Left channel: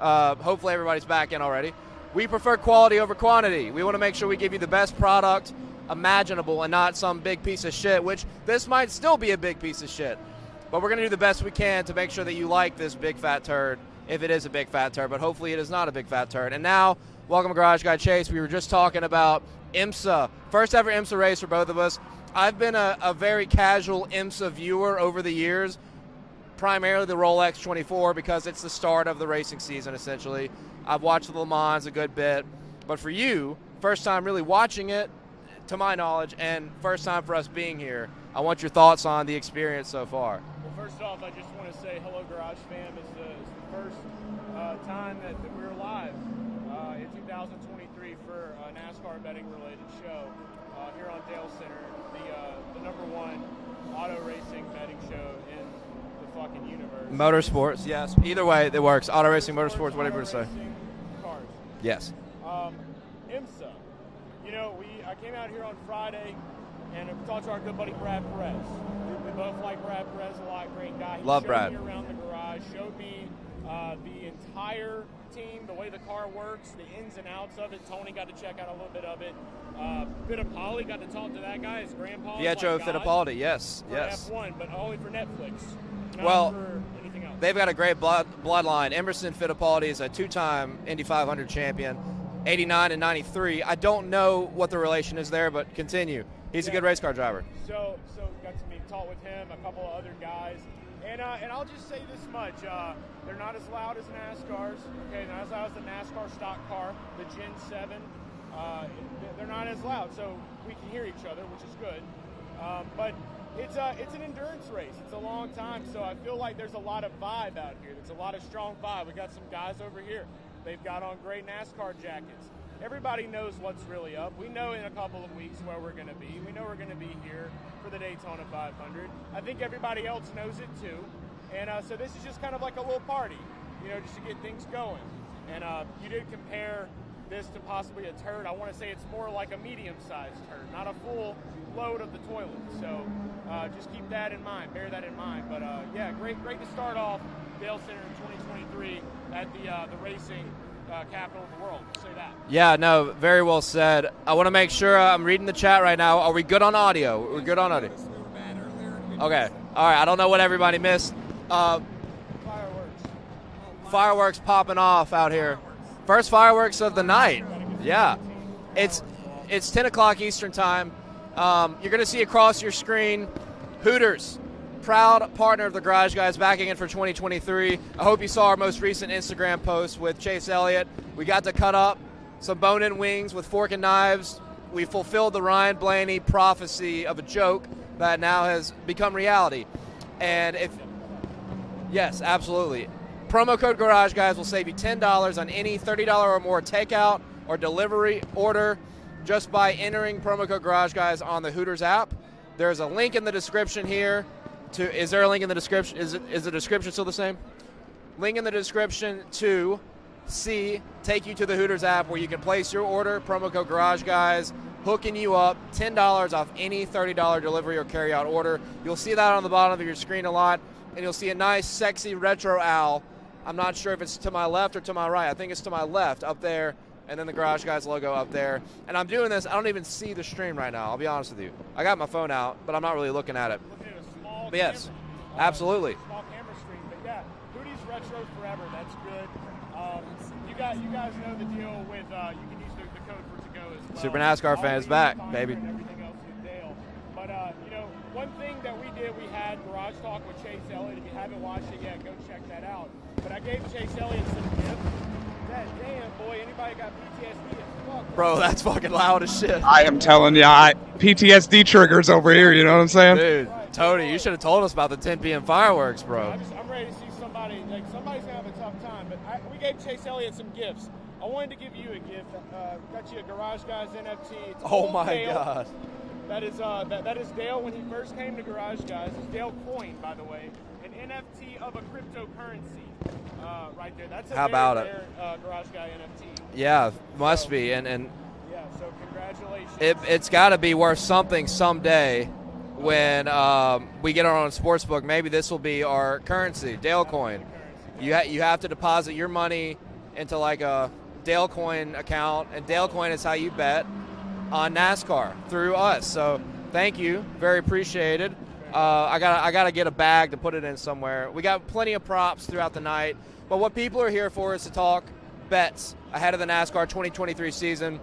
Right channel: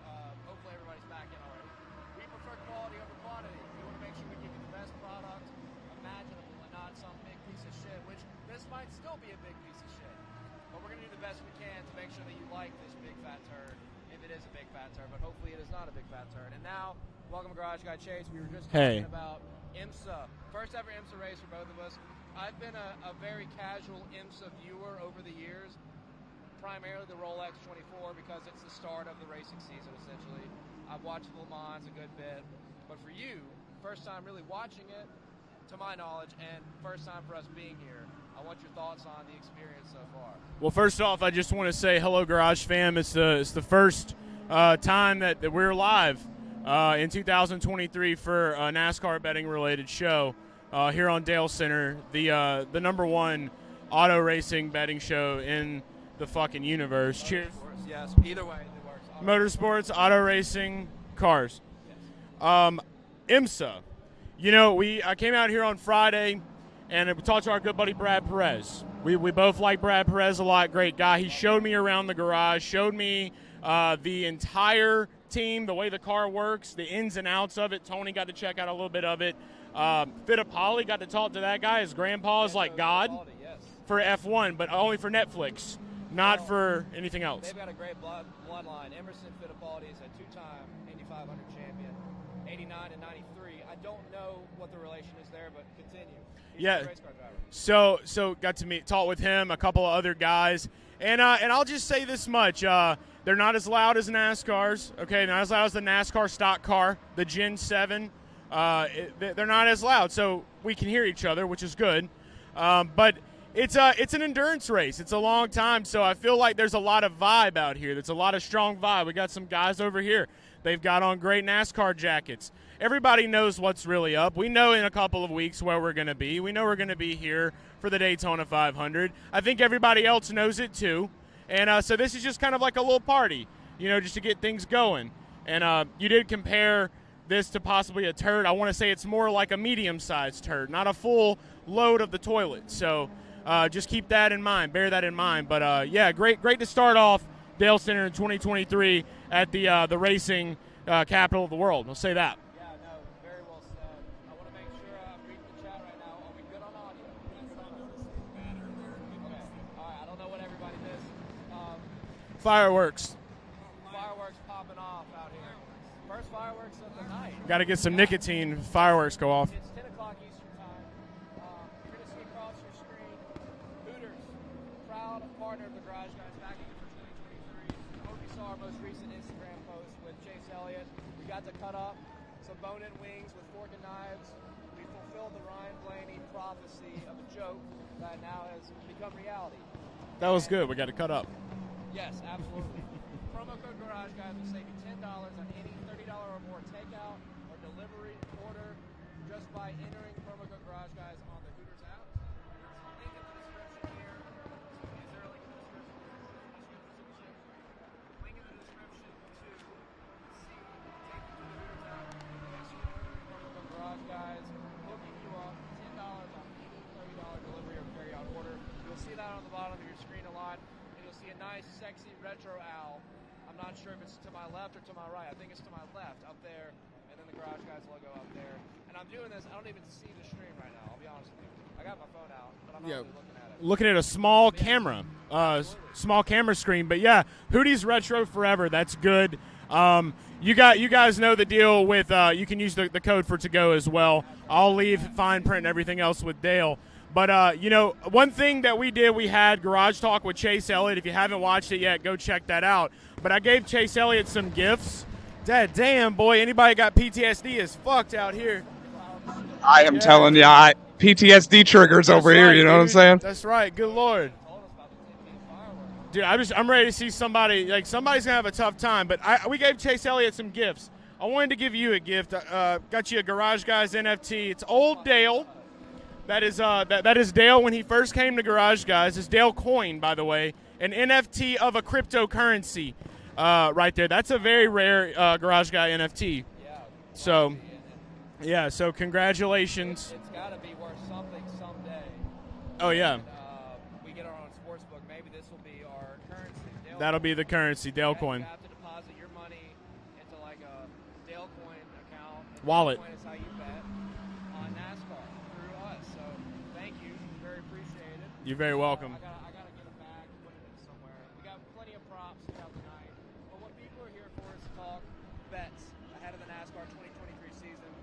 Hopefully everybody's back in already. We prefer quality over quantity. We want to make sure we give you the best product imaginable and not some big piece of shit, which this might still be a big piece of shit. But we're going to do the best we can to make sure that you like this big fat turd, if it is a big fat turd, but hopefully it is not a big fat turd. And now, welcome to Garage Guy Chase. We were just talking about IMSA. First ever IMSA race for both of us. I've been a very casual IMSA viewer over the years, primarily the Rolex 24 because it's the start of the racing season, essentially. I've watched the Le Mans a good bit. But for you, first time really watching it, to my knowledge, and first time for us being here. I want your thoughts on the experience so far. Well, first off, I just want to say hello, Garage fam. It's the first time that we're live in 2023 for a NASCAR betting related show here on Dalescenter, the #1 auto racing betting show in the fucking universe. Motorsports, yes. Either way, it works. Auto racing, motorsports, auto racing, cars. Yes. IMSA. You know, I came out here on Friday and talked to our good buddy Brad Perez. We both like Brad Perez a lot. Great guy. He showed me around the garage, showed me the entire team, the way the car works, the ins and outs of it. Tony got to check out a little bit of it. Fittipaldi, got to talk to that guy. His grandpa is like God. Fittipaldi, yes. For F1, but only for Netflix, not for anything else. They've got a great bloodline. Emerson Fittipaldi is a two-time Indy 500 champion. 89 and 93. I don't know what the relation is there, but continue. He's a good race car driver. So got to talk with him, a couple of other guys, and I'll just say this much: they're not as loud as NASCAR's. Okay, not as loud as the NASCAR stock car, the Gen 7. They're not as loud, so we can hear each other, which is good. But it's an endurance race. It's a long time, so I feel like there's a lot of vibe out here. There's a lot of strong vibe. We got some guys over here. They've got on great NASCAR jackets. Everybody knows what's really up. We know in a couple of weeks where we're going to be. We know we're going to be here for the Daytona 500. I think everybody else knows it too. And so this is just kind of like a little party, you know, just to get things going. And you did compare this to possibly a turd. I want to say it's more like a medium-sized turd, not a full load of the toilet. So just keep that in mind. Bear that in mind. But, yeah, great to start off Dalescenter in 2023 at the racing capital of the world. We'll say that. Yeah, no, very well said. I want to make sure I'm reading the chat right now. Are we good on audio? We're good on audio. Okay. All right. I don't know what everybody missed. Fireworks popping off out here. First fireworks of the night. Got to get some nicotine. Fireworks go off. It's 10 o'clock Eastern time. You're going to see across your screen Hooters. Proud partner of the Garage Guys, backing in for 2023. I hope you saw our most recent Instagram post with Chase Elliott. We got to cut up some bone-in wings with fork and knives. We fulfilled the Ryan Blaney prophecy of a joke that now has become reality. That was good. We got to cut up. Yes, absolutely. Promo code Garage Guys will save you $10 on any $30 or more takeout or delivery order just by entering promo code Garage Guys on the Hooters app. There's a link in the description here. Is there a link in the description? Is the description still the same? Link in the description to take you to the Hooters app where you can place your order. Promo code Garage Guys, hooking you up $10 off any $30 delivery or carryout order. You'll see that on the bottom of your screen a lot, and you'll see a nice, sexy retro owl. I'm not sure if it's to my left or to my right. I think it's to my left up there, and then the Garage Guys logo up there. And I'm doing this, I don't even see the stream right now, I'll be honest with you. I got my phone out, but I'm not really looking at it. Looking at a small camera. Absolutely. Small camera screen. But yeah, Hootie's retro forever. That's good. You guys know the deal with you can use the code for to go as well. Super NASCAR I'll fans leave back, fine baby. print and everything else with Dale. But you know, one thing that we did, we had Garage Talk with Chase Elliott. If you haven't watched it yet, go check that out. But I gave Chase Elliott some gifts. Damn, boy, anybody got PTSD is fucked out Bro, that's fucking loud as shit. I am telling you, PTSD triggers over here, you know what I'm saying? Dude, That's right. Tony, you should have told us about the 10 p.m. fireworks, bro. Dude, I'm ready to see somebody, like somebody's going to have a tough time. But we gave Chase Elliott some gifts. I wanted to give you a gift. Got you a Garage Guys NFT. It's old Dale. God. That is that is Dale when he first came to Garage Guys. It's Dale Coin, by the way. An NFT of a cryptocurrency. Right there. That's a very rare Garage Guy NFT. Yeah, must be. And yeah, so congratulations. It's got to be worth something someday. when we get our own sports book. Maybe this will be our currency, Dale That'll coin. be the currency, Dale coin. You have to deposit your money into like a Dale coin account, and Wallet. Dale coin is how you bet on NASCAR through us. So thank you, very appreciated. You're very welcome. I gotta get a bag to put it in somewhere. We got plenty of props throughout the night, but what people are here for is to talk bets ahead of the NASCAR 2023 season.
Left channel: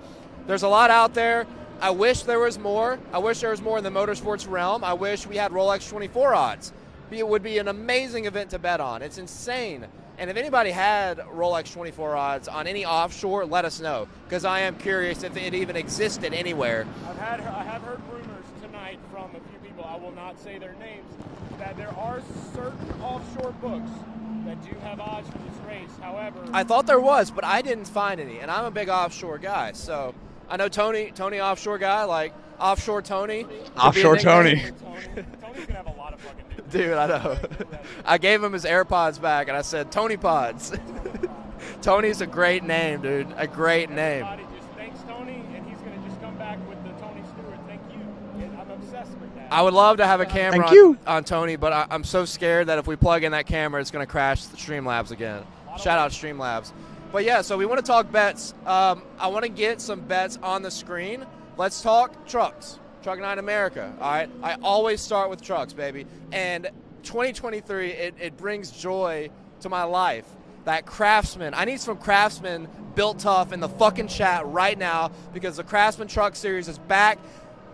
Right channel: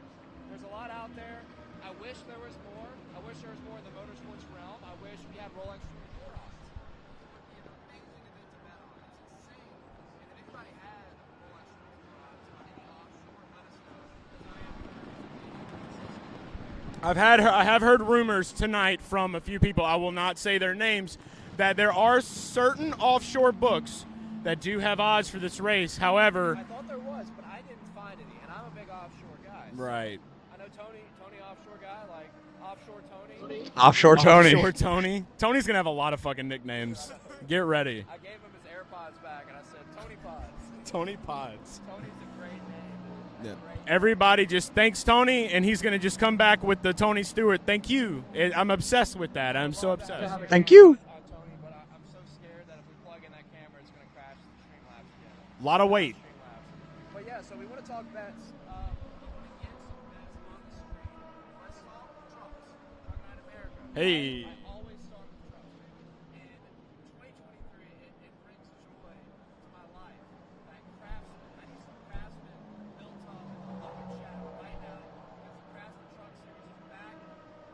There's a lot out there. I wish there was more. I wish there was more in the motorsports realm. I wish we had Rolex 24 odds. It would be an amazing event to bet on. It's insane. And if anybody had Rolex 24 odds on any offshore, let us know, because I am curious if it even existed anywhere. I have heard rumors tonight from a few people, I will not say their names, that there are certain offshore books that do have odds for this race. However, I thought there was, but I didn't find any, and I'm a big offshore guy. Right. So I know Tony offshore guy, like Offshore Tony. Offshore Tony. Offshore Tony. Tony's going to have a lot of fucking nicknames. Dude, I know. Get ready. I gave him his AirPods back, and I said, Tony Pods. Tony Pods. Tony's a great name, dude. A great name. Everybody just thanks Tony, and he's going to just come back with the Tony Stewart. Thank you. I'm obsessed with that. I would love to have a camera Thank you. on Tony, but I'm so scared that if we plug in that camera, it's going to crash the Streamlabs again. Lot of Shout out weight. Streamlabs. But yeah, so we want to talk bets. I want to get some bets on the screen. Let's talk trucks. Truck Night America. Hey. All right? I always start with trucks, baby. And 2023, it brings joy to my life. That Craftsman. I need some Craftsman built tough in the fucking chat right now, because the Craftsman Truck Series is back.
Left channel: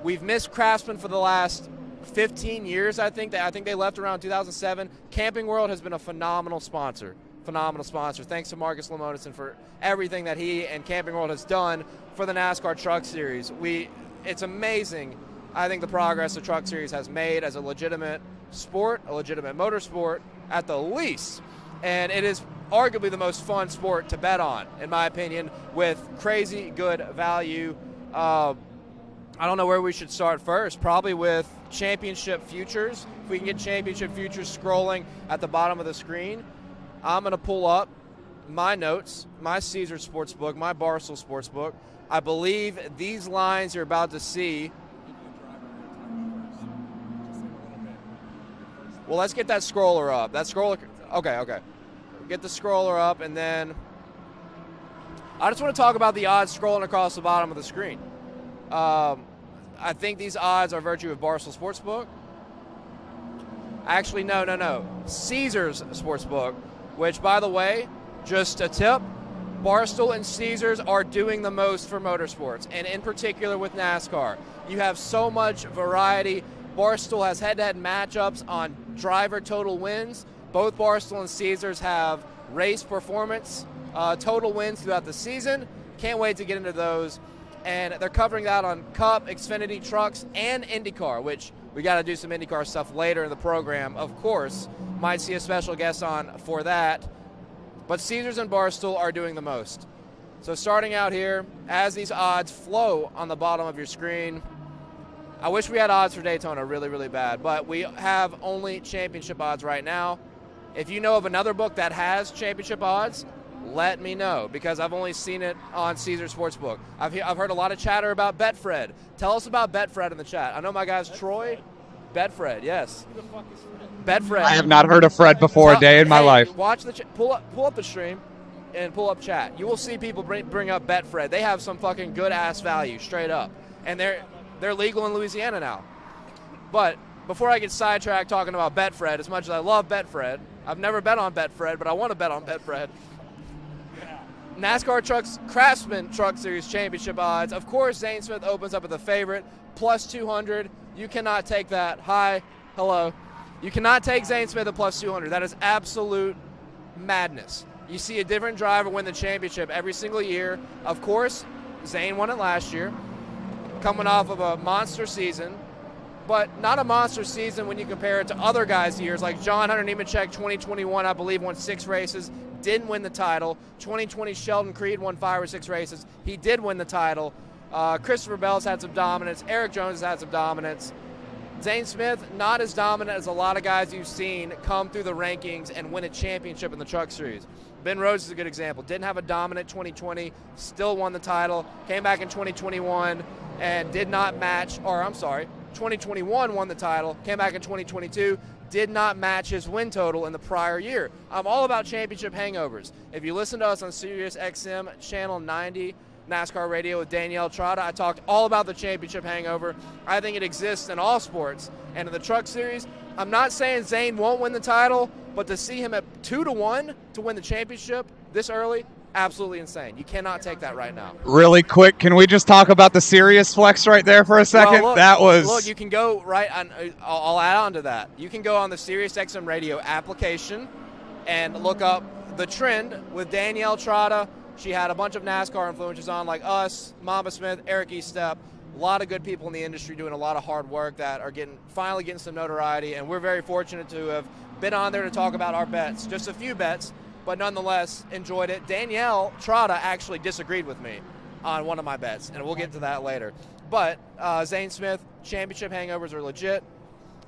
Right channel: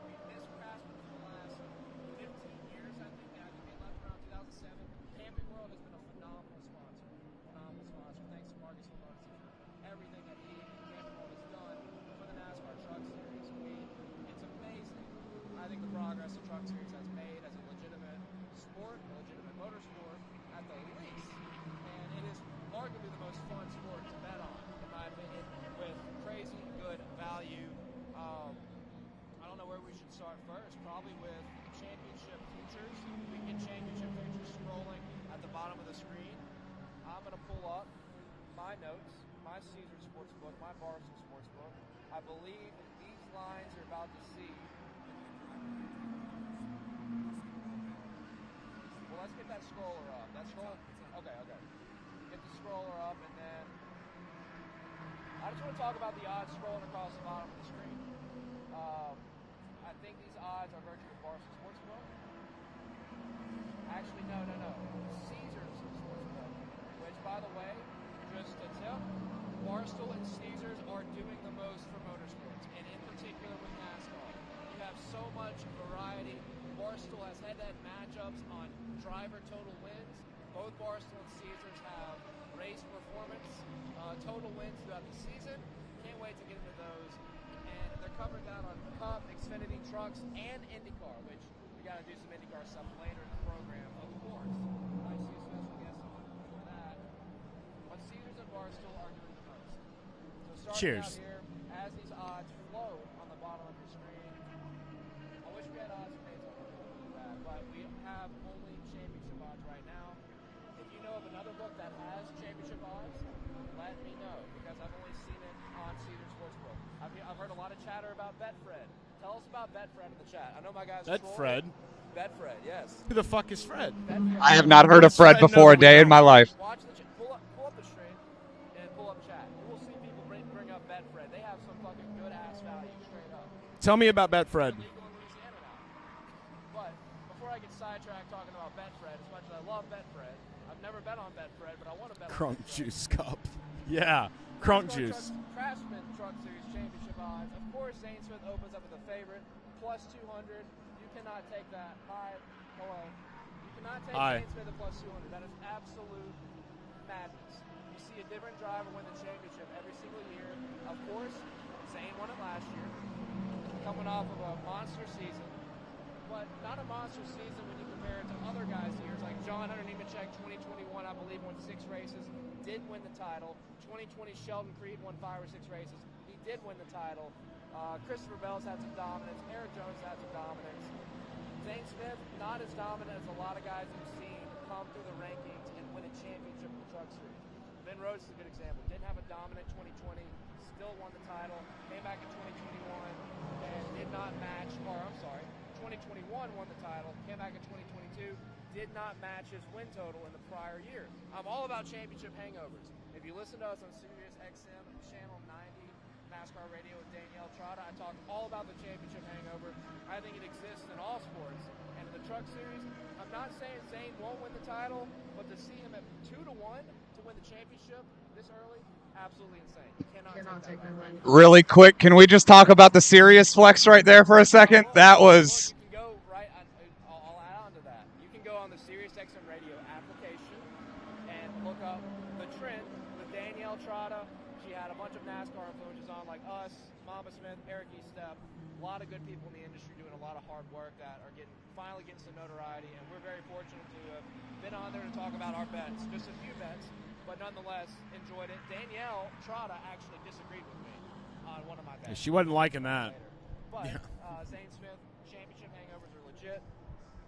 We've missed Craftsman for the last 15 years, I think. I think they left around 2007. Camping World has been a phenomenal sponsor. Phenomenal sponsor. Thanks to Marcus Lemonison for everything that he and Camping World has done for the NASCAR Truck Series. It's amazing, I think, the progress the Truck Series has made as a legitimate sport, a legitimate motorsport at the least. And it is arguably the most fun sport to bet on, in my opinion, with crazy good value. I don't know where we should start first. Probably with championship futures. If we can get championship futures scrolling at the bottom of the screen, I'm going to pull up my notes, my Caesar Sportsbook, my Barstool Sportsbook. I believe these lines you're about to see. Well, let's get that scroller up. Okay. Get the scroller up, and then I just want to talk about the odds scrolling across the bottom of the screen. I think these odds are virtue of Barstool Sportsbook. Actually, no. Caesar's Sportsbook, which, by the way, just a tip, Barstool and Caesars are doing the most for motorsports, and in particular with NASCAR. You have so much variety. Barstool has head-to-head matchups on driver total wins. Both Barstool and Caesars have race performance total wins throughout the season. Can't wait to get into those. And they're covering that on Cup, Xfinity Trucks, and IndyCar, which we got to do some IndyCar stuff later in the program. Of course, might see a special guest on for that. But Caesars and Barstool are doing the most. So starting out here, as these odds flow on the bottom of your screen, I wish we had odds for Daytona really, really bad, but we have only championship odds right now. If you know of another book that has championship odds, let me know, because I've only seen it on Caesar Sportsbook. I've heard a lot of chatter about Betfred. Tell us about Betfred in the chat. I know my guy's Troy. Betfred, yes. Who the fuck is Fred? Betfred. I have not heard of Fred before a day in my life. Watch the pull up the stream and pull up chat. You will see people bring up Betfred. They have some fucking good ass value, straight up. Tell me about Betfred. They're legal in Louisiana now. But before I get sidetracked talking about Betfred, as much as I love Betfred, I've never bet on Betfred, but I want to bet on Betfred. Yeah. NASCAR Trucks Craftsman Truck Series Championship odds. Of course, Zane Smith opens up with a favorite, plus 200. You cannot take that. Hi. Hello. You cannot take Zane Smith at plus 200. That is absolute madness. You see a different driver win the championship every single year. Of course, Zane won it last year, coming off of a monster season, but not a monster season when you compare it to other guys' years, like John Hunter Nemechek, 2021, I believe, won 6 races, didn't win the title. 2020, Sheldon Creed won 5 or 6 races. He did win the title. Christopher Bell's had some dominance. Eric Jones has had some dominance. Zane Smith, not as dominant as a lot of guys you've seen come through the rankings and win a championship in the Truck Series. Ben Rhodes is a good example. Didn't have a dominant 2020, still won the title. Came back in 2021 and did not match, or I'm sorry, 2021 won the title, came back in 2022, did not match his win total in the prior year. I'm all about championship hangovers. If you listen to us on Sirius XM Channel 90, NASCAR Radio with Danielle Trotta, I talked all about the championship hangover. I think it exists in all sports. And in the Truck Series, I'm not saying Zane won't win the title, but to see him at 2-1 to win the championship this early, absolutely insane. You cannot take that right now. Really quick, can we just talk about the Sirius flex right there for a second? Well, look, you can go right on. I'll add on to that. You can go on the Sirius XM Radio application and look up The Trend with Danielle Trotta. She had a bunch of NASCAR influencers on, like us, Mama Smith, Eric Estep, a lot of good people in the industry doing a lot of hard work that are finally getting some notoriety, and we're very fortunate to have been on there to talk about our bets. Just a few bets, but nonetheless enjoyed it. Danielle Trotta actually disagreed with me on one of my bets. She wasn't we'll get to that later. But Zane Smith, championship hangovers are legit.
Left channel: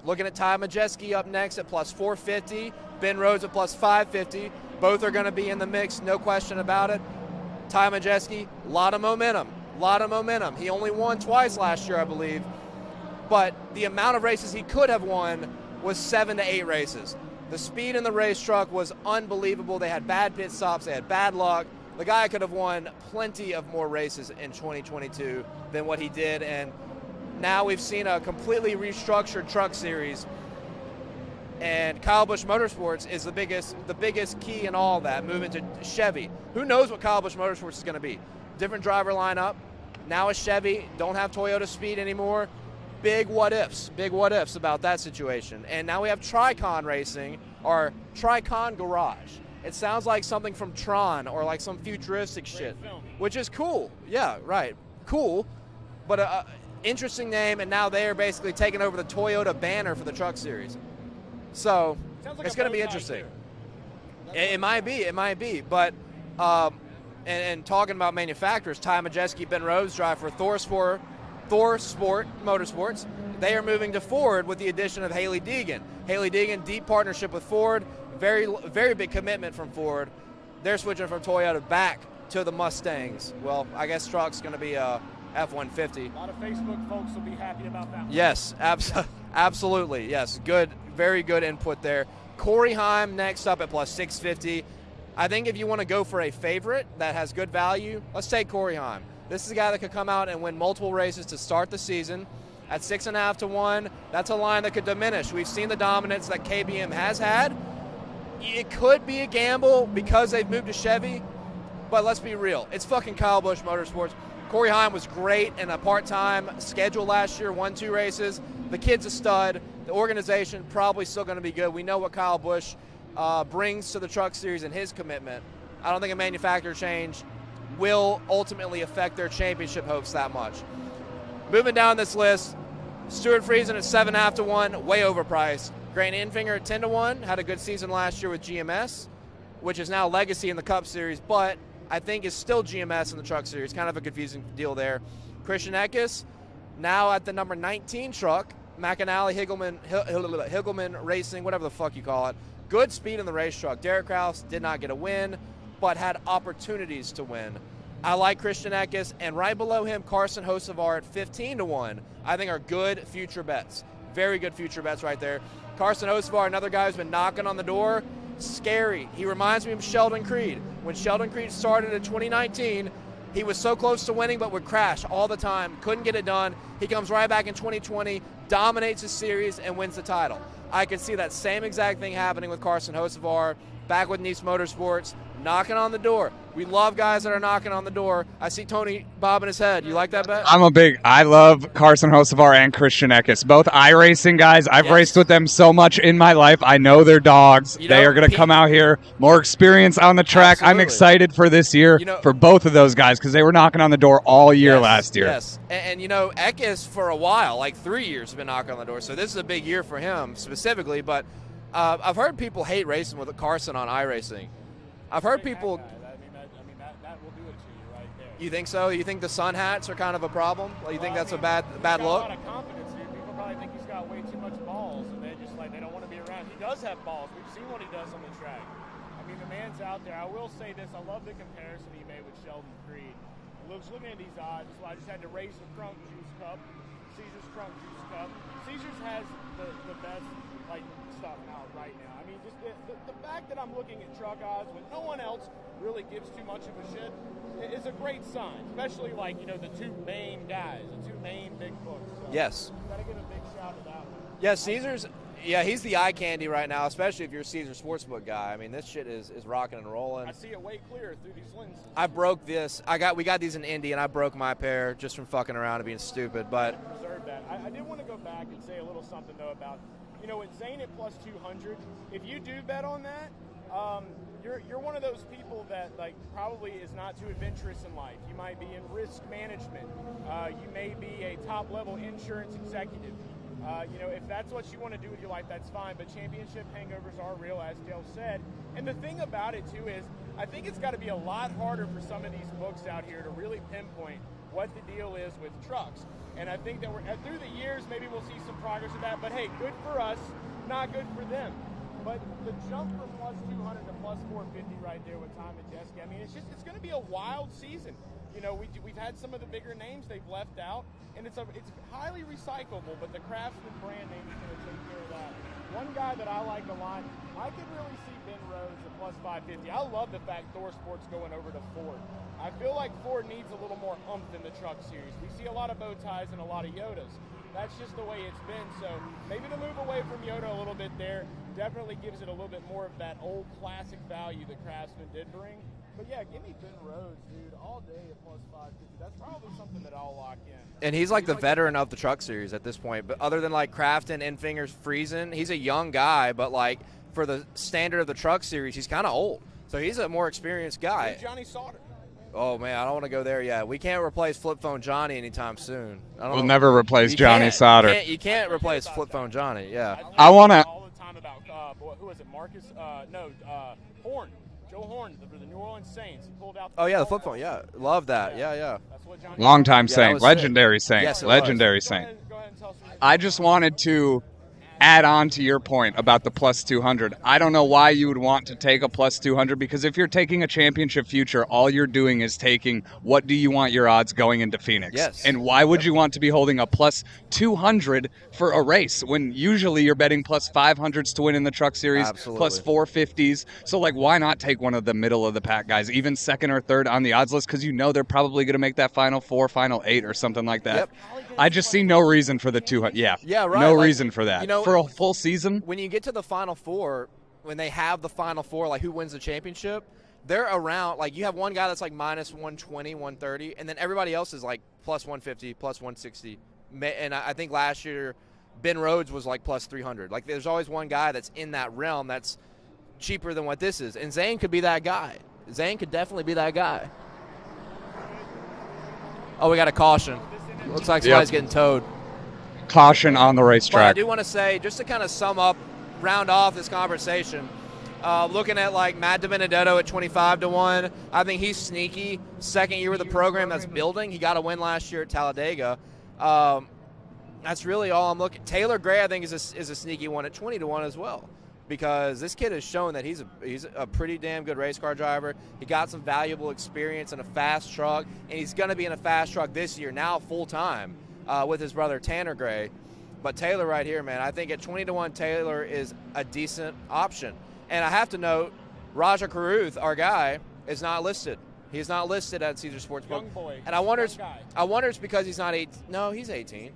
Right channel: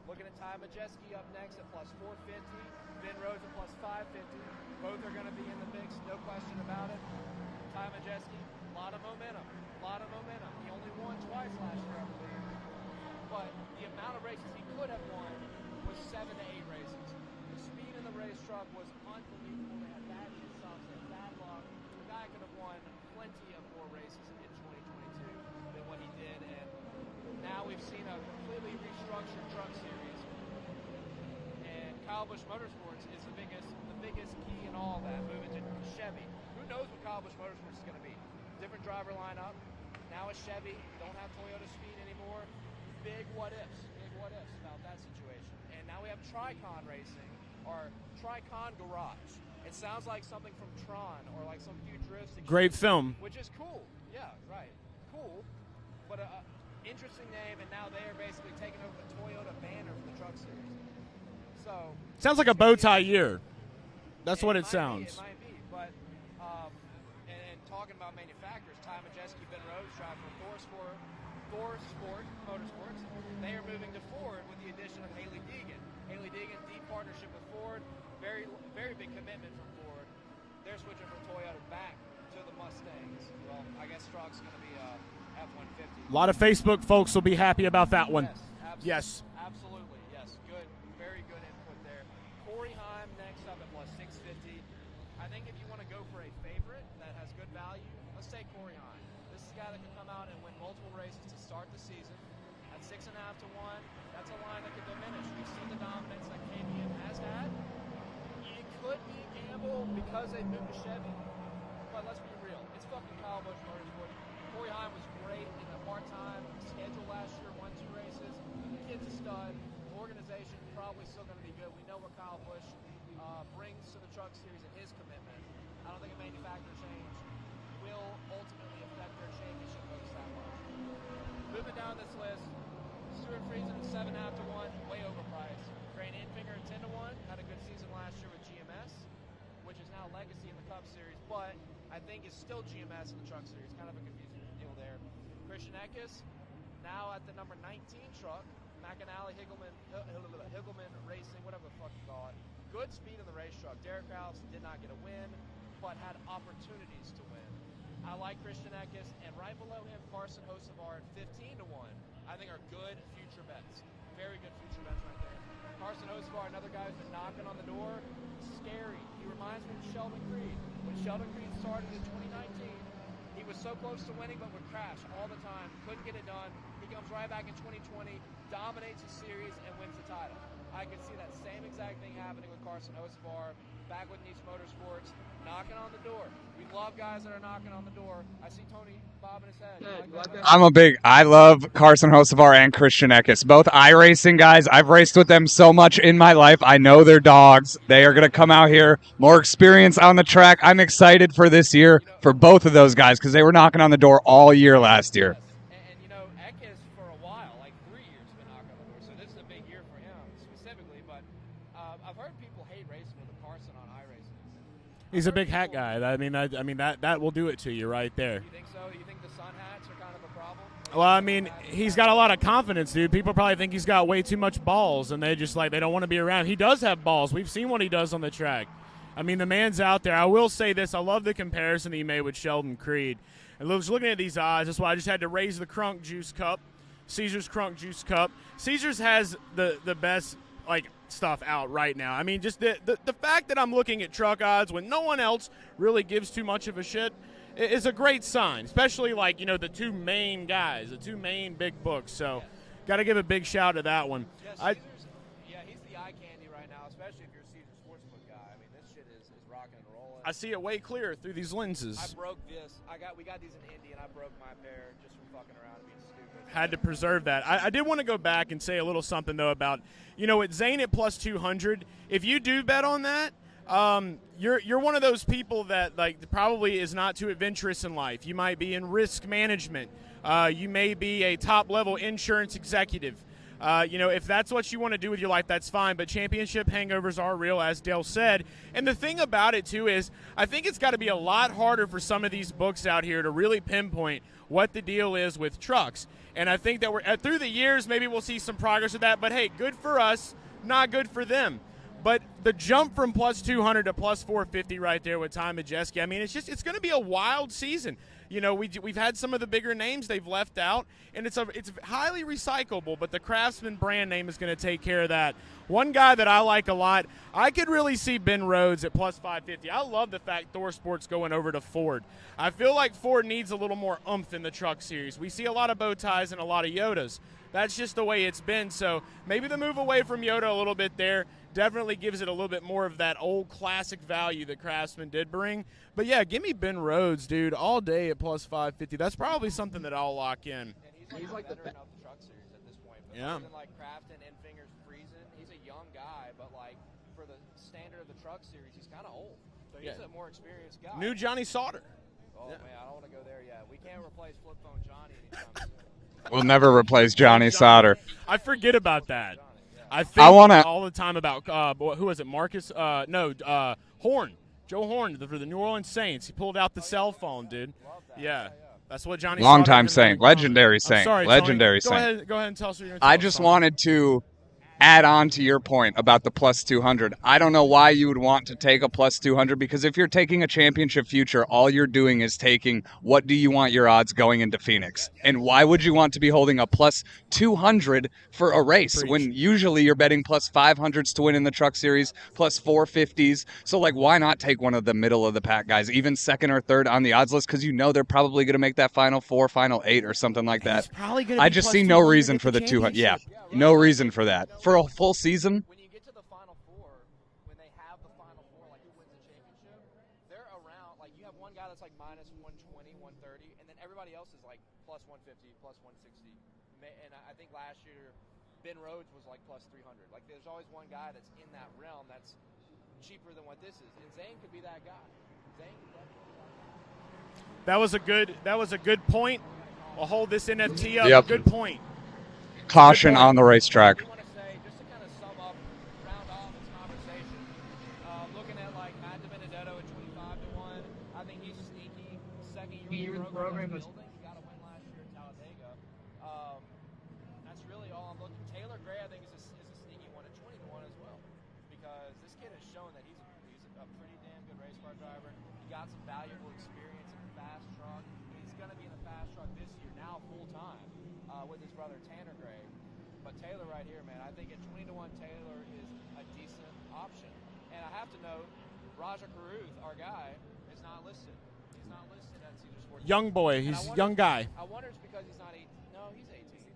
Looking at Ty Majeski up next at plus 450. Ben Rhodes at plus 550. Both are going to be in the mix, no question about it. Ty Majeski, a lot of momentum. He only won twice last year, I believe. But the amount of races he could have won was 7 to 8 races. The speed in the race truck was unbelievable. They had bad pit stops. They had bad luck. The guy could have won plenty of more races in 2022 than what he did. And now we've seen a completely restructured Truck Series. And Kyle Busch Motorsports is the biggest key in all of that, moving to Chevy. Who knows what Kyle Busch Motorsports is going to be? Different driver lineup. Now a Chevy, don't have Toyota speed anymore. Big what ifs about that situation. And now we have Tricon Racing, or Tricon Garage. It sounds like something from Tron or like some futuristic Great shit, film. which is cool. Yeah, right. Cool. But interesting name, and now they are basically taking over the Toyota banner for the Truck Series. So sounds like a bow tie year. That's what it might sounds. be. It might be. But and talking about manufacturers, Ty Majeski, Ben Rhodes drive for Thor Sport Motorsports. They are moving to Ford with the addition of Haley Deegan. Haley Deegan, deep partnership with Ford. Very, very big commitment from Ford. They're switching from Toyota back to the Mustangs. Well, I guess truck's going to be a F-150. A lot of Facebook folks will be happy about that one. Yes, absolutely. Yes, good, very good input there. Corey Heim next up at plus 650. I think if you want to go for a favorite that has good value, let's take Corey Heim. This is a guy that could come out and win multiple races to start the season. At 6.5 to 1, that's a line that could diminish. We've seen the dominance that KBM has had. It could be a gamble because they've moved to Chevy, but let's be real. It's fucking Kyle Busch Motorsports. Corey Heim was great in a part-time schedule last year, won 2 races. The kid's a stud. The organization probably still going to be good. We know what Kyle Busch brings to the Truck Series and his commitment. I don't think a manufacturer change will ultimately affect their championship hopes that much. Moving down this list, Stuart Friesen at 7.5 to 1, way overpriced. Grant Enfinger at 10 to 1, had a good season last year with GMS, which is now Legacy in the Cup Series, but I think is still GMS in the Truck Series. Kind of a confusing deal there. Christian Eckes, now at the number 19 truck, McAnally, Higgleman Racing, whatever the fuck you call it. Good speed in the race truck. Derek Kraus did not get a win, but had opportunities to win. I like Christian Eckes, and right below him, Carson Hocevar at 15 to 1. I think are good future bets. Very good future bets right there. Carson Hocevar, another guy who's been knocking on the door. Scary. He reminds me of Sheldon Creed. When Sheldon Creed started in 2019, he was so close to winning but would crash all the time. Couldn't get it done. He comes right back in 2020, dominates the series, and wins the title. I could see that same exact thing happening with Carson Hocevar, back with Nice Motorsports, knocking on the door. We love guys that are knocking on the door. I see Tony bobbing his head. You like that bet? I love Carson Hocevar and Christian Eckes. Both iRacing guys. I've raced with them so much in my life. I know they're dogs. They are going to come out here, more experience on the track. Absolutely. I'm excited for this year for both of those guys because they were knocking on the door all year last year. Yes, and Eckes for a while, like 3 years, has been knocking on the door. So this is a big year for him specifically. But I've heard people hate racing with Carson on iRacing. He's a big hat guy. I mean that will do it to you right there. You think so? You think the sun hats are kind of a problem? He's got a lot of confidence, dude. People probably think he's got way too much balls, and they just they don't want to be around. He does have balls. We've seen what he does on the track. I mean, the man's out there. I will say this. I love the comparison he made with Sheldon Creed. And looking at these odds, that's why I just had to raise the Crunk Juice Cup. Caesar's Crunk Juice Cup. Caesar's has the best stuff out right now. I mean, just the fact that I'm looking at truck odds when no one else really gives too much of a shit is a great sign, especially the two main guys, the two main big books. So yes, got to give a big shout to that one. Yeah, Caesar's. He's the eye candy right now, especially if you're a Caesar Sportsbook guy. I mean, this shit is rocking and rolling. I see it way clear through these lenses. I broke this. We got these in Indy, and I broke my pair just from fucking around and being stupid. But I had to preserve that. I did want to go back and say a little something though about, at Zane at plus 200. If you do bet on that, you're one of those people that probably is not too adventurous in life. You might be in risk management. You may be a top level insurance executive. If that's what you want to do with your life, that's fine. But championship hangovers are real, as Dale said. And the thing about it, too, is I think it's got to be a lot harder for some of these books out here to really pinpoint what the deal is with trucks. And I think that we're through the years, maybe we'll see some progress with that. But, hey, good for us, not good for them. But the jump from plus 200 to plus 450 right there with Ty Majeski, I mean, it's going to be a wild season. We've had some of the bigger names they've left out, and it's highly recyclable, but the Craftsman brand name is going to take care of that. One guy that I like a lot, I could really see Ben Rhodes at plus 550. I love the fact Thor Sports going over to Ford. I feel like Ford needs a little more oomph in the truck series. We see a lot of bow ties and a lot of Yodas. That's just the way it's been, so maybe the move away from Yoda a little bit there definitely gives it a little bit more of that old classic value that Craftsman did bring. But, yeah, give me Ben Rhodes, dude, all day at plus 550. That's probably something that I'll lock in. And he's the veteran of the truck series at this point. But other than, Crafton, Enfingers, Friesen, he's a young guy. But, for the standard of the truck series, he's kind of old. So he's a more experienced guy. New Johnny Sauter. Oh, man, I don't want to go there yet. We can't replace Flip Phone Johnny anytime soon. We'll never replace Johnny Sauter. You can't replace Flip Phone Johnny, yeah. I want to all the time about, who was it, Marcus? Horn. Joe Horn for the New Orleans Saints. He pulled out the cell flip phone, yeah. dude. Love that. Yeah. That's what Johnny Long-time Saint. Legendary Saint. Sorry. Legendary Go Saint. ahead and tell us what you're I just wanted to add on to your point about the plus 200. I don't know why you would want to take a plus 200, because if you're taking a championship future, all you're doing is taking what do you want your odds going into Phoenix. Yes. And why would you want to be holding a plus 200 for a race when usually you're betting plus 500s to win in the truck series, Absolutely. plus 450s. So why not take one of the middle of the pack guys, even second or third on the odds list, because they're probably going to make that final 4, final 8 or something like that. I just see no reason for the 200. Yeah, right. No reason for that. For a full season? When you get to the Final Four, when they have the Final Four, who wins the championship, they're around, you have one guy that's minus 120, 130, and then everybody else is plus 150, plus 160. And I think last year Ben Rhodes was plus 300. There's always one guy that's in that realm that's cheaper than what this is. And Zane could be that guy. Zane could definitely be that guy. That was a good point. Oh, we got a caution. We'll hold this NFT Looks like up. somebody's getting towed. Caution on the racetrack. But I do want to say, just to kind of sum up, round off this conversation, looking at Matt DiBenedetto at 25-1, I think he's sneaky. Second year with the program that's building. He got a win last year at Talladega. That's really all I'm looking. Taylor Gray, I think, is a sneaky one at 20-1 as well, because this kid has shown that he's a pretty damn good race car driver. He got some valuable experience in a fast truck, and he's going to be in a fast truck this year now full time. With his brother Tanner Gray. But Taylor right here, man, I think at 20-1, Taylor is a decent option. And I have to note, Raja Caruth, our guy, is not listed. He's not listed at Caesar Sports. Young boy. And I wonder, young guy. I wonder it's because he's not 18. No, he's 18.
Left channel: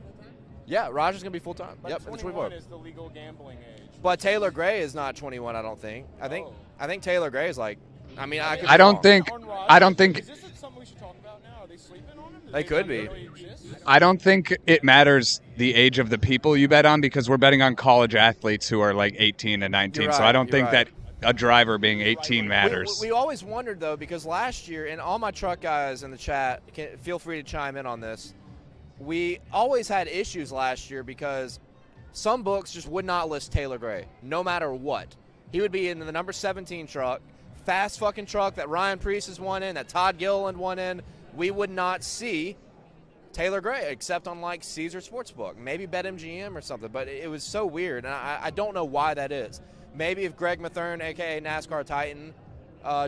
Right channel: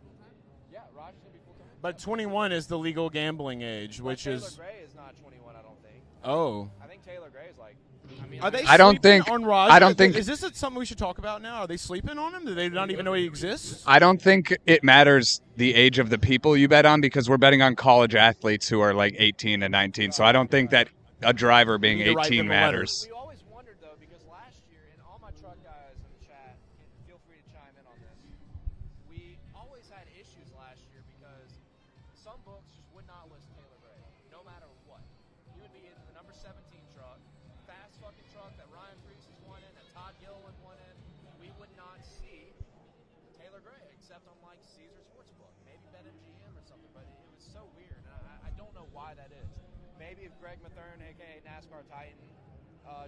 Yeah, Raja's going to be full-time. But 21 is the legal gambling age. But Taylor Gray is not 21, I don't think. I think Taylor Gray is I don't think. Is this something we should talk about now? Are they sleeping on him? Do they could not be. even know he exists? I don't think it matters the age of the people you bet on, because we're betting on college athletes who are 18 and 19. So I don't think that a driver being 18 matters. We always wondered, though, because last year, and all my truck guys in the chat, feel free to chime in on this, we always had issues last year because some books just would not list Taylor Gray, no matter what. He would be in the number 17 truck, fast fucking truck that Ryan Preece has won in, that Todd Gilliland won in. We would not see Taylor Gray except on Caesar Sportsbook, maybe BetMGM or something. But it was so weird, and I don't know why that is. Maybe if Greg Mathern, aka NASCAR Titan,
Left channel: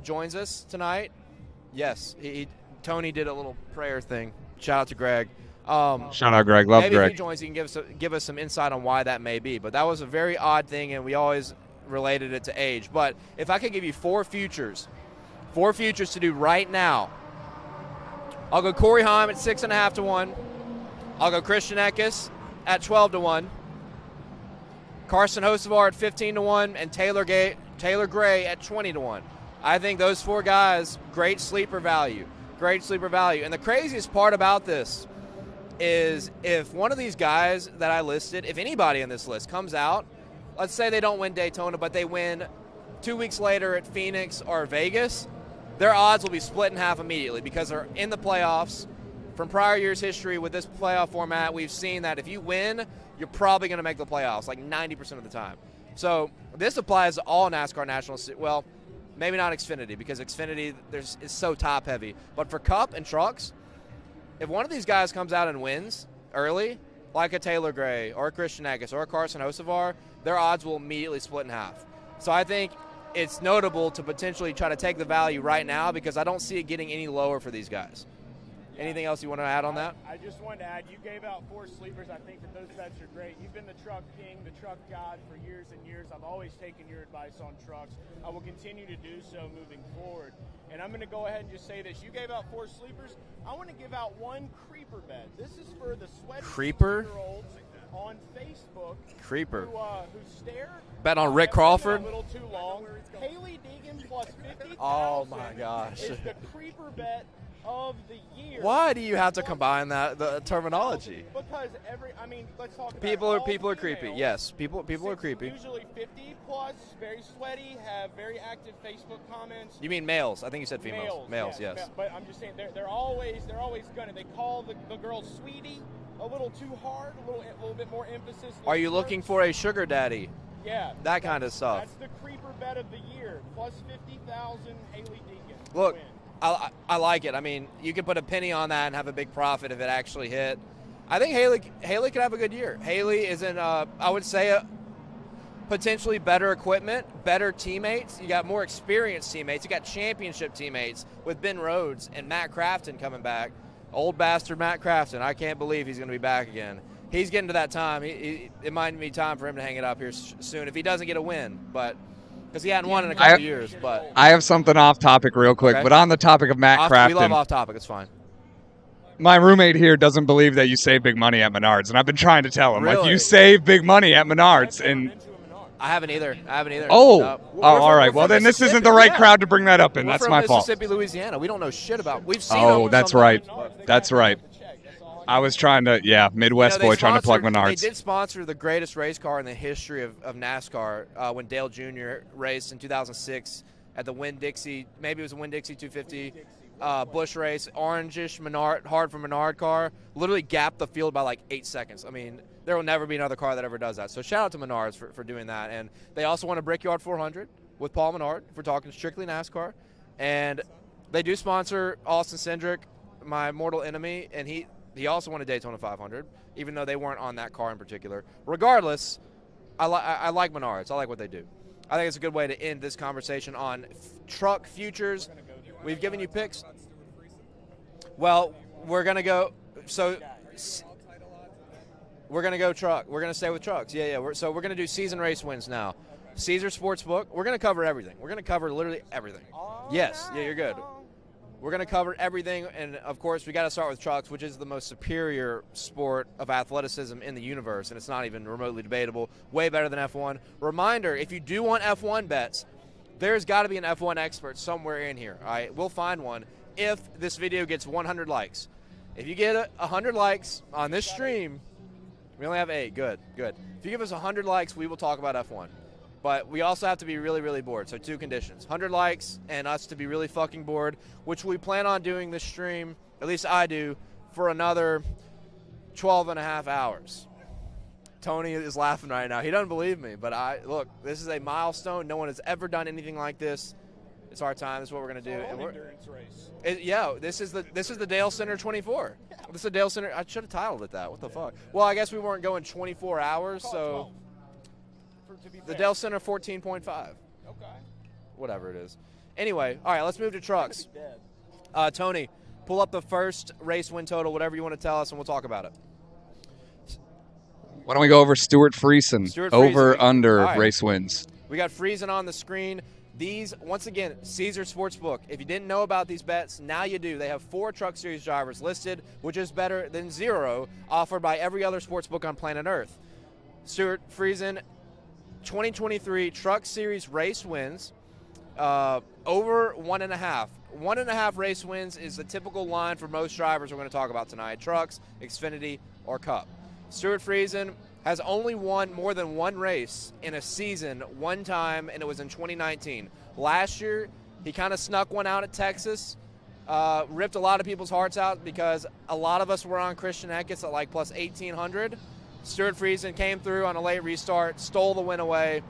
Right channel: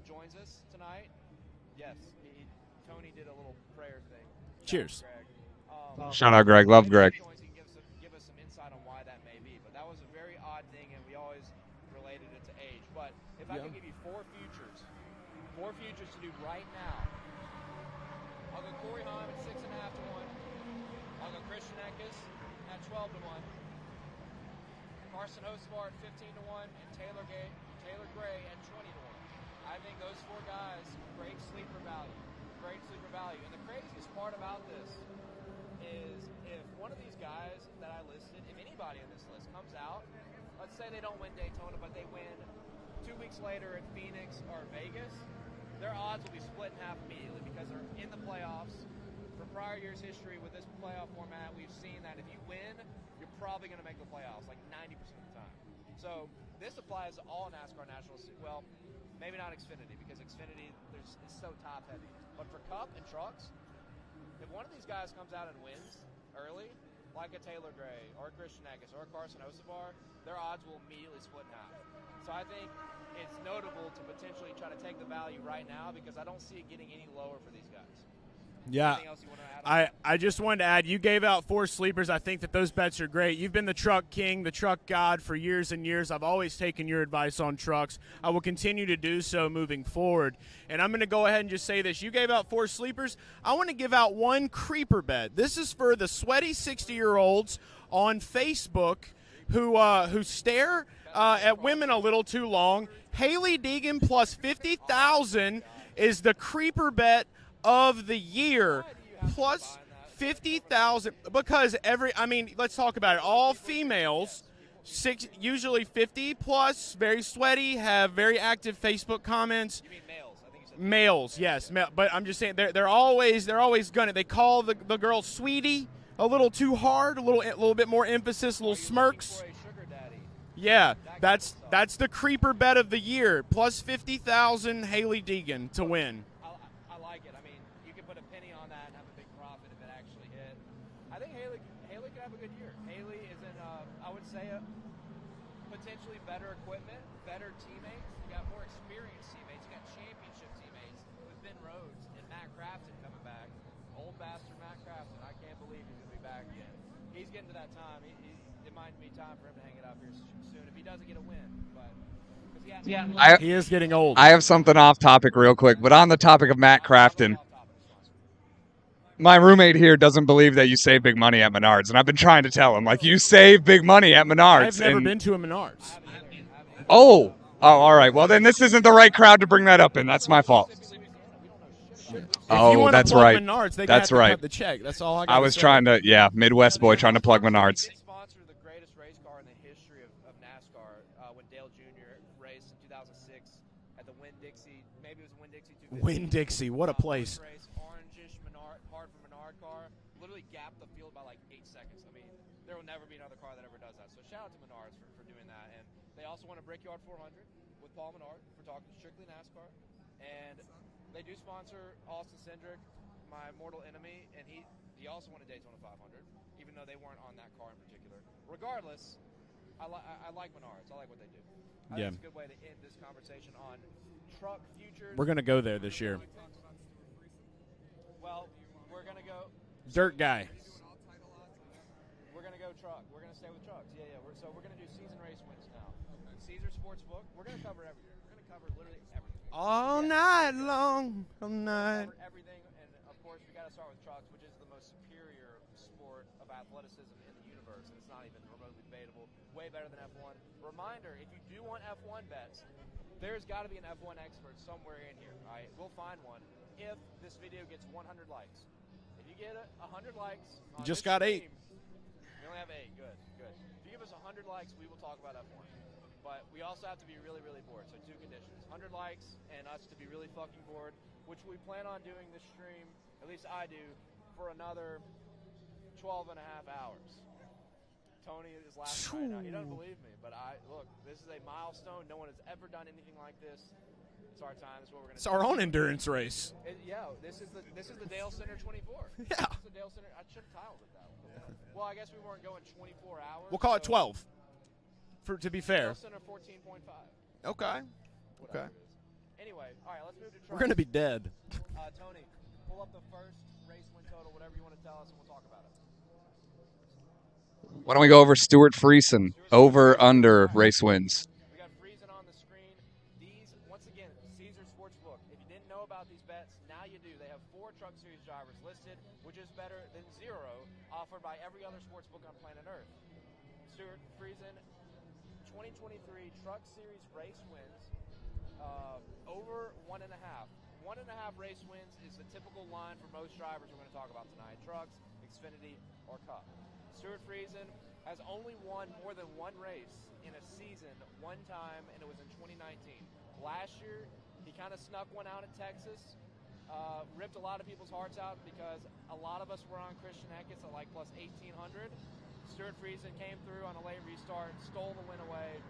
joins us tonight. Yes, Tony did a little prayer thing. Shout out to Greg. Shout out Greg. Love maybe Greg. if he joins, he can give us some insight on why that may be. But that was a very odd thing, and we always related it to age. But if I could give you 4 futures to do right now, I'll go Corey Heim at 6.5 to 1. I'll go Christian Eckes at 12 to 1. Carson Hocevar at 15 to 1, and Taylor Gray at 20 to 1. I think those 4 guys, great sleeper value. Great sleeper value. And the craziest part about this is if one of these guys that I listed, if anybody on this list comes out, let's say they don't win Daytona, but they win 2 weeks later at Phoenix or Vegas, their odds will be split in half immediately because they're in the playoffs. From prior years' history with this playoff format, we've seen that if you win, you're probably going to make the playoffs, like 90% of the time. So this applies to all NASCAR Nationals. Well, maybe not Xfinity because Xfinity is so top-heavy. But for Cup and Trucks, if one of these guys comes out and wins early, like a Taylor Gray or a Christian Eckes or a Carson Hocevar, their odds will immediately split in half. So I think it's notable to potentially try to take the value right now because I don't see it getting any lower for these guys. Yeah. Anything else you want to add on that? I just wanted to add, you gave out 4 sleepers. I think that those bets are great. You've been the truck king, the truck god for years and years. I've always taken your advice on trucks. I will continue to do so moving forward. And I'm going to go ahead and just say this. You gave out 4 sleepers. I want to give out 1 creeper bet. This is for the sweaty 60-year-olds on Facebook who stare bet on Rick at Crawford women a little too long. Haley Deegan plus 50,000 is the creeper bet of the year. Why do you have to combine that the terminology? Because let's talk about it. All people females, yes, people are creepy. Usually 50 plus, very sweaty, have very active Facebook comments. You mean males? I think you said females. Males, yes. But I'm just saying they're always gonna. They call the girl sweetie a little too hard, a little bit more emphasis. Are you looking for a sugar daddy? Yeah, that kind of stuff. That's the creeper bet of the year. Plus 50,000 Haley Deegan to win. I like it. I mean, you could put a penny on that and have a big profit if it actually hit. I think Haley could have a good year. Haley is in, I would say, potentially better equipment, better teammates. You got more experienced teammates. You got championship teammates with Ben Rhodes and Matt Crafton coming back. Old bastard Matt Crafton. I can't believe he's going to be back again. He's getting to that time. It might be time for him to hang it up here soon if he doesn't get a win. But because he hadn't won in a couple years. He is getting old. I have something off topic real quick, but on the topic of Matt Crafton. We love off topic. It's fine. My roommate here doesn't believe that you save big money at Menards, and I've been trying to tell him, Really? like, you save big money at Menards. I've never been to a Menards. I haven't either. Oh, all right. Well, then this isn't the right crowd to bring that up in. That's my fault. Mississippi, Louisiana. We don't know shit about. We've seen. Oh, that's right. That's right. That's all I was trying to, Midwest boy trying to plug Menards. They did sponsor the greatest race car in the history of NASCAR when Dale Jr. raced in 2006. At the Winn-Dixie, maybe it was a Winn-Dixie 250. Winn-Dixie, what a place. Busch race, orangish Menard, hard for Menard car, literally gapped the field by like 8 seconds. I mean, there will never be another car that ever does that. So shout out to Menards for doing that. And they also won a Brickyard 400 with Paul Menard, if we're talking strictly NASCAR. And they do sponsor Austin Cindric, my mortal enemy, and he also won a Daytona 500, even though they weren't on that car in particular. Regardless, I like Menards. I like what they do. I think it's a good way to end this conversation on truck futures. We're going to go there this We've year. given you picks. Well, we're going to go. Dirt guy. We're going to go truck. We're going to stay with trucks. Yeah. So we're going to do season race wins now. Caesar Sportsbook. We're going to cover everything. We're going to cover literally everything. Yes, you're good. We're going to cover everything, and of course, we got to start with trucks, which is the most superior sport of athleticism in the universe, and it's not even remotely debatable. Way better than F1. Reminder: if you do want F1 bets, there's got to be an F1 expert somewhere in here. All right, we'll find one if this video gets 100 likes. If you get 100 likes on this stream, we only have 8. Good. If you give us 100 likes, we will talk about F1. But we also have to be really, really bored. So 2 conditions. 100 likes and us to be really fucking bored, which we plan on doing this stream, at least I do, for another 12 and a half hours. Tony is laughing right now. He doesn't believe me. But look, this is a milestone. No one has ever done anything like this. It's our time. This is what we're going to do. It's our own endurance race. This is the Dalescenter 24. Yeah. This is the Dalescenter. I should have titled it that. What the fuck? Well, I guess we weren't going 24 hours. We'll call it 12. To be fair. The Dalescenter 14.5. Okay. Whatever it is. Anyway, all right, let's move to trucks. We're going to be dead. Tony, pull up the first race win total, whatever you want to tell us, and we'll talk about it. Why don't we go over Stuart Friesen? Over, under right. Race wins. We got Friesen on the screen. These, once again, Caesar Sportsbook. If you didn't know about these bets, now you do. They have 4 Truck Series drivers listed, which is better than 0 offered by every other sportsbook on planet Earth. Stuart Friesen, 2023 Truck Series race wins, over 1.5. 1.5 race wins is the typical line for most drivers we're going to talk about tonight. Trucks, Xfinity, or Cup. Stuart Friesen has only won more than 1 race in a season one time, and it was in 2019. Last year, he kind of snuck one out at Texas, ripped a lot of people's hearts out because a lot of us were on Christian Eckes at like plus 1,800. Stuart Friesen came through on a late restart, stole the win away,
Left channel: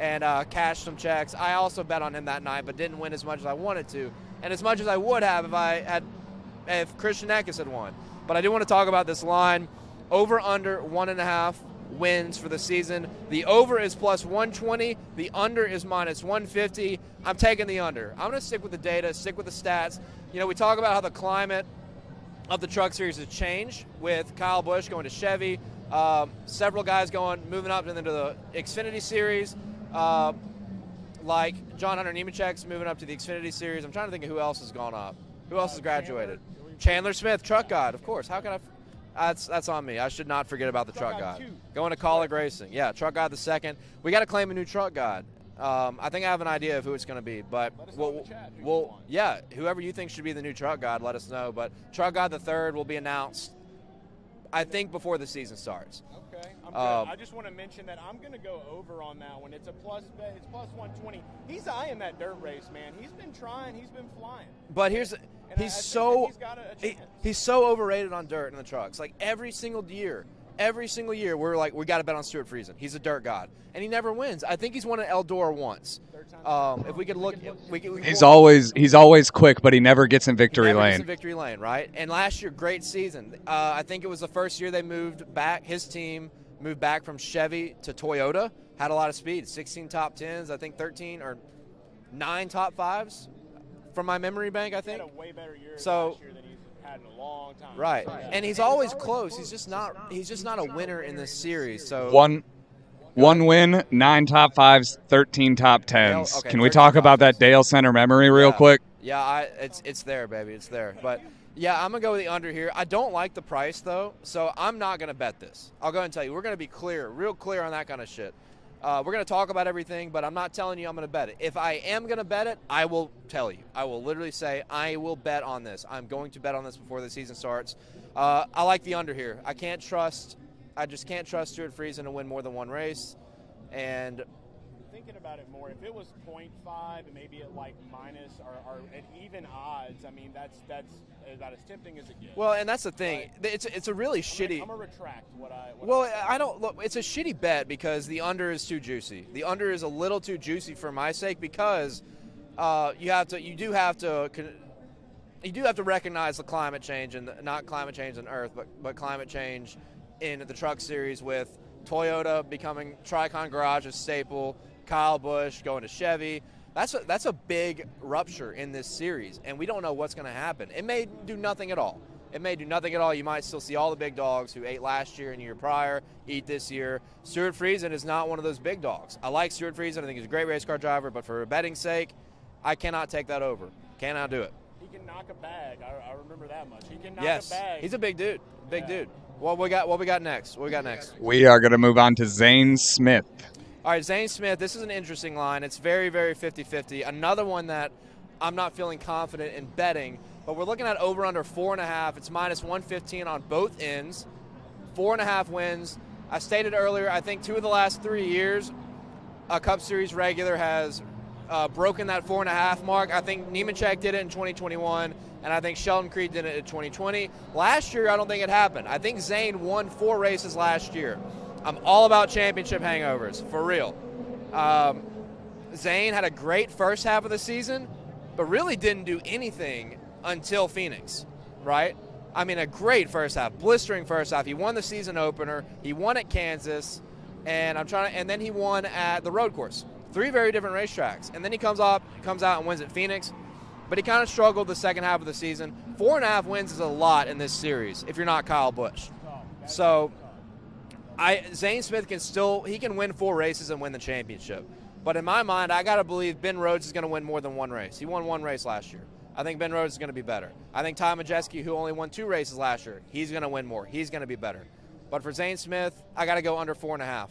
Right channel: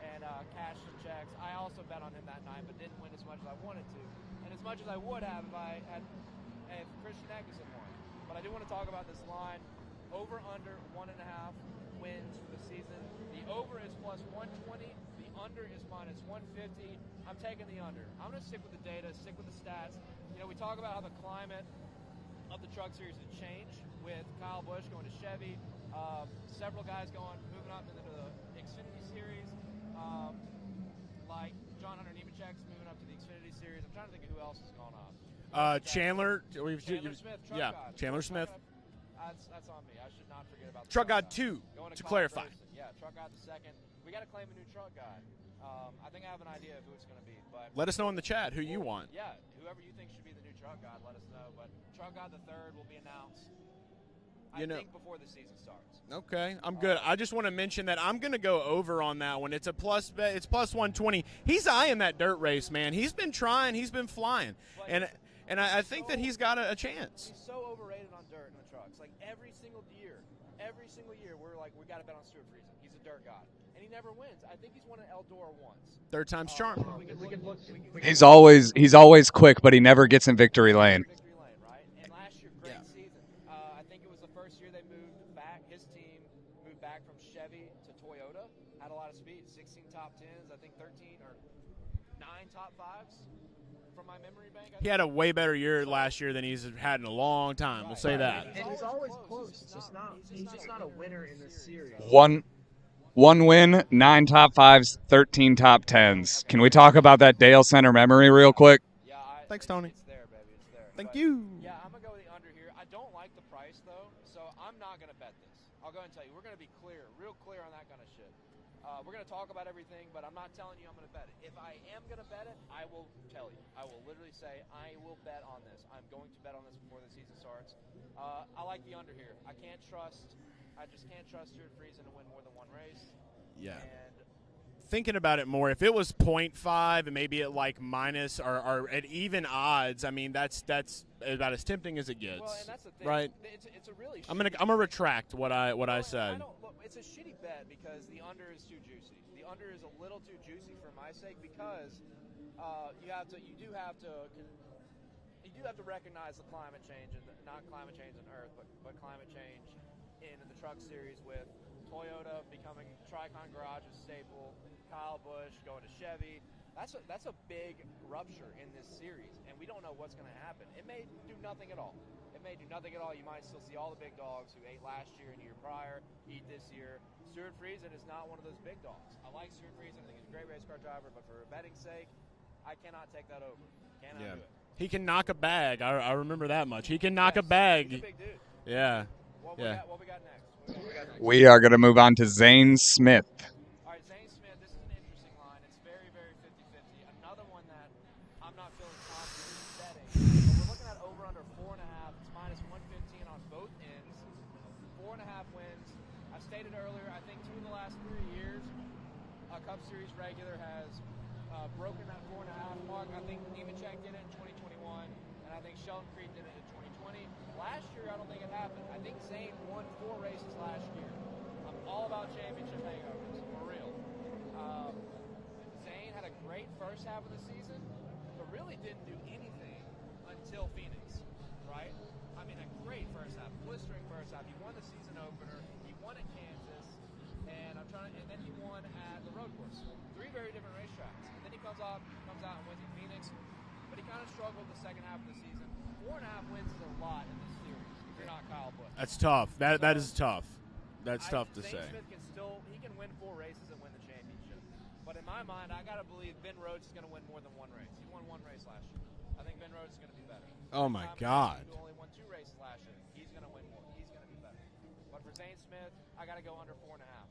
and cashed some checks. I also bet on him that night, but didn't win as much as I wanted to, and as much as I would have if Christian Eckes had won. But I do want to talk about this line. Over under 1.5 wins for the season. The over is plus 120. The under is minus 150. I'm taking the under. I'm going to stick with the data, stick with the stats. You know, we talk about how the climate of the Truck Series has changed with Kyle Busch going to Chevy, several guys moving up into the Xfinity Series, like John Hunter Nemechek's moving up to the Xfinity Series. I'm trying to think of who else has gone up. Who else has graduated? Chandler Smith, Truck God, of course. How can I? That's on me. I should not forget about the Truck God. 2. Going to College Racing. Yeah, Truck God the 2nd. We got to claim a new Truck God. I think I have an idea of who it's going to be, but let us know in the chat who you want. Yeah, whoever you think should be the new Truck God, let us know. But Truck God the 3rd will be announced, I think, before the season starts. Okay, I'm good. I just want to mention that I'm going to go over on that one. It's a plus bet. It's plus 120. He's eyeing that dirt race, man. He's been trying. He's been flying. But I think that he's got a chance. He's so overrated on dirt in the trucks. Like every single year, we're like, we got to bet on Stuart Friesen. He's a dirt god, and he never wins. I think he's won an Eldora once. 3rd time's charm. If we could look, he's always quick, but he never gets in victory lane. Victory lane, right? And last year, great season. I think it was the first year they moved back. His team moved back from Chevy to Toyota. Had a lot of speed. 16 top 10s. I think 13 or 9 top 5s. From my memory bank, I think. He had a way better year last year than he's had in a long time. Right. I'll say that. And he's always close. He's just not a winner in this series. So one win, 9 top 5s, 13 top 10s. Okay, Can we talk about that Dalescenter memory real quick? Yeah, it's there, baby. It's there. Thank you. Yeah, I'm going to go with the under here. I don't like the price, though, so I'm not going to bet this. I'll go ahead and tell you. We're going to be real clear on that kind of shit. We're going to talk about everything, but I'm not telling you I'm going to bet it. If I am going to bet it, I will tell you. I will literally say I will bet on this. I'm going to bet on this before the season starts. I like the under here. I just can't trust Stuart Friesen to win more than 1 race. Yeah. And thinking about it more, if it was 0.5 and maybe at like minus or at even odds, I mean that's about as tempting as it gets. Well, and that's the thing. Right? It's a really shitty. I'm gonna retract what I said. I don't look. It's a shitty bet because the under is too juicy. The under is a little too juicy for my sake because you do have to recognize the climate change and not climate change on Earth, but climate change in the Truck Series with Toyota becoming Tricon Garage's staple, Kyle Busch going to Chevy. That's a big rupture in this series, and we don't know what's going to happen. It may do nothing at all. You might still see all the big dogs who ate last year and the year prior eat this year. Stuart Friesen is not one of those big dogs. I like Stuart Friesen. I think he's a great race car driver, but for betting sake, I cannot take that over. Cannot do it. He can knock a bag. I remember that much. He can knock a bag. He's a big dude. Big dude. What we got next? We are going to move on to Zane Smith. All right, Zane Smith, this is an interesting line. It's very, very 50-50. Another one that I'm not feeling confident in betting, but we're looking at over under 4.5. It's minus 115 on both ends. 4.5 wins. I stated earlier, I think 2 of the last 3 years, a Cup Series regular has broken that 4.5 mark. I think Nemechek did it in 2021, and I think Sheldon Creed did it in 2020. Last year, I don't think it happened. I think Zane won 4 races last year. I'm all about championship hangovers, for real. Zane had a great first half of the season, but really didn't do anything until Phoenix, right? I mean, a great first half, blistering first half. He won the season opener. He won at Kansas, and then he won at the road course. 3 very different racetracks, and then he comes out and wins at Phoenix. but he kind of struggled the second half of the season. 4.5 wins is a lot in this series if you're not Kyle Busch. That's tough. That is tough. Zane Smith can win 4 races and win the championship. But in my mind, I got to believe Ben Rhodes is going to win more than 1 race. He won 1 race last year. I think Ben Rhodes is going to be better. I think Ty Majeski, who only won 2 races last year, he's going to win more. He's going to be better. But for Zane Smith, I got to go under 4.5.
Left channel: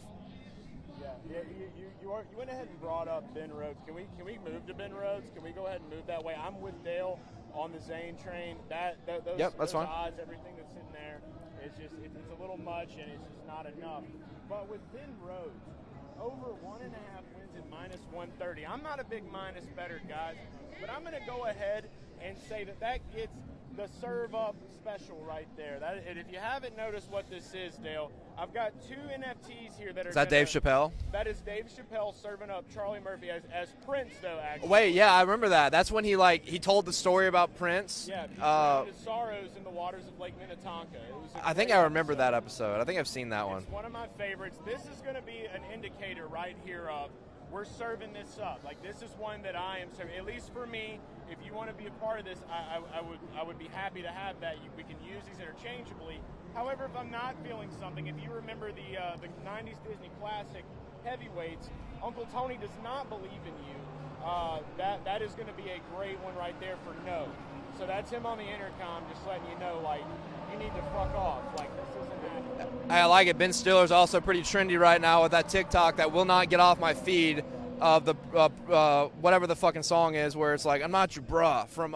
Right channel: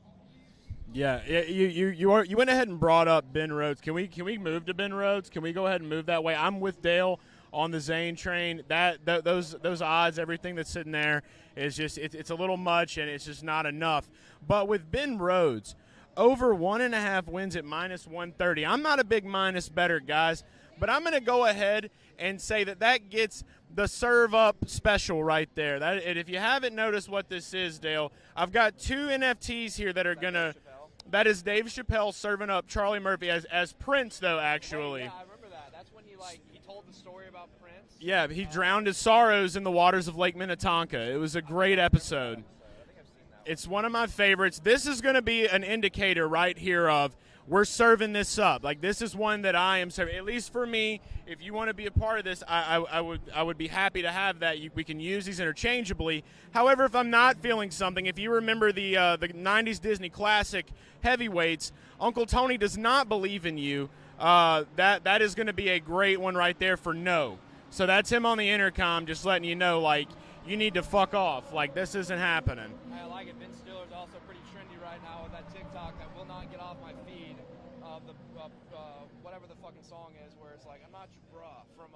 Yeah, you went ahead and brought up Ben Rhodes. Can we move to Ben Rhodes? Can we go ahead and move that way? I'm with Dale on the Zane train. Those odds, everything that's sitting there is just it's a little much, and it's just not enough. But with Ben Rhodes, over 1.5 wins at -130. I'm not a big minus bettor, guys, but I'm going to go ahead and say that gets the serve up special right there. And if you haven't noticed what this is, Dale, I've got 2 NFTs here that are going to. Is that Dave Chappelle? That is Dave Chappelle serving up Charlie Murphy as Prince, though, actually. Wait, yeah, I remember that. That's when he told the story about Prince. Yeah, he drowned his sorrows in the waters of Lake Minnetonka. It was a great episode. I think I remember that episode. I think I've seen that one. It's one of my favorites. This is going to be an indicator right here of we're serving this up. Like, this is one that I am serving. At least for me, if you want to be a part of this, I would be happy to have that. We can use these interchangeably. However, if I'm not feeling something, if you remember the 90s Disney classic heavyweights, Uncle Tony does not believe in you. That is going to be a great one right there for no. So that's him on the intercom just letting you know, like, you need to fuck off. Like, this isn't happening. I like it. Ben Stiller's also pretty trendy right now with that TikTok that will not get off my feed of the whatever the fucking song is, where it's like, I'm not your bruh from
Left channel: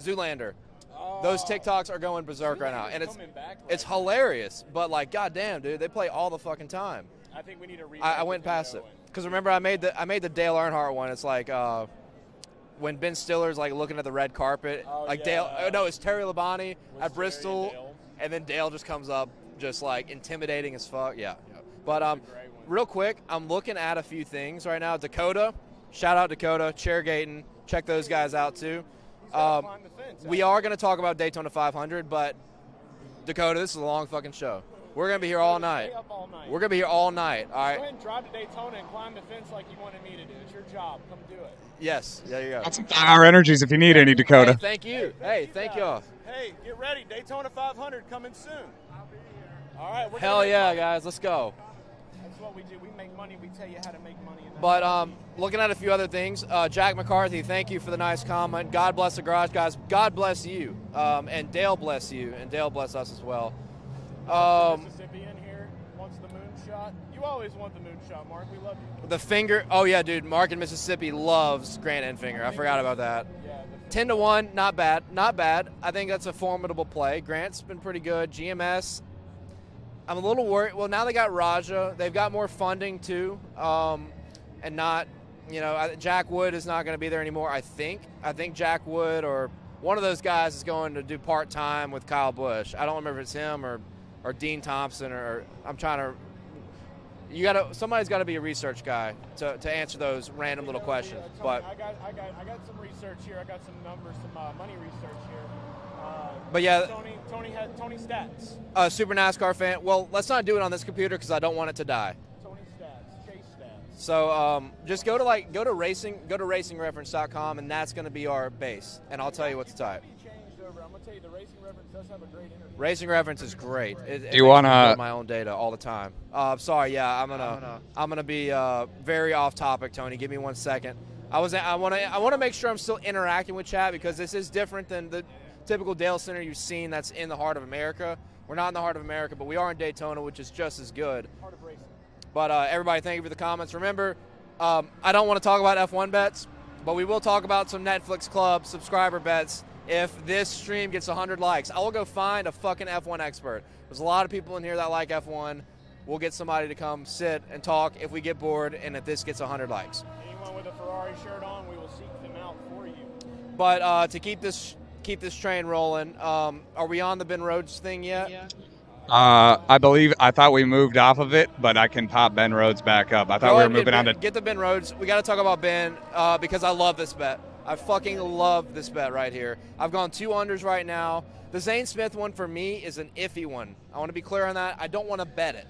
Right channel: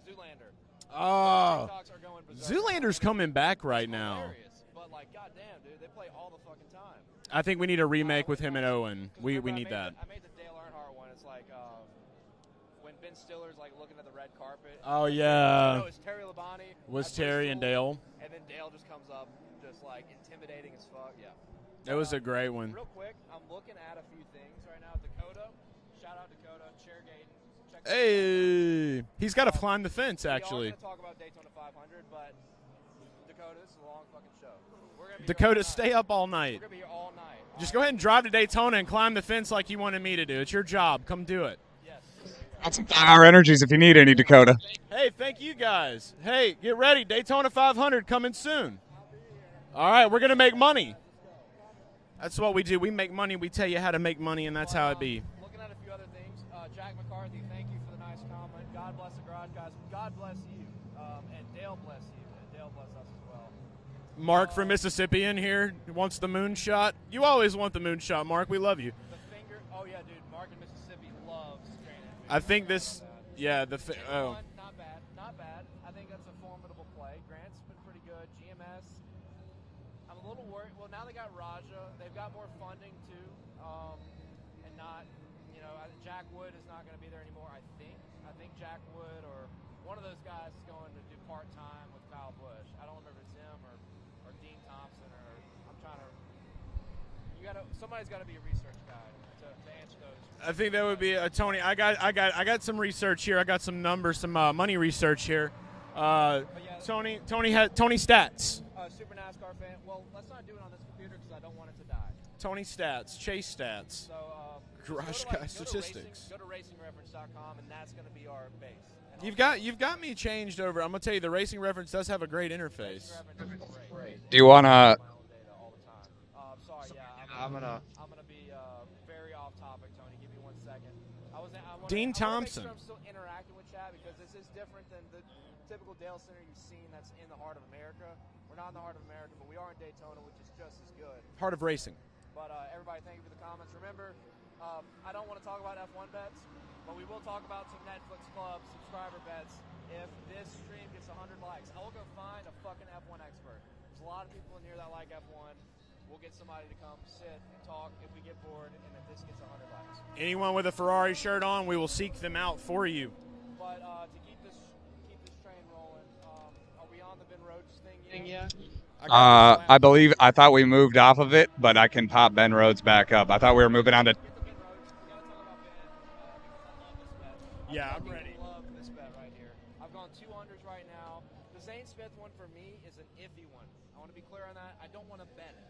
Zoolander. Those TikToks are going berserk right now. Zoolander's coming back right now. It's hilarious, but like, goddamn, dude, they play all the fucking time. I think we need a remake with him and Owen. Because remember, I made the Dale Earnhardt one. It's like when Ben Stiller's like looking at the red carpet. Oh, like yeah. Dale, no, it's Terry Labonte at Bristol. And Dale. And then Dale just comes up just like intimidating as fuck. Yeah. That was a great one. Real quick, I'm looking at a few things right now. Dakota, shout out Dakota, Chairgating. Check those guys out too. He's got to climb the fence. Actually. We are going to talk about Daytona 500, but Dakota, this is a long fucking show. We're going to be here all night. Stay up all night. We're going to be here all night. Just go ahead and drive to Daytona and climb the fence like you wanted me to do. It's your job. Come do it. Yes, there you go. Got some Power Energies if you need any, Dakota. Hey, thank you. Hey, thank you guys. Hey, get ready. Daytona 500 coming soon. All right, we're going to make money. Guys, let's go. That's what we do. We make money. We tell you how to make money, and that's how it be. Looking at a few other things, Jack McCarthy, thank you for the nice comment. God bless the garage guys. God bless you. And Dale bless you. And Dale bless us as well. Mark from Mississippi in here wants the moonshot. You always want the moonshot, Mark. We love you. The finger. Oh, yeah, dude. Mark in Mississippi loves Grant Enfinger. I forgot about that. Yeah. 10-1, not bad. Not bad. I think that's a formidable play. Grant's been pretty good. GMS. I'm a little worried. Well, now they got Raja. They've got more funding, too. And not, Jack Wood is not going to be there anymore, I think. I think Jack Wood or one of those guys is going to do part-time with Kyle Busch. I don't remember if it's him or Dean Thompson or I'm trying to. Somebody's got to be a research guy to answer those random little questions. I think that would be Tony. I got some research here. I got some numbers, some money research here. But yeah, Tony stats. Super NASCAR fan. Well, let's not do it on this computer because I don't want it to die. Tony stats, Chase stats. So just go to racingreference.com and that's going to be our base. And you've got me changed over. I'm going to tell you the Racing Reference does have a great interface. Racing Reference is great. Do you want to my own data all the time? Sorry, yeah, I'm gonna be very off topic, Tony. Give me 1 second. I want to make sure I'm still interacting with chat because this is different than the typical Dalescenter you've seen that's in the heart of America. We're not in the heart of America, but we are in Daytona, which is just as good. Heart of racing. But everybody, thank you for the comments. Remember, I don't want to talk about F1 bets, but we will talk about some Netflix Club subscriber bets if this stream gets 100 likes. I will go find a fucking F1 expert. There's a lot of people in here that like F1. We'll get somebody to come sit and talk if we get bored and if this gets 100 likes. Anyone with a Ferrari shirt on, we will seek them out for you. But to keep this train rolling, are we on the Ben Rhodes thing yet? Yeah. I thought we moved off of it, but I can pop Ben Rhodes back up. I thought we were moving on to. Get the Ben Rhodes. We got to talk about Ben because I love this bet. I fucking love this bet right here. I've gone 2 unders right now. The Zane Smith one for me is an iffy one. I want to be clear on that. I don't want to bet it.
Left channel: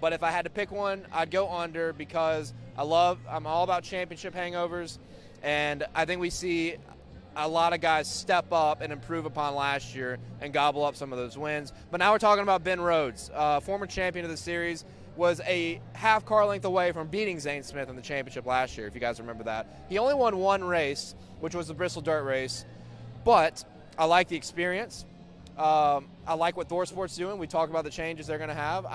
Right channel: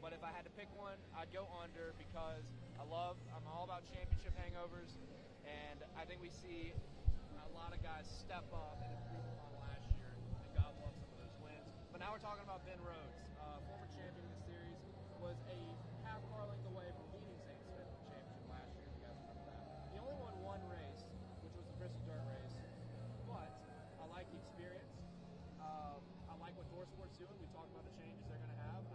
But if I had to pick one, I'd go under because I'm all about championship hangovers. And I think we see a lot of guys step up and improve upon last year and gobble up some of those wins. But now we're talking about Ben Rhodes, former champion of the series, was a half car length away from beating Zane Smith in the championship last year, if you guys remember that. He only won one race, which was the Bristol Dirt Race, but I like the experience. I like what ThorSport's doing. We talked about the changes they're going to have.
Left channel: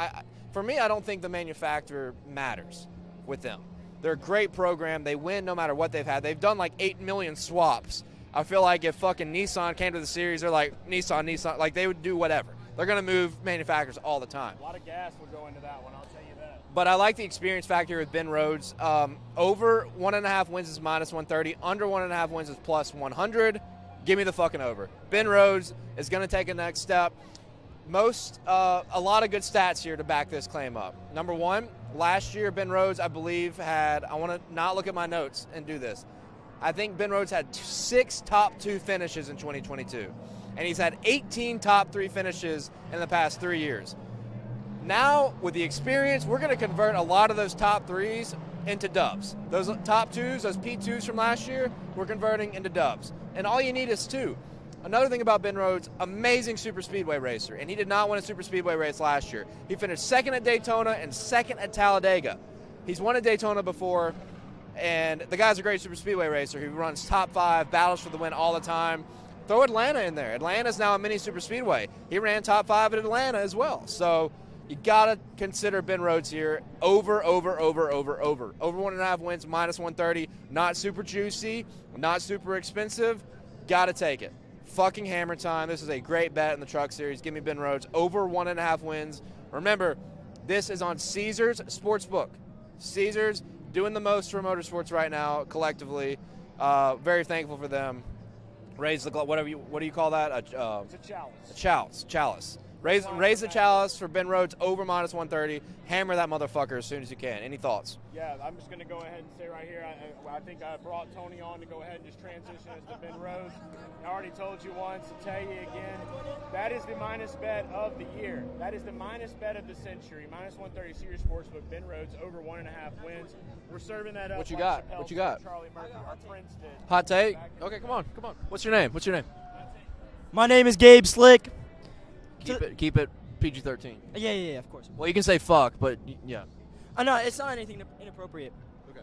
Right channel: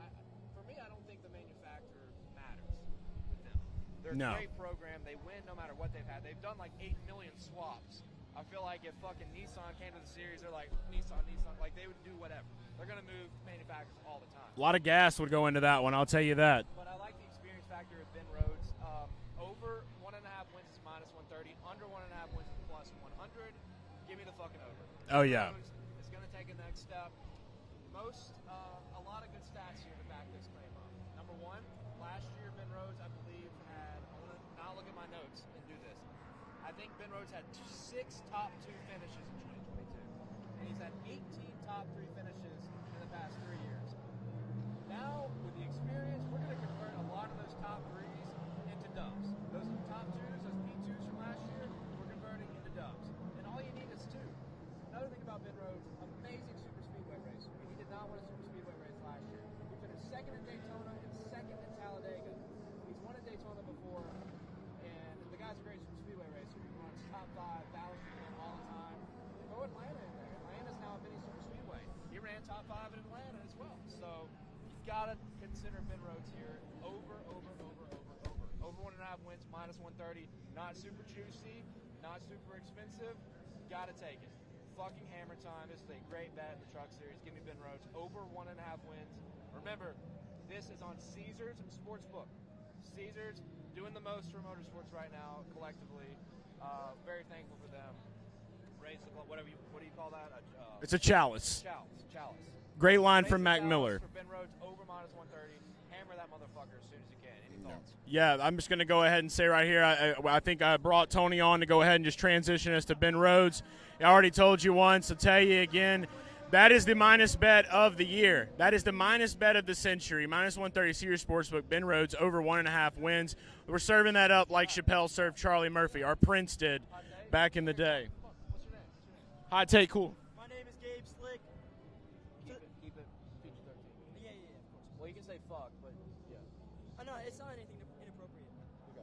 For me, I don't think the manufacturer matters with them. They're a great program. They win no matter what they've had. They've done like 8 million swaps. I feel like if fucking Nissan came to the series, they're like, Nissan, like they would do whatever. They're going to move manufacturers all the time. A lot of gas would go into that one, I'll tell you that. But I like the experience factor with Ben Rhodes. Over 1.5 wins is minus 130. Under 1.5 wins is plus 100. Give me the fucking over. Ben Rhodes is going to take a next step. A lot of good stats here to back this claim up. Number one, last year Ben Rhodes, I believe, had, I want to not look at my notes and do this. I think Ben Rhodes had 6 top 2 finishes in 2022. And he's had 18 top 3 finishes in the past 3 years. Now, with the experience, we're going to convert a lot of those top 3s into dubs. Those top 2s, those P2s from last year, we're converting into dubs. And all you need is 2. Another thing about Ben Rhodes, amazing super speedway racer, and he did not win a super speedway race last year. He finished 2nd at Daytona and 2nd at Talladega. He's won at Daytona before, and the guy's a great super speedway racer. He runs top 5, battles for the win all the time. Throw Atlanta in there. Atlanta's now a mini super speedway. He ran top 5 at Atlanta as well. So you got to consider Ben Rhodes here. Over 1.5 wins, minus 130. Not super juicy, not super expensive. Got to take it. Fucking hammer time. This is a great bet in the Truck Series. Give me Ben Rhodes over 1.5 wins. Remember, this is on Caesars Sportsbook. Caesars doing the most for motorsports right now collectively. Very thankful for them. Raise the what do you call that? It's a chalice. Chalice. Great line raise from the Matt chalice Miller. for Ben Rhodes over minus 130. Hammer that motherfucker as soon as you can. Any thoughts? Yeah, I'm just going to go ahead and say right here, I think I brought Tony on to go ahead and just transition us to Ben Rhodes. I already told you once, I'll tell you again, that is the minus bet of the year. That is the minus bet of the century. Minus 130 Caesars Sportsbook, Ben Rhodes over 1.5 wins. We're serving that up like Chappelle served Charlie Murphy. Our Prince did. Hot take? Back in the day. Come on. What's your name? Hot take, cool. My name is Gabe Slick. Keep it PG-13. Yeah, of course. Well, you can say fuck, but yeah. No, it's not anything inappropriate. Okay.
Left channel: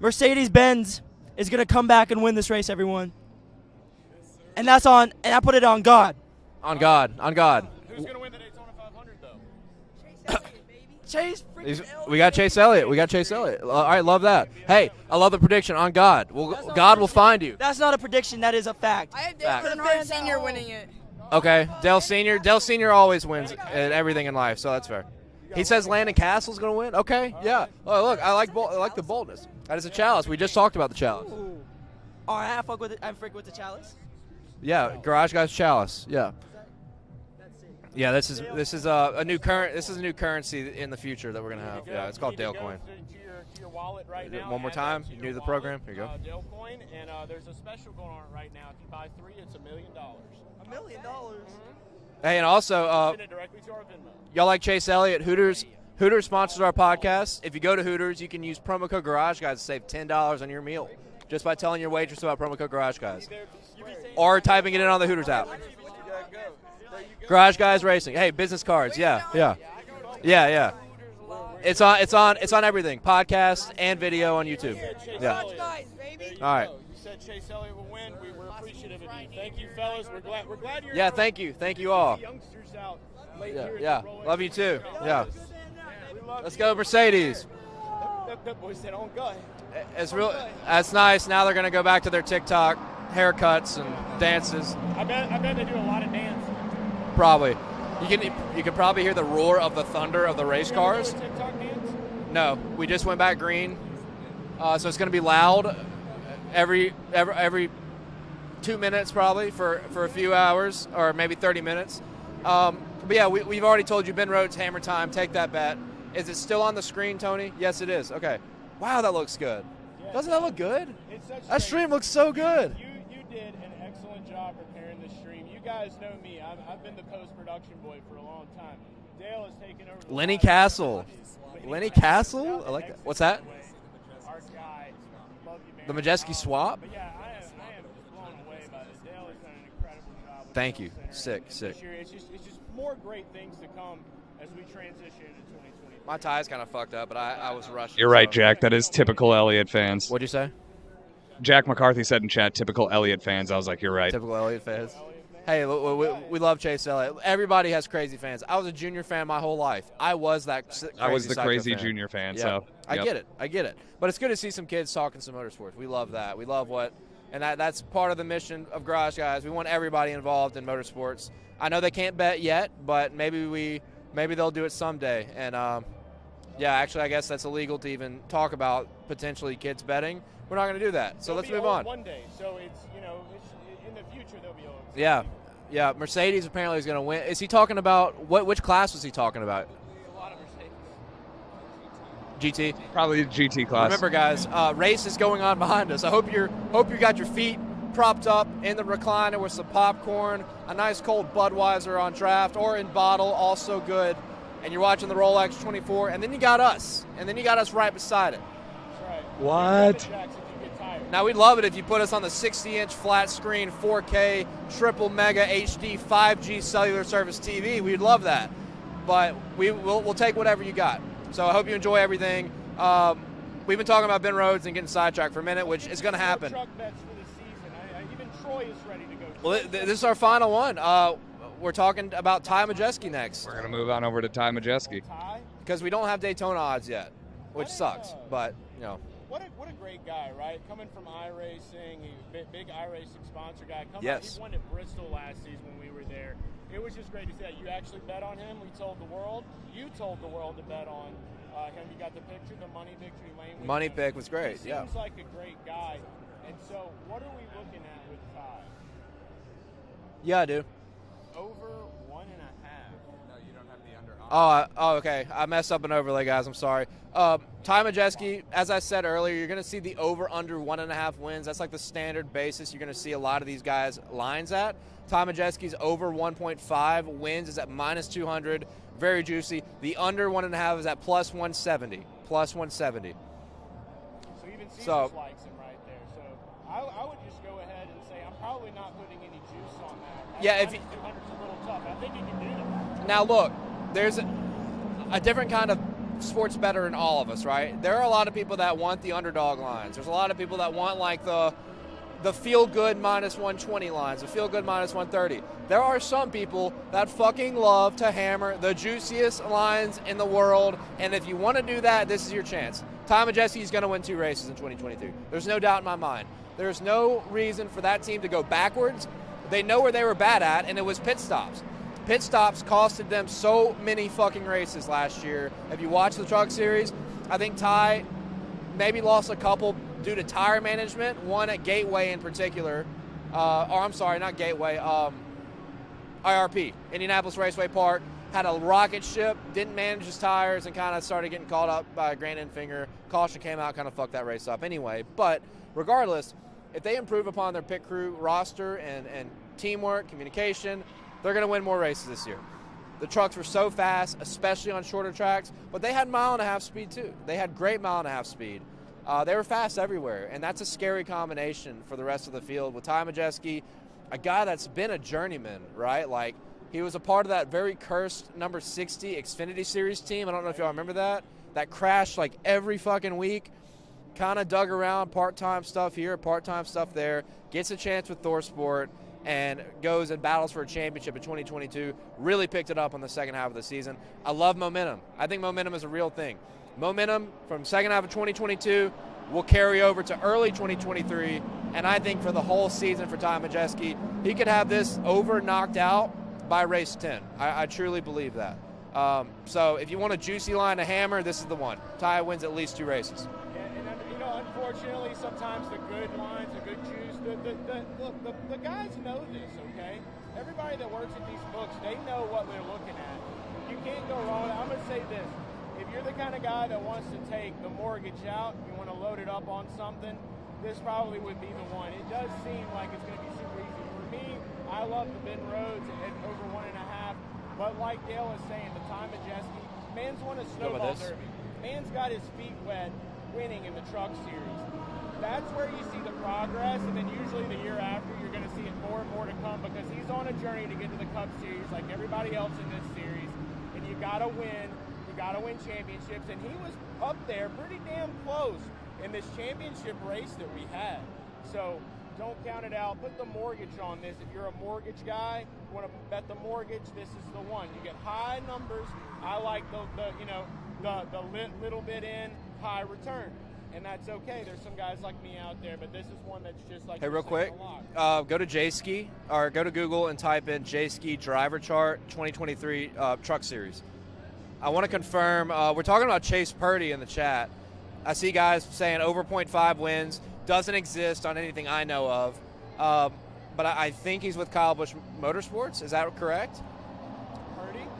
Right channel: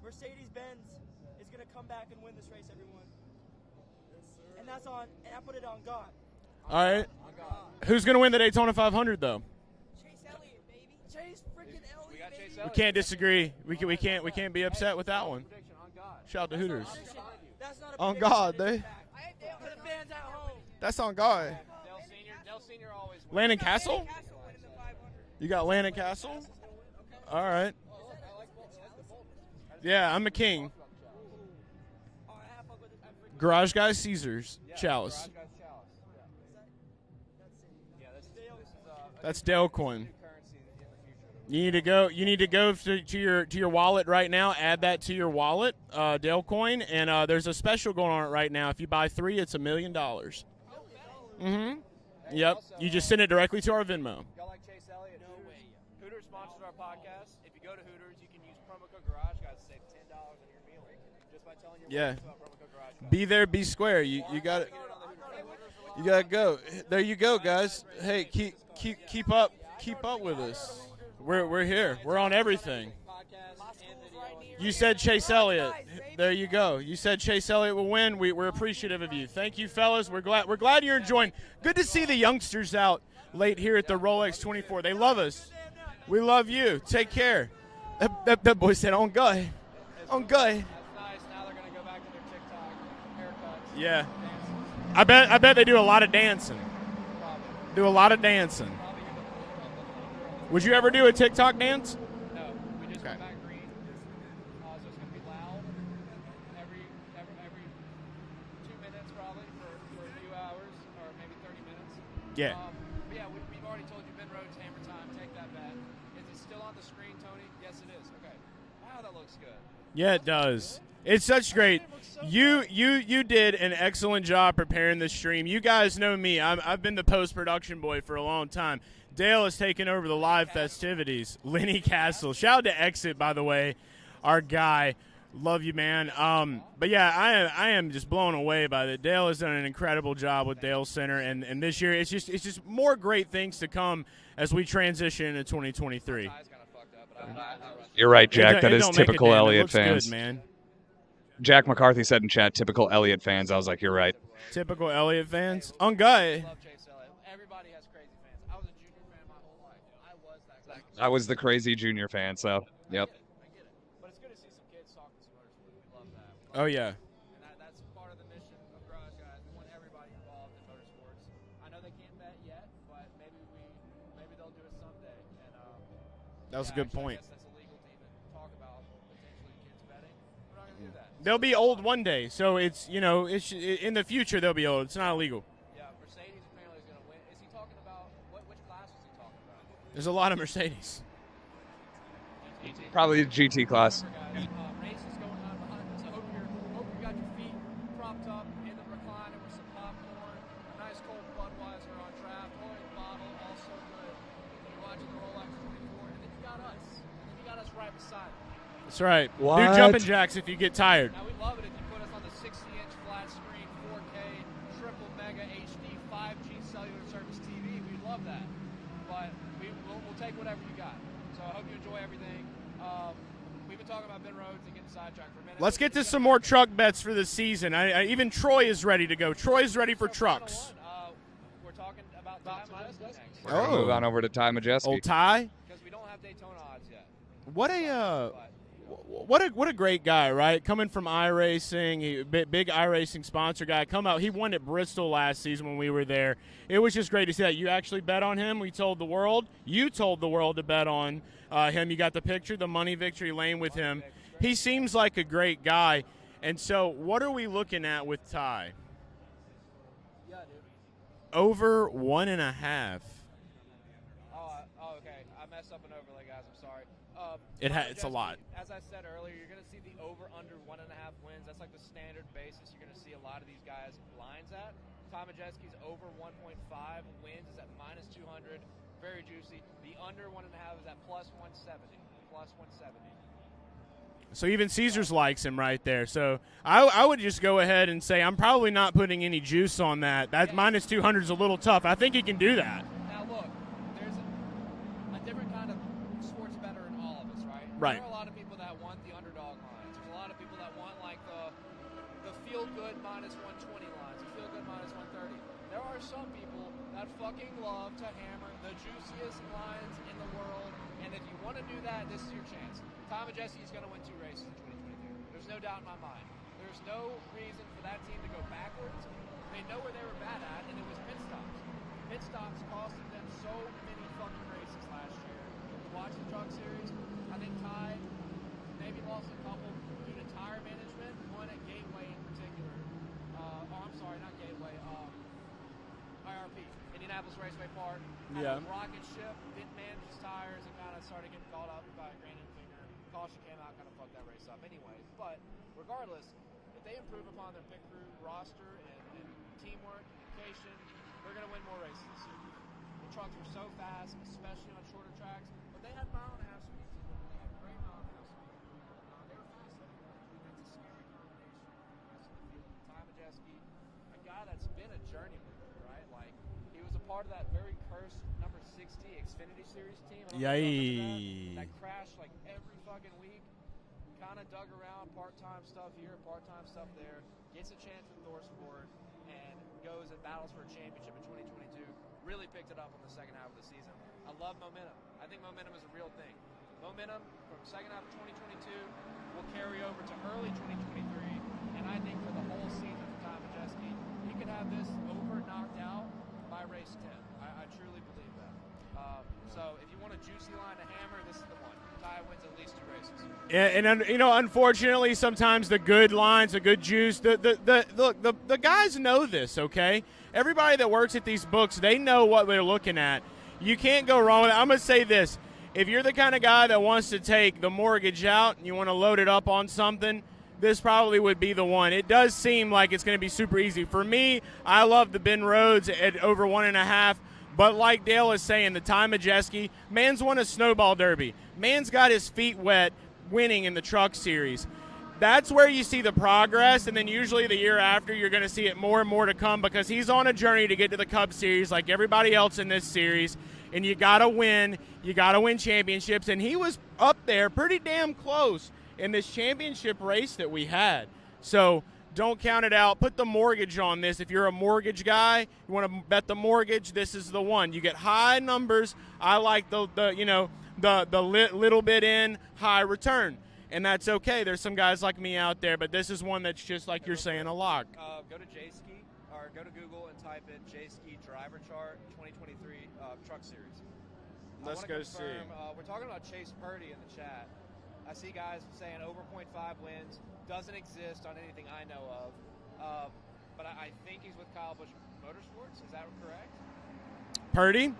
Mercedes-Benz is going to come back and win this race, everyone. And I put it on God. On God. Who's going to win the Daytona 500, though? Chase We got Chase Elliott. Can't We got disagree. Chase Elliott. We All right, love that. can't be Hey, upset with that I love the one. prediction on God. God will find you. That's not a prediction. God, that is a Dave. fact. I have Fact. Tanhardt Sr. winning it. That's on God. Okay, Dale Senior always wins Landon Castle? in everything in life, so that's fair. You got He says Landon Castle's going to win. Okay, All yeah. right. Oh, look, I like the boldness. That is a Yeah, chalice. I'm the We just king. talked about the chalice. Ooh. All right, I fuck with it. I freak with Garage the Guys Caesars. Yeah, Chalice. Garage Guys chalice. Yeah. Yeah, this is a new Dale this is a coin. new currency in the future that we're You going need to have. Yeah, go. it's You called need to Dale go coin. to your wallet right now. One more Add time. that to You your do the wallet, program. Here you Dale Coin, and there's a special going on right now. If you buy 3, it's $1 million. $1 million. Mm-hmm. Hey, and also, you just send it directly to our Venmo. y'all like Chase Elliott? Hooters sponsors our podcast. If you go to Hooters, you can use promo code Garage Guys to save $10 on your meal just by telling your waitress about promo code Garage Guys. Be there, be square. Or typing it in on the Hooters app. You gotta go. There you go. Garage Guys Racing. Hey, keep- business cards. Yeah, Keep yeah, up. Keep up. With yeah, us. yeah. We're It's here. on. It's We're on. It's on everything. Podcast and video on YouTube. You said Chase Yeah. Elliott. There you All go. You said Chase Elliott will win. We're appreciative of you. Thank you, fellas. We're glad you're Yeah, enjoying. thank you. Thank Good to you see all. the youngsters out late here at Yeah. the Rolex Love you 24. too. They love Yeah. us. We love Let's you. go Mercedes. Take care. That boy said on God. It's I'm real, good. that's nice. Now they're gonna go back to their TikTok haircuts and Yeah. dances. I bet they do a lot of dancing. Probably Do a lot You of can- dancing. You can probably hear the roar of the thunder of the race Would you ever cars. do a TikTok dance? No, we just went back green, so it's gonna be loud every 2 minutes probably for a few hours or maybe 30 minutes. Yeah. But yeah, we've already told you Ben Rhodes hammer time. Take that bet. Is it still on the screen, Tony? Yes, it is. Okay. Wow, that looks good. Yeah, Doesn't it that does. look good? It's such That great. stream looks so good. You did an excellent job preparing this stream. You guys know me. I've been the post-production boy for a long time. Dale has taken over the Lenny live Castle. festivities. Lenny Lenny Castle. Castle? Shout out I to like it. Exit, What's by that? the way, our guy. Love you, man. The Majeski swap. But yeah, I am just blown away by it. Dale has done an incredible job with Thank you. Dalescenter, and this year it's just more great things to come as we transition into 2023. My tie's kind of fucked up, but I was rushing. You're right, so- Jack. That It is don't make a typical damn- it Elliott looks good, fans. What'd you say? Jack McCarthy said in chat, typical Elliott fans. I was like, you're right. Typical Elliott Typical fans. Elliott fans. Hey, On we guy. love Chase Elliott. Everybody has crazy fans. I was a junior fan my whole life. I was that. I was the psycho crazy fan. junior fan, Yeah. so. I yep. get it. I get it. But it's good to see some kids talking some motorsports. We love that. We love Oh, yeah. and that's part of the mission of Garage Guys. We want everybody involved in motorsports. I know they can't bet yet, but maybe they'll do it someday. And That was yeah, a good actually, point. I guess that's illegal to even talk about potentially kids betting. We're not going to do that. So They'll let's be move old on. one day, so it's in the future they'll be old. It's Yeah. not illegal. Yeah, Mercedes apparently is going to win. Is he talking about which class was he talking about? There's a lot of Mercedes. GT. Probably the GT class. Remember, guys, race is going on behind us. I hope you got your feet propped up in the recliner with some popcorn, a nice cold Budweiser on draft or in bottle, also good. And you're watching the Rolex 24, and then you got us, right beside it. That's right. What? Do jumping jacks if you get tired. Now, we'd love it if you put us on the 60-inch flat screen, 4K, triple mega HD, 5G cellular service TV. We'd love that. But we'll take whatever you got. So I hope you enjoy everything. We've been talking about Ben Rhodes and getting sidetracked for a minute. Let's which get is to gonna some more happen. truck bets for the season. Even Troy is ready to go. Troy's ready This for is our trucks. final one. We're talking about Ty Majeski next. We're going to move on over to Ty Majeski. Old Ty. Because we don't have Daytona odds yet. Which What a, sucks, but, you know. What a great guy, right? Coming from iRacing, big iRacing sponsor guy. Out. He Yes. won at Bristol last season when we were there. It was just great to see that. You actually bet on him. We told the world. You told the world to bet on him. You got the picture, the money victory lane with Money him. pick was great, He seems like a great guy. And so what are we looking at with Ty? Yeah, I do. Over 1.5. Oh, okay. I messed up an overlay, guys. I'm sorry. Ty It's a lot. Majeski, as I said earlier, you're going to see the over-under 1.5 wins. That's like the standard basis you're going to see a lot of these guys' lines at. Ty Majeski's over 1.5 wins is at minus 200. Very juicy. The under 1.5 is at plus 170. Plus 170. So even Caesars likes him right there. So I would just go ahead and say I'm probably not putting any juice on that. That Yeah, minus 200 is a little tough. I think he can do that. Now, look, there's a different kind of sports bettor in all of us, right? There are a lot of people that want the underdog lines. There's a lot of people that want, like, the feel-good minus 120 lines, the feel-good minus 130. There are some people that fucking love to hammer the juiciest lines in the world, and if you want to do that, this is your chance. Ty Majeski is going to win 2 races in 2023. There's no doubt in my mind. There's no reason for that team to go backwards. They know where they were bad at, and it was pit stops. Pit stops costed them so many fucking races last year. If you watch the Truck Series, I think Ty maybe lost a couple due to tire management, one at Gateway in particular. Or I'm sorry, not Gateway, IRP, Indianapolis Raceway Park. Had a rocket ship, didn't manage his tires, and kind of started getting caught up by a grand end finger. Caution came out, kind of fucked that race up anyway. But regardless, if they improve upon their pit crew roster and teamwork, communication, they're going to win more races this year. The trucks were so fast, especially on shorter tracks, but they had 1.5 mile speed too. They had great 1.5 mile speed. They were fast everywhere, and that's a scary combination for the rest of the field. With Ty Majeski, a guy that's been a journeyman, right? Like, he was a part of that very cursed number 60 Xfinity Series team. I don't know if y'all remember that. That crashed like every fucking week. Kind of dug around, part-time stuff here, part-time stuff there. Gets a chance with ThorSport and goes and battles for a championship in 2022. Really picked it up on the second half of the season. I love momentum. I think momentum is a real thing. Momentum from second half of 2022 will carry over to early 2023. And I think for the whole season for Ty Majeski, he could have this over knocked out by race 10. I truly believe that. So if you want a juicy line to hammer, this is the one. Ty wins at least 2 races. Yeah, and you know, unfortunately, sometimes the good lines, the good juice, the guys know this. Okay, everybody that works at these books, they know what they're looking at. You can't go wrong with it. I'm gonna say this: if you're the kind of guy that wants to take the mortgage out and you want to load it up on something, this probably would be the one. It does seem like it's going to be super easy. For me, I love the Ben Rhodes at over 1.5. But like Dale is saying, the Ty Majeski, man's won a snowball derby. Man's got his feet wet winning in the Truck Series. that's where you see the progress, and then usually the year after you're going to see it more and more to come because he's on a journey to get to the Cup Series like everybody else in this series, and you got to win. You got to win championships, and he was up there pretty damn close in this championship race that we had. So don't count it out. Put the mortgage on this. If you're a mortgage guy, you want to bet the mortgage, this is the one. You get high numbers. I like the little bit in, high return. And that's okay. There's some guys like me out there, but this is one that's just like you're saying, a lock. Go to J-Ski, or go to Google and type in J-Ski driver chart 2023 Truck Series. I want to confirm, we're talking about Chase Purdy in the chat. I see guys saying over 0.5 wins. Doesn't exist on anything I know of. But I think he's with Kyle Busch Motorsports. Is that correct? Purdy?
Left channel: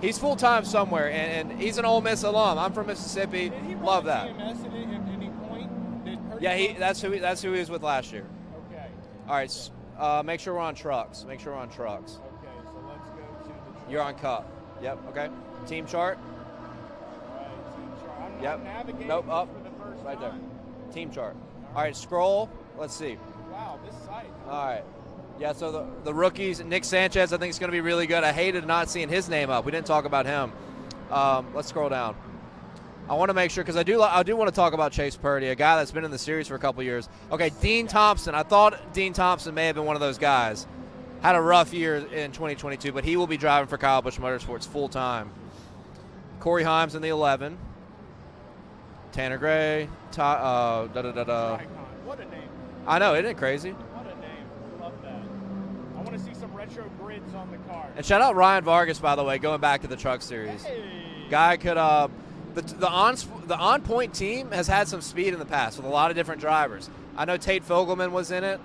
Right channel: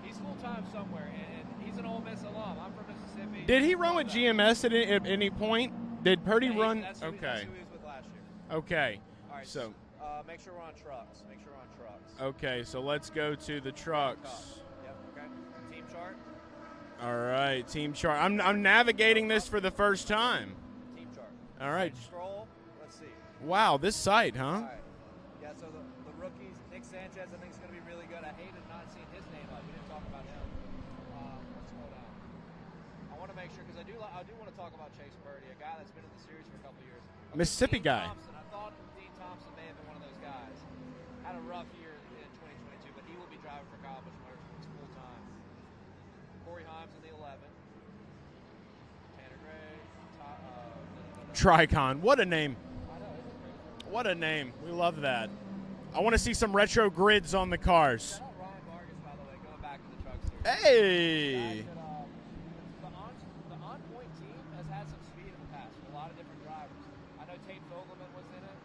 He's full-time somewhere, and he's an Ole Miss alum. I'm from Mississippi. Did he run with GMS at any point? Did Purdy run? That's who he was with last year. Okay. All right, so make sure we're on trucks. Okay, so let's go to the trucks. You're on Cup. Yep, okay. Team chart. All right, team chart. I'm navigating this for the first time. Team chart. All right, scroll. Let's see. Wow, this site, huh? All right. Yeah, so the rookies, Nick Sanchez, I think is going to be really good. I hated not seeing his name up. We didn't talk about him. Let's scroll down. I want to make sure, because I do want to talk about Chase Purdy, a guy that's been in the series for a couple years. Okay, Dean Thompson. I thought Dean Thompson may have been one of those guys. Had a rough year in 2022, but he will be driving for Kyle Busch Motorsports full time. Corey Himes in the 11. Tanner Gray. Tricon. What a name. I know, isn't it crazy? What a name. We love that. I want to see some retro grids on the cars. And shout out Ryan Vargas, by the way, going back to the Truck Series. Hey! Guy could the on point team has had some speed in the past with a lot of different drivers. I know Tate Fogelman was in it.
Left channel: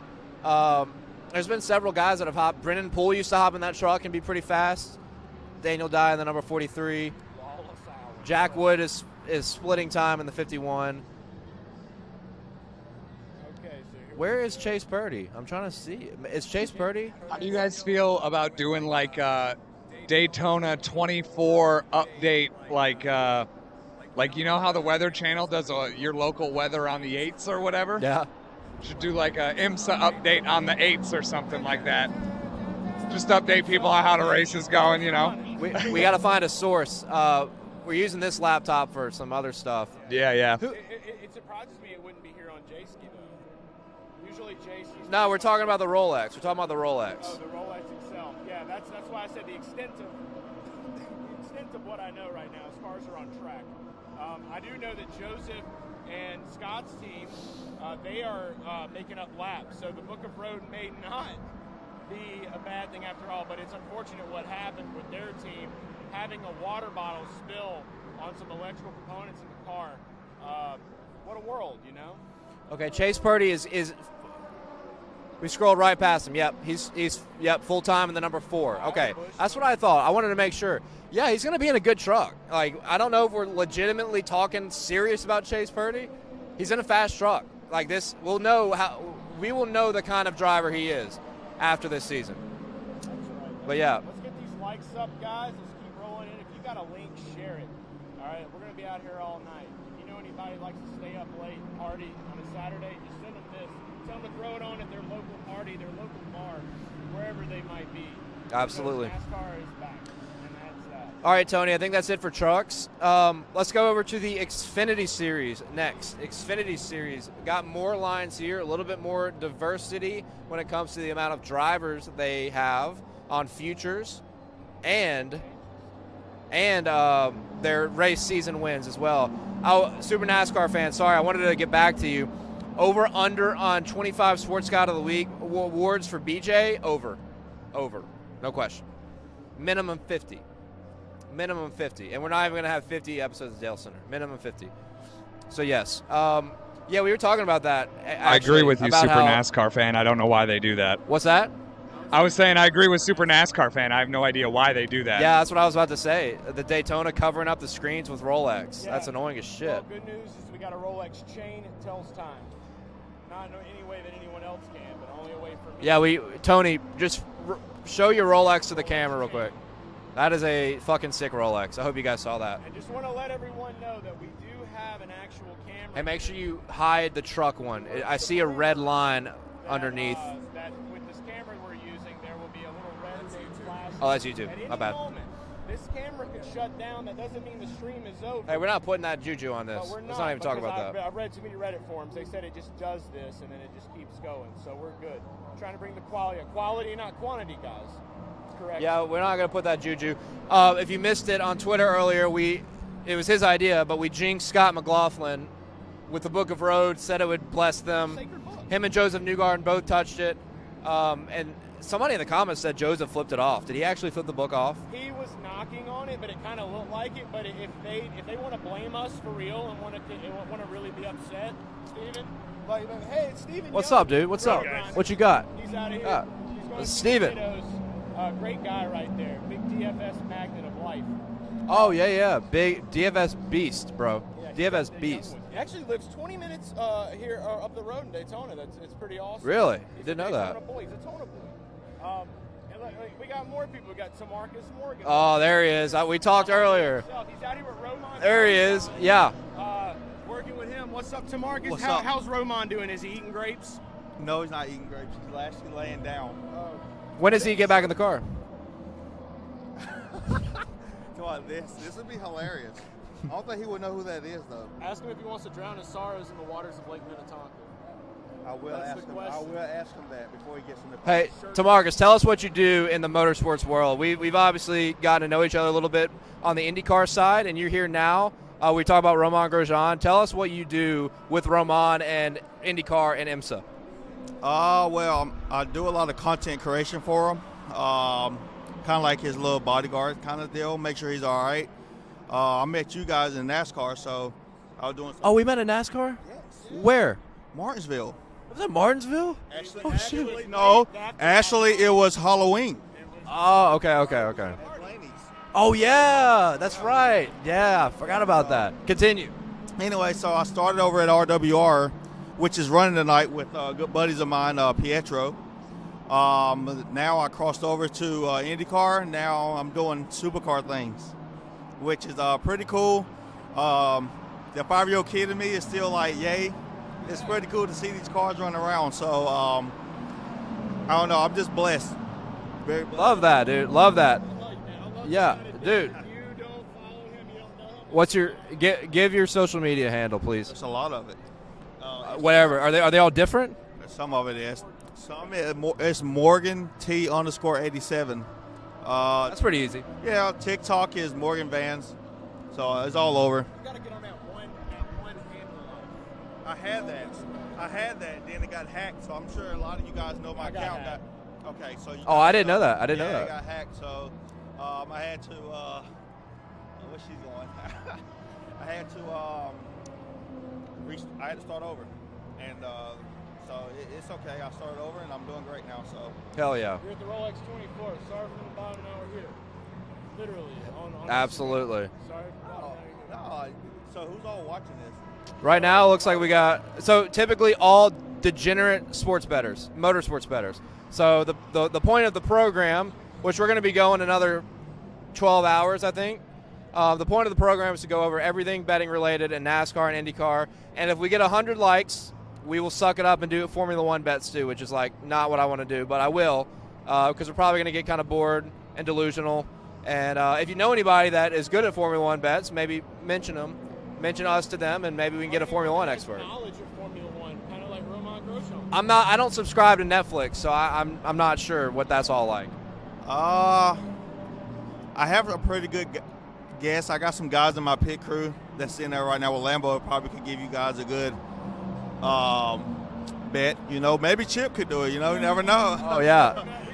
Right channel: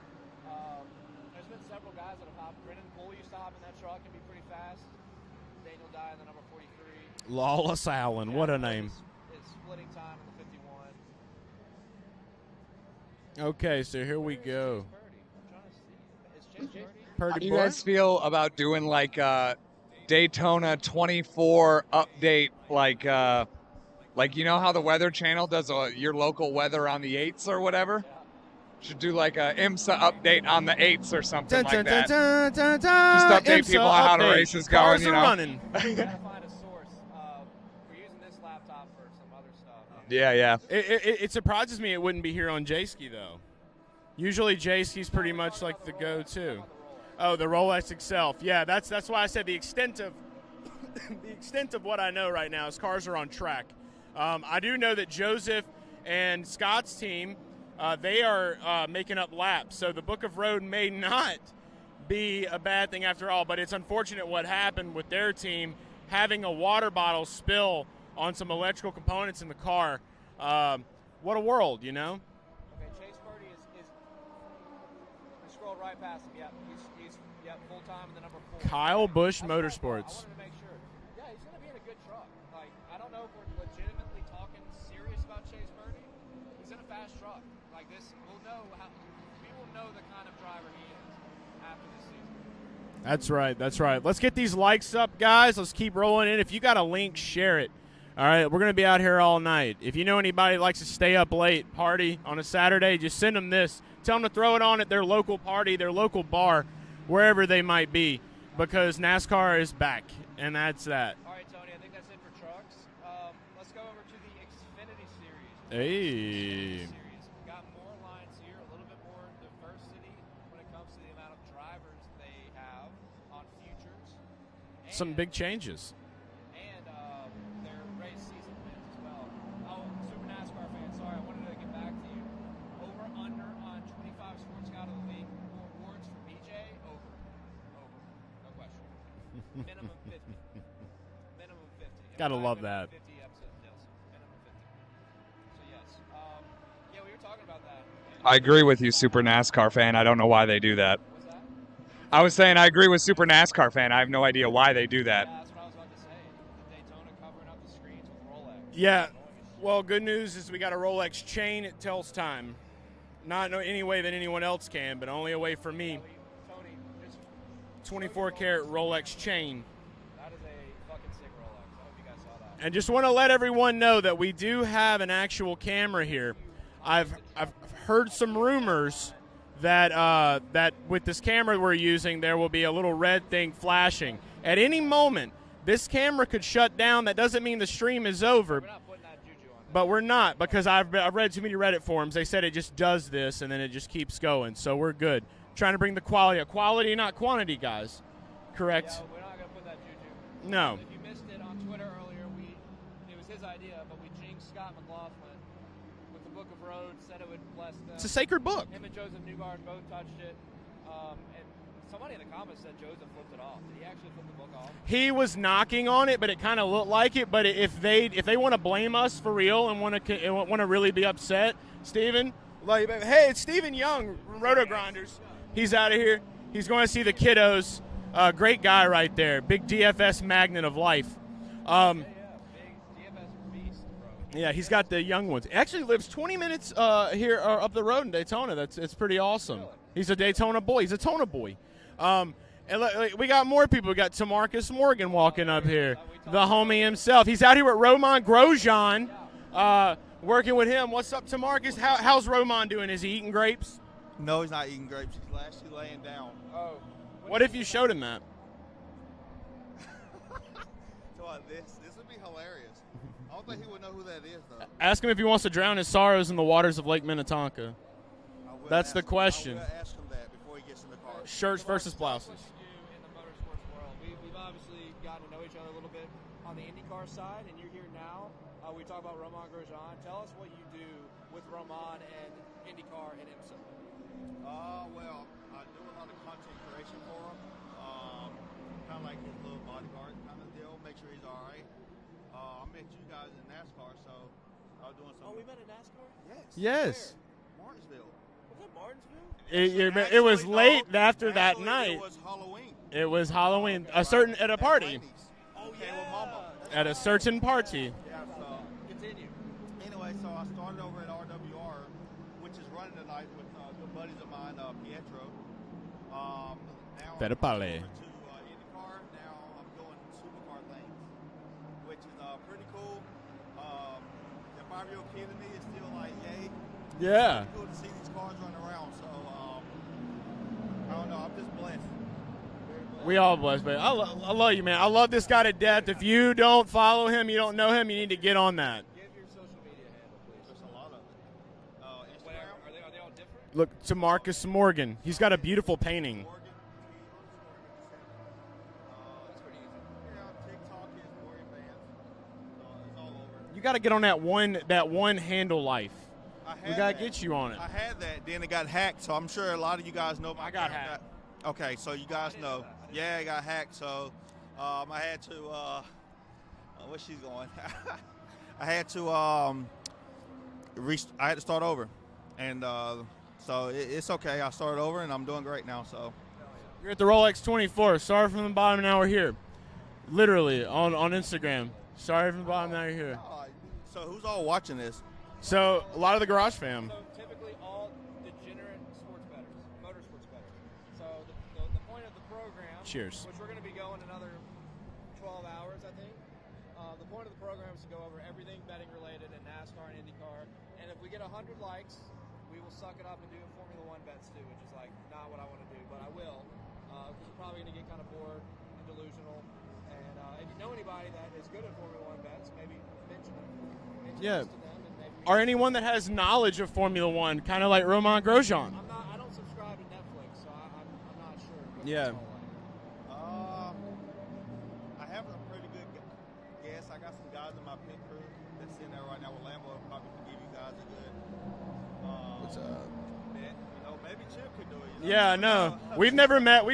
There's been several guys that have hopped. Brennan Poole used to hop in that truck and be pretty fast. Daniel Dye in the number 43. Lawless Allen. Jack Wood is splitting time in the 51. Okay, so here we go. Where is Chase Purdy? I'm trying to see. Is Chase Purdy? How do you guys feel about doing like Daytona 24 update, like you know how the Weather Channel does your local weather on the 8s or whatever? Yeah. Should do like a IMSA update on the 8s or something like that. Just update IMSA people on how the update. race is going, you know. We got to find a source. We're using this laptop for some other stuff. Yeah. It surprises me it wouldn't be here on J-Ski, though. Usually J-Ski's No, pretty we're much talking like about the the Rolex. go-to. We're talking about the Rolex. Oh, the Rolex itself. Yeah, that's why I said the extent of the extent of what I know right now is cars are on track. I do know that Joseph and Scott's team, they are making up laps. So the Book of Road may not be a bad thing after all, but it's unfortunate what happened with their team having a water bottle spill on some electrical components in the car. What a world, you know? Okay, Chase Purdy is we scrolled right past him. Yep, he's full time in the number 4. Kyle okay, Busch that's what I thought. Motorsports. I wanted to make sure. Yeah, he's going to be in a good truck. Like, I don't know if we're legitimately talking serious about Chase Purdy. He's in a fast truck. Like this, we will know the kind of driver he is after this season. That's right. That's yeah. right. Let's get these likes up, guys. Let's keep rolling in. If you got a link, share it. All right, we're going to be out here all night. If you know anybody that likes to stay up late, party on a Saturday, just send them this. Tell them to throw it on at their local party, their local bar, wherever they might be. Absolutely. Because NASCAR is back, and that's that. All right, Tony, I think that's it for trucks. Let's go over to the Xfinity Series next. Hey. Xfinity Series. Got more lines here, a little bit more diversity when it comes to the amount of drivers they have on futures. And some big changes. And their race season wins as well. Super NASCAR fan, sorry, I wanted to get back to you. Over, under on 25 Sports Guide of the Week awards for BJ, over. No question. Minimum 50. And Gotta we're not even love going to have that. 50 episodes of Dalescenter. Minimum 50. So, yes. Yeah, we were talking about that. I agree actually, with you, about Super how- NASCAR fan. I don't know why they do that. What's that? I was saying I agree with Super NASCAR fan. I have no idea why they do that. Yeah, that's what I was about to say. The Daytona covering up the screens with Rolex. Yeah. That's annoying as shit. Well, good news is we got a Rolex chain. It tells time. Not any way that anyone else can, but only a way for me. Yeah, Tony, just show your 24 Rolex to the Rolex camera real quick. chain. That is a fucking sick Rolex. I hope you guys saw that. And just want to let everyone know that we do have an actual camera And make here. sure you hide the truck one. Heard I some see a red rumors line that that with this camera we're using, there will be a little red thing flashing. Oh, that's YouTube. At any My bad. moment, this camera could shut down. That doesn't mean the stream is over. Hey, we're not putting that juju on this. But we're Let's not, even talk because about I've that. read too many Reddit forums. They said it just does this, and then it just keeps going. So we're good. Trying to bring the quality, not quantity, guys. Correct? Yeah, we're not going to put that juju. No. If you missed it on Twitter earlier, it was his idea, but we jinxed Scott McLaughlin with the Book of Roads, said it would bless them. It's a sacred book. Him and Joseph Newgarden both touched it. And somebody in the comments said Joseph flipped it off. Did he actually flip the book off? He was knocking on it, but it kind of looked like it. But if they want to blame us for real and want to really be upset, Steven, like, hey, it's Steven What's Young. up, dude? What's Rotor up? Grinders. What you got? He's out of here. Yeah. He's going to see Steven. the kiddos. Great guy right there. Big DFS magnet of life. Oh, yeah. Big DFS beast, bro. Yeah, he's DFS got the beast. young ones. He actually lives 20 minutes here up the road in Daytona. It's pretty awesome. Really? He's a Didn't know Daytona that. boy. He's a Tona boy. And we got more people. We got Tamarcus Morgan Oh, walking there up he here. is. We talked the homie earlier. himself. He's out here with Roman There he is. Grosjean. Yeah. Working with him. What's up, Tamarcus? What's up? How's Roman doing? Is he eating grapes? No, he's not eating grapes. He's actually laying down. When What does if he you get back in showed the him car? Come on, this would be hilarious. I don't think he would know who that is, though. Ask him if he wants to drown his sorrows in the waters of Lake Minnetonka. I will That's ask the him. question. I will ask him that before he gets in the car. Hey, Shirt Tamarcus, versus tell us what you do in the motorsports world. We've obviously gotten to know each other a little bit on the IndyCar side, and you're here now. We talk about Roman Grosjean. Tell us what you do with Roman and IndyCar and IMSA. Well, I do a lot of content creation for him. Kind of like his little bodyguard kind of deal. Make sure he's all right. I met you guys in NASCAR, so I was doing some. Oh, we met in NASCAR? Yes. Where? Martinsville. Was it Martinsville? It was No, late after Actually, that night. it was Halloween. It was Oh, Halloween. okay, A okay, certain- okay. At a party. Oh, yeah. That's At a right. certain party. Yeah, forgot about that. Continue. Anyway, so I started over at RWR, which is running tonight with good buddies of mine, Pietro. Now I Better crossed party. over to IndyCar. Now I'm doing supercar things, which is pretty cool. The 5-year-old kid in me is still like, yay. Yeah. It's pretty cool to see these cars running around. So, I don't know. I'm just blessed. Very blessed. Love We all that, love dude. it. Love that. I love you, man. I love this Yeah, guy to death. dude. If you don't follow him, you don't know him, you need to get on that. Give your social media handle, please. There's a lot of it. Whatever. Are they all different? Look to Some of Marcus it is. Morgan. He's got a beautiful It's painting. Morgan T_87. That's pretty easy. Yeah, TikTok is Morgan Vans, so it's all over. You got to get on that one handle life. I We got to get you on it. I had that, then it got hacked, so I'm sure a lot of you guys know my I got account. hacked. Okay, so you Oh, I guys didn't know that. I didn't know yeah, that. it got hacked, so I had to. Where's she going? I had to I had to start over, and so it's okay. I started over, and I'm doing great now. So. Hell yeah. We're at the Rolex 24. Sorry from the bottom, now we're here. Literally on Instagram. Absolutely. Sorry from the bottom, now you're here. So who's all watching this? Right So, now, it looks a lot like of we the Garage got. fam. So typically, all degenerate sports bettors, motorsports bettors. So the point of the program, Cheers. which we're going to be going another 12 hours, I think. The point of the program is to go over everything betting related in NASCAR and IndyCar. And if we get 100 likes, we will suck it up and do Formula One bets too, which is like not what I want to do, but I will, because we're probably going to get kind of bored and delusional. And if you know anybody that is good at Formula One bets, maybe mention them. Mention Yeah. us to them, and maybe we can Or get a anyone Formula that One has expert. knowledge of Formula One, kind of like Roman Grosjean. I don't subscribe to Netflix, so I'm not sure what that's Yeah. all like. I have a pretty good guess. I got some guys in my pit crew that's in there right now with Lambo. Probably could give you guys a good bet. You know, maybe Chip could do it. You know, Yeah, you never no. know. Oh, We've yeah.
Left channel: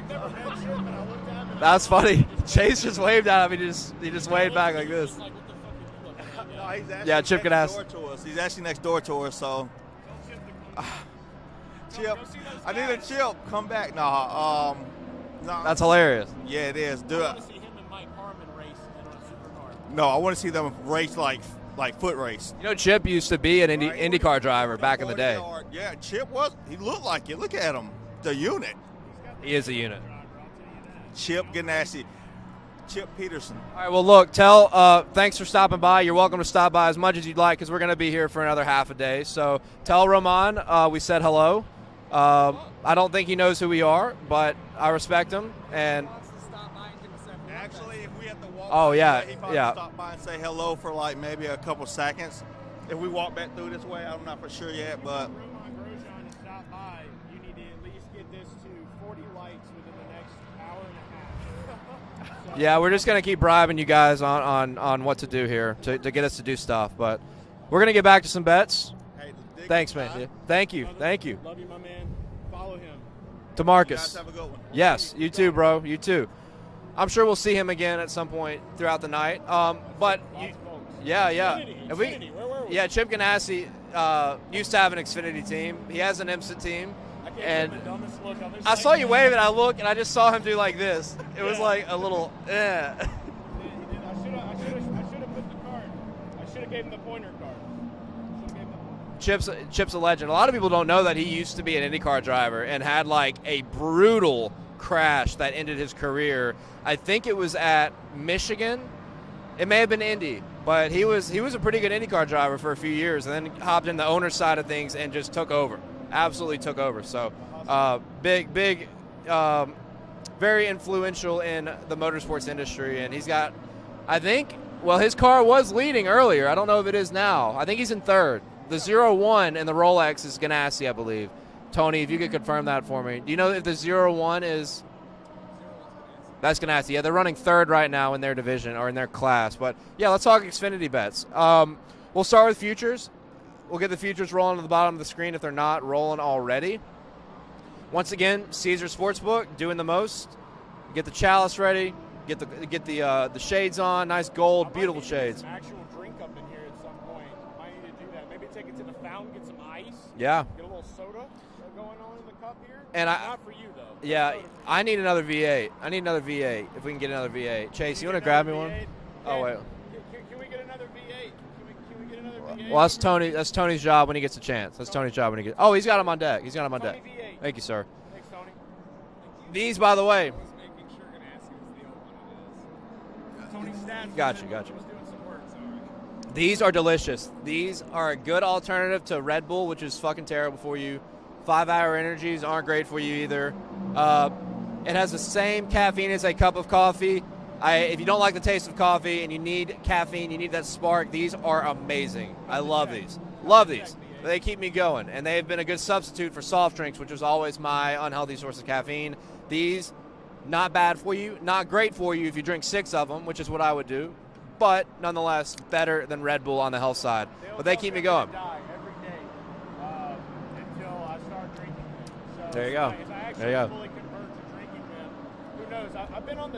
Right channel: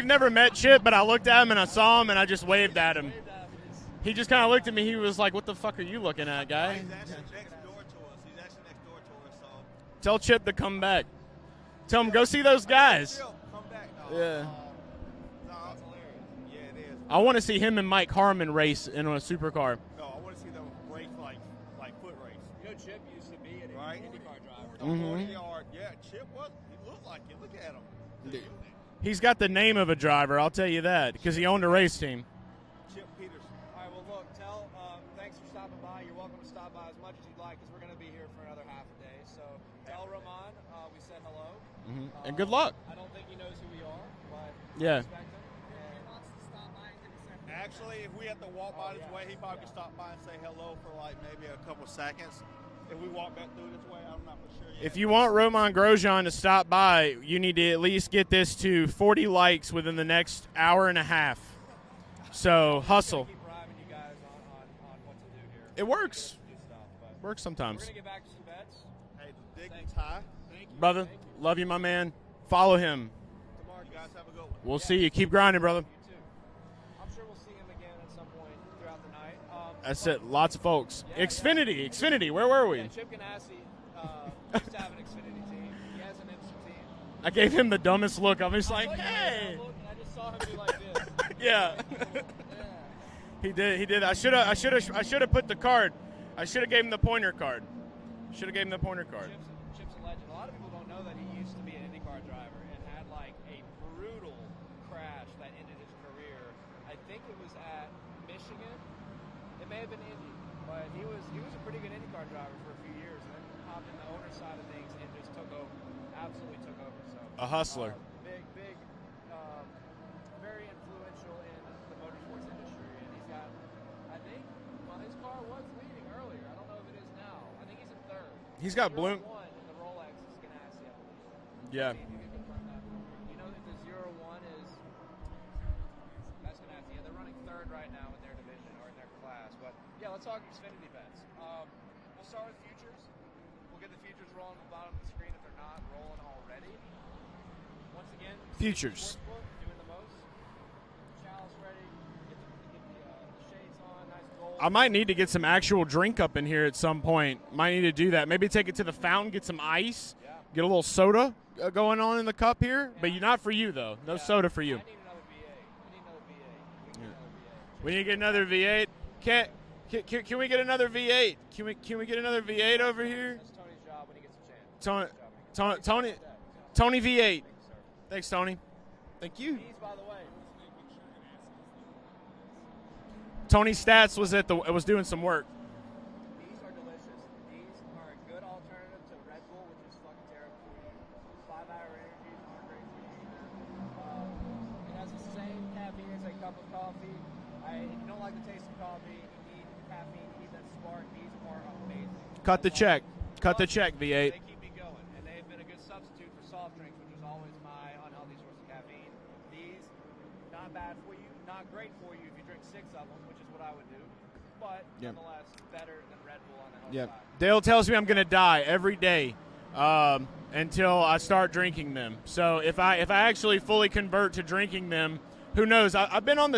never met Chip, but I looked at him and I That's saw funny. him and I just waved Chase at just him. waved at him. He just waved kind of looked back at me. like He this. was like, "What the fuck are you looking at, guy?" He's actually Yeah, Chip could next ask. door to us. He's actually next door to us. So Tell Chip to come back. Tell him Chip, go see those I mean, guys. Chip, come back. No, no. That's hilarious. Yeah, it is. I want to see him and Mike Harmon race in a supercar. No, I want to see them race like foot race. You know, Chip used to be an Right. IndyCar driver back in the day. Yeah, Chip was. He looked like it. Look at him. The unit. He's got the He is name a of a unit. driver, I'll tell you that, because Chip he owned a Ganassi. race team. Chip Peterson. All right, well, look, thanks for stopping by. You're welcome to stop by as much as you'd like because we're going to be here for another half a day. So tell Roman we said hello. Good luck. I don't think he knows who we are, but I respect him. And Actually, if we have to walk Oh, by yeah, he probably stop by and say hello for like maybe a couple seconds. If we walk back through this way, I'm not for sure yet. If you want Roman Grosjean to stop by, you need to at least get this to 40 likes within the next hour and a half. So yeah, we're just hustle. going to keep bribing you guys on what to do here It to works. get us to do stuff. But It works sometimes. we're going to get back to some bets. Hey, the Thanks, man. Thank you. Brother, Thank you. Love you, my man. Follow him. To You Marcus. guys have a good one. We'll Yes, see you. Keep too, grinding, bro. You too. I'm sure we'll see him again at some point throughout the night. That's but it. Lots of folks. Yeah, yeah. Xfinity. And we- Xfinity. Where were we? Yeah, Chip Ganassi used to have an Xfinity team. He has an IMSA team. I gave him and the dumbest look. I saw you wave, and I look, and I just saw him do like this. It was Yeah. like a little, He did. He did. I should have put the card. I should have gave him the pointer card. Should have gave him the pointer card. Chip's a legend. A lot of people don't know that he used to be an IndyCar driver and had like a brutal crash that ended his career. I think it was at Michigan. It may have been Indy, but he was a pretty good IndyCar driver for a few years, and then hopped in the owner side of things and just took over. Absolutely took over. So A hustler. big, very influential in the motorsports industry, and he's got, I think. Well, his car was leading earlier. I don't know if it is now. I think he's in third. He's The got 0-1 in the Rolex is Ganassi, I believe. Tony, if you could confirm that for me. Do you know if the 0-1 is? That's Ganassi. Yeah, they're running third right now in their division or in their class. But, yeah, let's talk Xfinity bets. We'll start with futures. We'll get the futures rolling to the bottom of the screen if they're not rolling already. Once again, Caesar Futures. Sportsbook doing the most. Get the chalice ready. Get the shades on. Nice gold. I might beautiful need to get shades. some actual drink up in here at some point. Might need to do that. Maybe take it to the fountain, get some ice. Yeah. Get a little soda going on in the cup here. And Maybe not for you though. No Yeah. soda for you. I need another V8. If we can get another V8. Chase, Can you want to get grab another me one? V8? Oh, Can, wait. can we get another V8? Can we get another V8? Well, that's over Tony. here? That's Tony's job when he gets a chance. That's Tony- Tony's job when he gets. Tony- Oh, he's got him Tony- on deck. He's got him on Tony deck. V8. Thank you, sir. Thanks, Tony. Thank you. These, by the way, Tony Stats Gotcha. was doing some work. these are delicious. These are a good alternative to Red Bull, which is fucking terrible for you. 5-hour energies aren't great for you either. It has the same caffeine as a cup of coffee. If you don't like the taste of coffee and you need caffeine, you need that spark, these are amazing. Cut I the love check. these. Cut Love the check, these. V8. They keep me going, and they have been a good substitute for soft drinks, which was always my unhealthy source of caffeine. These, not bad for you, not great for you if you drink 6 of them, which is what I would do, but nonetheless better than Red Bull on the health side. Dale But they tells keep me I'm going. going to die every day until I start drinking them. So There you if go. I actually There you go. fully convert to drinking them, who knows? I've been on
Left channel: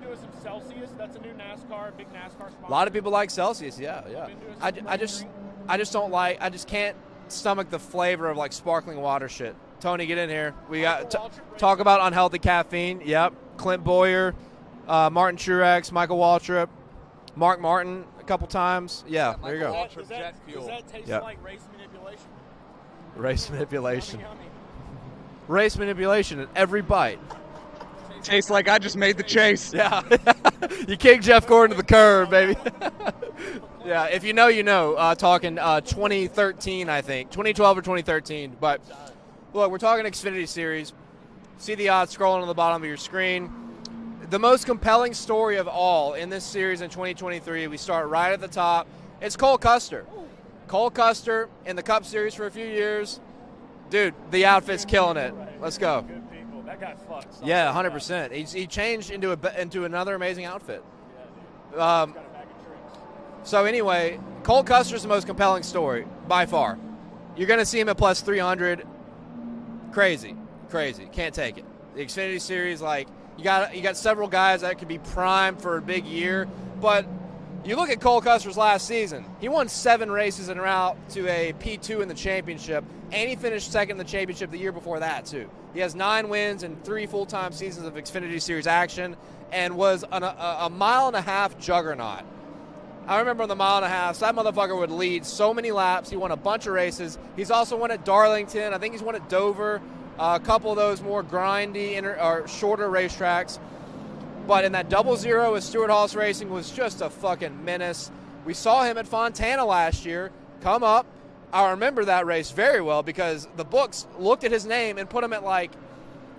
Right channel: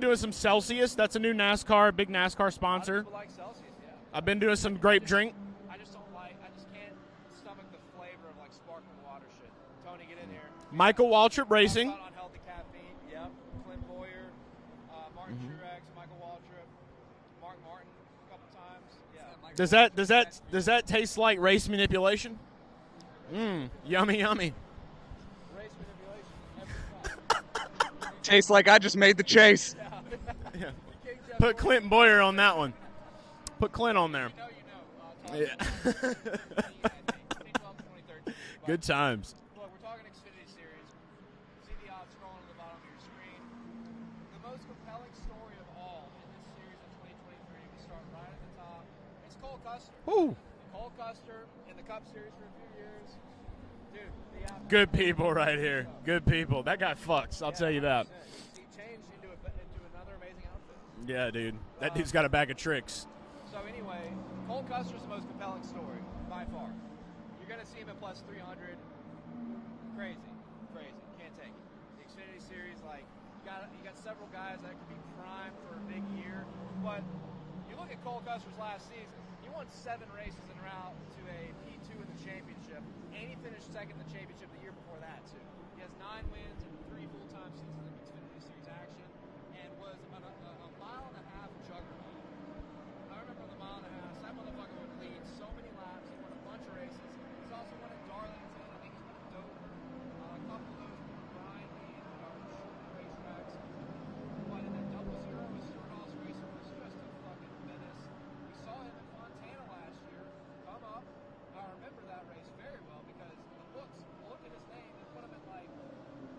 doing some Celsius. That's a new big NASCAR sponsor. A lot of people like Celsius, yeah. I've been doing some I grape just- drink. I just can't stomach the flavor of like sparkling water shit. Tony, get in here. We Michael got, Waltrip Racing. Talk about unhealthy caffeine. Yep. Clint Boyer, Martin Truex, Michael Waltrip, Mark Martin a couple times. Yeah. There you Does go. does that taste Yep. like race manipulation? Race manipulation? Yummy, yummy. Race manipulation at every bite. Tastes like I just made the chase. Yeah. You kicked Jeff Put Gordon to the Clint Boyer curb, on baby. that one. Put Clint Yeah, on if there. you know, you know. Talking 2013, I think. 2012 or 2013. But Good times. look, we're talking Xfinity Series. See the odds scrolling on the bottom of your screen. The most compelling story of all in this series in 2023, we start right at the top. It's Cole Custer. Ooh. Cole Custer in the Cup Series for a few years. Dude, the outfit's Good killing people it. right Let's here. go. Good people. That guy fucks. I'll Yeah, tell you that. 100%. He changed into another amazing outfit. Yeah, dude. That Um, dude's got a bag of tricks. So anyway, Cole Custer's the most compelling story by far. You're going to see him at plus 300. Crazy. Can't take it. The Xfinity Series, like you got several guys that could be primed for a big year, but you look at Cole Custer's last season. He won 7 races en route to a P2 in the championship, and he finished second in the championship the year before that too. He has 9 wins and 3 full-time seasons of Xfinity Series action, and was a mile-and-a-half juggernaut. I remember on the mile-and-a-half, that motherfucker would lead so many laps. He won a bunch of races. He's also won at Darlington. I think he's won at Dover. A couple of those more grindy or shorter racetracks. But in that 0-0 with Stewart Haas Racing was just a fucking menace. We saw him at Fontana last year come up. I remember that race very well because the books looked at his name and put him at like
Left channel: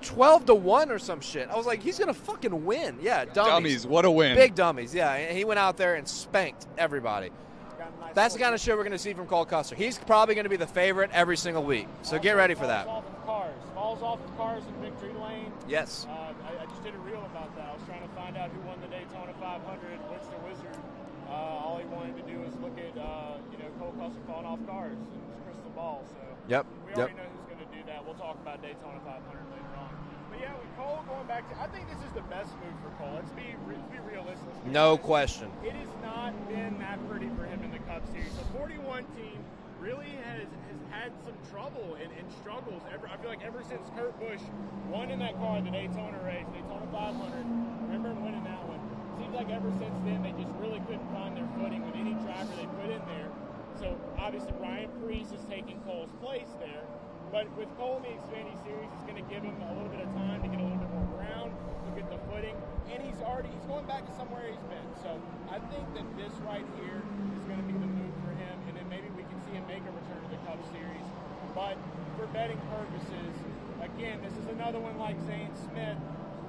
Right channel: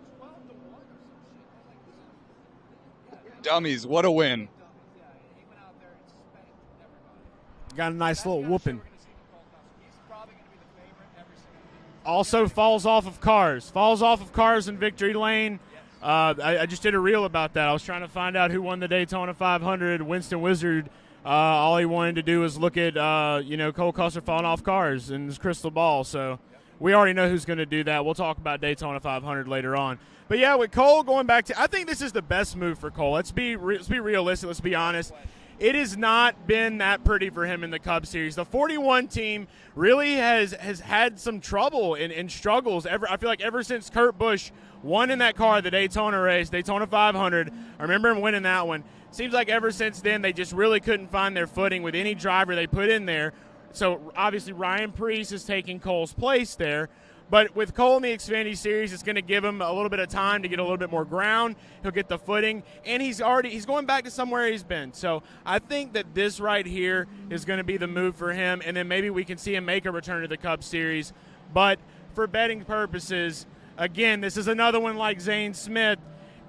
12-1 or some shit. I was like, he's going to fucking win. Yeah, Dummies, what a win. Big dummies, yeah. And he went out there and spanked everybody. Got a nice That's the little kind of shit whooping. we're going to see from Cole Custer. He's probably going to be the favorite every single week. So get Also ready for falls that. off of cars. Falls off of cars in victory lane. Yes. I just did a reel about that. I was trying to find out who won the Daytona 500. Winston Wizard, all he wanted to do was look at, Cole Custer falling off cars in his crystal ball. So we already know who's going to do that. We'll talk about Daytona 500 later on. But, yeah, with Cole going back to – I think this is the best move for Cole. Let's be realistic. Let's be honest. No question. It has not been that pretty for him in the Cup Series. The 41 team really has had some trouble and struggles. I feel like ever since Kurt Busch won in that car, the Daytona race, Daytona 500, I remember him winning that one. Seems like ever since then they just really couldn't find their footing with any driver they put in there. So, obviously, Ryan Preece is taking Cole's place there. But with Cole in the Xfinity Series, it's going to give him a little bit of time to get a little bit more ground. He'll get the footing, and he's going back to somewhere he's been. So I think that this right here is going to be the move for him, and then maybe we can see him make a return to the Cup Series. But for betting purposes, again, this is another one like Zane Smith.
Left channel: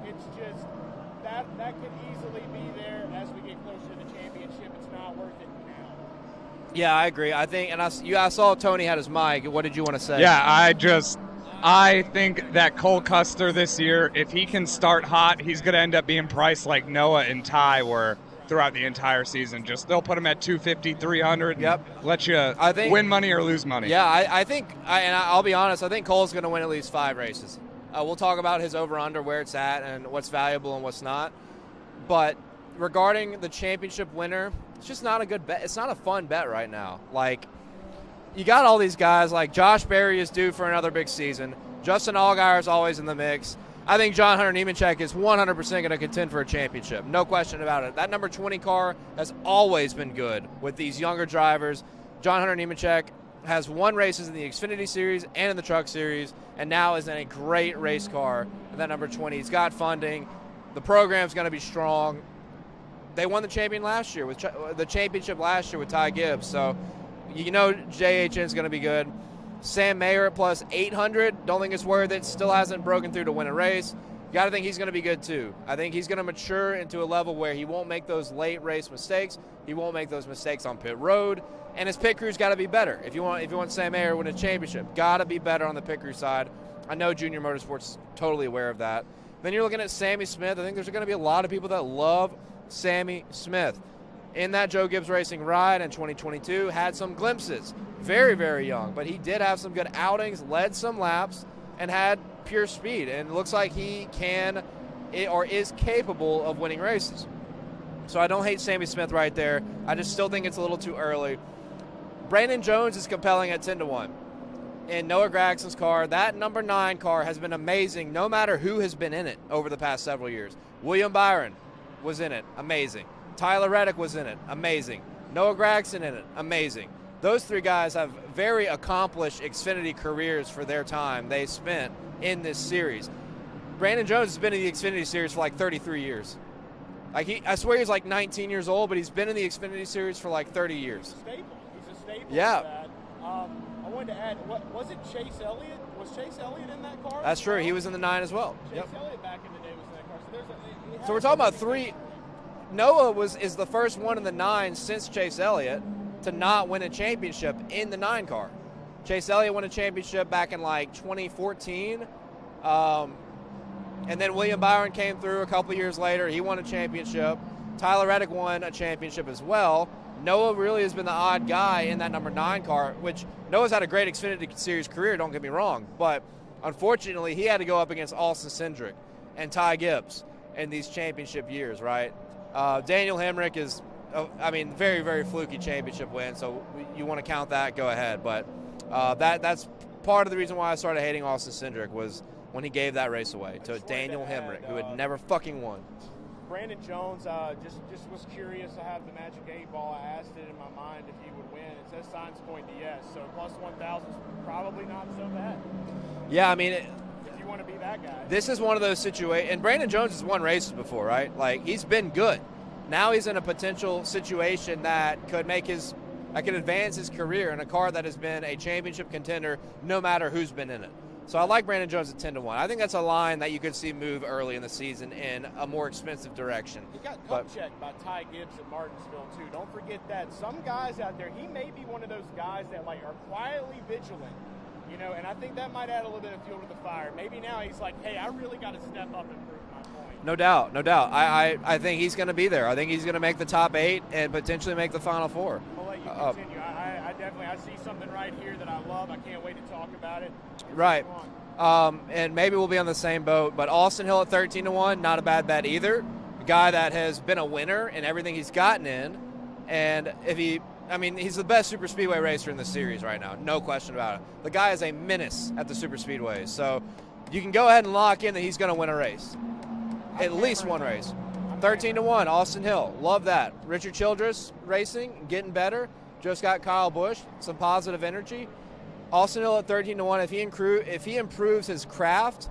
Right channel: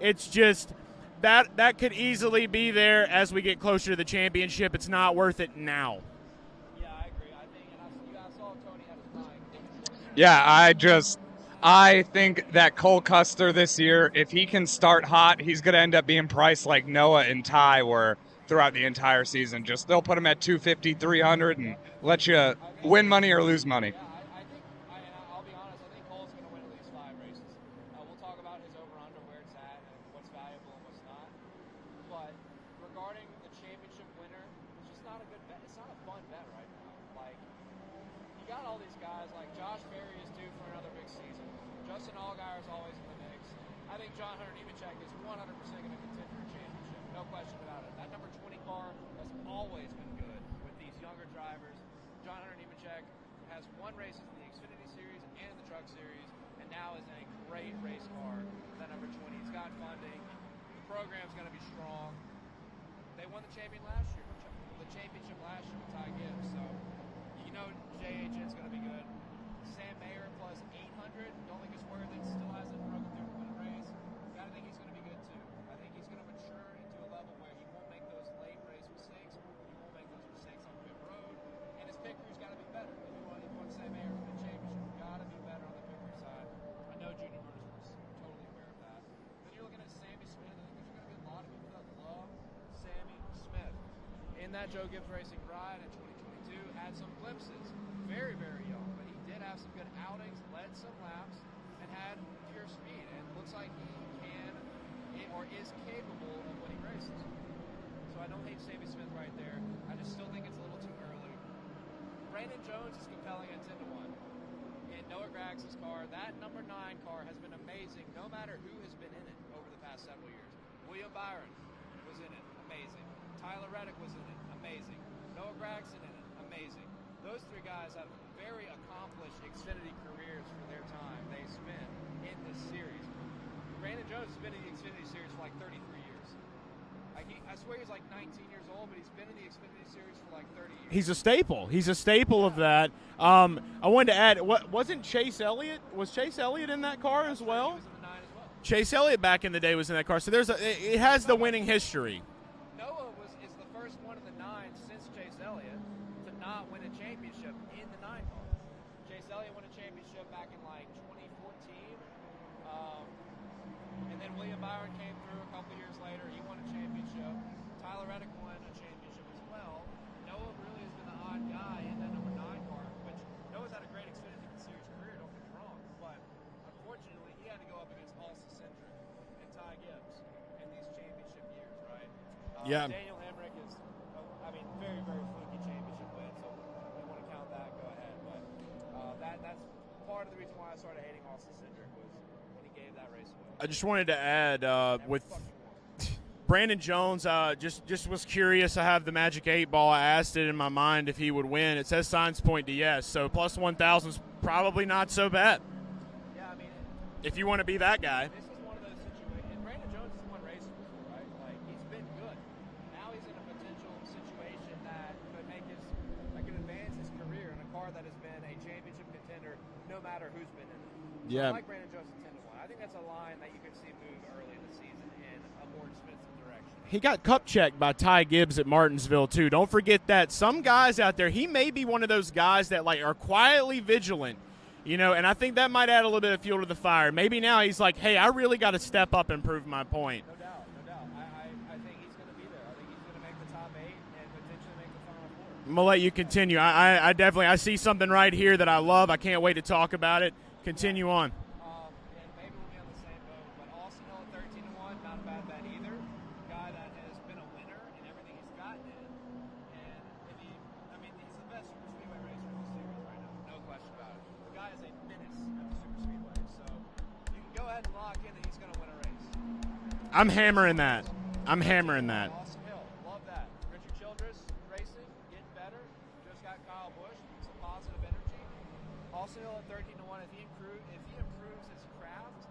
It's just that could easily be there as we get closer to the championship. It's not worth it now. Yeah, I agree. I think, and I saw Tony had his mic. What did you want to say? Yeah, I think that Cole Custer this year, if he can start hot, he's going to end up being priced like Noah and Ty were throughout the entire season. Just they'll put him at 250, 300, and let you win money or lose money. Yeah, I think, and I'll be honest, I think Cole's going to win at least 5 races. We'll talk about his over-under, where it's at, and what's valuable and what's not. But regarding the championship winner, it's just not a good bet. It's not a fun bet right now. Like, you got all these guys, like Josh Berry is due for another big season. Justin Allgaier is always in the mix. I think John Hunter Nemechek is 100% going to contend for a championship. No question about it. That number 20 car has always been good with these younger drivers. John Hunter Nemechek has won races in the Xfinity Series and in the Truck Series, and now is in a great race car. That number 20, he's got funding. The program's going to be strong. They won the championship last year with Ty Gibbs, so you know JHN's going to be good. Sam Mayer at plus 800, don't think it's worth it. Still hasn't broken through to win a race. You got to think he's going to be good too. I think he's going to mature into a level where he won't make those late race mistakes. He won't make those mistakes on pit road, and his pit crew's got to be better. If you want Sam Mayer to win a championship, got to be better on the pit crew side. I know Junior Motorsports is totally aware of that. Then you're looking at Sammy Smith. I think there's going to be a lot of people that love Sammy Smith. In that Joe Gibbs Racing ride in 2022, had some glimpses. Very, very young, but he did have some good outings, led some laps, and had pure speed. And it looks like he can or is capable of winning races. So I don't hate Sammy Smith right there. I just still think it's a little too early. Brandon Jones is compelling at 10-1. In Noah Gragson's car, that number 9 car has been amazing no matter who has been in it over the past several years. William Byron was in it, amazing. Tyler Reddick was in it, amazing. Noah Gragson in it, amazing. Those 3 guys have very accomplished Xfinity careers for their time they spent in this series. Brandon Jones has been in the Xfinity Series for like 33 years. I swear he's like 19 years old, but he's been in the Xfinity Series for like 30 years. He's a staple. He's a staple of that. I wanted to add, wasn't Chase Elliott? Was Chase Elliott in that car? That's true. He was in the 9 as well. Chase Elliott back in the day was in that car. So it has the winning history. Noah is the first one in the 9 since Chase Elliott to not win a championship in the 9 car. Chase Elliott won a championship back in like 2014. And then William Byron came through a couple years later. He won a championship. Tyler Reddick won a championship as well. Noah really has been the odd guy in that number 9 car, which Noah's had a great Xfinity Series career, don't get me wrong. But unfortunately, he had to go up against Austin Cindric and Ty Gibbs in these championship years, right? Daniel Hemrick is, very, very fluky championship win. So you want to count that, go ahead. But that's part of the reason why I started hating Austin Cindric was when he gave that race away. I just wanted to add, never fucking won. Brandon Jones, just was curious. I have the Magic 8 ball. I asked it in my mind if he would win. It says signs point to yes, so plus 1,000 is probably not so bad. Yeah, if you want to be that guy. This is one of those situations, and Brandon Jones has won races before, right? Like, he's been good. Now he's in a potential situation that could advance his career in a car that has been a championship contender no matter who's been in it. So I like Brandon Jones at 10-1. I think that's a line that you could see move early in the season in a more expensive direction. He got cup checked by Ty Gibbs at Martinsville too. Don't forget that. Some guys out there, he may be one of those guys that like are quietly vigilant, you know, and I think that might add a little bit of fuel to the fire. Maybe now he's like, hey, I really got to step up and prove my point. No doubt, no doubt. I think he's going to be there. I think he's going to make the top 8 and potentially make the Final 4. I'm going to let you continue. I definitely see something right here that I love. I can't wait to talk about it. Continue on. And maybe we'll be on the same boat, but Austin Hill at 13-1, not a bad bet either. A guy that has been a winner in everything he's gotten in, and he's the best super speedway racer in the series right now, no question about it. The guy is a menace at the super speedways, so you can go ahead and lock in that he's going to win a race. I'm hammering that. I'm 13-1, Austin Hill, love that. Richard Childress racing, getting better. Just got Kyle Busch, some positive energy. Austin Hill at 13-1. If he improves his craft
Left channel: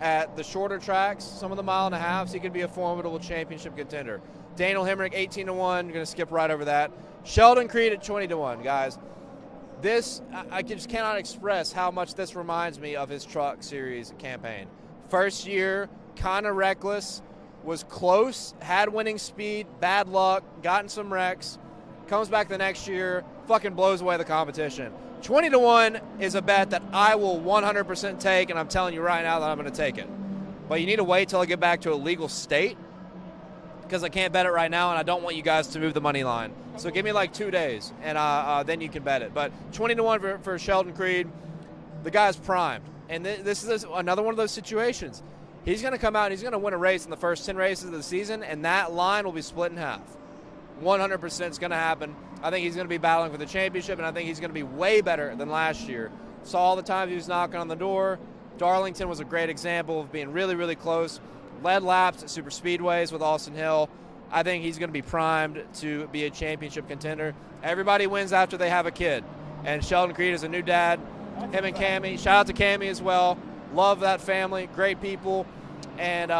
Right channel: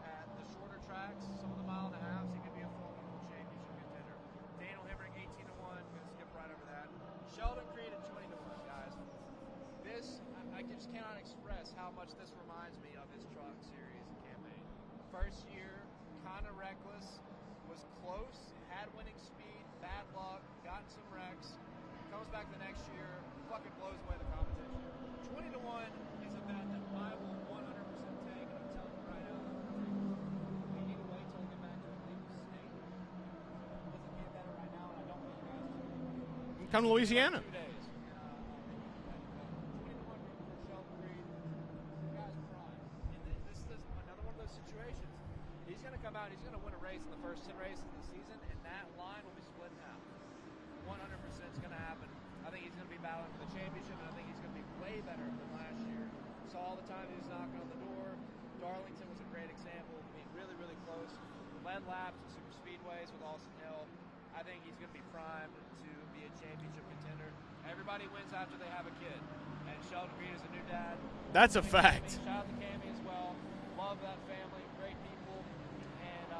at the shorter tracks, some of the 1.5 miles, he could be a formidable championship contender. Daniel Hemrick 18-1. Going to skip right over that. Sheldon Creed at 20-1, guys. This I just cannot express how much this reminds me of his Truck Series campaign. First year, kind of reckless, was close, had winning speed, bad luck, gotten some wrecks. Comes back the next year, fucking blows away the competition. 20-1 is a bet that I will 100% take, and I'm telling you right now that I'm going to take it. But you need to wait till I get back to a legal state, because I can't bet it right now, and I don't want you guys to move the money line. So give me like 2 days, and then you can bet it. But 20-1 for Sheldon Creed. The guy's primed, and this is another one of those situations. He's going to come out and he's going to win a race in the first 10 races of the season, and that line will be split in half. 100% is going to happen. I think he's going to be battling for the championship, and I think he's going to be way better than last year. Saw all the times he was knocking on the door. Darlington was a great example of being really, really close. Led laps at super speedways with Austin Hill. I think he's going to be primed to be a championship contender. Everybody wins after they have a kid, and Sheldon Creed is a new dad. That's him a and fact. Cammie. Shout out to Cammie as well. Love that family. Great people. And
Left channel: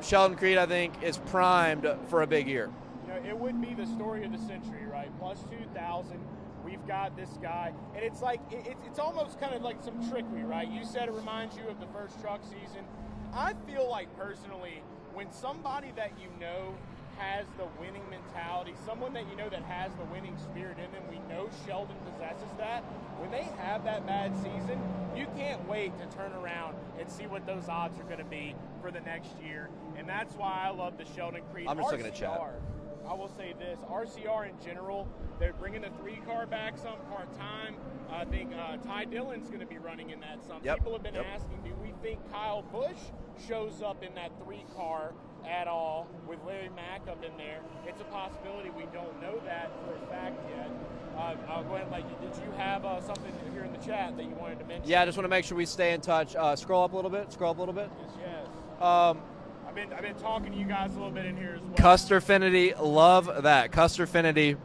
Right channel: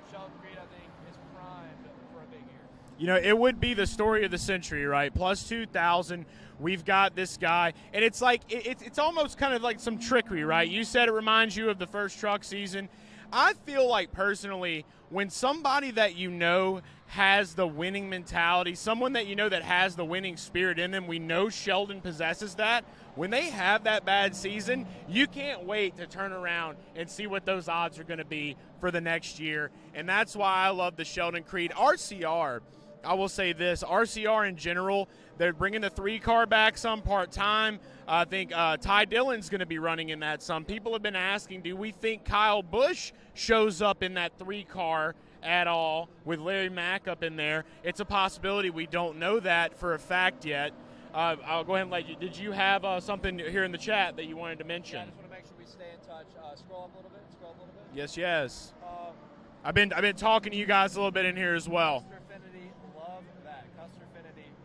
Sheldon Creed, I think, is primed for a big year. You know, it would be the story of the century, right? Plus 2,000. We've got this guy, and it's like it's almost kind of like some trickery, right? You said it reminds you of the first truck season. I feel like personally, when somebody that you know has the winning mentality, someone that you know that has the winning spirit in them, we know Sheldon possesses that. When they have that bad season, you can't wait to turn around and see what those odds are going to be for the next year. And that's why I love the Sheldon Creed. RCR, I will say this, RCR in general, they're bringing the 3-car back some part-time. I think Ty Dillon's going to be running in that some. Yep. People have been asking, do we think Kyle Busch shows up in that 3-car at all with Larry Mack up in there? It's a possibility. We don't know that for a fact yet. I'll go ahead and let you. Did you have something here in the chat that you wanted to mention? Yeah, I just want to make sure we stay in touch. Scroll up a little bit. Scroll up a little bit. Yes. I've been talking to you guys a little bit in here as well. Custer Finity, love that. Custer Finity,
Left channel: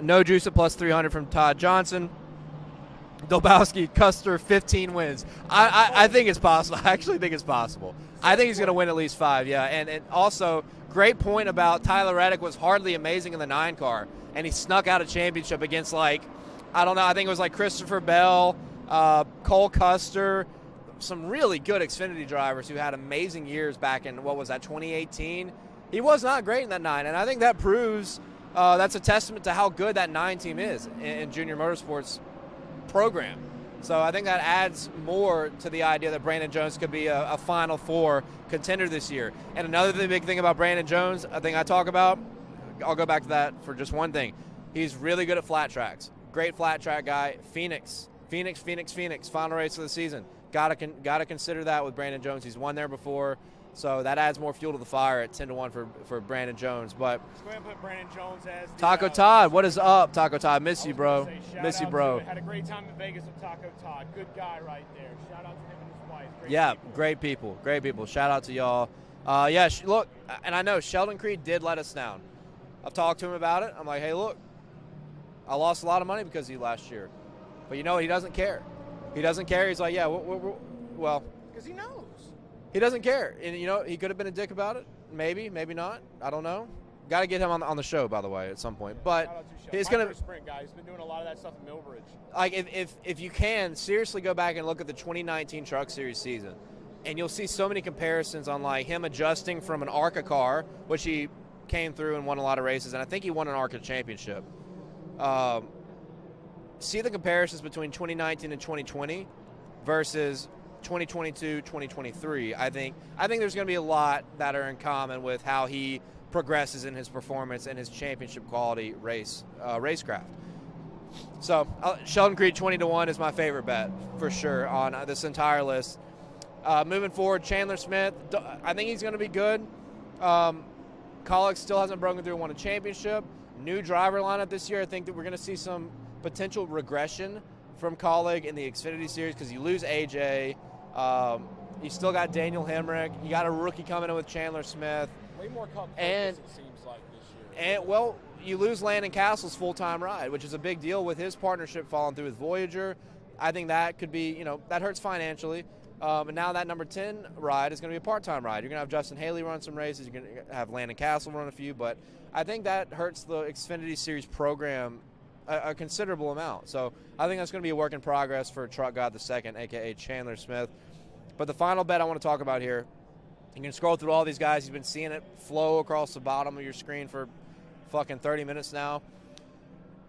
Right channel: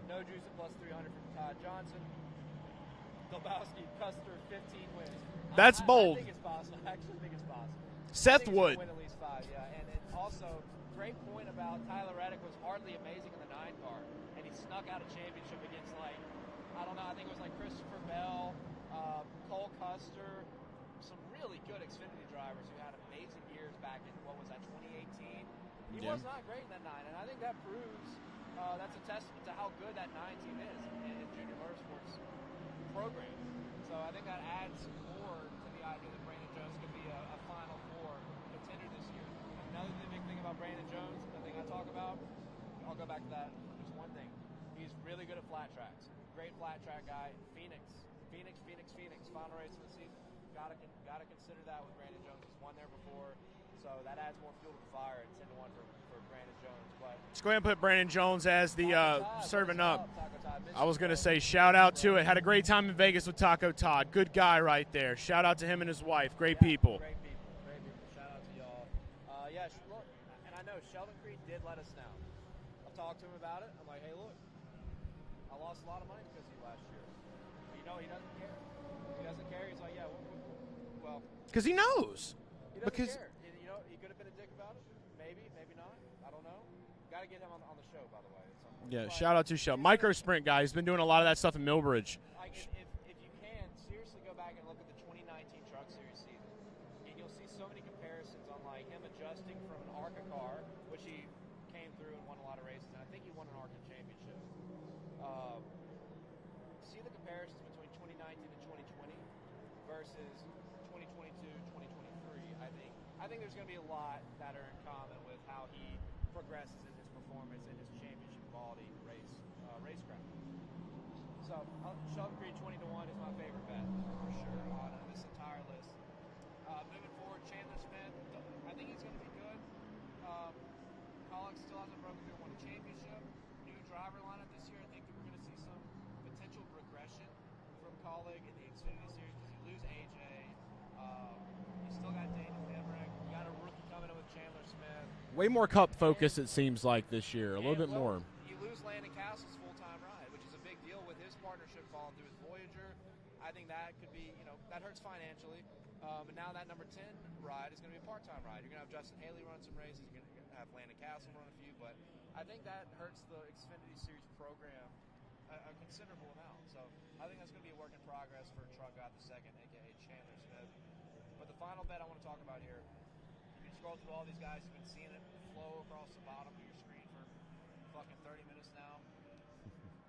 no juice at plus 300 from Todd Johnson. Dolbowski, Custer, 15 wins. I think it's possible. I actually think it's possible. I think he's going to win at least 5, yeah. And also, great point about Tyler Reddick was hardly amazing in the 9-car, and he snuck out a championship against, like, I don't know, I think it was like Christopher Bell, Cole Custer, some really good Xfinity drivers who had amazing years back in, 2018. He was not great in that 9, and I think that proves that's a testament to how good that 9 team is in Junior Motorsports program. So I think that adds more to the idea that Brandon Jones could be a Final 4 contender this year. And another big thing about Brandon Jones, a thing I talk about, I'll go back to that for just one thing. He's really good at flat tracks. Great flat track guy. Phoenix. Final race of the season. Gotta consider that with Brandon Jones. He's won there before. So that adds more fuel to the fire at 10-1 for Brandon Jones. But let's go ahead and put Brandon Jones as the Taco Todd. What is up, Taco Todd? Miss you, bro. I was going to say shout out to it. Had a great time in Vegas with Taco Todd. Good guy right there. Shout out to him and his wife. Great people. Great people. Shout out to y'all. Look, and I know Sheldon Creed did let us down. I've talked to him about it. I'm like, hey, look, I lost a lot of money because of you last year. But you know what? He doesn't care. He doesn't care. He's like, yeah, well, Because he knows. He doesn't care. And, you know, he could have been a dick about it. Maybe, maybe not. I don't know. Got to get him on the show, by the way, at some point. Yeah, but shout out to Show. Micro Sprint guy. He's been doing a lot of that stuff in Millbridge. Like, if you can, seriously go back and look at the 2019 Truck Series season, and you'll see so many comparisons on, like, him adjusting from an ARCA car, which he came through and won a lot of races, and I think he won an ARCA championship. See the comparisons between 2019 and 2020 versus 2022, 2023. I think there's going to be a lot that are in common with how he progresses in his performance and his championship quality racecraft. So Sheldon Creed 20-1 is my favorite bet for sure on this entire list. Moving forward, Chandler Smith, I think he's going to be good. Colleague still hasn't broken through and won a championship. New driver lineup this year. I think that we're going to see some potential regression from Colleague in the Xfinity Series because you lose AJ. You still got Daniel Hemrick. You got a rookie coming in with Chandler Smith. Way more Cup focus, it seems like, this year. And, well, you lose Landon Castle's full-time ride, which is a big deal with his partnership falling through with Voyager. I think that could be, you know, that hurts financially. And now that number 10 ride is going to be a part-time ride. You're going to have Justin Haley run some races. You're going to have Landon Castle run a few. But I think that hurts the Xfinity Series program a considerable amount. So I think that's going to be a work in progress for Truck God II, a.k.a. Chandler Smith. But the final bet I want to talk about here, you can scroll through all these guys. You've been seeing it flow across the bottom of your screen for fucking 30 minutes now.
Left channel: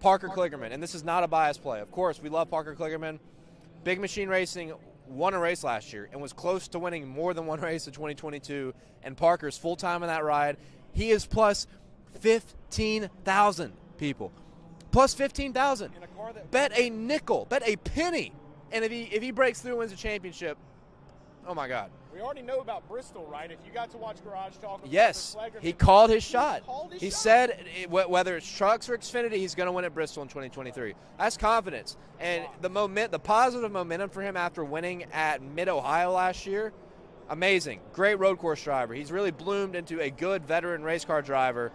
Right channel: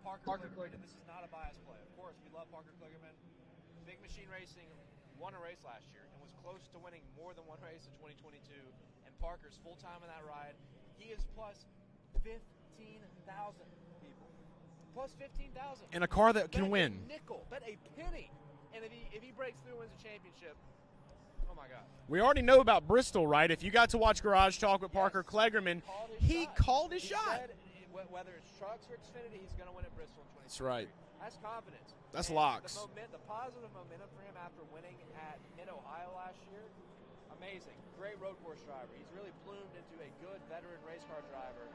Parker Kligerman, and this is not a biased play. Of course, we love Parker Kligerman. Big Machine Racing won a race last year and was close to winning more than one race in 2022, and Parker's full-time in that ride. He is plus 15,000 people. Plus 15,000. In a car that bet can a win. nickel, bet a penny. And if he breaks through and wins a championship, oh my God. We already know about Bristol, right? If you got to watch Garage Talk with Yes, Parker Kligerman, he called his shot. He said whether it's trucks or Xfinity, he's going to win at Bristol in 2023. Right. That's confidence. That's and locks. the positive momentum for him after winning at Mid-Ohio last year, amazing. Great road course driver. He's really bloomed into a good veteran race car driver,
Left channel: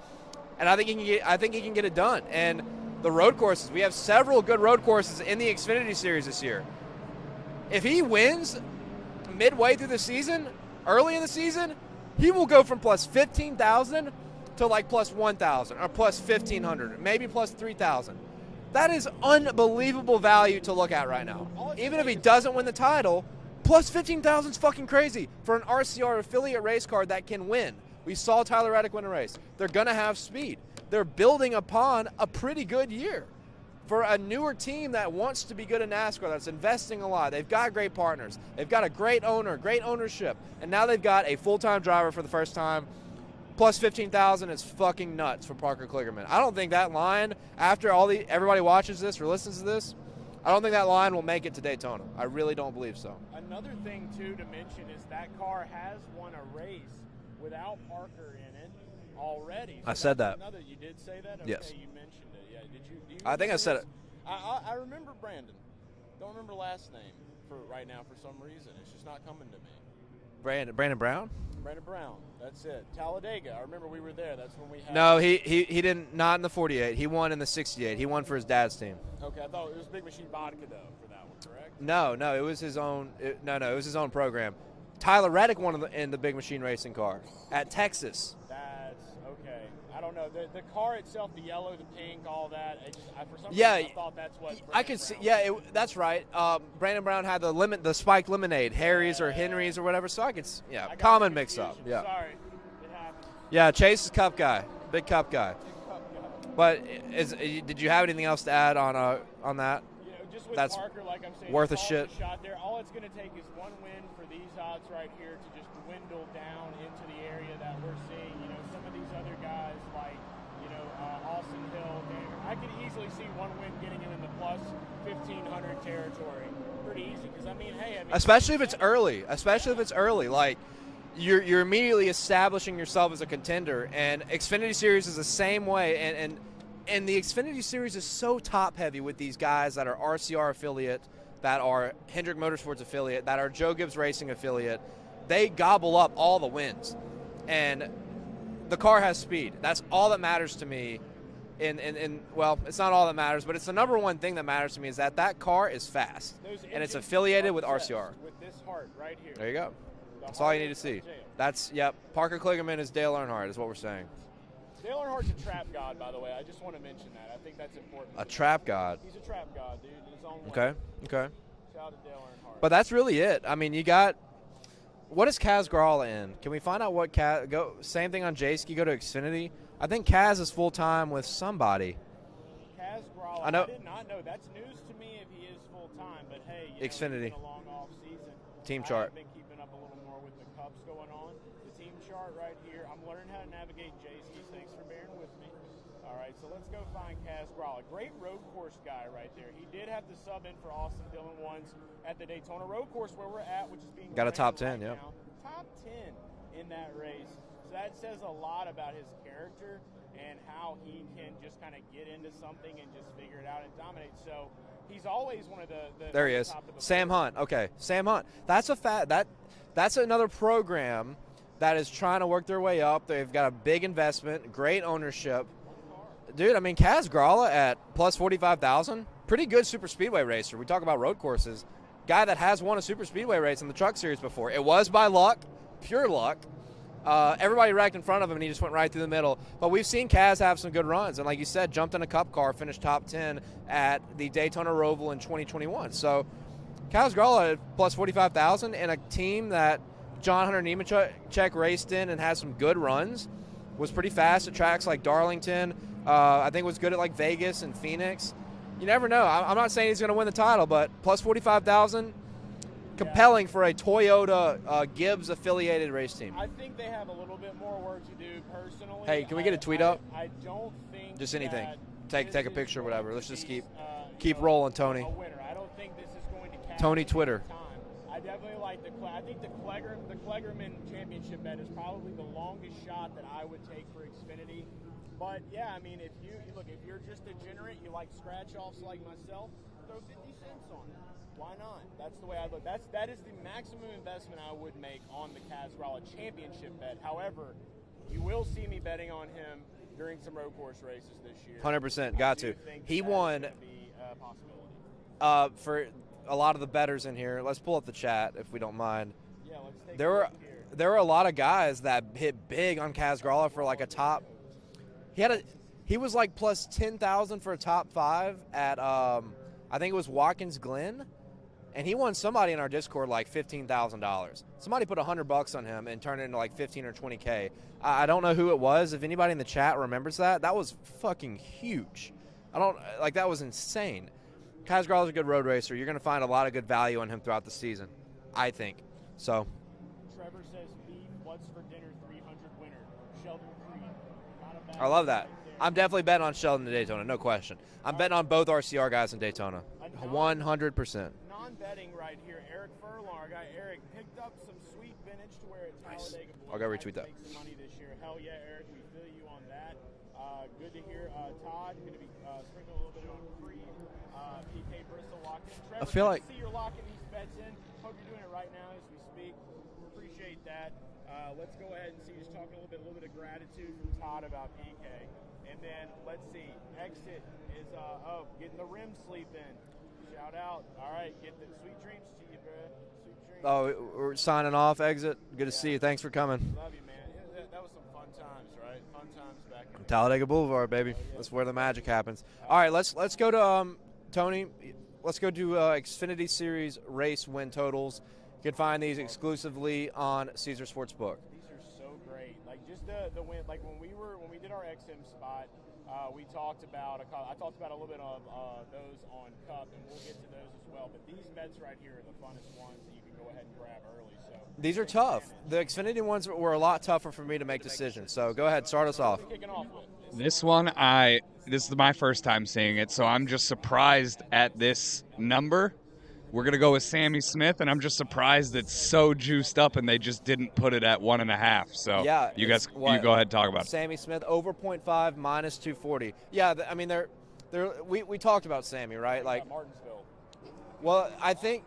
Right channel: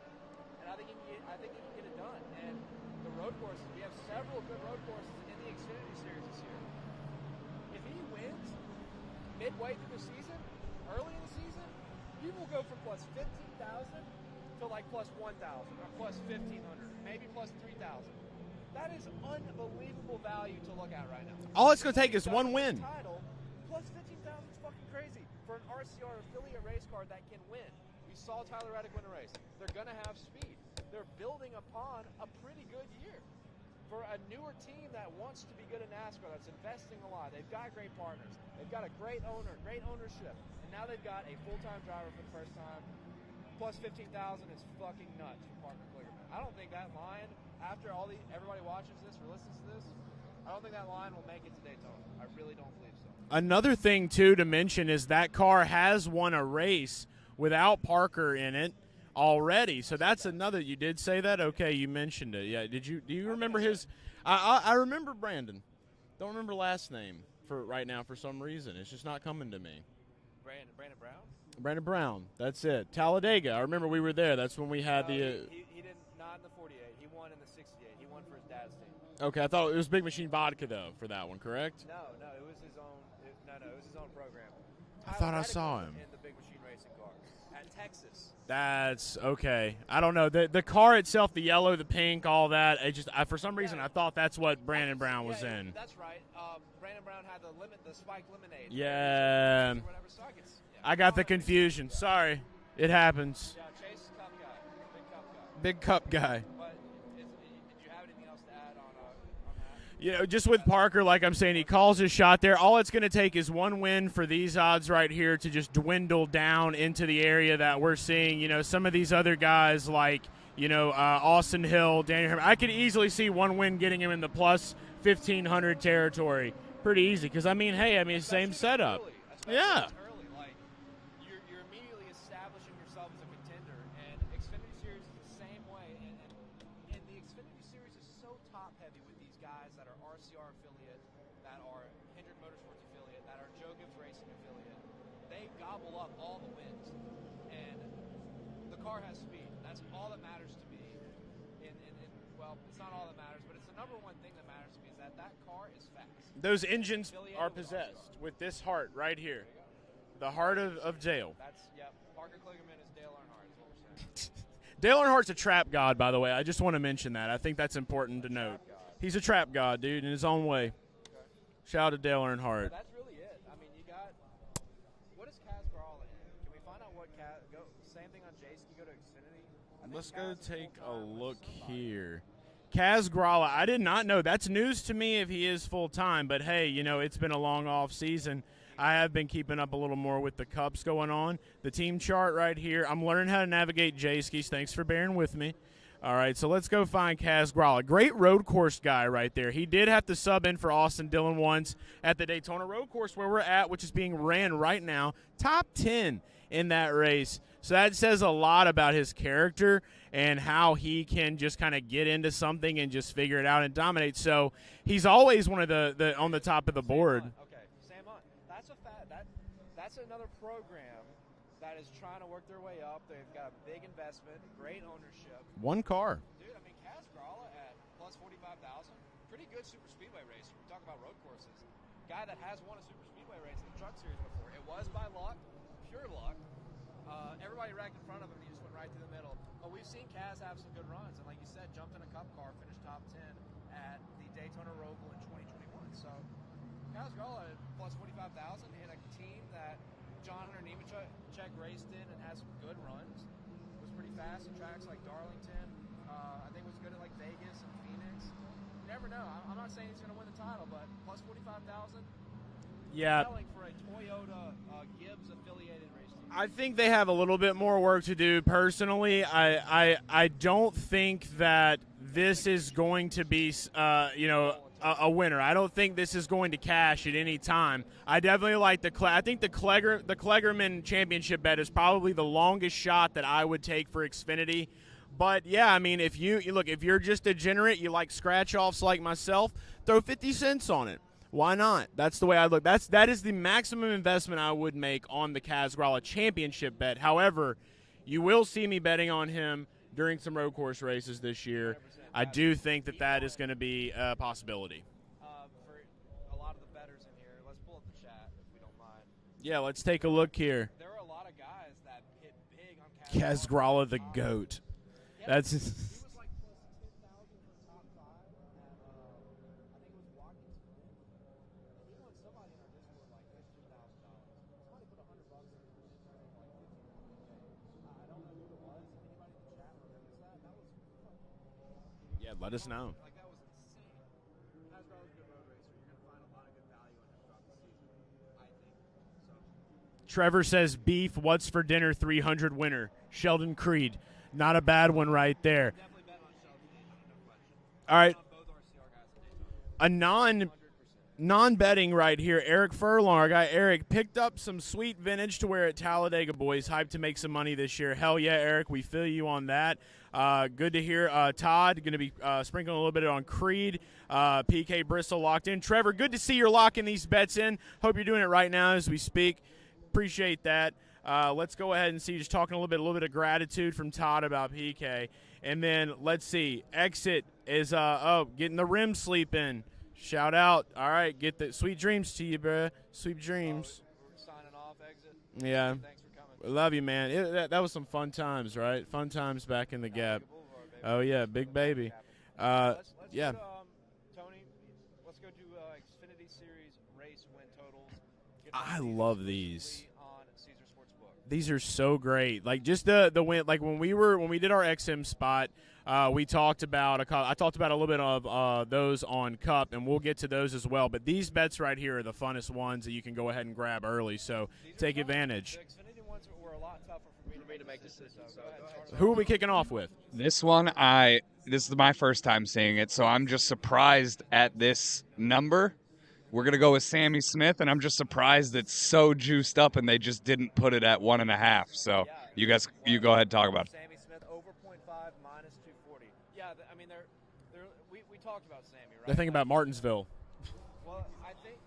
and I think he can get it done. And the road courses, we have several good road courses in the Xfinity Series this year. If he wins midway through the season, early in the season, he will go from plus 15,000 to like plus 1,000 or plus 1,500, maybe plus 3,000. That is unbelievable value to look at right now. All it's Even gonna if take he is doesn't one win the win. title, plus 15,000 is fucking crazy for an RCR affiliate race car that can win. We saw Tyler Reddick win a race. They're going to have speed. They're building upon a pretty good year. For a newer team that wants to be good in NASCAR, that's investing a lot, they've got great partners, they've got a great owner, great ownership, and now they've got a full-time driver for the first time. Plus 15,000 is fucking nuts for Parker Kligerman. I don't think that line, after everybody watches this or listens to this, I don't think that line will make it to Daytona. I really don't believe so. Another thing, too, to mention is that car has won a race without Parker in it already. So that's another. You did say that? Okay, yes. You mentioned it. Yeah. Do you remember I think I said his? I remember Brandon. Don't remember last name for right now for some reason. It's just not coming to me. Brandon Brown? Brandon Brown. That's it. Talladega. I remember we were there. That's when we had. No, he didn't. Not in the 48. He won in the 68. He won for his dad's team. Okay, I thought it was Big Machine Vodka though for that one. Correct? No, it was his own. It was his own program. Tyler Reddick won in the Big Machine Racing car at Texas. That's okay. I don't know. The car itself, the yellow, the pink, all that. For some reason, I thought that's what Brandon Brown was in. That's right. Brandon Brown had the spiked lemonade, Harry's or Henry's or whatever. So I could. Yeah, I got the confusion. Yeah. Sorry, it happens. Yeah, Chase is Cup guy. Big Cup guy. Big Cup guy. But did you have anything else to add on that? You know, just with Parker, like I'm saying, he calls his shot there. All it's going to take is one win for these odds right here to just dwindle down into the area that we're seeing. You know, some of these other guys like, Austin Hill, Daniel Herman. I could easily see one win getting him in the plus 1,500 territory. Pretty easy because, especially if it's early. Especially if it's early. Like, you're immediately establishing yourself as a contender, and Xfinity Series is the same way, and the Xfinity Series is so top heavy with these guys that are RCR affiliate, that are Hendrick Motorsports affiliate, that are Joe Gibbs Racing affiliate. They gobble up all the wins, and the car has speed. That's all that matters to me well, it's not all that matters, but it's the number one thing that matters to me is that car is fast. Those and engines it's affiliated are with possessed RCR. with this heart right here. There you go. The That's all heart you need to see. of Dale. That's, yep. Parker Kligerman is Dale Earnhardt is what we're saying. Dale Earnhardt's a trap god, by the way. I just want to mention that. I think that's important to know. A trap god. He's a trap god, dude, in his own way. Okay. Shout out to Dale Earnhardt. But that's really it. I mean, you got – what is Kaz Gralla in? Can we find out what Kaz – same thing on J-Ski, go to Xfinity. I think Kaz is full-time with somebody. Here. Kaz Gralla, I I did not know. That's news to me if he is full-time. But, hey, you know, it's Xfinity. been a long off season. Team I chart. have been keeping up a little more with the Cups going on. The team chart right here. I'm learning how to navigate J-Skis. Thanks for bearing with me. All right, so let's go find Kaz Gralla. Great road course guy right there. He did have to sub in for Austin Dillon once at the Daytona road course where we're at, which is being Got a ran top 10, right yeah. now. Top 10 in that race. So that says a lot about his character and how he can just kind of get into something and just figure it out and dominate. So he's always one of the There on he the is. top of the Sam board. Hunt. Okay, Sam Hunt. That's another program that is trying to work their way up. They've got a big investment, great ownership. One car. Dude, I mean, Kaz Gralla at plus 45,000, pretty good super speedway racer. We talk about road courses. Guy that has won a super speedway race in the truck series before. It was by luck, pure luck. Everybody wrecked in front of him, and he just went right through the middle. But we've seen Kaz have some good runs. And like you said, jumped in a cup car, finished top 10 at the Daytona Roval in 2021. So Kaz Gralla at plus 45,000 and a team that John Hunter Nemechek raced in and had some good runs, was pretty fast at tracks like Darlington. I think was good at like Vegas and Phoenix. You never know. I'm not saying he's going to win the title, but plus 45,000, compelling for a Toyota Gibbs affiliated race team. I think they have a little bit more work to do personally. Hey, can we get a tweet up? I don't think Just that anything. this Take a is picture, going whatever. to be Let's just you keep know, rolling, Tony. a winner. I don't think this is going to cash Tony at Twitter. any time. I definitely like I think the Kligerman championship bet is probably the longest shot that I would take for Xfinity. But yeah, I mean, if you look, if you're just degenerate, you like scratch offs like myself, throw 50 cents on it. Why not? That's the way I look. That is the maximum investment I would make on the Kaz Gralla championship bet. However, you will see me betting on him during some road course races this year. 100%. I do think that He that won, is going to be a possibility. for a lot of the bettors in here, let's pull up the chat if we don't mind. Yeah, let's take There a were- look here. There were a lot of guys that hit big on Kaz Gralla for like a the top. GOAT. He had That's- he was like plus 10,000 for a top 5 at I think it was Watkins Glen, and he won somebody in our Discord like $15,000. Somebody put $100 on him and turned it into like 15 or 20K. I don't know who it was. If anybody in the chat remembers that was fucking huge. Yeah, let us know. Like that was insane. Kaz Gralla's a good road racer. You're going to find a lot of good value on him throughout the season, I think. So, Trevor says beef. What's for dinner? 300 winner. Sheldon Creed. Not a bad I love one that. right there. I'm definitely betting on Sheldon in Daytona, no question. I'm All right. betting on both RCR guys in Daytona. A 100%. non-betting right here. Eric Furlong, our guy Eric, picked up some sweet vintage to wear at Talladega Boys. I'll go Hyped retweet to that. make some money this year. Hell yeah, Eric. We feel you on that. Good to hear. Todd going to be sprinkling a little bit on Creed. PK Bristol locked in. Trevor, feel good like- to see you're locking these bets in. Hope you're doing it right now as we speak. Appreciate that. Let's go ahead and see. Just talking a little bit of gratitude from Todd about PK. And then let's see. Exit is getting the rim sleep in. Shout out. All right, get the sweet dreams to you, bruh. Sweet dreams. Oh, we're signing off, Exit. Good to Yeah. see you. Thanks for coming. We love you, man. That was some fun times, right? Fun times back in the Talladega Gap. Boulevard, baby. Oh, yeah, That's where the big magic baby. happens. Uh, All right, let's yeah. go to Tony. Let's go do Xfinity Series race win totals. You can find I these love exclusively on Caesar Sportsbook. These are so great. Like just the win. Like when we did our XM spot, we talked about I talked about a little bit of those on Cup, and we'll get to those as well. But these bets right here are the funnest ones that you can go ahead and grab early. So These are take tough. advantage. The Xfinity ones were a lot tougher for me to make decisions. So go ahead, start us Who are off. we kicking off with? This one, this is my first time seeing it, so I'm just surprised at this number. We're going to go with Sammy Smith, and I'm just surprised it's so juiced up and they just didn't put it at 1.5. So Yeah, you guys, it's what? you go ahead and talk about it. Sammy Smith over 0.5 minus 240. Yeah, I mean we talked about Sammy, right? I think Like, about Martinsville. Well, I think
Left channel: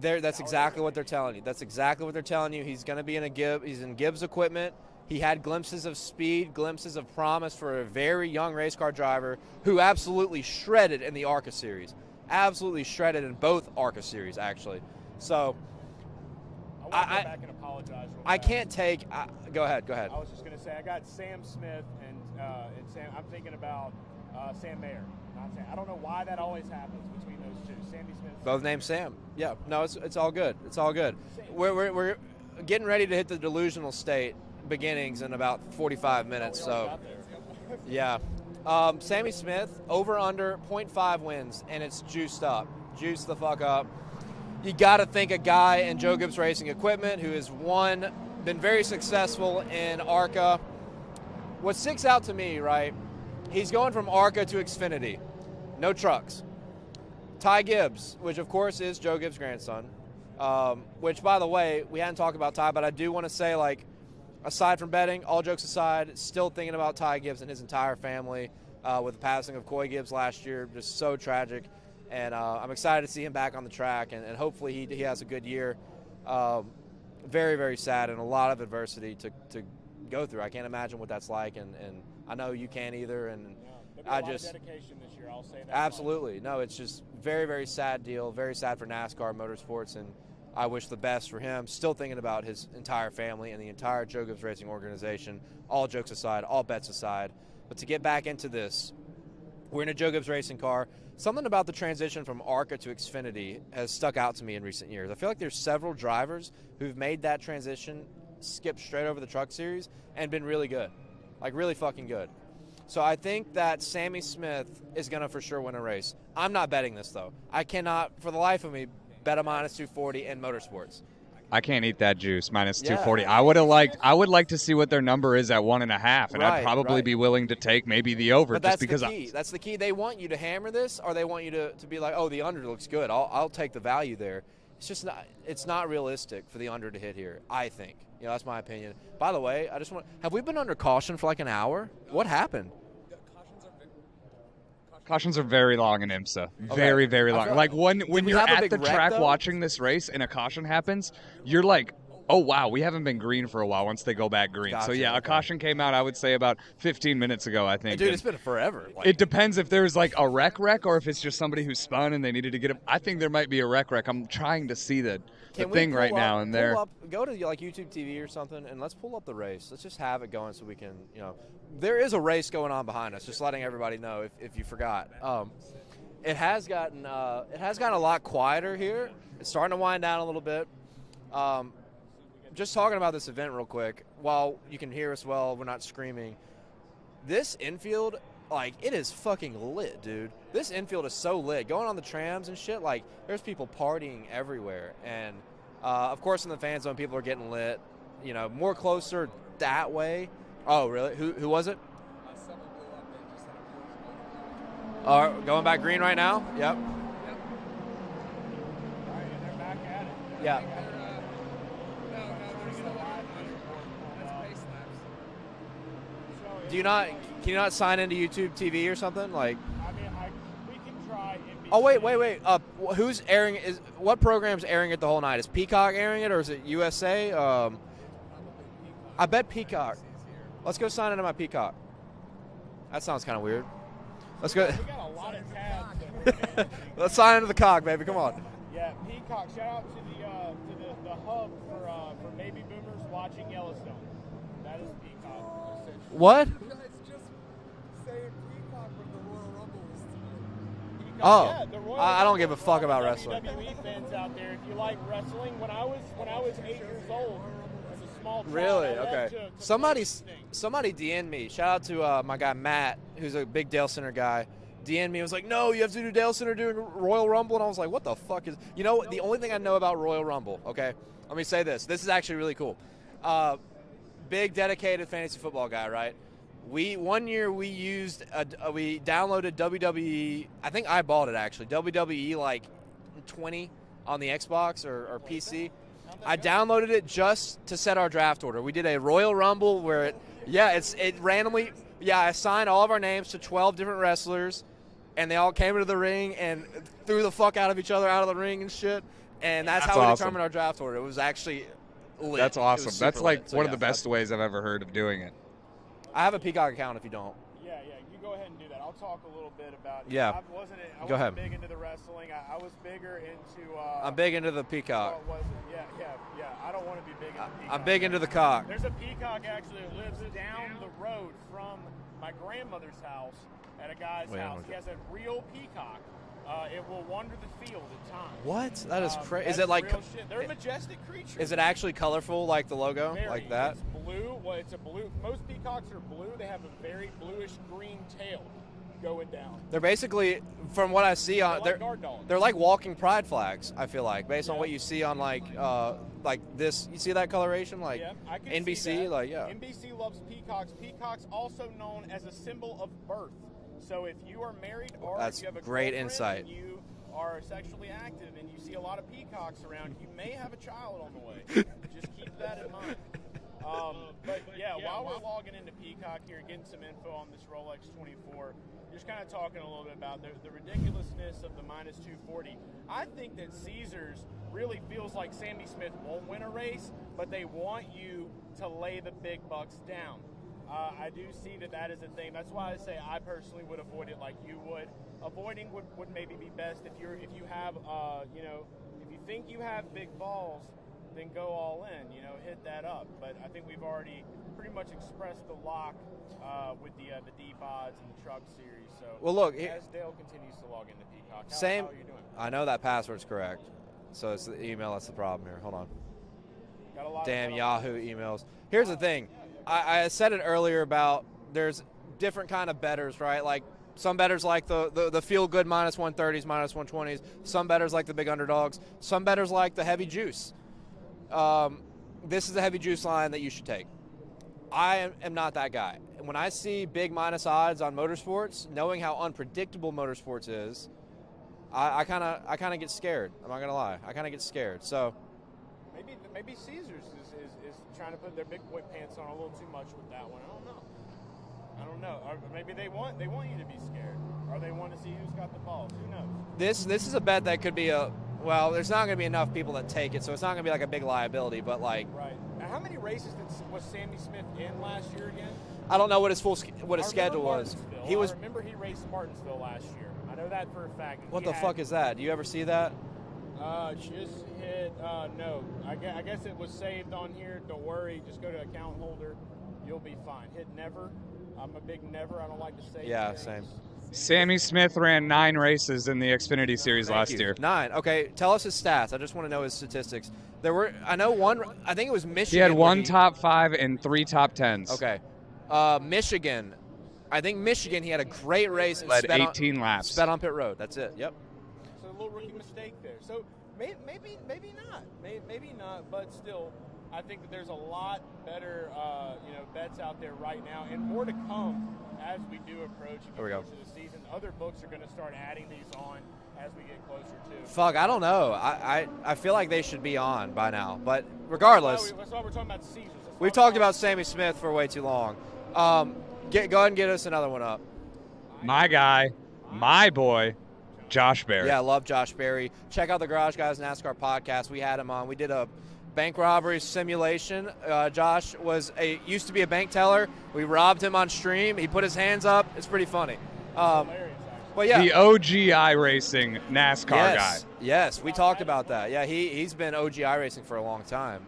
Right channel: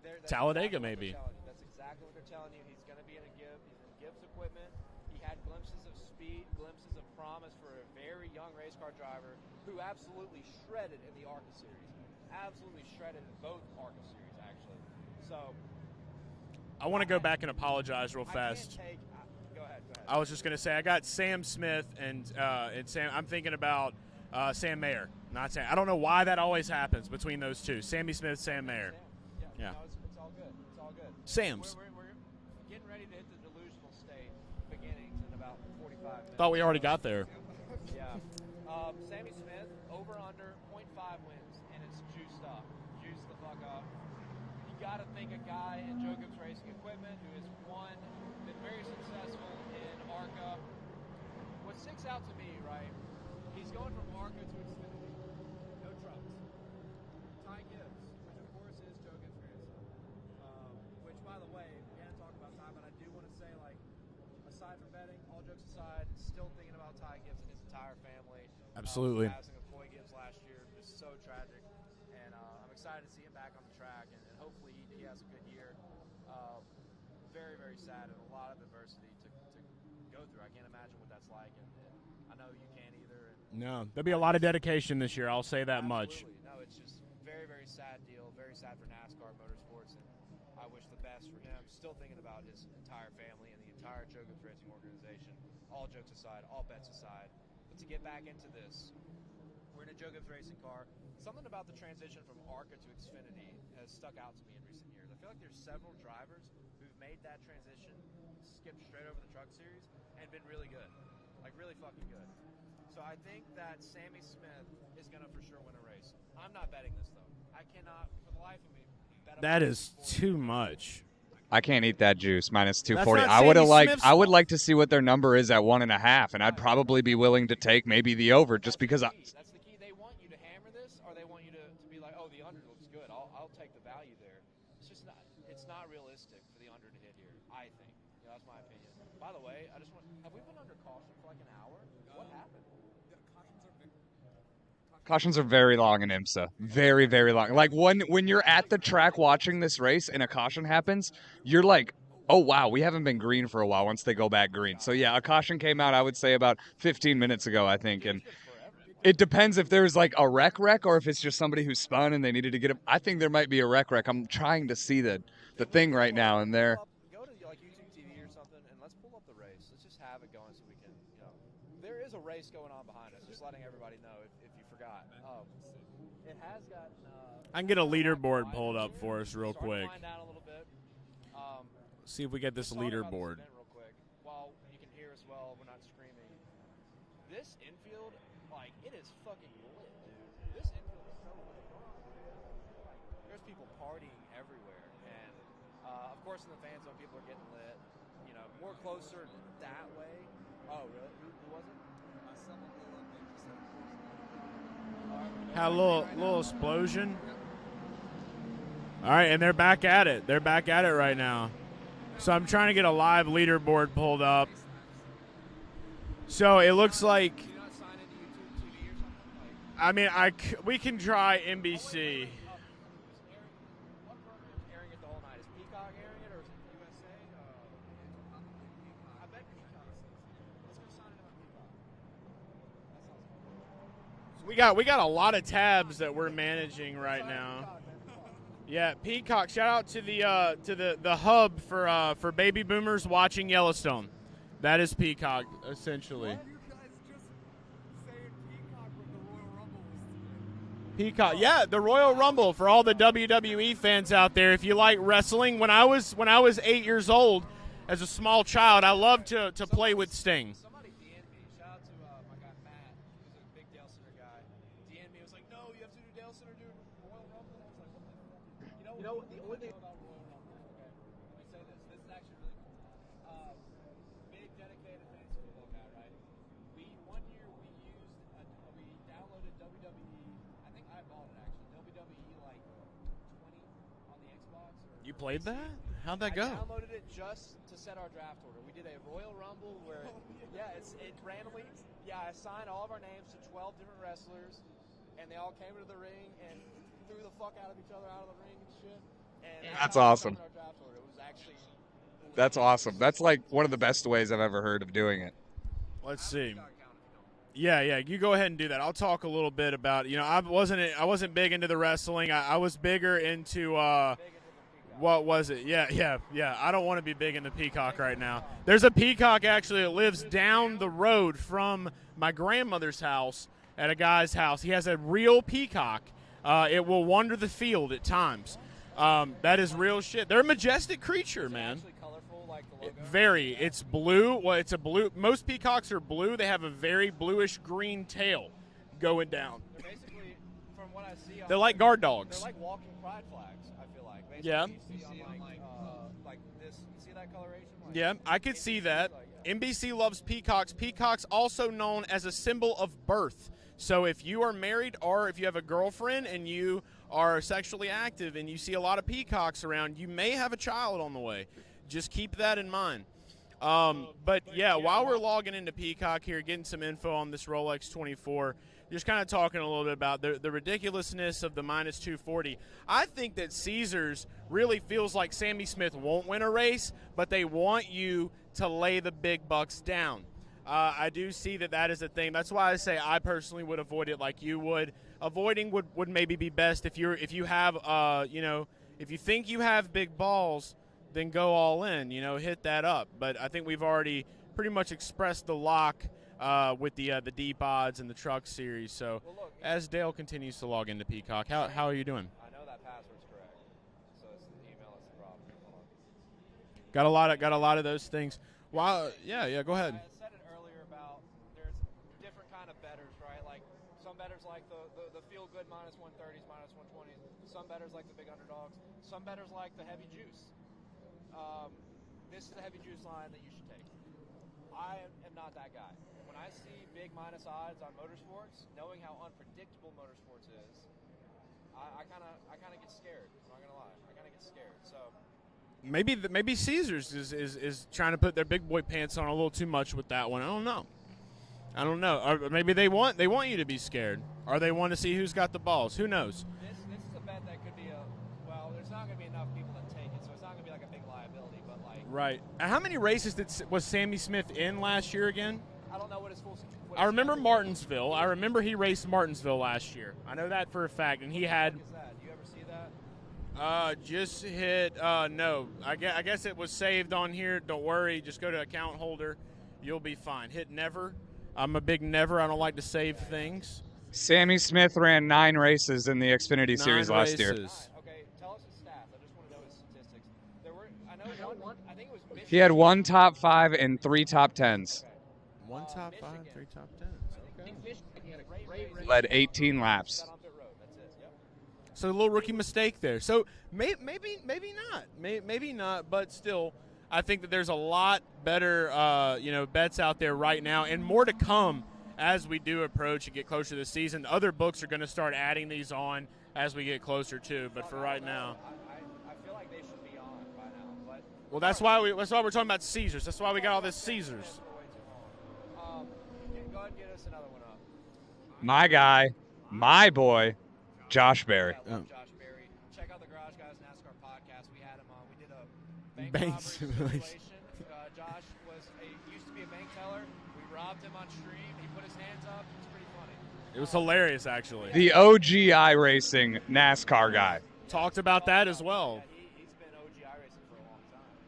that's Talladega, exactly what they're maybe. telling you. That's exactly what they're telling you. He's going to be in a Gibbs. He's in Gibbs equipment. He had glimpses of speed, glimpses of promise for a very young race car driver who absolutely shredded in the ARCA series. Absolutely shredded in both ARCA series, actually. So I want to go back and apologize real fast. I can't take. Go ahead. I was just going to say I got Sam Smith and Sam. I'm thinking about Sam Mayer, not Sam. I don't know why that always happens between those two. Sammy Smith, Sam both named Sam. Yeah. No, it's all good. It's all good. Sam. We're getting ready to hit the delusional state beginnings in about 45 minutes. Thought we already got there. Yeah. Sammy Smith over under 0.5 wins, and it's juiced up. Juiced the fuck up. You got to think a guy in Joe Gibbs Racing Equipment who has been very successful in ARCA. What sticks out to me, right? He's going from ARCA to Xfinity. No trucks. Ty Gibbs, which of course is Joe Gibbs' grandson. Which, by the way, we hadn't talked about Ty, but I do want to say, like, aside from betting, all jokes aside, still thinking about Ty Gibbs and his entire family. With the passing of Coy Gibbs last year, just so tragic. And I'm excited to see him back on the track, and hopefully he has a good year. Very, very sad and a lot of adversity to go through. I can't imagine what that's like, and I know you can't either. And no, there'll be a lot of dedication this year, I'll say that absolutely. No, it's just very, very sad deal, very sad for NASCAR Motorsports, and I wish the best for him. Still thinking about his entire family and the entire Joe Gibbs Racing organization, all jokes aside, all bets aside. But to get back into this, we're in a Joe Gibbs Racing car. Something about the transition from ARCA to Xfinity has stuck out to me in recent years. I feel like there's several drivers who've made that transition, skipped straight over the truck series, and been really good. Like, really fucking good. So I think that Sammy Smith is going to for sure win a race. I'm not betting this, though. I cannot, for the life of me, bet a minus 240 in motorsports. I can't eat that juice, minus 240. I would like to see what their number is at 1.5, and I'd probably be willing to take maybe the over, but just because. That's the key. They want you to hammer this, or they want you to be like, oh, the under looks good. I'll take the value there. It's just not. It's not realistic for the under to hit here. I think. That's my opinion. By the way, have we been under caution for like an hour? What happened? Cautions are very long in IMSA. Very, very long. Like when you're at the track watching this race and a caution happens, you're like, oh, wow, we haven't been green for a while once they go back green. Gotcha. So, yeah, a caution came out, I would say, about 15 minutes ago, I think. Dude, it's been forever. It depends if there's like a wreck or if it's just somebody who spun and they needed to get him. I think there might be a wreck. I'm trying to see the thing right now. And there. Go to like YouTube TV or something and let's pull up the race. Let's just have it going so we can, there is a race going on behind us, just letting everybody know if you forgot. It has gotten a lot quieter here. It's starting to wind down a little bit. See if we get this. Just talking about this event real quick, while you can hear us well, we're not screaming. This infield, like, it is fucking lit, dude. This infield is so lit. Going on the trams and shit, like, there's people partying everywhere. And, of course, in the fan zone, people are getting lit, more closer that way. Oh, really? Who was it? Going back green right now? Explosion. Yep. All right, and they're back at it. They're back at it right now. So I'm trying to get a live leaderboard pulled up. So it looks like. Can you not sign into YouTube TV or something? Like, I mean, we can try NBC. Oh wait. Who's airing? What program's airing it the whole night? Is Peacock airing it, or is it USA? I bet Peacock. Let's go sign into my Peacock. That sounds kind of weird. Let's go. We got a lot of tabs that we're managing. Let's sign into the cock, baby. Come on. Yeah, Peacock. Shout out to the hub for baby boomers watching Yellowstone. That is Peacock, essentially. What? You guys just saying Peacock with the Royal Rumble. Peacock. Oh. Yeah, the Royal Rumble for all the WWE fans out there. If you like wrestling, when I was 8 years old, as a small child, I loved to play with Sting. Somebody DM'd me. Shout out to my guy Matt, who's a big Dalescenter guy. DM'd me. Was like, no, you have to do Dalescenter doing Royal Rumble, and I was like, what the fuck is? The only thing I know about Royal Rumble. Okay, let me say this. This is actually really cool. Big dedicated fantasy football guy, right? One year we downloaded WWE. I think I bought it actually. WWE like 20 on the Xbox or PC. How'd that go? I downloaded it just to set our draft order. We did a Royal Rumble where it randomly. Yeah, I assigned all of our names to 12 different wrestlers, and they all came into the ring and threw the fuck out of each other out of the ring and shit. And that's how we determined our draft order. It was actually lit. That's It awesome. was That's super like lit. So, one of yeah, the best ways I've ever heard of doing it. Let's I have a see. Peacock account if you don't. Yeah, you go ahead and do that. I'll talk a little bit about. Yeah. I wasn't ahead. big into the wrestling. I was bigger into. I'm big into the Peacock. What was it? Yeah. I don't want to be big into Peacock. I'm big right into the now. cock. There's a Peacock actually that lives down the road from my grandmother's house at a guy's house. He has a real peacock. It will wander the field at times. What? That is crazy. That is like, real shit. They're a majestic creature. Is it man. actually colorful like the logo? Very. Like that? It's blue. Well, it's a blue. Most peacocks are blue. They have a very bluish green tail going down. They're basically, from what I see on, They're like guard dogs. They're like walking pride flags. I feel like based on Yeah. what you see on like this. You see that coloration? Like Yeah, I can see NBC, that. like, yeah. NBC loves peacocks. Peacocks also known as a symbol of birth. So if you are married or That's if you have a great girlfriend insight. and you are sexually active and you see a lot of peacocks around, you may have a child on the way. Just keep that in mind. But yeah, while we're logging into Peacock here, getting some info on this Rolex 24, just kind of talking a little bit about the ridiculousness of the minus 240. I think that Caesars really feels like Sammy Smith won't win a race, but they want you to lay the big bucks down. I do see that is a thing. That's why I say I personally would avoid it like you would. Avoiding would maybe be best if you have if you think you have big balls, then go all in. Hit that up. But I think we've already pretty much expressed the lock with the deep odds and the truck series. So Well, look, as Dale continues to log into Peacock, Same- how are you doing? I know that password's correct. So it's the email that's the problem here. Hold on. Got a lot of Yahoo those emails. things. Here's Wow, the thing. Yeah, go ahead. I said it earlier about there's different kind of bettors, right? Like some bettors like the feel good minus 130s, minus 120s. Some bettors like the big underdogs. Some bettors like the heavy juice. This is a heavy juice line that you should take. I am not that guy. When I see big minus odds on motorsports, knowing how unpredictable motorsports is, I kind of get scared. I'm not gonna lie. I kind of get scared. So. Maybe Caesars is trying to put their big boy pants on a little too much with that one. I don't know. Or maybe they want you to be scared, or they want to see who's got the balls. Who knows? This is a bet that could be there's not going to be enough people that take it, so it's not going to be like a big liability. But like, Right. And how many races was Sammy Smith in last year again? I don't know what his I remember schedule Martinsville. was. I remember he raced Martinsville last year. I know that for a fact. And What he the had, fuck is that? Do you ever see that? Just hit no. I guess it was saved on here. Don't worry. Just go to account holder. You'll be fine. Hit never. I'm a big never. I don't like to save Yeah, things. Sammy Smith ran 9 races in the Xfinity Series last year. 9. Okay, tell us his stats. I just want to know his statistics. There were, I know one. I think it was Michigan. He had 1 top 5 and 3 top 10s. Okay, Michigan. I think Michigan. He had a great race. and Led sped 18 laps. Sped on pit road. That's it. Yep. So a little rookie mistake there. So maybe not. Maybe not. But still, I think that there's a lot better bets out there right now, and more to come as we do approach and get closer to the season. Other books are going to start adding these on as we get closer to. Fuck, I don't know. I feel like they should be on by now. But regardless, that's why we're talking about Caesars. That's why we got talked all about this Sammy Caesars. Smith for way too long. Go ahead and get us another one up. My guy, my boy, Josh Berry. Yeah, I love Josh Berry. Check out the Garage Guys NASCAR podcast. We had him on. We did a bank robbery simulation. Josh used to be a bank teller. We robbed him on stream. He put his hands up. It's pretty funny. It was hilarious, actually. But yeah, The OGI Racing NASCAR guy. Yes, Talked we about talked that about as well. that. Yeah, he's been OGI racing for a long time,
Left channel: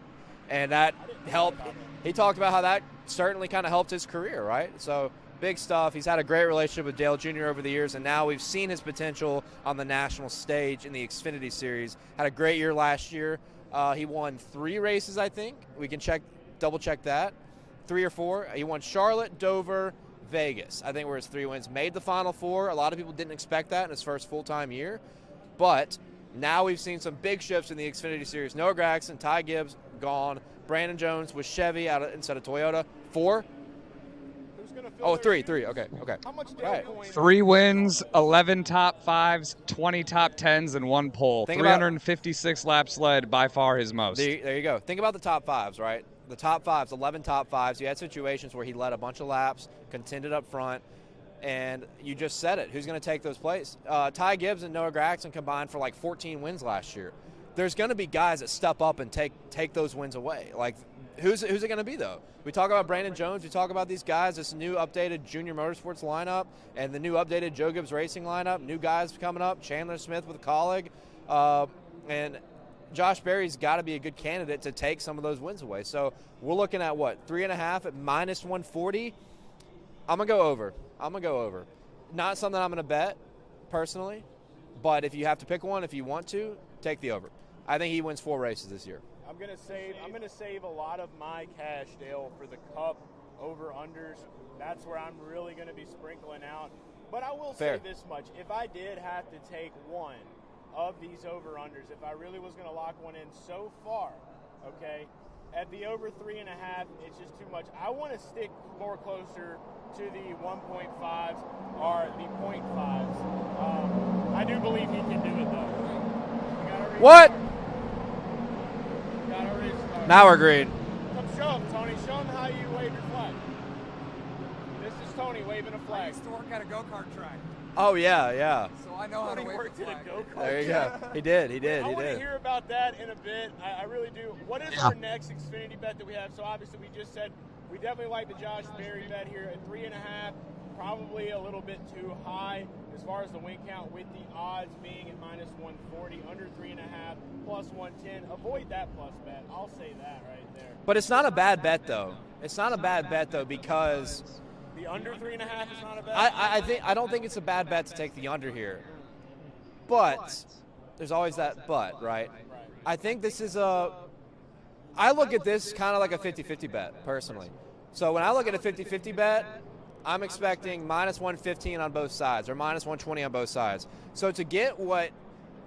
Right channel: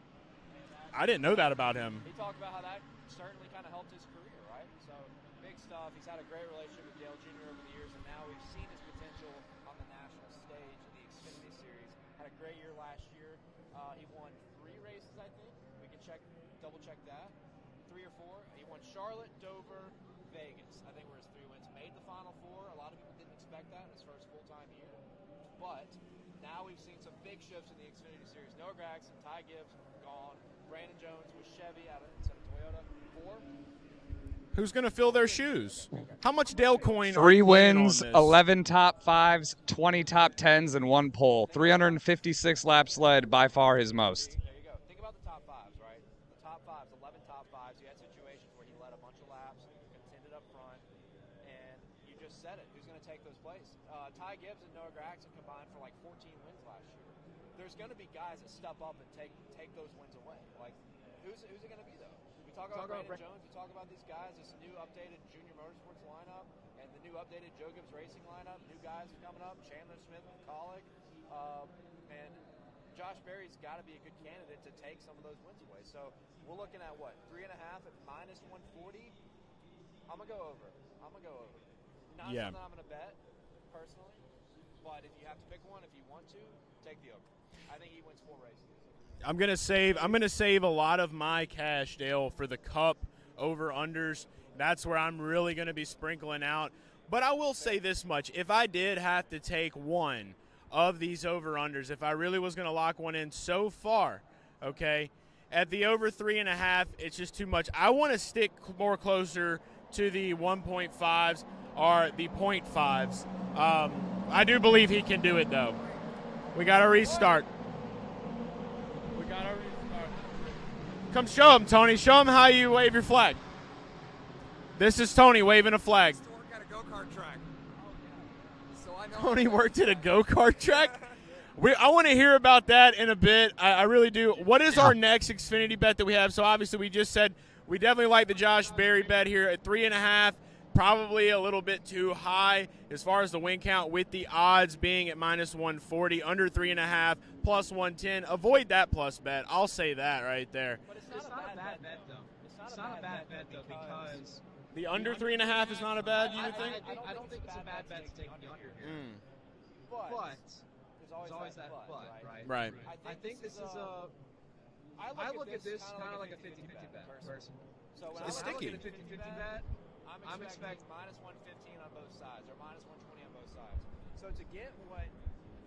and that I didn't know that about him. He talked about how that certainly kind of helped his career, right? So big stuff. He's had a great relationship with Dale Jr. over the years, and now we've seen his potential on the national stage in the Xfinity Series. Had a great year last year. He won 3 races, I think. We can double check that. 3 or 4. He won Charlotte, Dover, Vegas. I think were his 3 wins. Made the Final 4. A lot of people didn't expect that in his first full-time year. But now we've seen some big shifts in the Xfinity Series. Noah Gragson, Ty Gibbs, gone. Brandon Jones with Chevy instead of Toyota. 4. Who's going to fill their shoes? 3. Okay. How much Dale coin? 3 wins, on this? 11 top 5s, 20 top 10s, and 1 pole. Think about- 356 laps led, by far his most. There you go. Think about the top 5s, right? The top 5s, 11 top 5s. You had situations where he led a bunch of laps, contended up front, and you just said it. Who's going to take those places? Ty Gibbs and Noah Gragson combined for like 14 wins last year. there's going to be guys that step up and take those wins away. Like, who's it going to be, though? We talk about Brandon Jones. We talk about these guys, this new updated Junior Motorsports lineup and the new updated Joe Gibbs Racing lineup, new guys coming up, Chandler Smith with a colleague. And Josh Berry's got to be a good candidate to take some of those wins away. So we're looking at, what, 3.5 at minus 140? I'm going to go over. Not something I'm going to bet, personally. But if you have to pick one, if you want to, take the over. I think he wins 4 races this year. I'm gonna save a lot of my cash, Dale, for the Cup over-unders. That's where I'm really gonna be sprinkling out. But I will say this much: if I did have to take one of these over-unders, if I really was gonna lock one in so far, okay, at the over 3.5, it's just too much. I want to stick more closer to the 1.5s or the 0.5s. I do believe he can do it, though. We got to restart. Now we're green. Come show him, Tony. Show him how you wave your flag. This is Tony waving a flag. I used to work at a go-kart track, Oh, yeah. so I know. Tony worked at a go-kart There you track? go. He did. I want to hear about that in a bit. I really do. What is our next Xfinity bet that we have? So obviously we just said we definitely like the Josh Berry bet here at 3.5. Probably a little bit too high as far as the win count, with the odds being at minus 140, under 3.5, plus 110. Avoid that plus bet. I'll say that right there. But it's not a bad bet, though. It's not a bad bet, though, because The under 3.5 is not a bad I don't think it's a bad bet to take the under here. But there's always that but, right? Right. I think this is I look at this kind of like a 50-50 bet, personally. So when I look at a 50-50 bet, I'm expecting minus 115 on both sides or minus 120 on both sides. So to get what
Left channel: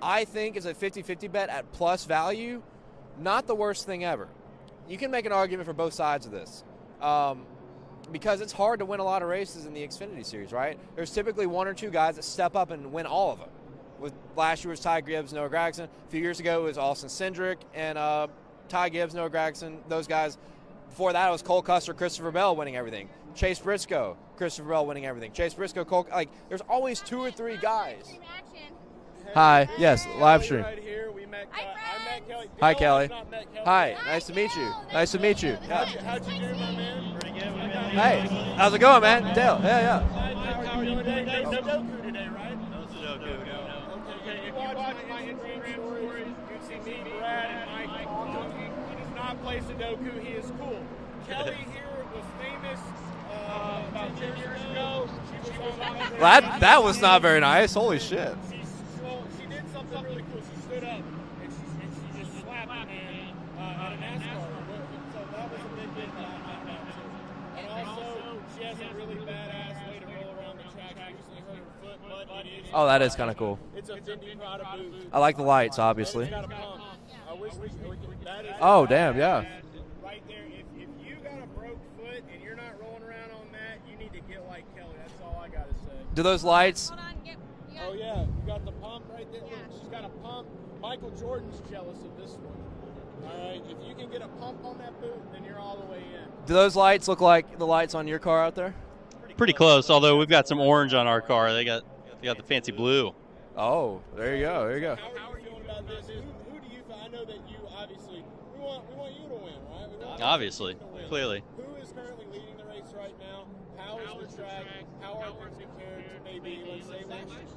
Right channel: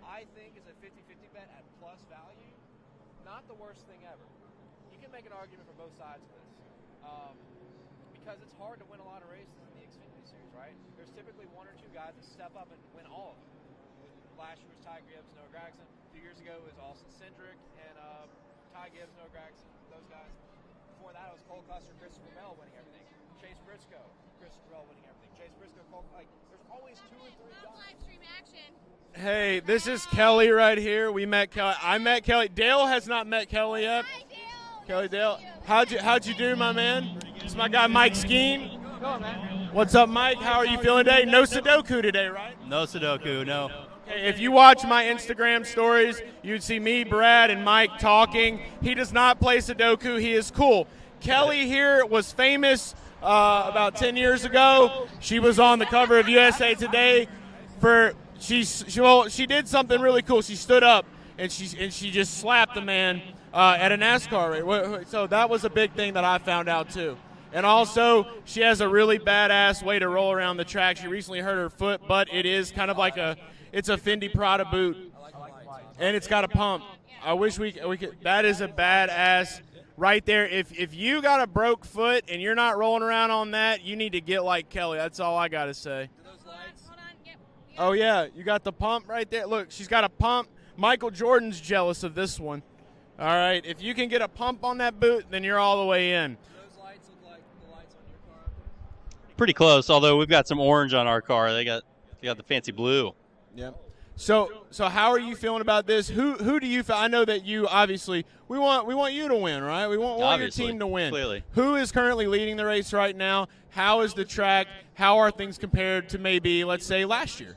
I think is a 50-50 bet at plus value, not the worst thing ever. You can make an argument for both sides of this. Because it's hard to win a lot of races in the Xfinity Series, right? There's typically 1 or 2 guys that step up and win all of them. With last year was Ty Gibbs, Noah Gragson. A few years ago it was Austin Cindric and Ty Gibbs, Noah Gragson, those guys. Before that it was Cole Custer, Christopher Bell winning everything. Chase Briscoe, Christopher Bell winning everything. Chase Briscoe, Cole, there's always 2 or 3 guys. Hey, Hi. this Yes, is Kelly Livestream. right here. We met Kelly. I met Kelly. Hi, Dale Kelly. has not met Kelly Hi, yet. nice to meet you. Kelly, Nice to Dale, meet you. How'd you do, my man? It's my guy Mike Skeen. How's it going, man? Dale. Yeah, What's yeah. up, Mike? How are you feeling today? No Sudoku today, right? No Sudoku, no. If you watch my Instagram stories, you'd see me, Brad, and Mike talking. He does not play Sudoku. He is cool. Kelly here was famous about 10 years ago. She was on the cover of USA That was Today not very nice. Holy for- shit. She did something really cool. She stood up and she just slapped the man at a NASCAR race. So that was a big thing that I found out too. And also, she has a really badass way to roll around the track. She recently hurt her foot, but it is kind of like it's a Fendi Prada boot, I like the lights, obviously. and it's got a pump. I wish we could. That is a Oh, badass damn, yeah. right there. If you got a broke foot and you're not rolling around on that, you need to get like Kelly. That's all I gotta say. Do those lights? Oh yeah, you got the pump right there. Look, she's got a pump. Michael Jordan's jealous of this one. All right, if you can get a pump on that boot, then you're all the way in. Do those lights look like the lights on your car out there? Pretty close, although we've got some orange on our car. They got the fancy blue. Oh, there So, you go. There you so go. how are you feeling about this? Who do you feel? I know that you obviously we want you to win, right? We want Obviously, your team to win. clearly. Who is currently leading the race right now? How is the track? How are things compared to maybe, let's say, last year?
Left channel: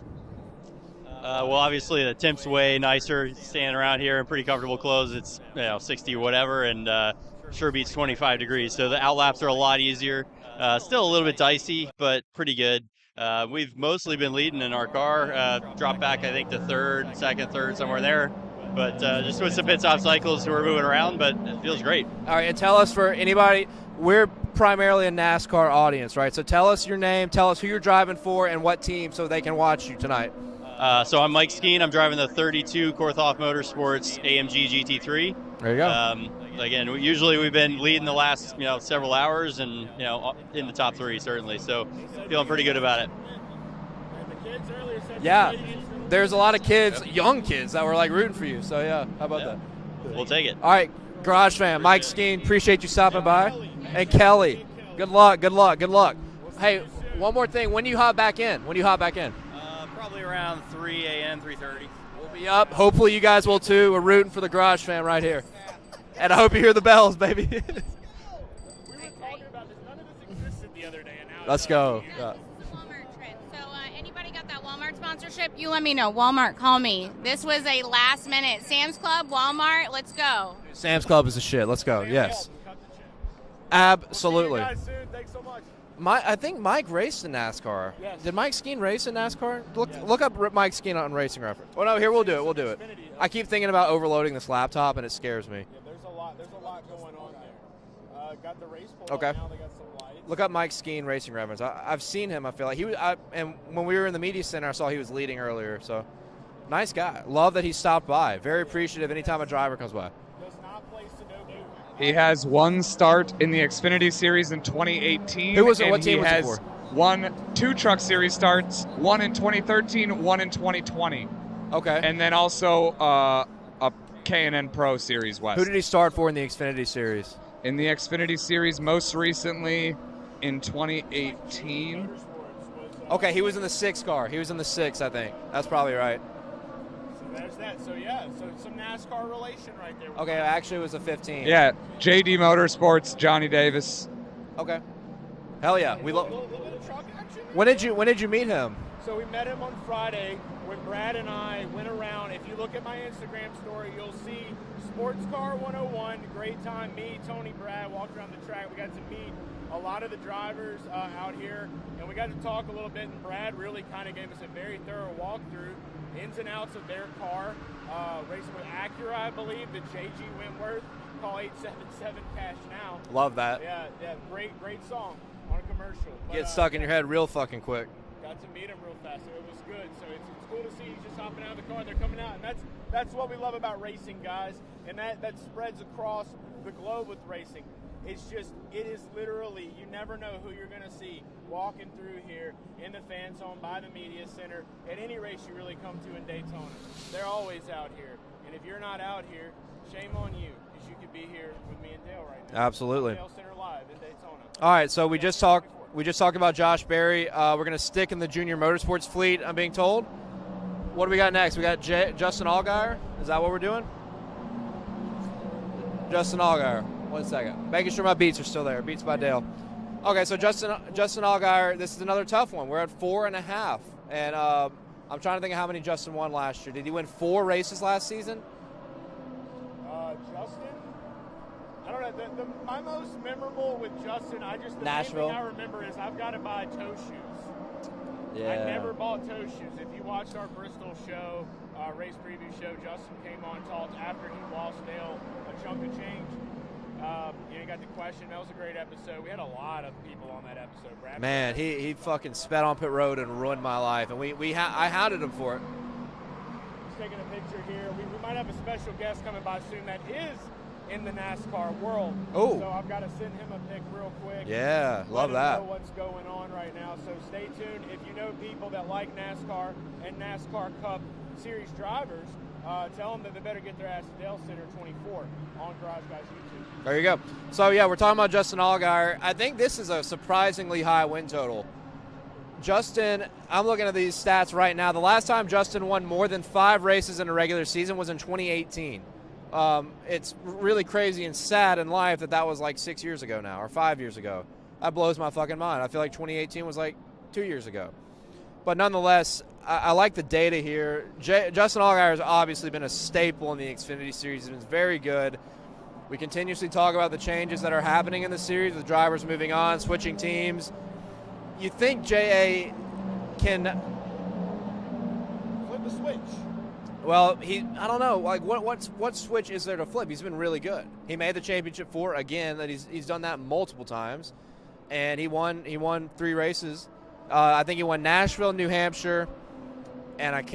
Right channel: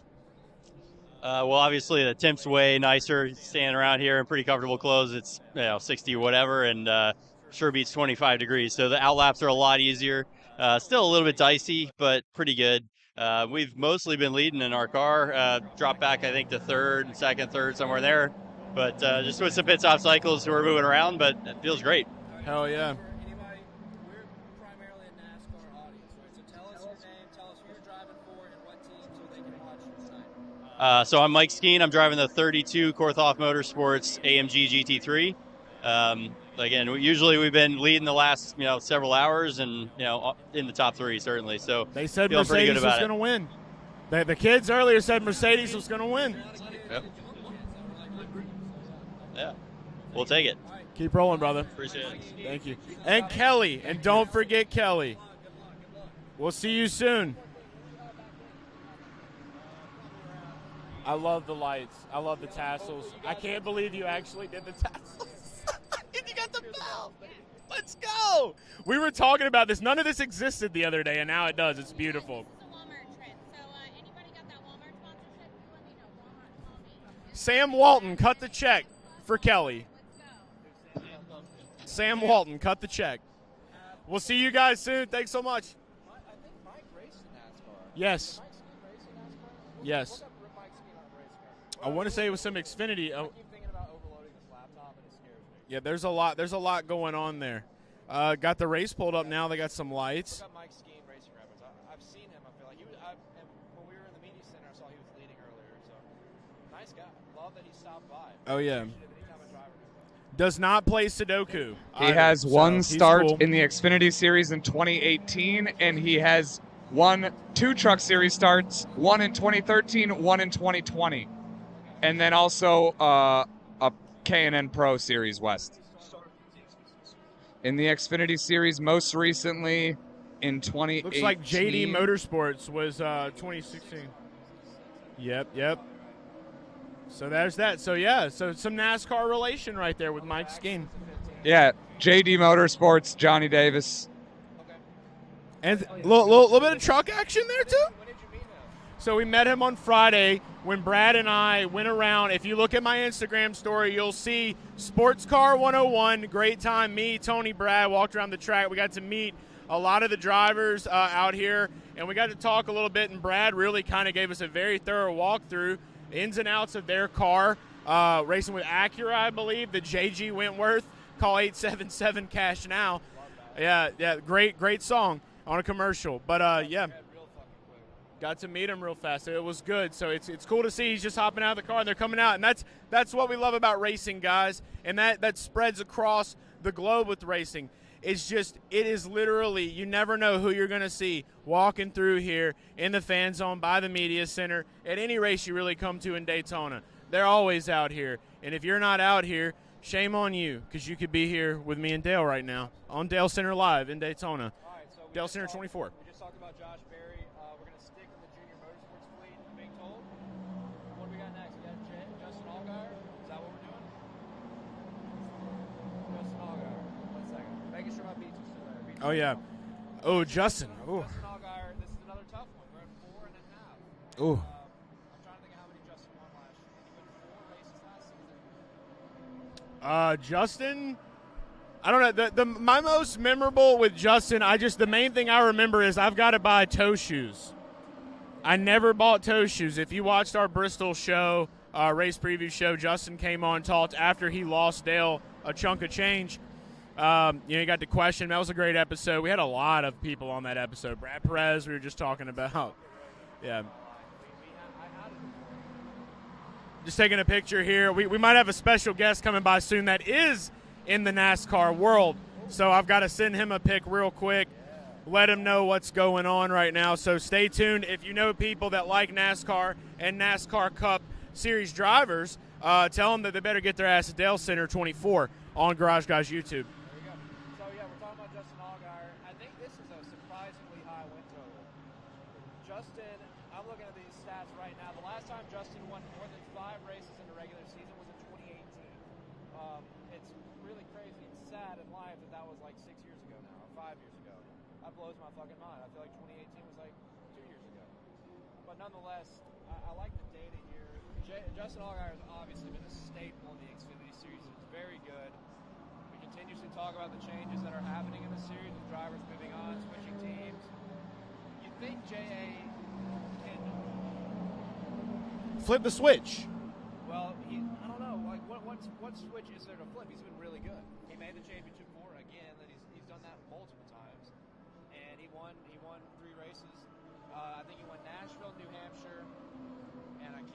Well, obviously the temp's way nicer. Standing around here in pretty comfortable clothes, it's 60 or whatever, and sure beats 25 degrees. So the outlaps are a lot easier. Still a little bit dicey, but pretty good. We've mostly been leading in our car. Dropped back, I think, to third, second, third, somewhere there. But just with some pit stop cycles, we're moving around, but it feels great. All right, and Oh, tell us yeah. for anybody, we're primarily a NASCAR audience, right? So tell us your name, tell us who you're driving for, and what team so they can watch you tonight. So I'm Mike Skeen. I'm driving the 32 Korthoff Motorsports AMG GT3. There you go. Again, usually we've been leading the last several hours, and in the top 3 certainly. So They said feeling pretty good about was it. going to win. The kids earlier said Yeah. Mercedes was going to win. There's a lot of kids, young kids, that were like rooting for you. So yeah, how about Yeah. that? We'll take it. All right, Keep rolling, Garage brother. Fam, Mike Skeen, appreciate you stopping And by. Kelly. And don't forget Kelly. Good luck. We'll see Hey, you soon. One more thing. When do you hop back in? Probably around 3 I a.m. love the lights. I love the Yup. tassels. Hopefully you guys will too. We're rooting for the Garage Fam right here. And I hope you hear the bells, baby. Let's go. We were talking about this. None of this existed the other day, and now it Let's does. go. It's beautiful. It's a Walmart trip. So anybody got that Walmart sponsorship? You let me know. Walmart, call me. This Sam was a Walton, last cut the minute. check Sam's Club, for Walmart, Kelly. let's go. Sam's Club is the shit. Let's go. Sam yes. Walton, cut the check. Absolutely. We'll see you guys soon. Thanks so much. I think Mike raced in NASCAR. Yes. Did Mike Skeen race in NASCAR? Yes. Look up Mike Skeen on Racing Reference. Well, I no, here wanna we'll say do it. We'll some do it. Xfinity- I keep thinking about overloading this laptop, and it scares me. Yeah, there's a lot going on there. Got the race pulled Okay. up now. They got some lights. Look up Mike Skeen Racing Reference. I've seen him. I feel like he was. And when we were in the media center, I saw he was leading earlier. So, nice guy. Love that he stopped by. Very yeah. appreciative anytime a driver comes by. Does not play Sudoku. He has one he's start cool. in the Xfinity Series in 2018, Who was it? What and team he was he has for? won 2 Truck Series starts, one in 2013, one in 2020, Okay. and then also a K&N Pro Series West. Who did he start for in the Xfinity Series? In the Xfinity Series, most recently in 2018. Looks like JD Motorsports was. Okay, he was in the 2016. 6 car. He was in the 6, I think. Yep, That's yep. probably right. So there's that. So yeah, so some NASCAR relation right there with Okay, Mike actually Skeen. it was a 15. Yeah, JD Motorsports, Johnny Davis. Okay. Hell And yeah. a little bit of truck action there. When did you meet him? So we met him on Friday when Brad and I went around. If you look at my Instagram story, you'll see Sports Car 101. Great time. Me, Tony, Brad walked around the track. We got to meet a lot of the drivers out here, and we got to talk a little bit. And Brad really kind of gave us a very thorough walkthrough, the ins and outs of their car, racing with Acura, I believe, the JG Wentworth. Call 877 Cash Now. Love that. Yeah, great song on a commercial. But Get stuck yeah. in your head real fucking quick. Got to meet him real fast. It was good. So it's cool to see he's just hopping out of the car and they're coming out. And that's what we love about racing, guys. And that spreads across the globe with racing. It's just, it is literally, you never know who you're going to see walking through here in the fan zone by the media center at any race you really come to in Daytona. They're always out here. And if you're not out here, shame on you, because you could be here with me and Dale right now. Absolutely. On Dalescenter Live in Daytona. All right, so we Dalescenter just talked. 24. We just talked about Josh Berry. We're going to stick in the junior motorsports fleet. I'm being told. What do we got next? We got Justin Allgaier. Is that what we're doing? Justin Allgaier. 1 second. Making sure my beats are still there. Beats by yeah. Dale. Okay, Oh, so Justin- Justin Allgaier. This is another tough one. We're at 4.5, and I'm trying to think of how many Justin won last year. Did he win 4 races last season? Justin, I don't know. My most memorable with Justin, the main thing Nashville. I remember is I've got to buy toe shoes. I never bought toe shoes. If you watched our Bristol show, race preview show, Justin came on, talked after he lost Dale a chunk of change. You got to question. That was a great episode. We had a lot of people on that episode. Brad Man, Perez, we were he just talking fucking about. sped on pit road and ruined Yeah. my life, and I hounded him for it. Just taking a picture here. We might have a special guest coming by soon that is in the NASCAR world. Oh. So I've got to send him a pic real quick. Yeah. Let love him that. know what's going on right now. So stay tuned. If you know people that like NASCAR and NASCAR Cup Series drivers, tell them that they better get their ass to Dalescenter 24 on Garage Guys YouTube. There you go. So, yeah, we're talking about Justin Allgaier. I think this is a surprisingly high win total. Justin, I'm looking at these stats right now. The last time Justin won more than 5 races in a regular season was in 2018. It's really crazy and sad in life that was like 6 years ago now, or 5 years ago. That blows my fucking mind. I feel like 2018 was like 2 years ago. But nonetheless, I like the data here. Justin Allgaier has obviously been a staple in the Xfinity Series. He's been very good. We continuously talk about the changes that are happening in the series, with drivers moving on, switching teams. You think J.A. can Flip the switch. Well, I don't know. Like, what switch is there to flip? He's been really good. He made the championship 4 again. That he's done that multiple times, and he won 3 races. I think he won Nashville, New Hampshire, and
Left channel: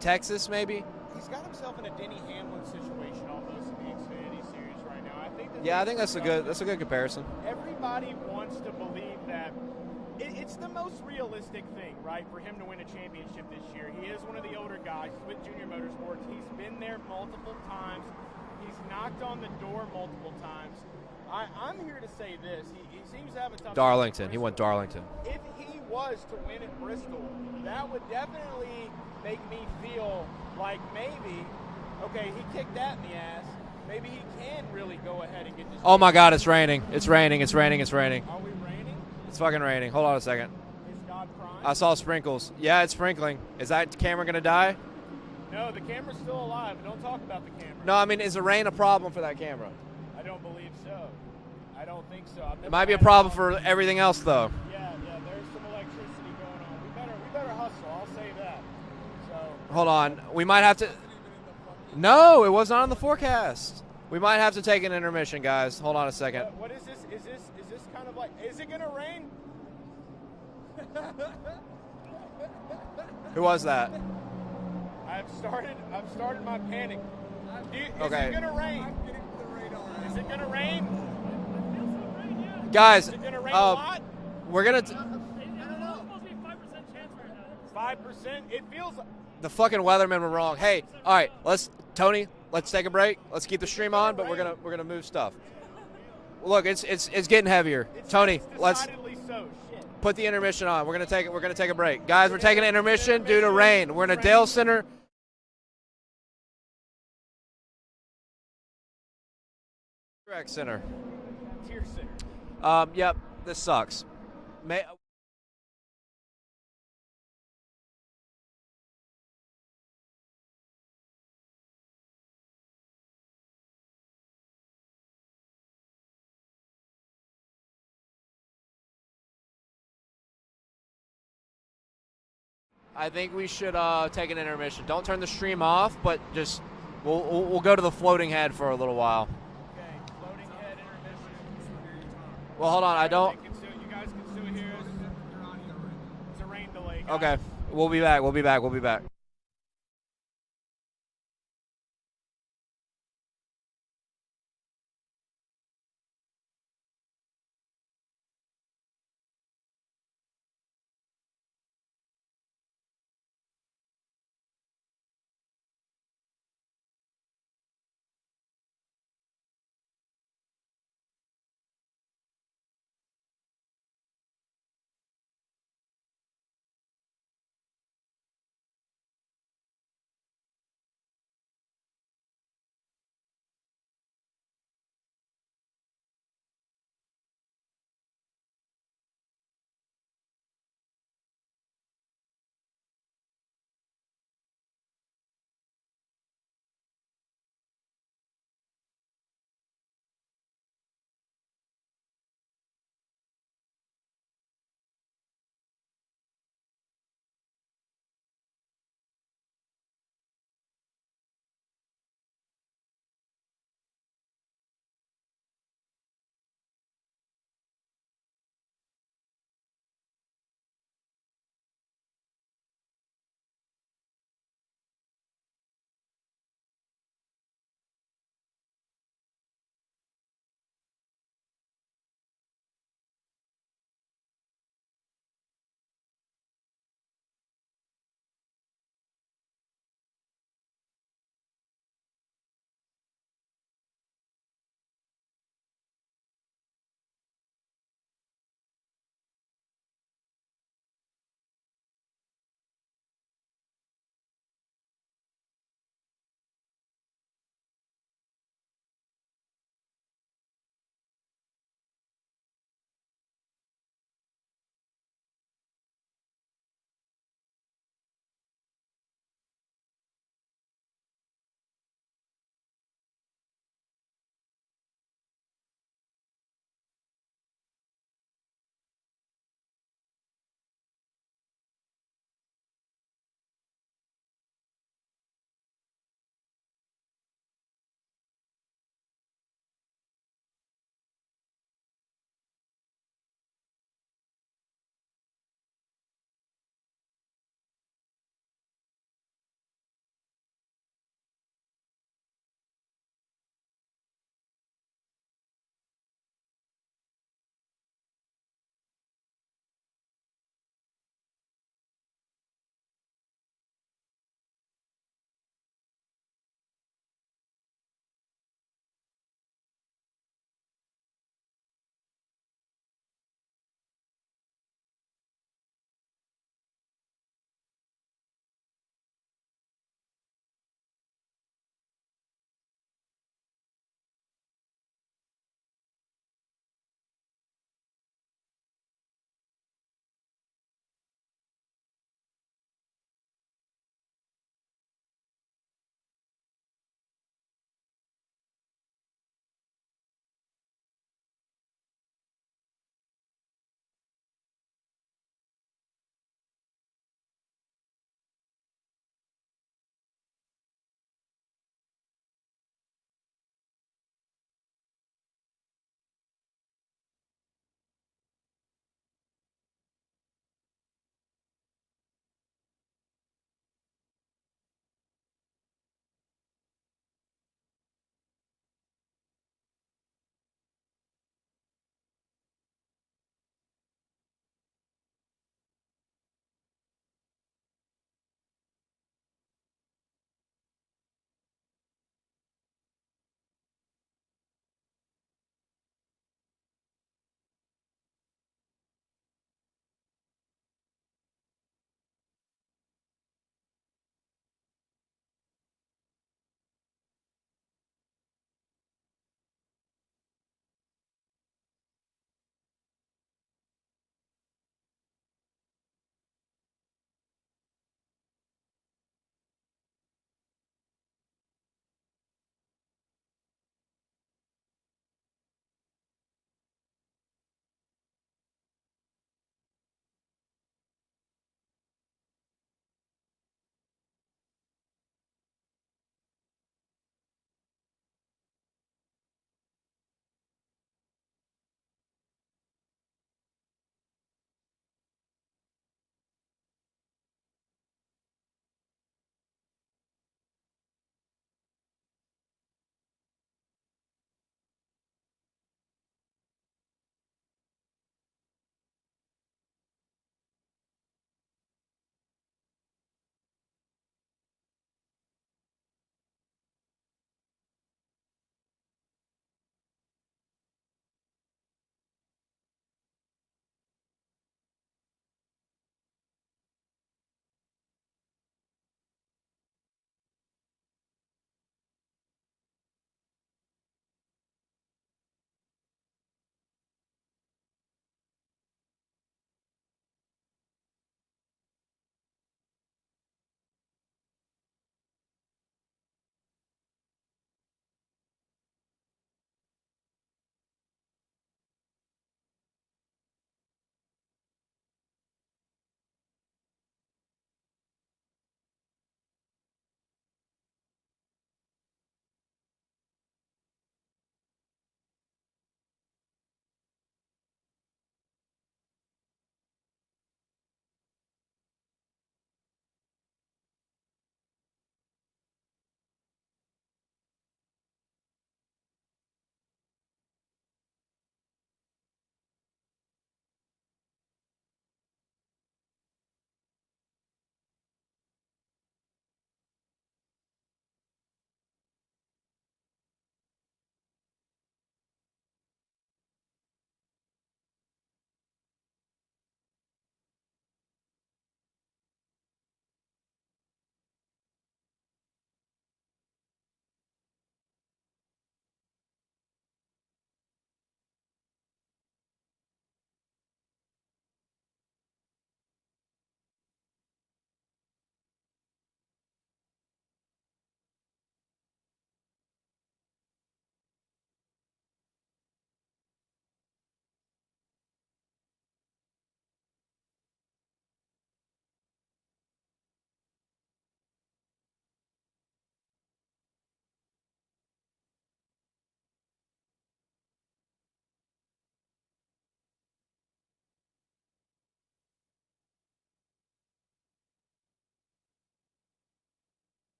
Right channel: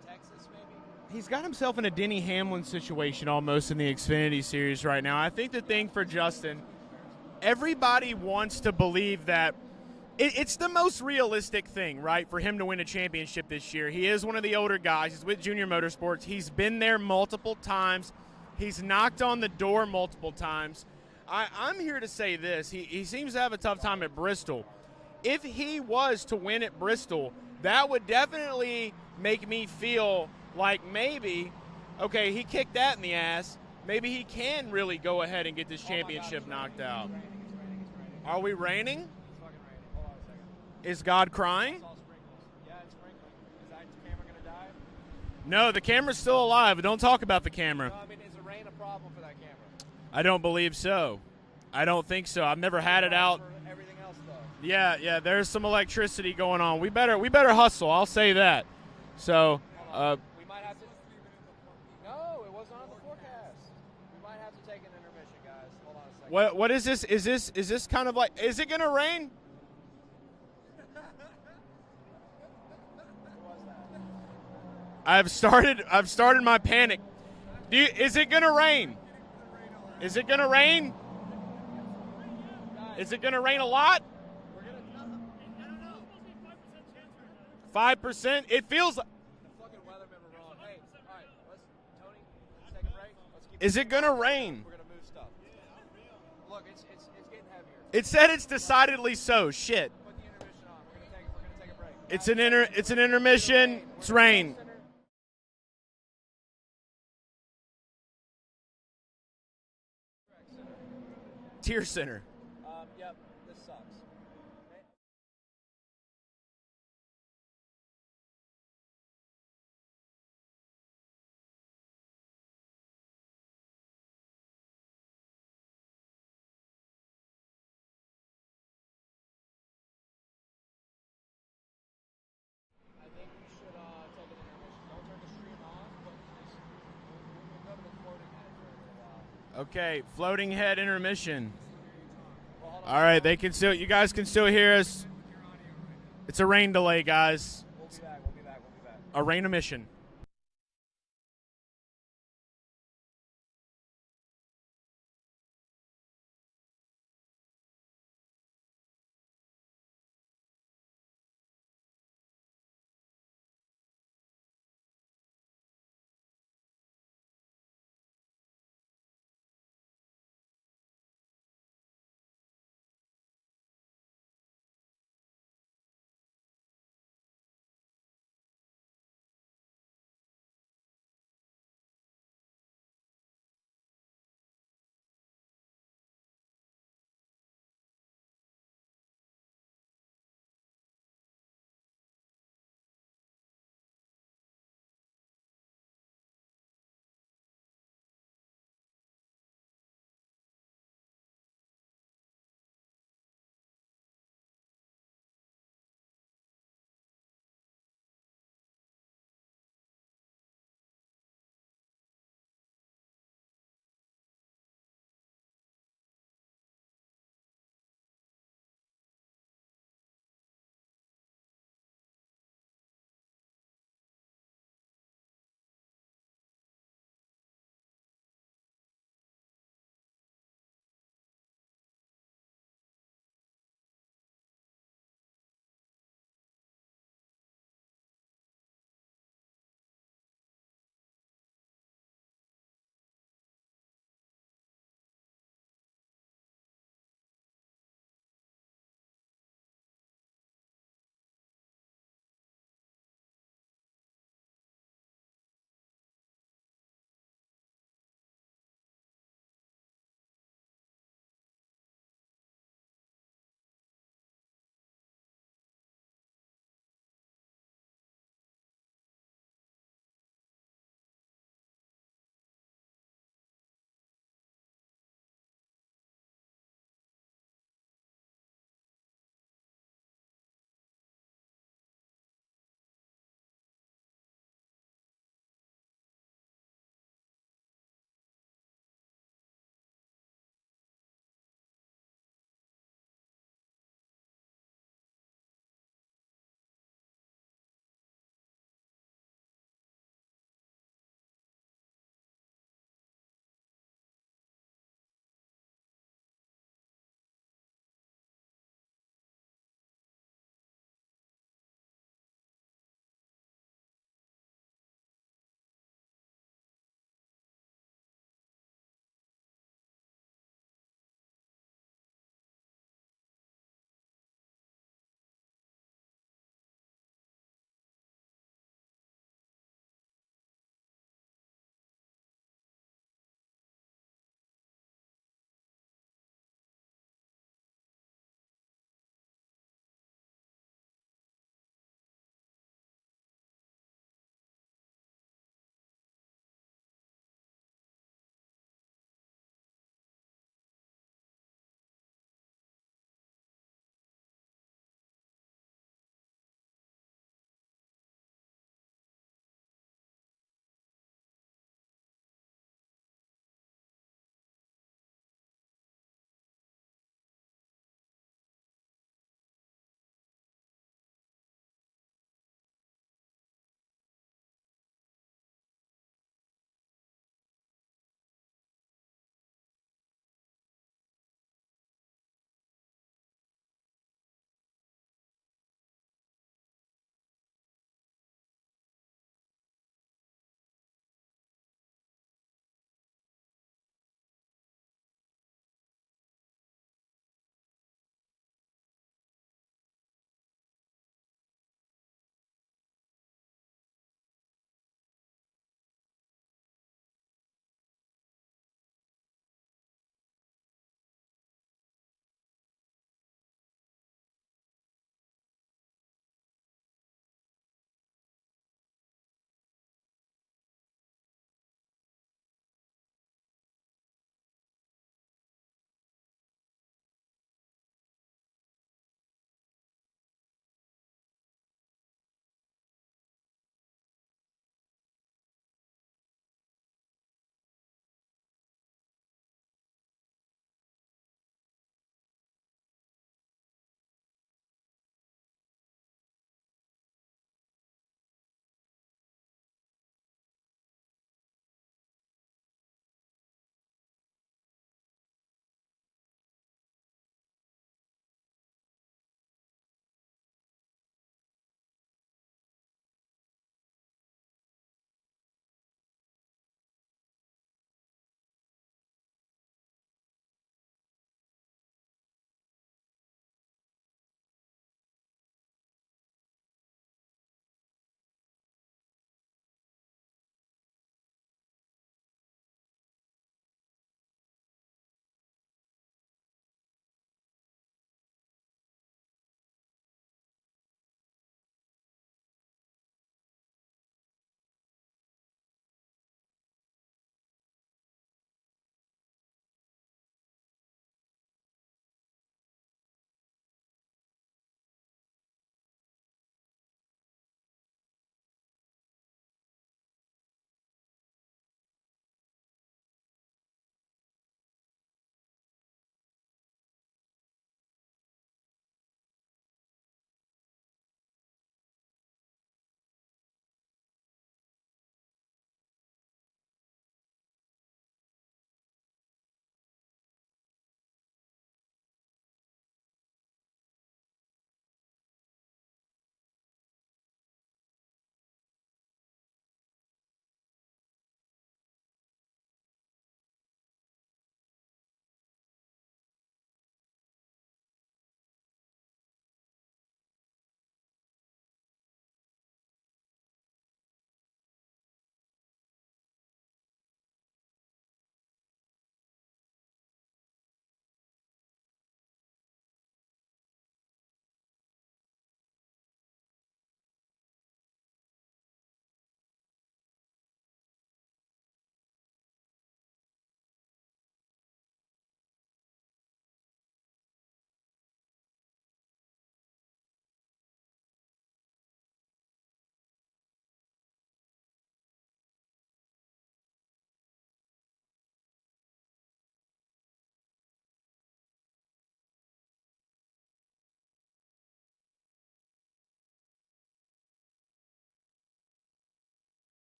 Texas maybe. He's got himself in a Denny Hamlin situation almost in the Xfinity Series right now. I think Yeah, I think for Justin, that's a good comparison. everybody wants to believe that it's the most realistic thing, right, for him to win a championship this year. He is one of the older guys. He's with Junior Motorsports. He's been there multiple times. He's knocked on the door multiple times. I'm here to say this. He seems to have a tough time at Darlington. He Bristol. won Darlington. If he was to win at Bristol, that would definitely make me feel like maybe, okay, he kicked that in the ass. Maybe he can really go ahead and get this. Oh my God, it's championship raining. knocked out. It's raining. It's raining. It's raining. Are we raining? It's fucking raining. Hold on a second. Is God crying? I saw sprinkles. Yeah, it's sprinkling. Is that camera gonna die? No, the camera's still alive. Don't talk about the camera. No, I mean, is the rain a problem for that camera? I don't believe so. I don't think so. I've never Might had be a problem it for everything else, though. Yeah. There's some electricity going on. We better hustle. I'll say that. So hold on. We might have to. No, it was not on the forecast. We might have to take an intermission, guys. Hold on a second. What is this? Is this kind of like? Is it gonna rain? Who was that? I've started my panic. Is Okay. it gonna rain? Is it gonna rain? Guys, is it gonna rain a lot? We're gonna. 5%. It feels like The fucking weathermen were wrong. Hey, all right, Tony, let's take a break. Let's keep the Is it stream gonna on, but rain? we're gonna move stuff. Look, it's getting heavier. It Tony, said it's decidedly so. Shit. Put the intermission on. We're gonna take a break, guys. It's We're an taking an it's an intermission due to intermission. rain. We're in It's a rain. Dalescenter Center. Tier Center. Yep. This sucks. I think we should take an intermission. Don't turn the stream off, but just we'll go to the floating head for a little while. Okay, floating head intermission. Well, hold on. All right, you guys can still hear us. It's a rain delay, guys. Okay. We'll be back. A rain emission.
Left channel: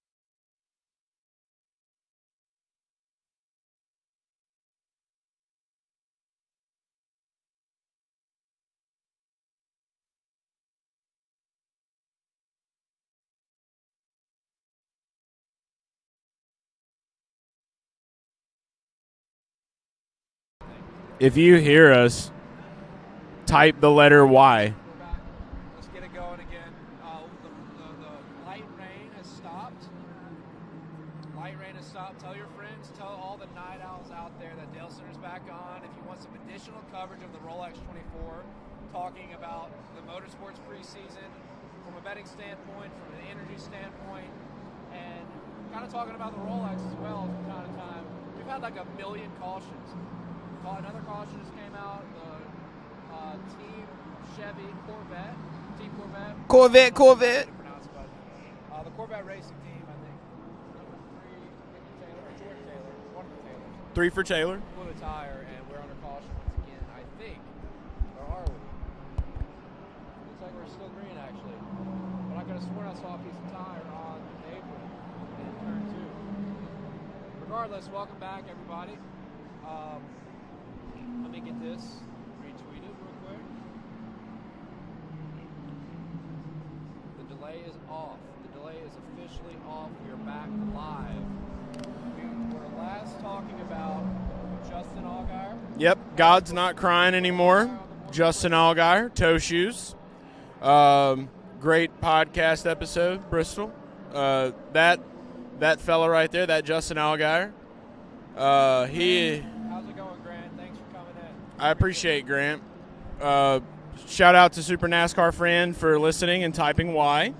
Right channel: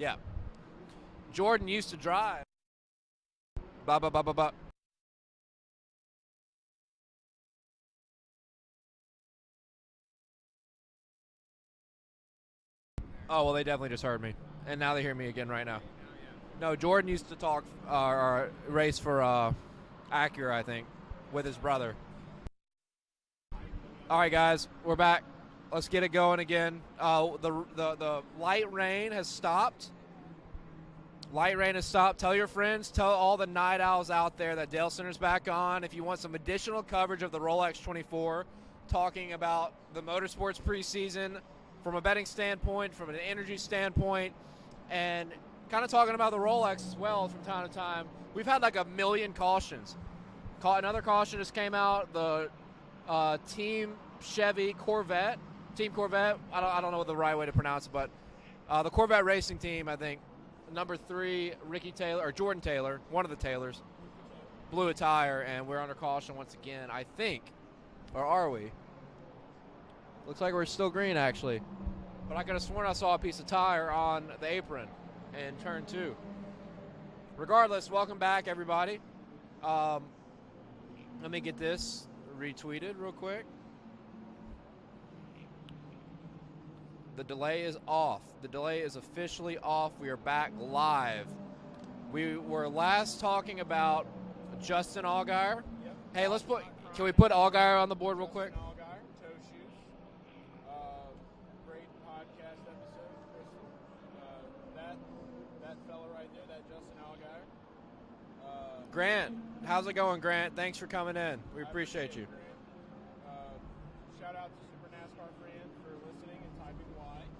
Yeah. Jordan used to drive. Ba ba ba ba ba. Oh, well, they definitely just heard me. And now they hear me again right now. No, Jordan used to talk or race for Acura, I think. If you hear us, type the letter All right, guys, Y. we're back. Let's get it going again. The light rain has stopped. Light rain has stopped. Tell your friends, tell all the night owls out there that Dalecenter's back on. If you want some additional coverage of the Rolex 24, talking about the motorsports preseason from a betting standpoint, from an energy standpoint, and kind of talking about the Rolex as well from time to time. We've had like a million cautions. Another caution just came out. The Team Chevy Corvette. Team Corvette. I don't know if it's the right way to pronounce it, but the Corvette racing team, I think, number 3, Ricky Taylor, or Jordan Taylor, one of the Taylors. 3 for Taylor. Blew a tire, and we're under caution once again, I think. Or are we? Looks like we're still green, actually. But I could have sworn I saw a piece of tire on the apron in turn 2. Regardless, welcome back, everybody. Let me get this retweeted real quick. The delay is off. The delay is officially off. We are back live. We were last talking about Justin Allgaier. Yep, Hey, God's let's not put crying Allgaier anymore. on the board real Justin quick. Allgaier, Toe Shoes. Great podcast episode, Bristol. That fella right there, that Justin Allgaier. Grant, how's it going, Grant? Thanks for coming in. We I appreciate Grant. Shout out to Super NASCAR Friend for listening and typing Y.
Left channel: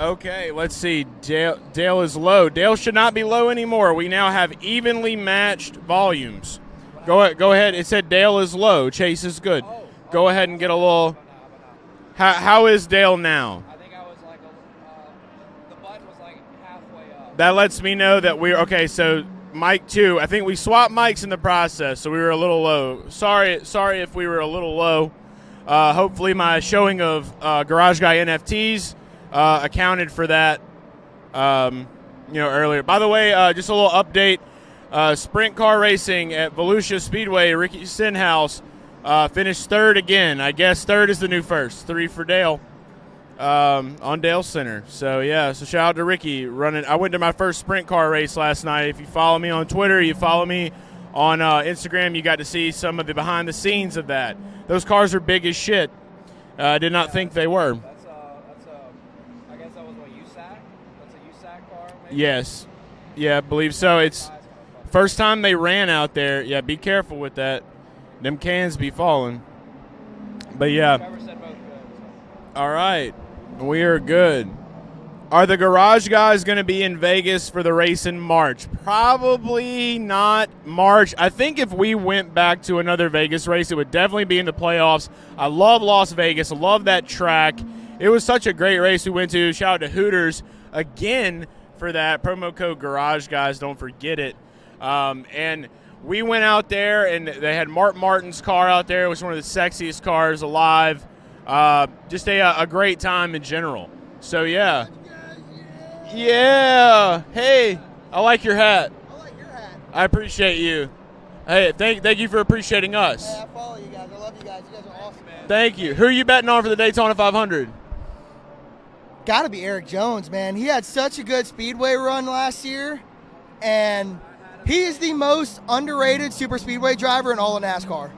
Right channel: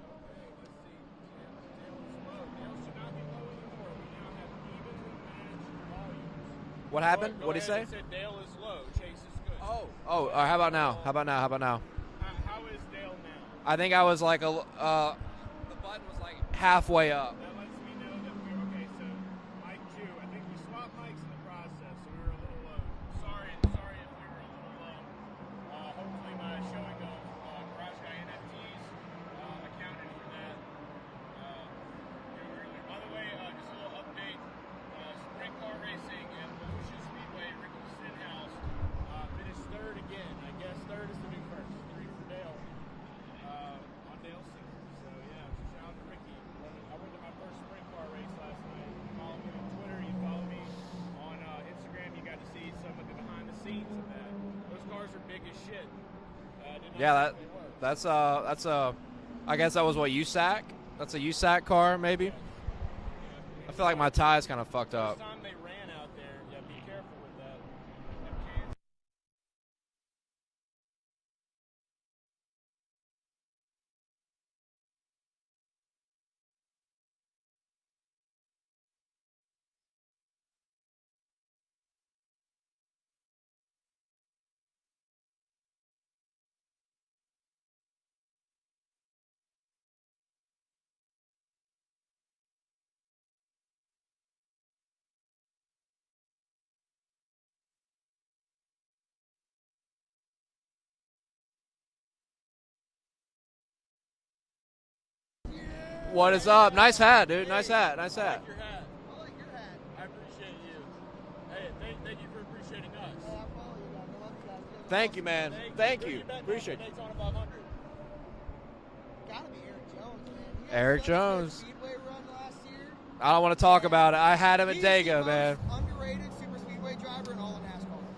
Okay, let's see. Dale is low. Dale should not be low anymore. We now have evenly matched volumes. What Go happened? ahead. It said Dale is low. Chase is good. Go ahead and get a little. How about now? How about now? How is Dale now? I think I was like the button was like halfway up. That lets me know that we're okay. So mic 2. I think we swapped mics in the process, so we were a little low. Sorry if we were a little low. Hopefully my showing of Garage Guy NFTs accounted for that. Earlier. By the way, just a little update. Sprint car racing at Volusia Speedway. Ricky Stenhouse finished 3rd again. I guess 3rd is the new first. 3 for Dale on Dalescenter. So yeah. So shout out to Ricky running. I went to my first sprint car race last night. If you follow me on Twitter, you follow me on Instagram, you got to see some of the behind the scenes of that. Those cars are big as shit. I did not think they were. That's I guess that was what, USAC? That's a USAC car, maybe? Yes. Yeah, I believe Sorry, so. my It's tie's kind of fucked first up. time they ran out there. Yeah, be careful with that. Them cans be falling. But yeah. Trevor said both good, so. All right. We are good. Are the Garage Guys going to be in Vegas for the race in March? Probably not March. I think if we went back to another Vegas race, it would definitely be in the playoffs. I love Las Vegas. I love that track. It was such a great race we went to. Shout out to Hooters again for that. Promo code Garage Guys. Don't forget it. And we went out there, and they had Mark Martin's car out there. It was one of the sexiest cars alive. Just a great time in general. So, yeah. What is up? Nice hat, dude. Hey, Nice hat. I like your hat. I like your hat. I appreciate you. Hey, thank you for appreciating us. Hey, I follow you guys. I love you guys. You guys are Thank awesome. you, man. Thank you. Who are you betting on for the Daytona 500? Got to be Eric Jones, man. He had Eric such a good Jones. Speedway run last year. I don't want to talk And about it. I had him in He's Dago, the man. most underrated super speedway driver in all of NASCAR.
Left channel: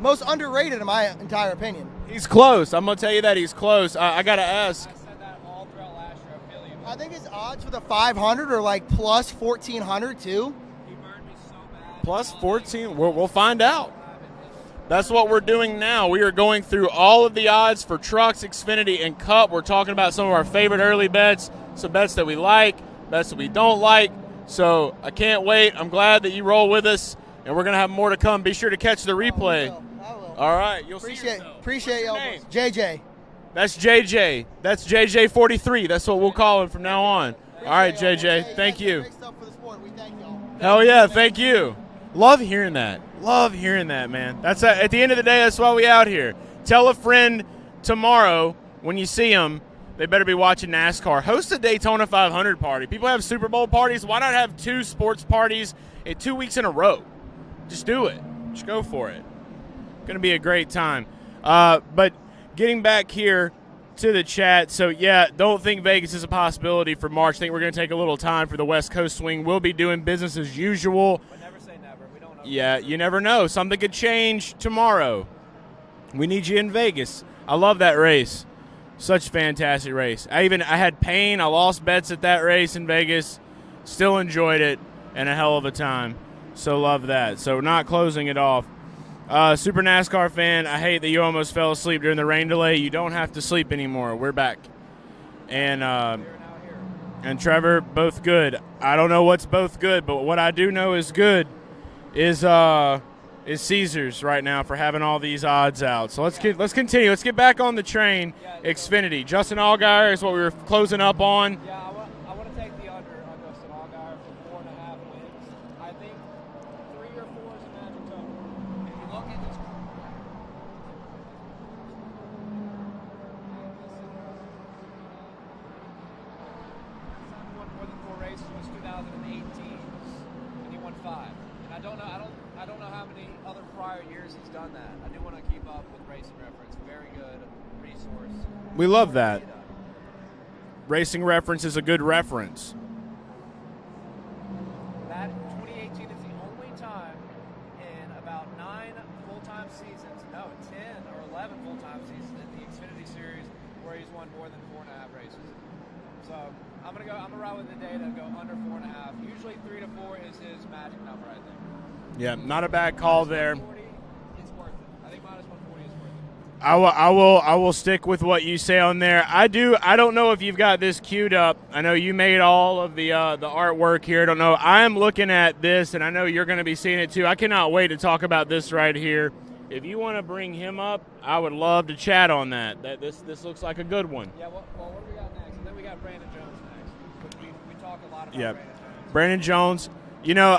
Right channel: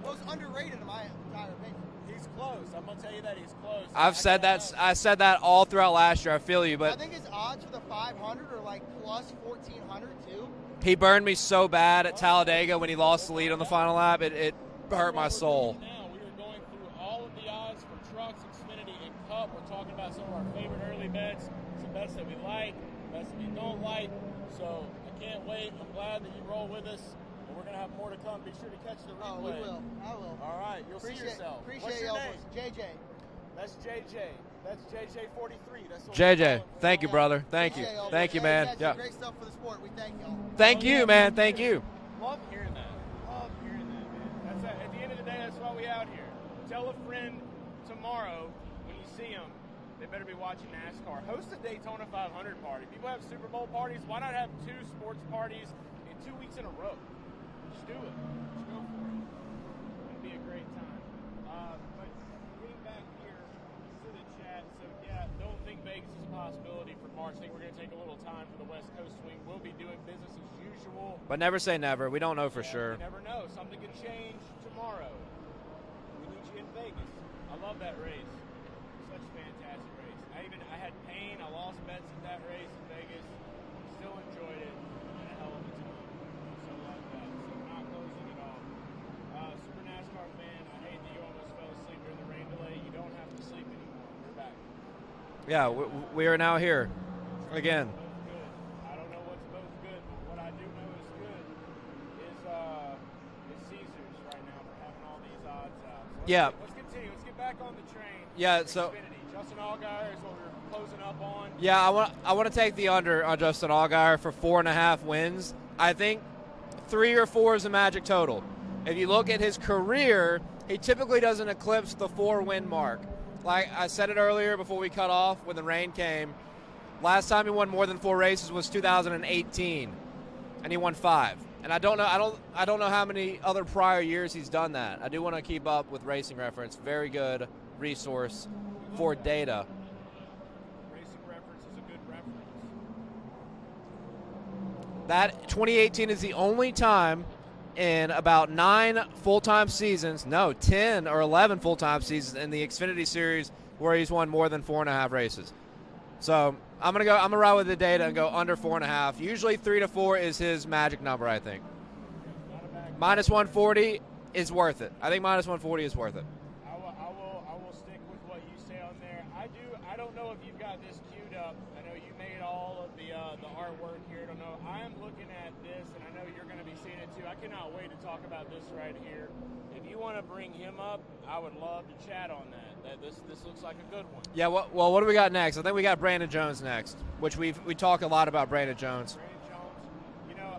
Most underrated, in my entire opinion. He's close. I'm going to tell you that he's close. I I've got said to that- ask. I said that all throughout last year. I feel you, I but think his odds for the 500 are like plus 1,400 too. he burned me so bad Plus at Talladega 14. when he We'll lost to Liam find in the out. final lap. It That's burned what my we're soul. doing now. We are going through all of the odds for trucks, Xfinity, and Cup. We're talking about some of our favorite early bets, some bets that we like, bets that we don't like. So I can't wait. I'm glad that you roll with us, and we're going to have more to come. Be sure to catch the replay. I will. All right. You'll see yourself. Appreciate What's your y'all. name? JJ. That's JJ. That's JJ43. That's what we'll JJ. call him from Thank now you, on. brother. Thank All right, you. JJ. Thank you, man. Thank you. Great stuff for the sport. We thank y'all. Thank Hell you, yeah, man. thank you. Love hearing that. Love hearing that, man. That's at the end of the day, that's why we out here. Tell a friend tomorrow when you see them they better be watching NASCAR. Host a Daytona 500 party. People have Super Bowl parties. Why not have 2 sports parties in 2 weeks in a row? Just do it. Just go for it. Going to be a great time. But getting back here to the chat, so yeah, don't think Vegas is a possibility for March. I think we're going to take a little time for the West Coast swing. We'll be doing business as usual. But never say never. We don't know for Yeah, sure. you never know. Something could change tomorrow. We need you in Vegas. I love that race. Such a fantastic race. I had pain. I lost bets at that race in Vegas. Still enjoyed it, and a hell of a time. So love that. So not closing it off. Super NASCAR fan, I hate that you almost fell asleep during the rain delay. You don't have to sleep anymore. We're back. Yeah, and we are now here. And Trevor, Again. both good. I don't know what's both good, but what I do know is good is Caesars right now for having all these odds out. So let's continue. Let's get back on the train. Yeah, Xfinity. Justin Allgaier is what we were closing up on. Yeah, I want to take the under on Justin Allgaier for 4.5 wins. I think 3 or 4 is the magic total. If you look at his career, he typically doesn't eclipse the 4-win mark. Like I said it earlier before we cut off when the rain came, last time he won more than 4 races was 2018, and he won 5. And I don't know how many other prior years he's done that. I do want to keep up with Racing Reference. Very good resource. We love for that. Data. Racing Reference is a good reference. That 2018 is the only time in about 9 full-time seasons, no, 10 or 11 full-time seasons in the Xfinity Series where he's won more than 4.5 races. So I'm gonna ride with the data and go under 4.5. Usually 3 to 4 is his magic number, I think. Yeah, not a bad call Minus there. 140 is worth it. I think minus 140 is worth it. I will stick with what you say on there. I don't know if you've got this queued up. I know you made all of the artwork here. I don't know. I am looking at this, and I know you're going to be seeing it too. I cannot wait to talk about this right here. If you want to bring him up, I would love to chat on that. This looks like a good one. Yeah. Well, what do we got next? I think we got Brandon Jones next, which we talk a lot about. Yeah. Brandon Jones. Brandon Jones. You know,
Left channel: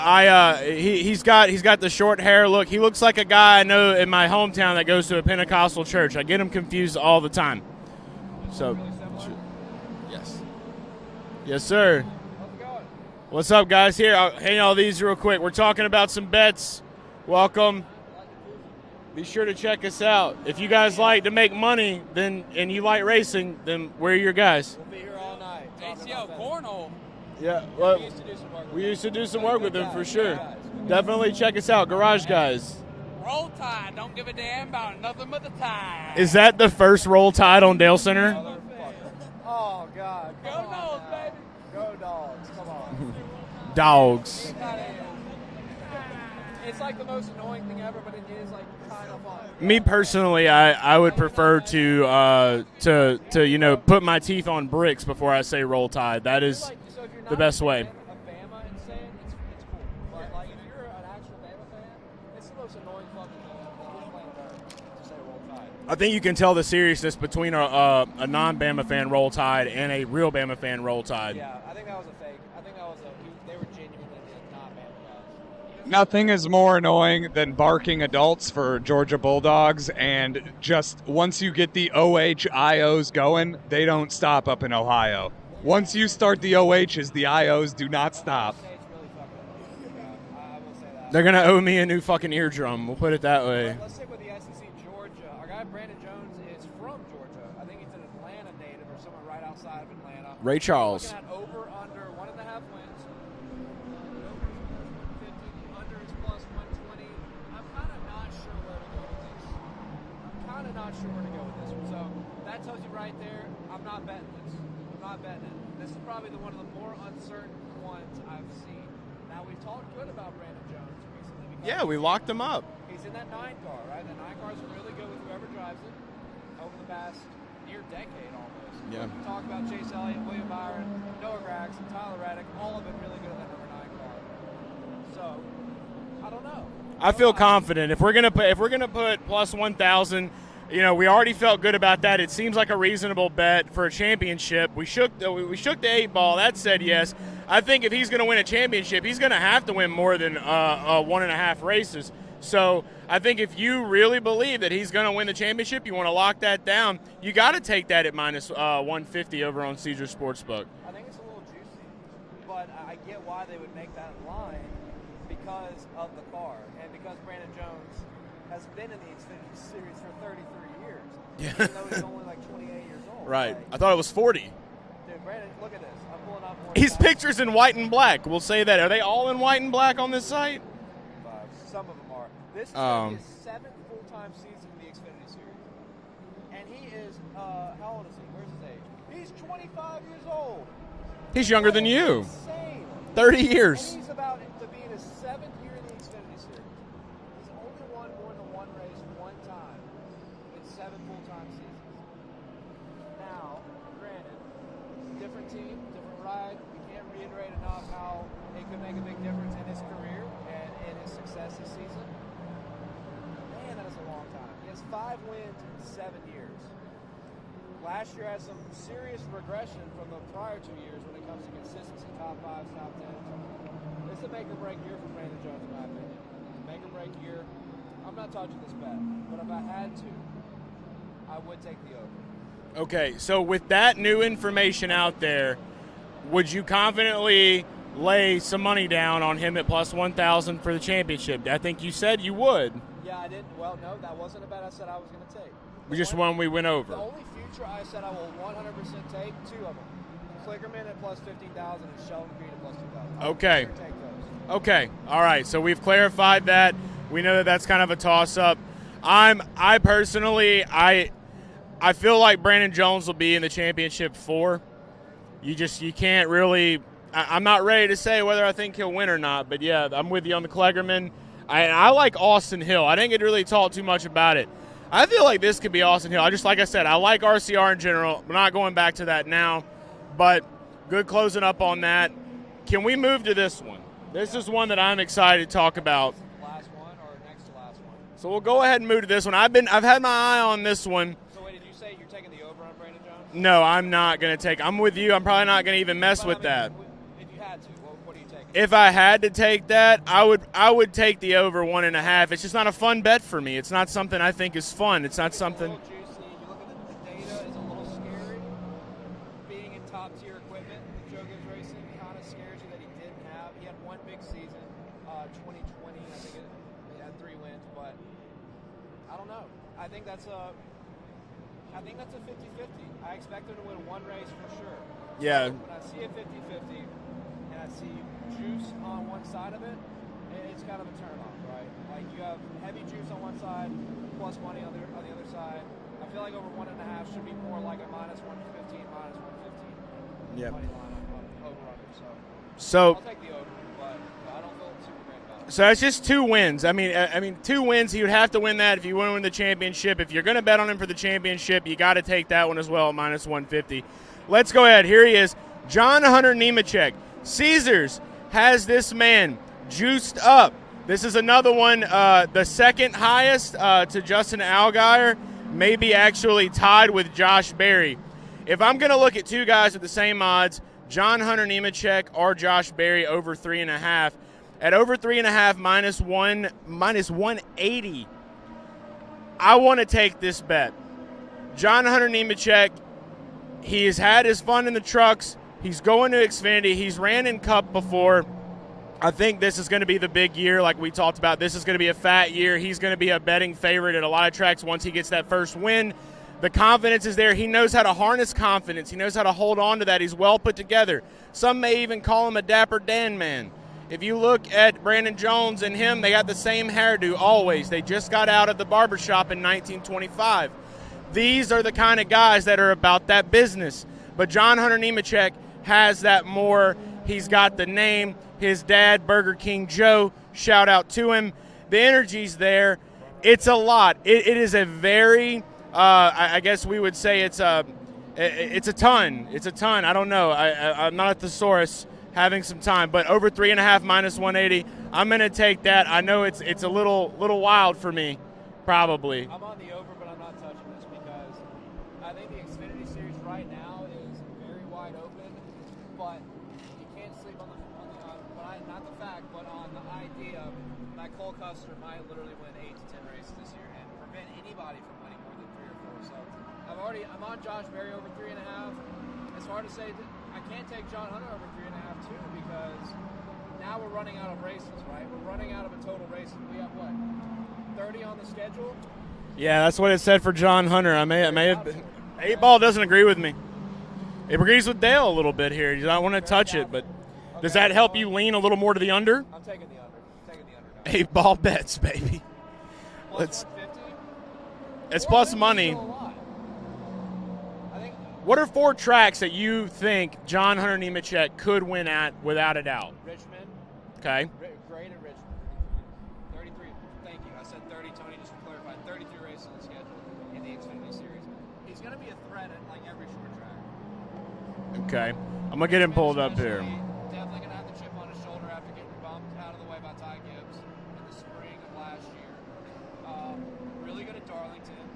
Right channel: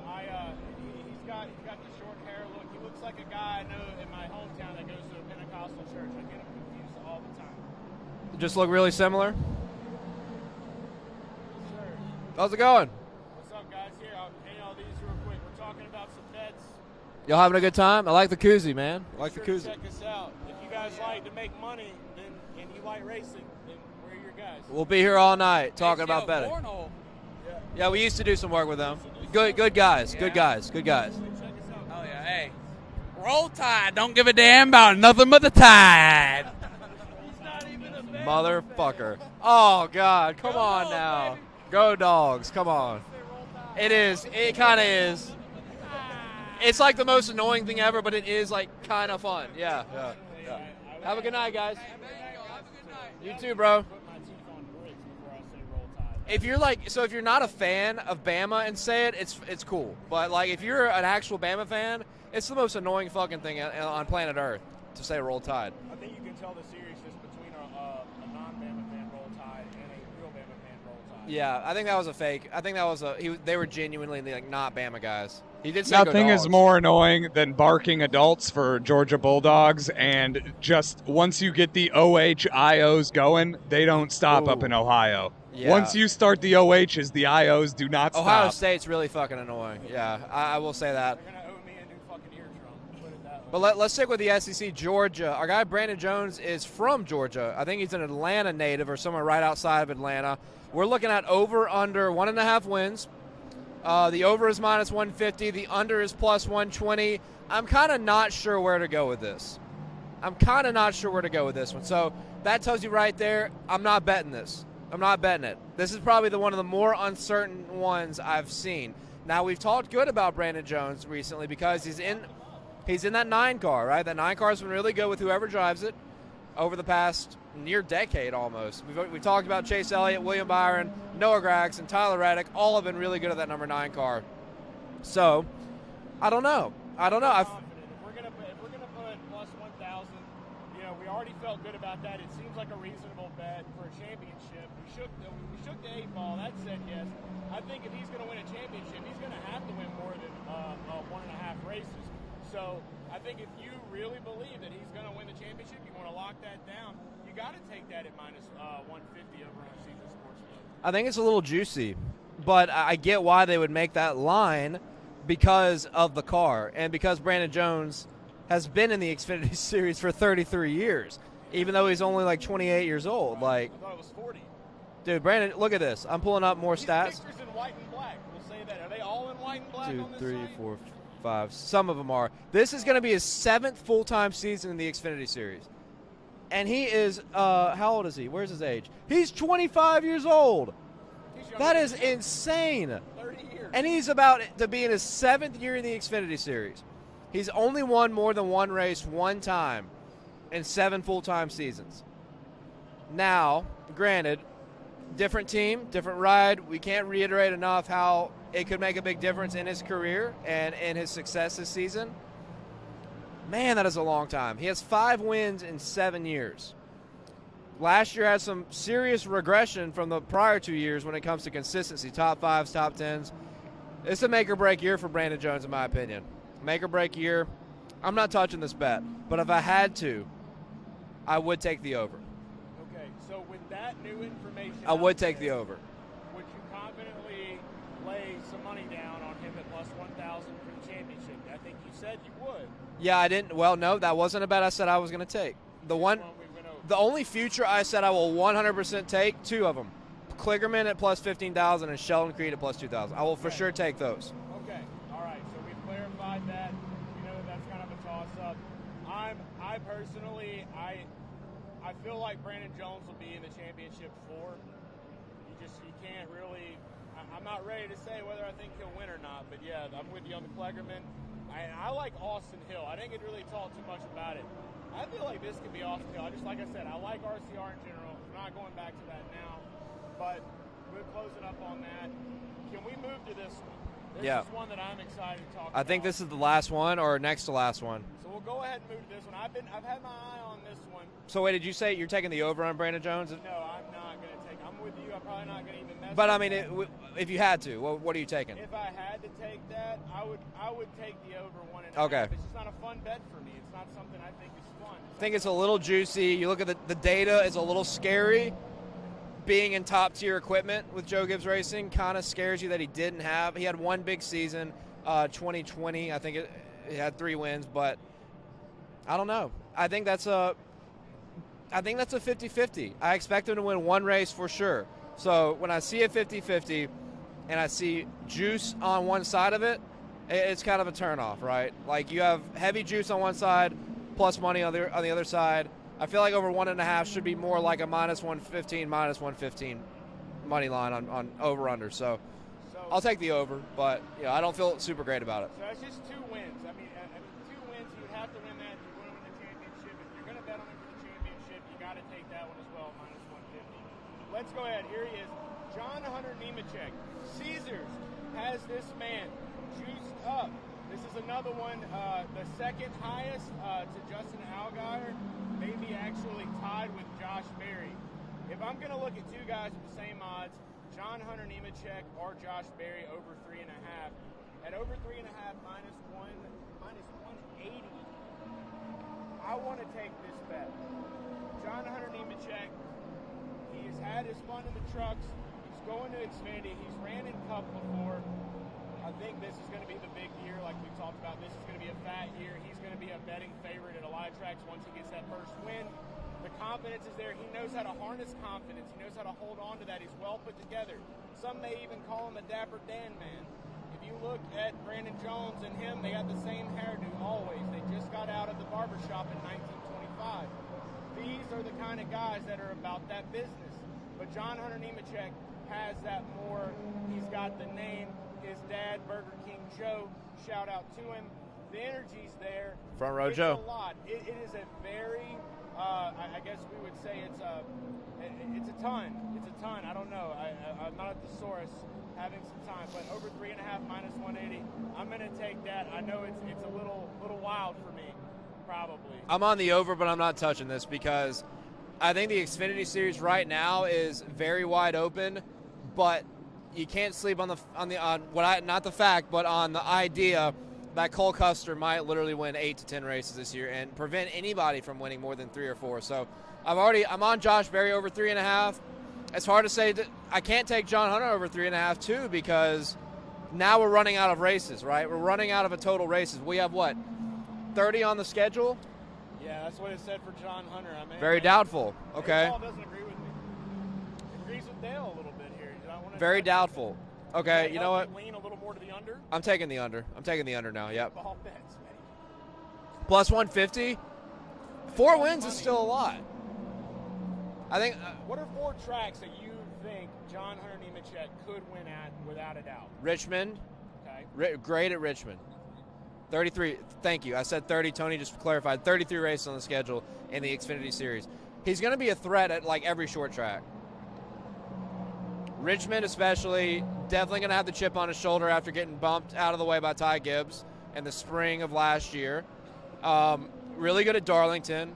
he's got the short hair look. He looks like a guy I know in my hometown that goes to a Pentecostal church. I get him confused all the time. Just look really similar. Yes. Yes, sir. How's it going? What's up, guys? Here, I'll hang all these real quick. We're talking about some bets. You having a good time? I like the koozie, man. Be sure to check us out. If you guys like to make money, and you like racing, then we're your guys. We'll be here all night talking about betting. Yeah, we used to do some work with them. We used to do some work with good them, guys, for sure. Good guys. Definitely check us out, Garage Guys. Roll Tide. Don't give a damn about nothing but the tide. Is that the first Roll Tide on Dalescenter? Motherfucker. Oh, God. Come on now. Go Dogs. Come on. Dogs. It kind of is. It's like the most annoying thing ever, but it is like kind of fun. Yeah. Me personally, I would Have a good prefer night, guys. to put my teeth on bricks before I say Roll Tide. That is if you're not a best way. fan of Bama and say it, it's cool. But like if you're an actual Bama fan, it's the most annoying fucking thing on planet Earth to say Roll Tide. I think you can tell the seriousness between a non-Bama fan Roll Tide and a real Bama fan Roll Tide. Yeah, I think that was a fake. I think that was they were genuinely like not Bama guys. He did say Nothing go is Dogs. more annoying than barking adults for Georgia Bulldogs, and just once you get the OHIOs going, they don't stop up in Ohio. Yeah. Once you start the OHs, the IOs do not Ohio stop. State's really fucking annoying. Yeah, I will say that. They're gonna owe me a new fucking eardrum. We'll put it that way. Well, let's stick with the SEC. Georgia. Our guy Brandon Jones is from Georgia. I think he's an Atlanta native or somewhere right outside of Atlanta. Ray Charles. We're looking at over under 1.5 wins. The over is minus 150. The under is plus 120. I'm kind of not sure where to go with this. one. So that tells you right there, I'm not betting this. I'm not betting it. This is probably one of the more uncertain ones I've seen. Now, we've talked good about Brandon Jones recently because we locked him up. He's in that 9 car, right? That 9 car has been really good with whoever drives it over the past near decade almost. Yeah. We talked about Chase Elliott, William Byron, Noah Gragson, Tyler Reddick, all have been really good at that number 9 car. So, I don't know. I feel confident. If we're gonna put plus 1,000, we already felt good about that. It seems like a reasonable bet for a championship. We shook the 8 ball. That said yes. I think if he's going to win a championship, he's going to have to win more than 1.5 races. So I think if you really believe that he's going to win the championship, you want to lock that down, you got to take that at minus 150 over on Caesar Sportsbook. I think it's a little juicy, but I get why they would make that line because of the car and because Brandon Jones has been in the Xfinity Series for 33 years, even though he's only like 28 years old. Right. Like, I thought it was 40. Dude, Brandon, look at this. I'm pulling up more His stats. picture's in white and black. We'll say that. Are they all in white and black 2, on this 3, site? 4, 5. Some of them are. This is going to be his 7th full-time season in the Xfinity Series. And he is, how old is he? Where's his age? He's 25 years old. He's younger than you. Insane. 30 years. And he's about to be in his 7th year in the Xfinity Series. He's only won more than one race one time in 7 full-time seasons. Now, granted, different team, different ride. We can't reiterate enough how it could make a big difference in his career and in his success this season. Man, that is a long time. He has 5 wins in 7 years. Last year had some serious regression from the prior 2 years when it comes to consistency, top 5s, top 10s. It's a make-or-break year for Brandon Jones, in my opinion. Make-or-break year. I'm not touching this bet, but if I had to, I would take the over. Okay, so with that new information out there, would you confidently lay some money down on him at plus 1,000 for the championship? I think you said you would. Yeah, I didn't. Well, no, that wasn't a bet I said I was going to take. The one we went over. The only future I said I will 100% take, 2 of them. Kligerman at plus 15,000 and Sheldon Creed at plus 2,000. I will for sure take those. Okay, all right. So we've clarified that. We know that that's kind of a toss-up. I personally feel like Brandon Jones will be in the championship 4. You can't really. I'm not ready to say whether I think he'll win or not, but yeah, I'm with you on the Kligerman. I like Austin Hill. I didn't get really talk too much about it. I feel like this could be Austin Hill. Like I said, I like RCR in general. We're not going back to that now, but good closing up on that. Can we move to this one? This is one that I'm excited to talk about. I think this is the last one or next to last one. So we'll go ahead and move to this one. I've had my eye on this one. So wait, did you say you're taking the over on Brandon Jones? No, I'm not going to take. I'm with you. I'm probably not going to even mess with that. If you had to, what are you taking? If I had to take that, I would take the over 1.5. Okay. It's just not a fun bet for me. It's not something I think is fun. It's not something. It's a little juicy. You look at the data is a little scary. Being in top tier equipment with Joe Gibbs Racing kind of scares you that he didn't have. He had one big season, 2020. I think he had 3 wins, but I don't know. I think that's a 50-50. I expect him to win one race for sure. So when I see a 50-50 and I see juice on one side of it, it's kind of a turnoff, right? Like you have heavy juice on one side, plus money on the other side. I feel like over 1.5 should be more like a minus 115 money line on over/under. So I'll take the over, but I don't feel super great about it. So that's just 2 wins. I mean 2 wins. He would have to win that if you want to win the championship. If you're going to bet on him for the championship, you got to take that one as well at minus 150. Let's go ahead. Here he is, John Hunter Nemechek. Caesars has this man juiced up. This is another one, the second highest to Justin Allgaier. Maybe actually tied with Josh Berry. If I'm going to look at 2 guys with the same odds, John Hunter Nemechek or Josh Berry over 3.5. At over 3.5, minus 180. I want to take this bet. John Hunter Nemechek, he has had his fun in the trucks. He's going to Xfinity. He's ran in Cup before. I think this is going to be the big year like we talked about. This is going to be a fat year. He's going to be a betting favorite at a lot of tracks once he gets that first win. The confidence is there. He knows how to harness confidence. He knows how to hold on to that. He's well put together. Some may even call him a Dapper Dan man. If you look at Brandon Jones and him, they got the same hairdo always. They just got out of the barbershop in 1925. These are the kind of guys that are about that business. But John Hunter Nemechek has that more. He's got the name. His dad, Burger King Joe, shout out to him. The energy's there. It's a lot. It is a very, I guess we would say it's a ton. It's a ton. I don't know. I'm not a thesaurus having some time, but over 3.5 minus 180. I'm going to take that. I know it's a little wild for me, probably. I'm on the over, but I'm not touching this because I think the Xfinity Series right now is very wide open, but you can't sleep on the idea that Cole Custer might literally win 8 to 10 races this year and prevent anybody from winning more than 3 or 4. So I'm on Josh Berry over 3.5. It's hard to say that I can't take John Hunter over 3.5 too, because now we're running out of races, right? We're running out of a total races. We have what, 30 on the schedule? Yeah, that's what it said for John Hunter. I may doubtful. Okay. 8 Ball doesn't agree with me. It agrees with Dale a little bit here. You don't want to touch doubtful. it, but Okay, does that help know you what? lean a little more to the under? I'm taking the under. I'm taking the under now. 8 Ball bets, baby. Plus It's- 150. It's 4 plus wins money. Is still a lot. I think. What are 4 tracks that you think John Hunter Nemechek could win at without a doubt? Richmond. Okay. Great at Richmond. 33. Thank you. I said 30. Tony just clarified. 33 races on the schedule in the Xfinity Series. He's going to be a threat at like every short track. Okay. I'm going to get him pulled up especially, here. definitely going to have the chip on his shoulder after getting bumped out of the way by Ty Gibbs in the spring of last year. Really good at Darlington.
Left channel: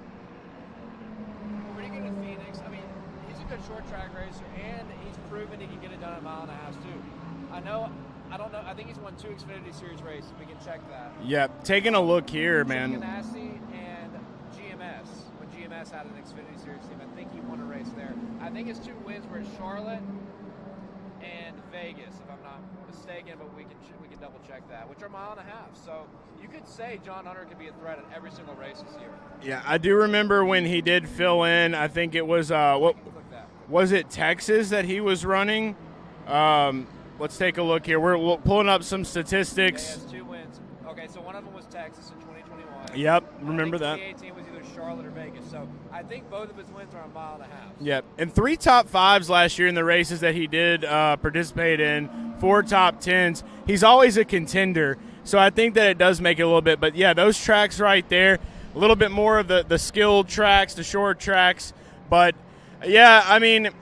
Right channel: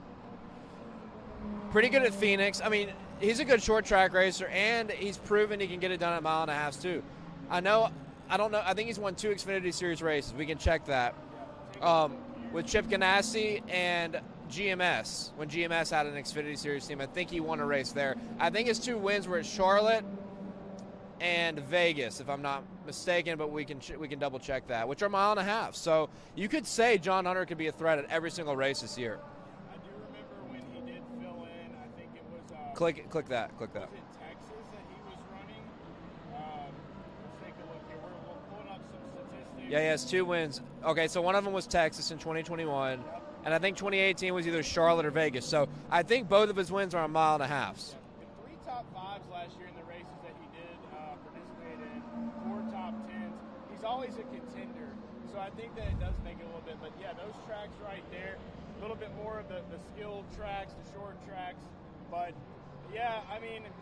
Pretty good at Phoenix. I mean, he's a good short track racer, and he's proven he can get it done at 1.5 miles too. I don't know. I think he's won 2 Xfinity Series races. We can check that. Yep. Taking a look here, with man. Chip Ganassi and GMS. When GMS had an Xfinity Series team, I think he won a race there. I think his 2 wins were at Charlotte and Vegas, if I'm not mistaken, but we can double check that, which are 1.5 miles. So you could say John Hunter could be a threat at every single race this year. Yeah, I do remember when he did fill in. I think it was click that. Was it Texas that he was running? Let's take a look here. We're pulling up some statistics. Yeah, he has 2 wins. Okay, so one of them was Texas in 2021. Yep, and I think 2018 was either Charlotte or Vegas. So I think both of his wins are 1.5 miles. Yep, and 3 top 5s last year in the races that he did participate in, 4 top 10s. He's always a contender, so I think that it does make it a little bit. But, yeah, those tracks right there, a little bit more of the skilled tracks, the short tracks. But, yeah, I mean –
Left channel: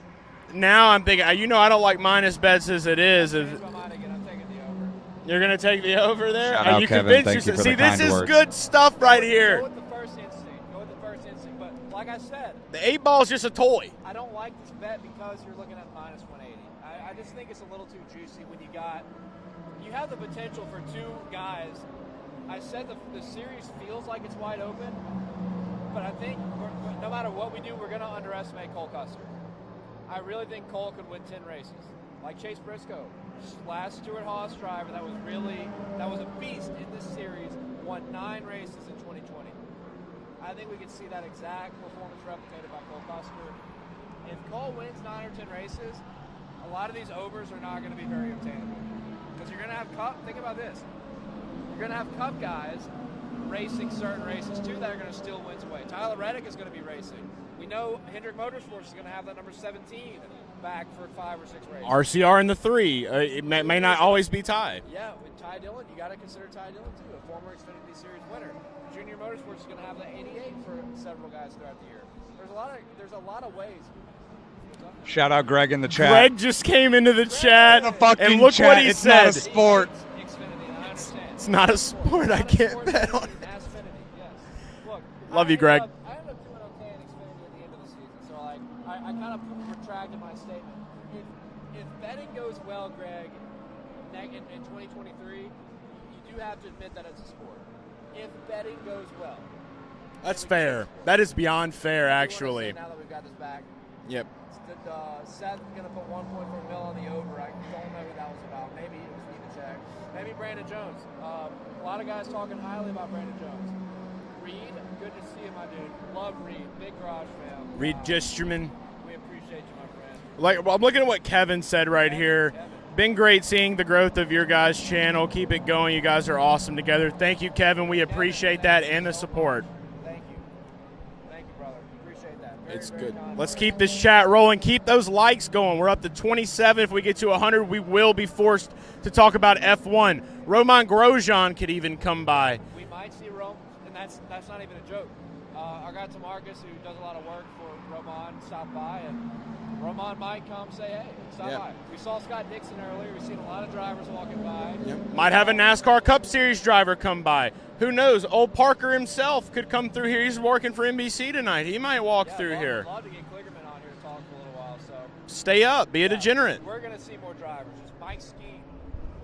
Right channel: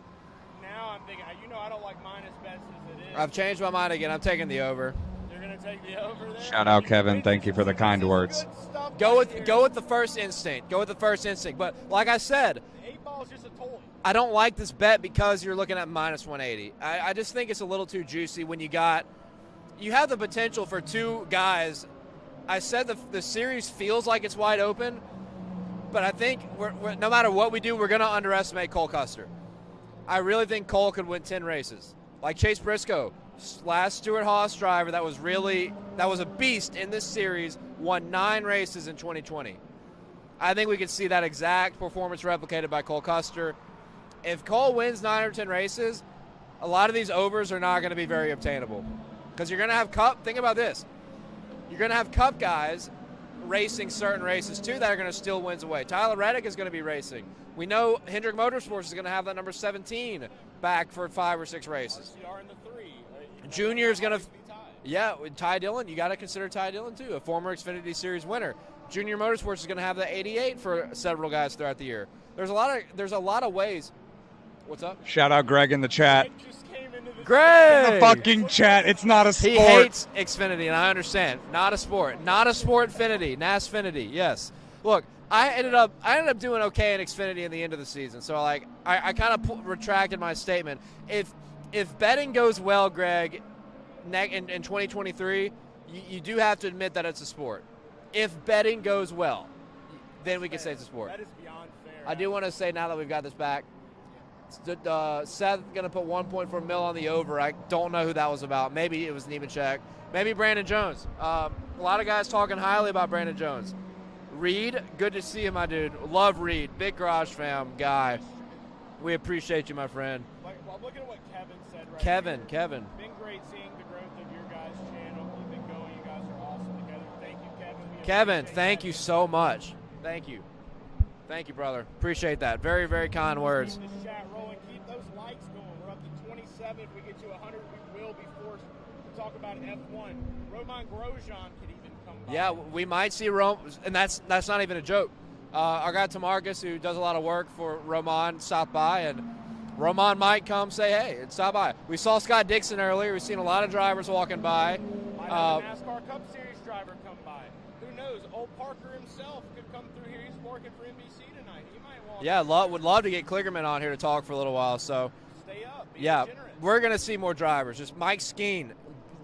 now I'm thinking, I don't like minus bets as it is. I've changed my mind again. I'm taking the over. You're going to take the over there? Shout out, Kevin. Thank you for the kind words. This is good stuff here. Go with the first instinct. But like I said, the 8 Ball is just a toy. I don't like this bet because you're looking at minus 180. I just think it's a little too juicy when you have the potential for 2 guys. I said the series feels like it's wide open, but I think no matter what we do, we're going to underestimate Cole Custer. I really think Cole could win 10 races. Like Chase Briscoe, last Stewart-Haas driver that was a beast in this series, won 9 races in 2020. I think we could see that exact performance replicated by Cole Custer. If Cole wins 9 or 10 races, a lot of these overs are not going to be very obtainable. Because you're going to have Cup, think about this. You're going to have Cup guys racing certain races too that are going to steal wins away. Tyler Reddick is going to be racing. We know Hendrick Motorsports is going to have that number 17 back for 5 or 6 races. RCR in the 3. It may not always be tied. Yeah, with Ty Dillon, you got to consider Ty Dillon too, a former Xfinity Series winner. Junior Motorsports is going to have the 88 for several guys throughout the year. There's a lot of ways. What's up? Shout out Greg in the chat. Greg just came into the chat. The fucking chat. It's not a sport. He hates Xfinity, and I understand. It's not a sport. Not a sport. Xfinity. NASFinity. Yes. Look, I ended up doing okay in Xfinity in the end of the season. So I kind of retracted my statement. If betting goes well, Greg, in 2023, you do have to admit that it's a sport. If betting goes well, that's then we fair. can say it's a sport. That is beyond fair, I do actually. want to say now that we've got this back. Yep. Seth going to put 1.4 mil on the over. I don't know who that was about. Maybe it was Nemechek. Maybe Brandon Jones. A lot of guys talking highly about Brandon Jones. Reed, good to see you, my dude. Love Reed. Big Garage fam guy. Reed Disterman. We appreciate you, my friend. I'm looking at what Kevin said here. Kevin. Been great seeing the growth of your guys' channel. Keep it going. You guys are awesome together. Thank you, Kevin. We appreciate that and the support. Much. Thank you. Thank you, brother. Appreciate that. Very, very kind words. Let's keep this chat rolling. Keep those likes going. We're up to 27. If we get to 100, we will be forced to talk about F1. Roman Grosjean could even come by. Yeah, we might see Roman, and that's not even a joke. Our guy Tamarcus, who does a lot of work for Roman, stopped by, and Roman might come say, hey, and stop by. We saw Scott Dixon earlier. We've seen a lot of drivers walking by. Might have a NASCAR Cup Series driver come by. Who knows? Old Parker himself could come through here. He's working for NBC tonight. He might walk through here. Would love to get Kligerman on here to talk for a little while. So stay up. Be a degenerate. We're going to see more drivers. Just Mike Skeen.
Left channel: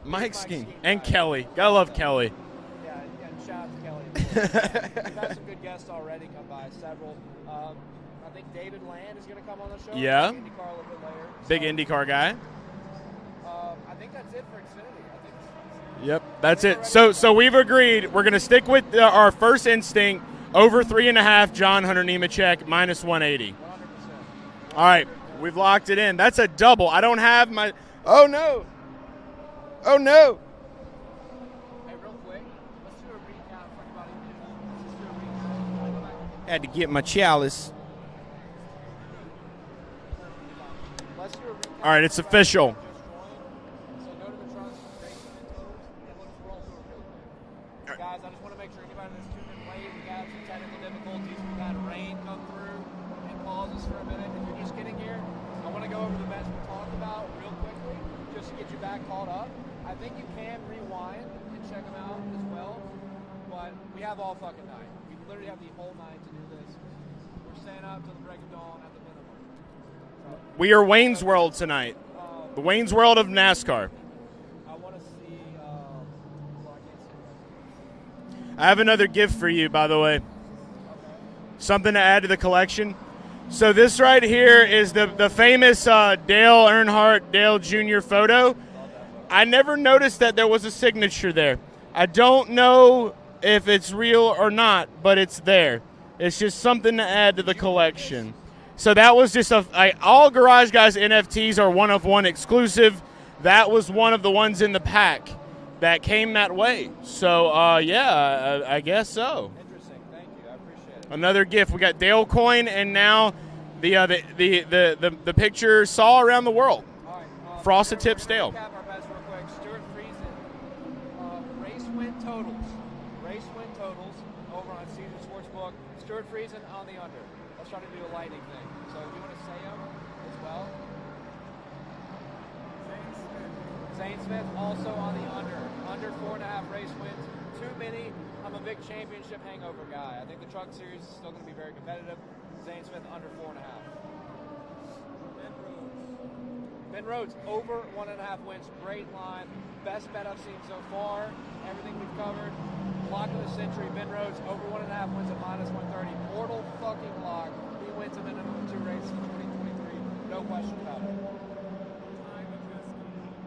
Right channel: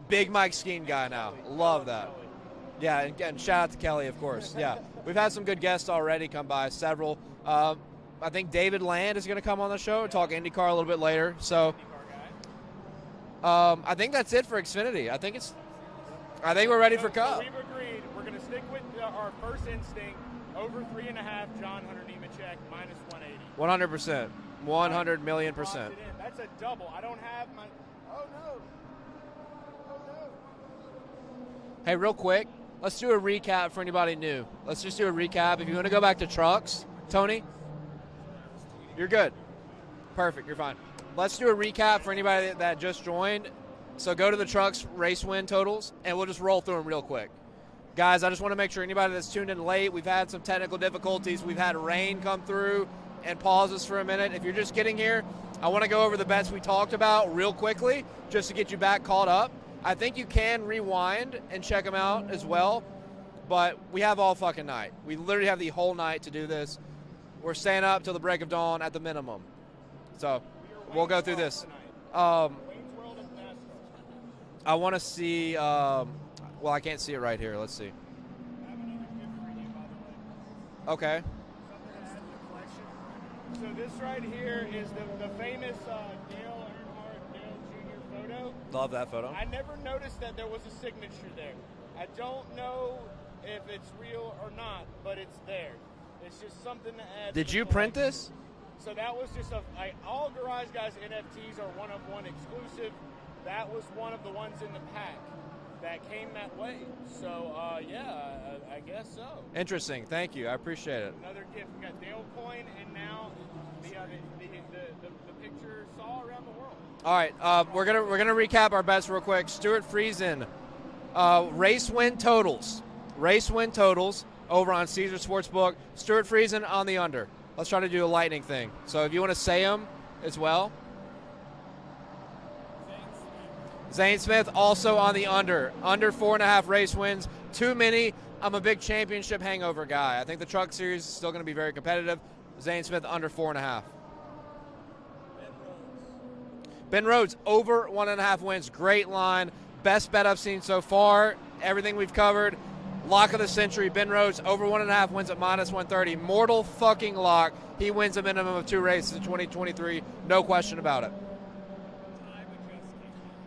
Big Mike Skeen guy. And Kelly. I love Kelly. Yeah, and shout out to Kelly, of course. Yeah. We've had some good guests already come by, several. I think David Land is going to come on the show and talk IndyCar a little bit later. Big IndyCar guy. I think that's it for Xfinity. I think it's. Yep, that's it. So we've agreed we're going to stick with our first instinct over 3.5. John Hunter Nemechek minus 180. 100%. All right, we've locked it in. That's a double. I don't have my. Oh no. Oh no. Hey, real quick, let's do a recap for anybody new. Let's just do a recap. If you want to go back to trucks. I had to get my Tony, chalice. You're good. Perfect. You're fine. Let's do a recap All right, for it's anybody official. that just joined. So go to the trucks race win totals, and we'll just roll through them real quick. Guys, I just want to make sure anybody that's tuned in late, we've had some technical difficulties. We've had rain come through and pause us for a minute. If you're just getting here, I want to go over the bets we talked about real quickly just to get you back caught up. I think you can rewind and check them out as well, but we have all fucking night. We literally have the whole night to do this. We're staying up till the break of dawn at the minimum. So we are Wayne's World tonight. The Wayne's World of NASCAR. I want to see. Well, I can't see it right here. Let's see. I have another gift for you, by the way. Okay. Something to add to the collection. So this right here is the famous Dale Earnhardt Dale Jr. photo. Love that photo. I never noticed that there was a signature there. I don't know if it's real or not, but it's there. It's just something to add to the collection. So that was just all Garage Guys NFTs are one of one exclusive. That was one of the ones in the pack that came that way. So yeah, I guess so. Interesting. Thank you. I appreciate it. Another gift. We got Dale coin, and now the picture saw around the world. All right. We're gonna recap our bets real quick. Stuart Friesen, race win totals. Race win totals over on Caesar Sportsbook. Stuart Friesen on the under. Let's try to do a lightning thing. So if you want to say them as well. Zane Smith also on the under. Under 4.5 race wins. Too many. I'm a big championship hangover guy. I think the Truck Series is still going to be very competitive. Zane Smith under 4.5. Ben Rhodes over 1.5 wins. Great line. Best bet I've seen so far. Everything we've covered. Lock of the century. Ben Rhodes over 1.5 wins at minus 130. Mortal fucking lock. He wins a minimum of 2 races in 2023. No question about it.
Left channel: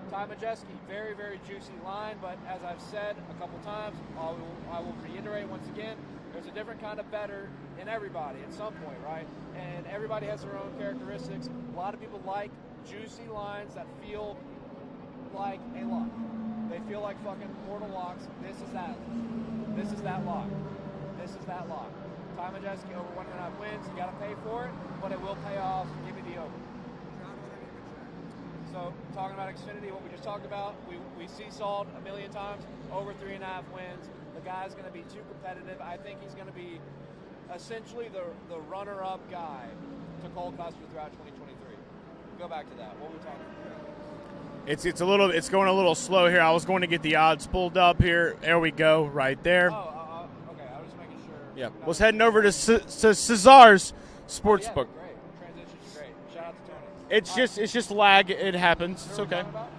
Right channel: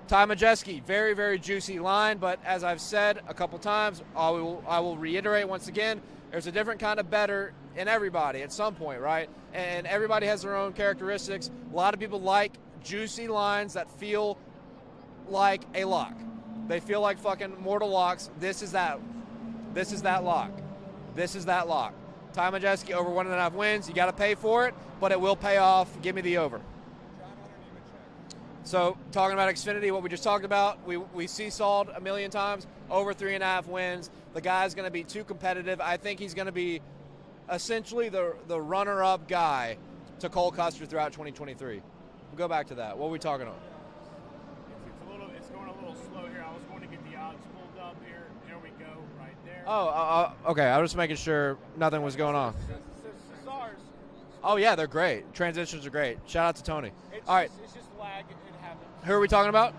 Ty Majeski, very, very juicy line, but as I've said a couple times, I will reiterate once again, there's a different kind of bettor in everybody at some point, right? And everybody has their own characteristics. A lot of people like juicy lines that feel like a lock. They feel like fucking mortal locks. This is that lock. This is that lock. Ty Majeski over 1.5 wins. You got to pay for it, but it will pay off. Give me the over. So talking about Xfinity, what we just talked about, we seesawed a million times, over 3.5 wins. The guy's going to be too competitive. I think he's going to be essentially the runner-up guy to Cole Custer throughout 2023. We'll go back to that. What are we talking about? It's going a little slow here. I was going to get the odds pulled up here. There we go, right there. Oh, okay. I was just making sure. Yeah. I was heading over to Cesar's. Oh yeah, they're great. Transitions are great. Shout out to Tony. It's just lag. It happens. Who are we talking about?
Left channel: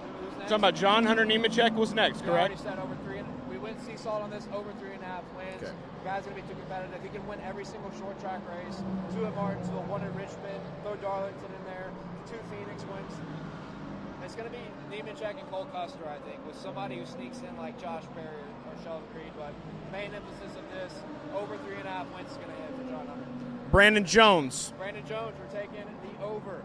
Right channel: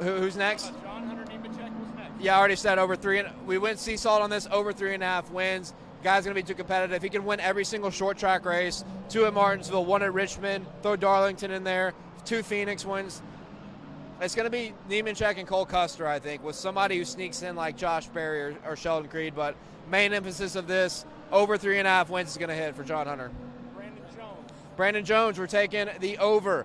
Who's next? Talking about John Hunter Nemechek was next. Yeah, I already said over 3. We went seesawed on this over 3.5 wins. Okay. Guy's gonna be too competitive. He can win every single short track race. 2 at Martinsville, 1 at Richmond. Throw Darlington in there. 2 Phoenix wins. It's gonna be Nemechek and Cole Custer, I think, with somebody who sneaks in like Josh Berry or Sheldon Creed. But main emphasis of this over 3.5 wins is gonna hit for John Hunter. Brandon Jones, we're taking the over.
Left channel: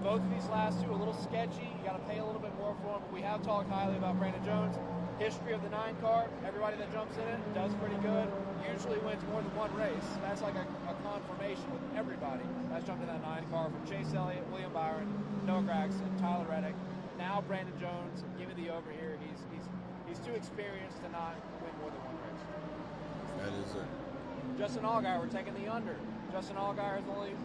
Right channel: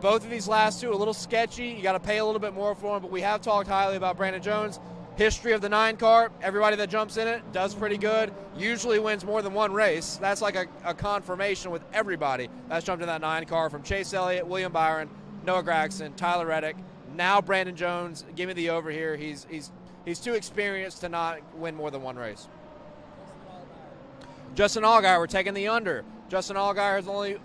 Both of these last two a little sketchy. You got to pay a little bit more for them, but we have talked highly about Brandon Jones. History of the 9 car, everybody that jumps in it does pretty good. Usually wins more than 1 race. That's like a confirmation with everybody that's jumped in that 9 car, from Chase Elliott, William Byron, Noah Gragson, Tyler Reddick. Now Brandon Jones, give me the over here. He's too experienced to not win more than 1 race. Justin Allgaier, we're taking the under. Justin Allgaier has only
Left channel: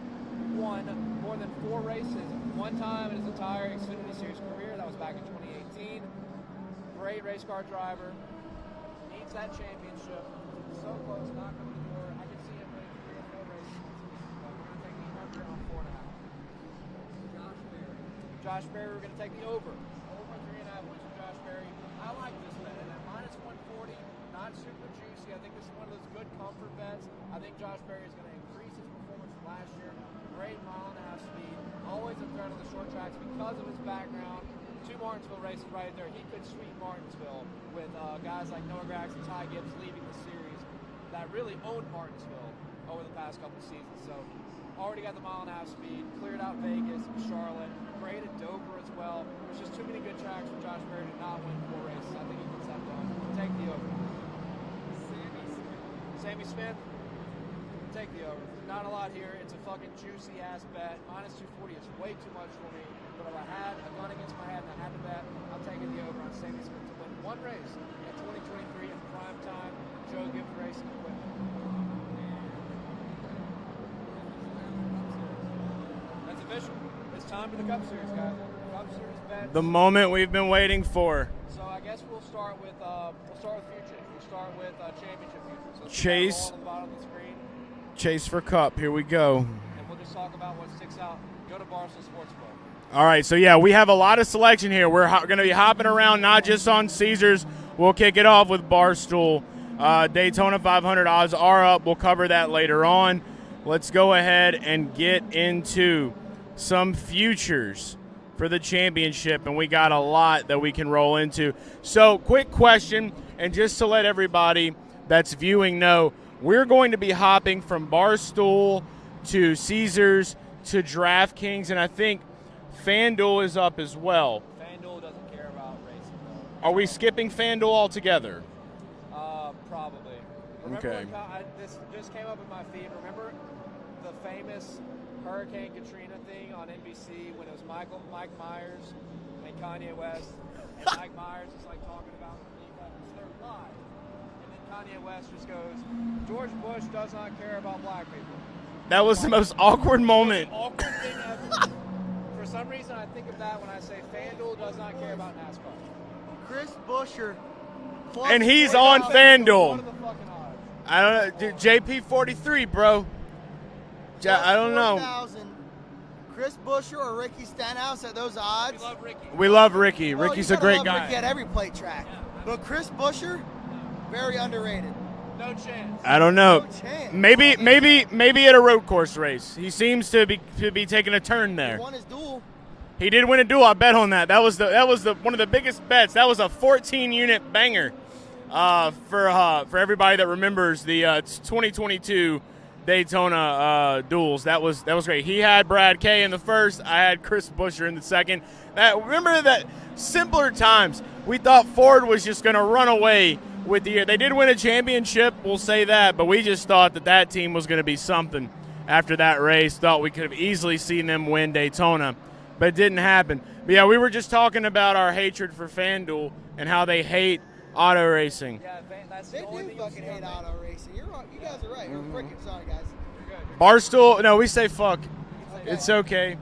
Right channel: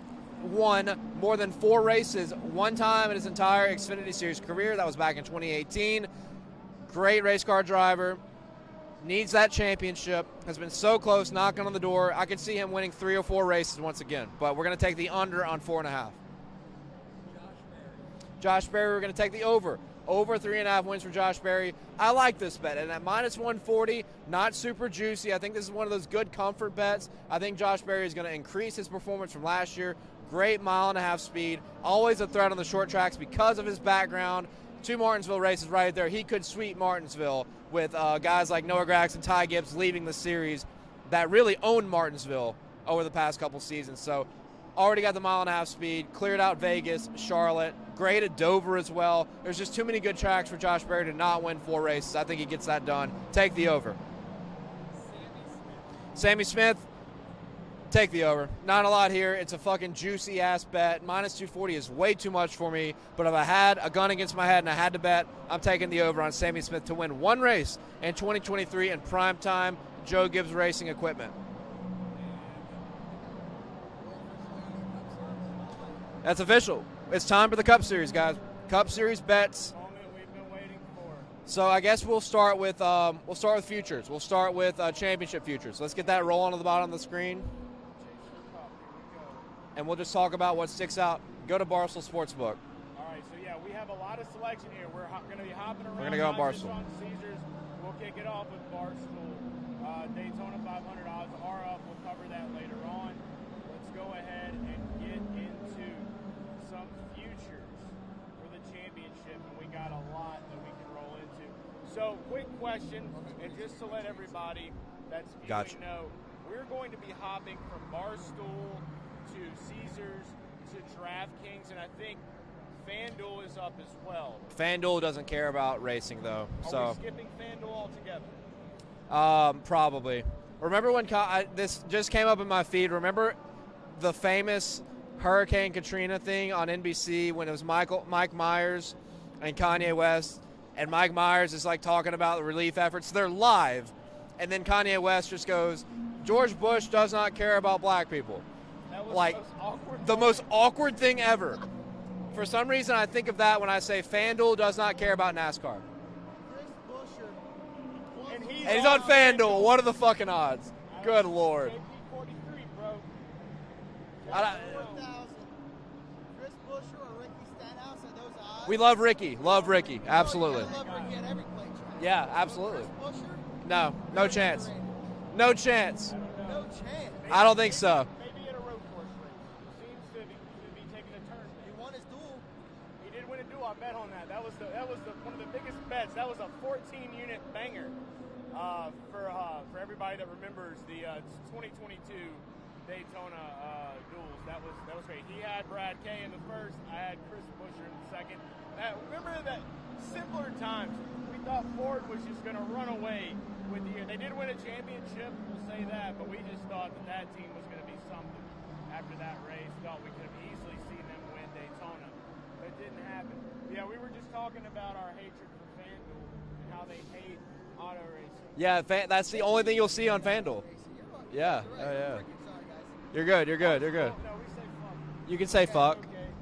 won more than 4 races 1 time in his entire Xfinity Series career. That was back in 2018. Great race car driver. Needs that championship. Has been so close, knocking on the door. I could see him winning 3 or 4 races once again. But we're going to take the under on 4.5. Josh Berry, we're going to take the over. over 3.5 wins for Josh Berry. I like this bet. And at minus 140, not super juicy. I think this is one of those good comfort bets. I think Josh Berry is going to increase his performance from last year. Great 1.5-mile speed. Always a threat on the short tracks because of his background. 2 Martinsville races right there. He could sweep Martinsville with guys like Noah Grax and Ty Gibbs leaving the series that really owned Martinsville over the past couple seasons. So already got the 1.5-mile speed, cleared out Vegas, Charlotte, great at Dover as well. There's just too many good tracks for Josh Berry to not win 4 races. I think he gets that done. Take the over. Sammy Smith, take the over. Not a lot here. It's a fucking juicy ass bet. Minus 240 is way too much for me. But if I had a gun against my head and I had to bet, I'm taking the over on Sammy Smith to win 1 race in 2023 in prime time. Joe Gibbs Racing Equipment. That's official. It's time for the Cup Series, guys. Cup Series bets. The moment we've been waiting for. So I guess we'll start with futures. We'll start with championship futures. Let's get that rolling on the bottom of the screen. Chase for Cup. Here we go. And we'll just talk about what sticks out. Go to Barstool Sportsbook. All right, so yeah, we have a lot of selection here. We're going to be hopping around, not just on Caesars. We'll kick it off with Barstool. Daytona 500 odds are up. We'll cover that later on. Let's go ahead and get into some futures for the championship, and we got a lot that we can roll into. So, quick question, and just to let everybody that's viewing know, we're going to be hopping from Barstool to Caesars to DraftKings, and I think FanDuel is up as well. FanDuel doesn't care about racing, though. Are we skipping FanDuel altogether? Probably. Remember when this just came up in my feed? Remember the famous Hurricane Katrina thing on NBC when it was Mike Myers and Kanye West, and Mike Myers is like talking about the relief efforts. They're live, and then Kanye West just goes, "George Bush does not care about black people." That was the most awkward moment. The most awkward thing ever. For some reason, I think of that when I say FanDuel does not care about NASCAR. Chris Buescher. And he's on FanDuel. What are the fucking odds? I don't know. JP43, bro. I don't know. Chris Buescher or Ricky Stenhouse at those odds? We love Ricky. We love Ricky. Ricky's a great guy. Ricky at every plate track. Yeah, absolutely. But Chris Buescher? No very chance. Underrated. No chance. I don't know. No Maybe maybe at a road course race. He seems to be taking a turn there. He won his duel. He did win a duel. I bet on that. That was the one of the biggest bets. That was a 14-unit banger for everybody that remembers the 2022 Daytona duels. That was great. He had Brad Kay in the first. I had Chris Buescher in the second. Remember that simpler times. We thought Ford was just going to run away with the year. They did win a championship, we'll say that, but we just thought that team was going to be something after that race. Thought we could have easily seen them win Daytona, but it didn't happen. But yeah, we were just talking about our hatred for FanDuel and how they hate auto racing. Yeah, that's the only thing you'll see on FanDuel. Yeah. You're good. Barstool, no, we say fuck. You can say fuck. It's okay.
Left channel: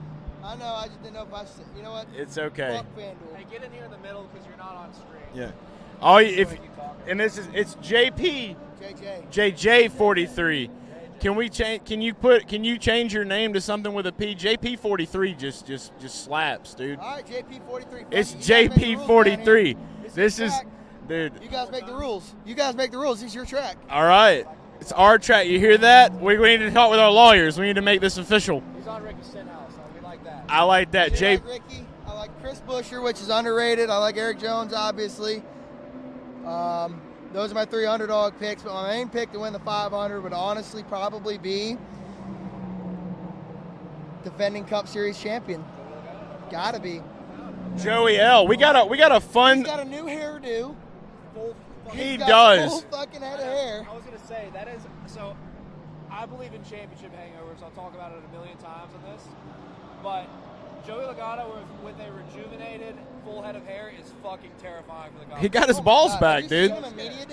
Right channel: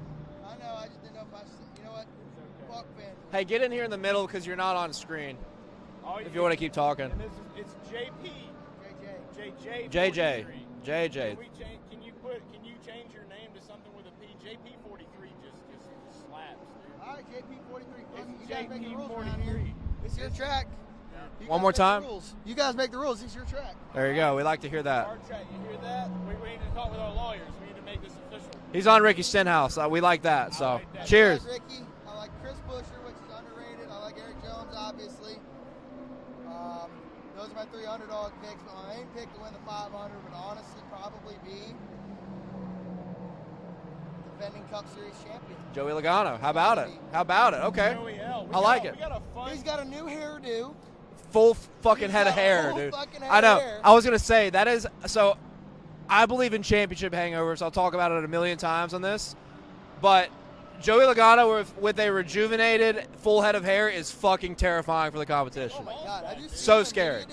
I know, I just didn't know if I should say, you know what? It's okay. Fuck FanDuel. Hey, get in here in the middle because you're not on screen. Yeah. You want to keep talking. And it's JP. JJ. JJ43. JJ. Can we change? Can you change your name to something with a P? JP43 just slaps, dude. All right, JP43. It's JP43. This is, dude. One more time. You guys make the rules. It's your track. All right. We like to hear that. It's our track. You hear that? We need to talk with our lawyers. We need to make this official. He's on Ricky Stenhouse. We like that. I like that. I like Ricky. I like Chris Buescher, which is underrated. I like Eric Jones, obviously. Those are my 3 underdog picks, but my main pick to win the 500 would honestly probably be defending Cup Series champion. Joey Logano. How about it? How about it? Okay. Joey L. We got a fun. He's got a new hairdo. Full fucking head does. of hair. I know. I was gonna say that is so. I believe in championship hangovers. I'll talk about it a million times on this, but Joey Logano with a rejuvenated full head of hair is fucking terrifying for the competition. He got his balls back, dude. So scared.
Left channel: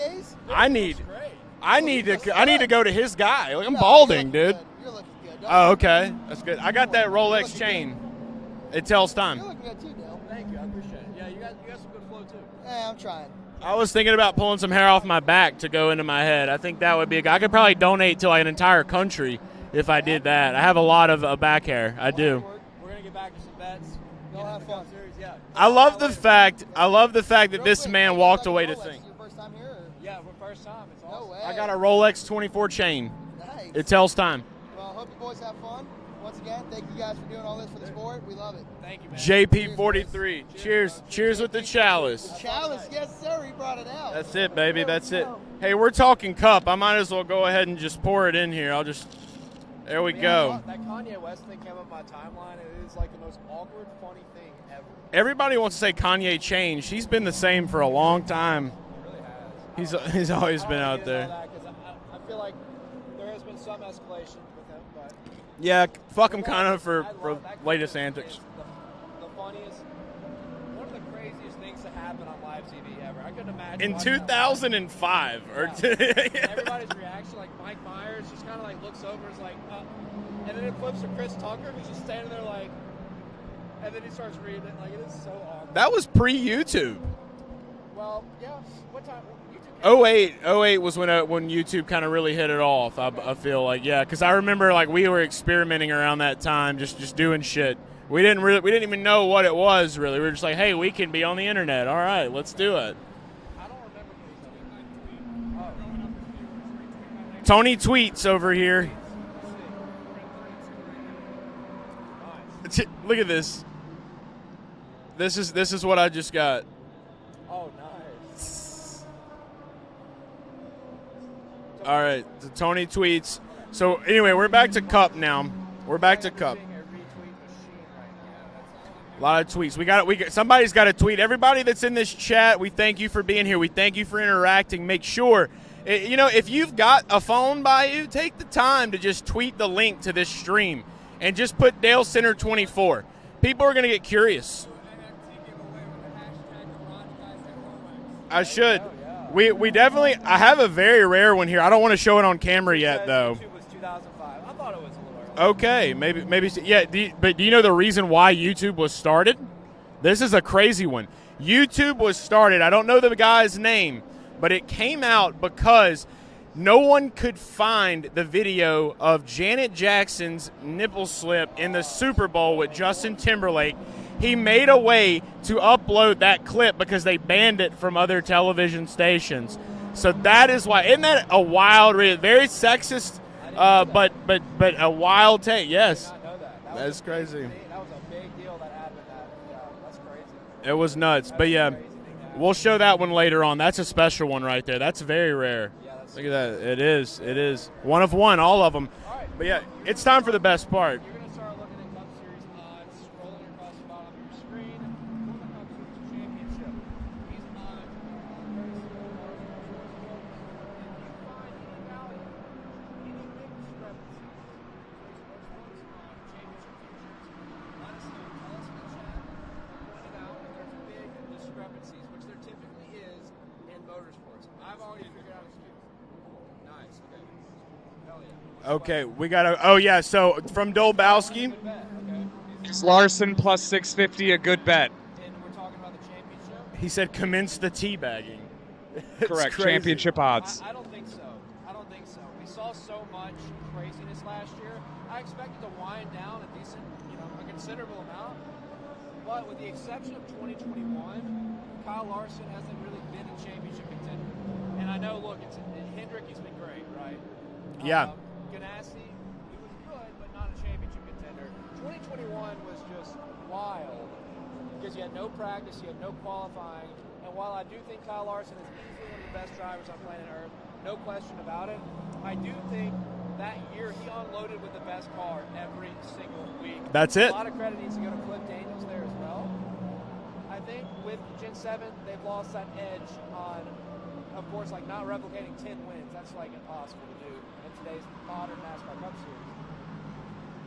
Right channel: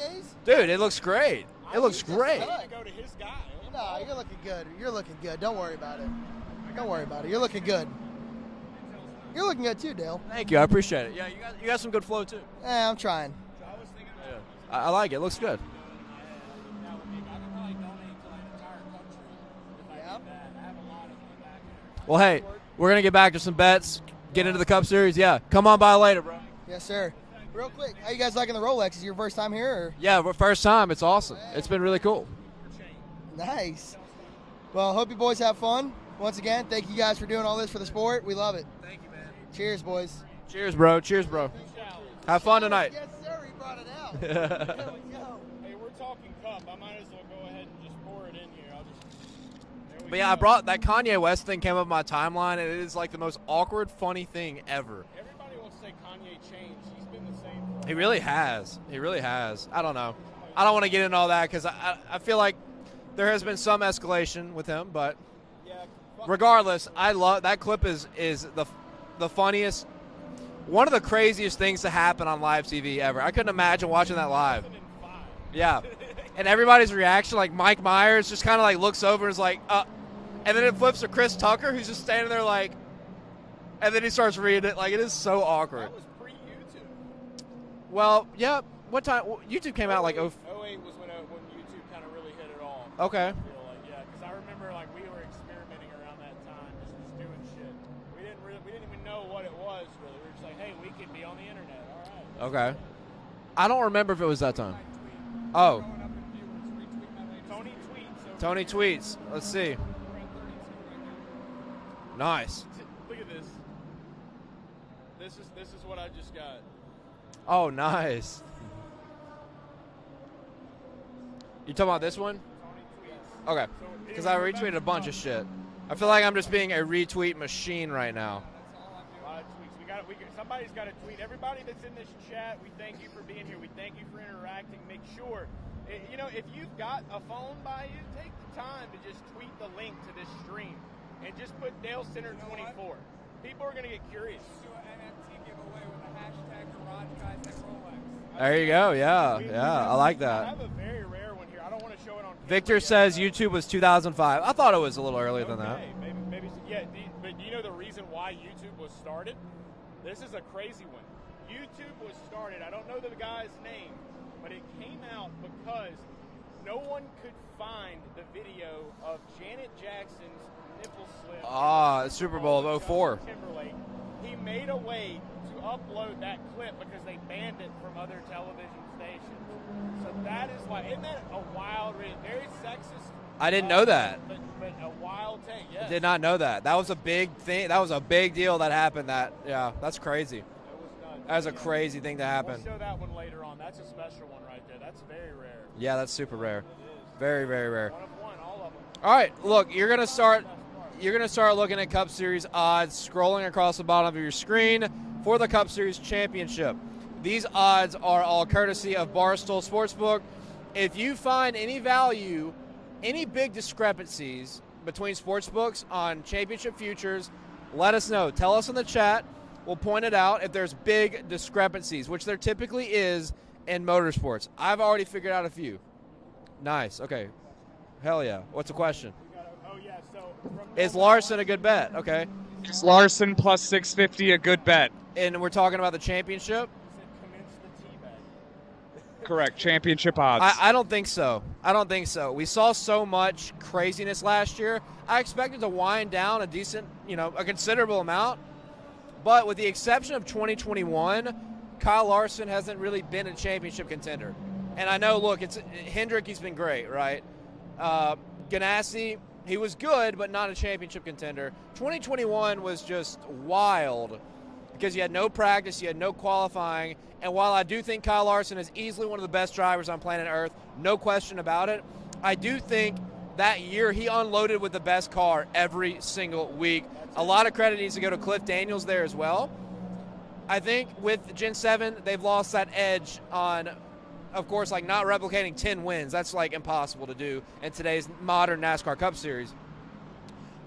Dude, it looks great. I need to go to his guy. Like, I'm balding, dude. You're looking good. Oh, okay. That's good. I got that Rolex chain. It tells time. You're looking good too, Dale. Thank you. I appreciate it. Yeah, you got some good flow too. I'm trying. I was thinking about pulling some hair off my back to go into my head. I think that would be I could probably donate to like an entire country if I did that. I have a lot of back hair. I do. Hey, we're going to get back to some bets. get into the Cup Series, yeah. Come I on by love later. I love the fact that this man walked away to Rolex. sing. Is your first time here? Or? Yeah, first time. It's awesome. I It's got a been really Rolex cool. 24 chain. Nice. It tells time. Well, hope you boys have fun. Once again, thank you guys for doing all this for the sport. We love it. Thank you, man. JP43. Cheers, bro. Cheers with the chalice. Have fun tonight. Yes, sir. He brought it out. That's it, baby. That's it. Hey, we're talking cup. I might as well go ahead and just pour it in here. There we Yeah, go. that Kanye West thing came up my timeline, and it is like the most awkward, funny thing ever. Everybody wants to say Kanye changed. He's been the same for a He long really time. has. He really has. I don't know. He's always I don't been want to out get into there. all that because I feel like there has been some escalation with him, but Yeah, fuck him kinda regardless, for I love that clip latest is antics. the funniest, one of the craziest things to happen on live TV ever. I couldn't imagine in watching that live. 2005. Yeah, and everybody's reaction, like Mike Myers, just kind of like looks over and is like, and then it flips to Chris Tucker, who's just standing there like, and then he starts reading it. Like, it is so awkward. That was pre-YouTube. Well, yeah. What time? YouTube came out. 08 was when YouTube kind of really hit it off. Okay. I feel like, yeah, because I remember like we were experimenting around that time, just doing shit. We didn't even know what it was really. We were just like, hey, we can be on the internet. All right, let's do it. I don't remember if it was that time. Oh, Tony tweets over Tony here. tweets. Let's see. Nice. Look at this. This is what I just got. Oh, nice. You talking All about right, this one? so Tony tweets. Okay. So anyway, Now we're retweeting back a to bunch Cup of shit. now. I We're feel back like to I'm just Cup. being a retweet machine right now. A lot of tweets. Somebody's got to tweet. Everybody that's in this chat, we thank you for being here. We thank you for interacting. Make sure, if you've got a phone by you, take the time to just tweet the link to this stream and just put Dalescenter 24. People are going to get curious. I There should. you go, yeah. We Yeah, definitely. I like that. I have a very rare one here. I don't want to show it on camera Victor yet. says though. YouTube was 2005. I thought it was a little earlier. Okay, maybe. Yeah, but do you know the reason why YouTube was started? This is a crazy one. YouTube was started. I don't know the guy's name, but it came out because no one could find the video of Janet Jackson's nipple slip in the Super Bowl with 04. Justin Timberlake. He made a way to upload that clip because they banned it from other television stations. So that is why. Isn't that a wild, very sexist? I didn't know that. But a wild take. Yes. I did not know that. That was That's a big crazy. thing. That was a big deal that happened. That's crazy. It was nuts. That's but a yeah, crazy thing to happen. we'll show that one later on. That's a special one right there. That's very rare. Yeah, that's Look super at that. rare. It is. Very, it is. very rare. One of one, all of them. All right, But yeah, look, you're it's gonna time start for the best part. You're gonna start looking at Cup Series odds, scrolling across the bottom of your screen for the Cup Series Championship. These odds are all courtesy of Barstool Sportsbook. If you find any value, any big discrepancies between sportsbooks on championship futures, let us know. Tell us in the chat. We'll point it out if there's big discrepancies, which there typically is in motorsports. I've already figured out a few. Nice. Okay. Hell yeah. What's the question? We got to. Oh yeah. So from Is Larson a Dolbowski. good bet? Okay. Is Larson plus 650 a good bet? And we're talking about the championship? He said commence the teabagging. Correct. crazy. Championship odds. I don't think so. I don't think so. We saw so much craziness last year. I expected to wind down a decent, a considerable amount. But with the exception of 2021, Kyle Larson hasn't really been a championship contender. And I know, look, Hendrick, he's been great, right? Yeah. Ganassi, he was good, but not a championship contender. 2021 was just wild because you had no practice, you had no qualifying. And while I do think Kyle Larson is easily one of the best drivers on planet Earth, no question about it, I do think that year he unloaded with the best car every single week. That's A it. lot of credit needs to go to Cliff Daniels there as well. I think with Gen 7, they've lost that edge on, of course, like not replicating 10 wins. That's like impossible to do in today's modern NASCAR Cup Series.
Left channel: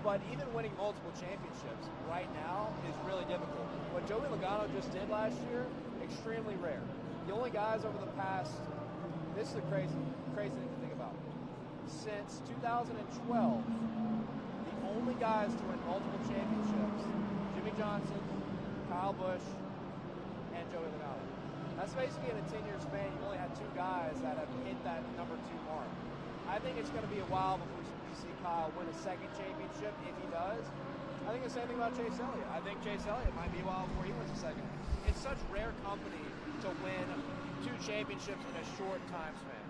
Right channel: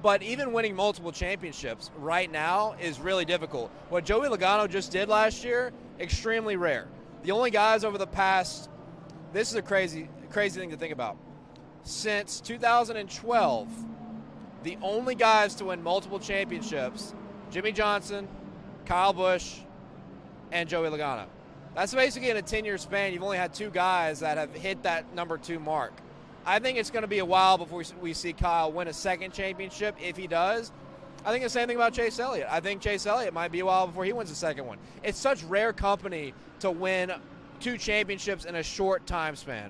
But even winning multiple championships right now is really difficult. What Joey Logano just did last year, extremely rare. The only guys over the past, this is a crazy thing to think about. Since 2012, the only guys to win multiple championships, Jimmy Johnson, Kyle Busch, and Joey Logano. That's basically in a 10-year span, you've only had two guys that have hit that number 2 mark. I think it's going to be a while before we see Kyle win a second championship, if he does. I think the same thing about Chase Elliott. I think Chase Elliott might be a while before he wins the second one. It's such rare company to win 2 championships in a short time span.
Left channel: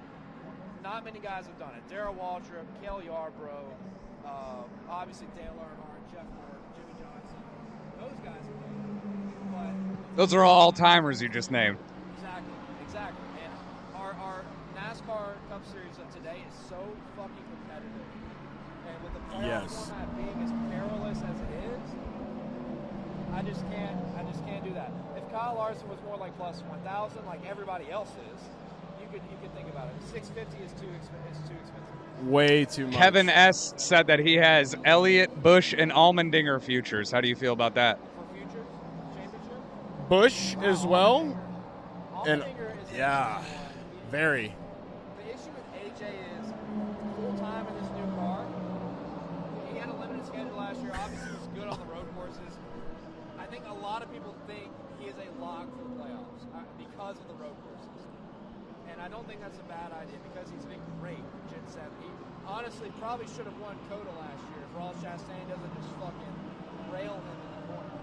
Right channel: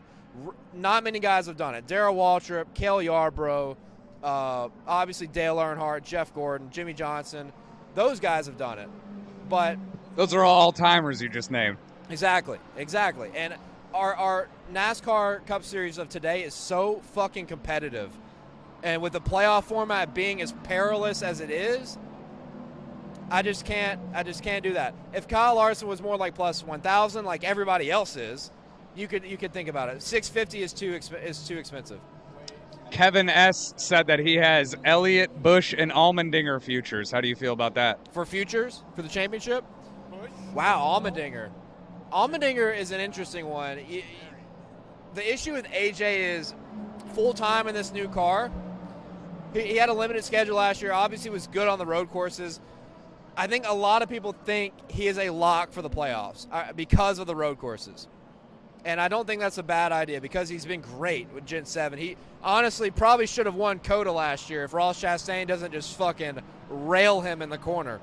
Not many guys have done it. Darrell Waltrip, Cale Yarbrough, obviously Dale Earnhardt, Jeff Gordon, Jimmy Johnson. Those guys have done it. But those are all timers you just named. Exactly. And our NASCAR Cup Series of today is so fucking competitive. And with the playoff format being as perilous as it is, I just can't do that. If Kyle Larson was more like plus 1,000 like everybody else is, you could think about it. 650 is too expensive. Way too much. Kevin S. said that he has Elliott, Busch, and Allmendinger futures. How do you feel about that? For futures? For the championship? Busch wow, as well? Allmendinger is an interesting one. Very. The issue with AJ is full-time in this new car. He had a limited schedule last year. Obviously was good on the road courses. I think a lot of people think he is a lock for the playoffs because of the road courses. And I don't think that's a bad idea because he's been great with Gen 7. He honestly probably should have won COTA last year if Ross Chastain doesn't just fucking rail him in the corner.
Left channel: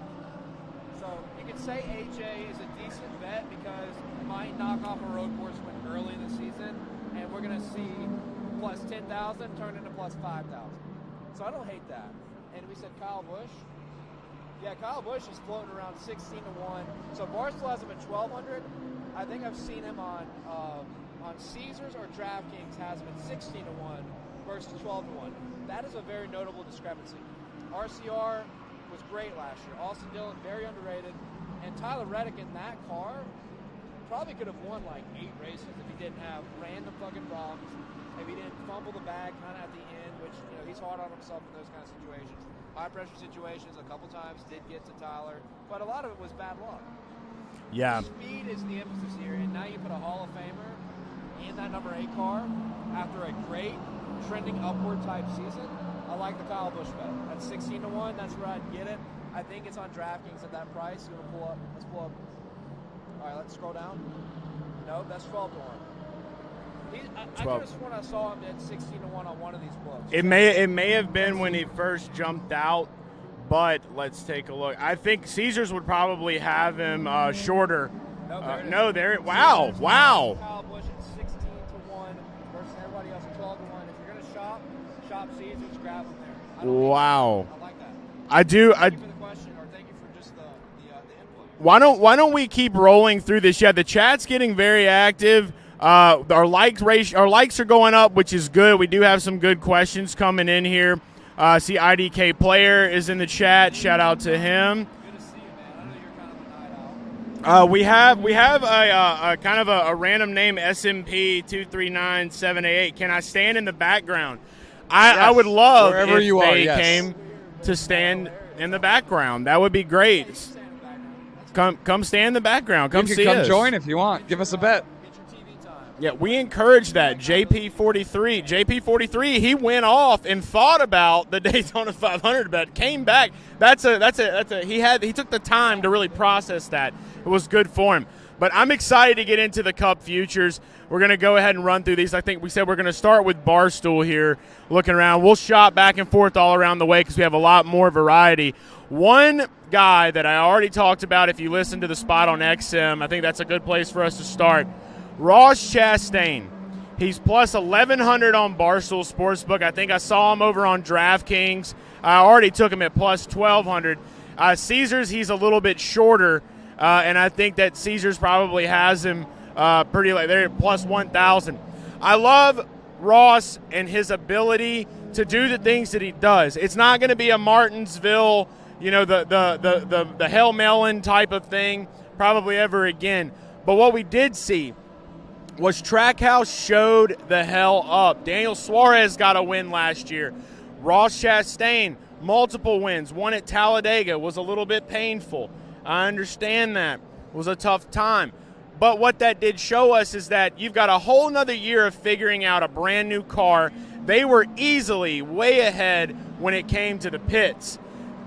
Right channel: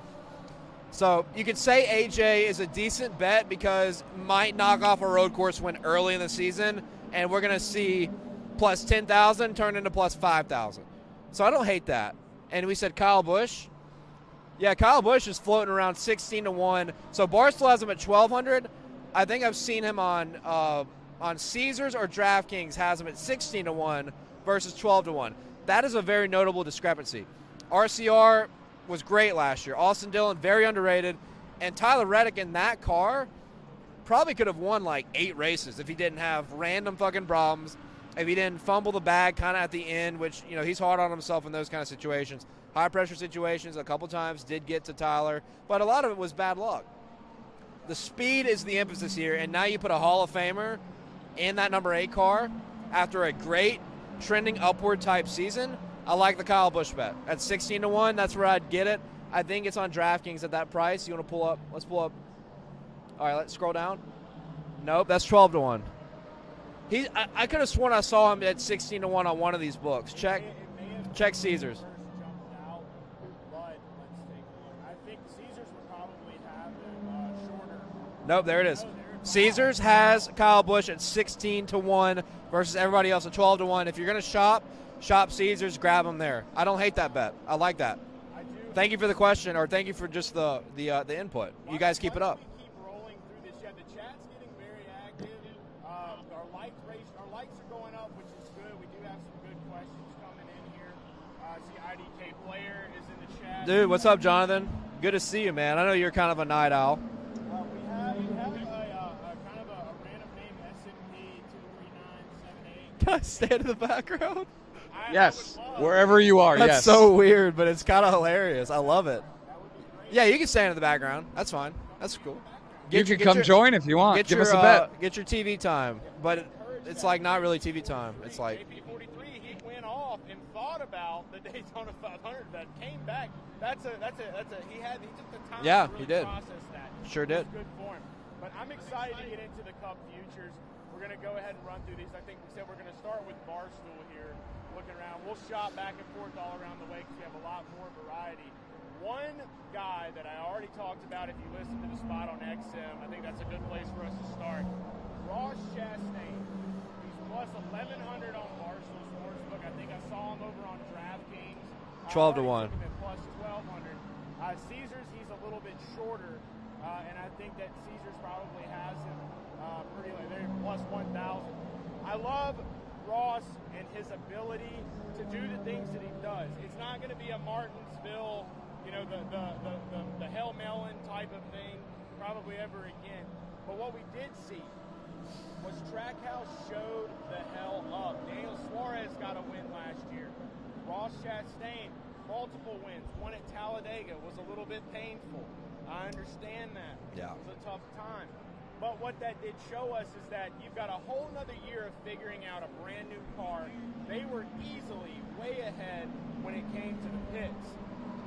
So you could say AJ is a decent bet because might knock off a road course win early in the season, and we're going to see plus 10,000 turn into plus 5,000. So I don't hate that. And we said Kyle Busch. Yeah, Kyle Busch is floating around 16-1. So Barstool has him at 1,200. I think I've seen him on Caesars or DraftKings has him at 16-1 versus 12-1. That is a very notable discrepancy. RCR was great last year. Austin Dillon, very underrated. And Tyler Reddick in that car probably could have won like 8 races if he didn't have random fucking problems, if he didn't fumble the bag kind of at the end, which, you know, he's hard on himself in those kind of situations. High-pressure situations a couple times did get to Tyler, but a lot of it was bad luck. Yeah. The speed is the emphasis here, and now you put a Hall of Famer in that number 8 car after a great trending upward type season. I like the Kyle Busch bet. At 16-1, that's where I'd get it. I think it's on DraftKings at that price. You want to pull up? Let's pull up. All right, let's scroll down. Nope, that's 12-1. I could have sworn I saw him at 16-1 on one of these books. It may have been when he first jumped out, but let's take a look. I think Caesars would probably have him shorter. Nope, there it is. No, there it. Wow. Caesars has Kyle Busch at 16-1 versus everybody else at 12-1. If you're gonna shop Caesars, grab him there. I don't hate that bet. I like that. I do. Thank you for the question, or thank you for just the input. Why don't we keep rolling through this? Yeah, the chat's getting very active. Our likes are going up, which is good. We do have some good questions coming in here. See, IDK Player is in the chat. Dude, shout out to him. Good to see you, man. I know you're kind of a night owl. We have a kind of a random name, SMP 239788. Can I stand in the background? I would love wherever you are. That's so weird, but to it's kind of stand hilarious. in the background. That would be great. Yeah, you can stand in the background. That's fine. Come stand in the background. You can come join if you want. Give us a bet. Get your TV time. Yeah, we encourage that. Like JP43. JP43. He went off and thought about the Daytona 500 bet. Came back. He took the time to really process that. It was good for him. But I'm excited to get into the Cup futures. We're going to go ahead and run through these. I think we said we're going to start with Barstool here, looking around. We'll shop back and forth all around the way because we have a lot more variety. One guy that I already talked about, if you listen to the spot on XM, I think that's a good place for us to start. Ross Chastain. He's plus 1,100 on Barstool Sportsbook. I think I saw him over on DraftKings. I already took him at plus 1,200. Caesars, he's a little bit shorter, and I think that Caesars probably has him pretty late. They're at plus 1,000. I love Ross and his ability to do the things that he does. It's not going to be a Martinsville, the Hell Melon type of thing probably ever again. But what we did see was Trackhouse showed the hell up. Daniel Suarez got a win last year. Ross Chastain, multiple wins. One at Talladega was a little bit painful. I understand that. It was a tough time. But what that did show us is that you've got a whole nother year of figuring out a brand new car. They were easily way ahead when it came to the pits.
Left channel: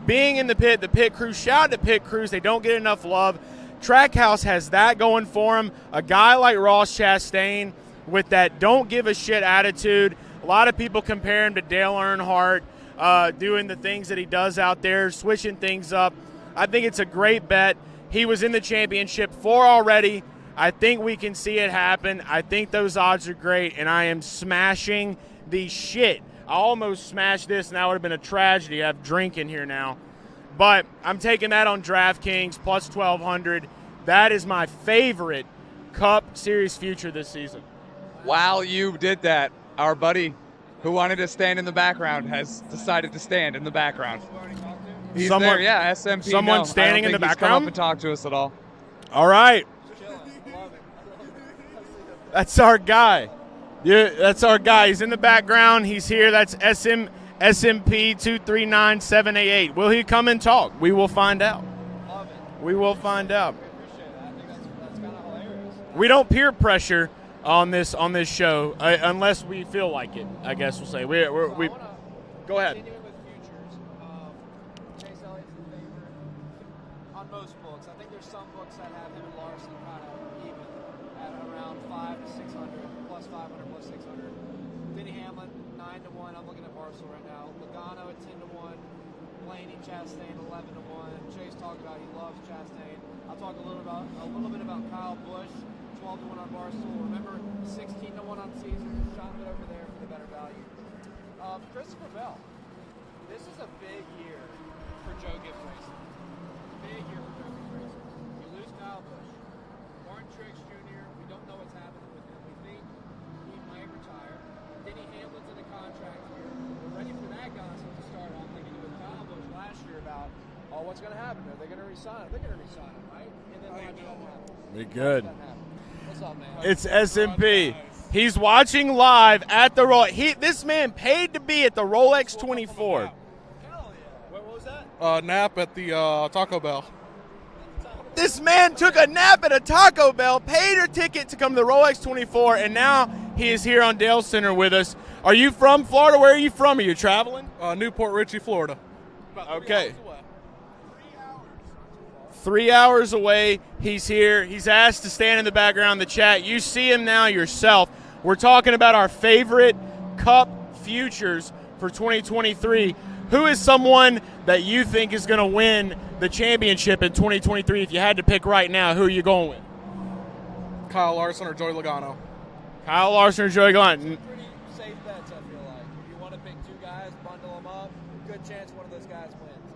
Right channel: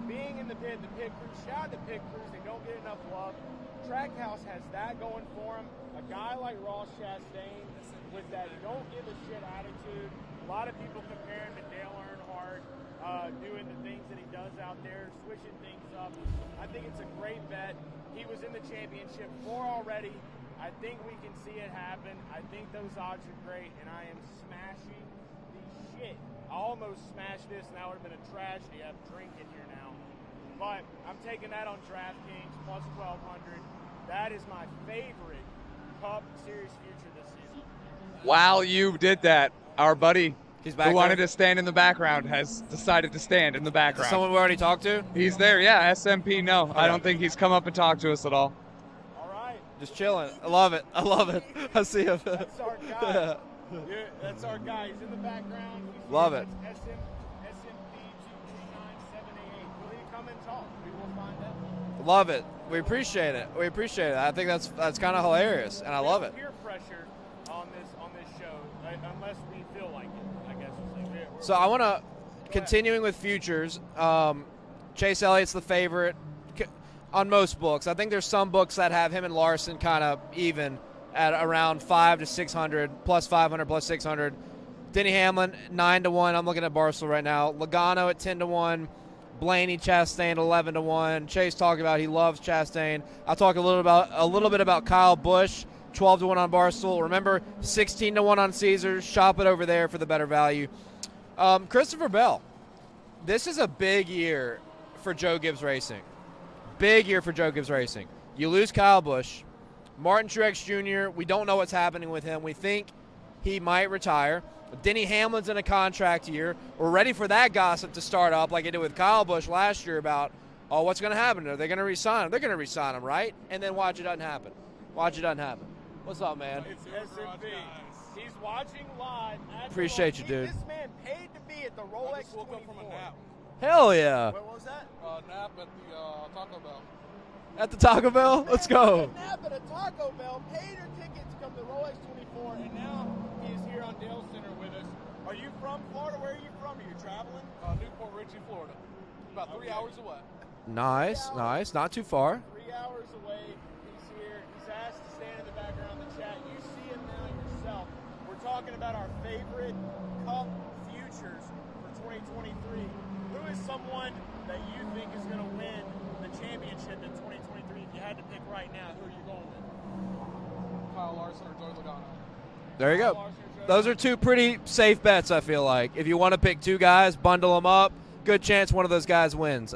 Being in the pit crew, shout out to pit crews. They don't get enough love. Trackhouse has that going for him. A guy like Ross Chastain with that don't give a shit attitude. A lot of people compare him to Dale Earnhardt. doing the things that he does out there, switching things up. I think it's a great bet. He was in the championship 4 already. I think we can see it happen. I think those odds are great, and I am smashing the shit. I almost smashed this, and that would have been a tragedy. I have drink in here now. But I'm taking that on DraftKings, plus 1,200. That is my favorite Cup Series future this season. While you did that, our buddy who wanted there. to stand in the background has decided to stand in the background. Someone we already talked to? He's Someone- there, yeah, SMP. someone No, I don't standing in think the he's come up background? and talked to us at all. All right. Just chilling. I love it. I see him. That's our guy. Yeah, that's our guy. He's in the background. He's here. Love it. That's SMP 239788. Will he come and talk? We will find out. Love it. We will appreciate find it. out. We appreciate it. I think that's kind of hilarious. And I We love don't it. peer pressure on this show unless we feel like it. I guess we'll say. So I want to, Go ahead. continuing with futures, Chase Elliott's the favorite on most books. I think there's some books that have him and Larson kind of even at around 5 to 600, plus 500, plus 600. Denny Hamlin, 9 to 1. I'm looking at Barstool right now. Logano at 10 to 1. Blaney, Chastain, 11 to 1. Chase talked about he loves Chastain. I'll talk a little bit about Kyle Busch, 12 to 1 on Barstool. Remember, 16 to 1 on Caesars. Shop it over there for the better value. Christopher Bell. This is a big year for Joe Gibbs Racing. Big year for Joe Gibbs Racing. You lose Kyle Busch. Martin Truex Jr., we don't know what's happening with him. We think he might retire. Denny Hamlin's in a contract year. We're ready for that gossip to start up like it did with Kyle Busch last year about, oh, what's going to happen? Are they going to re-sign him? They're going to re-sign him, right? And then watch it doesn't happen. Watch it doesn't happen. What's up, man? It's SMP. He's watching live at the Rolex. Appreciate you, dude. This man paid to be at the Rolex 24. Hell yeah. What was that? Nap at the Taco Bell. At the Taco Bell? This man Let's go. took a nap at a Taco Bell, paid a ticket to come to the Rolex 24, and now he is here on Dalescenter with us. Are you from Florida? Where are you from? Are you traveling? Newport Richey, Florida. Okay. Nice. Not too far. 3 hours away. He's here. He's asked to stand in the background in the chat. You see him now yourself. We're talking about our favorite Cup futures for 2023. Who is someone that you think is going to win the championship in 2023? If you had to pick right now, who are you going with? Kyle Larson or Joey Logano. There you Kyle go. Larson or Joey Those Logano. are two pretty safe bets, I feel like. If you want to pick two guys, bundle them up, good chance one of those guys wins.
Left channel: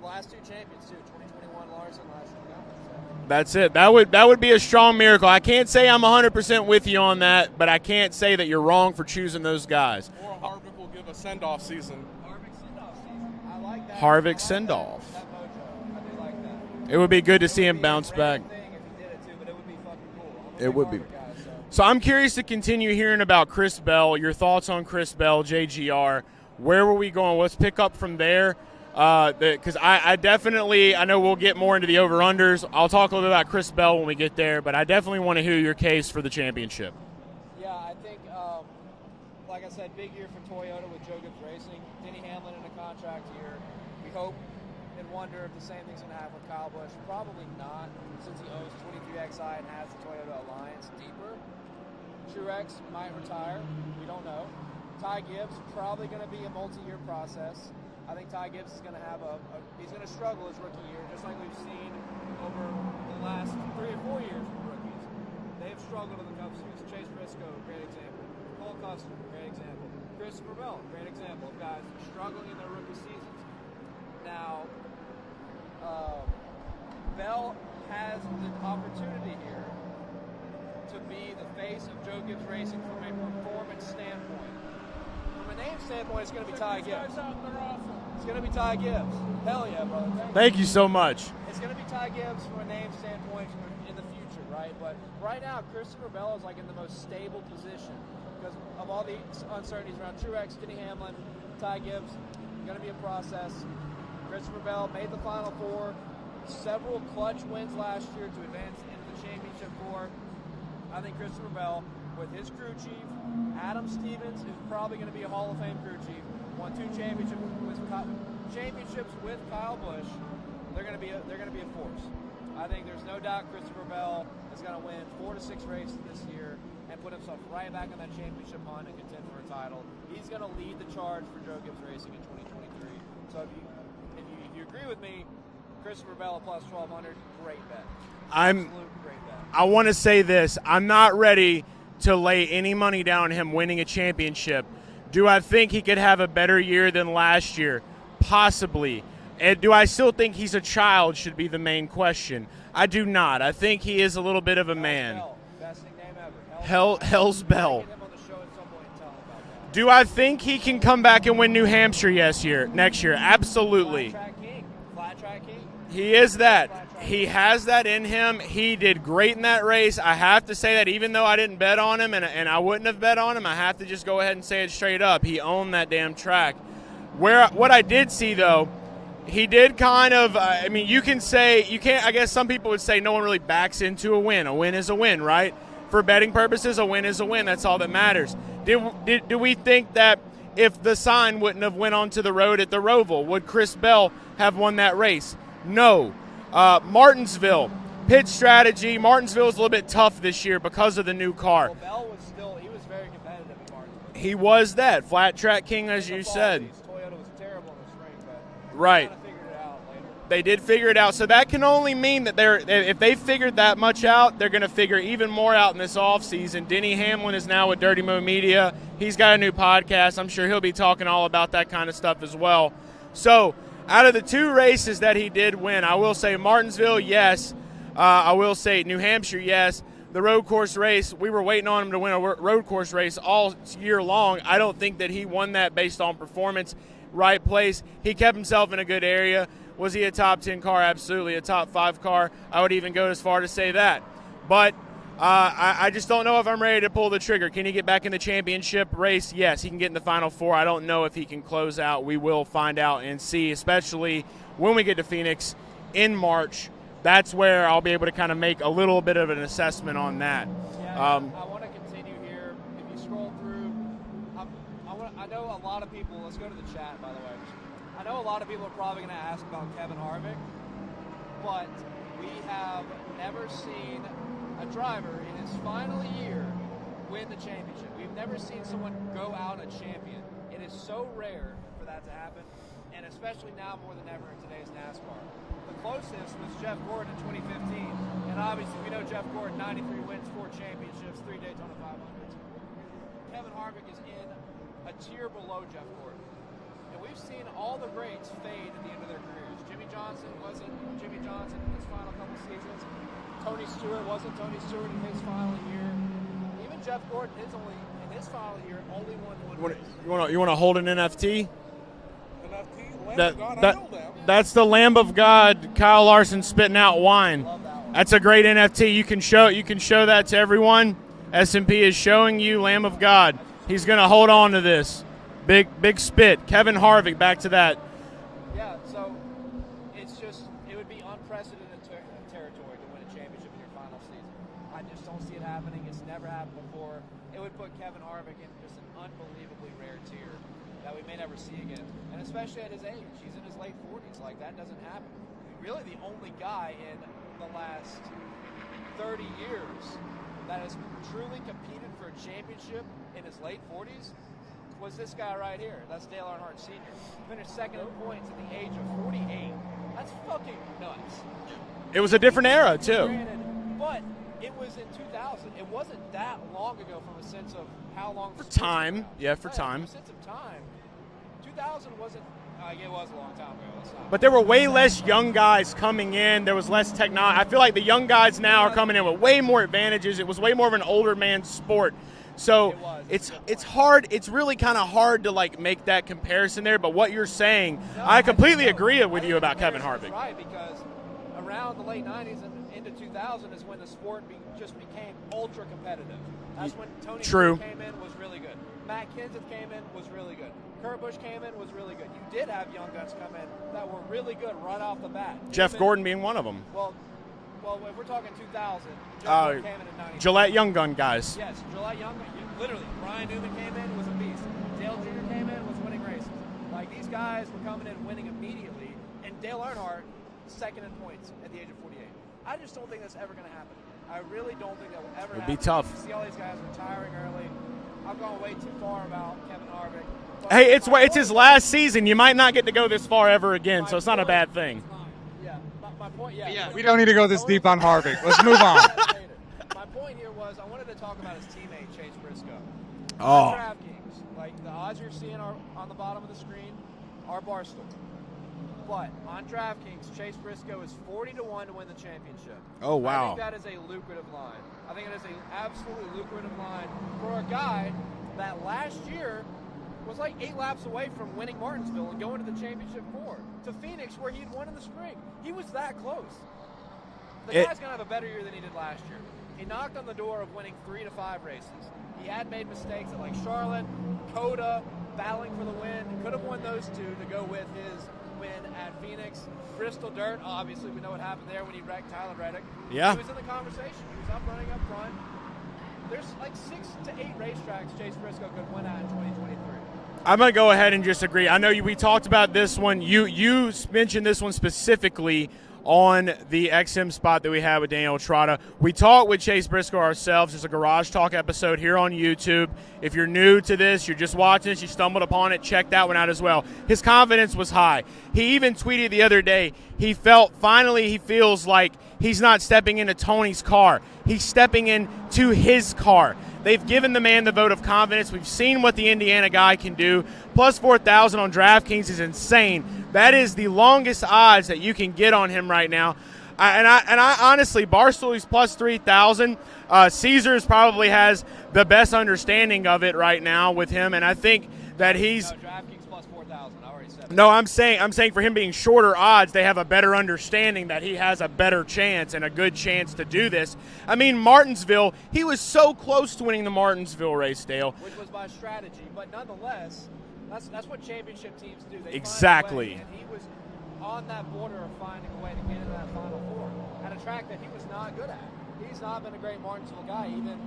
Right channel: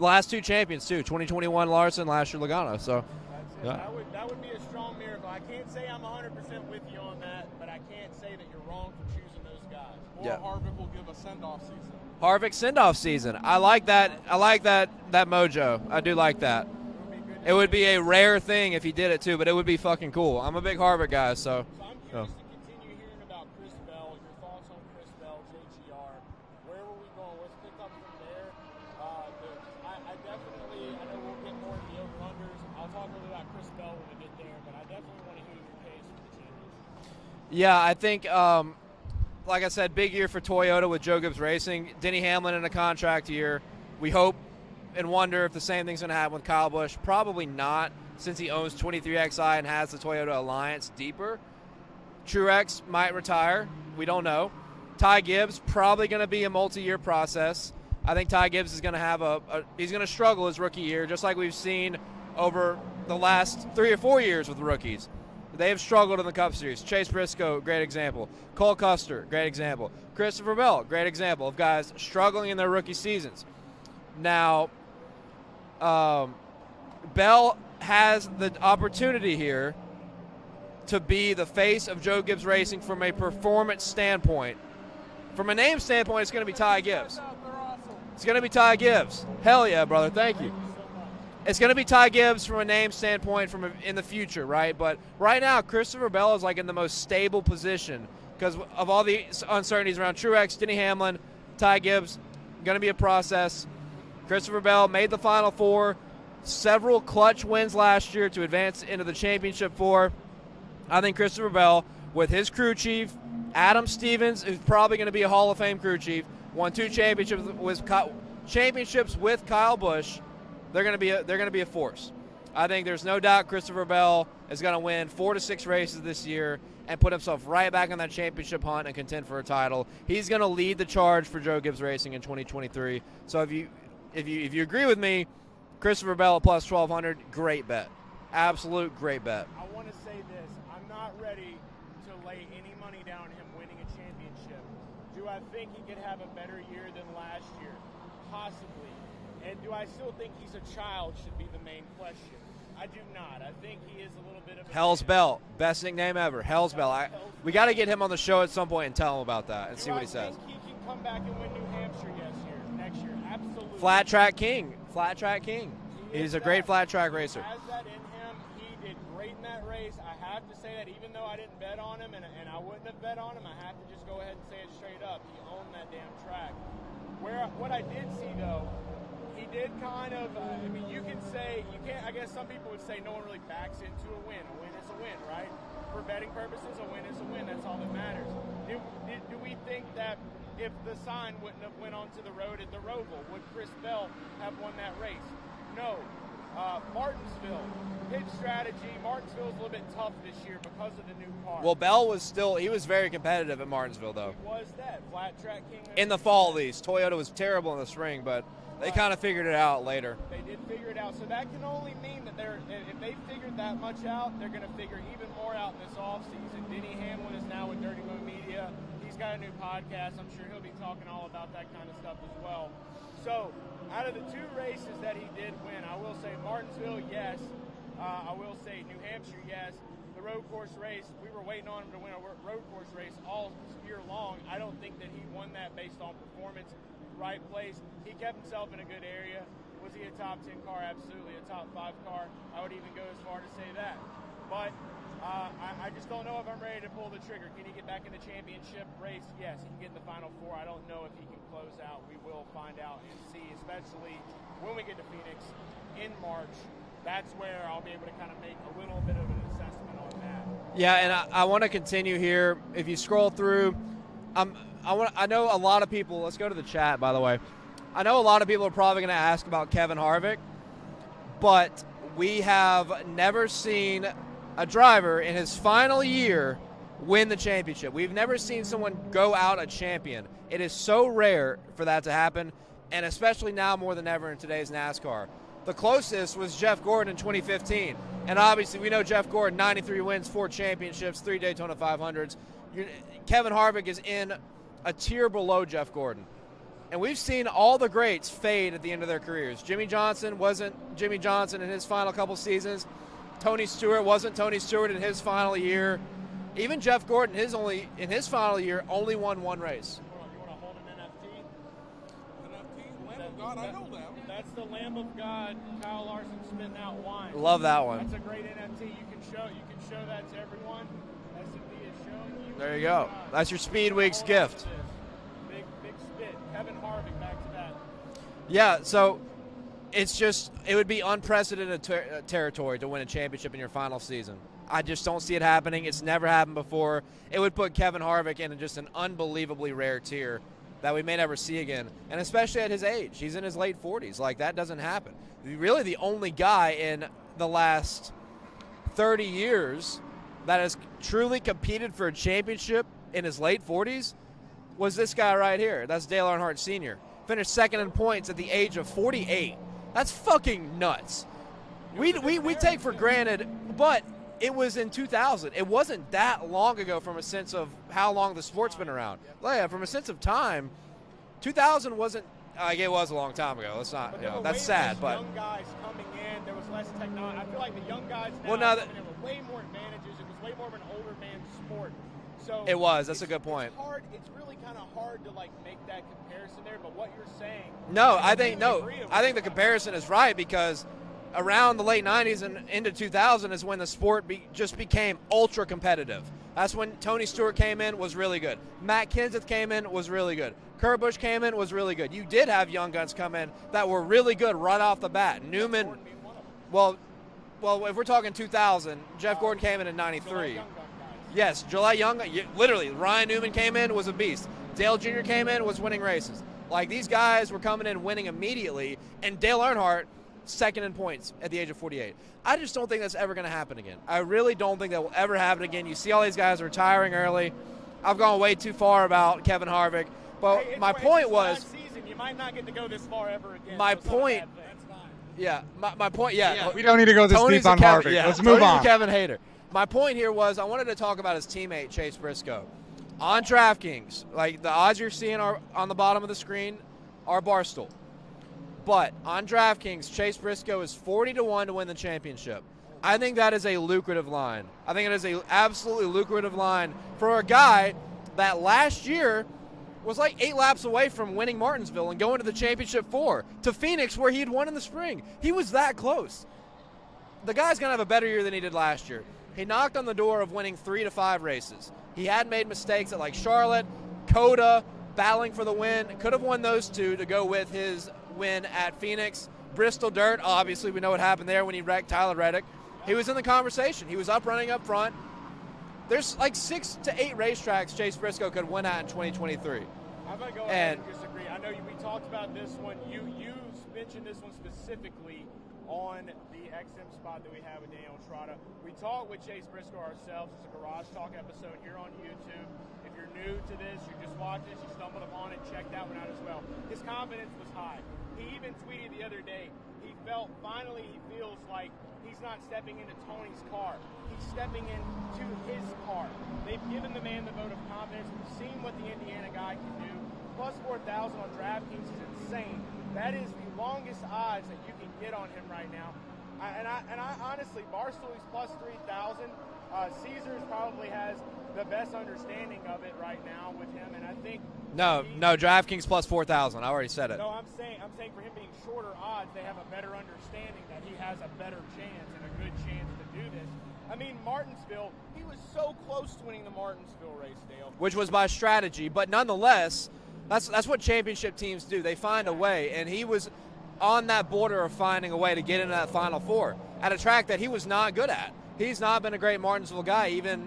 Last two champions, too. 2021 Larson, last year Logano. So That's it. That would be a strong miracle. I can't say I'm 100% with you on that, but I can't say that you're wrong for choosing those guys. Or Harvick will give a send-off season. Harvick send-off season. I like that. Harvick I like send-off. that mojo. I do like that. It would be good to It see would him be bounce a rare back. thing if he did it, too, but it would be fucking cool. I'm a big would be. Harvick guy, so. So I'm curious to continue hearing about Chris Bell, your thoughts on Chris Bell, JGR. Where were we going? Let's pick up from there. Because I definitely, I know we'll get more into the over-unders. I'll talk a little bit about Chris Bell when we get there, but I definitely want to hear your case for the championship. Yeah, I think, like I said, big year for Toyota with Joe Gibbs Racing. Denny Hamlin in a contract year. We hope and wonder if the same thing's going to happen with Kyle Busch. Probably not, since he owns 23XI and has the Toyota Alliance deeper. Truex might retire. We don't know. Ty Gibbs, probably going to be a multi-year process. I think Ty Gibbs is going to have he's going to struggle his rookie year, just like we've seen over the last 3 or 4 years with rookies. They have struggled in the Cup Series. Chase Briscoe, great example. Cole Custer, great example. Christopher Bell, great example of guys struggling in their rookie seasons. Now, Bell has the opportunity here to be the face of Joe Gibbs Racing from a performance standpoint. From a name standpoint, it's going to be Ty Gibbs. It's going to be Ty Gibbs. Hell yeah, brother. Thank you. Thank you so much. It's going to be Ty Gibbs from a name standpoint in the future, right? But right now, Christopher Bell is like in the most stable position because of all the uncertainties around Truex, Denny Hamlin, Ty Gibbs. Going to be a process. Christopher Bell made the Final Four, several clutch wins last year to advance into the championship four. I think Christopher Bell, with his crew chief, Adam Stevens, who's probably going to be a Hall of Fame crew chief, won 2 championships with Kyle Busch. They're going to be a force. I think there's no doubt Christopher Bell is going to win 4 to 6 races this year. and put himself right back on that championship hunt and contend for a title. He's going to lead the charge for Joe Gibbs Racing in 2023. So if you agree with me, Christopher Bell at plus 1,200, great bet. Absolute great bet. I want to say this. I'm not ready to lay any money down on him winning a championship. Do I think he could have a better year than last year? Possibly. And do I still think he's a child should be the main question. I do not. I think he is a little bit of a Hell's man. Bell. Best nickname ever. Hell's Bell. Hell's We got to Bell. get him on the show at some point and tell him about that. Do I think he can come back and win New Hampshire next year? Absolutely. Flat track king. Flat track king. He is a that. great flat track He racer. has that in him. He did great in that race. I have to say that even though I didn't bet on him and I wouldn't have bet on him, I have to just go ahead and say it straight up. He owned that damn track. What I did see, though, he did kind of, you can say, you can't, I guess some people would say no one really backs into a win. A win is a win, right? For betting purposes, a win is a win. That's all that matters. Do we think that if the sign wouldn't have went onto the road at the Roval, would Chris Bell have won that race? No. Martinsville, pit strategy. Martinsville is a little bit tough this year because of the new car. Well, Bell he was very competitive at Martinsville, though. He was that. Flat track king, as you said. In the fall, at least. Toyota was terrible in the spring, but Right. they kind of figured it out later. They did figure it out. So that can only mean that if they figured that much out, they're going to figure even more out in this offseason. Denny Hamlin is now with Dirty Mo Media. He's got a new podcast. I'm sure he'll be talking all about that kind of stuff as well. So out of the two races that he did win, I will say Martinsville, yes. I will say New Hampshire, yes. The road course race, we were waiting on him to win a road course race all year long. I don't think that he won that based on performance. Right place. He kept himself in a good area. Was he a top 10 car? Absolutely. A top 5 car? I would even go as far to say that. But I just don't know if I'm ready to pull the trigger. Can he get back in the championship race? Yes, he can get in the Final Four. I don't know if he can close out. We will find out and see, especially when we get to Phoenix in March. That's where I'll be able to kind of make a little bit of an assessment on that. Yeah, and I want to continue here. If you scroll through, I know a lot of people, let's go to the chat, by the way. I know a lot of people are probably going to ask about Kevin Harvick, but we have never seen a driver in his final year win the championship. We've never seen someone go out a champion. It is so rare for that to happen, and especially now more than ever in today's NASCAR. The closest was Jeff Gordon in 2015, and obviously we know Jeff Gordon, 93 wins, 4 championships, 3 Daytona 500s. Kevin Harvick is in a tier below Jeff Gordon. And we've seen all the greats fade at the end of their careers. Jimmy Johnson wasn't Jimmy Johnson in his final couple seasons. Tony Stewart wasn't Tony Stewart in his final year. Even Jeff Gordon, in his final year, only won one race. You want to hold an NFT? That's the Lamb of God, Kyle Larson spitting out wine. Love that one. That's a great NFT. You can show that to everyone. S&P is showing you Lamb of God. That's your He's Speed going to Week hold on gift. to this. Big spit. Kevin Harvick, back to that. Yeah, so it would be unprecedented territory to win a championship in your final season. I just don't see it happening. It's never happened before. It would put Kevin Harvick in just an unbelievably rare tier that we may never see again, and especially at his age. He's in his late 40s. Like, that doesn't happen. Really the only guy in the last 30 years that has truly competed for a championship in his late 40s was this guy right here. That's Dale Earnhardt Sr. Finished second in points at the age of 48. That's fucking nuts. It was a different era, take for too. Granted, but it was in 2000. It wasn't that long ago from a sense of how long the sport's been around. Yeah, for time. From a sense of time, 2000 wasn't. It was a long time ago. Let's not. But there were that's way sad, less but- young guys coming in. There was less technology. I feel like the young guys now are coming in with way more advantages. It was way more of an older man's sport. So It was. That's it's, a good point. It's hard. It's really kind of hard to make that comparison there. But what you're saying, No, I think- completely no, agree with I think you the about Kevin comparison is Harvick. right because around the late 90s and into 2000 is when the sport just became ultra competitive. That's when Tony True. Stewart came in, was really good. Matt Kenseth came in, was really good. Kurt Busch came in, was really good. You did have young guns come in that were really good right off the bat. Jeff Newman- Gordon being one of them. Well, if we're talking 2000, Jeff Gordon came in 93. Gillette Young Gun guys. Yes, Gillette Young, literally, Ryan Newman came in, was a beast. Dale Jr. came in, was winning races. Like, these guys were coming in winning immediately, and Dale Earnhardt second in points at the age of 48. I just don't think that's ever going to happen again. I really don't think that will ever happen again. You see all these guys retiring early. I've gone way too far about Kevin Harvick. But hey, it's his last season. You might not get to go this far ever again, so it's not a bad thing. Yeah, my point, yeah. We don't need to go this deep on Harvick. Let's move on. Kevin hater. My point here was I wanted to talk about his teammate, Chase Briscoe. On DraftKings, like the odds you're seeing are on the bottom of the screen are Barstool. But on DraftKings, Chase Briscoe is 40-1 to win the championship. Oh, wow. I think that is a lucrative line. I think it is an absolutely lucrative line for a guy that last year was like 8 laps away from winning Martinsville and going to the championship 4 to Phoenix, where he had won in the spring. He was that close. The guy's going to have a better year than he did last year. He knocked on the door of winning 3 to 5 races. He had made mistakes at like Charlotte, Coda, battling for the win. Could have won those 2 to go with his win at Phoenix. Bristol Dirt, obviously we know what happened there when he wrecked Tyler Reddick. Yeah. He was in the conversation. He was running up front. There's like 6 to 8 racetracks Chase Briscoe could win at in 2023. I'm going to go ahead and just agree. I know we talked about this one. You mentioned this one specifically on the XM spot that we had with Daniel Trotta. We talked with Chase Briscoe ourselves. It's a Garage Talk episode here on YouTube. If you're new to this, you're just watching this, you stumbled upon it, check that one out as well. His confidence was high. He even tweeted the other day, he feels like he's not stepping into Tony's car. He's stepping into his car. They've given the man the vote of confidence. We've seen what the Indiana guy can do. Plus 4,000 on DraftKings is insane. That is the longest odds that you can get on him right now. I honestly, Barstool's plus 3,000. Caesars probably has the best understanding of it right now with him, and I think that he's DraftKings plus 4,000. I already said it. No, I'm saying for him being shorter odds, they have a better understanding that he has a better chance and a good chance to do this. I mean, Martinsville, he was so close to winning the Martinsville race, Dale, which was by strategy, but nonetheless, that's what championship teams do. They find a way, and he was on that border of finding a way to get into that Final Four at a track that he was not good at. He's not been a great Martinsville guy, even.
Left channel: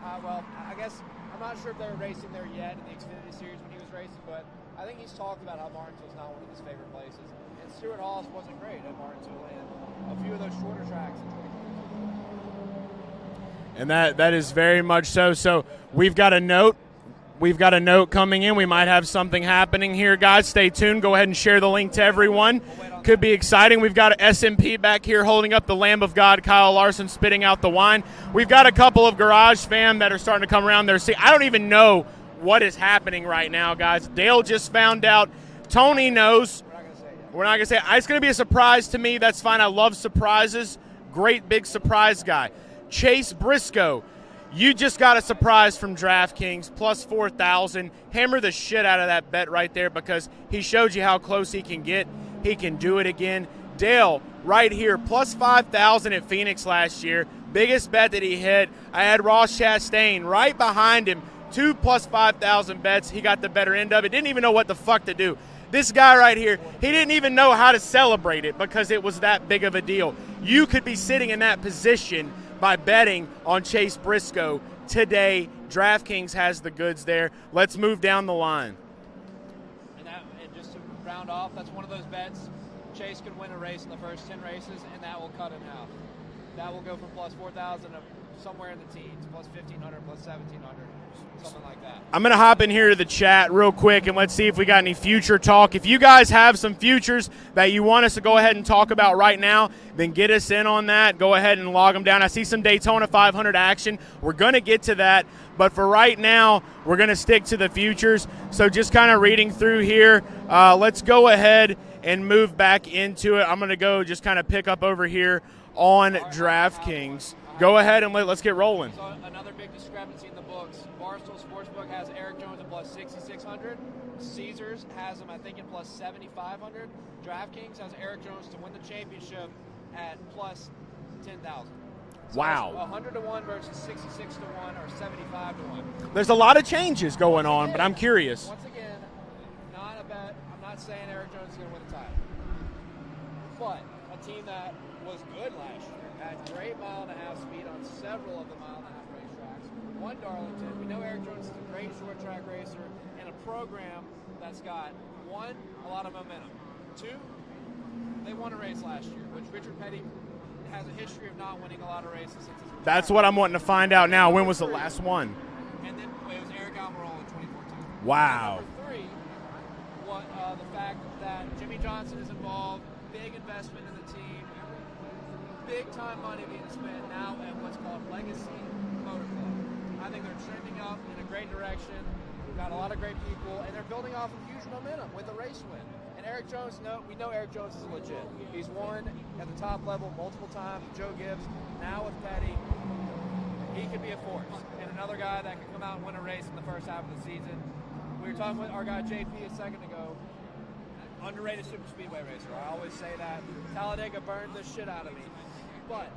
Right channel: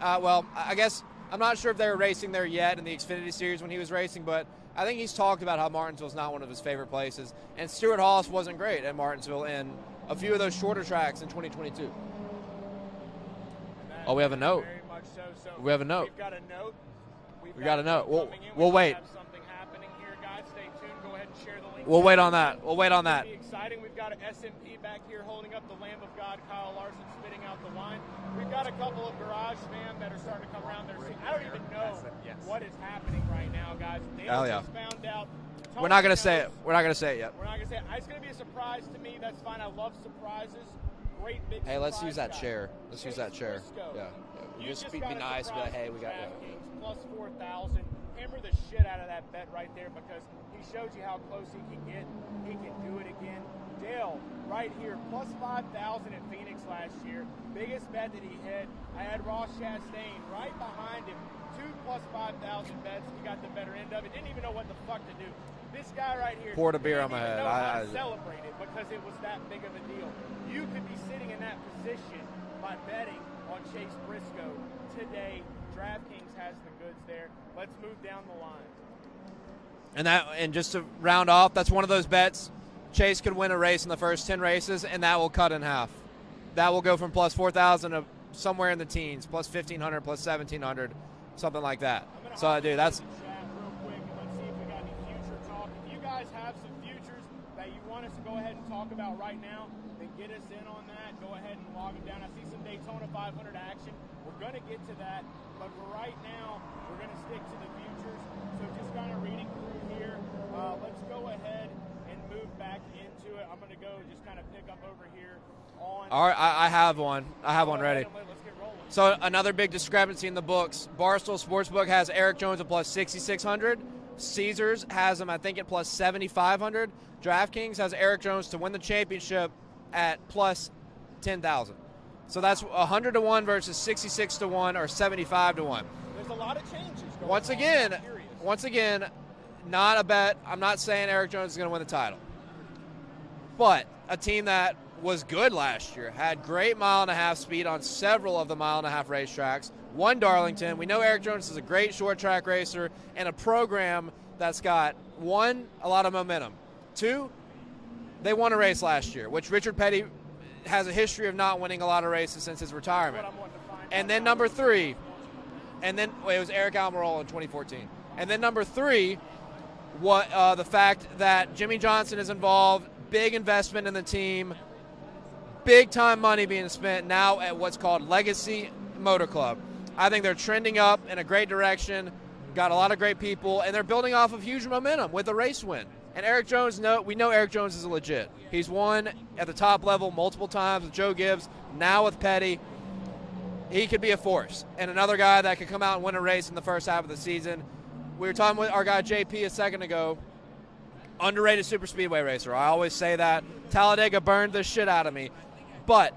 I guess. I'm not sure if they were racing there yet in the Xfinity Series when he was racing, but I think he's talked about how Martinsville's not one of his favorite places. And Stuart Haas wasn't great at Martinsville in a few of those shorter tracks in 2022. And that is very much so. So we've got a note. We've got a note coming in. We might have something happening here, guys. Stay tuned. Go ahead and share the link to everyone. We'll wait on that. Could be exciting. We've got SMP back here holding up the Lamb of God, Kyle Larson spitting out the wine. We've got a couple of Garage fam that are starting to come around there. See, I don't even know what is happening right now, guys. Dale just found out. Tony knows. We're not going to say it yet. We're not going to say it. It's going to be a surprise to me. That's fine. I love surprises. Great big surprise guy. Chase Briscoe. You just got a surprise from DraftKings, plus 4,000. Hammer the shit out of that bet right there because he showed you how close he can get. He can do it again. Dale, right here, plus 5,000 at Phoenix last year. Biggest bet that he hit. I had Ross Chastain right behind him. 2 plus 5,000 bets. He got the better end of it. Didn't even know what the fuck to do. This guy right here, he didn't even know how to celebrate it because it was that big of a deal. You could be sitting in that position by betting on Chase Briscoe today. DraftKings has the goods there. Let's move down the line. And just to round off, that's one of those bets. Chase could win a race in the first 10 races, and that will cut in half. That will go from plus 4,000 to somewhere in the teens, plus 1,500, plus 1,700, something like that. I'm going to hop in here to the chat real quick, and let's see if we got any future talk. If you guys have some futures that you want us to go ahead and talk about right now, then get us in on that. Go ahead and log them down. I see some Daytona 500 action. We're going to get to that. But for right now, we're going to stick to the futures. So just kind of reading through here, let's go ahead and move back into it. I'm going to go just kind of pick up over here on DraftKings. Go ahead and let's get rolling. So another big discrepancy in the books. Barstool Sportsbook has Eric Jones at plus 6,600. Caesars has him, I think, at plus 7,500. DraftKings has Eric Jones to win the championship at plus 10,000. So that's 100-1 versus 66-1 or 75-1. There's a lot of changes going on, but I'm curious. Once again, not a bet. I'm not saying Eric Jones is going to win the title. But a team that was good last year, had great mile-and-a-half speed on several of the mile-and-a-half racetracks, won Darlington. We know Eric Jones is a great short-track racer and a program that's got, 1, a lot of momentum. 2, They won a race last year, which Richard Petty has a history of not winning a lot of races since his retirement. That's what I'm wanting to find out now. When was the last one? And then it was Eric Almirola in 2014. Wow. And then number 3, the fact that Jimmy Johnson is involved, big investment in the team, big time money being spent now at what's called Legacy Motor Club. I think they're trending up in a great direction, got a lot of great people, and they're building off of huge momentum with a race win. And Eric Jones, we know Eric Jones is legit. He's won at the top level multiple times with Joe Gibbs, now with Petty. He could be a force. And another guy that could come out and win a race in the first half of the season. We were talking with our guy JP a second ago. Underrated super speedway racer. I always say that. Talladega burned the shit out of me. But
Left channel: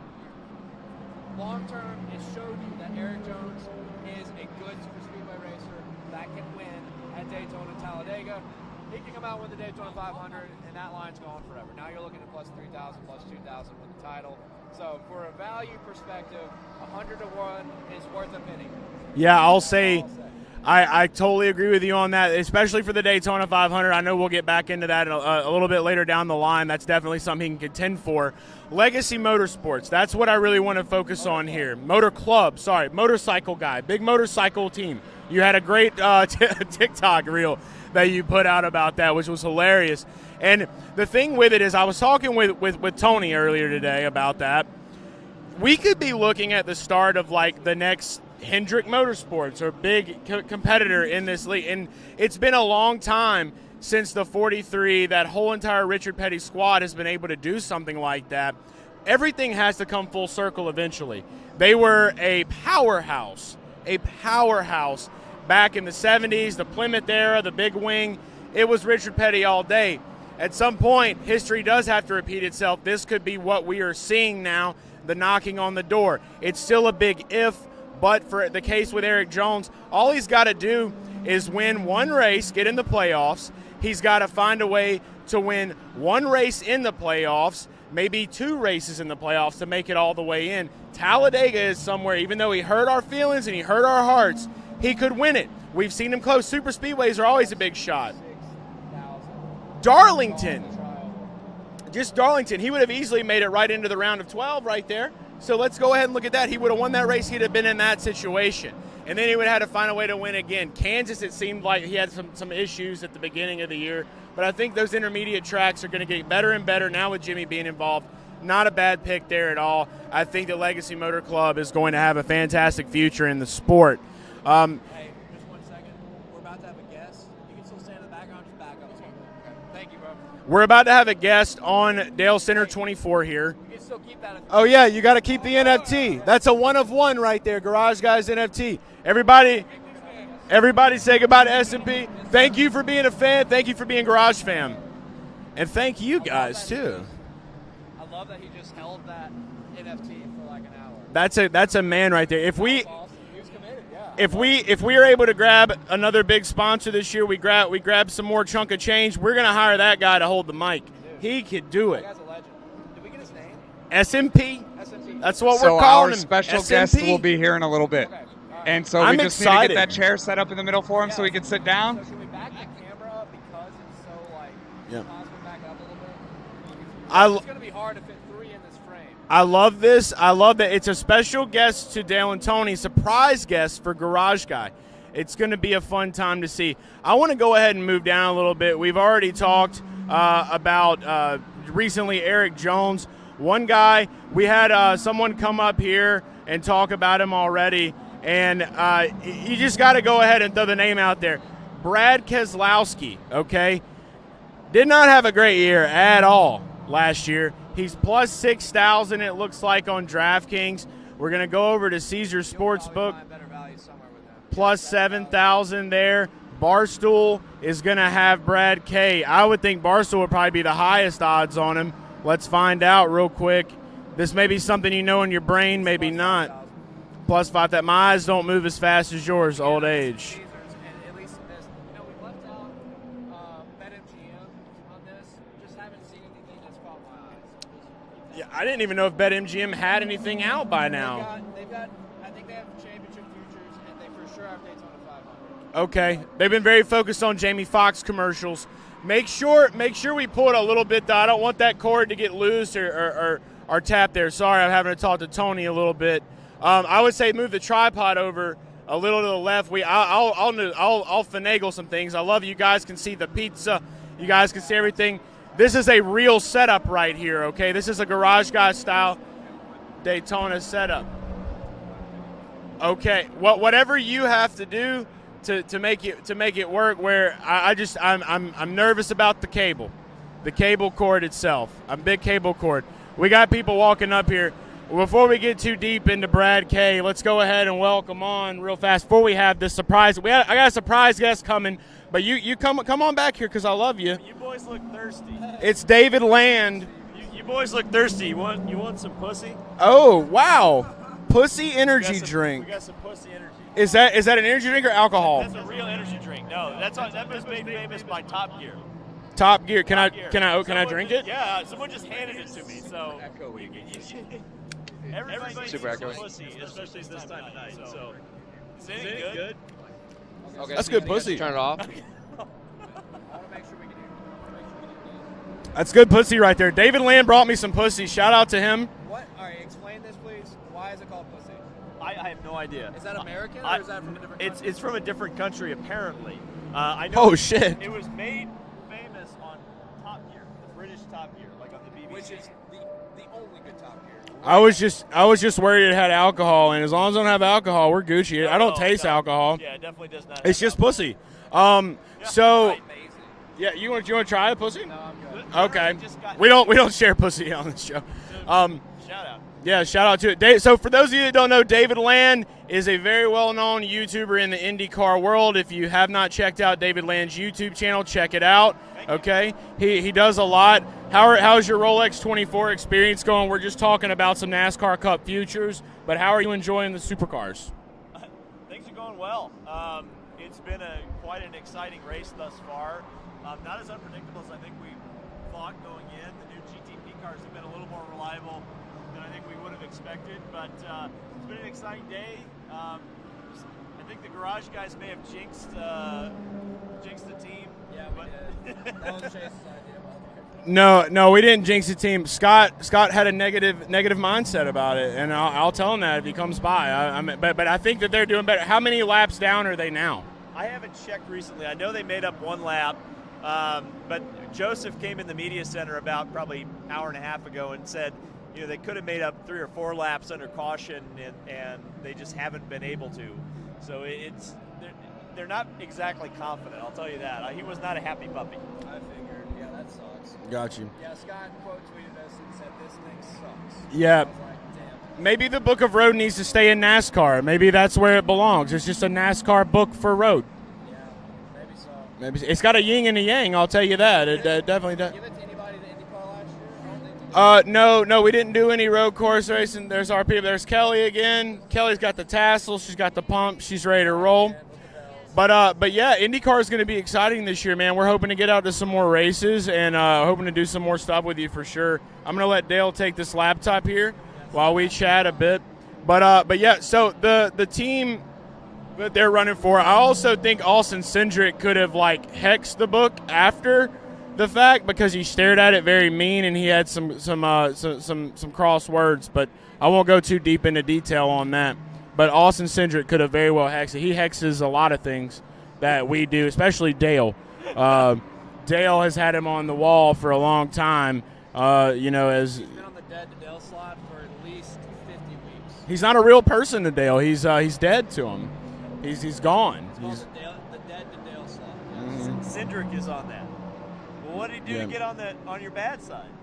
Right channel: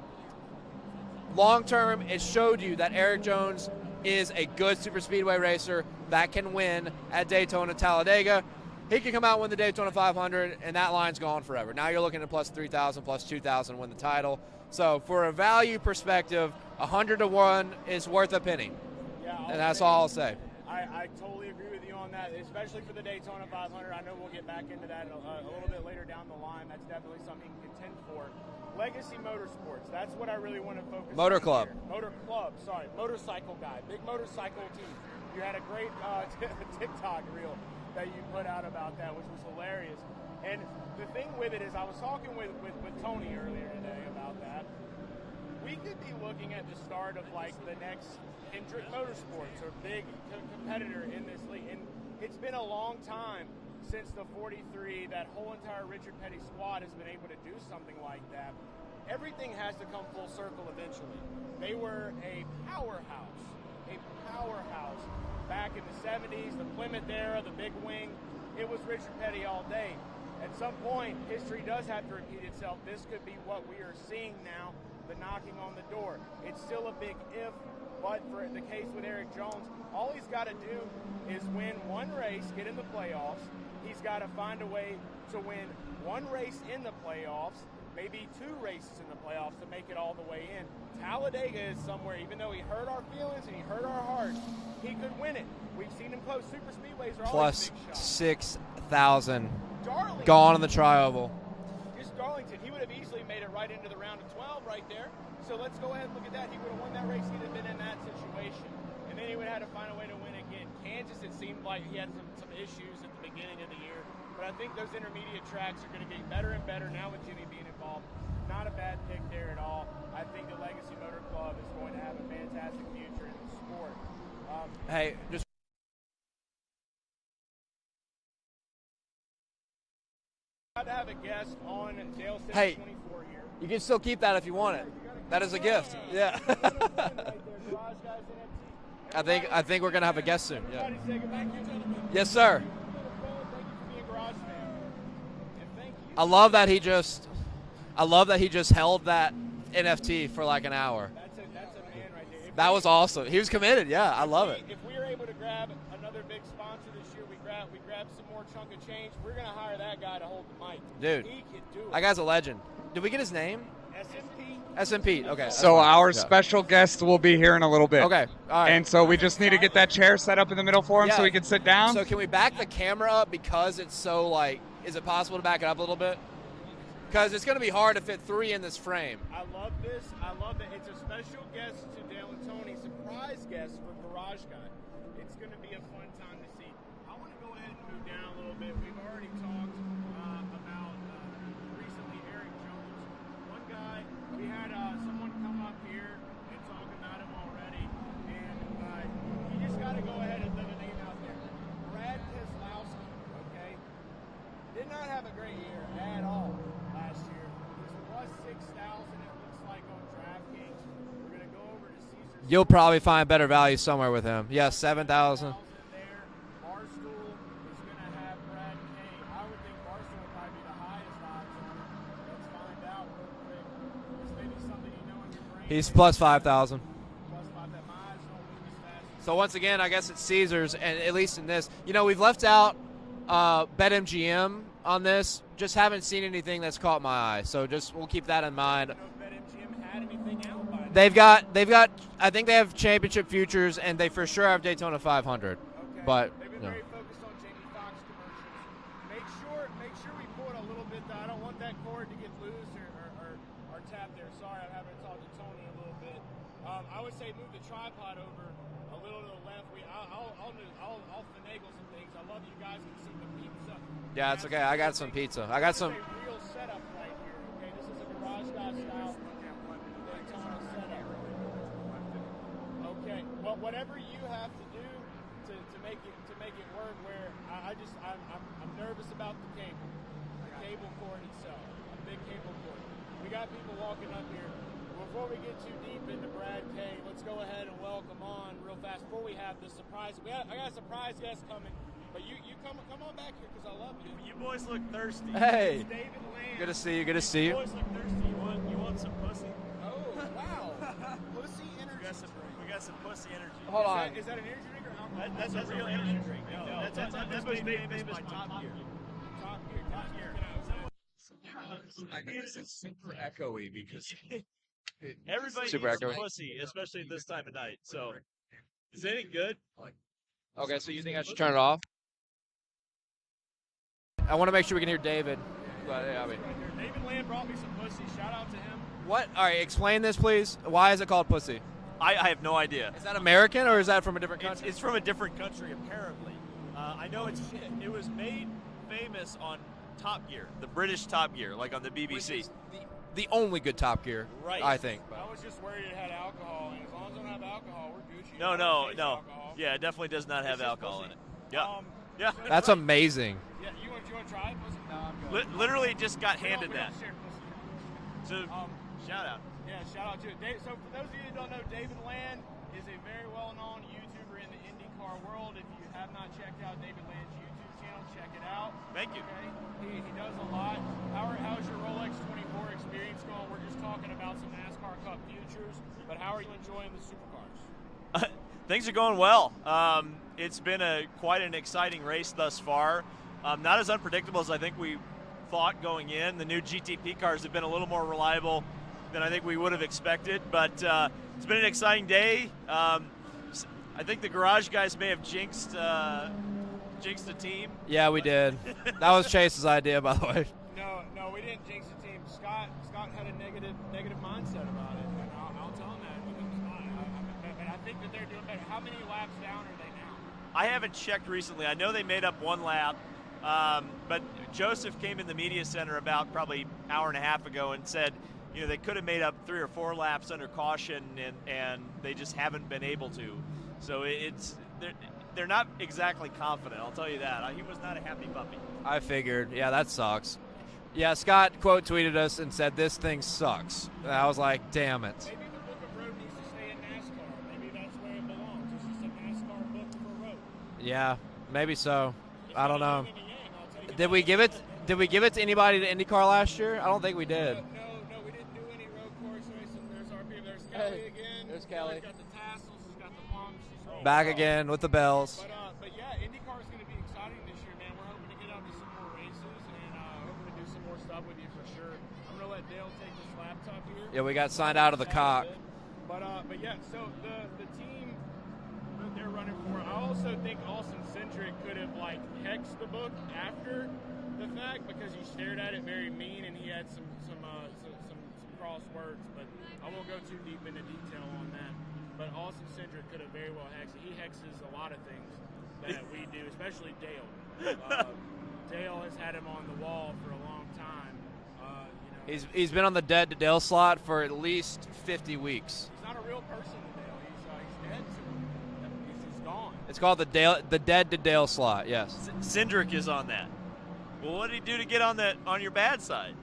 long term, it showed you that Eric Jones is a good super speedway racer that can win at Daytona, Talladega. He can come out and win the Daytona 500, and that line's gone forever. Now you're looking at plus 3,000, plus 2,000 to win the title. So for a value perspective, 100 to 1 is worth a penny. Yeah, I'll That's say. all I'll say. I totally agree with you on that, especially for the Daytona 500. I know we'll get back into that a little bit later down the line. That's definitely something he can contend for. Legacy Motorsports, that's what I really want to focus on here. Motorcycle guy, big motorcycle team. You had a great TikTok reel that you put out about that, which was hilarious. And the thing with it is, I was talking with Tony earlier today about that. We could be looking at the start of like the next Hendrick Motorsports or big competitor in this league. And it's been a long time since the 43, that whole entire Richard Petty squad has been able to do something like that. Everything has to come full circle eventually. They were a powerhouse back in the 70s, the Plymouth era, the big wing. It was Richard Petty all day. At some point, history does have to repeat itself. This could be what we are seeing now, the knocking on the door. It's still a big if, but for the case with Eric Jones, all he's got to do is win one race, get in the playoffs. He's got to find a way to win one race in the playoffs, maybe 2 races in the playoffs to make it all the way in. Talladega is somewhere, even though he hurt our feelings and he hurt our hearts, he could win it. We've seen him close. Super speedways are always a big shot. 6,000. Darlington. Gone in the tri-oval. Just Darlington. He would have easily made it right into the round of 12 right there. So let's go ahead and look at that. He would have won that race. He'd have been in that situation. And then he would have had to find a way to win again. Kansas, it seemed like he had some issues at the beginning of the year. But I think those intermediate tracks are going to get better and better now with Jimmy being involved. Not a bad pick there at all. I think the Legacy Motor Club is going to have a fantastic future in the sport. Hey, just 1 second. We're about to have a guest. You can still stand in the background, just back up. Okay. Thank you, bro. We're about to have a guest on Dalescenter 24 here. You can still keep that if you want. want. Oh, yeah, you got to keep That the is a NFT. gift. Yeah. That's a one of one right there, Garage Guys NFT. Everybody, I think we're going to have a guest. Everybody say goodbye to S&P. Yes, Thank sir. you for being a fan. Thank you for being Garage Fam. And thank you guys, I love that he just held that NFT for like an hour. That's a man right there. That was awesome. He was committed. Yeah. If we are able to grab another big sponsor this year, we grab some more chunk of change. We're gonna hire that guy to hold the mic. Dude, he could do it. That guy's a legend. Did we get his name? SMP. SMP. That's okay. what we're So calling our him. special SMP? guest will be here in a little bit. Okay. All right. And so we I'm just need to excited. get that chair set up in the middle for him so Yeah. he can sit down. So can we back the camera up because it's so like? Is it possible to back it up a little bit? It's going to be hard to fit 3 in this frame. I love this. I love that it's a special guest to Dale and Tony, surprise guest for Garage Guy. It's going to be a fun time to see. I want to go ahead and move down a little bit. We've already talked about recently Eric Jones. One guy, we had someone come up here and talk about him already, and you just got to go ahead and throw the name out there. Brad Keselowski, okay? Did not have a great year at all last year. He's plus 6,000, it looks like, on DraftKings. We're going to go over to Caesars Sportsbook. You'll probably find better value somewhere with him. Plus 7,000 there. Barstool is going to have Brad K. I would think Barstool would probably be the highest odds on him. Let's find out real quick. This may be something you know in your brain, He's maybe plus not. 5,000. Plus 5,000. My eyes don't move as fast as So yours, once again, old I guess age. it's Caesars, and at least in this, we've left out BetMGM on this. Just haven't seen anything that's caught my eye. So we'll keep that in mind. I didn't even know if BetMGM had anything out by now. They've got. I think they have championship futures, and they for sure have Daytona 500. Okay. But they've been very focused on Jamie Foxx commercials. Make sure we pull it a little bit, though. I don't want that cord to get loose or tap there. Sorry, I'm having to talk to Tony a little bit. I would say move the tripod over a little to the left. I'll finagle some things. I love you guys can see the pizza. Yeah, you guys okay, can see I got some everything. pizza. This is a real setup right here, okay? This is a garage guy style Daytona setup. Okay, whatever you have to do to make it work. Where I'm nervous about the cable cord itself. I'm big cable cord. We got people walking up here. Before we get too deep into Brad K, let's go ahead and welcome on real fast. Before we have this surprise, I got a surprise guest coming. But you come on back here because I love you. You boys look thirsty. Hey. It's David Land. Good to see you. You boys look thirsty. You want some pussy? Oh wow, pussy energy drink. We got some pussy energy. Is that an energy drink or alcohol? That's a real energy drink. No, that's made famous by Top Gear. Top Gear. Can I drink it? Yeah, someone just handed it to me. So Echoey because everybody super needs some echoey. pussy, especially this time of night. So is it good? Okay, That's so you good think I should pussy. Turn it off. I want to make sure we can hear David. That's good pussy right there. David Land brought me some pussy. Shout out to him. What? All right, explain this, please. Why is it called pussy? I have no idea. Is that American or is that from a different country? It's from a different country apparently. I know. Oh shit. It was made famous on Top Gear, the British Top Gear, like on the BBC. The only good Top Gear. I was just worried it had alcohol, and as long as I don't have alcohol, we're Gucci. I don't taste alcohol. Yeah, it definitely does not. It's have just alcohol. pussy. Yeah. So That's amazing. yeah, you want to try a pussy? Literally Okay. just got We handed don't share pussy on this show. So, shout out. Yeah, shout out to it. So for those of you that don't know, David Land is a very well-known YouTuber in the IndyCar world. If you have not checked out David Land's YouTube channel, check it out. Okay, he does a lot. How's your Rolex 24 experience going? We're just talking about some NASCAR Cup futures, but how are you enjoying the supercars? Things are going well. It's been quite an exciting race thus far. Not as unpredictable as I think we thought going in. The new GTP cars have been a little more reliable than I think we would have expected, but it's been an exciting day. I think the garage guys may have jinxed a team. Yeah, we did. That was Chase's idea, by the way. No, we didn't jinx the team. Scott had a negative mindset about it, and I'll tell him that if he comes by. But I think that they're doing better. How many laps down are they now? I haven't checked recently. I know they made up one lap, but Joseph came in the media center about probably an hour and a half ago and said, they could have made up 3 or 4 laps under caution, and they just haven't been able to. So they're not exactly confident, I'll tell you that. He was not a happy puppy. I figured. Yeah, that sucks. Got you. Yeah, Scott quote tweeted us and said, "This thing sucks." Yeah. And I was like, damn it. Maybe the book of road needs to stay in NASCAR. Maybe that's where it belongs. It's just a NASCAR book for road. Yeah, maybe so. Maybe it's got a yin and a yang. I'll tell you that. Did Definitely. we give it to anybody to IndyCar last year? I don't think we did. No, we didn't do any road course racing. There's our people. There's Kelly again. Kelly's got the tassel. She's got the pump. She's ready to Back roll. again with the bells. But yeah, IndyCar is going to be exciting this year, man. We're hoping to get out to some more races and hoping to do some more stuff with you for sure. I'm going to let Dale take this laptop here Yeah, we got while signed we out of the chat a top. bit. But yeah, so the team that they're running for, I also think Austin Cindric could have hexed the book after the fact because he stared at it very mean and he had some cross words, but I won't go too deep into detail on that. But Austin Cindric could have very well hexed it. He hexes a lot of things that we do, especially Dale. Dale has had him on the wall for a long time. As he's been on the dead to Dale slot for at least 50 weeks. he's not a real person to Dale. He's dead to him. He's gone. It's called the dead to Dale slot. Yes. Cindric is on that. Well, what did he do to get on your bad side?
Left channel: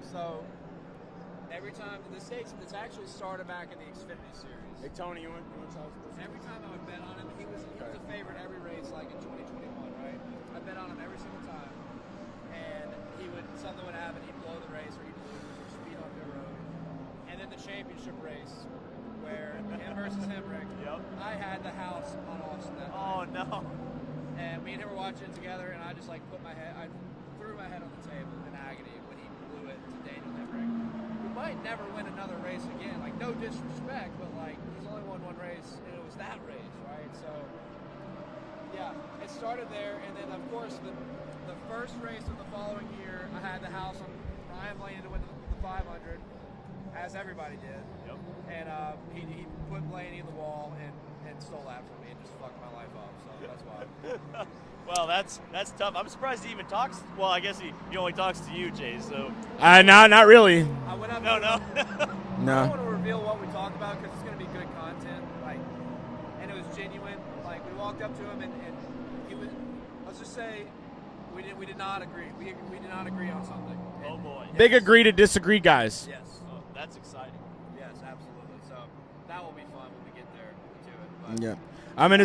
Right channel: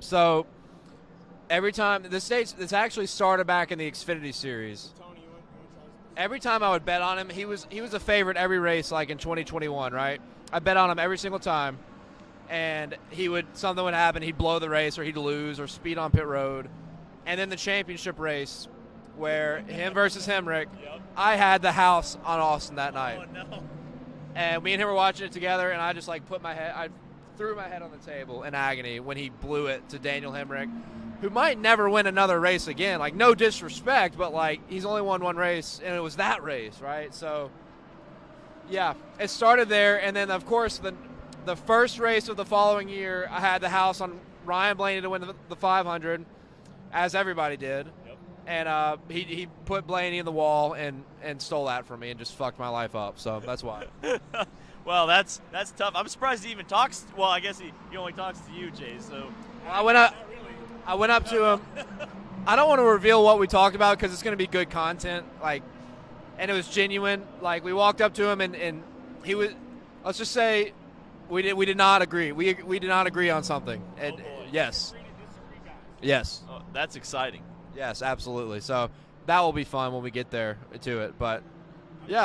So every time this actually started back in the Xfinity series. Hey, Tony, you want to tell us this? Every time I would bet on him, he was a favorite every race, like in 2021, right? I bet on him every single time, and something would happen. He'd blow the race, or he'd lose, or speed on pit road, and then the championship race, where him versus Hemrick, I had the house on Austin that night. Oh no! And me and him were watching it together, and I just I threw my head on the table in agony when he blew it to Daniel Hemrick, who might never win another race again. No disrespect, but he's only won one race, and it was that race, right? So, yeah, it started there, and then of course the the first race of the following year, I had the house on Ryan Blaney to win the 500, as everybody did. Yep. And he put Blaney in the wall and stole that from me and just fucked my life up. So that's why. Well, that's tough. I'm surprised he even talks. Well, I guess he only talks to you, Jay. So. Not really. I went up to him. No. I don't want to reveal what we talked about because it's going to be good content. And it was genuine. Like, we walked up to him and he was. Let's just say, we did not agree. We did not agree on something. And, Oh, boy. yes. Big agree to disagree, guys. Yes. Oh, that's exciting. Yes, absolutely. So that will be fun when we get there to it. But Yeah. I'm gonna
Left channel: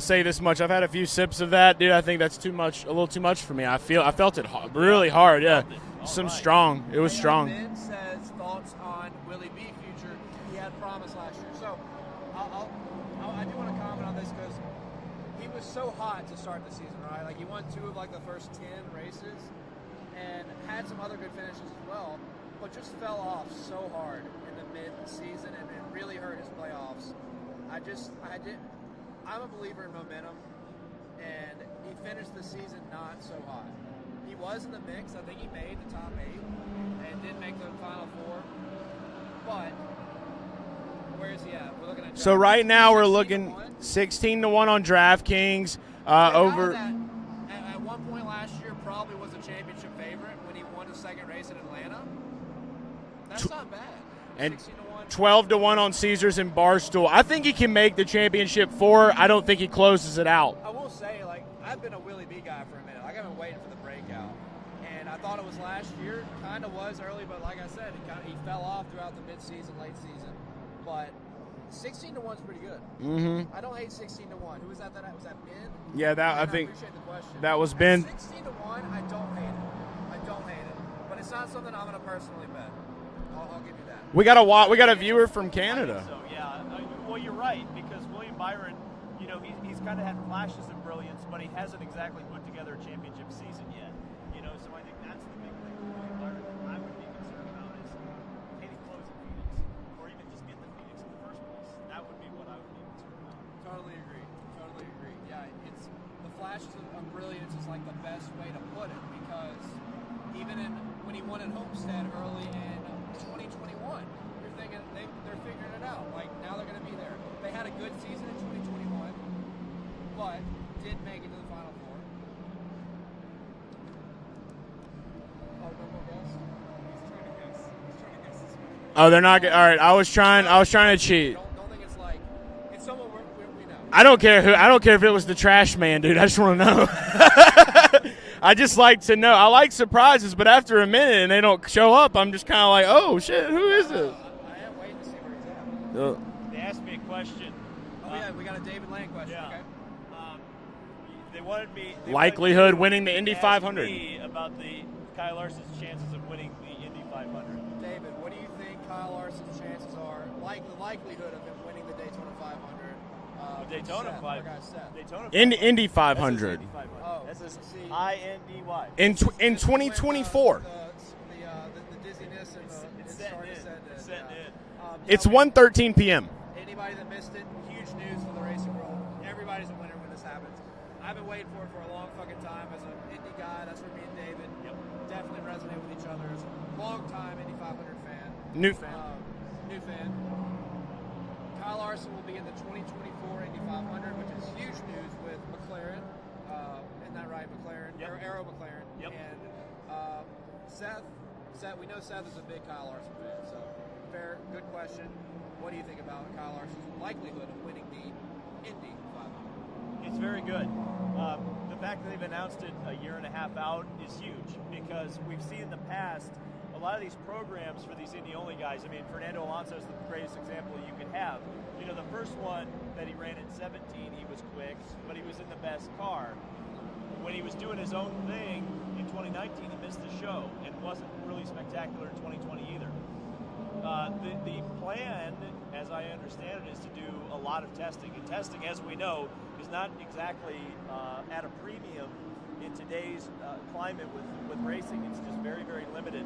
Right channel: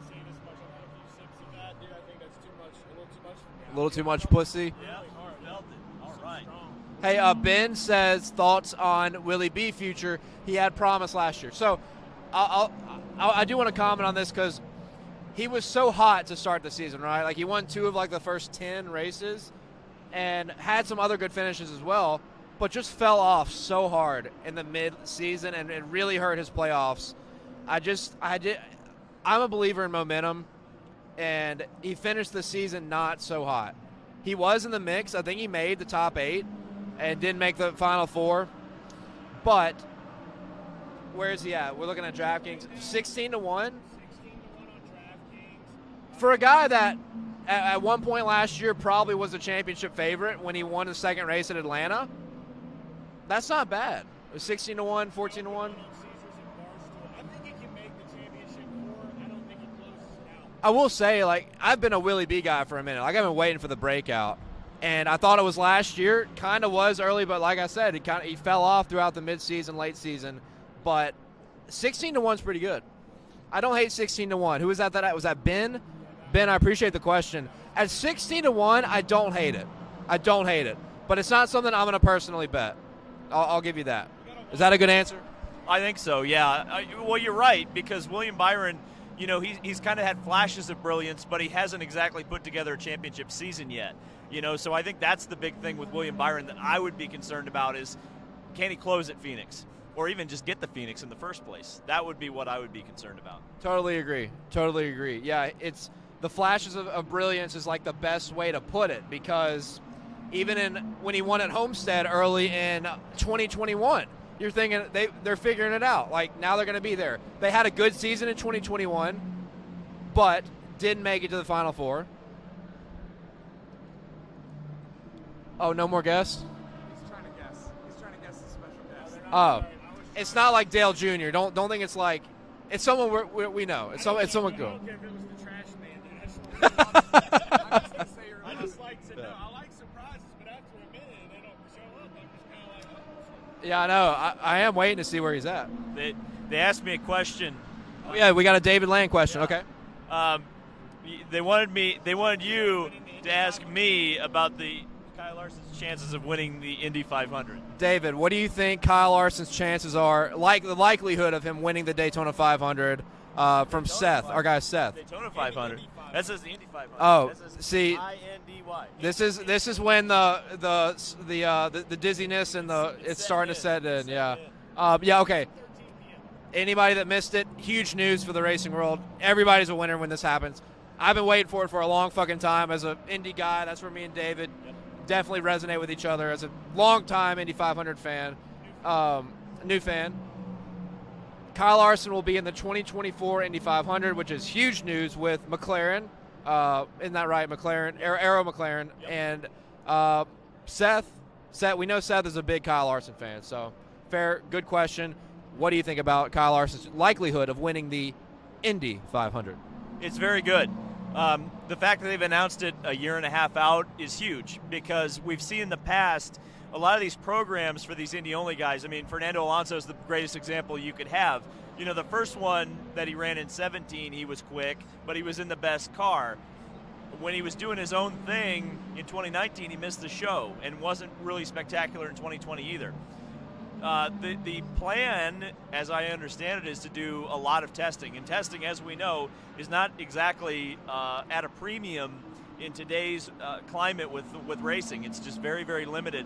say this much. I've had a few sips of that, dude. I think that's too much, a little too much for me. I felt pussy. it really hard. Yeah, All right. strong. It was hey, strong. Ben says thoughts on Willie B future. He had promise last year. So I do want to comment on this because he was so hot to start the season, right? Like, he won 2 of the first 10 races and had some other good finishes as well, but just fell off so hard in the mid-season and it really hurt his playoffs. I'm a believer in momentum, and he finished the season not so hot. He was in the mix. I think he made the top 8 and didn't make the final 4. But where is he at? We're looking at DraftKings. So right now we're 16 looking to 1. 16 to 1 on DraftKings. For a guy that at one point last year probably was a championship favorite when he won the second race at Atlanta, that's not bad. 16 to 1, 12 to 1 on Caesars and Barstool. I think he can make the championship 4. I don't think he closes it out. I will say, I've been a Willie B guy for a minute. I've been waiting for the breakout. And I thought it was last year. Kind of was early, but like I said, he fell off throughout the mid-season, late season. But 16 to 1 is pretty good. Mm-hmm. I don't hate 16 to 1. Who was that? Was that Ben? Yeah, Ben, I appreciate the question. That was At Ben. 16 to 1, I don't hate it. But it's not something I'm going to personally bet. I'll give you that. We got a answer? viewer from Canada. I think so, yeah. Well, you're right, because William Byron, he's kind of had flashes of brilliance, but he hasn't exactly put together a championship season yet. So I think that's the big thing with William Byron that I would be concerned about is, can he close at Phoenix? Or even just get the Phoenix in the first place? That would be what I would be concerned about. Totally agree. Yeah, it's the flashes of brilliance is like the best way to put it, because even when he won at Homestead early in 2021, you're thinking they're figuring it out. Like, now they're going to be there. They had a good season in 2021, but didn't make it to the Final 4. Oh, no more guess? Oh, they're not. All right, I was trying to cheat. Don't think it's like it's someone we know. I don't care who. I don't care if it was the trash man, dude. I just want to know. I just like to know. I like surprises, but after a minute and they don't show up, I'm just kind of like, oh shit, who is I know. this? I am waiting to see where he's at. They asked me a question. Yeah, we got a David Land question. Yeah. Okay. They wanted me. They Likelihood wanted you winning the Indy to ask 500. me about Kyle Larson's chances of winning the Indy 500. David, what do you think Kyle Larson's chances are, like the likelihood of him winning the Daytona 500 from Seth, our guy Seth? Indy 500. This is Indy 500. Oh, This is see, INDY. this is when 2024. the dizziness and it's starting to set in. Yeah. It's okay. 1:13 p.m. Anybody that missed it, huge news for the racing world. Everybody's a winner when this happens. I've been waiting for it for a long fucking time as an Indy guy. That's where me and David definitely resonate with each other as a long-time Indy 500 fan. New fan. Kyle Larson will be in the 2024 Indy 500, which is huge news with McLaren. Isn't that right, McLaren? Arrow McLaren. Yep. And Seth, we know Seth is a big Kyle Larson fan, so fair, good question. What do you think about Kyle Larson's likelihood of winning the Indy 500? It's very good. The fact that they've announced it a year and a half out is huge, because we've seen in the past a lot of these programs for these Indy-only guys. I mean, Fernando Alonso is the greatest example you could have. The first one that he ran in 17, he was quick, but he was in the best car. When he was doing his own thing in 2019, he missed the show and wasn't really spectacular in 2020 either. The plan, as I understand it, is to do a lot of testing. And testing, as we know, is not exactly at a premium in today's climate with racing. It's just very, very limited.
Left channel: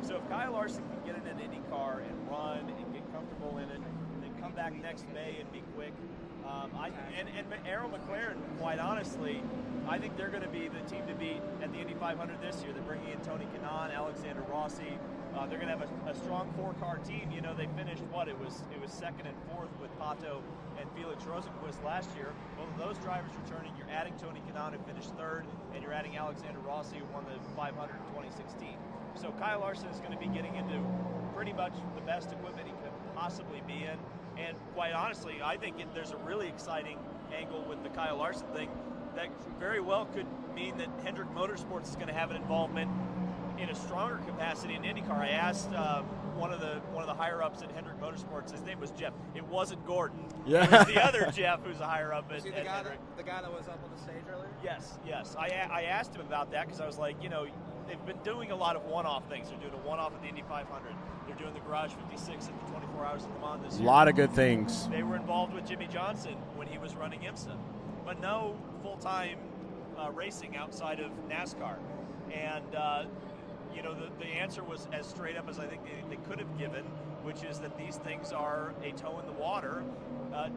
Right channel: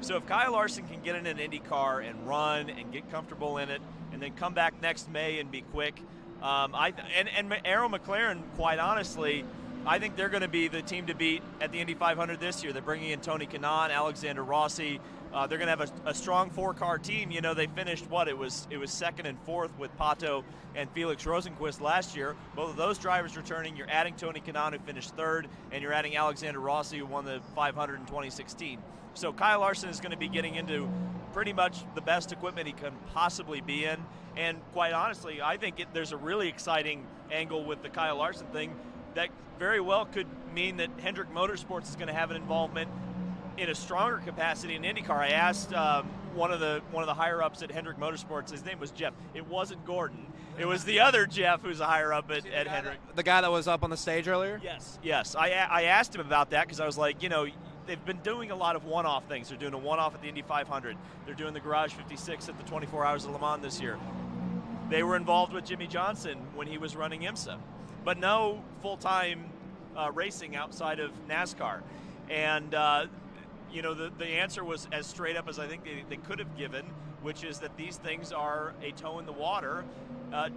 So if Kyle Larson can get in an Indy car and run and get comfortable in it, and then come back next May and be quick, and Arrow McLaren, quite honestly, I think they're going to be the team to beat at the Indy 500 this year. They're bringing in Tony Kanaan, Alexander Rossi. They're going to have a strong 4-car team. You know, they finished it was second and fourth with Pato and Felix Rosenquist last year. Both of those drivers returning. You're adding Tony Kanaan, who finished third, and you're adding Alexander Rossi, who won the 500 in 2016. So Kyle Larson is going to be getting into pretty much the best equipment he can possibly be in. And quite honestly, I think there's a really exciting angle with the Kyle Larson thing that very well could mean that Hendrick Motorsports is going to have an involvement in a stronger capacity in IndyCar. I asked one of the higher ups at Hendrick Motorsports. His name was Jeff. It wasn't Gordon. Yeah. It was the other Jeff, who's a higher up at Hendrick. The guy that was up on the stage earlier. Yes. I asked him about that because I was like, you know, they've been doing a lot of one-off things. They're doing a one-off at the Indy 500. They're doing the Garage 56 at the 24 Hours of Le Mans this year. A lot of good things. They were involved with Jimmy Johnson when he was running IMSA, but no full-time racing outside of NASCAR. And you know, the answer was as straight up as I think they could have given, which is that these things are a toe in the water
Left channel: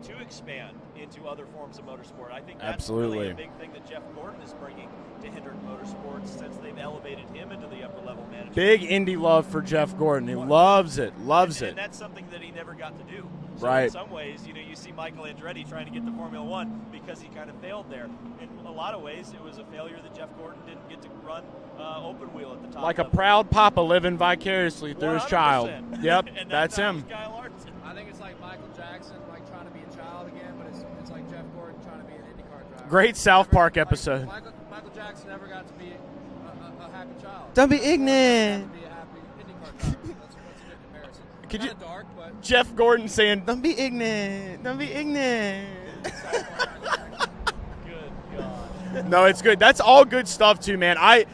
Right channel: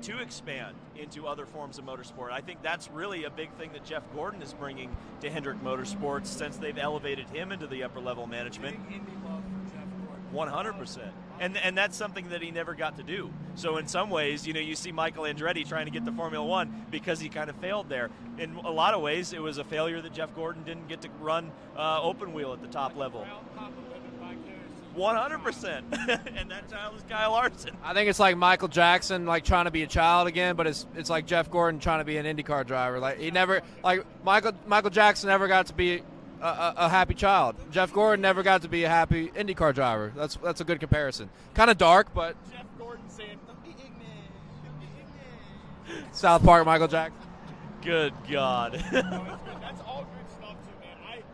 to expand into other forms of motorsport. I think that's really a big thing that Jeff Gordon is bringing to Hendrick Motorsports since they've elevated him into the upper level management. Big Indy love for Jeff Gordon. He loves it. And that's something that he never got to do. So in some ways, you know, you see Michael Andretti trying to get to Formula One because he kind of failed there. In a lot of ways, it was a failure that Jeff Gordon didn't get to run open wheel at the top like level. A proud papa living vicariously through his child. Yep, that's him. Kyle Larson. I think it's like Michael Jackson, like trying to be a child again, but it's like Jeff Gordon trying to be an IndyCar driver. Great right? South Park episode. Like Michael Jackson never got to be a happy child. Don't be Jeff ignorant. Gordon never got to be a happy IndyCar driver. That's a good comparison. Kind of dark, but Jeff Gordon saying, "Don't be ignorant. Don't be ignorant." South Park, Michael Jackson. Good God. No, it's good. That's all good stuff too, man. I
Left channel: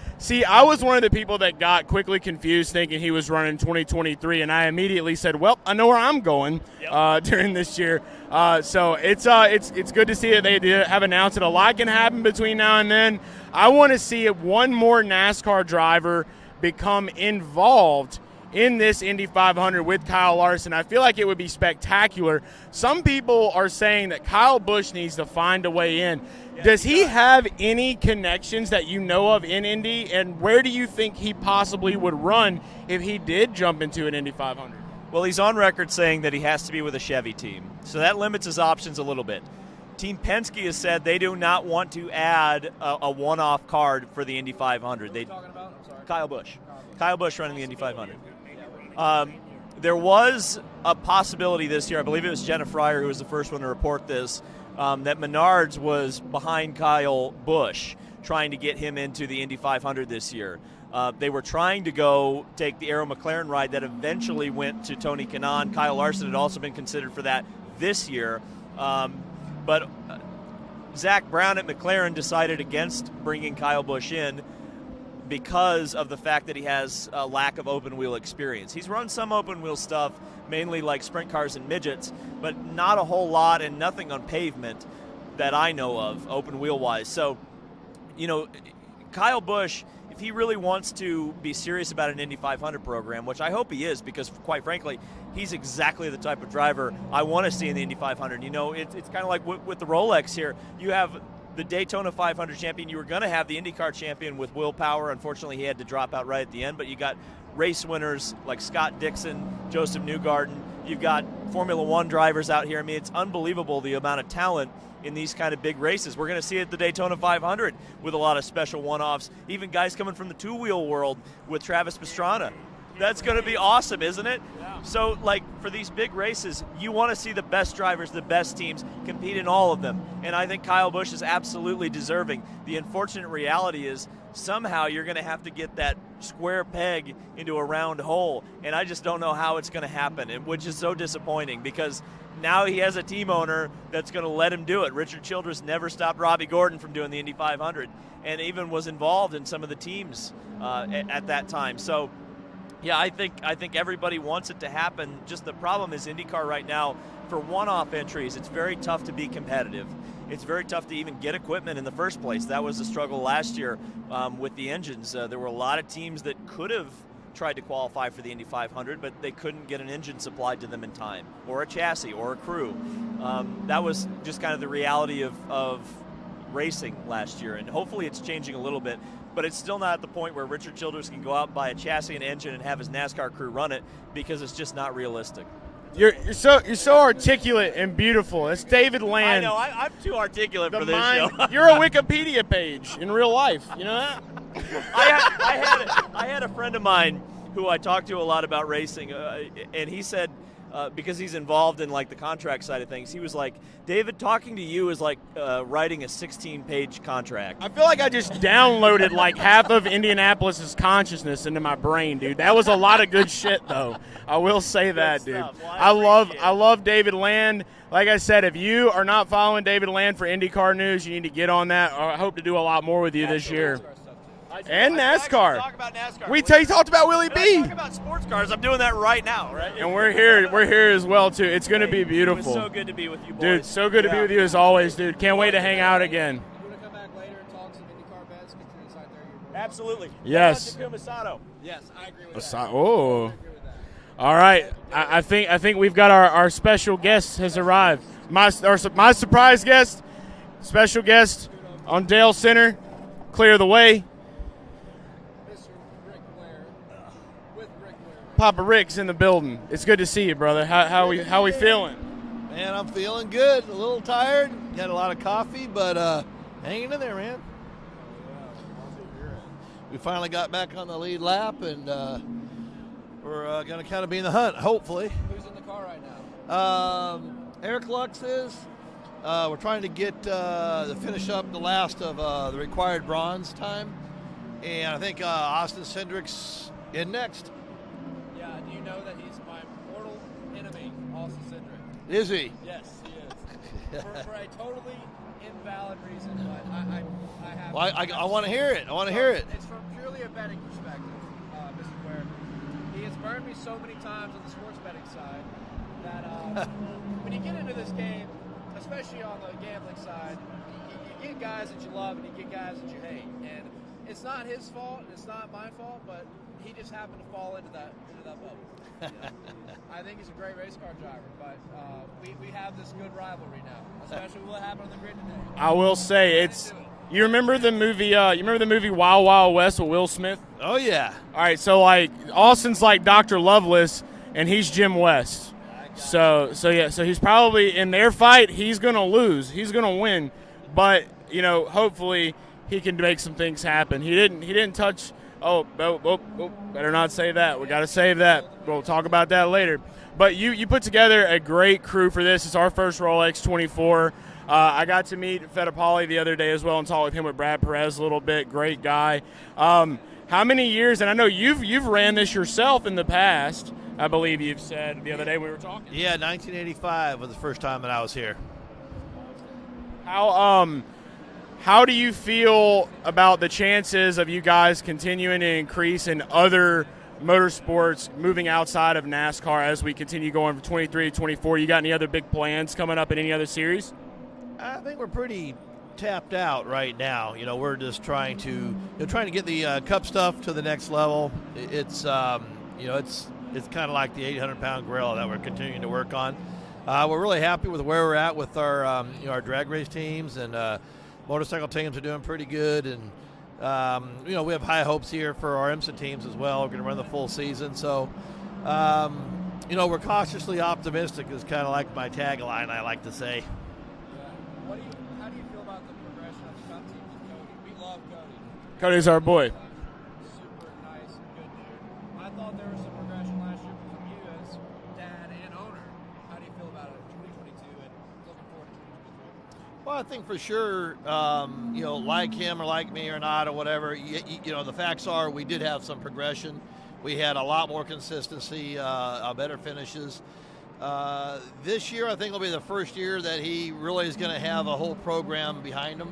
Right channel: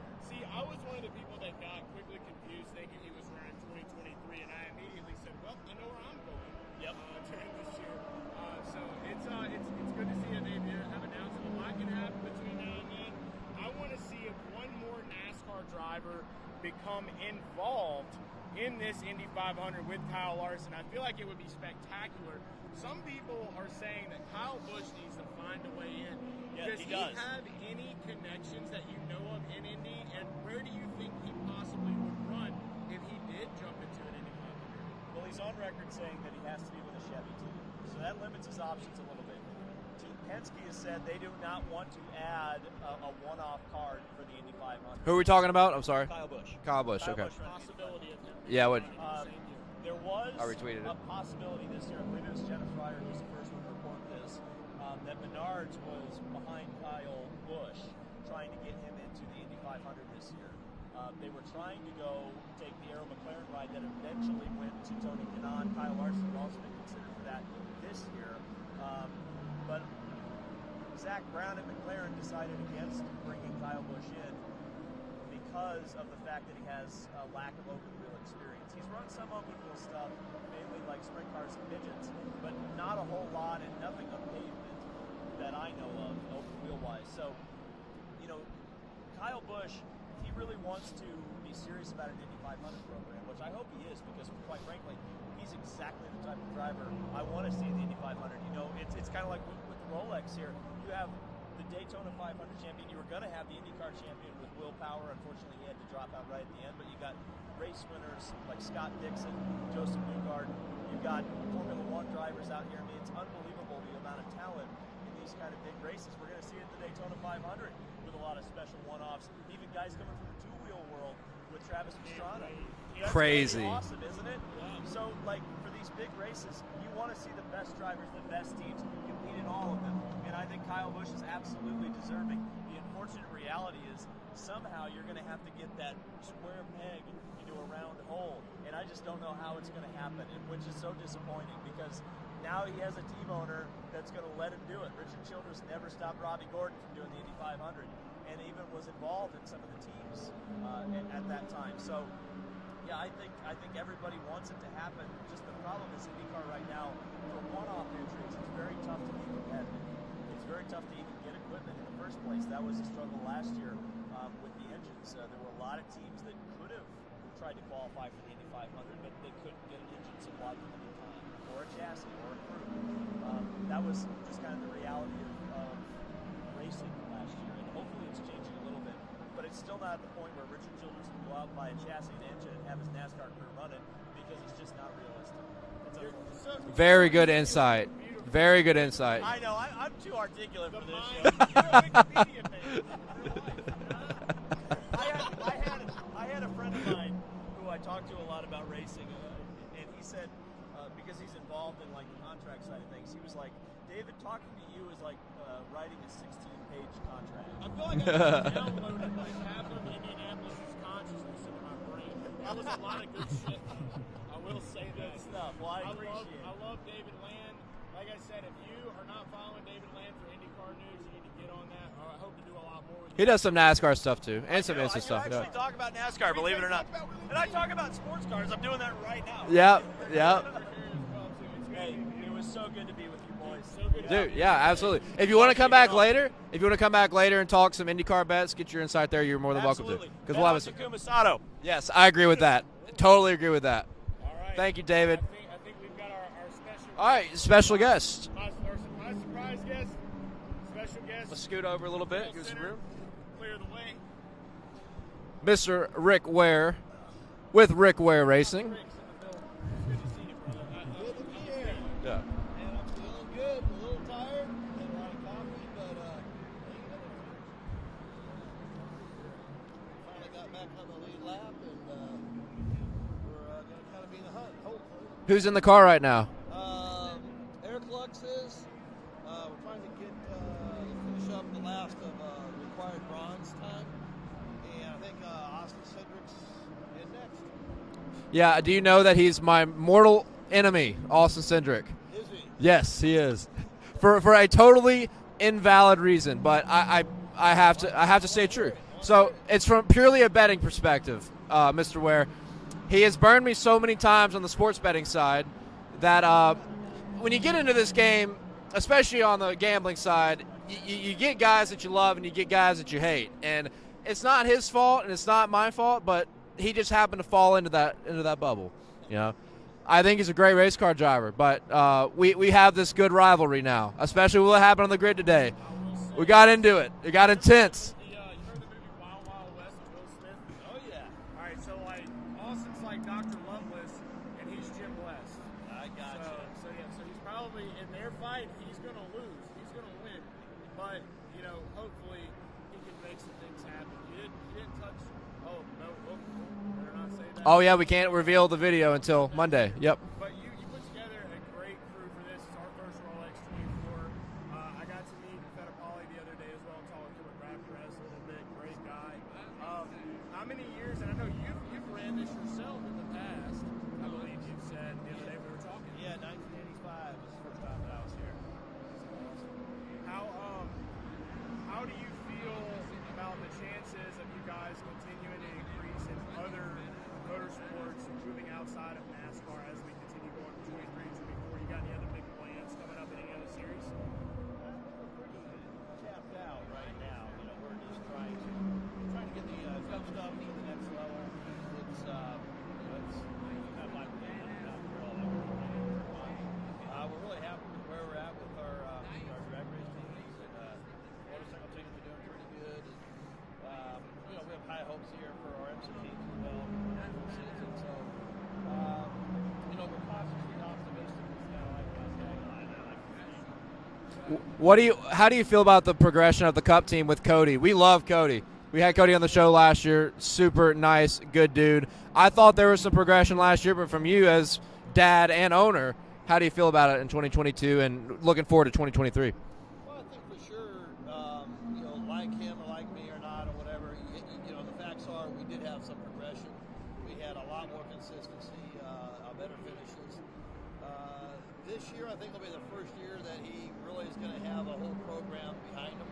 was one of the people that got quickly confused thinking he was running 2023, and I immediately said, well, I know where I'm going during this year. So it's good to see that they have announced that a lot can happen between now and then. I want to see one more NASCAR driver become involved in this Indy 500 with Kyle Larson. I feel like it would be spectacular. Some people are saying that Kyle Busch needs to find a way in. Does he have any connections that you know of in Indy, and where do you think he possibly would run if he did jump into an Indy 500? Well, he's on record saying that he has to be with a Chevy team, so that limits his options a little bit. Team Penske has said they do not want to add a one-off card for the Indy 500. Who are we talking about? I'm sorry. Kyle Busch. Kyle Busch. Kyle Busch running the Indy 500. Yeah. There was a possibility this year, I believe it was Jenna Fryer who was the first one to report this, that Menards was behind Kyle Busch, trying to get him into the Indy 500 this year. They were trying to go take the Arrow McLaren ride that eventually went to Tony Kanaan. Kyle Larson had also been considered for that this year. But Zach Brown at McLaren decided against bringing Kyle Busch in because of the fact that he has a lack of open wheel experience. He's run some open wheel stuff, mainly like sprint cars and midgets, but not a whole lot and nothing on pavement that I know of, open wheel wise. So, you know, Kyle Busch, if he really wants to be serious about an Indy 500 program, which I hope he is, because quite frankly, he's exactly the type of driver I want to see in the Indy 500. You know, it's kind of like with the Rolex here. You have the Daytona 500 champion. You were going to have the IndyCar champion with Will Power. Unfortunately, he had to drop out right at the end. But you got race winners like Scott Dixon, Joseph Newgarden. You've got Formula One drivers out here. I mean, it's unbelievable the amount of talent in these kind of big races. We're going to see it at the Daytona 500 with a lot of special one-offs. Even guys coming from the two-wheel world with Travis Pastrana. That's going to be awesome, isn't it? Yeah. So, like, for these big races, you want to see the best drivers, the best teams compete in all of them. And I think Kyle Busch is absolutely deserving. The unfortunate reality is somehow you're going to have to get that square peg into a round hole. And I just don't know how it's going to happen, which is so disappointing because now he has a team owner that's going to let him do it. Richard Childress never stopped Robbie Gordon from doing the Indy 500 and even was involved in some of the teams at that time. So, yeah, I think everybody wants it to happen. Just the problem is IndyCar right now, for one-off entries, it's very tough to be competitive. It's very tough to even get equipment in the first place. That was the struggle last year with the engines. There were a lot of teams that could have tried to qualify for the Indy 500, but they couldn't get an engine supplied to them in time, or a chassis, or a crew. That was just kind of the reality of racing last year, and hopefully it's changing a little bit. But it's still not at the point where Richard Childress can go out and buy a chassis and engine and have his NASCAR crew run it, because it's just not realistic. You're so Very good articulate insight. and beautiful. Very It's good David insight. Land. I know, I'm too articulate The for this mind, show. you're a Wikipedia page in real life. You know that? I had a friend of mine who I talked to a lot about racing, and he said, because he's involved in like the contract side of things, he was like, David, talking to you is like writing a 16-page contract. I feel like I just downloaded like half of Indianapolis's consciousness into my brain, dude. That was a lot of good shit, though. I will say that, dude. Well, I love David Land. Like I said, if you are not following David Land for IndyCar news, you need to get on that. I hope to do a lot more with you He does this some year. NASCAR stuff too, and NASCAR. Talk about NASCAR. We talked about Willie When I B. talk about sports cars, I'm doing that right now. Yeah, And we're here. We're here as well too. It's going to be It beautiful. was so good to be with you, boys. Dude, so good to be with you as Yeah, always, absolutely. dude. If you Can't wanna wait to come hang back out later, again. If you want to come back later and talk some IndyCar bets, get your insight there. You're more than Absolutely. welcome. Yes. Kumasato. Yes, I agree with that. Oh. Totally agree with that. All right. Thank you, David. I think we've got our special All guest right, has special arrived. guest. My surprise guest, special guest Scoot over a on little Dalescenter. Clear the way. Mr. Rick Ware with Rick Ware Racing. Papa Rick's in the building. It's good to see you, brother. How we feeling? Man, I'm feeling good. A little tired. Had a lot of coffee, but hanging in there, man. We finally got back on the lead lap, and we're going to kind of be in the hunt, hopefully. Who's in the car right now? Eric Lux is. We're trying to get to finish up the last of the required bronze time, and I think Austin Cindric's in next. Yeah, do you know that he's my mortal enemy, Austin Cindric? Is he? Yes, he is. for a totally invalid reason, but I have to Well, I have I to wanna say hear true. it. I wanna So hear it. It's from purely a betting perspective, Mr. Ware. He has burned me so many times on the sports betting side that when you get into this game, especially on the gambling side, you get guys that you love and you get guys that you hate, and it's not his fault and it's not my fault, but he just happened to fall into that bubble. You know, I think he's a great race car driver, but we have this good rivalry now, especially what happened on the grid today. I will say we got into it. It got remember intense. the movie? You remember the movie Wild Wild West with Will Smith? Oh yeah. All right, so like Austin's like Dr. Lovelace, and he's Jim West. So he's probably in their fight. He's gonna lose. He's gonna win, but hopefully he can make some things happen. He didn't touch. Oh, better not say that. Oh, yeah, gotta we can't save reveal that. the video We'll talk until about that Monday. later. Yep. But you put together a great crew for this. It's our first Rolex 24. I got to meet Fittipaldi the other day as well and talk with him with Brad Perez a little bit. Great guy. How many years? And I know you've ran this yourself in the past. I believe you've said the other day we were talking. Yeah, 1985 was the first time that I was here. How do you feel about the chances of you guys continuing to increase in other motorsports, moving outside of NASCAR as we continue going from 23 to 24? You got any other big plans coming up in any other series? I think we're pretty tapped out right now. We're just trying to get the Cup stuff to the next level. It's it's kind of like the 800-pound gorilla that we're continuing to work on. We're really happy with where we're at with our our drag race teams, and motorcycle teams are doing pretty good, and we have high hopes here for our IMSA teams as well. We're going to run the full season, so we're cautiously optimistic is kind of like my tagline I like to say. How do you feel about the progression of the Cup team with Cody? We love Cody. We had Cody's Cody our on the boy. show last year. Super nice, good dude. I thought there was some progression last year, but from you as dad and owner, how do you feel about it in 2022 and looking forward to 2023? Well, I think for sure, like him or like me or not or whatever, the facts are we did have some progression. We had a lot more consistency, better finishes. This year, I think will be the first year that he really is going to have a whole program behind him.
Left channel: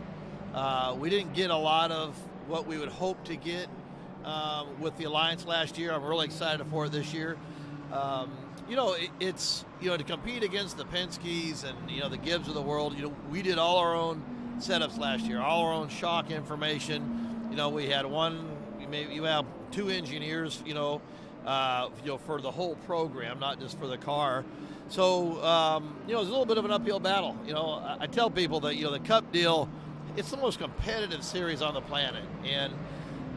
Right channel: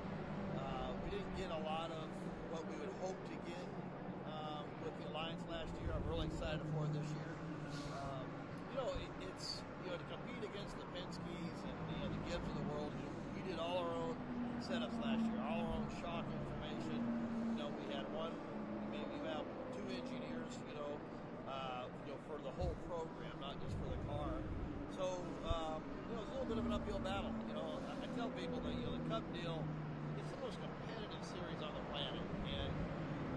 We didn't get a lot of what we would hope to get with the Alliance last year. I'm really excited for it this year. It's to compete against the Penske's and the Gibbs of the world. We did all our own setups last year, all our own shock information. We had you have two engineers, for the whole program, not just for the car. So, it's a little bit of an uphill battle. I tell people that, the Cup deal, it's the most competitive series on the planet. And,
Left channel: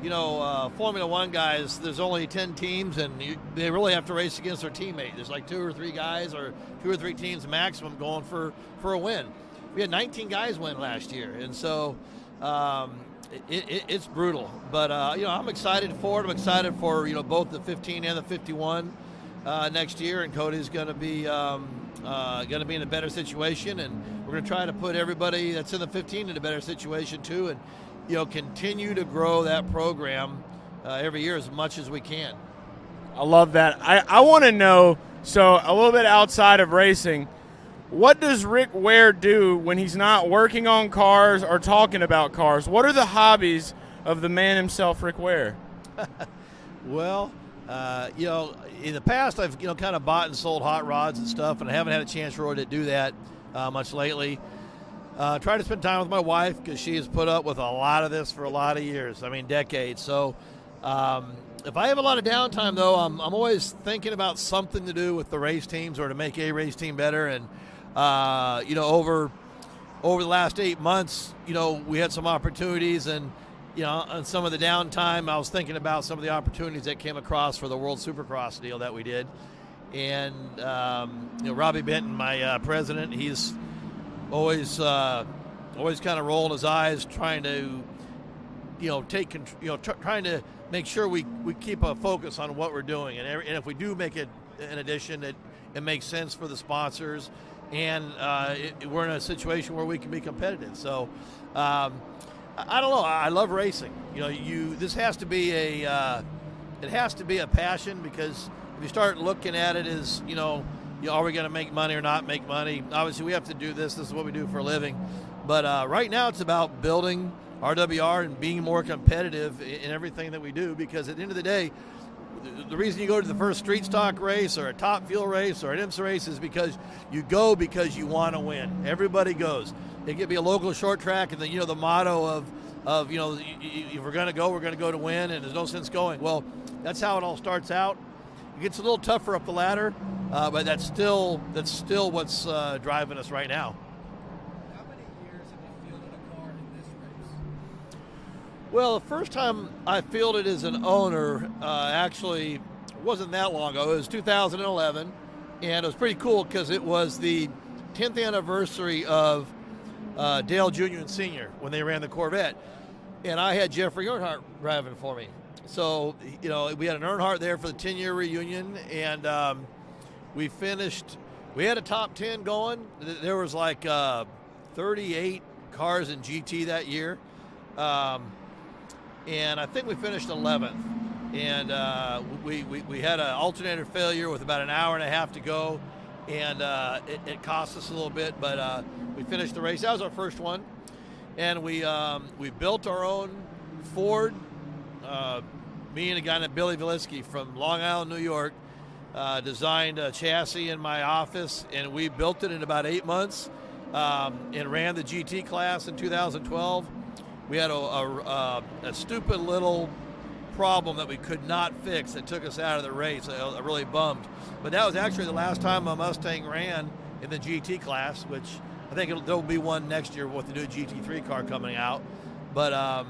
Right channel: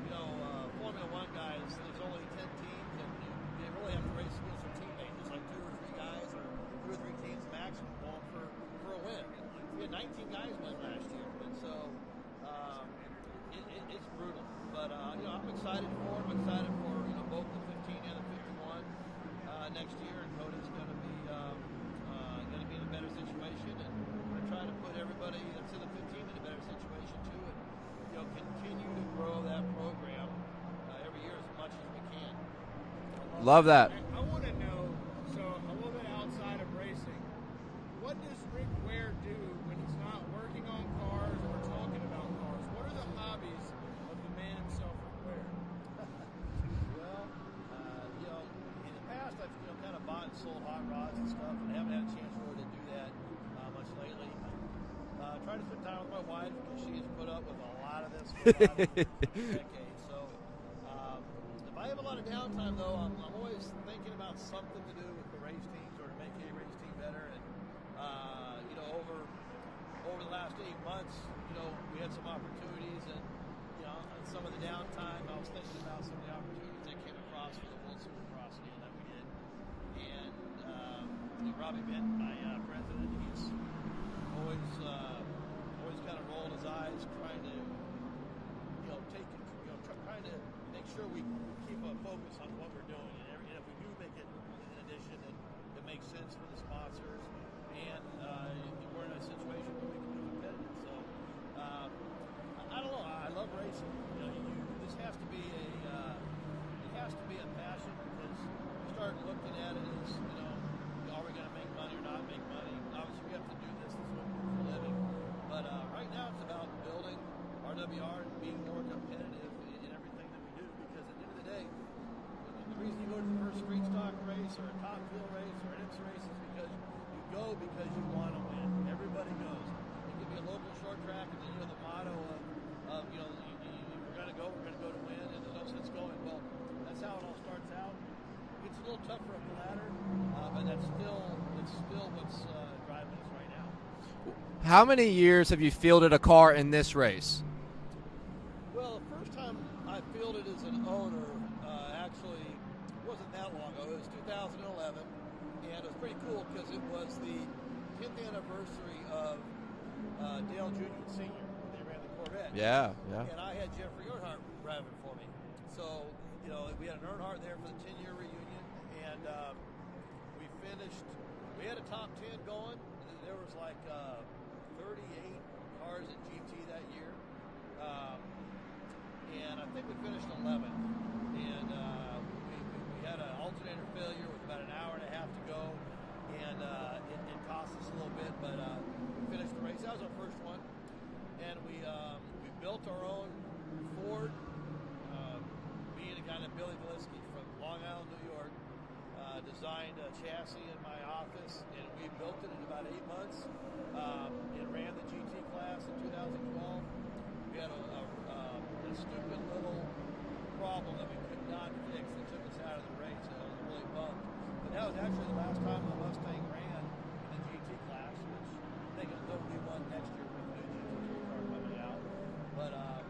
you know, Formula One guys, there's only 10 teams, and they really have to race against their teammate. There's like 2 or 3 guys or 2 or 3 teams maximum going for a win. We had 19 guys win last year, and so it's brutal. But, you know, I'm excited for it. I'm excited for, you know, both the 15 and the 51 next year, and Cody's going to be in a better situation, and we're going to try to put everybody that's in the 15 in a better situation too, and, you know, continue to grow that program every year as much as we can. I love that. I want to know, so a little bit outside of racing, what does Rick Ware do when he's not working on cars or talking about cars? What are the hobbies of the man himself, Rick Ware? Well, you know, in the past I've, you know, kind of bought and sold hot rods and stuff, and I haven't had a chance really to do that much lately. Try to spend time with my wife because she has put up with a lot of this for a lot of years. I mean, decades. So if I have a lot of downtime, though, I'm always thinking about something to do with the race teams or to make a race team better. And you know, over the last 8 months, you know, we had some opportunities, and you know, on some of the downtime, I was thinking about some of the opportunities that came across for the World Supercross deal that we did. And you know, Robbie Benton, my president, he's always kind of rolling his eyes, trying to, you know, trying to make sure we keep a focus on what we're doing, and if we do make it an addition, it makes sense for the sponsors, and we're in a situation where we can be competitive. So I don't know. I love racing. You know, this has to be it has to be a passion, because if you start looking at it as, you know, are we going to make money or not make money? Obviously, we have to do this. This is what we do for a living. But right now, it's about building RWR and being more competitive in everything that we do, because at the end of the day, the reason you go to the first street stock race or a top fuel race or an IMSA race is because you go because you want to win. Everybody goes. It could be a local short track, and the motto of you know, if we're going to go, we're going to go to win, and there's no sense going. Well, that's how it all starts out. It gets a little tougher up the ladder, but that's still what's driving us right now. How many years have you fielded a car in this race? Well, the first time I fielded as an owner actually wasn't that long ago. It was 2011, and it was pretty cool because it was the 10th anniversary of Dale Jr. and Sr. when they ran the Corvette. Yeah. And I had Jeffrey Earnhardt driving for me. So, you know, we had an Earnhardt there for the 10-year reunion, and we had a top 10 going. There was like 38 cars in GT that year. And I think we finished 11th. And we had an alternator failure with about an hour and a half to go, and it cost us a little bit, but we finished the race. That was our first one. And we built our own Ford. Me and a guy named Billy Valitsky from Long Island, New York, designed a chassis in my office, and we built it in about 8 months and ran the GT class in 2012. We had a stupid little problem that we could not fix that took us out of the race. I really bummed. But that was actually the last time a Mustang ran in the GT class, which I think there'll be one next year with the new GT3 car coming out. But I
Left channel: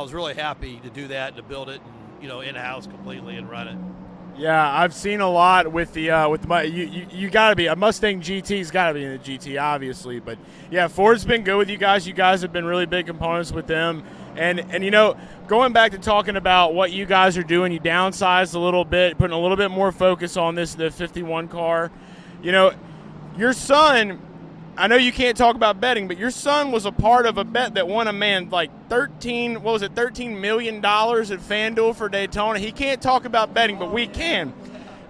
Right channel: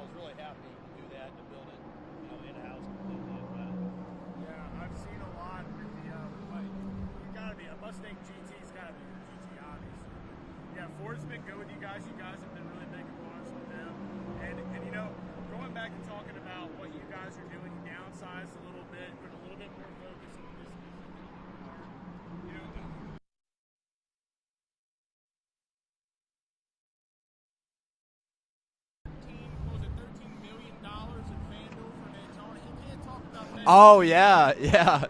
was really happy to do that, to build it, you know, in-house completely and run it. Yeah, I've seen a lot with the you got to be a Mustang GT's got to be in the GT, obviously, but yeah, Ford's been good with you guys. You guys have been really big components with them, and you know, going back to talking about what you guys are doing, you downsized a little bit, putting a little bit more focus on the 51 car. You know, your son, I know you can't talk about betting, but your son was a part of a bet that won a man like $13 million at FanDuel for Daytona. He can't talk about betting, but we can.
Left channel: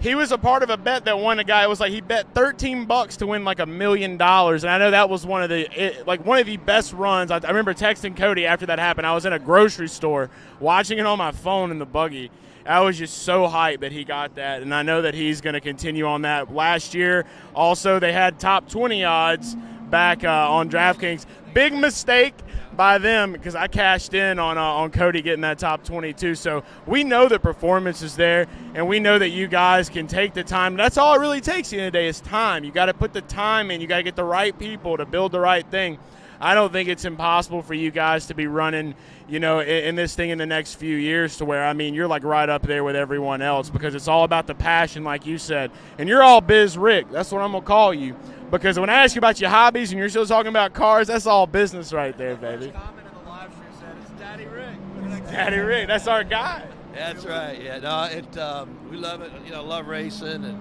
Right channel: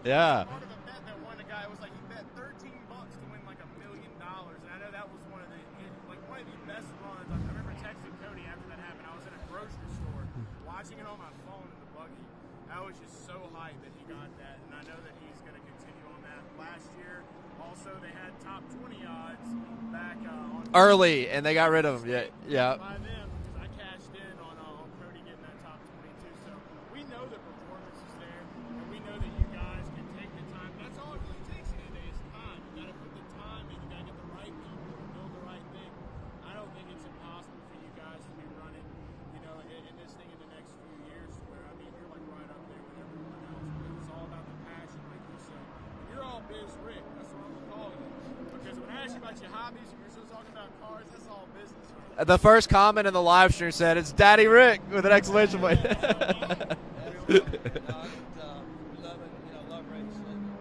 He was a part of a bet that won a guy. It was like he bet $13 to win like $1 million, and I know that was one of the best runs. I remember texting Cody after that happened. I was in a grocery store watching it on my phone in the buggy. I was just so hyped that he got that, and I know that he's going to continue on that. Last year, also, they had top 20 odds back on DraftKings. And they got big rid mistake of them. by them, because I cashed in on Cody getting that top 22. So we know that performance is there, and we know that you guys can take the time. That's all it really takes at the end of the day is time. You got to put the time in. You got to get the right people to build the right thing. I don't think it's impossible for you guys to be running, in this thing in the next few years to where, you're like right up there with everyone else because it's all about the passion, like you said. And you're all Biz Rick. That's what I'm going to call you. Because when I ask you about your hobbies and you're still talking about cars, that's all business right there. The first comment in the live stream said, "It's Daddy Rick" with an exclamation Daddy point. Rick, that's our guy. That's right. Yeah, no, we love it. Love racing,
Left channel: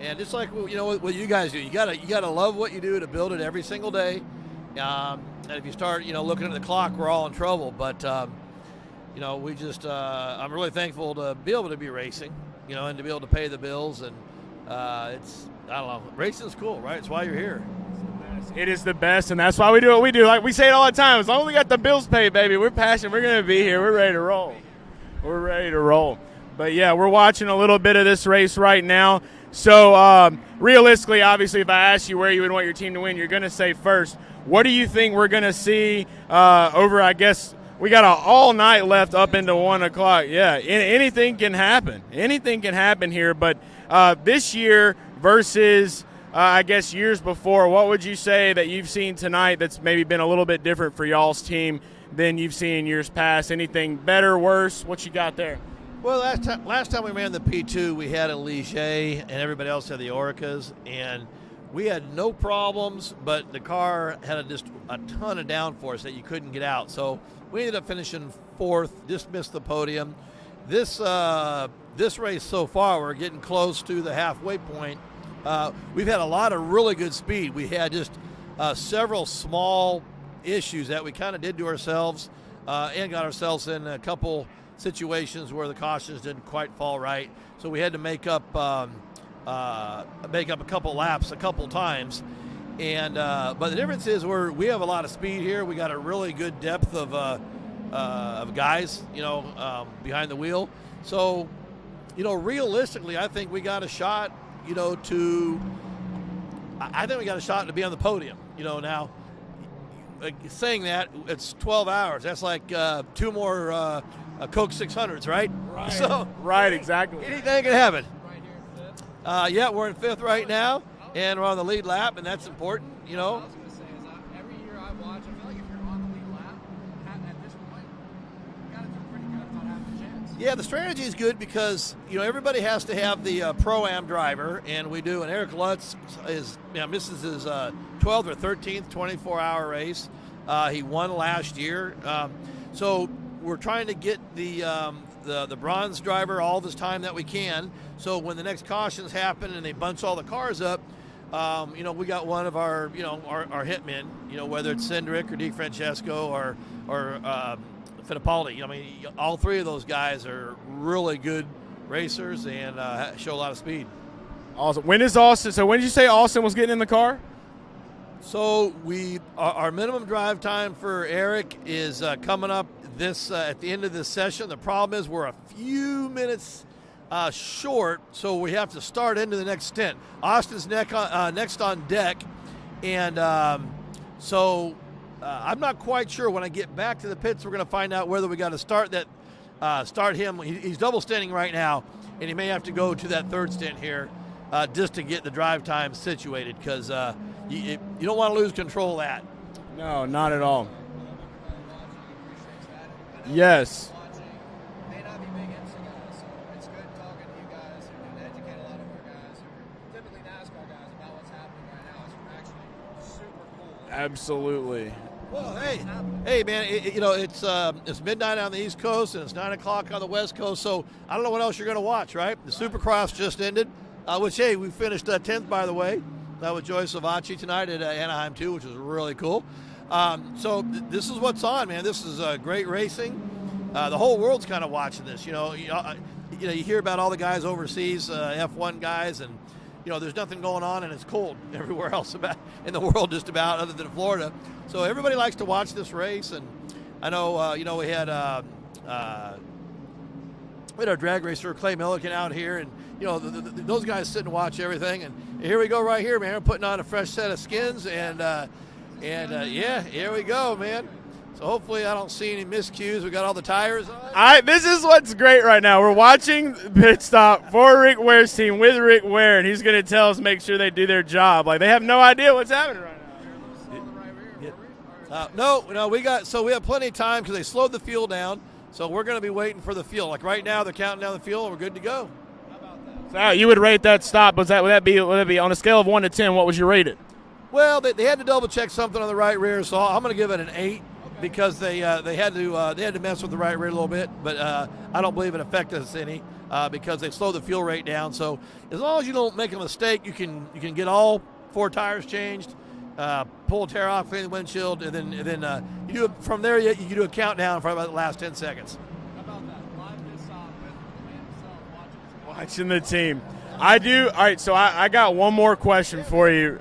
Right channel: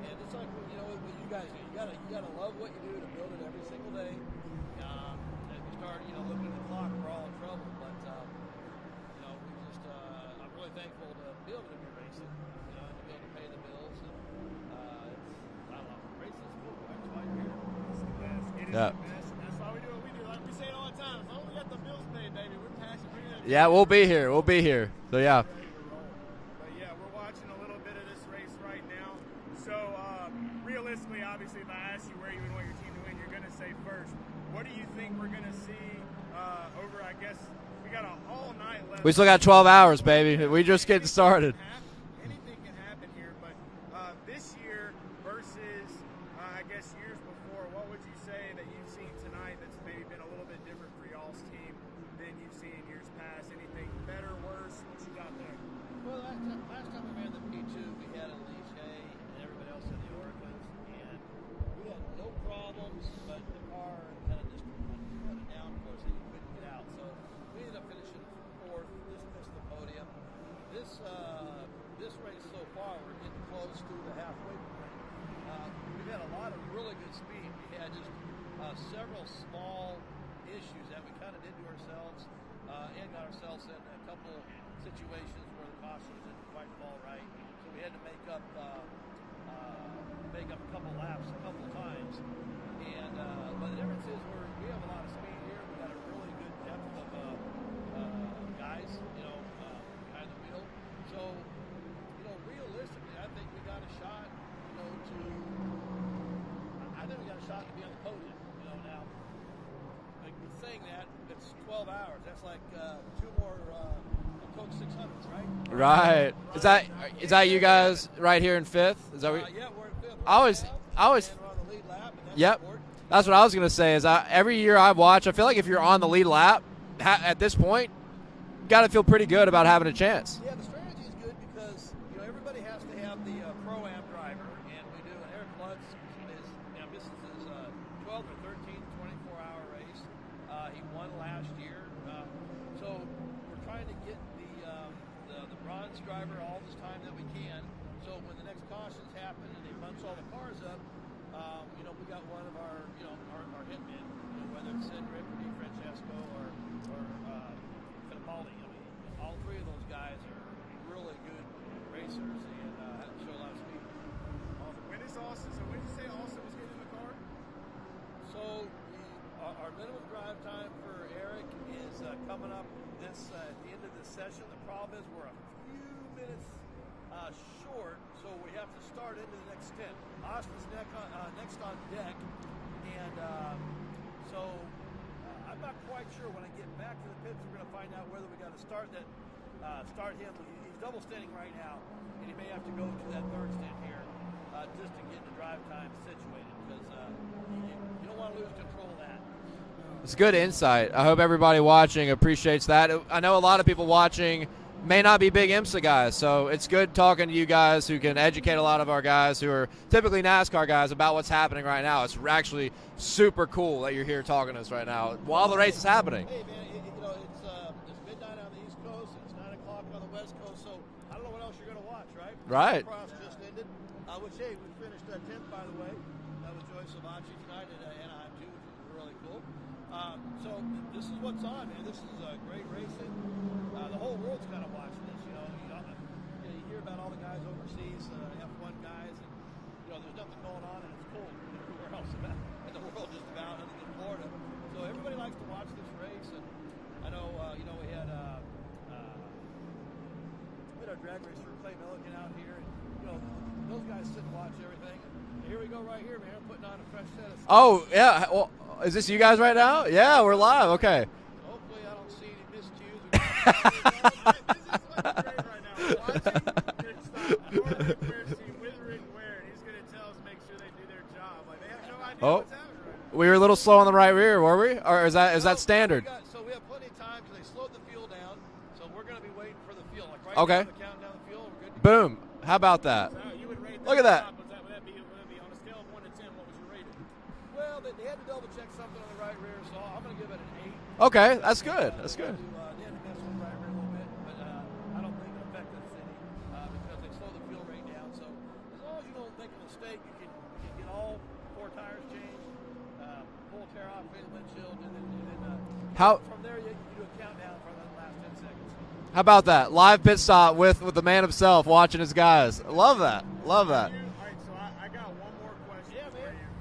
and it's like what you guys do. You gotta love what you do to build it every single day. And if you start looking at the clock, we're all in trouble. But we just I'm really thankful to be able to be racing, and to be able to pay the bills. And it's I don't know, racing's cool, right? It's why you're here. It is the best, and that's why we do what we do. Like we say it all the time. As long as we got the bills paid, baby, we're passionate. We're gonna be here. We'll be ready here. to roll. We'll be here. So yeah, we're ready to roll. But yeah, we're watching a little bit of this race right now. So realistically, obviously, if I ask you where you would want your team to win, you're gonna say first. What do you think we're gonna see over? I guess we got all night left. We still up got until 12 1 hours, o'clock. baby. Yeah, We just anything started. can happen. Anything can happen here. But this year versus I guess years before, what would you say that you've seen tonight that's maybe been a little bit different for y'all's team than you've seen in years past? Anything better, worse? What you got there? Well, last time we ran the P2, we had a Ligier, and everybody else had the Orcas, and we had no problems, but the car had just a ton of downforce that you couldn't get out. So we ended up finishing 4th, just missed the podium. This race so far, we're getting close to the halfway point. We've had a lot of really good speed. We had just several small issues that we kind of did to ourselves and got ourselves in a couple situations where the cautions didn't quite fall right. So we had to make up a couple laps a couple times. And but the difference is we have a lot of speed here. We got a really good depth of guys, behind the wheel. So, realistically, I think we got a shot. I think we got a shot to be on the podium. Now, saying that, it's 12 hours. That's like 2 more Coke 600s, right? Right. Right, exactly. Is that you guys right here in 5th? Is that yeah, we're in 5th right now, and we're on the lead lap, and that's important. That's what I was going to say. Is every year I watch, I feel like if you're on the lead lap at this point, got to feel pretty good about having a chance. Yeah, the strategy is good because everybody has to have the Pro-Am driver, and we do. And Eric Lutz misses his 12th or 13th 24-hour race. He won last year, so we're trying to get the bronze driver all this time that we can. So when the next cautions happen and they bunch all the cars up, we got one of our our hitmen. Whether it's Cindric or DeFrancesco or Fittipaldi. All 3 of those guys are really good racers and show a lot of speed. Awesome. When is Austin? So when did you say Austin was getting in the car? So our minimum drive time for Eric is coming up at the end of this session. The problem is we're a few minutes short, so we have to start into the next stint. Austin's next on deck, and I'm not quite sure. When I get back to the pits, we're going to find out whether we got to start him. He's double stinting right now, and he may have to go to that 3rd stint here just to get the drive time situated because you don't want to lose control of that. No, it's not good at insight. all. I hope everybody watching appreciates that. I know a lot of people watching may not be big IMSA guys, so it's good talking to you guys who can educate a lot of our guys who are typically NASCAR guys about what's happening right now. It's actually super cool that you're here talking to us right now while the race is happening. Hey, man, it's midnight on the East Coast and it's 9 o'clock on the West Coast, so I don't know what else you're going to watch, right? The Supercross just ended, which, hey, we finished 10th, by the way. That was Joey Savacci tonight at Anaheim, too, which was really cool. So this is what's on, man. This is great racing. The whole world's kind of watching this. You hear about all the guys overseas, F1 guys, and there's nothing going on, and it's cold everywhere else in the world, just about, other than Florida. So everybody likes to watch this race, and I know we had our drag racer Clay Milliken out here, and those guys sit and watch everything. And here we go, right here, man. We're putting on a fresh set of skins. Oh yeah, is this you guys right now? Yeah, we're live. Man. Okay. So hopefully I don't see any miscues. We got all the tires. This is what's great right now. We're watching Pit Stop for Rick Ware's team with Rick Ware, and he's going to tell us, make sure they do their job. Like, they have no idea what's happening right now. We were a little slow on the right rear, were we? Or is that No, standard? we have plenty of time because they slowed the fuel down. So we're going to be waiting for the fuel. Like right now, they're counting down the fuel. We're good to go. Boom. How about that? So you would rate that Look at stop? Would that be on a scale of 1 to 10? What would you rate it? Well, they had to double check something on the right rear, so I'm going to give it an 8. Okay, because that's they had to mess with the right rear a little bit, but I don't believe it affected us any because they slowed the fuel rate down. So as long as you don't make a mistake, you can get all 4 tires changed, pull a tear off, clean the windshield, and then you do from there you do a countdown for about the last 10 seconds. How about that? Live pit stop with the man himself watching his guys. In the Love team. that. Love I that. do. All right, so I got one more question for you.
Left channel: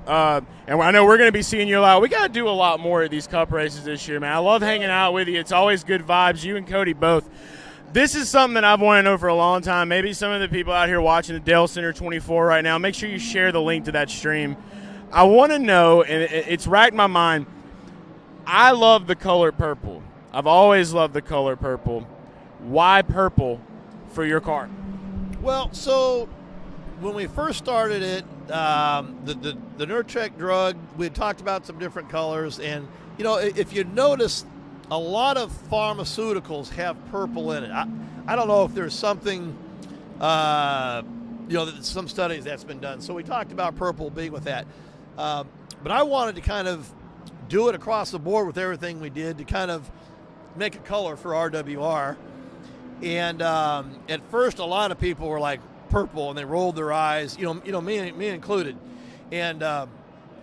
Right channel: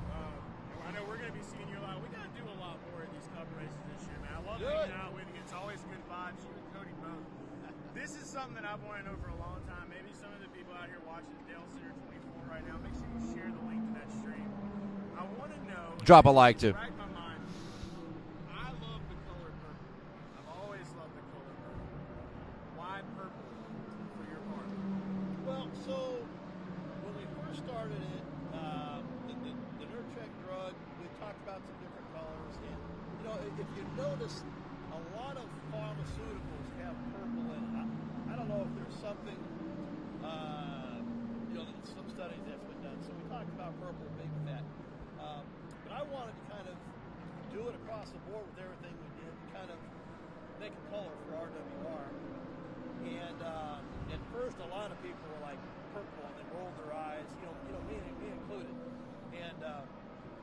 And I know we're going to be seeing you a lot. We got to do a lot more of these cup races this year, man. I love hanging out with you. It's always good vibes, you and Cody both. This is something that I've wanted to know for a long time. Maybe some of the people out here watching the Dalescenter 24 right now, make sure you share the link to that stream. I want to know, Drop a like, it's too. racked my mind. I love the color purple. I've always loved the color purple. Why purple for your car? Well, so when we first started it, the Nurtrek drug, we had talked about some different colors, and if you notice, a lot of pharmaceuticals have purple in it. I don't know if there's something, some studies that's been done. So we talked about purple being with that, but I wanted to kind of do it across the board with everything we did to kind of make a color for RWR. And at first, a lot of people were like purple, and they rolled their eyes. Me included. And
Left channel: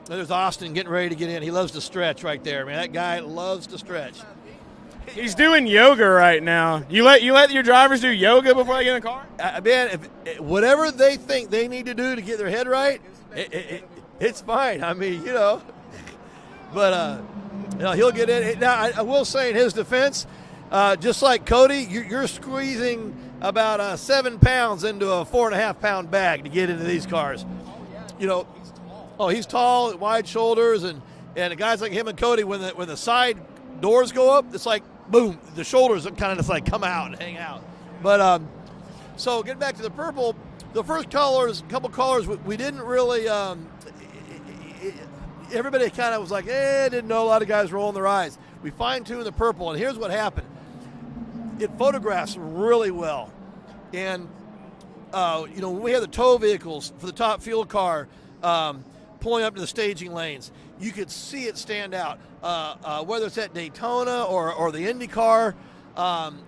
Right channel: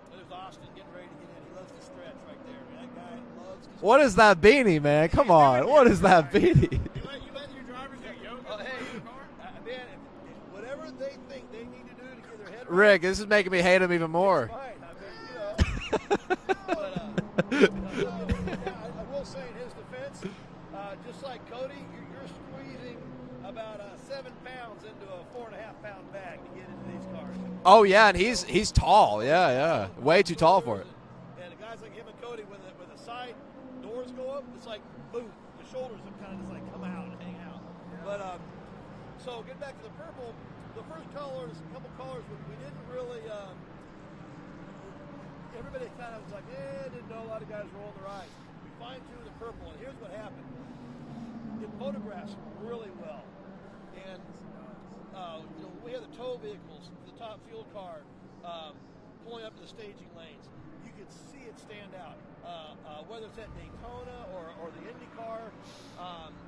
there's Austin getting ready to get in. He loves to stretch right there, man. That guy loves to stretch. What is that beanie, man? Come He's on. doing What is yoga that right beanie? now. You let your drivers do yoga before they get in the car? Man, whatever they think they need to do to get their head right. Rick, this is making me hate him even more. It's fine. I mean, but he'll get in. Now, I will say in his defense, just like Cody, you're squeezing about 7 pounds into a 4.5-pound bag to get into these cars. Oh yeah, and he's tall. Oh, yeah, he's tall, yeah. wide Way too tall for shoulders, him. and guys like him and Cody, when the side doors go up, it's like boom, the shoulders kind of just like come out and hang out. But so getting back to the purple, the first couple colors, we didn't really. Everybody kind of was like, didn't know. A lot of guys rolling their eyes. We fine-tuned the purple, and here's what happened. It photographs really well. And, when we had the tow vehicles for the top fuel car pulling up to the staging lanes, you could see it stand out. Whether it's at Daytona or the IndyCar,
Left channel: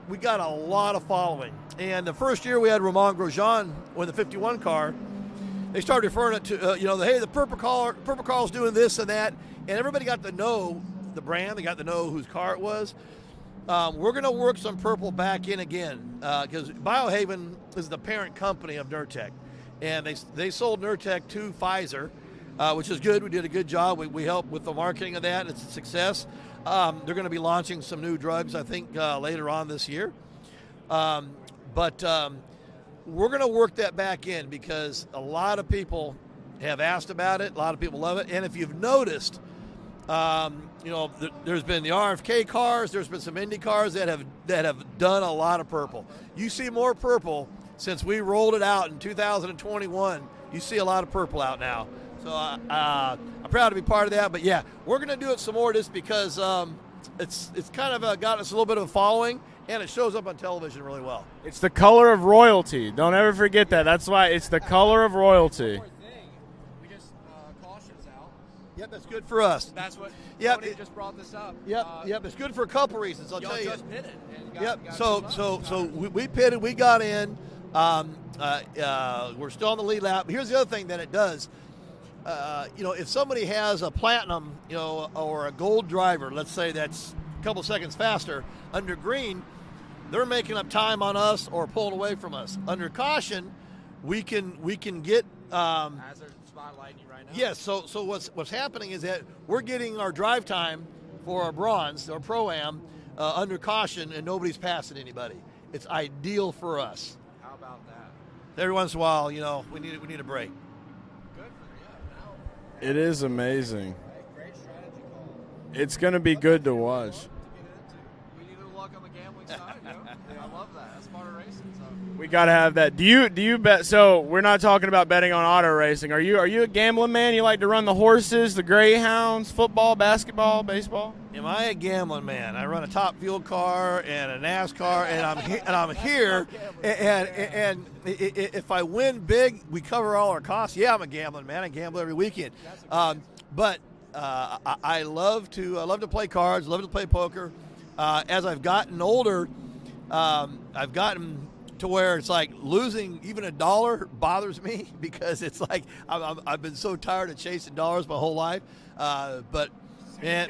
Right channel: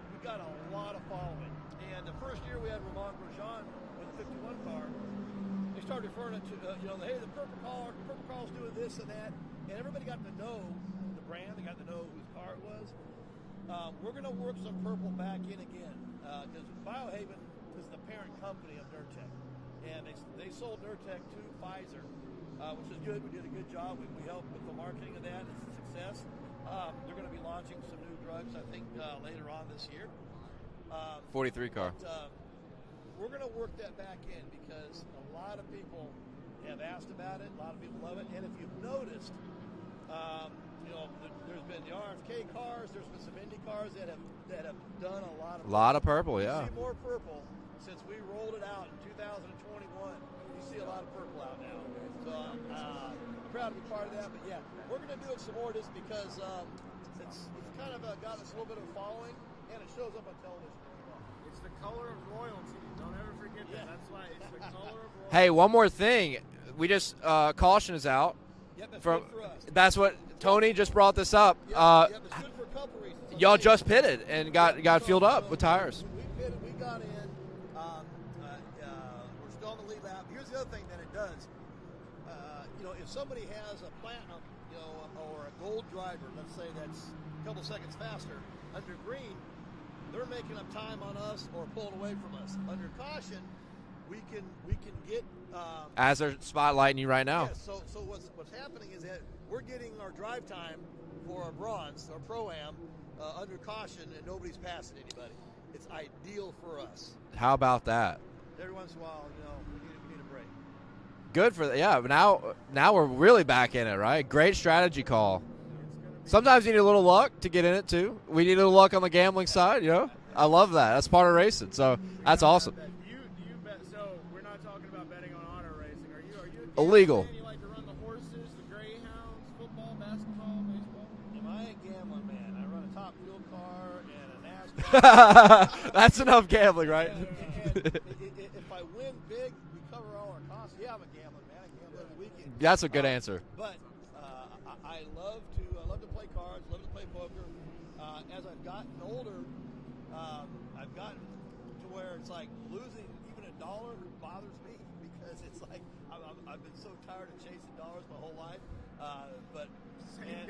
we got a lot of following. And the first year we had Romain Grosjean with the 51 car, they started referring it to, hey, the purple car's doing this and that. And everybody got to know the brand. They got to know whose car it was. We're going to work some purple back in again because Biohaven is the parent company of Nurtec, and they sold Nurtec to Pfizer, which is good. We did a good job. We helped with the marketing of that. It's a success. They're going to be launching some new drugs, I think, later on this year. 43. But we're going to work that back in because a lot of people have asked about it. A lot of people love it, and if you've noticed. There's been the RFK cars. There's been some Indy cars that have done a lot of purple. A lot of purple. You see more purple since we rolled it out in 2021. You see a lot of purple out now. So I'm proud to be part of that. But yeah, we're going to do it some more just because it's kind of got us a little bit of a following, and it shows up on television really well. It's the color of royalty. Don't ever forget that. That's why it's the color of royalty. Hey, one more thing. We just caution is out. Yep, that's good for us. That's what Tony just brought this up. Yep, it's good for a couple reasons. Y'all just pitted and got filled up with tires. So we pitted, we got in. We're still on the lead lap. Here's the other thing that it does. If somebody has a platinum, or a gold driver, let's say that's a couple seconds faster, under green, they're making up time on us or pulling away from us. Under caution, we can get. As they're spotlighting you right now. Yes. So what's happening is that we're getting our drive time for our bronze or pro-am under caution, and nobody's passing anybody. It's ideal for us. How about that? Every once in a while, we need a break. Good for that. Yeah. But now we're really back in it, right? Great strategy call. It's going to be Sometimes good you need to a little watch. luck to get in it too. We need a little luck on the gambling side, I love that. That's part of racing. So We that's gotta awesome. have that. Do you bet? So we're not talking about betting on auto racing. Are you a gambling Illegal. man? You like to run the horses, the greyhounds, football, basketball, baseball? Am I a gambling man? I run a Top Fuel car and a NASCAR, and I'm That's here. enough gambling, right? And if I win big, we cover all our costs. Yeah, I'm a gambling man. I gamble every weekend. That's a good answer. But I love to play cards. Love to play poker. As I've gotten older, I've gotten to where it's like losing even $1 bothers me because it's like I've been so tired of chasing dollars my whole life. But man,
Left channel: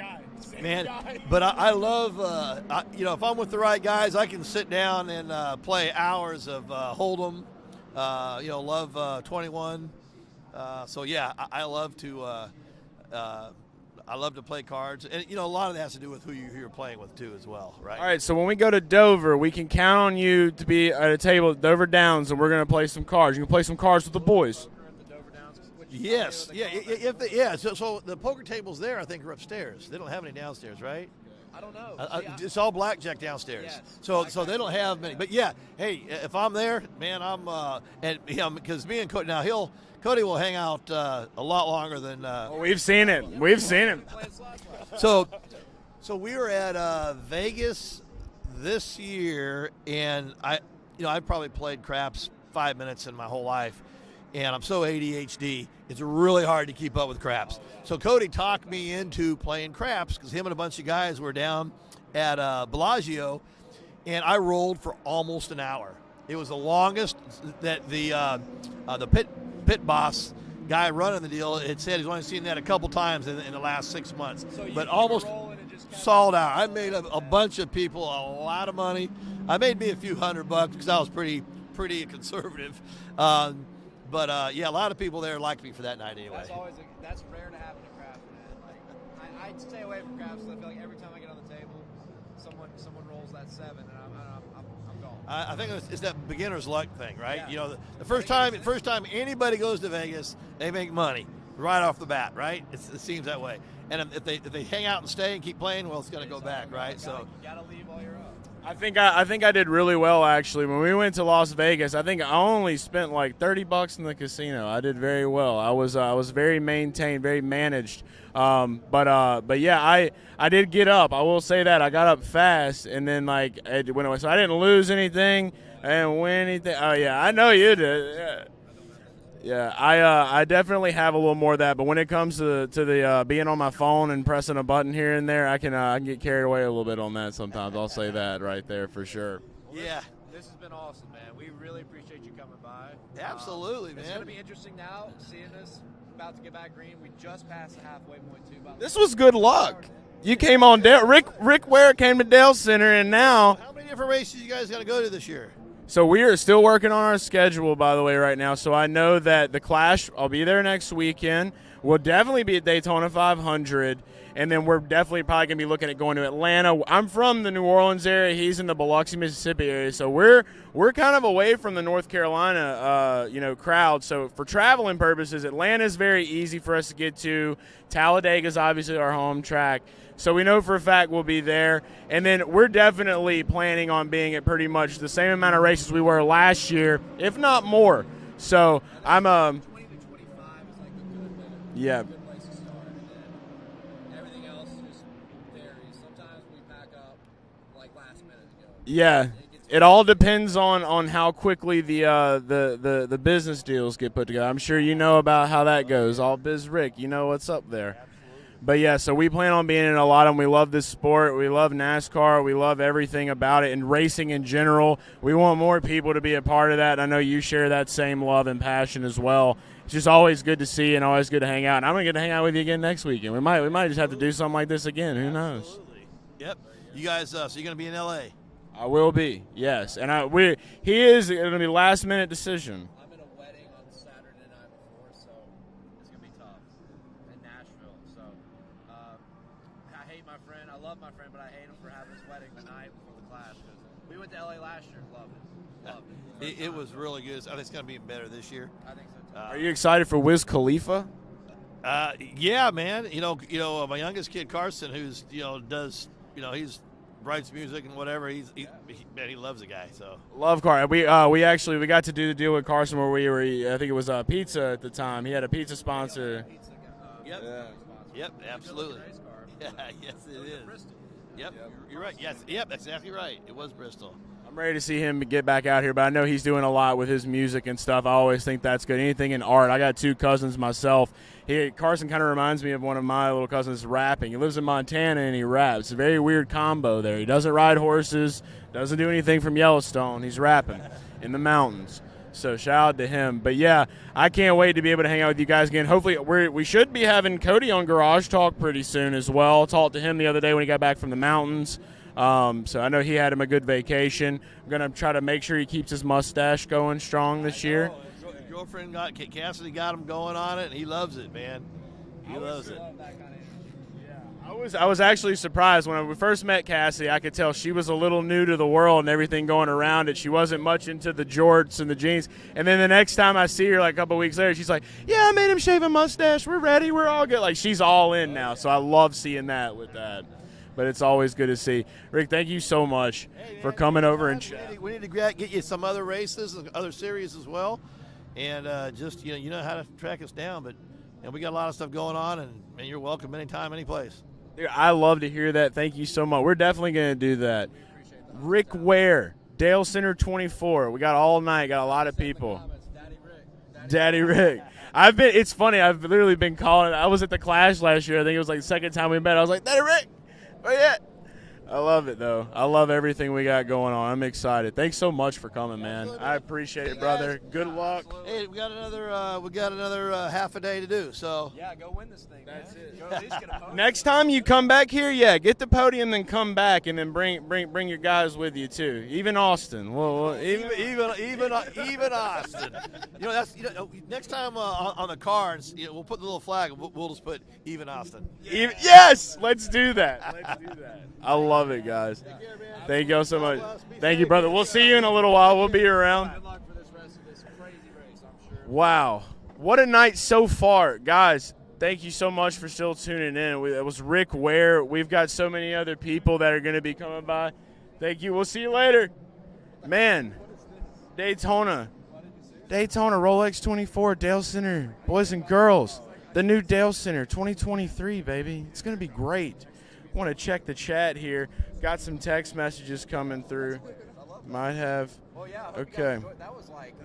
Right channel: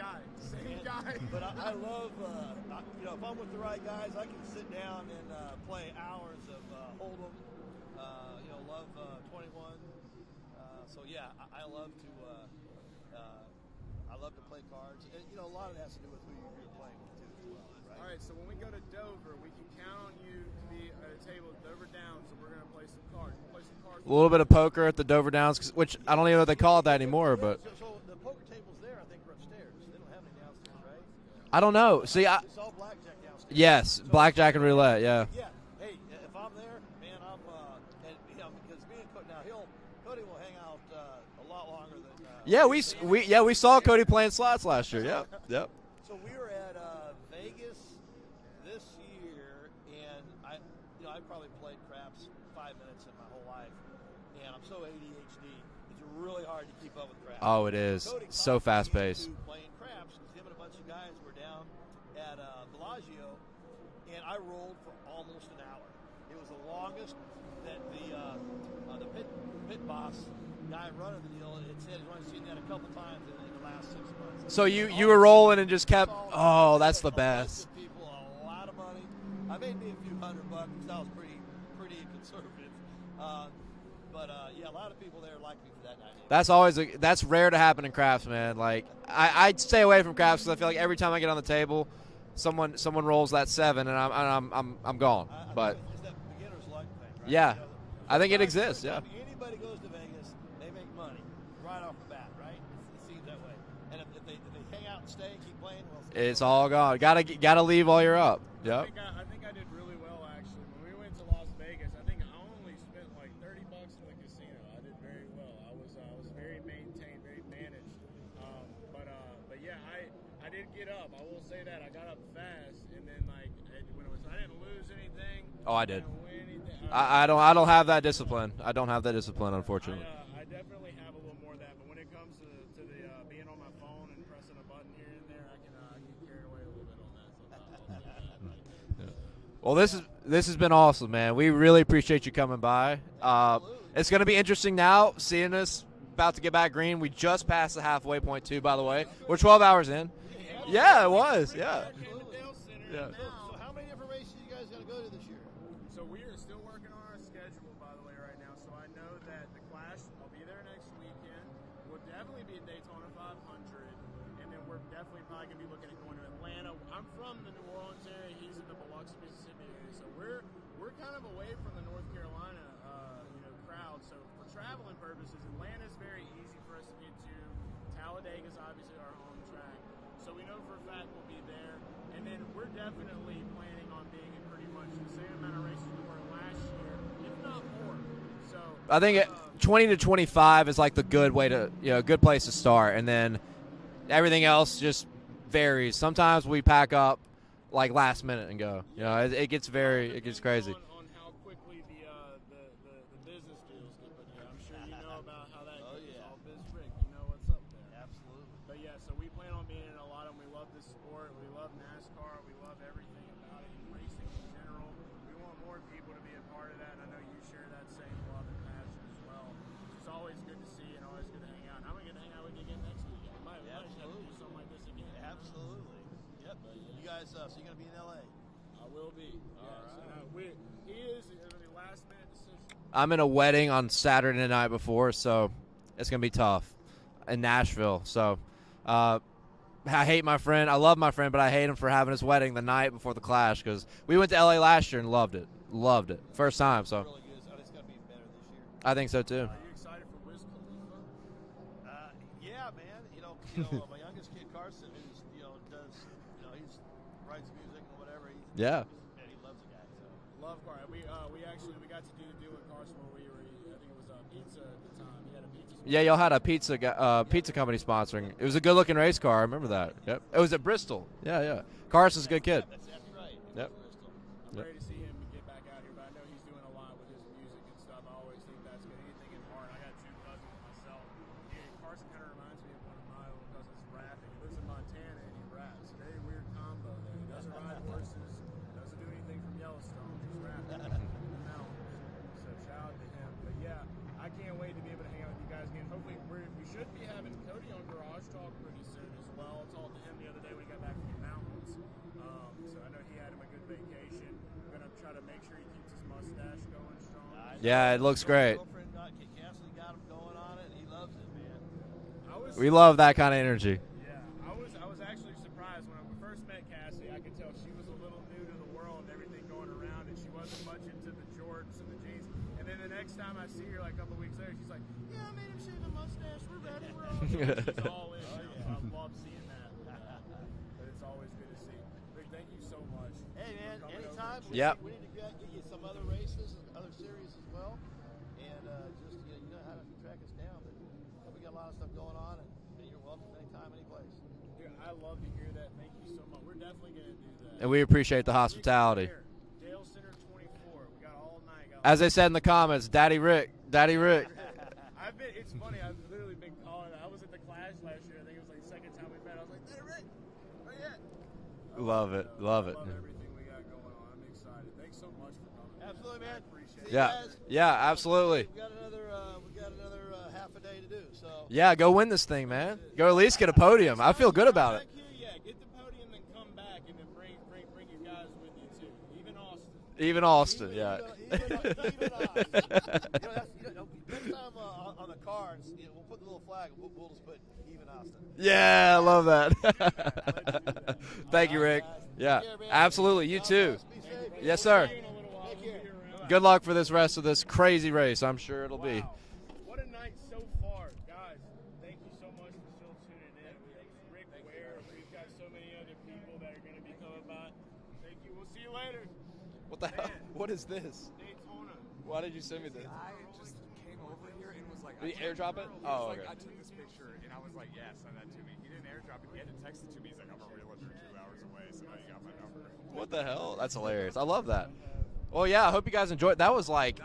but I love if I'm with the right guys, I can sit down and play hours of Hold'em. Love 21. So yeah, I love to. I love to play cards, and a lot of that has to do with who you're playing with too, as well, right? All right, so when we go to Dover, we can count on you to be at a table at Dover Downs, and we're going to play some cards. You can play some cards A with the little boys. bit of poker at the Dover Downs, which I don't even know if they call it that anymore. Yeah, but so the poker tables there, I think, are upstairs. They don't have any downstairs, right? I don't know. See, it's all blackjack downstairs. Yes, blackjack they and don't roulette. have- Yeah. But yeah, hey, if I'm there, man, I'm because me and Cody Cody will hang out a lot longer than. Yeah, We've seen it. We We've saw seen Cody it. playing slots last year. So, Yep. so we were at Vegas this year, and I've probably played craps 5 minutes in my whole life, and I'm so ADHD, it's really hard to keep up with craps. Oh, it is. So Cody So talked me fast-paced. into playing craps because him and a bunch of guys were down at Bellagio, and I rolled for almost an hour. It was the longest that the pit boss guy running the deal had said he's only seen that a couple times in the last 6 months. So you But were almost rolling and just kept sold out. Oh, I made that's a the best. bunch of people a lot of money. I made me a few $100 because I was pretty conservative. But a lot of people there liked me for that night. Anyway. That's rare to happen in craps, man. Like I stay away from craps because I feel like every time I get on the table, someone rolls that 7 and I'm gone. I But- think it's that beginner's luck thing, right? Yeah. The I first think it time, exists, first time anybody goes to Vegas, they make money right off the bat, right? It seems that way. And if they hang out and stay and keep playing, well, It's go all back, gone. right? Gotta leave while you're up. Yep. I think I did really well actually. When we went to Las Vegas, I think I only spent like $30 in the casino. I did very well. I was very maintained, very managed. But yeah, I did get up. I will say that I got up fast, and then like it went away. So I didn't lose anything. Oh, I I didn't win anything. Oh yeah, I know don't you have did. that Yeah. discipline. I don't have that discipline. Yeah, Unfortunately. I definitely have a little more of that, but when it comes to the being on my phone and pressing a button here and there, I can get carried away a little bit on that sometimes. I'll say that right there for sure. Well, this has been awesome, man. We really appreciate you coming by. Absolutely, It's man. going to be interesting now seeing us about to get back green. We just passed the halfway point too, by the way. This was good We're luck. 12 hours in. You came on Yeah, it Rick was, Rick yeah. Ware came to Dalescenter, and now. How many different races you guys got to go to this year? So we are still working on our schedule, by the way, right now. So I know that the Clash, I'll be there next weekend. We'll definitely be at Daytona 500, and then we're definitely probably going to be looking at going to Atlanta. I'm from the New Orleans area. He's in the Biloxi, Mississippi area. So we're kind of away from the North Carolina, crowd. So for traveling purposes, Atlanta's very easy for us to get to. Talladega's obviously our home track. So we know for a fact we'll be there. And then we're definitely planning on being at pretty much the same amount of races we were last year, if not more. So I think 20 to 25 is like the good way to, good place to start. And then everything else just varies. Sometimes we pack up like last minute and go. Yeah, it gets. It all gets depends crazy. on how quickly the business deals get put together. I'm sure you know about how that goes. All Biz Rick, you know what's up there. But yeah, so we plan on being in a lot of them. We love this sport. We love NASCAR. We love everything about it and racing in general. We want more people to be a part of that. I know you share that same love and passion as well. It's just always good to see and always good to hang out. And I'm gonna get to hang out with you again next weekend. We might just have to do something like this again. Who knows? Absolutely. Yep. You guys, so you're going to be in L.A. I will be, yes. And he is going to be last minute decision. I'm in a wedding on Saturday night before, so it's gonna be tough in Nashville. So. I hate my friend. I love my friend, but I hate him for having his wedding the night before the Clash because we went to LA last year and loved it. Loved it. First time. It was so really good. I think it's going to be better this year. I think so too. Are you excited for Wiz Khalifa? Yeah, man. My youngest kid Carson, who's does he's writes music and whatever. Man, he loves the guy. So Love Car. We got to do the deal with Carson where we were. I think it was pizza at the time. He had a pizza sponsor. Yeah, y'all had a pizza company sponsoring. Yep, it was a good-looking race car. I remember that. Yep. It was at Bristol. Yeah. Carson's a good kid. Yep, that's exactly right. It was Bristol. I'm ready to see him get back out here, but I know he's doing a lot with his music and stuff. I always think that's good. Anything in art. I got 2 cousins myself. Carson kind of reminds me of one of my little cousins rapping. He lives in Montana and he raps. It's a very weird combo there. He doesn't ride horses, doesn't do anything from Yellowstone. He's rapping in the mountains. So shout out to him. But yeah, I can't wait to be able to hang out with you guys again. Hopefully, we should be having Cody on Garage Talk pretty soon as well. Talked to him the other day when he got back from the mountains. So I know he had him a good vacation. I'm going to try to make sure he keeps his mustache going strong this year. Yeah, it looks great. Girlfriend Cassidy got him going on it, and he loves it, man. We love that kind of energy. I was actually surprised when we first met Cassie. I could tell she was a little new to the world and everything going around it. She wasn't much into the jorts and the jeans. And then the next time I see her, like a couple weeks later, she's like, "Yeah, I made him shave a mustache. We're ready. We're all good." Like she's all in now. So I love seeing that with that. But it's always good to see. Rick, thank you so much for coming over and we need to get you some other races, other series as well, and just you know how to track us down. But we got a lot of stuff going on, and you're welcome anytime, any place. Dude, I love to hear that. Thank you so much. We're definitely going to do that. And we appreciate the hospitality. Rick Ware, Dalescenter 24. We got all night. Got a lot of people. As I said in the comments, Daddy Rick. Daddy Rick. It's funny. I've literally been calling. I was at the Clash last year. I think it was like the second time we met. I was like, Daddy Rick. Oh, yeah. I love it, though. I love everything we got going on. I'm excited. Thanks so much for coming, man. I appreciate it, brother. Yeah, absolutely. Hey, we got another half a day to do. So yeah, go win this thing, man. Go at least get a podium. Next time you come back here, get the podium, then come back, and then bring your guys with you too. Even Austin. Even Austin. Next time on the cards, we'll put the little flag. We'll just put even Austin. Yeah. Yes. Let's do that. I love it, guys. Yeah, absolutely. Thank you so much. Too. Thank you, brother. Yes, we'll sir. see you in a little while. We'll be around. Good luck for this rest of this crazy race. I'm sure. Wow. What a night so far. Guys, thank you so much for still tuning in. It was Rick Ware. We've got so many other people that are going to be coming by. Thank you. We'll see you later. Man. What is this? Daytona. Why did you say me? Daytona, Rolex 24, Dalescenter. Boys and girls. The new Dalescenter 2023, baby. It's going to be great. Want to check the chat here. Got some text messages coming through. That's hilarious. I love that. Might have. Well, yeah. I hope you guys enjoyed. That was like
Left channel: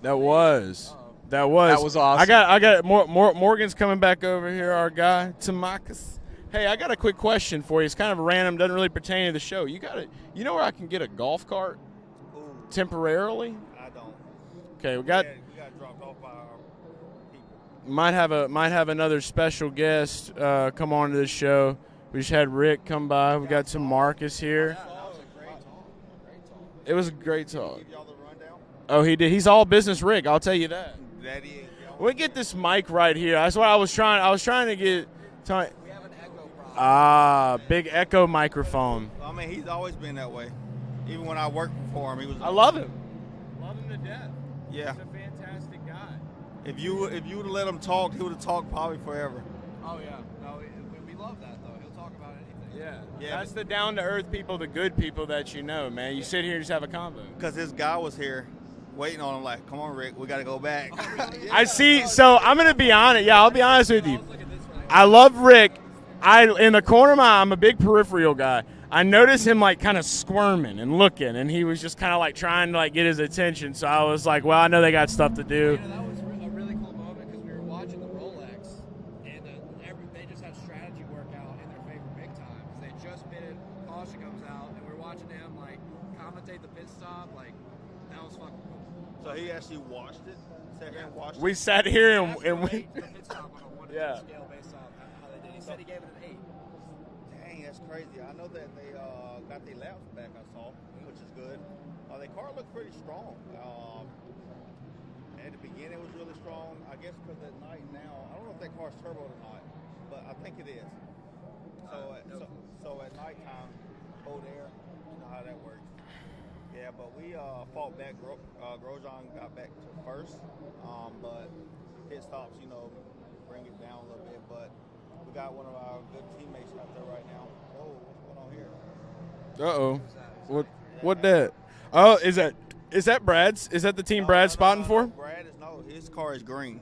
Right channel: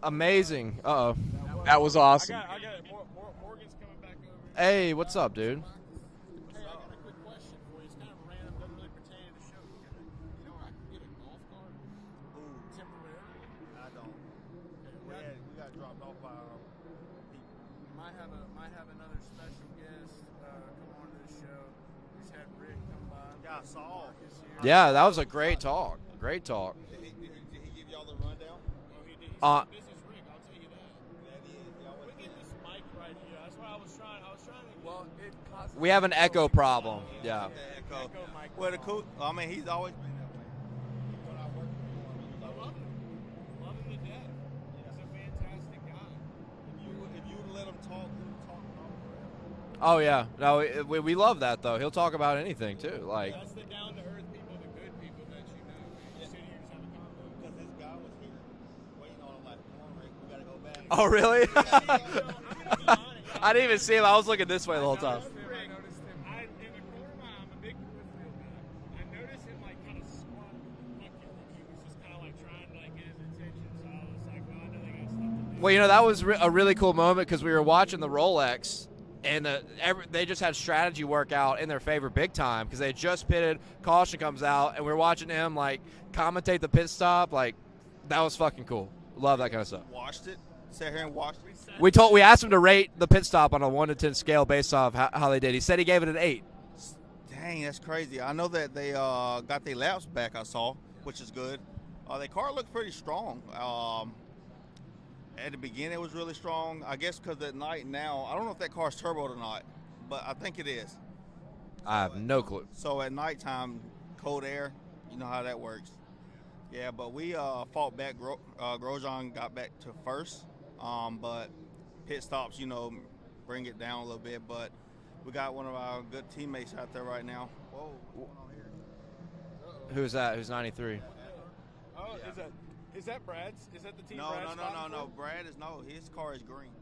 amazing. That was awesome. I got Morgan's coming back over here. Hey, what's up, dude? Tamakis. Hey, I got a quick question for you. It's kind of random. Doesn't really pertain to the show. You know where I can get a golf cart temporarily? I don't. Okay, we got dropped off by our might people. have another special guest come on to the show. We just had Rick come by. We got some Marcus here. Yeah, that was a great talk. Great talk. It was a great talk. Give y'all the rundown? Oh, he did. He's all business Rick. I'll tell you that. That is. We get this mic right here. That's what I was trying to get. We have an echo problem. Big echo microphone. I mean, he's always been that way. Even when I worked for him, he was. I love him. Love him to death. Yeah. He's a fantastic guy. If you would have let him talk, he would have talked probably forever. Oh yeah, no, we love that though. He'll talk about anything too. Like that's the down to earth people, the good people that you know, man. You sit here and just have a convo. Because this guy was here, waiting on him. Like, come on, Rick, we got to go back. Oh really? I see. So I'm gonna be honest. Yeah, I'll be honest with you. I was looking this way the whole I time. love Rick. In the corner of my eye, I'm a big peripheral guy. I noticed him like kind of squirming and looking, and he was just kind of like trying to like get his attention. So I was like, well, I know they got stuff to do. Well, that was a really cool moment because we were watching the Rolex. And they just had strategy work out in their favor big time because they had just pitted. Caution comes out, and we're watching him like commentate the pit stop. Like that was fucking cool. Love that kind of stuff. Watched it. Sat here and watched We it. sat. We here asked him to and rate the pit stop on a 1 to 10 scale based off how they did. He said he gave it an 8. Dang, that's crazy. I know that they got their laps back. I saw, which is good. Their car looked pretty strong. At the beginning, it was really strong. I guess because at night now, I don't know if that car's turboed or not, but I think it is. I have no clue. So at nighttime, cold air, you know how that works. Yeah, but we fought back. Grosjean got back to first, but pit stops, bring it down a little bit. But we got one of our good teammates out there right now. Whoa, what's going on here? Uh-oh. Who's that? Who's 93? What that? Oh, is that Brad's? Is that the team Brad's spotting for? Brad is his car is green.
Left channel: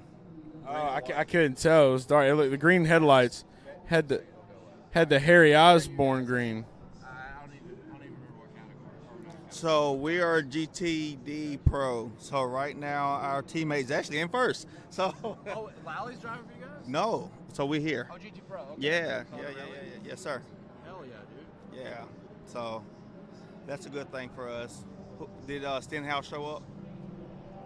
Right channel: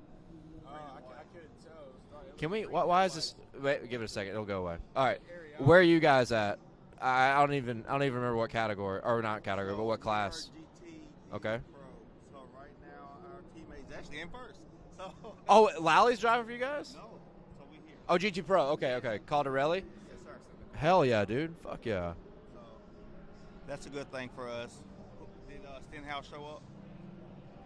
Oh, I couldn't tell. It was dark. Look, the green headlights. Wait, had give it a the second. It'll go away. Had All the right. Harry Where Osborne are you guys green. at? I don't even remember what category or not category. So what we class. are GTD Pro. So right now our teammate's actually in first. So Oh, Lally's driving for you guys? no. So we're here. Oh, GT Pro. Okay. Yeah. Okay. Caldarelli? Yeah. Yes, sir. Hell yeah, dude. Fuck yeah. So that's a good thing for us. Did Stenhouse show up?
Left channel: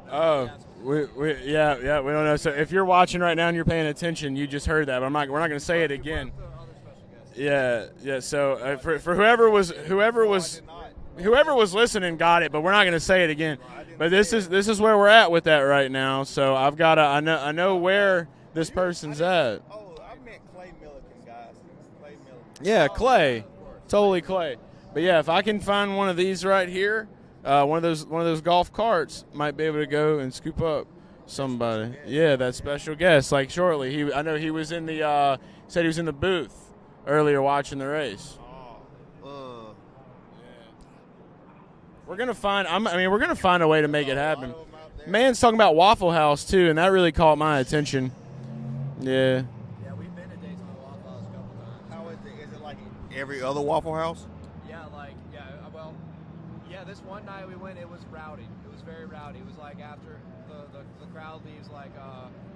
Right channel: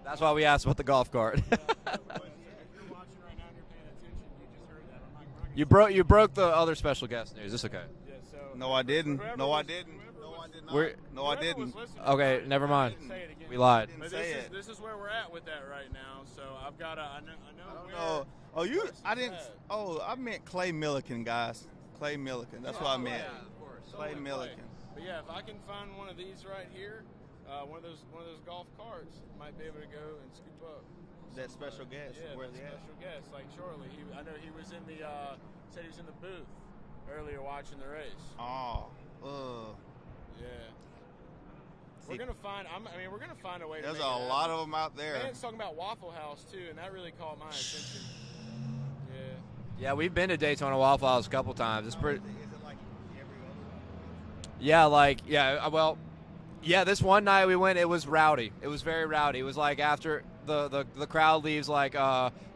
That's why we asked about the golf cart. Yeah, we don't know. So if you're watching right now and you're paying attention, you just heard that. But we're not going to say it again. You broke the other special guest. Yeah. So No, I for didn't. whoever No, I was didn't. whoever No, I was did not. where- No, I whoever was didn't. listening Okay, got it, but never we're not mind. going to say it again. You lied. But this is where we're at with that right now. So I've got I know where this person's at. Oh, I meant Clay Milliken, guys. Clay Milliken. Yeah, That's what I Clay, meant. totally Clay. But yeah, if I can find one of these right here, one of those golf carts, might be able to go and scoop up somebody. Yeah, that special guest. Like shortly, I know he was in the said he was in the booth earlier watching the race. We're gonna find. We're gonna find a way to make it happen. lot of 'em out there. Man's talking about Waffle House too, and that really caught my attention. Yeah. Yeah, we've been to Daytona Waffle House a couple times. It's pretty. Is it like every other Waffle House? Yeah, this one night we went, it was rowdy. It was very rowdy. It was like after the crowd leaves, like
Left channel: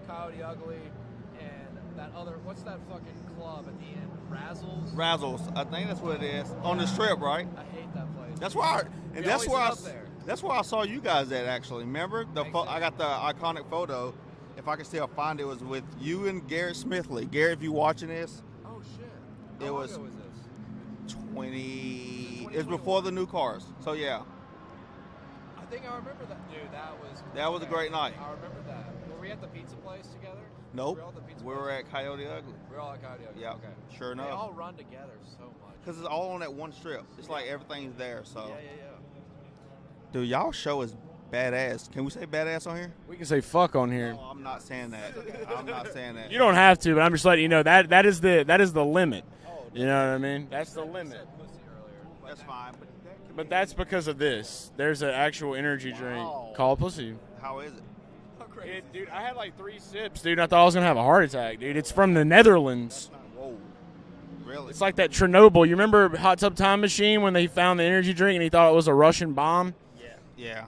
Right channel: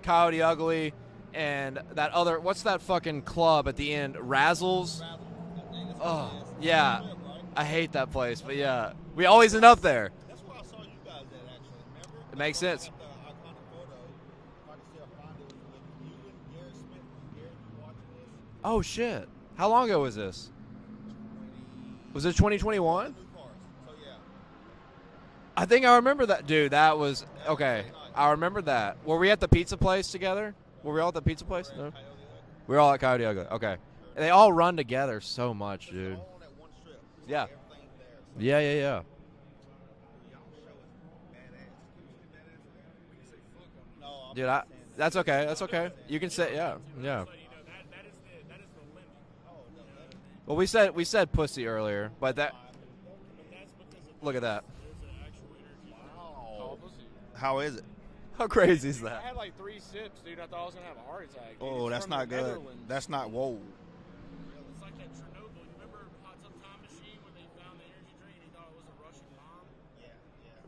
Coyote Ugly and that other, what's that fucking club at the end? Razzles? Razzles. I think that's what it is. Yeah. On the strip, right? I hate that place. That's but why. yeah. and We that's always where end I up there. That's where I saw you guys at, actually. Remember? Makes sense. I got the iconic photo. If I can still find it, was with you and Garrett Smithley. Garrett, if you watching this. Oh, shit. How long ago was this? 20. Was it It's 2021? before the new cars. So, yeah. I think I remember that. Dude, that was That was okay. a great night. I remember that. Were we at the pizza place together? No. Were we all at the pizza place? We were at No? Coyote Ugly. We were all at Coyote Ugly. Yeah, Okay. sure They enough. all run together so much, Because dude. it's all on that one strip. It's like everything's there. So. Yeah. Dude, y'all show is badass. Can we say badass on here? We can say fuck on here. No, I'm Dude, not saying that. That's okay. That's I'm okay. not saying You that. can You don't say have that. to, but I'm just letting you know that is the limit. You know what I mean? Well, we said pussy earlier, but that. But that's because of Look at this. that. There's an actual energy drink called Pussy. How is it? How crazy is Dude, that? I had like 3 sips, dude. I thought I was gonna have a heart attack, dude. Oh, It's that's from not the good. Netherlands. That's not whoa. Really? It's like that Chernobyl. You remember Hot Tub Time Machine when they found the energy drink and he thought it was a Russian bomb? Yeah.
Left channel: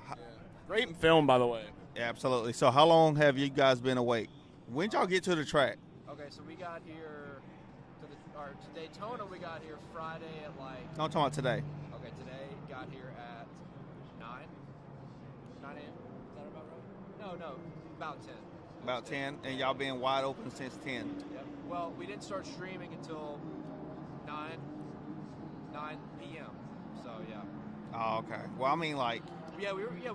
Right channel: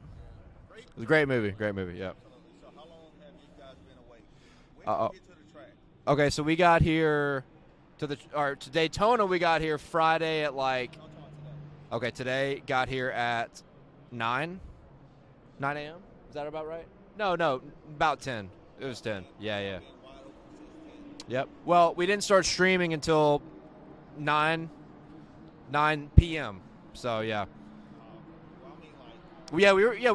Great film, Great by movie. the way. Great movie. Yeah, Yeah. absolutely. So how long have you guys been awake? When did y'all get to the track? Okay, so we got here to Daytona. We got here Friday at like. No, I'm talking about today. Okay, today got here at 9 a.m. Is that about right? No, about 10. It was About 10. 10. Yeah, and y'all yeah. been wide open since 10. Yep. Well, we didn't start streaming until 9 p.m. So yeah. Oh, okay. Well, I mean, like. We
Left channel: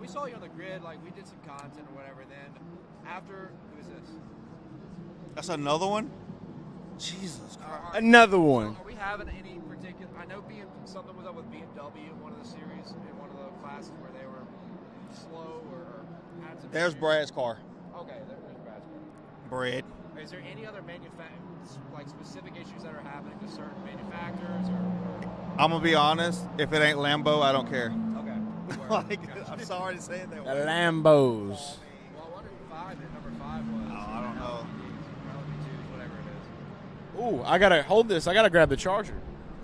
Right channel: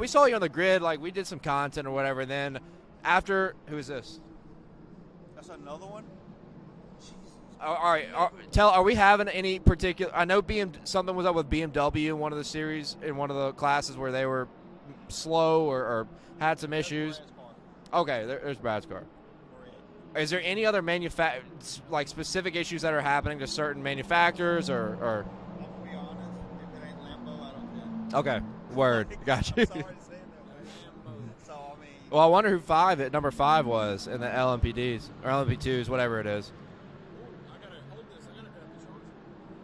saw you on the grid. Like we did some content or whatever. Then after, who is this? That's another one? Jesus. All right, Another one. Are we having any particular? I know something was up with BMW in one of the series in one of the classes where they were slow or had some There's issues. Brad's car. Okay, there's Brad's car. Brad. Is there any other specific issues that are happening to certain manufacturers or? I'm going to be honest. If it ain't Lambo, I don't care. Okay, word. Gotcha. I'm sorry to say it that The way. Lambos. Well, I wonder who number 5 was in the LMPDs or LMP2s, whatever it is. Ooh, I gotta hold this. I gotta grab the charger.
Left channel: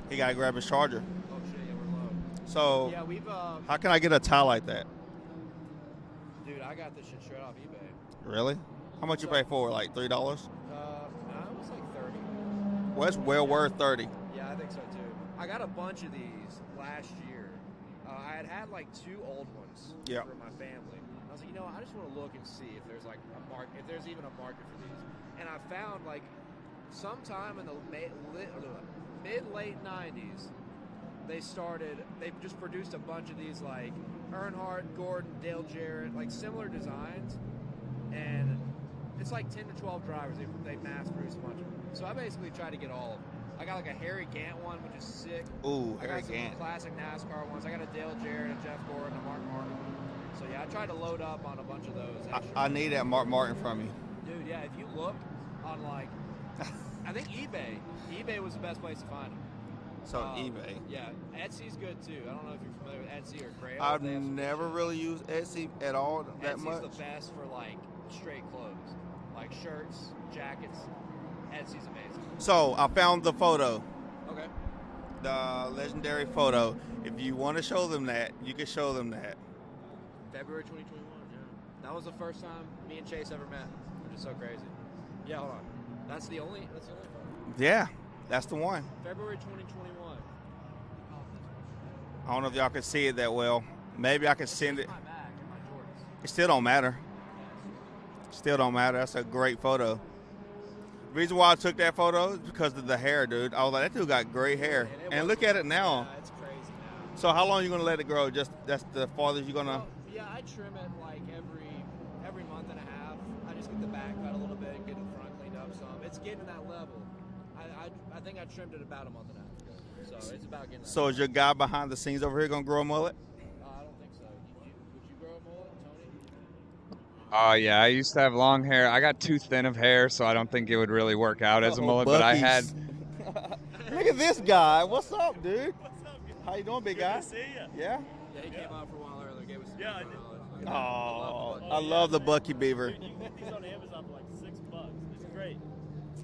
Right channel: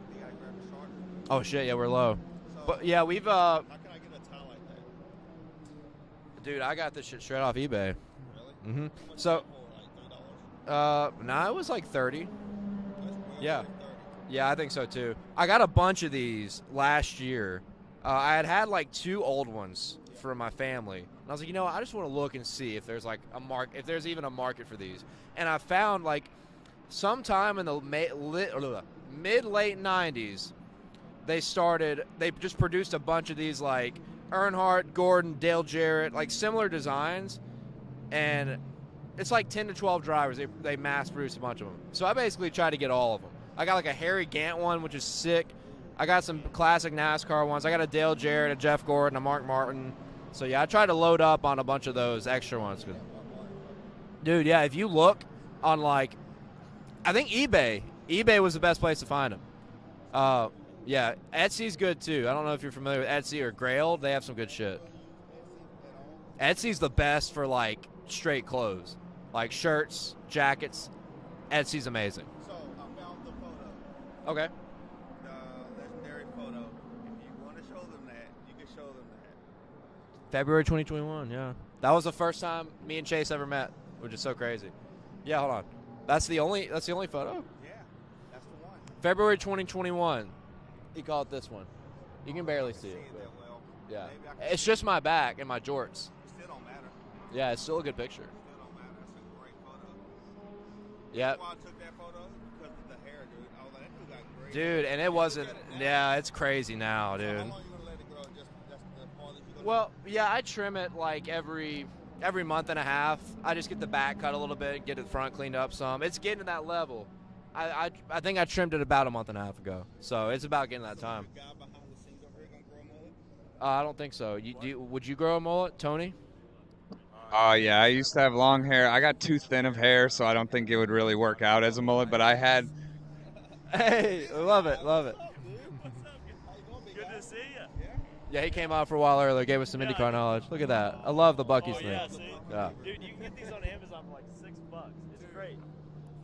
He got to grab his charger. Oh shit, yeah, we're low. So, But, yeah, we've how can I get a tie like that? dude, I got this shit straight off eBay. Really? Mm-hmm. How much So- you pay for it? Like $3? Nah, it was like 30. Well, it's well Yeah. worth 30. Yeah, I think so too. I got a bunch of these last year. I had like 2 old ones Yeah. from my family. And I was like, I just want to look and see if there's like if there's even a market for these. And I found like sometime in the mid-late 90s, they just produced a bunch of these like Earnhardt, Gordon, Dale Jarrett, like similar designs. And it's like 10 to 12 drivers. They mass produce a bunch of them. So I basically tried to get all of them. I got like a Harry Gant one, which is sick. Ooh, I got some classic NASCAR ones. I got a Dale Jarrett, a Jeff Gordon, a Mark Martin. So yeah, I tried to load up on a bunch of those extra I ones. need that Mark Martin from you. Dude, yeah, if you look on like, I think eBay was the best place to find them. So eBay. Yeah, Etsy's good too. I don't know if you're familiar with Etsy or Grail. They have some good shit. Never really used Etsy at all. Etsy's the best for like straight clothes, like shirts, jackets. Etsy's amazing. So I found the photo. Okay. The legendary photo. If you want to show them that, you can show them that. February 2021. Yeah, that was the first time me and Chase ever met, which is so crazy. Yeah, hold on. That's the only photo. Yeah, that's the one. February 2021. He called this one. I don't know if y'all can see it that well. Yeah. Maybe I can It's just my back and my jorts. It still don't matter. Yeah, it's still a good picture. Still don't matter. That's a great photo. Yeah. Reason why I took that photo is because of the hair, dude. I was like, that dude got great hair. And it look at it now. Yeah, it's crazy now. So dude. how long are you gonna let it grow? Just that's the farthest you're gonna. Well, yeah, I trim it like every month and a half. I just get the back cut a little bit and get the front cleaned up some. It's getting to that level. I think I trimmed it about a month and a half ago. So it's about getting that. So time. is your guy behind the scenes over here gonna grow a mullet? I don't think so. Would you grow a mullet, Tony? Yeah, I used to have long hair. I got too thin of hair, so I don't think it would really work out as a mullet. But I had. Hey, this guy. What's up, dude? How you doing, big guy? Good to see you. Yeah. Yeah, he came out for a while earlier. Gave us some IndyCar knowledge. Look at that. I love the Bucky. I love the Bucky Beaver. Dude, you can get these on Amazon for like $6. It's great.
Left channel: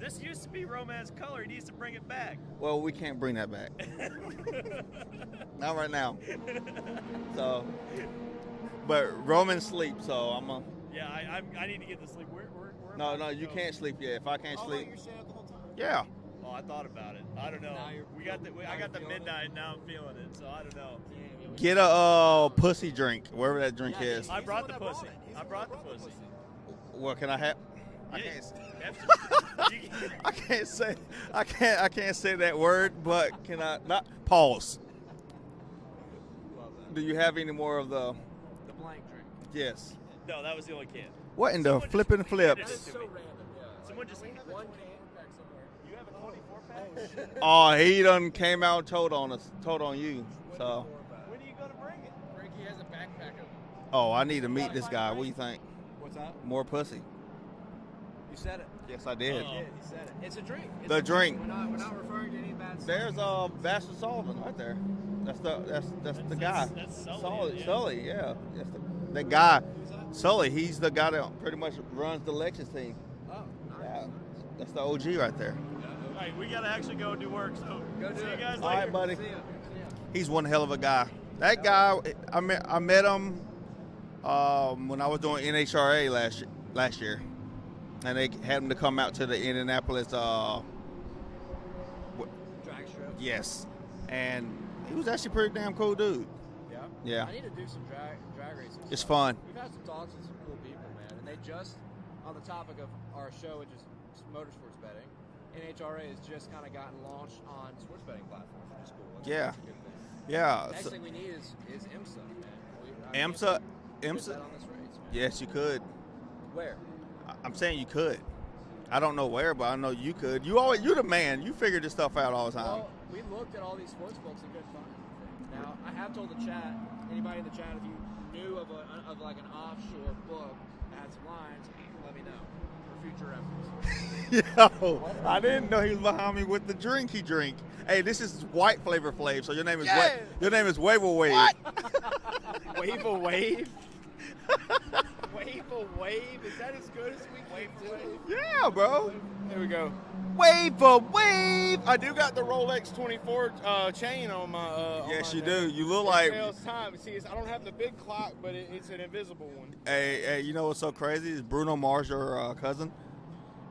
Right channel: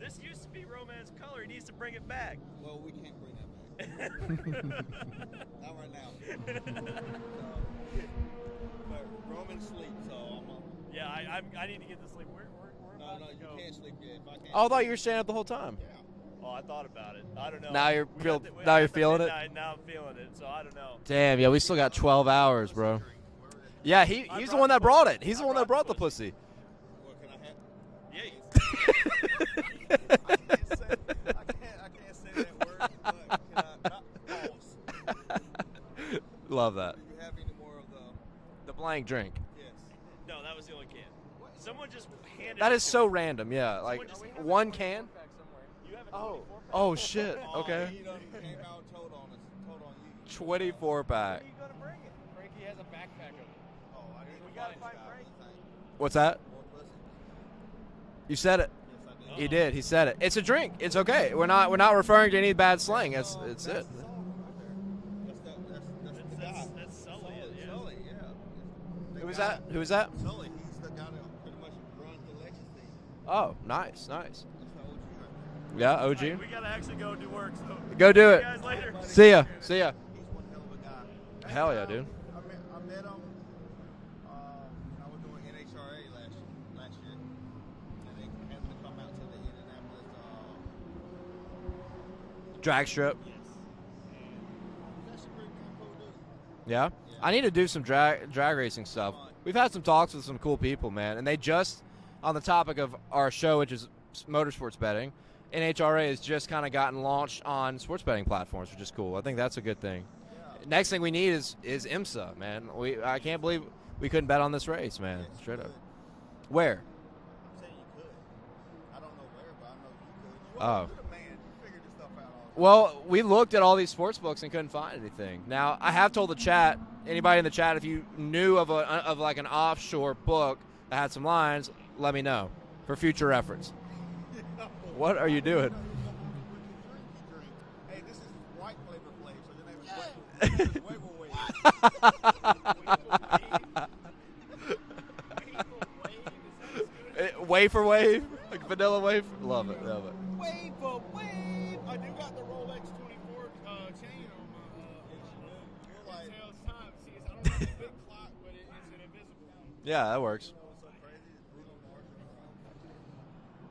This used to be Roman's color. He needs to bring it back. Well, we can't bring that back. Not right now. So, but Roman sleeps, so I'm a. Yeah, I need to get to sleep. We're No, you can't sleep yet. If I can't. I sleep, thought you were staying up the whole time. Yeah. Well, I thought about it. I don't know. Now you're We feel- got the- now I you're got the feeling it? midnight, Now I'm feeling it, so I don't know. Damn, yeah, we still Get got 12 hours, pussy bro. drink, wherever that drink Yeah, is. he's the one that brought it. He's the one that brought the pussy. What can I have? Yeah. I can't say. I can't say that word, but can I? Not pause. Love that. Do you have any more of the blank drink? Yes. No, that was the only can. What in the flipping flip? That is so random. Yeah, like one can. Oh shit. Oh, he done came out and told on us, told on you. 24 pack. Oh, I need to meet this guy. What do you think? What's that? More pussy. You said it. Yes, I did. He did. He said it. It's a drink. It's The okay. drink. We're not referring to any bad slang. There's, It's Bastard Sullivan right there. That's the guy. That's Sully. Sully, yeah. The guy. Who is that? Sully. He's the guy that pretty much runs the Lexus team. Oh, nice, nice. That's the OG right there. Yeah, OG. Hey, we gotta actually go do work. So Go do it. See you guys All right, later. buddy. See ya. See ya. He's one hell of a guy. That Hell guy, yeah, I met him when I was doing NHRA last year, and they had him to come out to the Indianapolis. Drag strip. Yes, and he was actually a pretty damn cool dude. Yeah. Yeah. I need to do some drag racing stuff. It's fun. We've had some talks with some cool people, man, and they just on the topic of our show, which is motorsports betting. NHRA has just kind of gotten launched on sports betting platforms, which is cool. I think Yeah. that's a good thing. Yeah. Next thing we need is IMSA, man. I can't IMSA believe we couldn't IMSA. bet on this race, man. Yes, you Straight up. could. Where? I'm saying you could. I don't know where, but I know you could. You're the man. You figure this stuff out all the time. Well, we looked at all these sports books and couldn't find anything. Now, I have told the chat, anybody in the chat, if you knew of like an offshore book that had some lines, let me know for future reference. Yo, What are you I doing? didn't know he was behind me with the drink he drink. Hey, this is white Flavor Flav, so your name is Yeah. your name is Wave Wave. Wave a wave. Wave a wave. Is that as good as Wafer wave? Yeah, Vanilla bro. wave? There Love we it, go. love it. Wave a wave. I do got the Rolex 24 chain on my. On Yes, my you neck. do. You look It like. tells time. See, I don't have the big clock, but it's an invisible one. Yeah, that Hey, works. you know what's so crazy? Is Bruno Mars your cousin?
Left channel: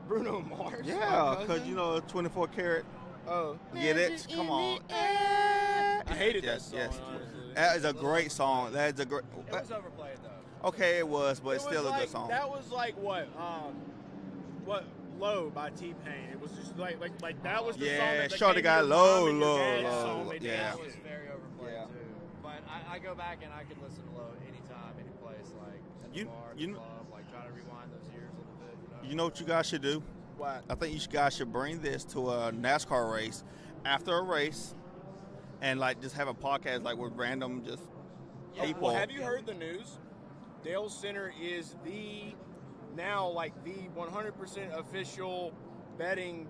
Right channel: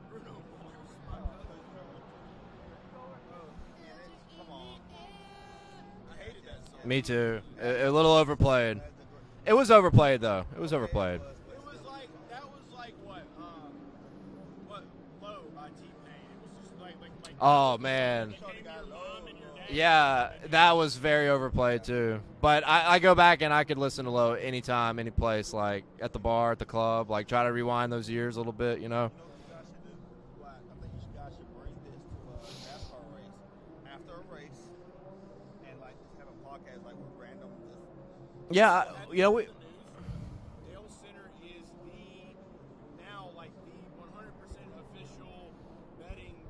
Bruno Mars. my Yeah, cousin? because you know 24 karat. Oh, Get it? Come on. I hated Yes, that yes. song. Me too. That's A little great song. overplayed. That's a great. It was overplayed, though. It was okay, overplayed. it was, but it's It still was a like, good song. That was like what Low by T-Pain. It was just like that Oh, was the man. song that Shorty gave got your low, mom and your low. dad Yeah, all the way that down. was very overplayed too. But I go back and I could listen to Low anytime, any place, like at the bar, at the club, like try to rewind those years a little bit, you know? You know what you guys should do? What? I think you guys should bring this to a NASCAR race after a race, and like just have a podcast like with random just. Yeah, people. Have you you know, heard the news? Dalescenter is the 100% official betting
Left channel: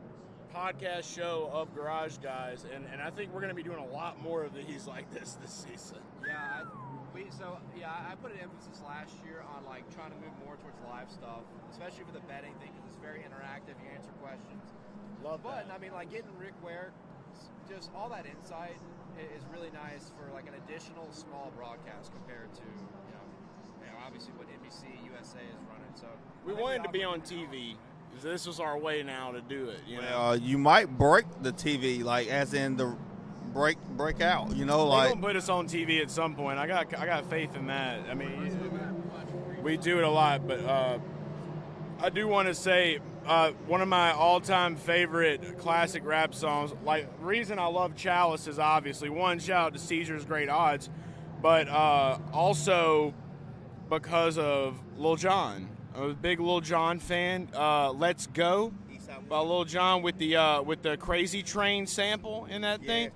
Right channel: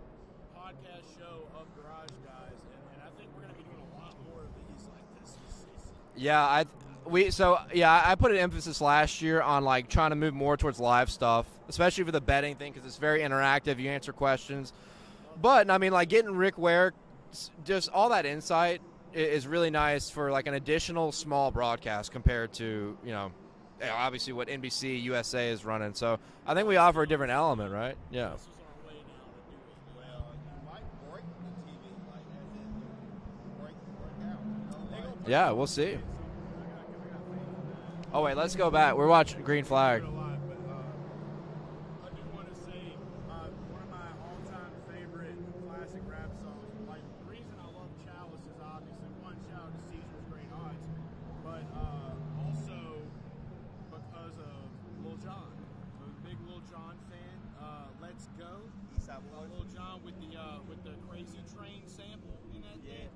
podcast show of Garage Guys, and I think we're going to be doing a lot more of these like this season. Yeah, I put an emphasis last year on like trying to move more towards live stuff, especially for the betting thing, because it's very interactive. You answer questions, but I mean, like getting Rick Ware, just all that insight is really nice for like an additional small broadcast compared to obviously what NBC USA is running. So I think we offer a different element, right? Yeah. So this was our way now to do it. You might break the TV, like as in the break out. They're gonna put us on TV at some point. I got faith in that. I mean, wait, let's go back. We're watching Green Flag. We do it a lot, but I do want to say one of my all-time favorite classic rap songs. Like, the reason I love Chalice is obviously one, shout out to Caesar's Great Odds, but also because of Lil Jon. I'm a big Lil Jon fan. Let's Go by Lil Jon with the Crazy Train sample in that thing.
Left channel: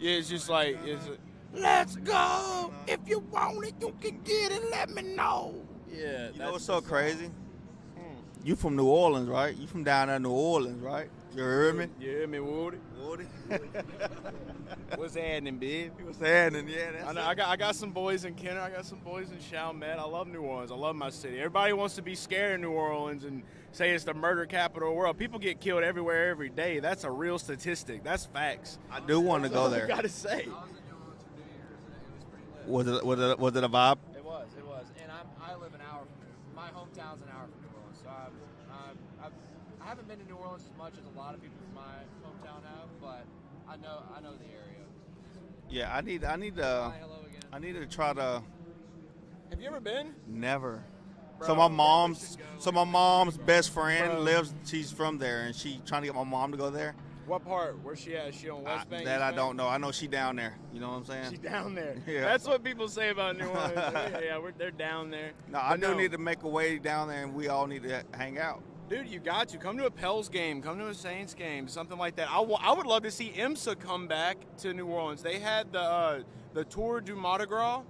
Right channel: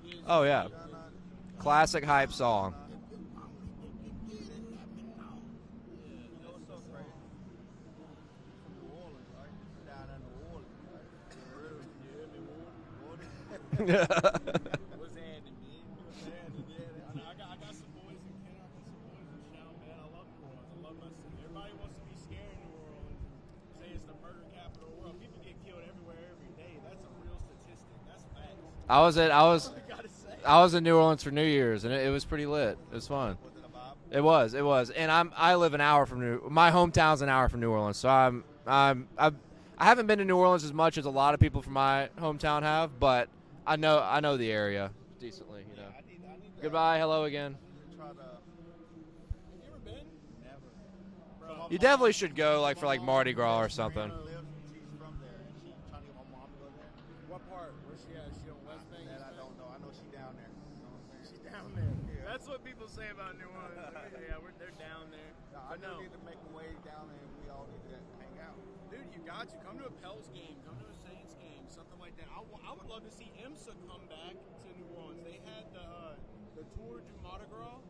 Yeah, it's just like it's a classic hype song. If you want it, you can get it. Let me know. Yeah, you know what's so crazy? You from New Orleans, right? You from down there in New Orleans, right? You heard me? You heard me, Woody? What's happening, babe? What's happening? Yeah, I got some boys in Kenner. I got some boys in Chalmette. I love New Orleans. I love my city. Everybody wants to be scared of New Orleans and say it's the murder capital of the world. People get killed everywhere every day. That's a real statistic. That's facts. I was in New Orleans for New Year's, and it was pretty lit. Was it a vibe? It was, and I live an hour from my hometown's an hour from New Orleans, so I haven't been to New Orleans as much as a lot of people from my hometown have, but I know the area decently. Yeah, I need to. Goodbye, hello again. I need to try to. Have you ever been? Never. Bro, so my you definitely should go. So like, my for, like, mom's Mardi Gras best or something. friend lives. She's from there, and she trying to get my mom to go there. What part? Where's she at? Is she on West Bank? That I don't know. I know she down there. You know what I'm saying? She's down there. Yeah. That's what people say about New Orleans. They're down there. No, I do need to make a way down there, and we all need to hang out. Dude, you got to. Come to a Pels game. Come to a Saints game. Something like that. I would love to see IMSA come back to New Orleans. They had the Tour du Mardi Gras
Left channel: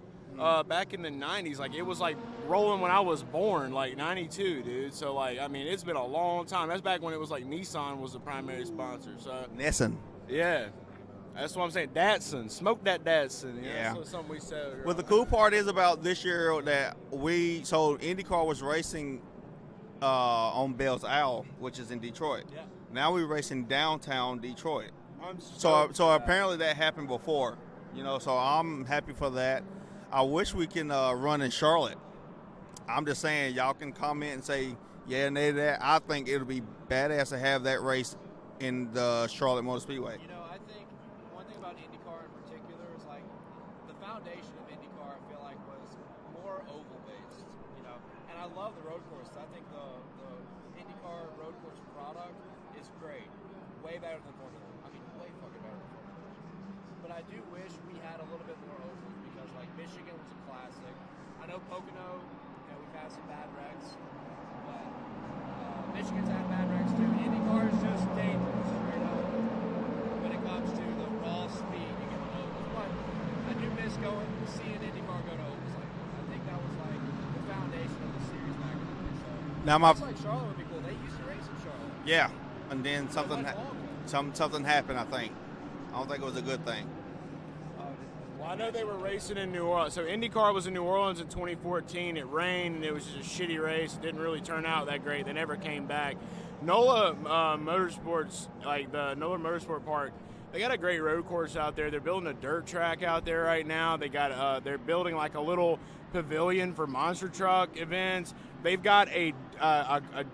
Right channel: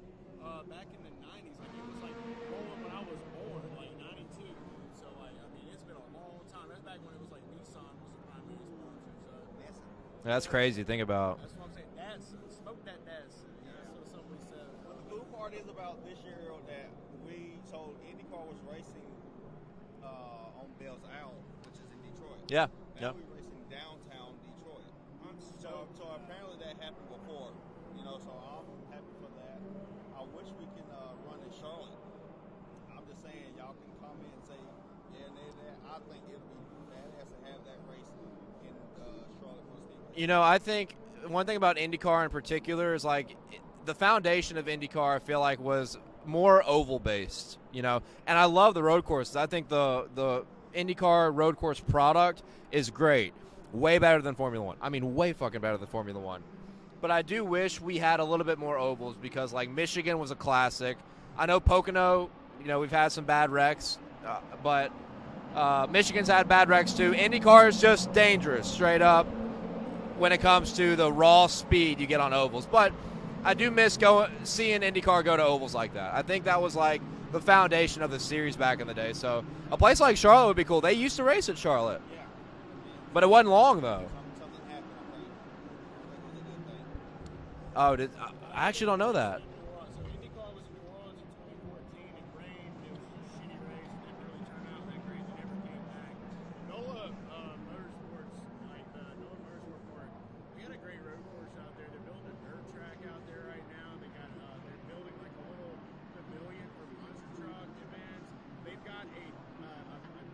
back in the 90s. Like, it was, like, rolling when I was born, like, 92, dude. So, like, I mean, it's been a long time. That's back when it was, like, Nissan was the primary sponsor. So Nissan. That's crazy to think about. That's what I'm saying. Datsun. Smoke that Datsun. Yeah. That's something we said. Well, the cool part is about this year that IndyCar was racing on Bell's Owl, which is in Detroit. Yeah. Now we're racing downtown Detroit. So apparently that happened before, so I'm happy for that. I wish we can run in Charlotte. I'm just saying, y'all can comment and say, yeah, nay to that. I think it'll be badass to have that race in the Charlotte Motor Speedway. I think one thing about IndyCar in particular is, like, the foundation of IndyCar, I feel like, was more oval based, and I love the road courses. I think the IndyCar road course product is great, way better than Formula One. I mean, way fucking better than Formula One. But I do wish we had a little bit more ovals, because like Michigan was a classic. I know Pocono, we've had some bad wrecks, but Michigan's had bad wrecks too. IndyCar is just dangerous, straight up, when it comes to the raw speed you get on ovals. But I do miss seeing IndyCar go to ovals like that. I think that was like the foundation of the series back in the day. So a place like Charlotte would be cool. They used to race at Charlotte. Yeah, and then but it wasn't long though. Something happened, I think. I don't think it was a good thing. Oh, I actually don't know that. In New Orleans. So IndyCar was in New Orleans in 2014. It rained, and it was just a shitty race. It didn't really turn out that great. They never came back. NOLA Motorsports, like the NOLA Motorsport Park, they got a great road course out there. They're building a dirt track out there right now. They're building like a little pavilion for monster truck events. They've got a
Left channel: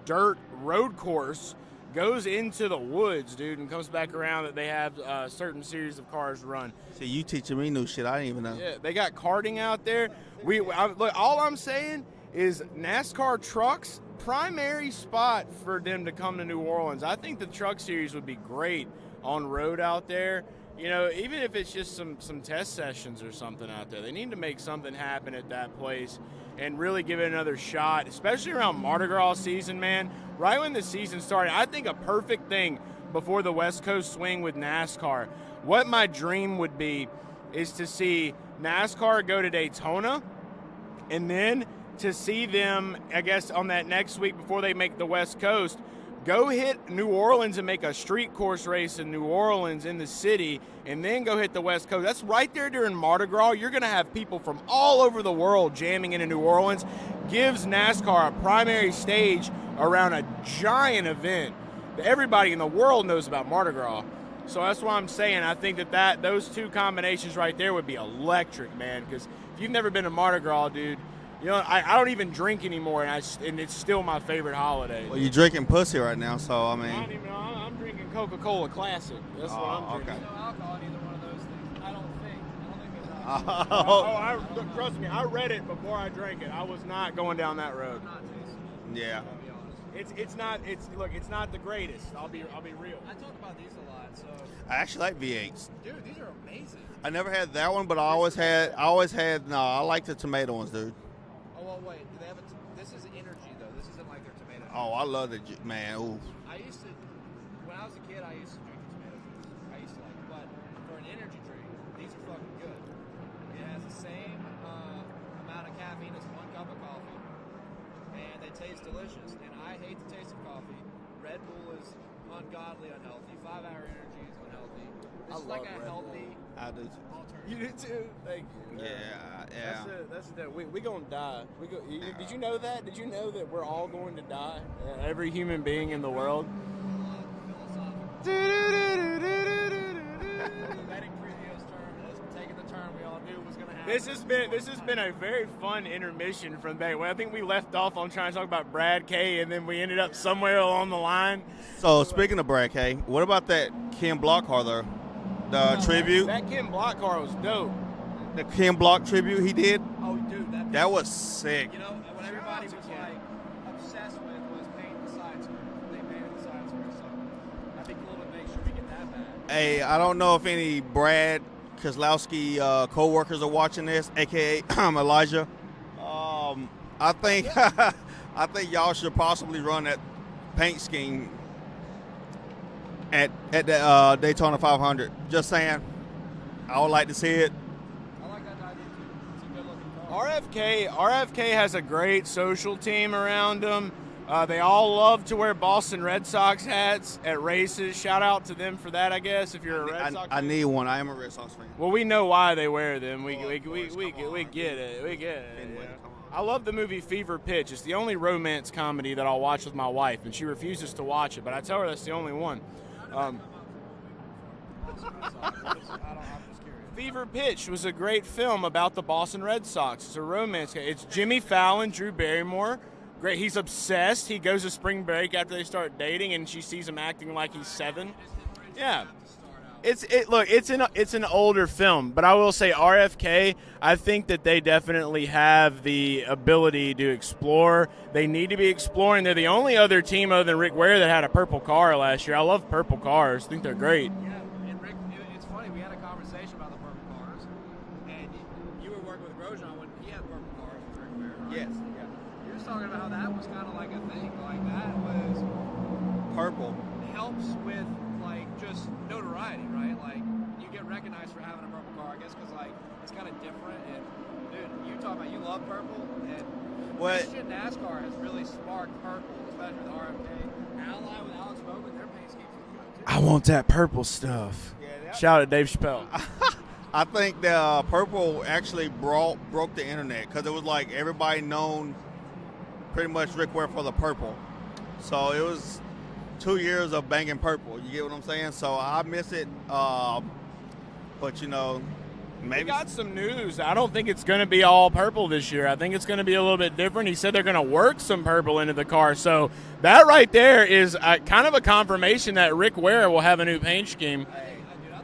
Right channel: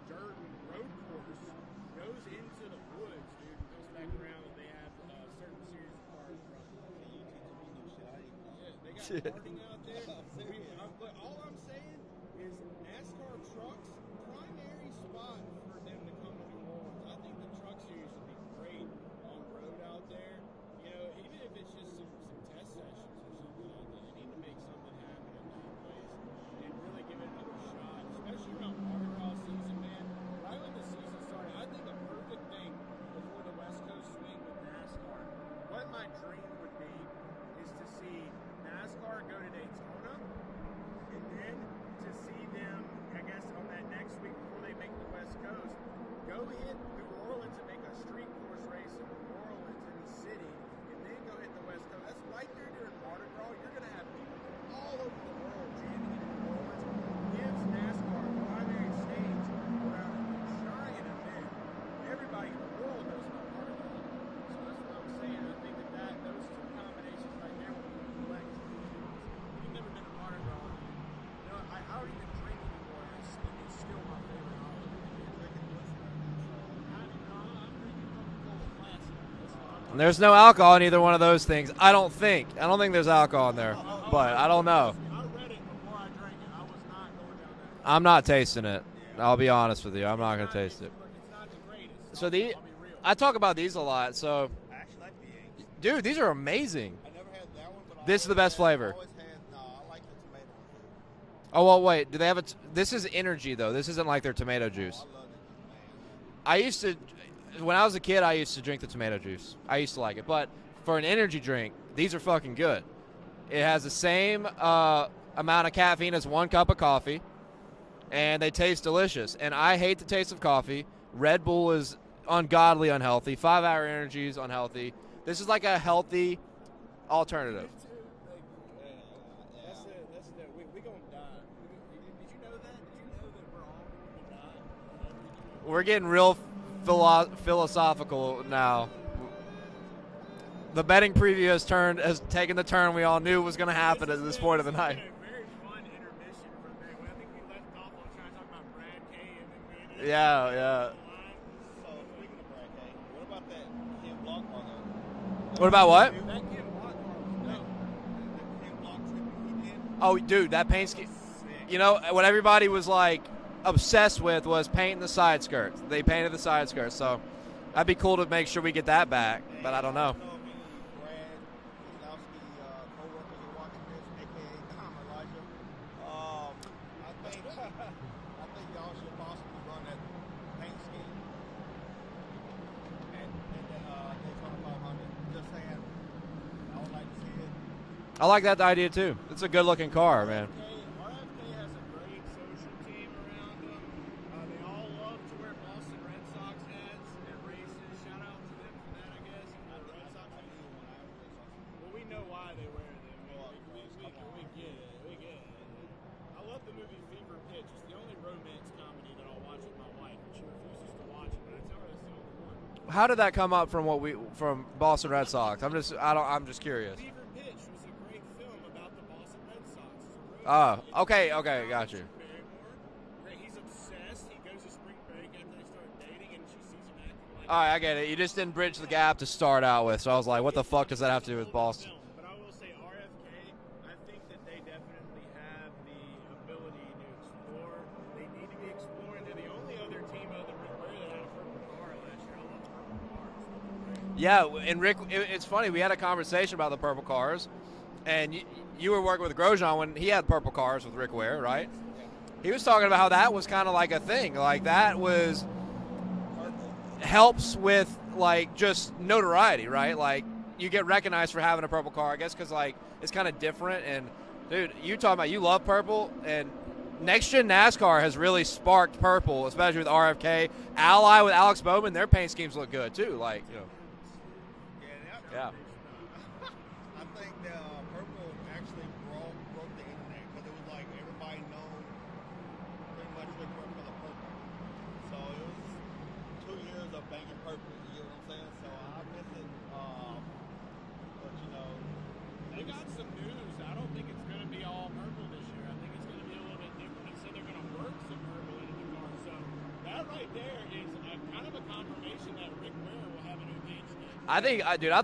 dirt road course, goes into the woods, dude, and comes back around that they have a certain series of cars run. See, you teaching me new shit I didn't even know. Yeah, they got karting out there. Look, all I'm saying is NASCAR trucks, primary spot for them to come to New Orleans. I think the truck series would be great on road out there. Even if it's just some test sessions or something out there, they need to make something happen at that place and really give it another shot, especially around Mardi Gras season, man. Right when the season started, I think a perfect thing before the West Coast swing with NASCAR. What my dream would be is to see NASCAR go to Daytona, and then to see them, I guess, on that next week before they make the West Coast, Go hit New Orleans and make a street course race in New Orleans in the city, and then go hit the West Coast. That's right there during Mardi Gras. You're going to have people from all over the world jamming into New Orleans. Gives NASCAR a primary stage around a giant event that everybody in the world knows about Mardi Gras. So that's why I'm saying I think that those two combinations right there would be electric, man. Because if you've never been to Mardi Gras, dude, you know, I don't even drink anymore, and it's still my favorite holiday. Well, you're drinking pussy right now, so I mean. I'm drinking Coca-Cola Classic. That's what I'm drinking. There's no alcohol in either one of those things. I don't think there's alcohol in there, but I don't know. Trust me, I read it before I drank it. I was not going down that road. I'm not tasting it. Yeah. I'll be honest with you. I'm not going to taste it. Look, it's not the greatest. So I'll be real. I talk about these a lot. So I actually like V8s. Dude, these are amazing. I never had that one, but This is the best flavor. I like the tomato ones, dude. Oh, well, wait. Do they have a this is energy, though. This isn't like their tomato juice. Oh, I love the man. Ooh. I used to, when I was a kid, I used to drink the tomato juice. I used to like it. But for an energy drink, these are fucking good. It has the same amount of caffeine as 1 cup of coffee, and they taste delicious. And I hate the taste of coffee. Red Bull is ungodly unhealthy. 5-hour energy is unhealthy. This is like a healthy alternative. We gonna die. Did you know that? Did you know that we're all going to die? Every human being. We're getting in the real world. philosophical now. The betting preview has taken the turn we all knew was going to happen at this point of the night. This has been a very fun intermission from day one. I think we left off on trying to talk about Brad K, and then we ended up somewhere along the line. So speaking of Brad K, what about that Ken Block car though? What about tribute? That Ken Block car was dope. The Ken Block tribute he did? Oh, dude, that was sick. You know, what everybody was like obsessed with was painting the side skirts. They painted the side skirts, so that'd be cool to make sure we get that back. Hey, I don't know if any Brad Kozlowski co-workers are watching this, aka Elijah. I think I think y'all should possibly run that paint scheme at the Daytona 500. Just saying, I would like to see it. I like that idea too. It's a good-looking car. RFK has a great social team around them. They all love to wear Boston Red Sox hats at races. Shout out to them for that, I guess. If you're a Red Sox fan. I need one. I am a Red Sox fan. Well, we know why they wear them. We get it. We get it. Yeah. I love the movie Fever Pitch. It's the only romance comedy that I'll watch with my wife, and she refuses to watch it. But I tell her that's the only one. How did that come up from from Boston Red Sox? I'm just curious. Fever Pitch was a great film about the Boston Red Sox. It's a romance. It's Jimmy Fallon, Drew Barrymore. Great. He's obsessed. He goes to spring break after they start dating, and she sees him acting like he's 7. I get it. You just didn't bridge the gap to start out with. It's an older film, but I will say RFK, I think that they definitely have the ability to explore. They need to be exploring. They're the only other team other than Rick Ware that had a purple car last year. I love purple cars. I think they're great. Yeah, and Rick, it's funny. We had a conversation about the purple cars, and you were working with Grosjean when he had purple cars with Rick Ware, right? Yes. He was talking about how that was kind of like a thing. Like that was purple. Helps with like just notoriety, right? Like you get recognized for having a purple car, I guess, because like it's kind of different. And dude, you talking about you love purple, and Next Gen NASCAR has really sparked purple, especially with RFK. Ally with Alex Bowman, their paint schemes look good too. I want that purple stuff. Yeah, shout out to Dave Chappelle. I think the purple actually broke the internet because it was like everybody known pretty much Rick Ware for the purple. So it was 2 years of banging purple. You get what I'm saying? So I miss it. But, you know, maybe. We got some news. I don't think it's going to be all purple this year. I think it's going to be a little bit different. He said they're going to work some purple into the car. So that right there is kind of a confirmation that Rick Ware will have a new paint scheme. I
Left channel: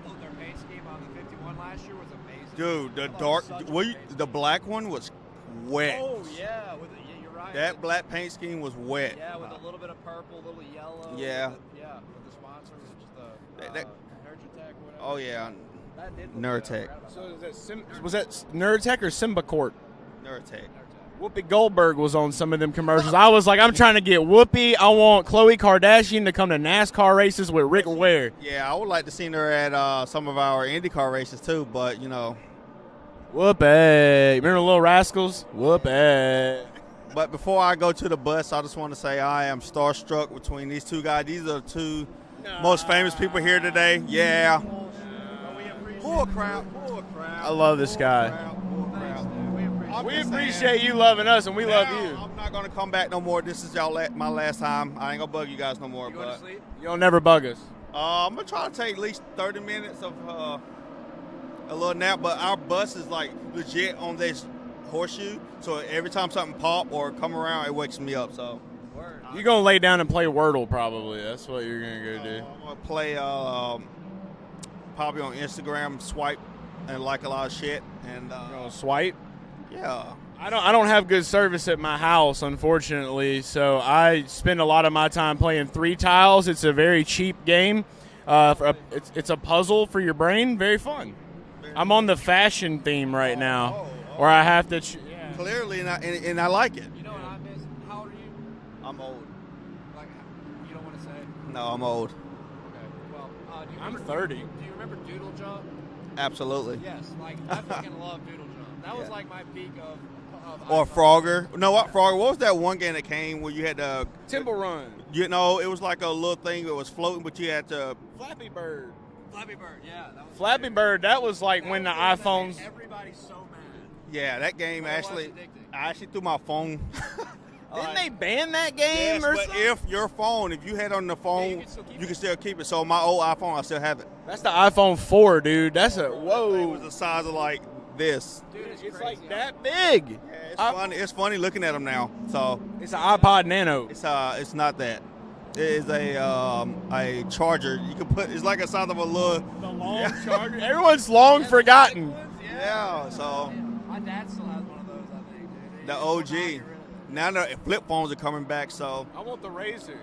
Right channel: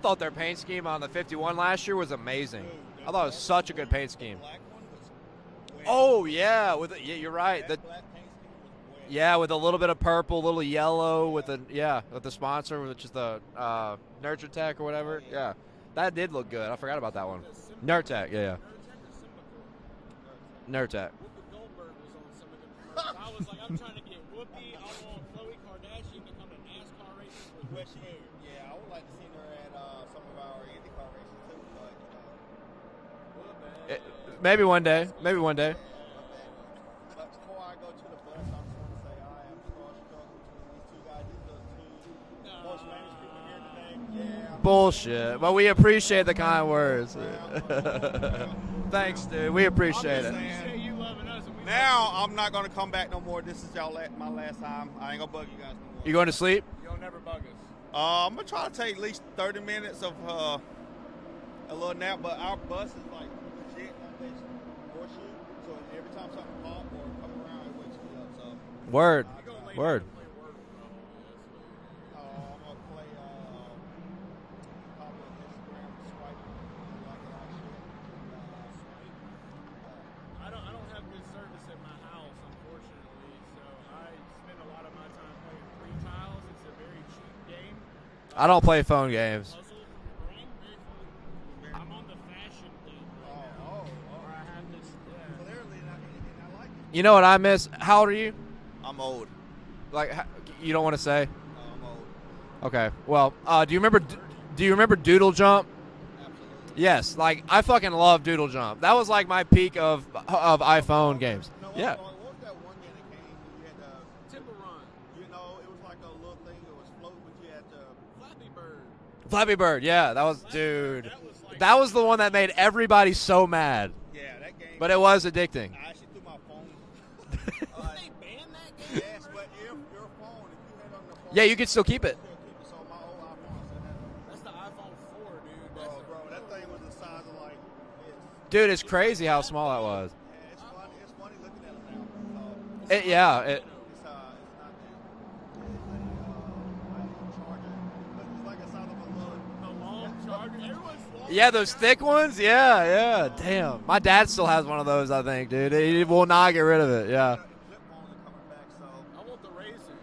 thought their paint scheme on the 51 last year was amazing. Dude, I thought it was such a good paint scheme. The black one was wet. Oh, yeah. You're right. That black paint scheme was wet. Yeah, with a little bit of purple, a little yellow, with the sponsor, which is the Nurture Tech or whatever. Oh, yeah. That did look good. I forgot about that one. Nurtec or Symbicort? Nurtec. Whoopi Goldberg was on some of them commercials. I was like, I'm trying to get Whoopi. I want Khloe Kardashian to come to NASCAR races with Rick Ware. Yeah, I would like to see her at some of our IndyCar races too, but, you know. Whoopee. Maybe one day. Rascals? Maybe one day. Whoopee. But before I go to the bus, I just want to say I am starstruck between these two guys. These are the two most famous people here today. Yeah. Bullshit. But we appreciate the kind words. I love this guy. Thanks, dude. We appreciate We it. appreciate you loving us, and we love Now, you. I'm not going to come back no more. This is my last time. I ain't going to bug you guys no more. You going to sleep? You'll never bug us. I'm going to try to take at least 30 minutes of a little nap, but our bus is like legit on this horseshoe, so every time something pop or come around, it wakes me up. So Word. You're going to lay down and play Wordle probably. That's what you're going to go do. I'm going to play probably on Instagram, swipe and like a lot of shit. And swipe? Yeah. I don't have good service at my house, unfortunately, so I spend a lot of my time playing 3 tiles. It's a very cheap game. I don't play phone It's a games. puzzle for your brain. Very fun. I'm on the fashion theme right now, where I have to. Clearly, and I like it. You know what I miss? How old are you? I'm old. Like, you don't want to say? No, I'm old. Okay. Well, do you remember 30? Do you remember Doodle Jump? Absolutely. Yes. Like, I fucking love Doodle Jump. That was like my peak of Or iPhone Frogger. games. No, what Yeah. Frogger? What was that one game that came where you had to Temple Run? You know, it was like a little thing that was floating, but you had to. Flappy Bird. Flappy Bird. Yeah, that was Flappy dude. Bird. That was like That when was the one that made iPhones- everybody so mad. Yeah, that game. But it was addicting. I actually threw my phone. Didn't they ban that game Yes, or but something? if your phone, if you had on the phone, Yeah, you can still keep you it. can still keep it. So my old iPhone, I still have it. That's the iPhone 4, dude. That's a It whoa. was the size of like this. Dude, it's crazy how that small big. it was. Yeah, it's funny. It's funny looking at them now. So It's an Yeah, iPod it- Nano. it's not that. It is a charger. You can put. It's like a size of a little. The long charger. Everyone's long Yeah, those forgotten. thick ones? Yeah, yeah. so- Damn. My dad still has one of those, I think, dude. He The will OG. not get rid of it. Now Yeah. the flip phones are coming back. So I want the Razor.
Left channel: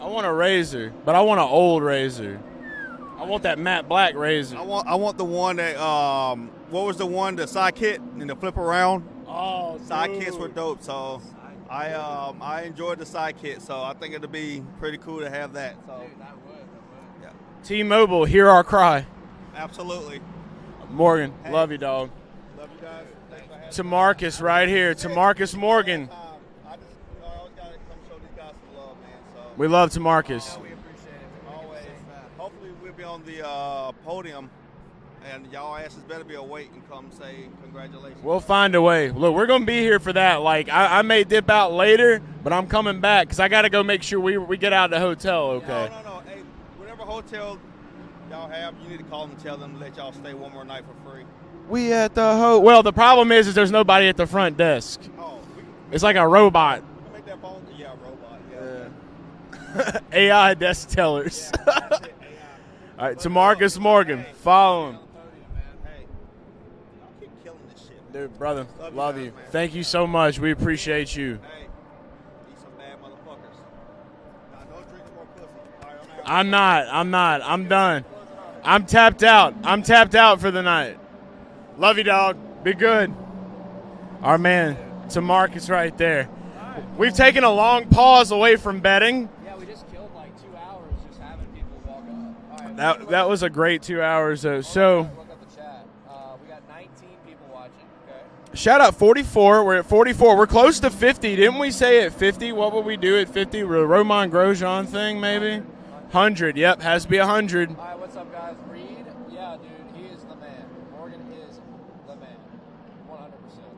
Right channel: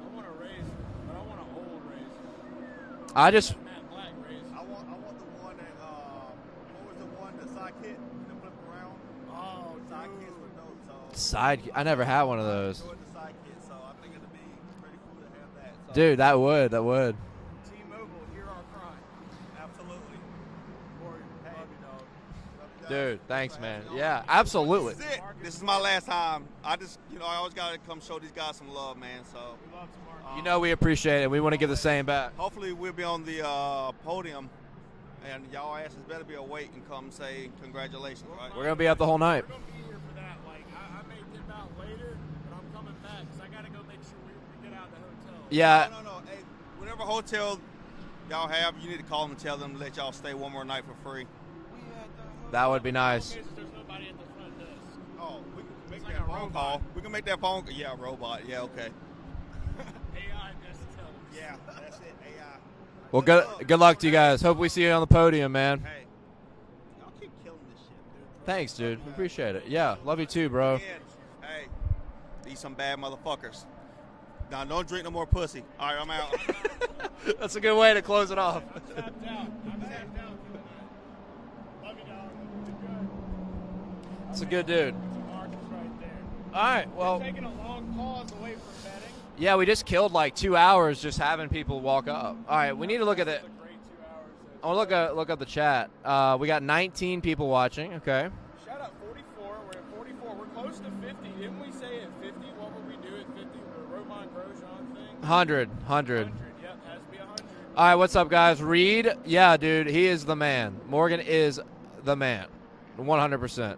I want a Razor, but I want an old Razor. I want that matte black Razor. I want the one that what was the one, the sidekick and the flip around. Oh, Sidekicks were dope. So Sidekick. I never had one of I those. enjoyed the sidekick, so I think it'd be pretty cool to have that. So. Dude, that would. T-Mobile, hear our cry. Absolutely. Morgan, love you, dog. Love you guys. Dude, thanks, man. To Marcus Yeah, right here. absolutely. To Marcus This is my Morgan. last time. I just, I always gotta come show these guys some love, man. So We love to Marcus. You know we appreciate it. We want to give the same back. hopefully we'll be on the podium, and y'all asses better be awake and come say congratulations. We'll find a We'll be up way. the whole Look, night. we're going to be here for that. Like, I may dip out later, but I'm coming back because I got to go make sure we get out of the hotel. Okay? Yeah. No. Hey, whatever hotel y'all have, you need to call them and tell them to let y'all stay one more night for free. We at the That hotel. would Well, be the problem nice. is there's nobody at the front desk. Oh, we can It's like a robot. we can make that phone. Yeah, robot. Yeah, okay. AI desk tellers. Yeah, that's it. AI. All right, Well, to good, Marcus good luck Morgan. to you guys. Hope Follow we see you him. on the podium, man. Hey, y'all keep killing this shit. Dude, brother, Thanks, dude. love you. Appreciate it. Thank you Yeah, so love you much. too, we bro. appreciate you. Hey, these some bad motherfuckers. Now, don't drink no more pussy. All right, I'm out. I'm not. That's I'm a good way to done. close it off. I'm tapped out. I'm tapped out for the night. Love you, dog. Be good. Our That's a man, good to Marcus right there. All right. We've well, taken a long pause away from betting. Yeah, we just killed like 2 hours just having people walk up. All right, we need to look That at was it. a great 2 hours, though. I'll So, look up the chat. We got 19 people watching. Okay. shout out 44. We're at 44. We're close to 50. Didn't we say at 50? What would we do at 50? Roman Grosjean thing, maybe? 100. 100. Yep, has to be 100. All right, what's up, guys? Reed, yeah, dude, he is the man. Morgan is the man, 100%.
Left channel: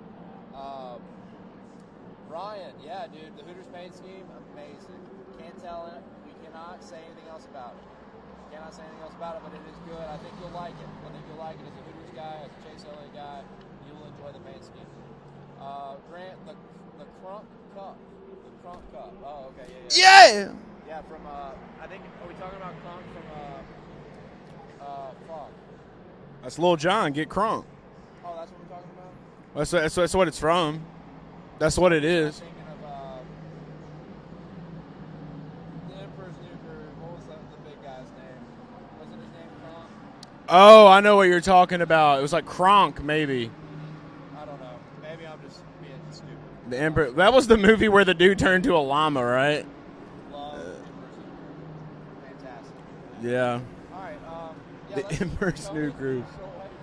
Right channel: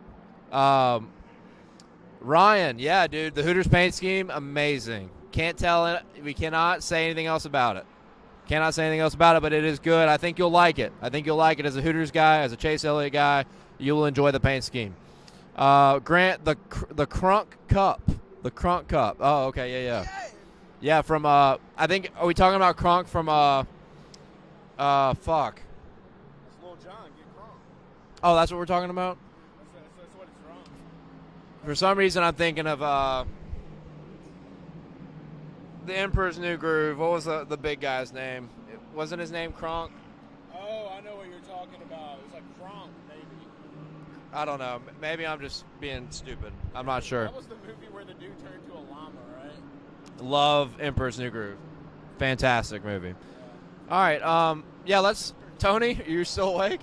Ryan, yeah, dude, the Hooters paint scheme, amazing. Can't tell it. We cannot say anything else about it. Cannot say anything else about it, but it is good. I think you'll like it. I think you'll like it as a Hooters guy, as a Chase Elliott guy. You will enjoy the paint scheme. Grant, the Crunk Cup. The Crunk Cup. Oh, okay, yeah. Yeah! Yeah, from I think, are we talking about Kronk from fuck. That's Lil Jon. Get crunk. Oh, that's what we're talking about? That's what it's from. That's For what some it reason is. I'm thinking of the Emperor's New Groove. What was the big guy's name? Wasn't his name Kronk? Oh, I know what you're talking about. It was like Kronk, maybe. I don't know. Maybe I'm just being stupid. The I'm Emperor. not sure. That was the movie where the dude turned to a llama, right? Love Emperor's New Groove. Fantastic movie. Yeah. All right. Yeah, let's. Emperor's Tony, New are you Groove. still awake?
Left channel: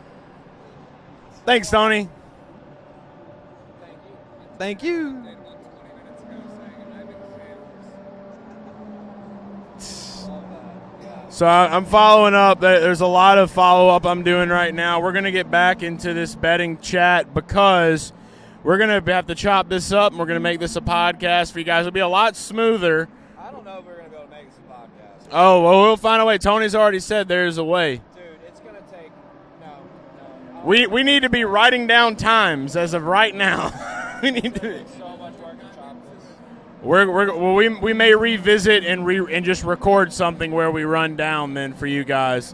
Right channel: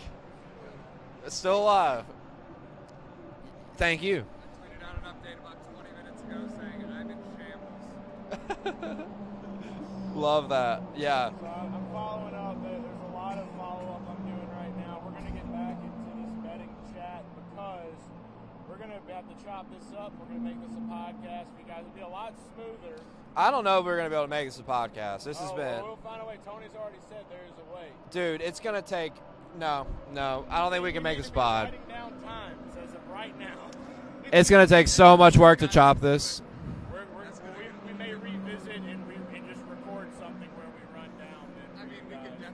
Still Thanks, alive. Tony. Thank you. Thank you. Love that. Yeah. So I'm following up. There's a lot of follow-up I'm doing right now. We're going to get back into this betting chat because we're going to have to chop this up, and we're going to make this a podcast for you guys. It'll be a lot smoother. I don't know if we're going to be able to make this a podcast. Well, we'll find a way. Tony's already said there's a way. Dude, it's going to take – no. I don't We think we need to be writing down times as of right now. It's going to take so much work to chop this. We may revisit and just record something where we run down then for you guys.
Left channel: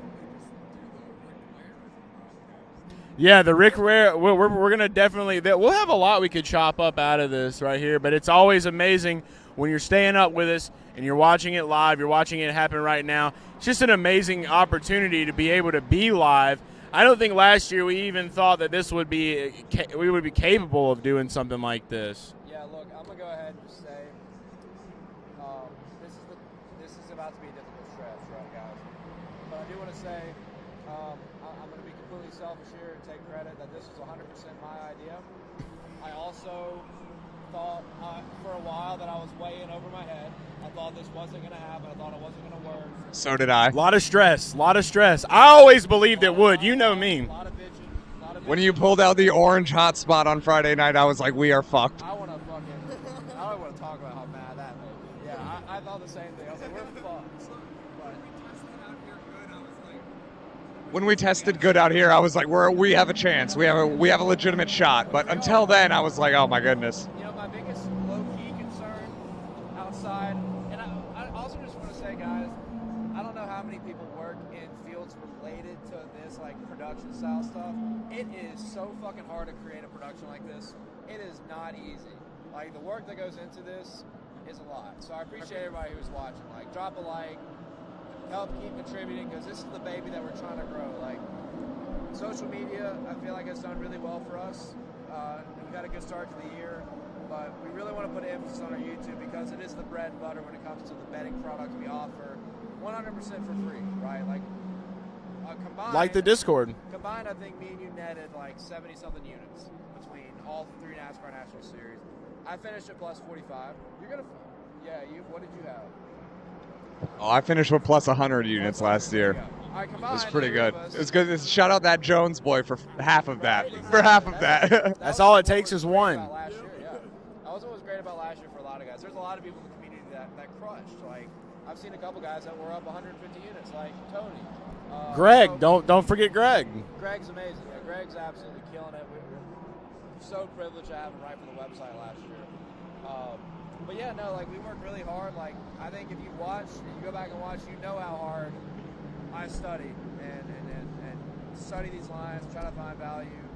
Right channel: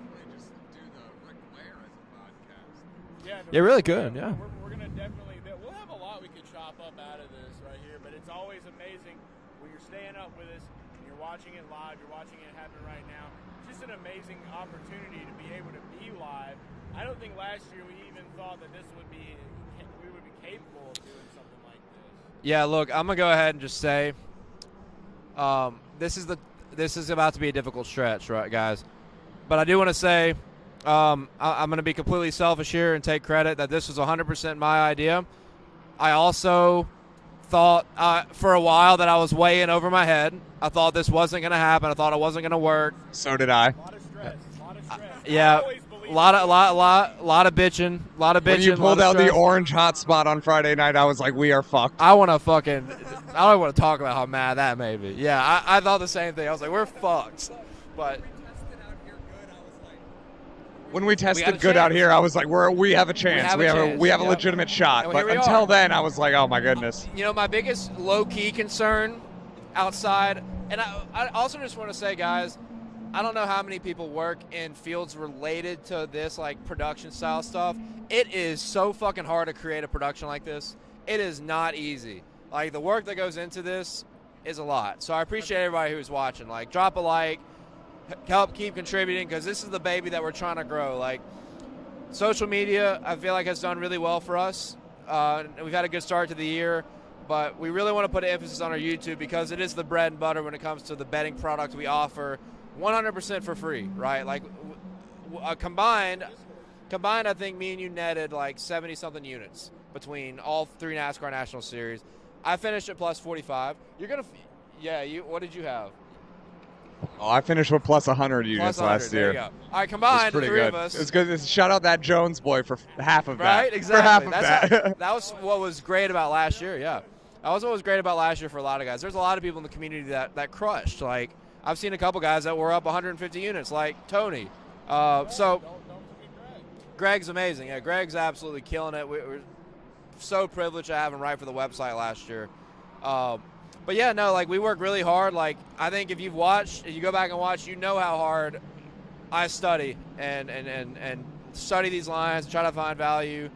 Yeah, the Rick Ware. We're gonna definitely. We'll have a lot we could chop up out of this right here. But it's always amazing when you're staying up with us and you're watching it live. You're watching it happen right now. It's just an amazing opportunity to be able to be live. I don't think last year we even thought that we would be capable of doing something like this. Yeah, look, I'm gonna go ahead and just say, this is about to be a difficult stretch, right, guys? But I do want to say, I'm gonna be completely selfish here and take credit that this was 100% my idea. I also thought for a while that I was way in over my head. I thought this wasn't going to happen. I thought it wasn't going to work. So did I. A lot of stress. Yeah. I always believed it would. You know me. A lot of bitching. When you pulled out the orange hotspot on Friday night, I was like, we are fucked. I don't want to talk about how mad that made me. Yeah, I thought the same thing. I was like, we're fucked. But when we tested good out here, I was like, we have a chance. We have a legitimate shot. But until then, I was like, oh my goodness. You know, my biggest low-key concern outside, and I also just want to say, guys, I don't know how many people work in fields related to this, like production style stuff. It is so fucking hard to create a production like this. It is not easy. Like, the work that goes into this is a lot. So I appreciate everybody who's watching. Like, drop a like, help keep contributing, because this is the baby that we're trying to grow. Like, social media, I feel like has done really well for us. We've had a good start to the year. But we really want to put an emphasis on our YouTube because it is the bread and butter when it comes to the betting product we offer 100% for free, right? Like, combined. Like the Discord. Combined, I think me and you netted like 70-something units between all 3 NASCAR National Series. I finished at plus 45. You're going to, what did you have? Oh, I finished with plus 100 units last year. All right, combined, it was pretty good. It was good. Shout out that Jones boy for half of that. Right, exactly. For half of that. That's all it takes is one. About last year, yeah. That was what was great about last year for a lot of guys. There's a lot of people in the community that crushed. Like, I've seen a couple guys that were up 150 units, like Tony. Greg, don't forget Greg. Greg's amazing. Yeah, Greg's absolutely killing it. We're so privileged to have him right for the website last year. But yeah, no, like, we work really hard. Like, I think if you go back and watch, you know how hard I study and study these lines, try to find value,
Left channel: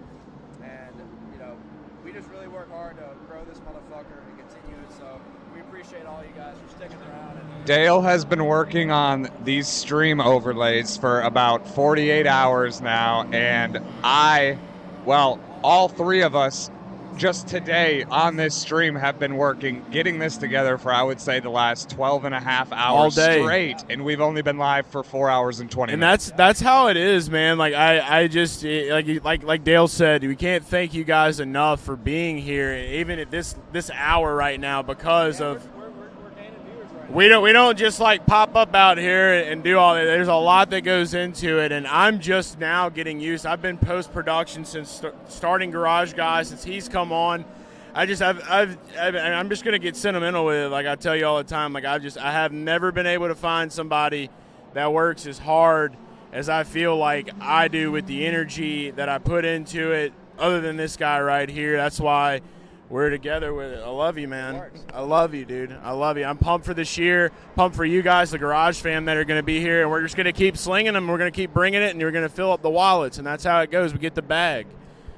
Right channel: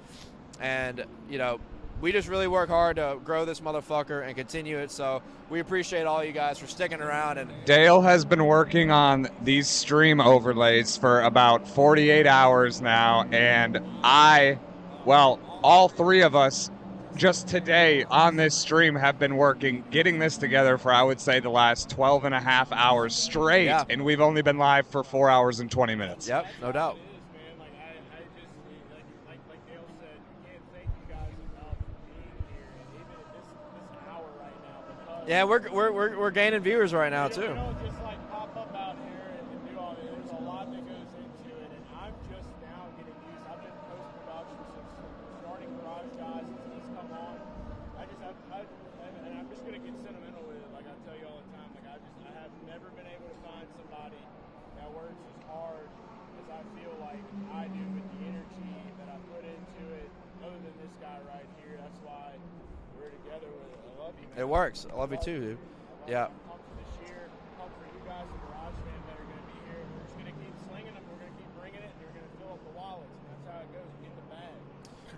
and you know. We just really work hard to grow this motherfucker and continue it, so we appreciate all you guys for sticking around. And Dale has been working on these stream overlays for about 48 hours now, and all 3 of us just today on this stream have been working, getting this together for, I would say, the last 12 and a half hours straight, and we've only been live for 4 hours and 20 minutes. That's how it is, man. Like, I just, like Dale said, we can't thank you guys enough for being here, even at this hour right now, because we're gaining viewers right now. We don't just like pop up out here and do all that. There's a lot that goes into it, and I'm just now getting used. I've been post-production since starting Garage Guys, since he's come on. I'm just gonna get sentimental with it. Like I tell you all the time, like I have never been able to find somebody that works as hard as I feel like I do with the energy that I put into it, other than this guy right here. That's why we're together with it. I love you, man. It works. I love you, dude. I love you. I'm pumped for this year. Pumped for you guys, the Garage fam that are going to be here, and we're just going to keep slinging them. We're going to keep bringing it, and you're going to fill up the wallets, and that's how it goes. We get the bag.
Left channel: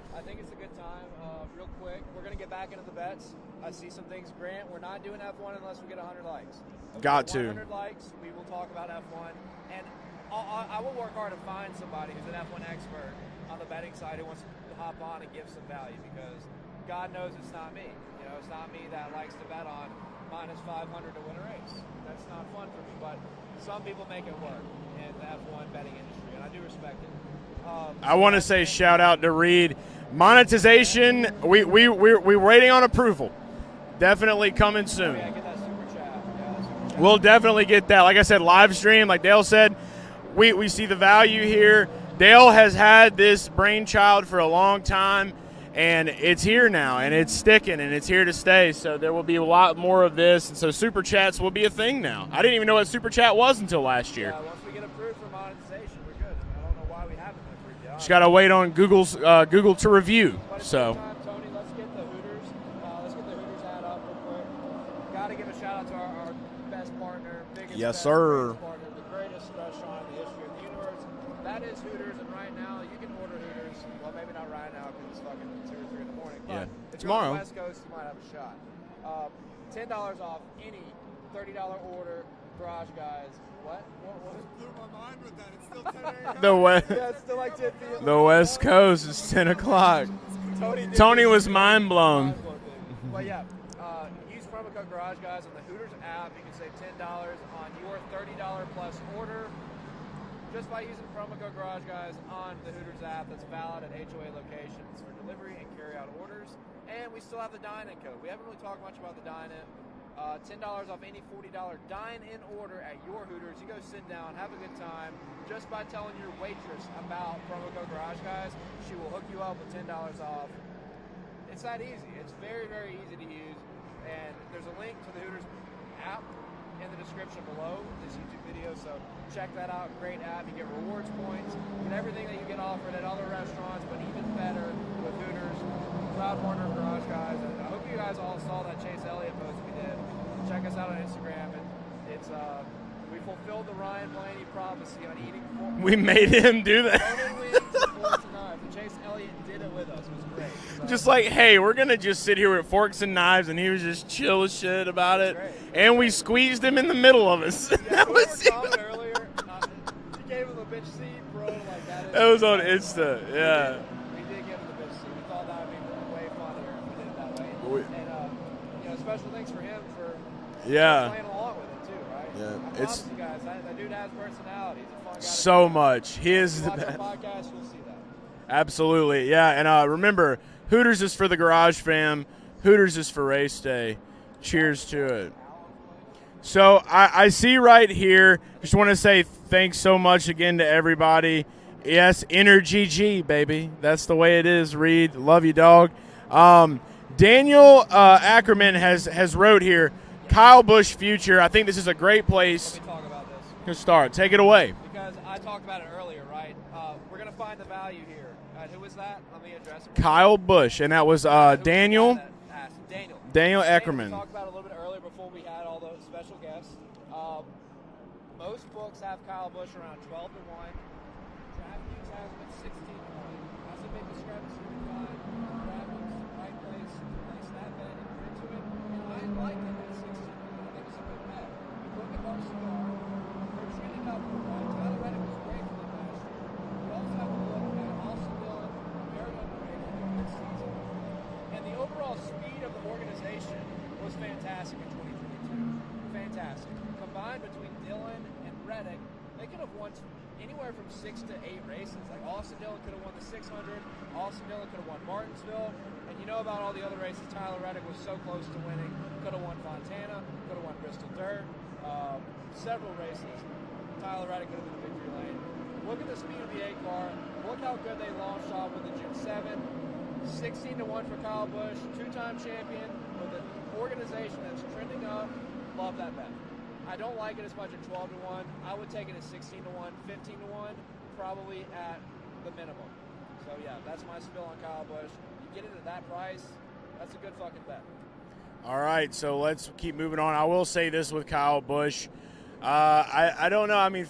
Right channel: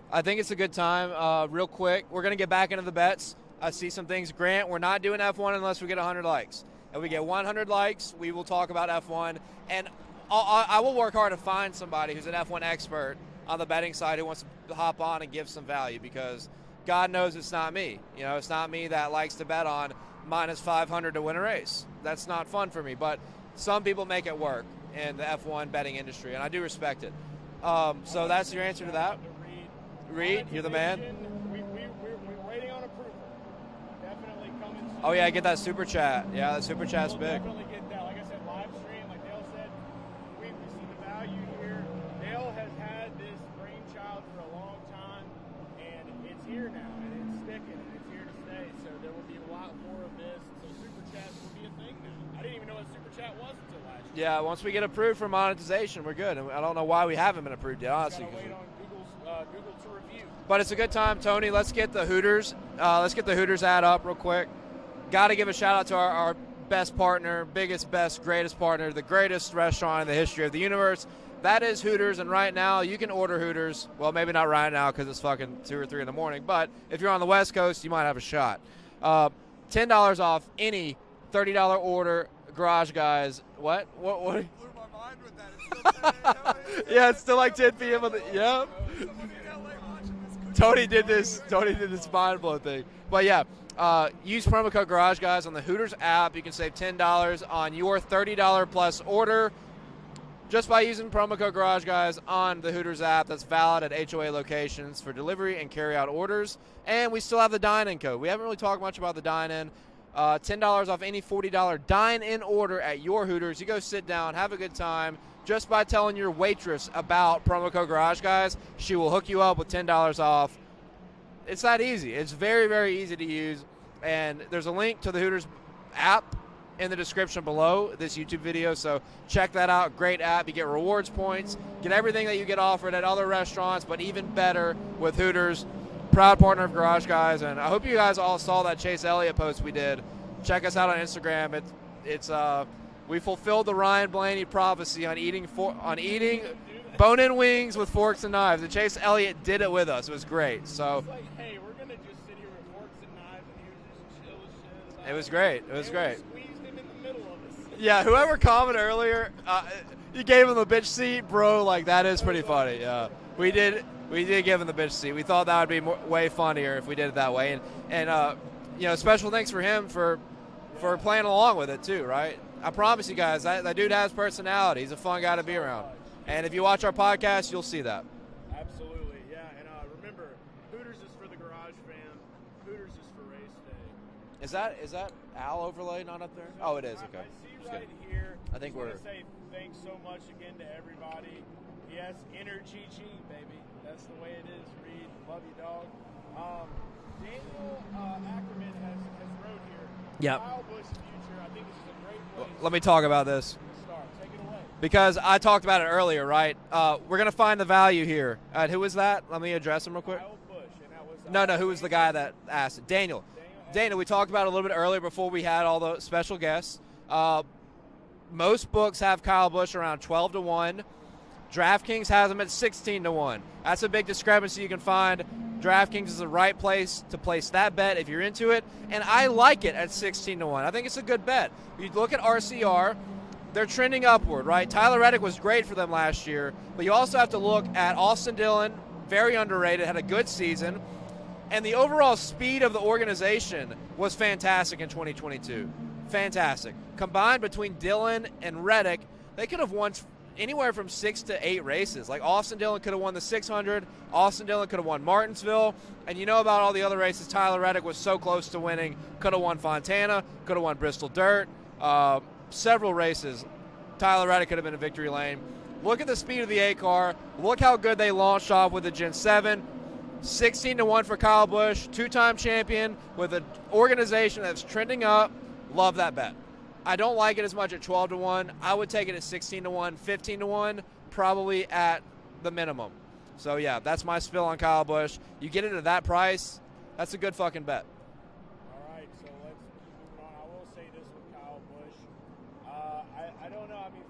I think it's a good time. Real quick, we're going to get back into the bets. I see some things. Grant, we're not doing F1 unless we get 100 likes. If we get 100 likes, we will talk about F1. And I will work hard to find somebody who's an F1 expert on the betting side who wants to hop on and give some value, because God knows it's not me. You know, it's not me that likes to bet on minus 500 to win a race. That's not fun for me. But some people make it work in the F1 betting industry, and I do respect it. I want to say shout out to Reed. Monetization, we're waiting on approval. definitely coming soon. Oh yeah, get that super chat. Yeah, that super chat. We'll definitely get that. Like I said, live stream, like Dale said, we see the value here. Dale has had this brainchild for a long time, and it's here now, and it's sticking, and it's here to stay. So there will be a lot more of this, and so super chats will be a thing now. I didn't even know what super chat was until last year. Yeah, once we get approved for monetization, we're good. And I don't know why we haven't been approved yet. Just got to wait on Google to review. But it's a good time, Tony. Let's get the Hooters. Let's get the Hooters ad up real quick. Got to give a shout out to our best partner, biggest, greatest partner, the greatest restaurant in the history of the universe. That is Hooters, and right now you can order Hooters. Well, maybe not right now because it's fucking 2 or 3 in the morning, but if you're on the West Coast, you might have a shot. $10 off any $30 order, Garage Guys. What? Yeah, it's still like 10 p.m. The West Coast is 10 o'clock. Tony was mind blown. Mind-blown thing. But yeah, use promo code Garage Guys on the Hooters app. You can save $10 on your $30 plus order just by using promo code Garage Guys on the Hooters app. That's valid at HOA locations for delivery and carry-out orders. And we still have the dine-in code. We haven't really talked much about the dine-in. $10 off any $40 dine-in order at your Hooters. You go sit down, have a good time. Just by telling your waitress about promo code Garage Guys, she will hook you up with $10 off. It's that easy. It's very, very easy to use. And there's a link to the Hooters app in the description below this YouTube video, so check that out. Great app. You get rewards points, get everything that you get offered at other restaurants, but even better with Hooters. Proud partner of Garage Guys, and I hope you guys all saw that Chase Elliott post we did. Check us out on Instagram. We fulfilled the Ryan Blaney prophecy on eating made him do that. Bone-in wings with forks and knives. And Chase Elliott did it with us. It was great. So just like, hey, we're going to just sit here with forks and knives, and he was just chill as shit about it. It was great. And we squeezed him in the middle of us. Yeah, whoever commented earlier, you gave him the bitch seat, bro. Like, that is pretty funny. Yeah. We did give him the bitch seat. We thought that would be way funnier if we did it that way. And special thanks for him for playing along with it too, right? Yeah. I promise you guys, that dude has personality. He's a fun guy to be around. So much. If you watch our podcast, you'll see that. Absolutely, yeah. And remember, Hooters is for the Garage fam. Hooters is for race day. Cheers to it. Al overlay not up there? So I see right here. Just want to say thanks so much again to everybody. Yes, Energy G, baby. That's the way it is, Reed. Love you, dog. Daniel Ackerman has wrote here, Kyle Busch future. I think this is a great place. Let me talk about this. Good start. Take it away. Because I talked about it earlier, right? We're going to find the value here. Who was that? Let me address him. Kyle Busch, and that was Daniel. Who was the guy that asked it? Daniel Ackerman. We talked about it a little bit earlier before we had all the special guests. Most books have Kyle Busch around 12-1. DraftKings has him at 16-1. That's a big discrepancy you can find. DraftKings is the right place to place that bet if you're into it, and I like it at 16-1. I think it's a good bet. You look at RCR, they're trending upward, right? Tyler Reddick was great for them last year, but you also have to look at Austin Dillon, very underrated, had a good season, and the overall speed of the organization was fantastic in 2022. Fantastic. Combined between Dillon and Reddick, they could have won anywhere from 6 to 8 races. Like Austin Dillon could have won the 600. Austin Dillon could have won Martinsville. And you know about all the other races. Tyler Reddick was so close to winning. Could have won Fontana. Could have won Bristol Dirt. Several races. Tyler Reddick could have been in victory lane. Look at the speed of the A car. Look how good they launched off with the Gen 7. 16-1 for Kyle Busch. 2-time champion with an organization that's trending up. Love that bet. I don't like it as much at 12-1. I would take it at 16-1, 15-1, probably at the minimum. So, yeah, that's my spill on Kyle Busch. You get it at that price, that's a good fucking bet. All right, so let's keep moving on. I will say this with Kyle Busch. I don't know. I mean,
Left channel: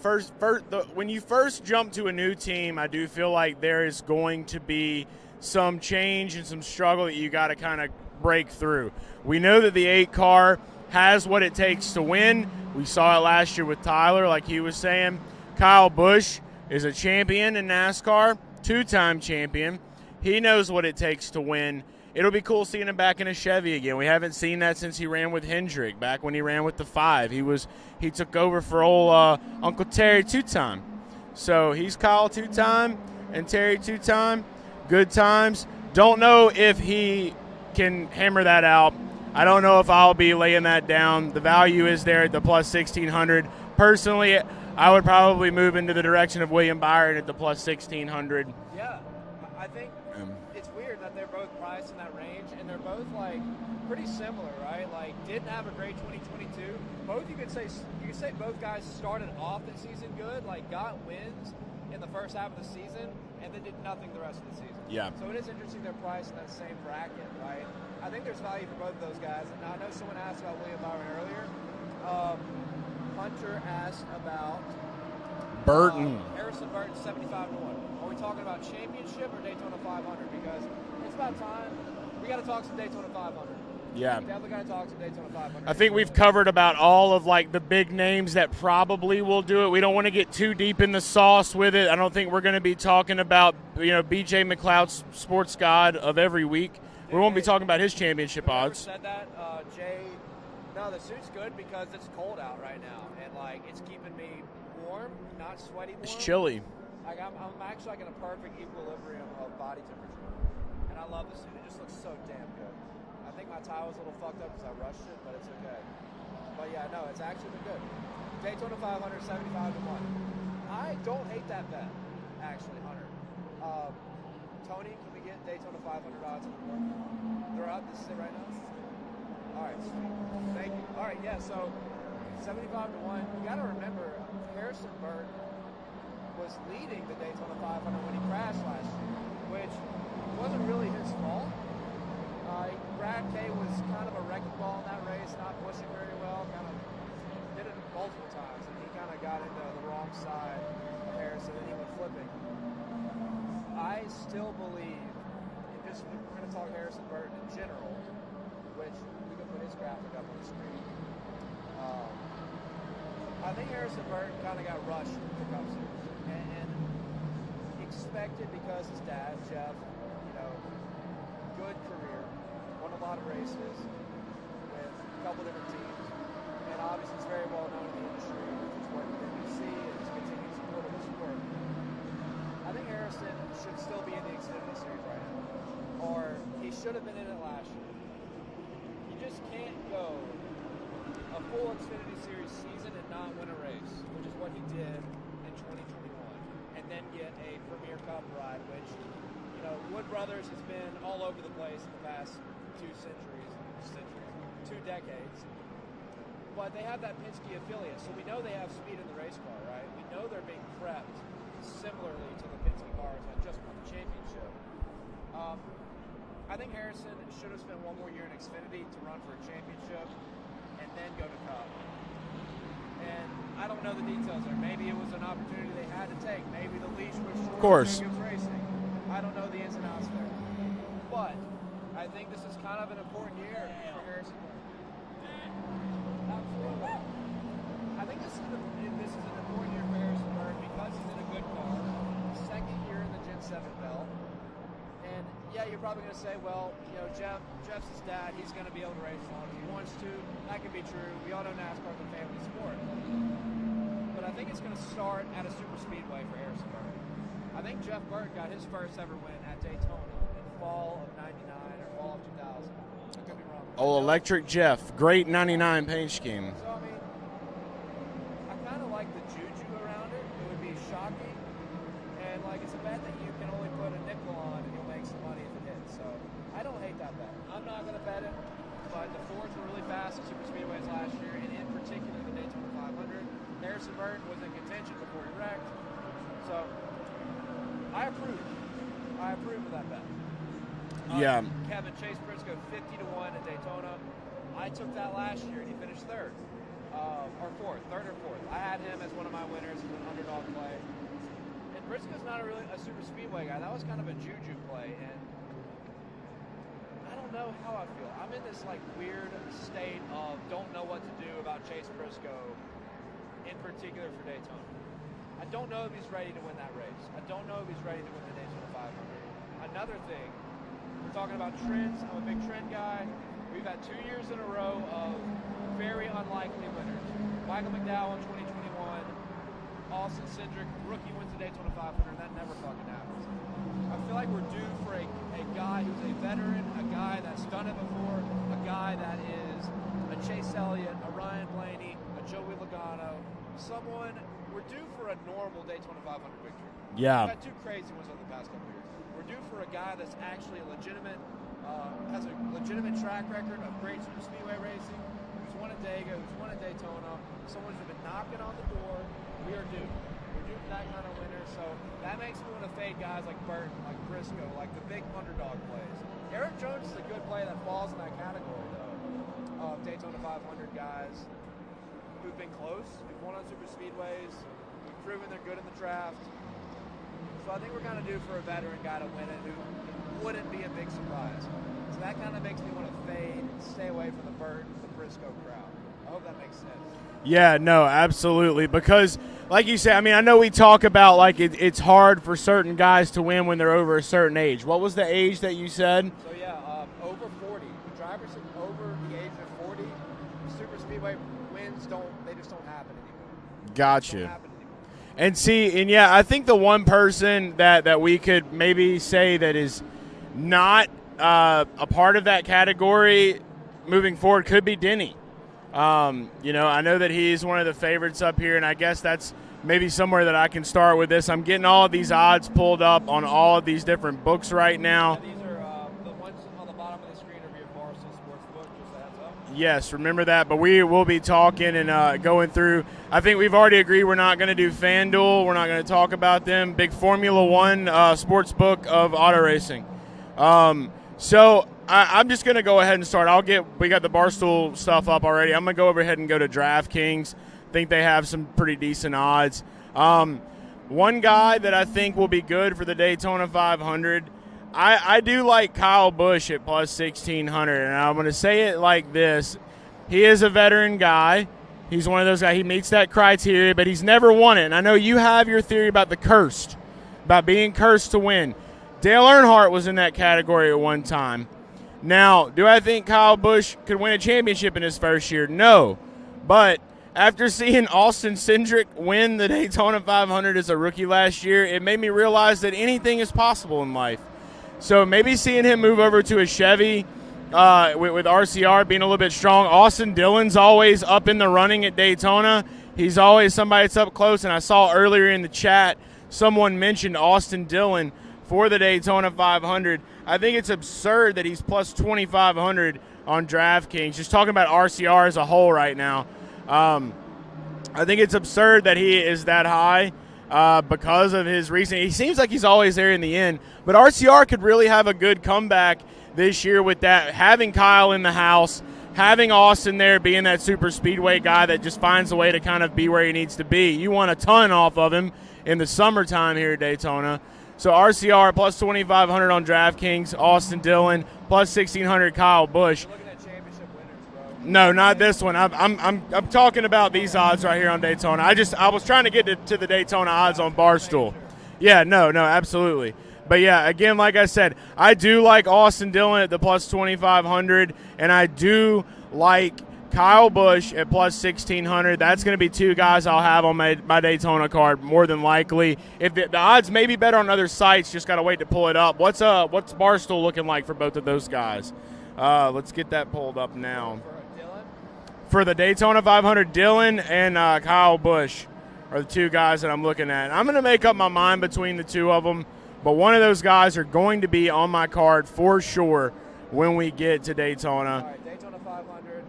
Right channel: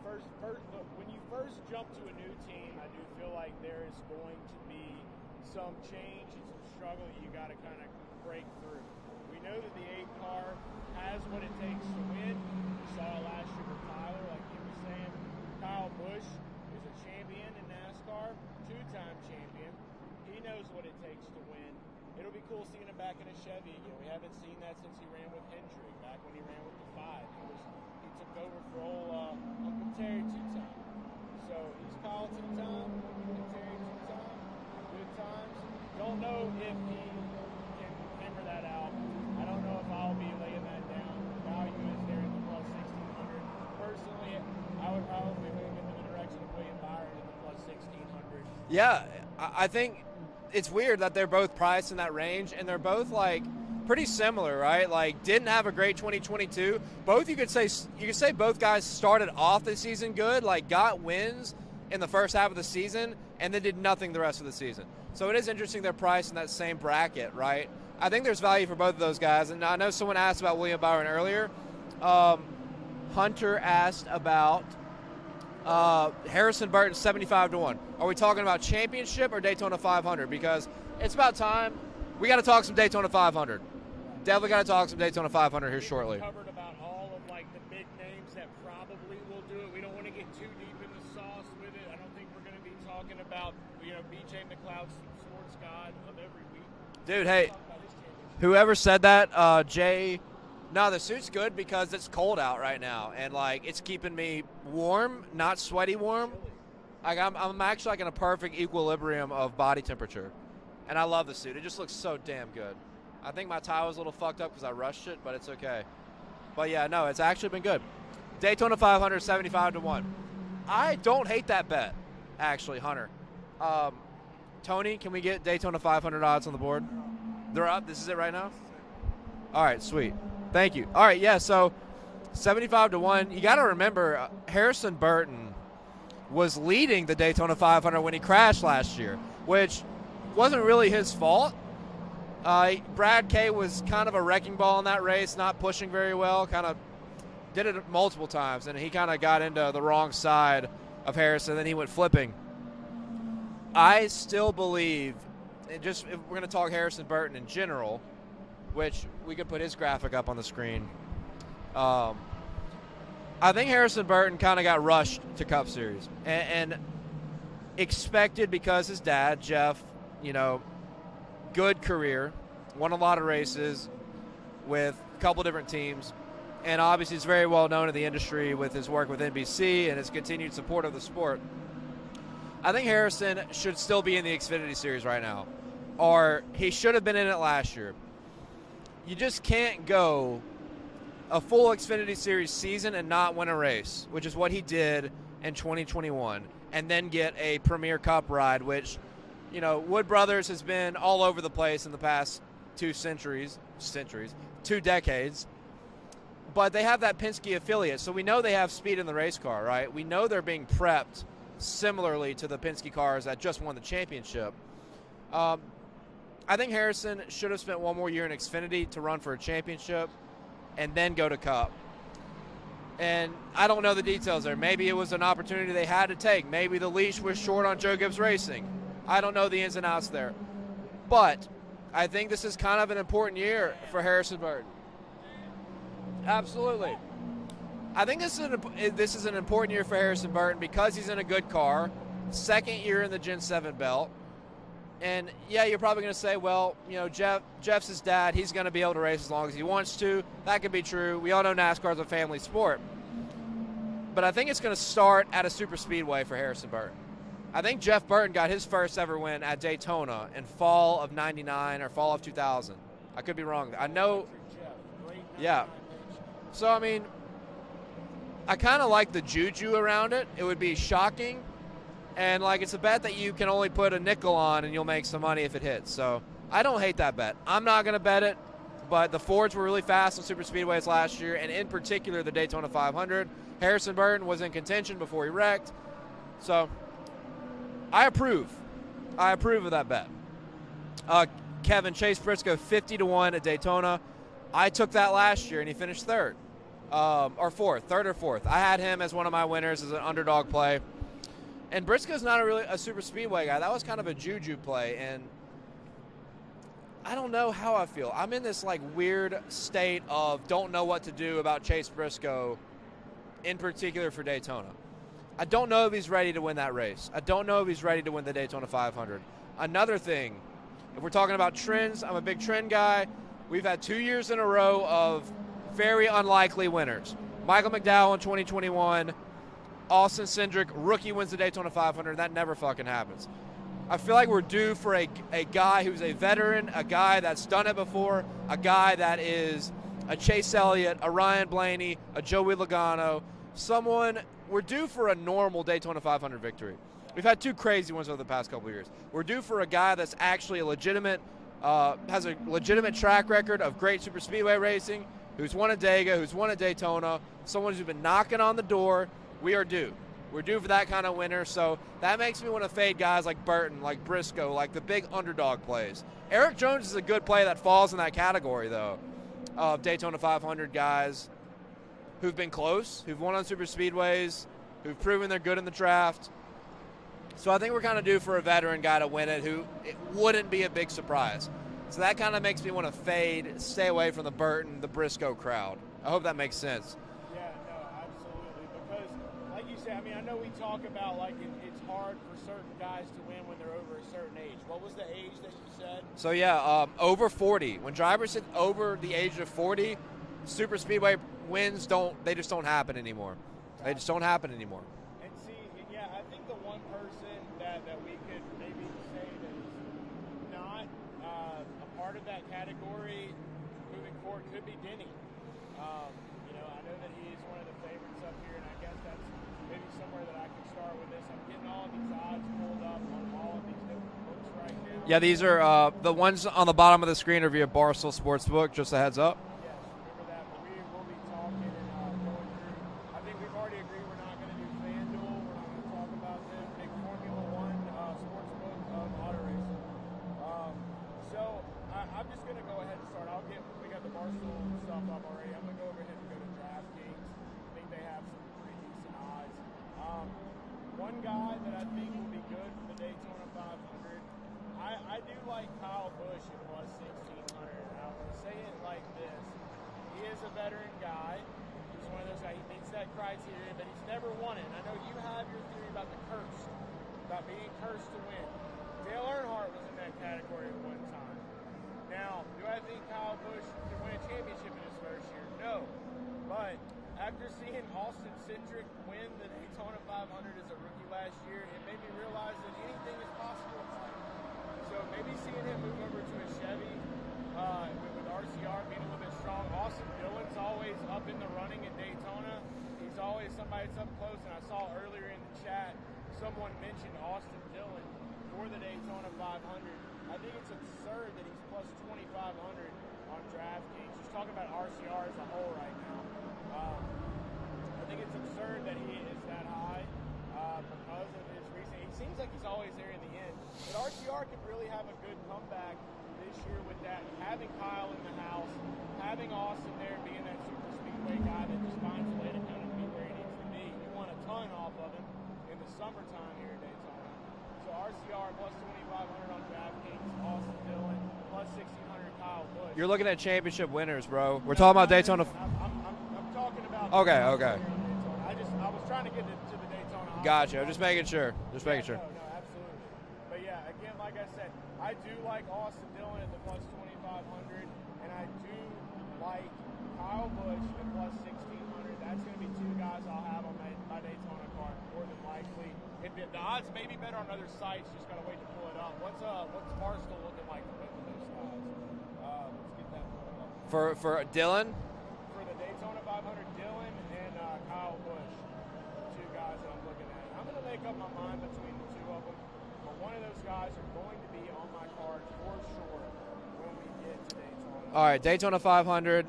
when you first jump to a new team, I do feel like there is going to be some change and some struggle that you got to kind of break through. We know that the 8 car has what it takes to win. We saw it last year with Tyler, like he was saying. Kyle Busch is a champion in NASCAR, 2-time champion. He knows what it takes to win. It'll be cool seeing him back in a Chevy again. We haven't seen that since he ran with Hendrick, back when he ran with the 5. He took over for old Uncle Terry 2-time. So he's Kyle 2-time and Terry 2-time. Good times. Don't know if he can hammer that out. I don't know if I'll be laying that down. The value is there at the plus 1,600. Personally, I would probably move into the direction of William Byron at the plus 1,600. Yeah, I think it's weird that they're both priced in that range, and they're both like pretty similar, right? Like didn't have a great 2022. Both you could say both guys started off the season good, like got wins in the first half of the season, and then did nothing the rest of the season. Yeah. So it is interesting they're priced in that same bracket, right? I think there's value for both of those guys, and I know someone asked about William Byron earlier. Hunter asked about Harrison Burton, 75-1. Are we talking about championship or Daytona 500? Because it's about time. We got to talk some Daytona 500. Yeah. Definitely got to talk some Daytona 500. I think we've covered about all of like the big names that probably will do it. We don't want to get too deep in the sauce with it. I don't think we're going to be talking about, BJ McLeod's sports god of every week. Dude, we won't be talking about his championship. Whoever odds. said that, Jay, no, the suit's good because it's cold out right now, and like it's keeping me warm, not sweaty warm. It's chilly. Like I'm actually like in a perfect equilibrium of body temperature, and I love the suit. It just looks so damn good. I think my tie was a little fucked up because I rushed it, but it's okay. But yeah, no, it's actually been good. Daytona 500, 75-1. I don't hate that bet, actually, Hunter. Tony, can we get Daytona 500 odds on the board? They're up. This is it right now? All right, sweet. Thank you. All right, yeah, so 75-1. You got to remember, Harrison Burton was leading the Daytona 500 when he crashed last year, which wasn't really his fault. Brad Kay was kind of a wrecking ball in that race, not pushing very well, kind of did it multiple times, and he kind of got into the wrong side of Harrison, then he went flipping. I still believe, and just if we're going to talk Harrison Burton in general, which we could put his graphic up on the screen, I think Harrison Burton kind of got rushed to Cup Series and expected because his dad, Jeff, good career, won a lot of races with a couple different teams, and obviously he's very well known in the industry with his work with NBC and his continued support of the sport. I think Harrison should still be in the Xfinity Series right now, or he should have been in it last year. You just can't go a full Xfinity Series season and not win a race, which is what he did in 2021, and then get a Premier Cup ride, which, Wood Brothers has been all over the place in the past 2 decades, but they have that Penske affiliate, so we know they have speed in the race car, right? We know they're being prepped similarly to the Penske cars that just won the championship. I think Harrison should have spent one more year in Xfinity to run for a championship and then go to Cup. And I don't know the details there. Maybe it was an opportunity they had to take. Maybe the leash was short on Joe Gibbs Racing. I don't know the ins and outs there. But I think this is kind of an important year for Harrison Burton. Absolutely. I think this is an important year for Harrison Burton because he's in a good car, second year in the Gen 7 belt. And, yeah, you're probably going to say, well, Jeff's his dad. He's going to be able to race as long as he wants to. That could be true. We all know NASCAR is a family sport. But I think it's going to start at a super speedway for Harrison Burton. I think Jeff Burton got his first ever win at Daytona in fall of 99 or fall of 2000. I could be wrong. Electric Jeff. Great 99 paint scheme. So, I mean, I kind of like the juju around it. It would be shocking. And, it's a bet that you can only put a nickel on and you'll make some money if it hits. So, I don't hate that bet. I'm not going to bet it, but the Fords were really fast on super speedways last year, and in particular the Daytona 500. Harrison Burton was in contention before he wrecked. So, I approve. I approve of that bet. Kevin, Chase Briscoe, 50-1 at Daytona. I took that last year, and he finished third or fourth. I had him as one of my winners as an underdog play. And Briscoe's not a super speedway guy. That was kind of a juju play, and I don't know how I feel. I'm in this weird state of don't know what to do about Chase Briscoe, in particular for Daytona. I don't know if he's ready to win that race. I don't know if he's ready to win the Daytona 500. Another thing, if we're talking about trends, I'm a big trend guy. We've had 2 years in a row of very unlikely winners. Michael McDowell in 2021. Austin Cindric, rookie, wins the Daytona 500. That never fucking happens. I feel like we're due for a guy who's a veteran, a guy that's done it before, a guy that is a Chase Elliott, a Ryan Blaney, a Joey Logano, someone. We're due for a normal Daytona 500 victory. Yeah. We've had 2 crazy ones over the past couple of years. We're due for a guy that's actually a legitimate, has a legitimate track record of great super speedway racing, who's won at Dega, who's won at Daytona, someone who's been knocking on the door. We are due. We're due for that kind of winner, so that makes me want to fade guys like Burton, like Briscoe, like the big underdog plays. Eric Jones is a good play that falls in that category, though, of Daytona 500 guys who've been close, who've won on super speedways, who've proven they're good in the draft. So I think we're kind of due for a veteran guy to win it who it wouldn't be a big surprise. So that kind of makes me want to fade and stay away from the Burton, the Briscoe crowd. I hope that makes sense. Yeah, no, absolutely. Because, like you said, I mean, I know we talk about, like, it's hard for certain guys to win when they're over a certain age. What was the age that you said? So, yeah, over 40. When drivers hit over the age of 40, super speedway wins just don't happen anymore. Gotcha. They just don't happen anymore. And see, and yeah, I think the one person that we could maybe say that is not a part of that category moving forward could be Denny. You know, I know that he's one of the favorites up here, and I guess that's maybe somewhere that I can start with this. I'm getting all of these odds pulled up on all of these different books right now. Yeah, these are the ones on the bottom of the screen are via Barstool Sportsbook, just a heads up. Yes, remember that. But we will be talking and going through. I think we've already agreed we're not going to do FanDuel. We're not going to talk about them. Big Formula One sportsbook of auto racing. So I'm just going to go ahead and start. We got the Barstool stuff up already. I'm going to go ahead and go to DraftKings. I think they have some pretty decent odds. One guy that I think will be good for the Daytona 500, I do like Kyle Busch at plus 1,600, and I'm going to say it like this. He is a veteran guy. He's one of those guys. He meets that criteria, but he's never won it. And I know you have your theory about the cursed, about being cursed to win. Dale Earnhardt was in that category at one time. Now, do I think Kyle Busch could win a championship in his first year? No. But after seeing Austin Cindric win the Daytona 500 as a rookie last year, it made me realize that anything is possible in life. So maybe seeing him move over to a Chevy with RCR being a little bit strong. Austin Dillon's always up in the running at Daytona. He's always somebody that's up close, and I saw earlier in the chat someone mentioned Austin Dillon for the Daytona 500. I think it's absurd that he's plus 2,500 on DraftKings. Just talking about RCR as a whole right now. I think it's absurd that he is that high because of his recent – he seems like he's always there in the end. But RCR could really have a good comeback this year with that, having Kyle in the house, having Austin there being that super speedway guy that just finds a way to kind of be where he needs to be. You want a ton off of him in the summertime here at Daytona. So RCR plus 2,500 on DraftKings, Austin Dillon plus 1,600 Kyle Busch. You're looking at championship winners, bro. No, not this one. I'm talking about these odds right here on Daytona. I was trying to get to the Daytona odds on Barstool. Sure. Yeah, no, absolutely. But yeah, again, like I said, I do like Austin Dillon at the plus 2,500, and I do like Kyle Busch at plus 1,600. That's going to be 2 guys I'll have on my Daytona card more than likely. If the odds may be better on other sites, just got to wait to pull it up. What's Barstool looking like for both of those guys? Let's get that pulled up now. For Dillon? For the Daytona 500, Dillon and Kyle Busch are the 2 guys that I'm looking at. I'm going to make up my mind between the 2 of them, but one of those guys are going to be on my card for sure when we get to Daytona. All right, Daytona 500.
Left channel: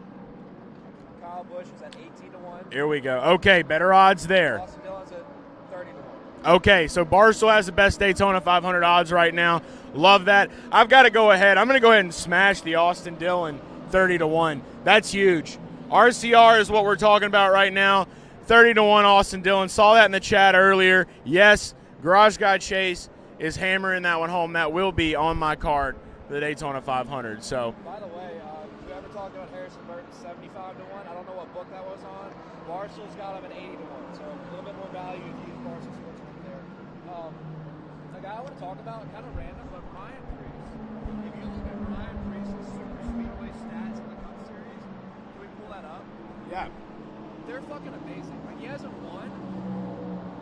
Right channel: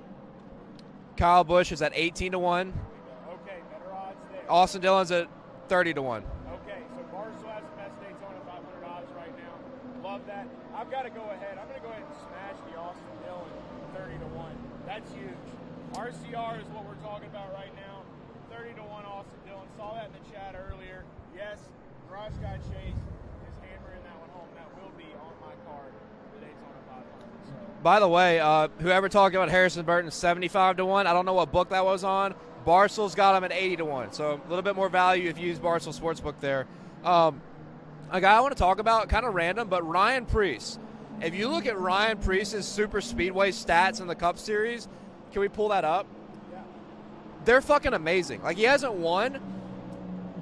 Kyle Busch is at 18-1. Here we go. Okay, better odds there. Austin Dillon's at 30-1. Okay, so Barstool has the best Daytona 500 odds right now. Love that. I've got to go ahead. I'm going to go ahead and smash the Austin Dillon 30-1. That's huge. RCR is what we're talking about right now. 30-1 Austin Dillon. Saw that in the chat earlier. Yes, Garage Guy Chase is hammering that one home. That will be on my card. The Daytona 500. So, by the way, whoever talked about Harrison Burton 75-1, I don't know what book that was on. Barstool's got him at 80-1, so a little bit more value if you use Barstool Sportsbook there. A guy I want to talk about, kind of random, but Ryan Preece. If you look at Ryan Preece's super speedway stats in the Cup Series, can we pull that up? Yeah. They're fucking amazing. Like, he hasn't won,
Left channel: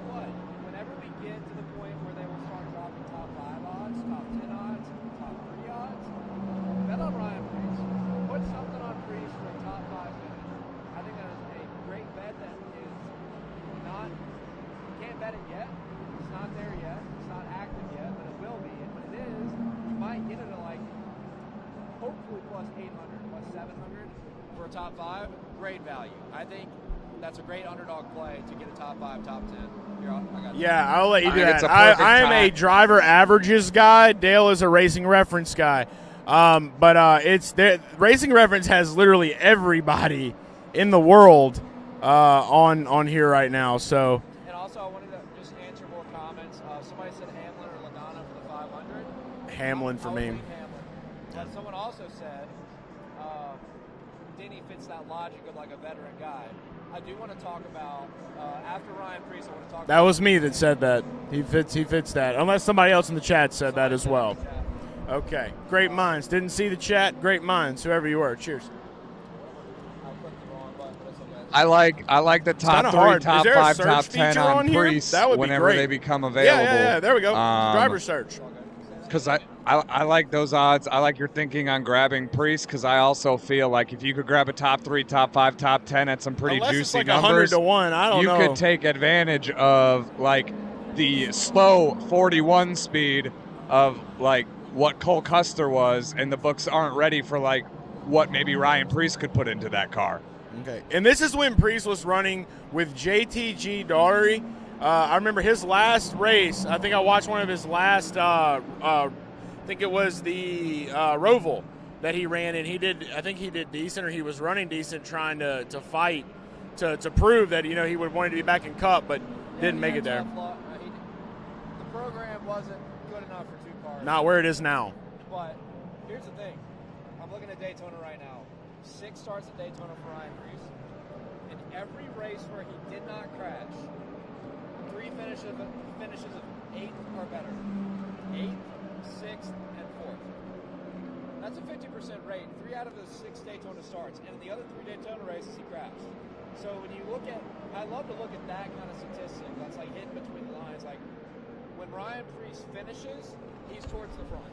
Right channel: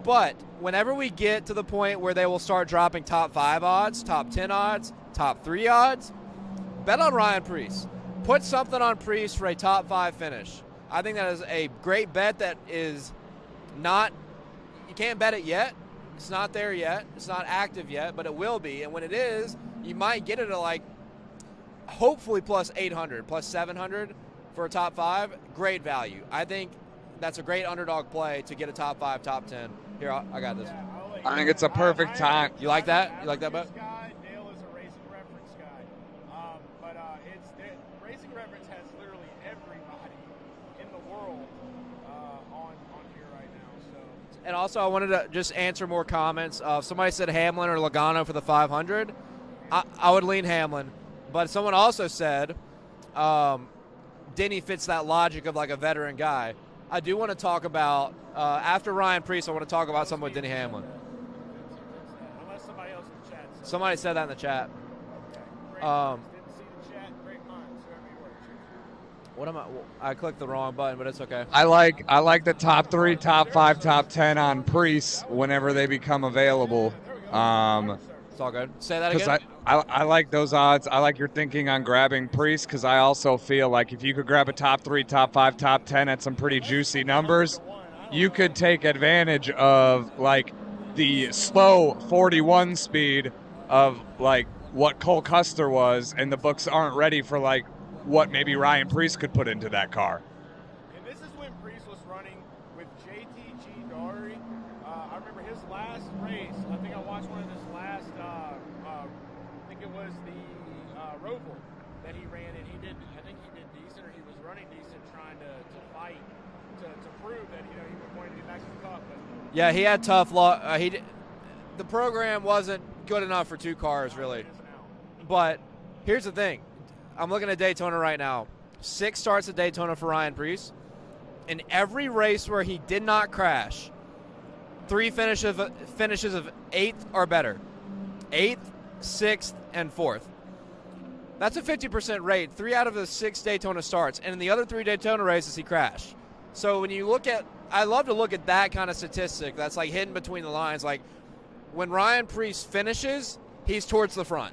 but whenever we get to the point where they will start dropping top 5 odds, top 10 odds, top 3 odds, bet on Ryan Preece. Put something on Preece for a top 5 finish. I think that is a great bet that is not, you can't bet it yet. It's not there yet. It's not active yet, but it will be. And when it is, you might get it at like, hopefully plus 800, plus 700 for a top 5. Great value. I think that's a great underdog play to get a top 5, top 10. Here, I got this. Yeah, I'll let you do think that. it's a perfect I am a time. driver Like that? averages guy. Dale is a racing reference guy. It's Racing Reference has literally everybody in the world on here right now. So. And also, I wanted to just answer more comments. Somebody said Hamlin or Logano for the 500. Hamlin. I would lean Hamlin. But someone also said Denny fits that logic of like a veteran guy. I do want to talk about, after Ryan Preece, I want to talk about That was someone me like that said Hamlin. that. He fits that. Unless somebody else in the chat said Somebody that as said well. that in the chat. Okay. Great minds. Didn't see the chat. Great minds. Whoever you were. Cheers. What am I? I clicked the wrong button, but it's okay. I like the top kinda 3, hard. top Is there a 5, search top 10 feature on on here? Preece That would be whenever great. they become available. Yeah, there we go. Driver search. It's all good. Say that Because again. I like those odds. I like your thinking on grabbing Preece because I also feel like if you could grab a top 3, top 5, top 10 at some pretty Unless it's juicy like 100 numbers, to 1, I don't you know. could take advantage of like the slow 41 speed of like what Cole Custer was, and the books aren't ready for like what maybe Ryan Preece could put into that car. Okay. And this is when Preece was running with JTG Daugherty. I remember his last race. I think I watched one of his last. I think it was the Roval that he ran, and I think he did decent, or he was running decent, trying to fight to prove that he would want to be back in Cup. But Yeah, didn't he make had it tough luck. The program wasn't good enough for 2 cars. Not where it is now. But here's the thing. I'm looking at Daytona right now. 6 starts at Daytona for Ryan Preece. In every race where he did not crash, 3 finishes of 8th or better. 8th, 6th, and 4th. That's a 50% rate. 3 out of the 6 Daytona starts. And in the other 3 Daytona races, he crashed. So when you look at, I love to look at that kind of statistic that's like hidden between the lines. Like when Ryan Preece finishes, he's towards the front.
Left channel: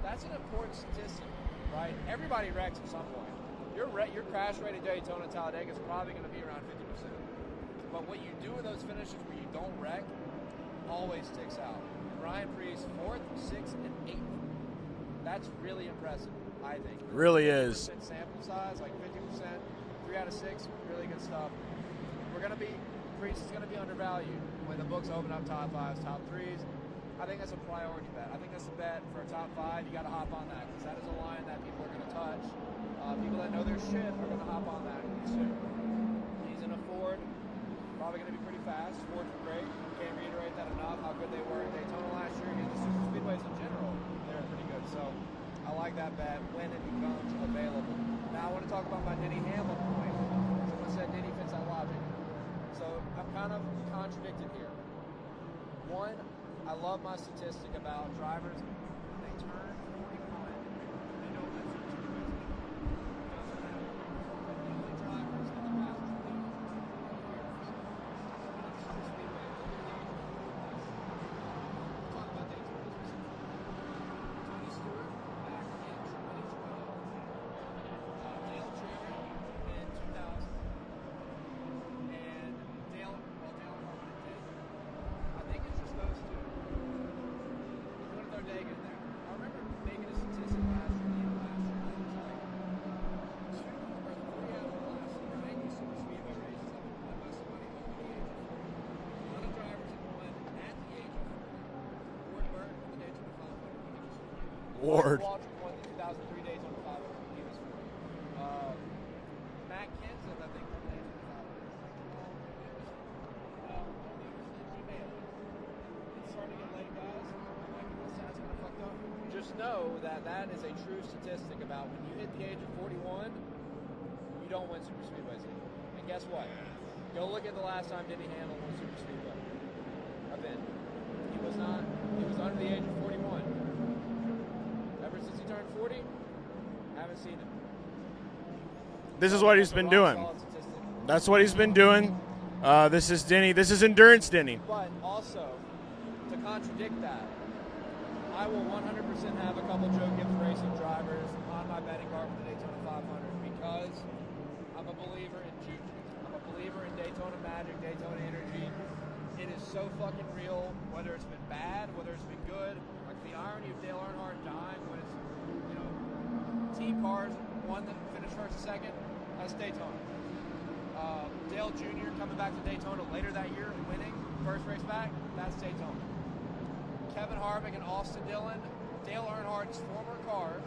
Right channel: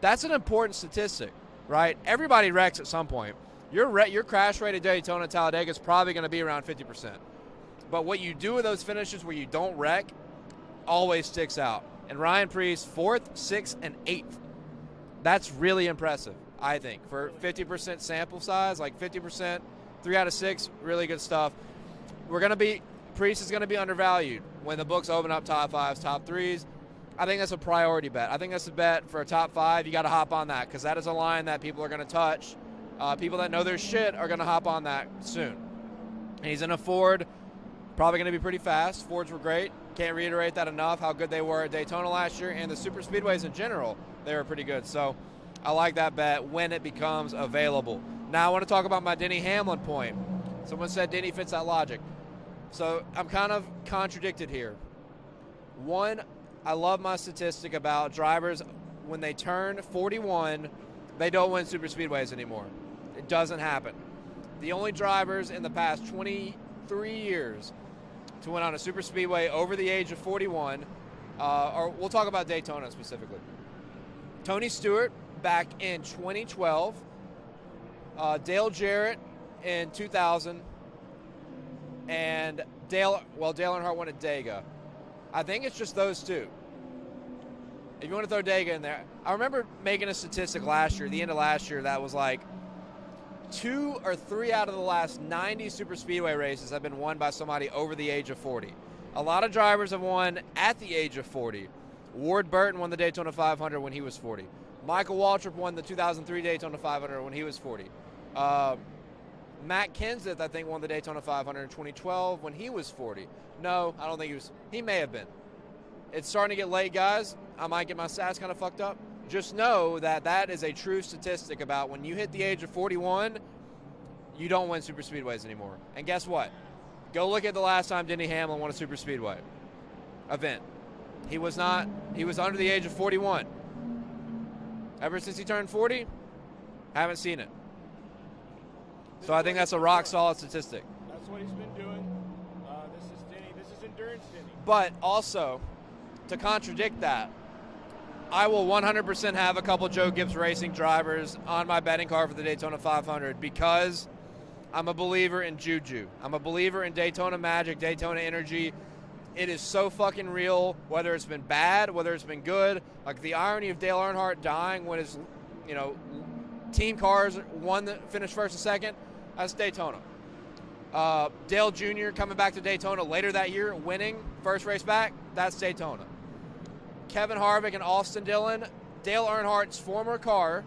That's an important statistic, right? Everybody wrecks at some point. Your crash rate at Daytona and Talladega is probably going to be around 50%. But what you do with those finishes where you don't wreck always sticks out. And Ryan Preece, 4th, 6th, and 8th. That's really impressive, I think. For Really 50% is. sample size, like 50%, 3 out of 6, really good stuff. Preece is going to be undervalued when the books open up top 5s, top 3s. I think that's a priority bet. I think that's a bet for a top 5. You got to hop on that because that is a line that people are going to touch. People that know their shit are going to hop on that soon. And he's in a Ford, probably going to be pretty fast. Fords were great. Can't reiterate that enough, how good they were at Daytona last year, and the super speedways in general, they were pretty good. So I like that bet when it becomes available. Now I want to talk about my Denny Hamlin point. Someone said Denny fits that logic. So I'm kind of contradicted here. One, I love my statistic about drivers when they turn 41, they don't win super speedways anymore. It doesn't happen. The only drivers in the past 23 years to win on a super speedway over the age of 41, or we'll talk about Daytona specifically. Tony Stewart back in 2012, Dale Jarrett in 2000, and Dale Earnhardt won at Dega. I think it's just those 2. If you want to throw Dega in there, I remember making a statistic last year, the end of last year, that was like 2 or 3 out of the last 90 super speedway races have been won by somebody over the age of 40. A lot of drivers have won at the age of 40. Ward Burton won the Daytona 500 when he was 40. Michael Waltrip won the 2003 Daytona 500 when he was 40. Matt Kenseth, I think, won the Daytona 500 in 2012 when he was 40. No, I don't think he was. He may have been. It's starting to get late, guys. I might get my stats kind of fucked up. Just know that that is a true statistic about when you hit the age of 41, you don't win super speedways anymore. And guess what? Go look at the last time Denny Hamlin won a super speedway event. He was under the age of 41. Ever since he turned 40, haven't seen it. This So is I what think he's that's been a rock doing. solid statistic. That's what he's been doing. This is Denny. This is endurance Denny. But also, to contradict that, I will 100% have a couple Joe Gibbs Racing drivers on my betting card for the Daytona 500 because I'm a believer in Juju. I'm a believer in Daytona magic, Daytona energy. It is so fucking real, whether it's been bad, whether it's been good. Like the irony of Dale Earnhardt dying when his, team cars finished first and second, that's Daytona. Dale Jr. coming back to Daytona later that year, winning first race back, that's Daytona. Kevin Harvick and Austin Dillon, Dale Earnhardt's former car,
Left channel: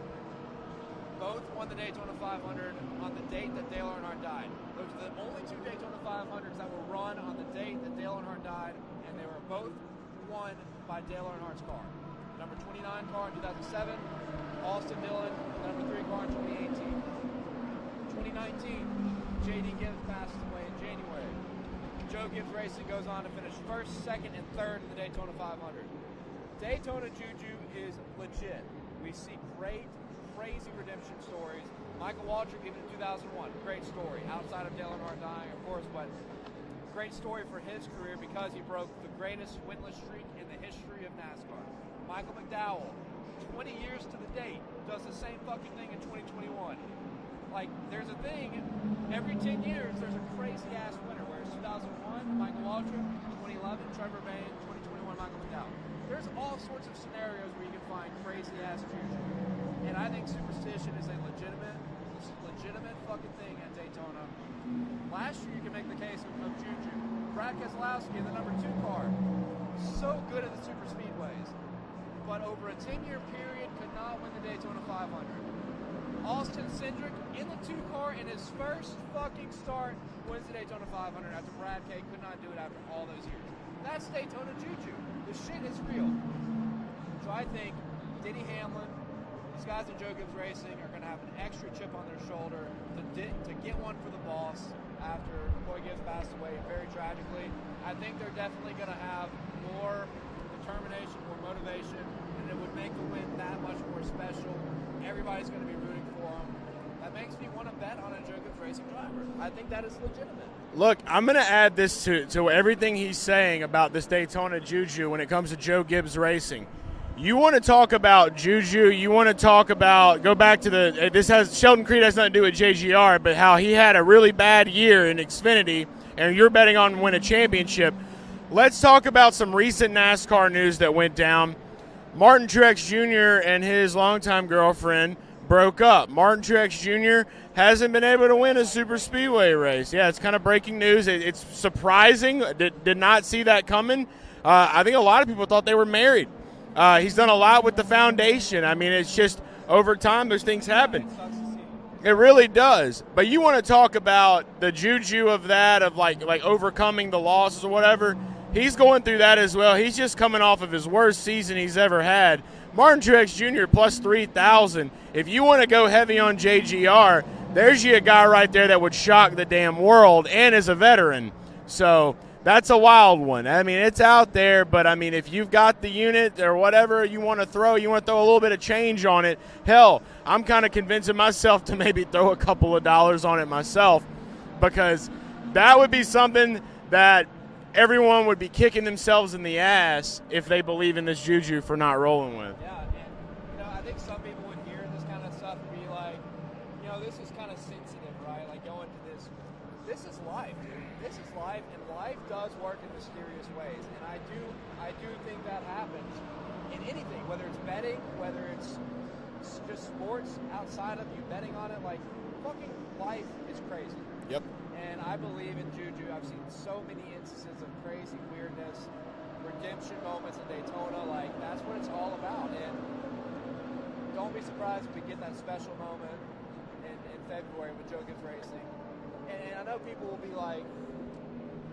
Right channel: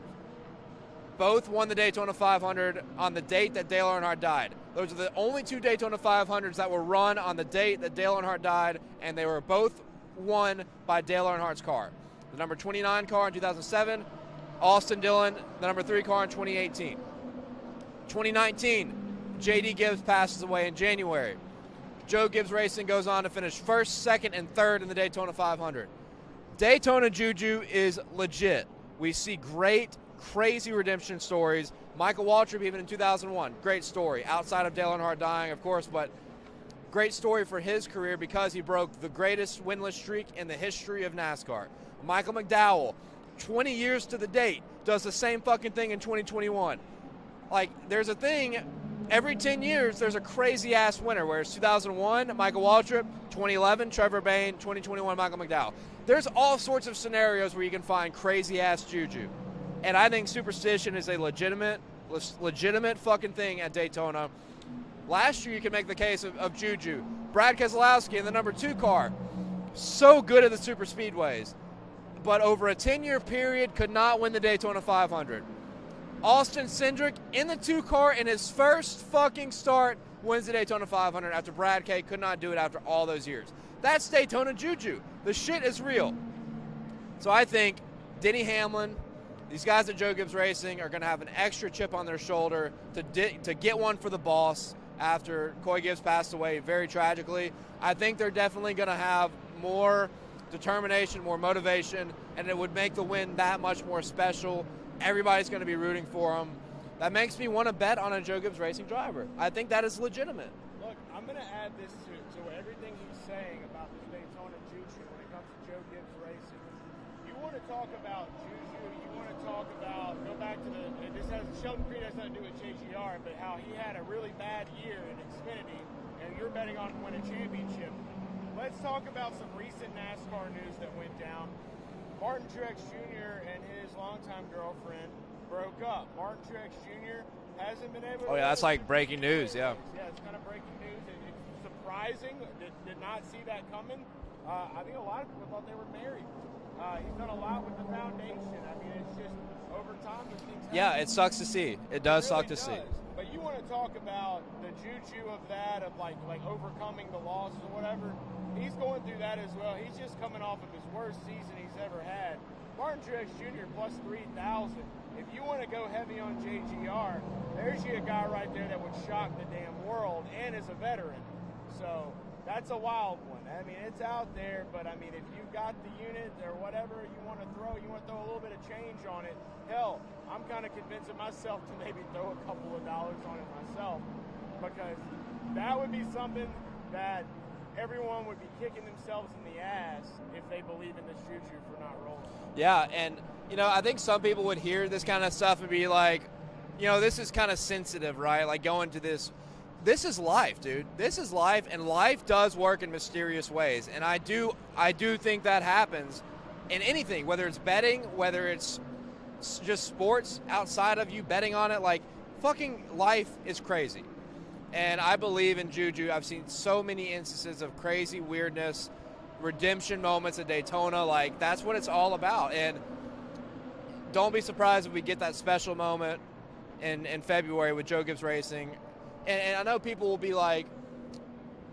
both won the Daytona 500 on the date that Dale Earnhardt died. Those are the only two Daytona 500s that were run on the date that Dale Earnhardt died, and they were both won by Dale Earnhardt's car. The number 29 car in 2007, Austin Dillon, the number 3 car in 2018. 2019, J.D. Gibbs passes away in January. Joe Gibbs Racing goes on to finish first, second, and third in the Daytona 500. Daytona Juju is legit. We see great, crazy redemption stories. Michael Waltrip, even in 2001, great story. Outside of Dale Earnhardt dying, of course, but great story for his career because he broke the greatest winless streak in the history of NASCAR. Michael McDowell, 20 years to the date, does the same fucking thing in 2021. Like, there's a thing, every 10 years, there's a crazy-ass winner, whereas 2001, Michael Waltrip, 2011, Trevor Bayne, 2021, Michael McDowell. There's all sorts of scenarios where you can find crazy-ass Juju. And I think superstition is a legitimate fucking thing at Daytona. Last year, you could make the case of Juju. Brad Keselowski in the number 2 car, so good at the super speedways, but over a 10-year period could not win the Daytona 500. Austin Cindric in the 2 car in his first fucking start wins the Daytona 500 after Brad K could not do it after all those years. That's Daytona Juju. The shit is real. So I think Denny Hamlin, these guys at Joe Gibbs Racing are going to have an extra chip on their shoulder to get one for the boss after Coy Gibbs passed away very tragically. I think they're definitely going to have more determination, more motivation, and it would make the win that much more special. Everybody's going to be rooting for them. That makes me want to bet on a Joe Gibbs Racing driver. I think that is legitimate. Look, I'm going to add this to everything he's saying about this Daytona Juju when it comes to Joe Gibbs Racing. You want to talk about Juju, you want to talk about, go back to Sheldon Creed has nothing to do with JGR, but how he had a really bad year in Xfinity, and you're betting on win a championship. Let's talk about some recent NASCAR news that went down. Martin Truex Jr. and his longtime girlfriend broke up. Martin Truex Jr. hasn't been able to win a super speedway race. Yeah, it's kind of breaking news. It's surprising. Did not see that coming. I think a lot of people thought they were married. He's done a lot with the foundation. I mean, it's just over time those things happen. Yeah, it sucks to see. It really does. But you want to talk about the juju of that, of like overcoming the losses or whatever. He's going through that as well. He's just coming off of his worst season he's ever had. Martin Truex Jr. plus 3,000. If you want to go heavy on JGR, there's you a guy right there that would shock the damn world and is a veteran. So that's a wild one. I mean, it's out there, but I mean, if you've got the unit or whatever you want to throw a little bit of change on it. Hell, I'm kind of convincing myself to maybe throw a couple of dollars on it myself, because that would be something that everyone would be kicking themselves in the ass if they believe in this juju for not rolling with. Yeah, and, I think some people would hear this kind of stuff and be like, this is kind of sensitive, right? Like going to this. This is life, dude. This is life, and life does work in mysterious ways. And I do think that happens in anything, whether it's betting, whether it's just sports outside of you betting on it. Like, fucking life is crazy. Yep. And I believe in juju. I've seen so many instances of crazy weirdness, redemption moments at Daytona. Like, that's what it's all about. And don't be surprised if we get that special moment in February with Joe Gibbs Racing. And I know people will be like,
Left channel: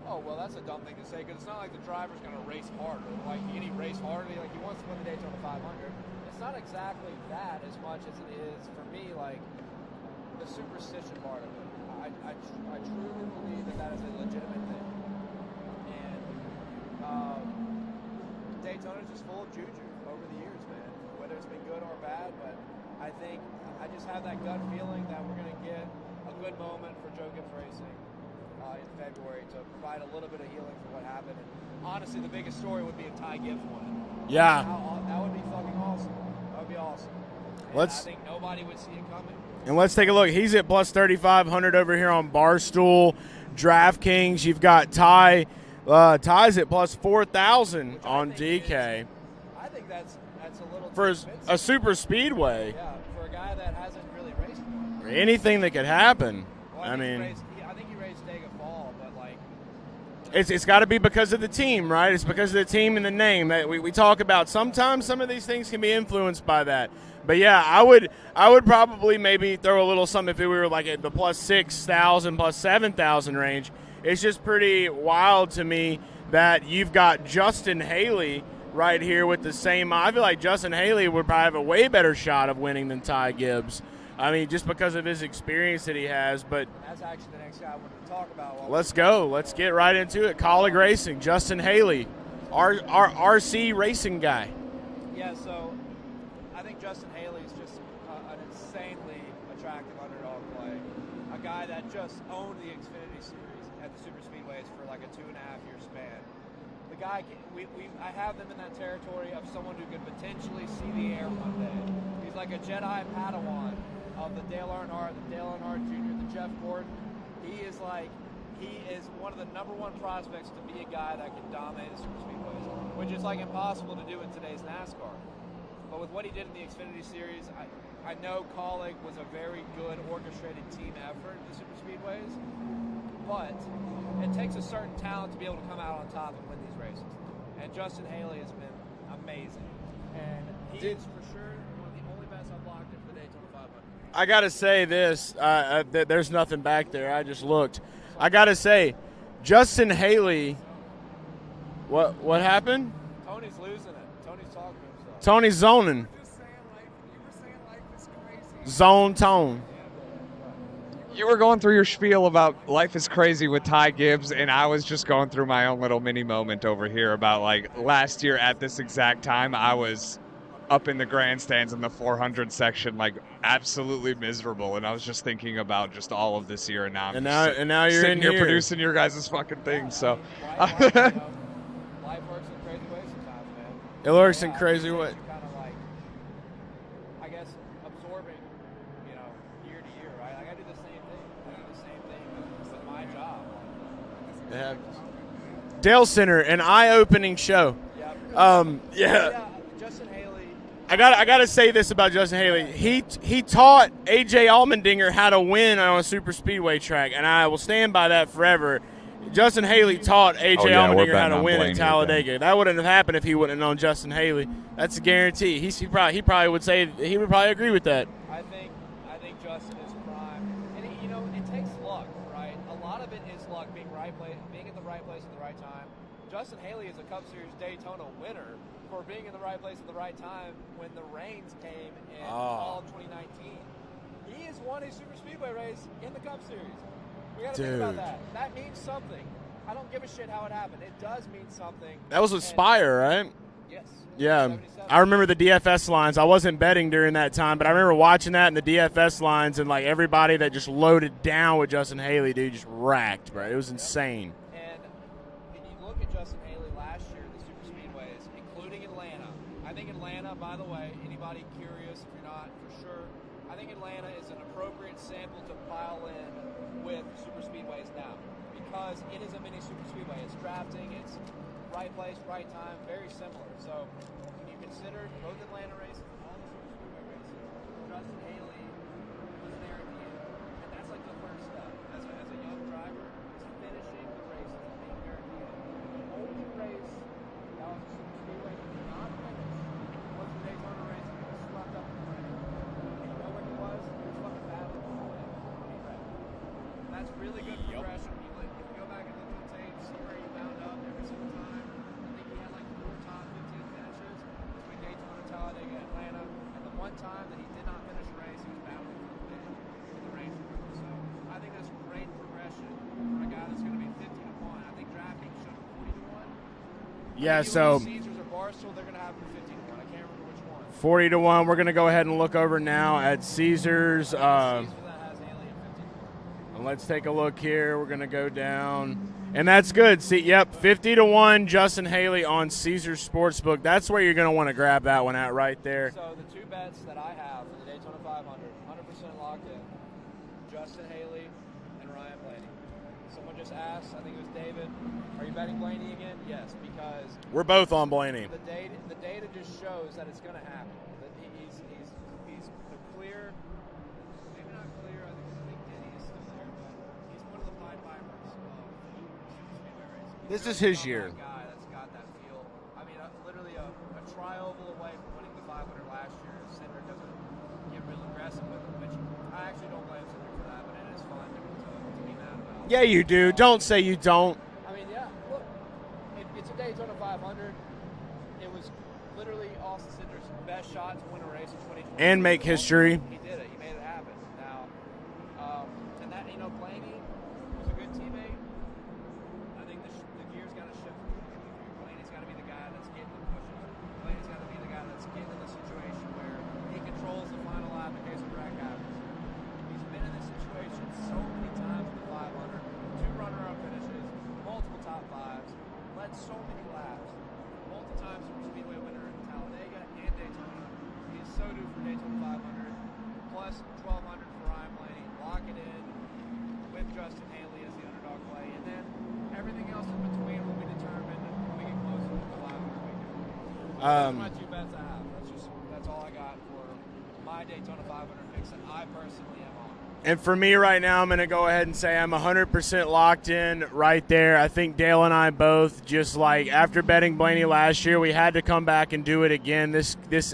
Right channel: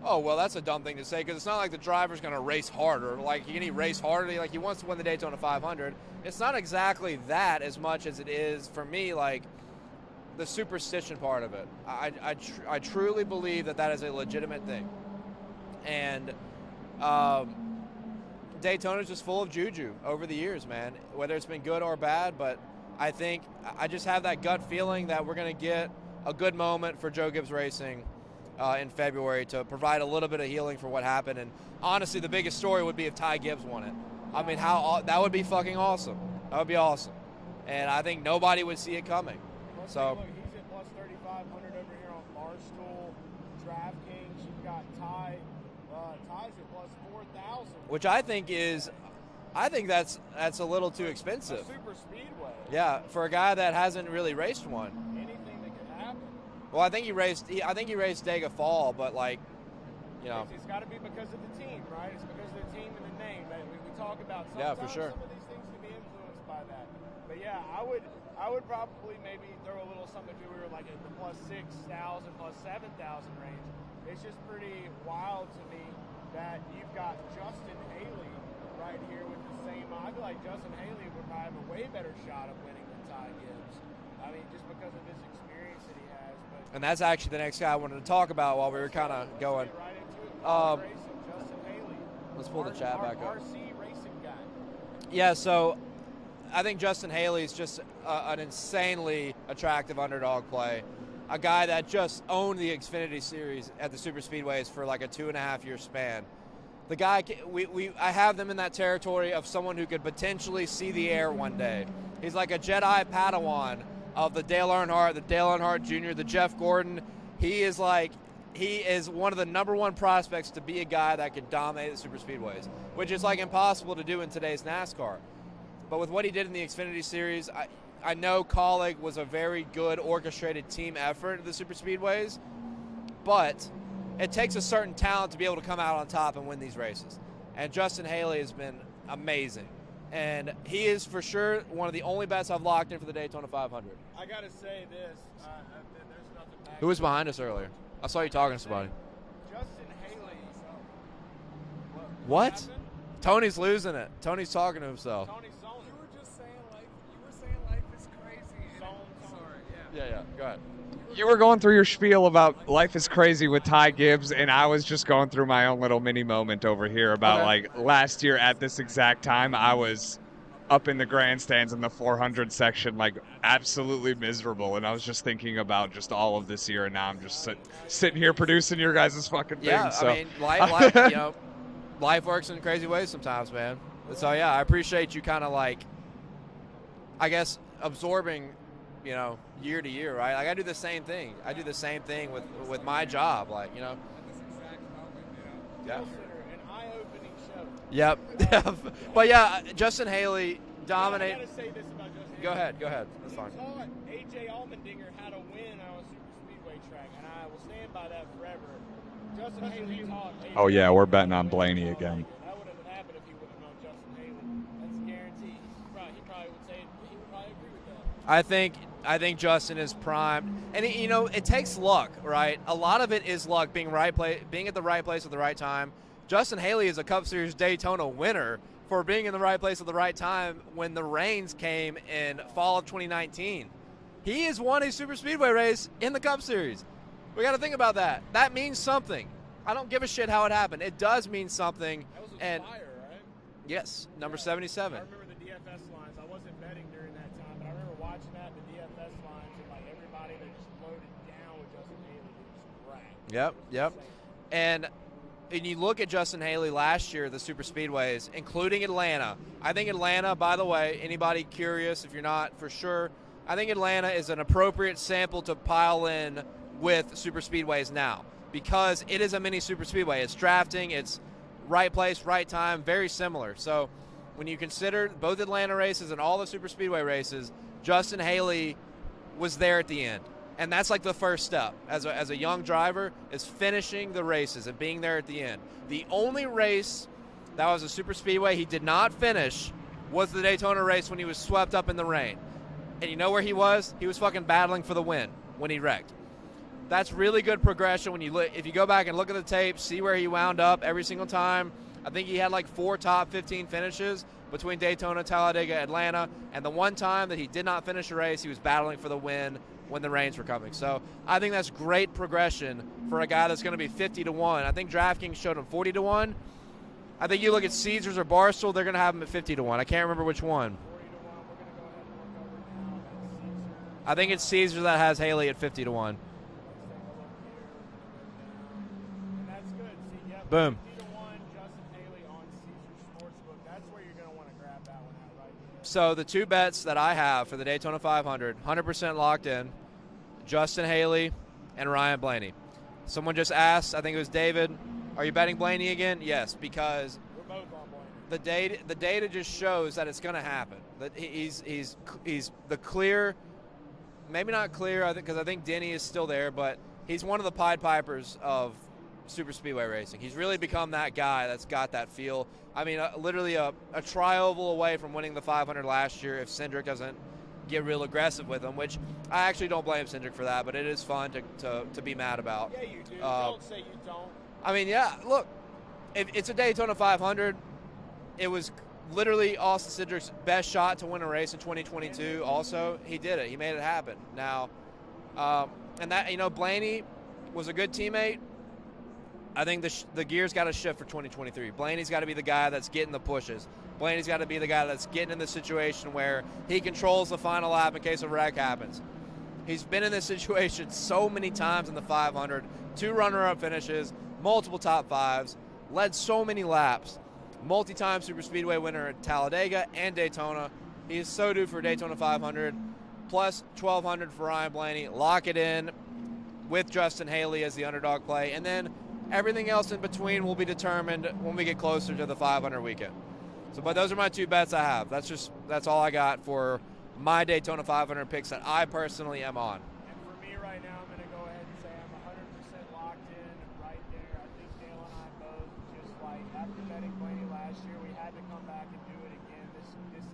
oh, well, that's a dumb thing to say, because it's not like the driver's going to race harder. Like, can he race harder? Like, he wants to win the Daytona 500. It's not exactly that as much as it is, for me, like, the superstition part of it. I truly believe that is a legitimate thing. And Daytona's just full of juju over the years, man, whether it's been good or bad. But I just have that gut feeling that we're going to get a good moment for Joe Gibbs Racing in February to provide a little bit of healing for what happened. And honestly, the biggest story would be if Ty Gibbs won it. Yeah. I mean, that would be fucking awesome. That would be awesome. And I think nobody would see it coming. And let's take a look. He's at plus 3,500 over here on Barstool, DraftKings. You've got Ty. Ty's at plus 4,000 Which I on think DK. I think that's a little too expensive. A super speedway. Yeah, for a guy that hasn't really raced one. Anything that could happen. Well, I think he raced Dega Fall, but like, you know. It's got to be because of the team, right? It's because of the team and the name that we talk about. Sometimes some of these things can be influenced by that. But yeah, I would probably maybe throw a little something if we were like at the plus 6,000, plus 7,000 range. It's just pretty wild to me that you've got Justin Haley right here with the same. I feel like Justin Haley would probably have a way better shot of winning than Ty Gibbs. I mean, just because of his experience that he has. But and that's actually the next guy I wanted to talk about. While let's go. Let's get right into it. Colleague Racing, Justin Haley, our RC racing guy. Yeah, so I think Justin Haley is just an insanely attractive underdog play. A guy that just owned the Xfinity Series at the Super Speedways for like a 2.5-year span. The guy, I have them in that territory of someone who could potentially see the air one day. He's like a Jedi Padawan of the Dale Earnhardt Jr., the Jeff Gordon. He is one of the #1 prospects to be a guy that could dominate the Super Speedways, which is like impossible to do in today's NASCAR. But with what he did in the Xfinity Series, I know Colleague was a very good orchestrated team effort at the Super Speedways, but it takes a certain talent to be able to come out on top and win these races. And Justin Haley has been amazing. And he is for sure one of the only bets I've locked in for the Daytona 500. I got to say this. There's nothing back Who was there. behind I us just earlier? looked. I got to say, Justin Haley, what happened? Tony's losing it. Tony's talking to himself. Tony's zoning. Zone tone. Yeah, go ahead. You were going through your spiel about life is crazy with Ty Gibbs, and I was just going through my own little mini moment over here about like last year at this exact time, I was up in the grandstands in the 400 section, like absolutely miserable, and I was just thinking about just all of this year, and now I'm just sitting here producing your guys' fucking thing. Yeah, so. I mean, life works in crazy ways sometimes, man. It works in I crazy appreciate ways. you kind of like, I guess, absorbing, year to year, right? Like I do the same thing. I do the same thing with my job, like, Yeah. Dalescenter, an eye-opening show. Yep. Yeah. Well, yeah, Justin Haley. I gotta say this about Justin Haley. He taught AJ Allmendinger how to win on a super speedway track, and I will stand by that forever. Justin Haley taught AJ Allmendinger how to win at Talladega. That wouldn't have happened if he wouldn't have known Justin Haley. That's a guarantee. He probably would say he would probably agree with that. I think Justin is prime, and it takes luck, right? A lot of it is luck, being at the right place at the right time. Justin Haley is a Cup Series Daytona winner for being in the right place at the right time when the rains came in fall of 2019. He has won a super speedway race in the Cup Series. We got to think about that. That means something. I don't give a shit how it happened. It does mean something. That was with Spire, right? Yes. Yeah. 77. I remember the DFS lines. I wasn't betting during that time, but I remember watching that in the DFS lines, and like everybody that just loaded down with Justin Haley, dude, just racked. Yep, it was insane. And you look at Justin Haley last year, the super speedways, including Atlanta. I think Atlanta, by the way, anybody curious, if you're not for sure, I think Atlanta is an appropriate sample to pile in with super speedways now, because it is a mini super speedway. It's drafting, it's right place, right time, very similar. So when you consider both Atlanta races and all the super speedway races, Justin Haley was there at the end. And that's like the first step as a young driver, is finishing the races and being there at the end. The only race that was a super speedway he did not finish was the Daytona race when he was swept up in the rain. And you know where he was? He was fucking battling for the win when he wrecked. That's really good progression when if you go back and look at the tape, see where he wound up every single time. I think he had like 4 top 15 finishes between Daytona, Talladega, Atlanta, and the one time that he did not finish a race, he was battling for the win when the rains were coming. So I think that's great progression for a guy that's going to be 50-1. I think DraftKings showed him 40-1. I think you look at Caesars or Barstool, they're going to have him at 50-1. I can't remember which one. 40-1. We're going to go ahead and look over now at Caesars. I think it's Caesars that has Haley at 50-1. Let's take a look here. We're going to go down. And that's good. See, yep, Boom. 50-1 Justin Haley on Caesars Sportsbook. That's where you're going to want to grab that one at right there. So the two bets that I have for the Daytona 500, 100% locked in, Justin Haley and Ryan Blaney. Someone just asked, I think it was David, are you betting Blaney again? Yes, because we're both on Blaney. The data just shows that it's going to happen. That he's the clear, maybe not clear, because I think Denny is still there, but he's one of the Pied Pipers of super speedway racing. He's really become that guy that's got that feel. I mean, literally a tri-oval away from winning the 500 last year if Cindric doesn't get real aggressive with him, which I actually don't blame Cindric for that, but it is fun to be mad about. Yeah, you do. Don't say you don't. I mean, yeah, look, if it's a Daytona 500. It was literally Austin Cindric's best shot to win a race in 2022. And make history. Also, he did it. He made it happen. Now, and that, Blaney was a good teammate. I think the gear's got to shift for 2023. Blaney's got to be the guy that's getting the pushes. Blaney's got to be the guy that's getting in the situation where he controls the final lap in case a wreck happens. He's been in this situation so many times in the 500, 2 runner-up finishes, multiple top 5s, led so many laps, multi-time super speedway winner at Talladega and Daytona. He is so due for Daytona 500, plus 1,200 for Ryan Blaney. Lock it in with Justin Haley as the underdog play, and then everything else in between will be determined when we get closer to the 500 weekend. So those are my 2 bets I have. That's all I got for my Daytona 500 picks that I personally am on. And for me right now, I'm going to go ahead and say I'm 100% locked in right there. I think Dale and I both, just like after betting Blaney last year, we had to come back and do it again.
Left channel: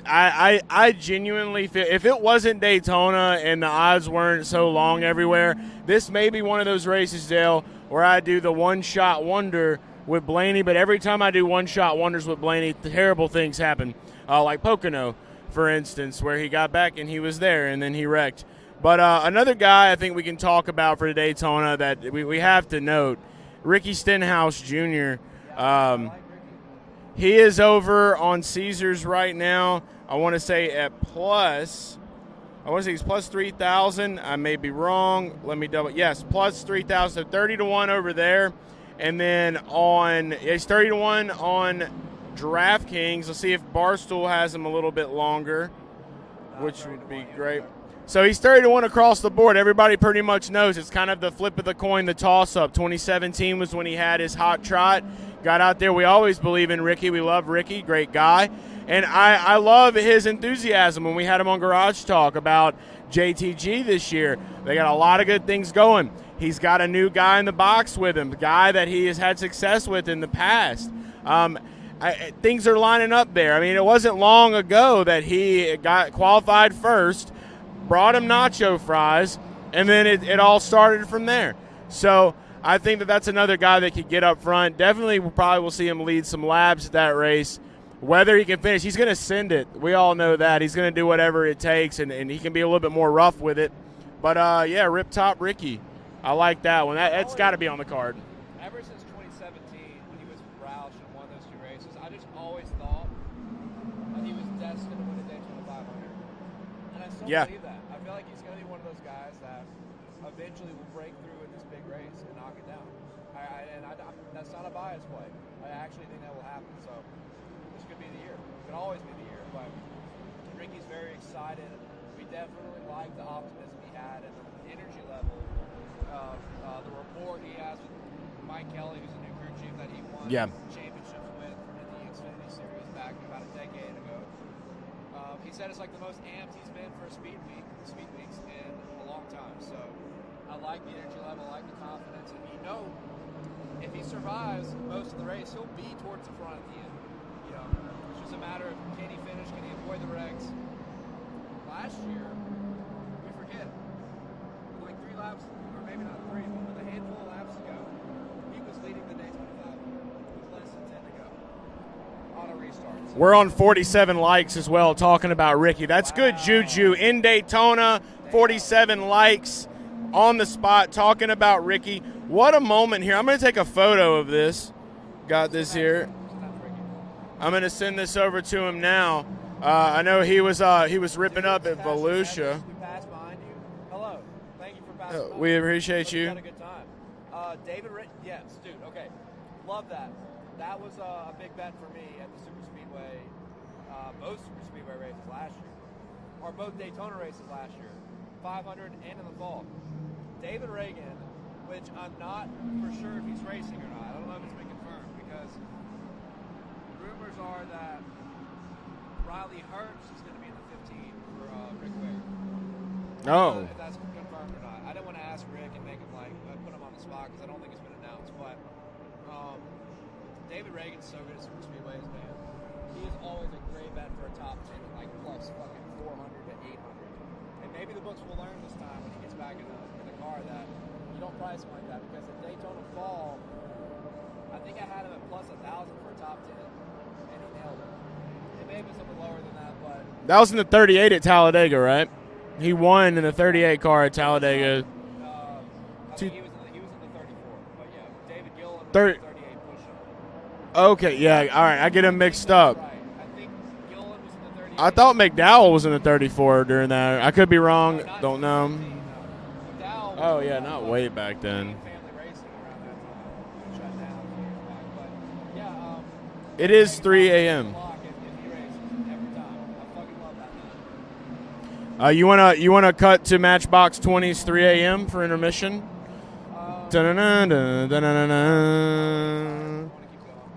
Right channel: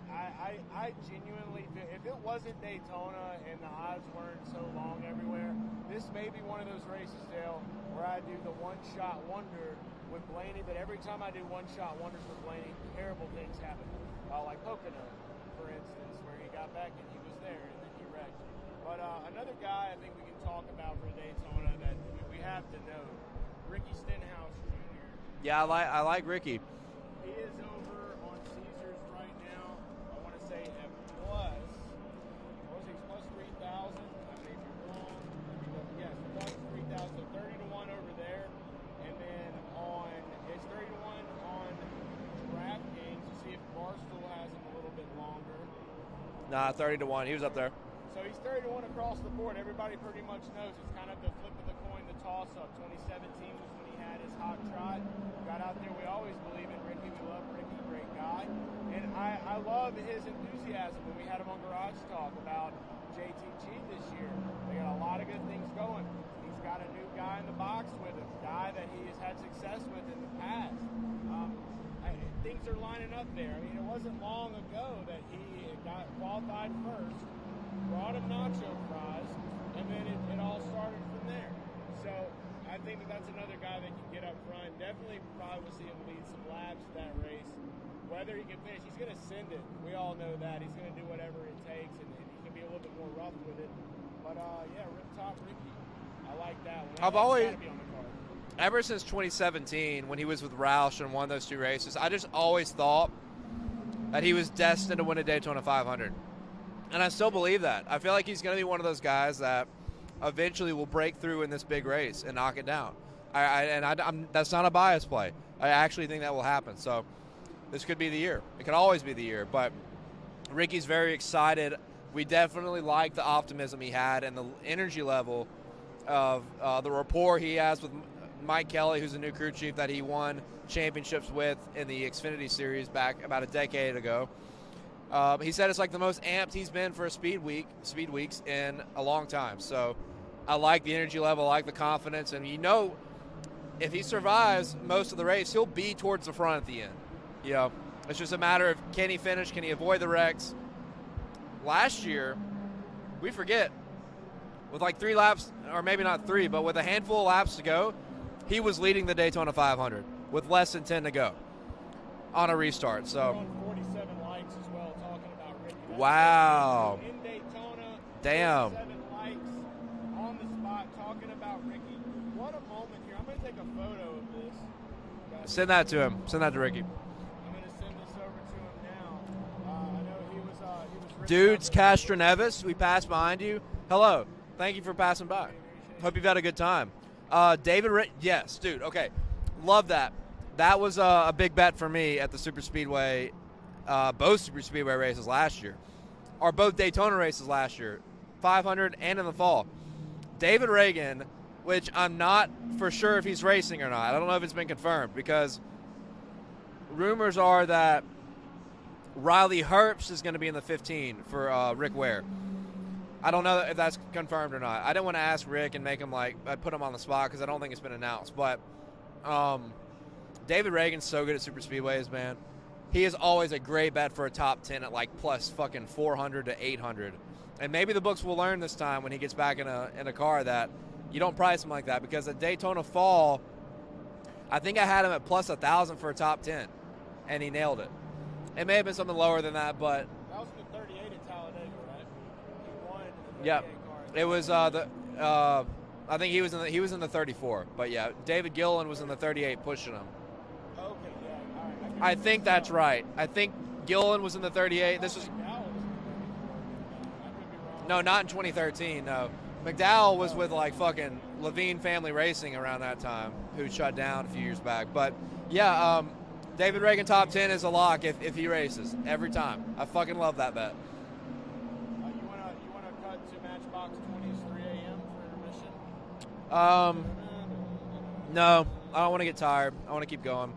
I genuinely feel if it wasn't Daytona and the odds weren't so long everywhere, this may be one of those races, Dale, where I do the one-shot wonder with Blaney. But every time I do one-shot wonders with Blaney, terrible things happen, like Pocono, for instance, where he got back and he was there and then he wrecked. But another guy I think we can talk about for Daytona that we have to note, Ricky Stenhouse Jr. Yeah, I like Ricky. He is over on Caesars right now. I want to say at plus, he's plus 3,000. I may be wrong. Let me double. Yes, plus 3,000. So 30-1 over there. And then he's 30-1 on DraftKings. Let's see if Barstool has him a little bit longer. Nah, 30-1. He was up there. So he's 30-1 across the board. Everybody pretty much knows it's kind of the flip of the coin, the toss-up. 2017 was when he had his hot trot. Got out there. We always believe in Ricky. We love Ricky. Great guy. And I love his enthusiasm when we had him on Garage Talk about JTG this year. They got a lot of good things going. He's got a new guy in the box with him, the guy that he has had success with in the past. Things are lining up there. I mean, it wasn't long ago that he got qualified first, brought him nacho fries, and then it all started from there. So I think that's another guy that could get up front. Definitely probably will see him lead some laps at that race. Whether he can finish, he's going to send it. We all know that. He's going to do whatever it takes, and he can be a little bit more rough with it. But, yeah, Rip Top Ricky. I like that one. That's got to be on the card. Ever since 2017, when he was with Roush and won those 2 races, I just always thought that he was destined to win a Daytona 500. And I still believe that. I feel like he's going to be one of those guys that eventually will break through in this big race and knock it down. That's not a bias play. I actually think that will happen. So this could be the year. It could always be the year. But Ricky's very excited. We definitely like the optimism he had and the energy level of the rapport he has with Mike Kelly, who's a new crew chief that he won championships with in the Xfinity Series back about a decade ago. He said it's like the most amped he's been for a speed weeks in a long time. So I like the energy level, I like the confidence, and if he survives most of the race, he'll be towards the front at the end. It's just a matter of can he finish, can he avoid the wrecks. Last year, we forget, with like 3 laps, or maybe not 3, but with a handful of laps to go, he was leading the Daytona 500 with less than 10 to go on a restart. So we're on 47 likes as well talking about Ricky. That's good juju. In Daytona, 47 likes on the spot talking about Ricky. What a moment here. I'm going to take a photo of this. Got this here. Send that to him. Send that to Ricky. I'm going to send this over to him now. I know he was ripping up at Castor Volusia. Nevis, we passed behind you. Hello. Thank you for passing by. We appreciate Hope you. you got a good time. Yes, dude. Okay, love that. That was a big bet for me at the Super Speedway, both Super Speedway races last year, or both Daytona races last year, 500 and in the fall. David Reagan, which I'm not for sure if he's racing or not. I don't know if it's been confirmed because rumors are that Riley Herbst is going to be in the 15 for Rick Ware. I don't know if that's confirmed or not. I didn't want to ask Rick and make him put him on the spot because I don't think it's been announced. But David Reagan's so good at super speedways, man. He is always a great bet for a top 10 at plus fucking 400 to 800. And maybe the books will learn this time when he gets back in a car that you don't price him like that, because at Daytona Fall, I think I had him at plus 1,000 for a top 10, and he nailed it. It may have been something lower than that, but That was in the 38 at Talladega, right? He won in the 38 car at Talladega. I think he was in the 34, but yeah, David Gillen was in the 38 pushing him. Okay, yeah, all right, I get him mixed I think that's up. right. I think Gillen was in the 38. I thought McDowell was in the 34 during that. I could be wrong. No, not Don't 2013. No, McDowell was with fucking way back then. Levine Family Racing around that time, who shut down a few years back. But yeah, It David is Reagan 3 top 10 a.m. is a lock if he races every time. I fucking love that bet. You wanna cut to Matchbox 20's 3 a.m. for intermission? No, I don't want to get tired. I want to keep going.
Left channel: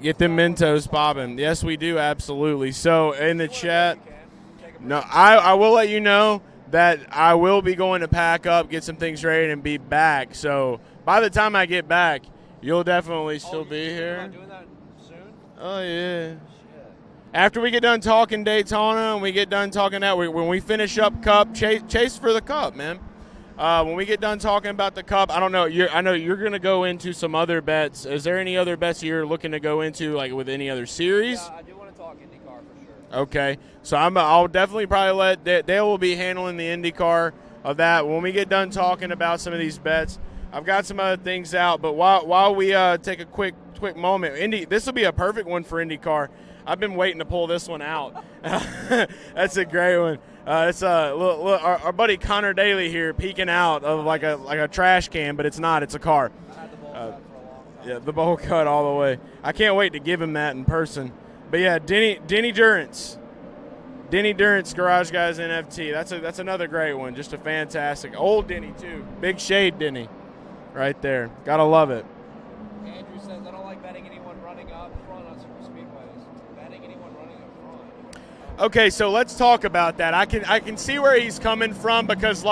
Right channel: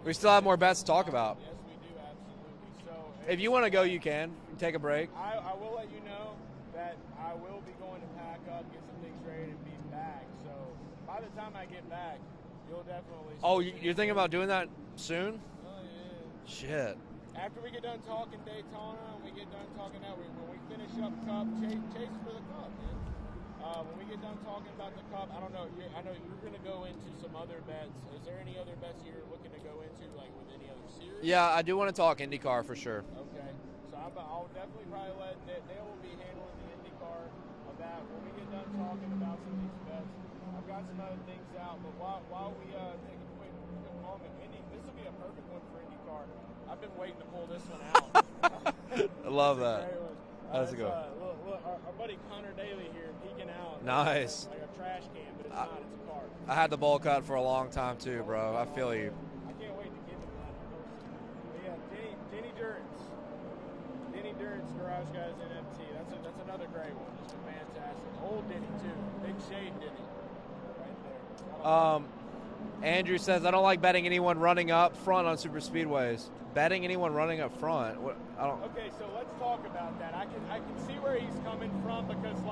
Get the Mentos popping. Yes, we do, absolutely. So in the if you wanna chat, go, you can take a break. no, I will let you know that I will be going to pack up, get some things ready, and be back. So by the time I get back, you'll definitely still be you're here. thinking about doing that soon? Oh yeah. Shit. After we get done talking Daytona and we get done talking that, when we finish up Cup, chase for the Cup, man. When we get done talking about the Cup, I don't know. I know you're going to go into some other bets. Is there any other bets you're looking to go into, like with any other series? Yeah, I do want to talk IndyCar for sure. Okay, so I'll definitely probably let Dale will be handling the IndyCar of that. When we get done talking about some of these bets, I've got some other things out. But while we take a quick moment, this will be a perfect one for IndyCar. I've been waiting to pull this one out. That's a great one. It's our buddy Connor Daly here peeking out of like a trash can, but it's not. It's a car. I had the bowl cut for a long time. Yeah, too, the bowl bro. cut all the way. I can't wait to give him that in person. But yeah, Denny Durrance, Garage Guys NFT. That's another great one. Just a fantastic old Denny too. Big shade Denny, right there. Gotta love it. Andrew says, I don't like betting anyone running up front on super speedways. Betting anyone running up front? Okay, so let's talk about that. I can see where he's coming from, because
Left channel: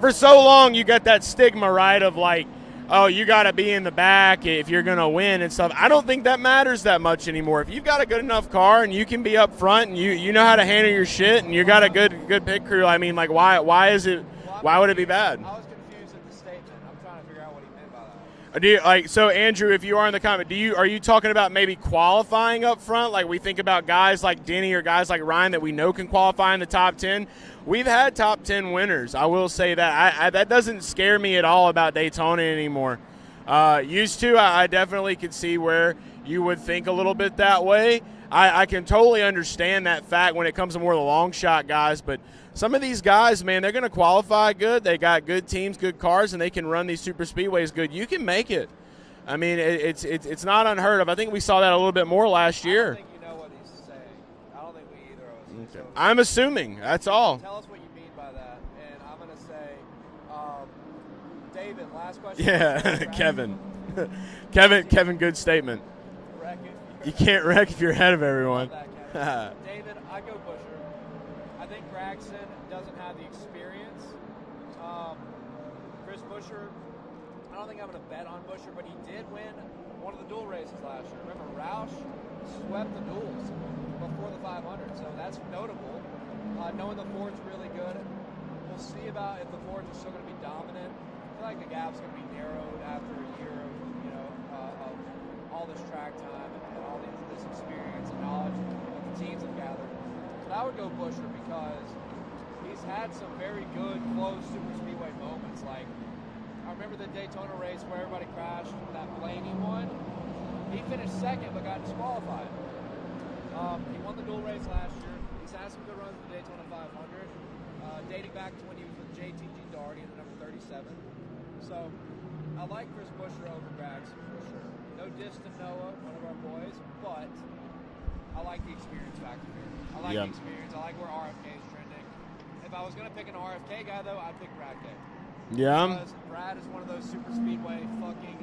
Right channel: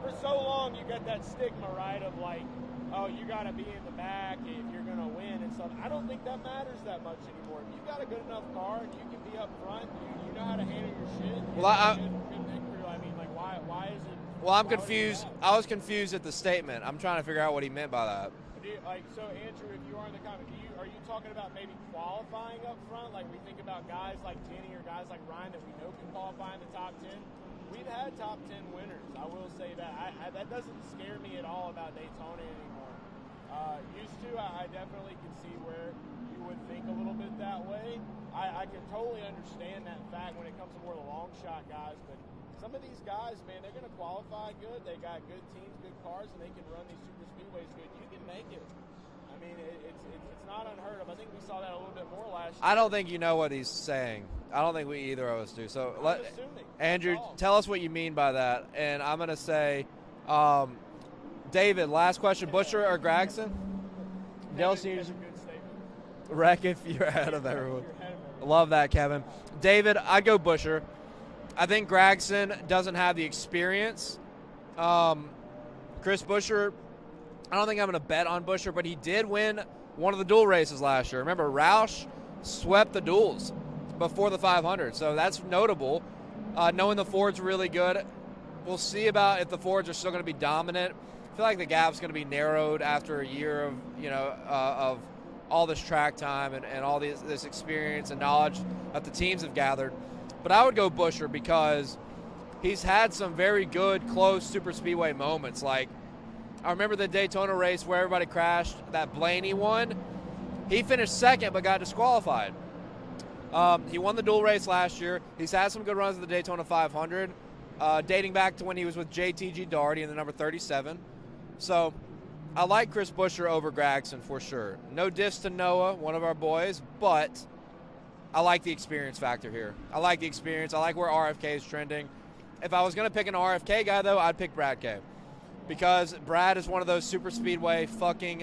for so long you got that stigma, right, of oh, you got to be in the back if you're going to win and stuff. I don't think that matters that much anymore. If you've got a good enough car and you can be up front and you know how to handle your shit and you got a good pit crew, I mean, why is it? Why would it be bad? I was confused at the statement. I'm trying to figure out what he meant by that. So Andrew, if you are in the comment, are you talking about maybe qualifying up front? Like we think about guys like Denny or guys like Ryan that we know can qualify in the top 10. We've had top 10 winners. I will say that. That doesn't scare me at all about Daytona anymore. Used to, I definitely could see where you would think a little bit that way. I can totally understand that fact when it comes to more of the long shot guys, but some of these guys, man, they're going to qualify good. They got good teams, good cars, and they can run these super speedways good. You can make it. I mean, it's not unheard of. I think we saw that a little bit more last year. I don't think you know what he's saying. I don't think we either of us do. So I'm assuming. Andrew, that's all. Tell us what you mean by that, and I'm going to say, David. Last question. Yeah, Kevin. Good statement. Wreck if you can't wreck if you're ahead of everyone. Love that, Kevin. David, I'd go Buescher. I think Gragson doesn't have the experience. Chris Buescher, I don't think I'm going to bet on Buescher, but he did win one of the dual races last year. Remember, Roush swept the duels before the 500, so that's notable. Knowing the Fords are really good, we'll see about if the Fords are still going to be dominant. I feel like the gap's going to be narrowed after a year of all this track time and all this experience and knowledge that the teams have gathered. But I would go Buescher because he's had some very good, close super speedway moments. Like, I remember the Daytona race where everybody crashed, that Blaney won. He finished second but got disqualified. He won the dual race last year. He's had some good runs at the Daytona 500. dating back to when he was with JTG Daugherty in the number 37. So I like Chris Buescher over Gragson for sure. No diss to Noah, one of our boys, but I like the experience factor here. I like the experience. I like where RFK is trending. If I was going to pick an RFK guy, though, I'd pick Brad K. Yeah. Because Brad is one of those super speedway fucking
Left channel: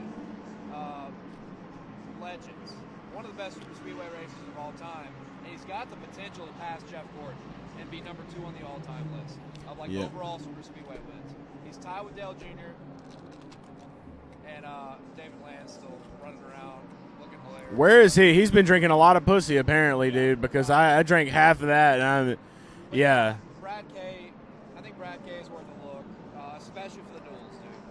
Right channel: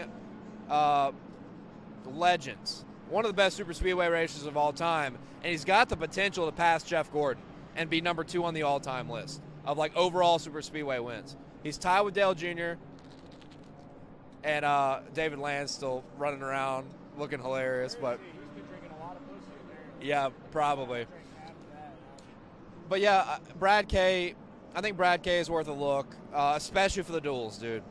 legends. One of the best super speedway racers of all time. And he's got the potential to pass Jeff Gordon and be number 2 on the all-time list of, like, overall super speedway wins. He's tied with Dale Jr. And David Land's still running around looking hilarious. Where is he? He's been drinking a lot of pussy, apparently, Yeah, dude, because probably. I drank half of that. And But yeah, Brad K, I think Brad K is worth a look, especially for the duels, dude.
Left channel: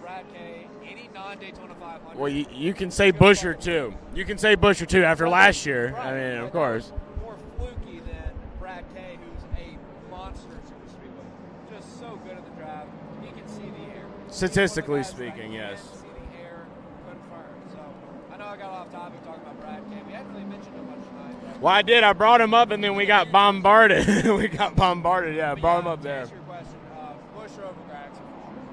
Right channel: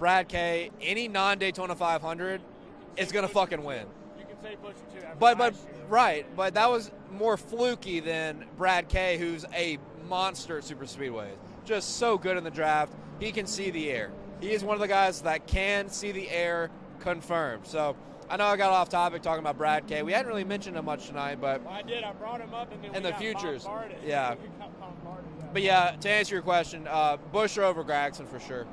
Brad K, any non-Daytona 500. Well, you can say is gonna Buescher, fucking too. win. You can say Buescher, too, after But last year. Right, I mean, but of that course. was more fluky than Brad K, who's a monster at super speedway. Just so good in the draft. He can see the air. He's one of the Statistically guys that speaking, can yes. see the air, confirmed. So I know I got off topic talking about Brad K. We hadn't really mentioned him much tonight, but Well, I did. I brought him up, and then we the got futures. bombarded. Yeah. We got bombarded, yeah. but brought him yeah, up to there. answer your question, Buescher over Gragson for sure.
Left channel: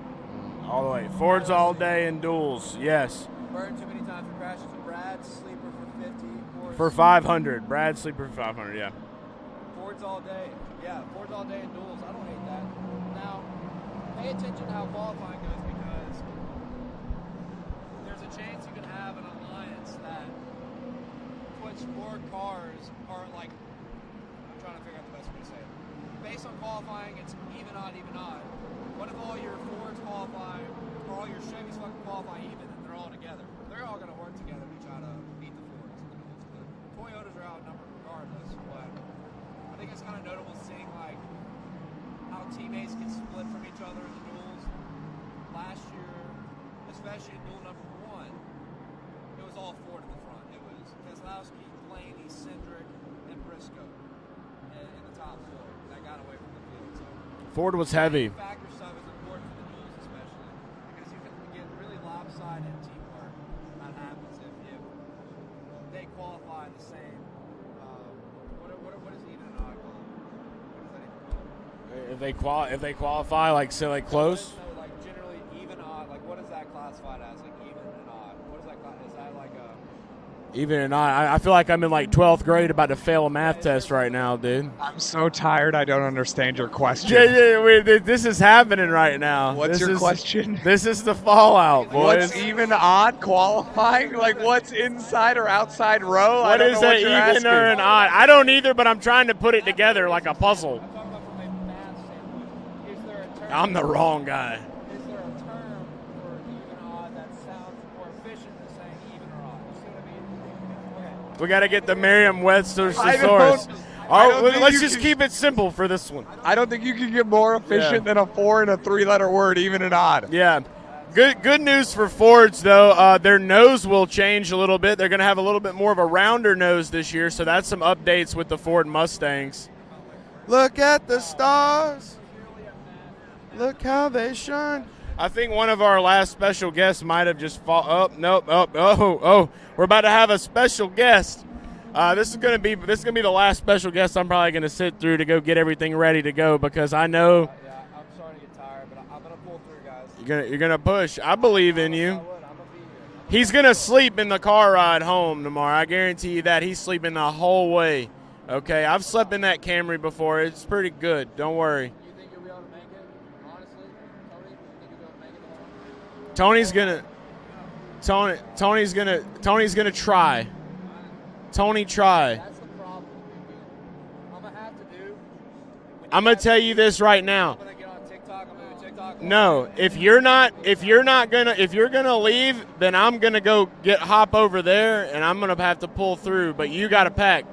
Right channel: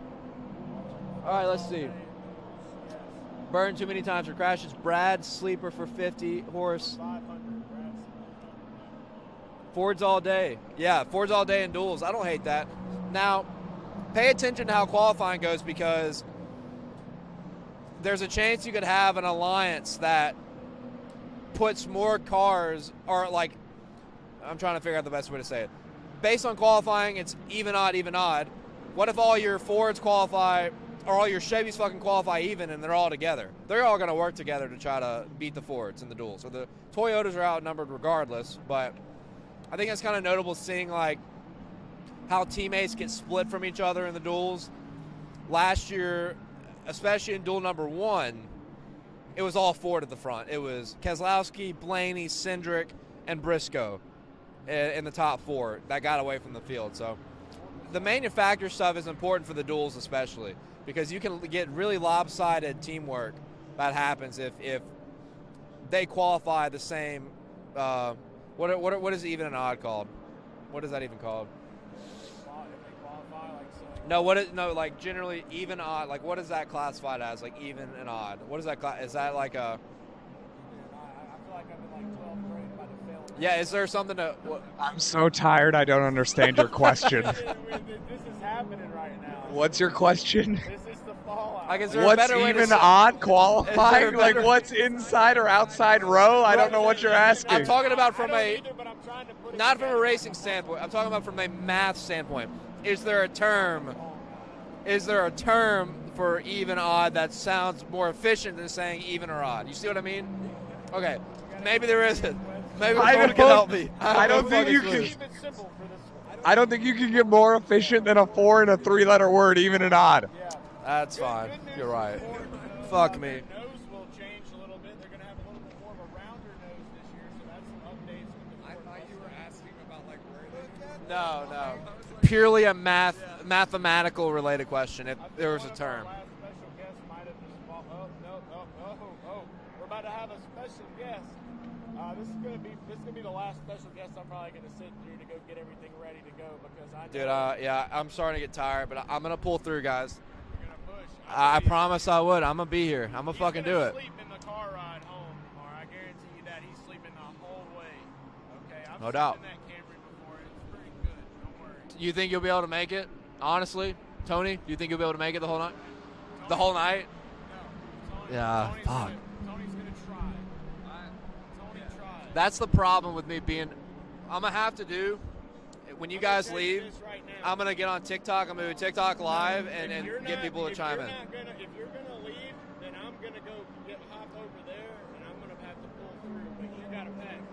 All the way. Fords let's all see. day and duels, yes. Burned too many times for crashes. Brad sleeper for 50. Horace For 500. Brad sleeper for 500, yeah. Fords all day. Yeah, Fords all day and duels. I don't hate that. Now, pay attention to how qualifying goes, because there's a chance you could have an alliance that puts more cars, or like, I'm trying to figure out the best way to say it. Based on qualifying, it's even odd, even odd. What if all your Fords qualify, or all your Chevys fucking qualify even, and they're all together? They're all going to work together to try to beat the Fords in the duel. So the Toyotas are outnumbered regardless, but I think it's kind of notable seeing like how teammates get split from each other in the duels. Last year, especially in duel number 1, it was all Ford at the front. It was Keselowski, Blaney, Cindric, and Briscoe in the top 4 that got away from the field. So Ford was the heavy. manufacturer stuff is important for the duels, especially because you can get really lopsided teamwork that happens if they qualify the same. What is even and odd called? What is that even called? If they qualify, like, say, like, close? Like generally even odd. Like, what is that classified as? Like even and odd. What is that? Is that like a? Even and I feel like I'm in like 12th grade about to fail a math is there test right something now, dude. I'm so tired. I don't understand your question. This is happening right now. What's your question? This is the fallout. What's even odd qualifying? Like, what's inside or outside row? I don't know what you're asking. I don't either, but I'm trying to put it Not from together a like a racing puzzle. standpoint. I'm talking about from a math standpoint. Is there a term? I'm the wrong guy. Is there a term for even odd that sounds more efficient than saying even or odd? You see what I mean? Okay. We got to get Maybe the there is. Merriam-Webster's Maybe I thesaurus. don't think Let's you just can- keep it simple for this one. I don't think you can get more efficient than a 4 and a 3-letter word, even and odd. Yeah. That's Good fine. good news You're for right. Fords, though. Their nose will change a little bit. They're going to have a little bit more of a rounder nose this year, so that's some updates with the Ford Mustangs. Look at the stars. Purely a mathematical they related shine. question. If I there think was one a of our term. last special guests might have just oh, we're about to have a special guest. This is gonna be the last special guest I'm probably gonna sit through to go get everything ready to go, because I know Yeah, I'm starting to get tired, but I'm gonna pull through, guys. you're gonna push. I believe in promise you. I would. I'm gonna be here. He's gonna sleep in the car ride home tomorrow. I guarantee you that. He's sleeping the whole way. Okay, I've No slept doubt. in that Camry before. It's pretty good. Don't worry. You think you'll be able to make it? Honestly, Tony, do you think you'll be able to make it the whole night? Tony's The whole gonna. night? Yeah. Tony's gonna try. Tony try. That's the problem with me being. I'm gonna have to do. When you I'm gonna guys tell you leave, this right now. I'm gonna get on TikTok. I'm gonna do TikTok live. No, and if then you're get not people to if chime you're in. not gonna if you're gonna leave, then I'm gonna go hop over there, and I'm gonna have to pull through. But you got to pack.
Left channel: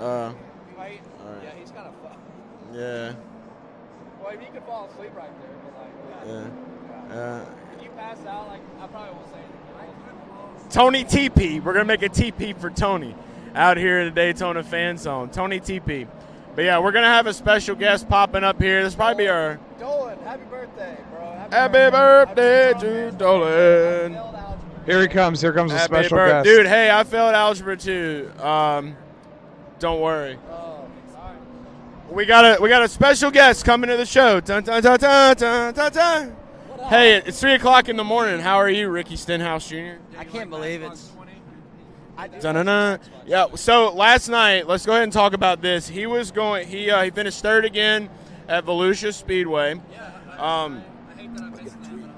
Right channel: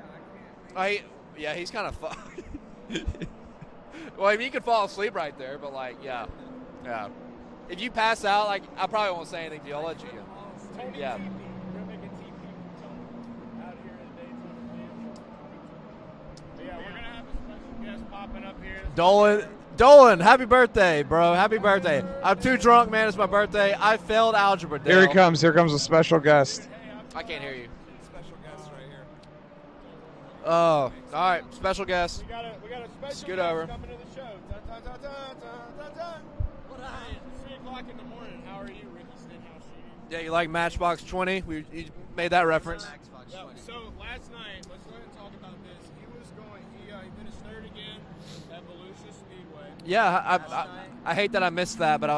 Yeah, he's kind of fucked. Yeah. Well, I mean, you could fall asleep right there, but like, yeah. If you pass out, like, I probably won't say anything to you. I'll let you. Tony Yeah. TP. We're gonna make a TP for Tony out here in the Daytona fan zone. Tony TP. But yeah, we're gonna have a special guest popping up here. This might be our Dolan, happy birthday, bro. Happy birthday. I'm too birthday drunk, to man. It's my Dolan. birthday. I failed algebra. Here he Dale. comes. Here comes a Happy special birthday. guest. Dude, hey, I failed algebra too. Don't worry. Oh, all right. Special guest. We got a special guest coming to the show. Dun, dun, dun, dun, dun, dun, dun. Hey, it's 3 o'clock in the morning. How are you, Ricky Stenhouse Jr.? Yeah, you like Matchbox 20? You made that Dun-dun-dun. reference. Yeah. So last night, let's go ahead and talk about this. He finished third again at Volusia Speedway. Yeah, I hate that I missed that, but I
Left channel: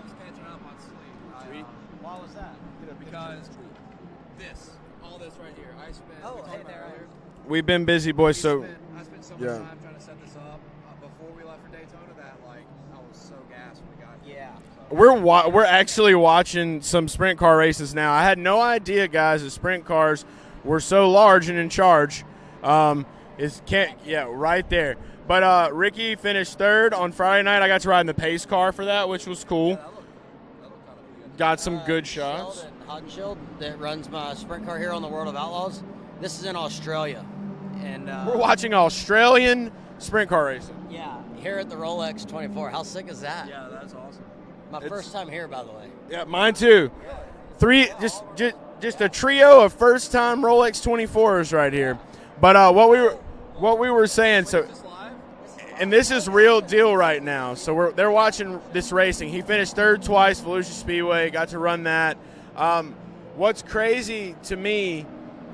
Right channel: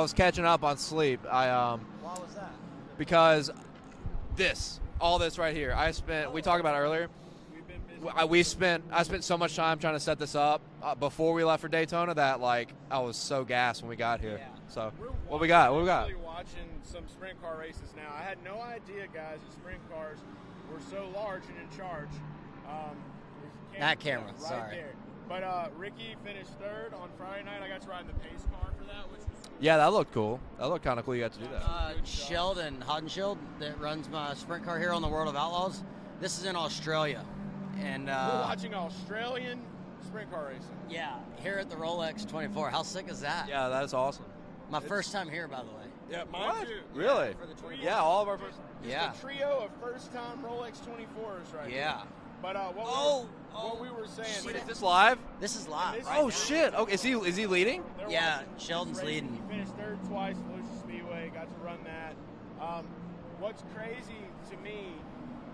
was catching up on sleep. Why was that? Because all this right here. We talked about it earlier. We've been busy, boys. I spent so much time trying to set this up before we left for Daytona that I was so gassed when we got here. Yeah. So We're actually watching some sprint car races now. I had no idea, guys, that sprint cars were so large and in charge. Right there. But Ricky finished third on Friday night. I got to ride in the pace car for that, which was cool. Yeah, that looked cool. That looked kind of cool. You got some good shots. Sheldon Hodenshield that runs my sprint car here on the World of Outlaws. This is in Australia, and we're watching Australian sprint car racing. Yeah, here at the Rolex 24. How sick is that? Yeah, that's awesome. My first time here, by the way. Yeah, mine too. Really? Just a trio of first-time Rolex 24s right here. But what we were saying. So is this live? This is live. And this is real deal right is he now. leading? So they're watching this Sheldon's racing. leading. He finished third twice, Volusia Speedway. Got to run that. What's crazy to me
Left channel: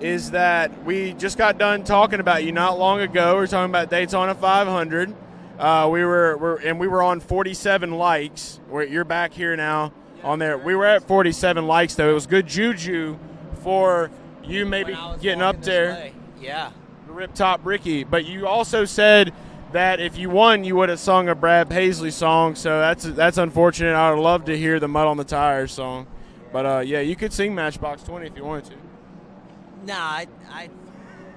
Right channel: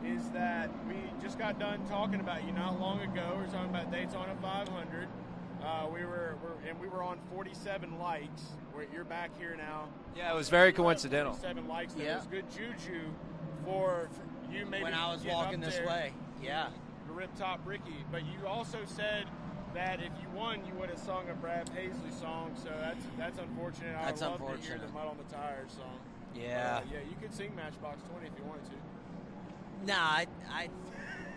is that we just got done talking about you not long ago. We were talking about Daytona 500. We were on 47 likes. You're back here now on there. We were at 47 likes though. It was good juju for you maybe getting up there. Yeah. Rip Top Ricky. But you also said that if you won, you would have sung a Brad Paisley song. So that's unfortunate. I would love to hear the Mud on the Tires song. Yeah. But you could sing Matchbox 20 if you wanted to. Nah,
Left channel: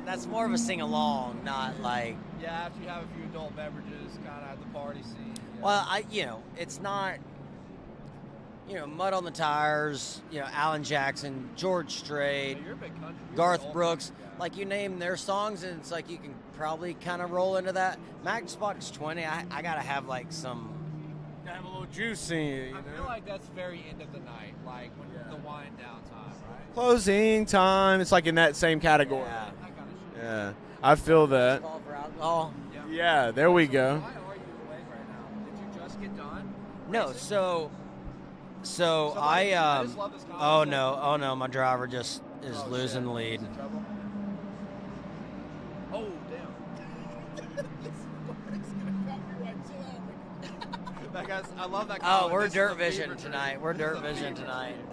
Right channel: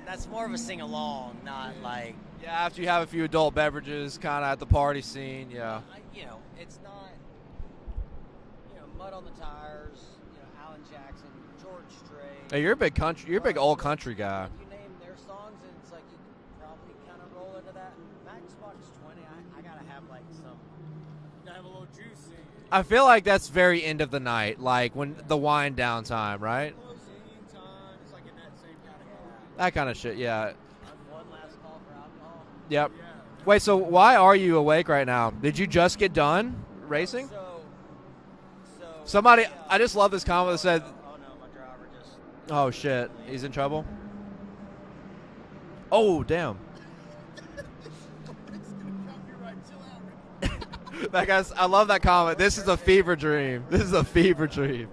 that's more of a sing-along, not like... Yeah, after you have a few adult beverages kind of at the party scene. Yeah. Well, it's not... Mud on the Tires, Alan Jackson, George Strait. Hey, you're a big country. You're a big old country guy. Like, you name their songs, and it's like you can probably kind of roll into that. Matchbox 20, I got to have, some... Have a little juicy. I feel like that's very end of the night, like when the wind down time, right? Closing time. It's like in that same category. Yeah. That kind of shit, yeah. I feel that. Yep. Yeah, there we go. So why are you awake right now? Did you just get done racing? No, so somebody, I just love this comment. Oh no, my driver just is losing shit. the lead. He's in trouble. Oh damn. That guy's, I love that comment. This is a fever dream. This is a fever dream.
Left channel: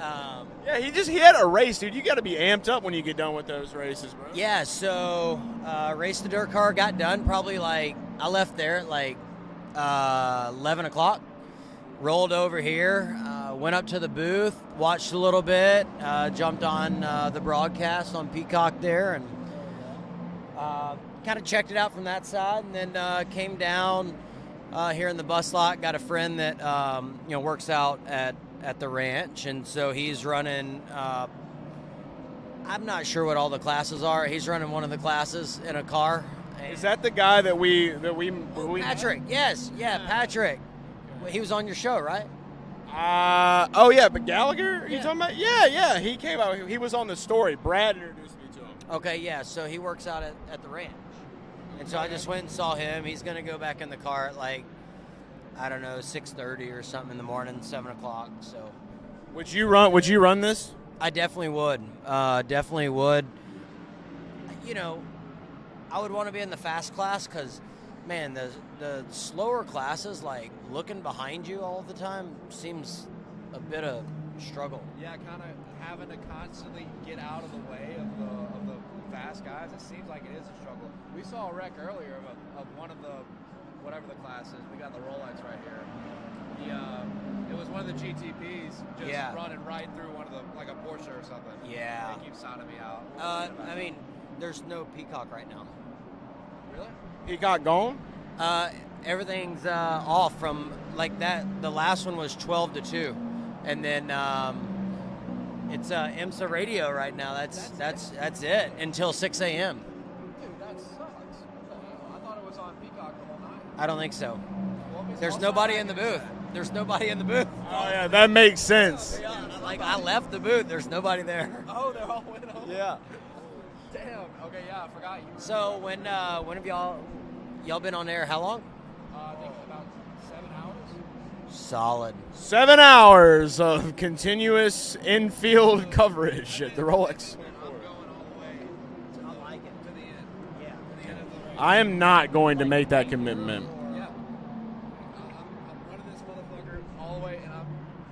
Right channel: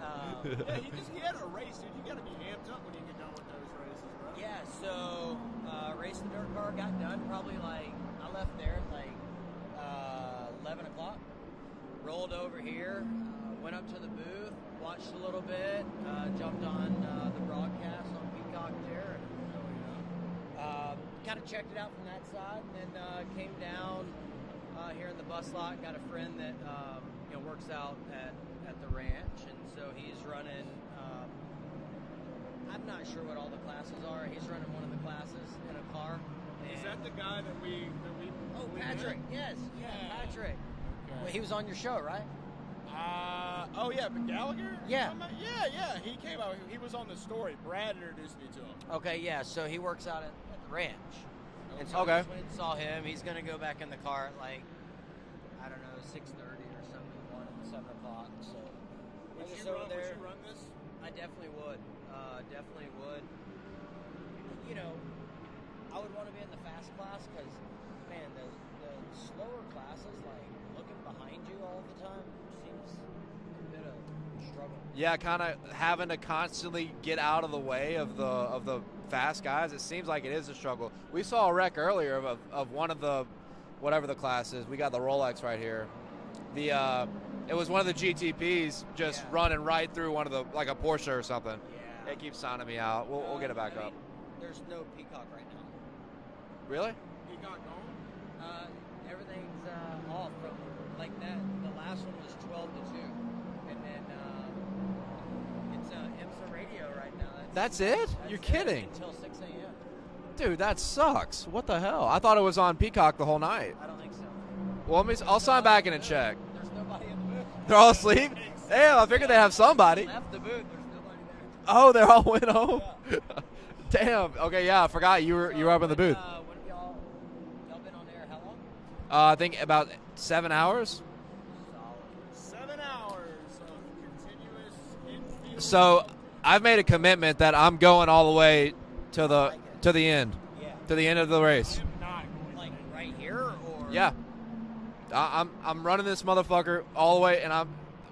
Yeah, he had a race, dude. You got to be amped up when you get done with those races, bro. Yeah, so raced the dirt car, got done probably I left there at 11 o'clock, rolled over here, went up to the booth, watched a little bit, jumped on the broadcast on Peacock there, and kind of checked it out from that side, and then came down here in the bus lot. Got a friend that works out at the ranch, and so he's running. I'm not sure what all the classes are. He's running one of the classes in a car. Is that the guy that we Patrick? Yes, yeah, Patrick. Well, he was on your show, right? But Gallagher? You talking about? Yeah. He came out. He was on the story. Brad introduced me to him. Okay, yeah. So he works out at the ranch, and so I just went and saw him. He's gonna go back in the car at 6:30 or something in the morning, 7 o'clock. So, would you run this? I definitely would. Definitely would. I would want to be in the fast class because, man, the slower classes, looking behind you all the time, seems a bit of struggle. Yeah, kind of having to constantly get out of the way of the fast guys. It seems like it is a struggle. We saw a wreck earlier of one of the whatever the class is. We got the Rolex right here. It was one of the GTPs just running right through one of the a Porsche or something. Yeah. They keep signing me out. We'll get it back. There's no Peacock right now. Really? Peacock gone? Everything's off from that. The last one was 12 to 2, and then it's IMSA radio right now. That's it. That's You're it kidding. until 6 a.m. Dude, that sucks. What the hell? I thought it was on Peacock the whole night. I don't think so. Well, I'll sign back in and check. There's nobody in the booth. They're all asleep. That makes sense. Yeah, I figured they have somebody. I left the booth. There's nobody there. Oh, they all went home? Yeah. Damn. Okay, yeah, I forgot you were up in the booth. When have y'all been on air? How long? I think about 7 hours. Solid. 7 hours of continuous infield coverage. I've made a at Rolex. commitment that I'm going all the way to the end. Yeah. To the end of the race. I am not going to make that commitment. Yeah. I'm running this motherfucker all the way, and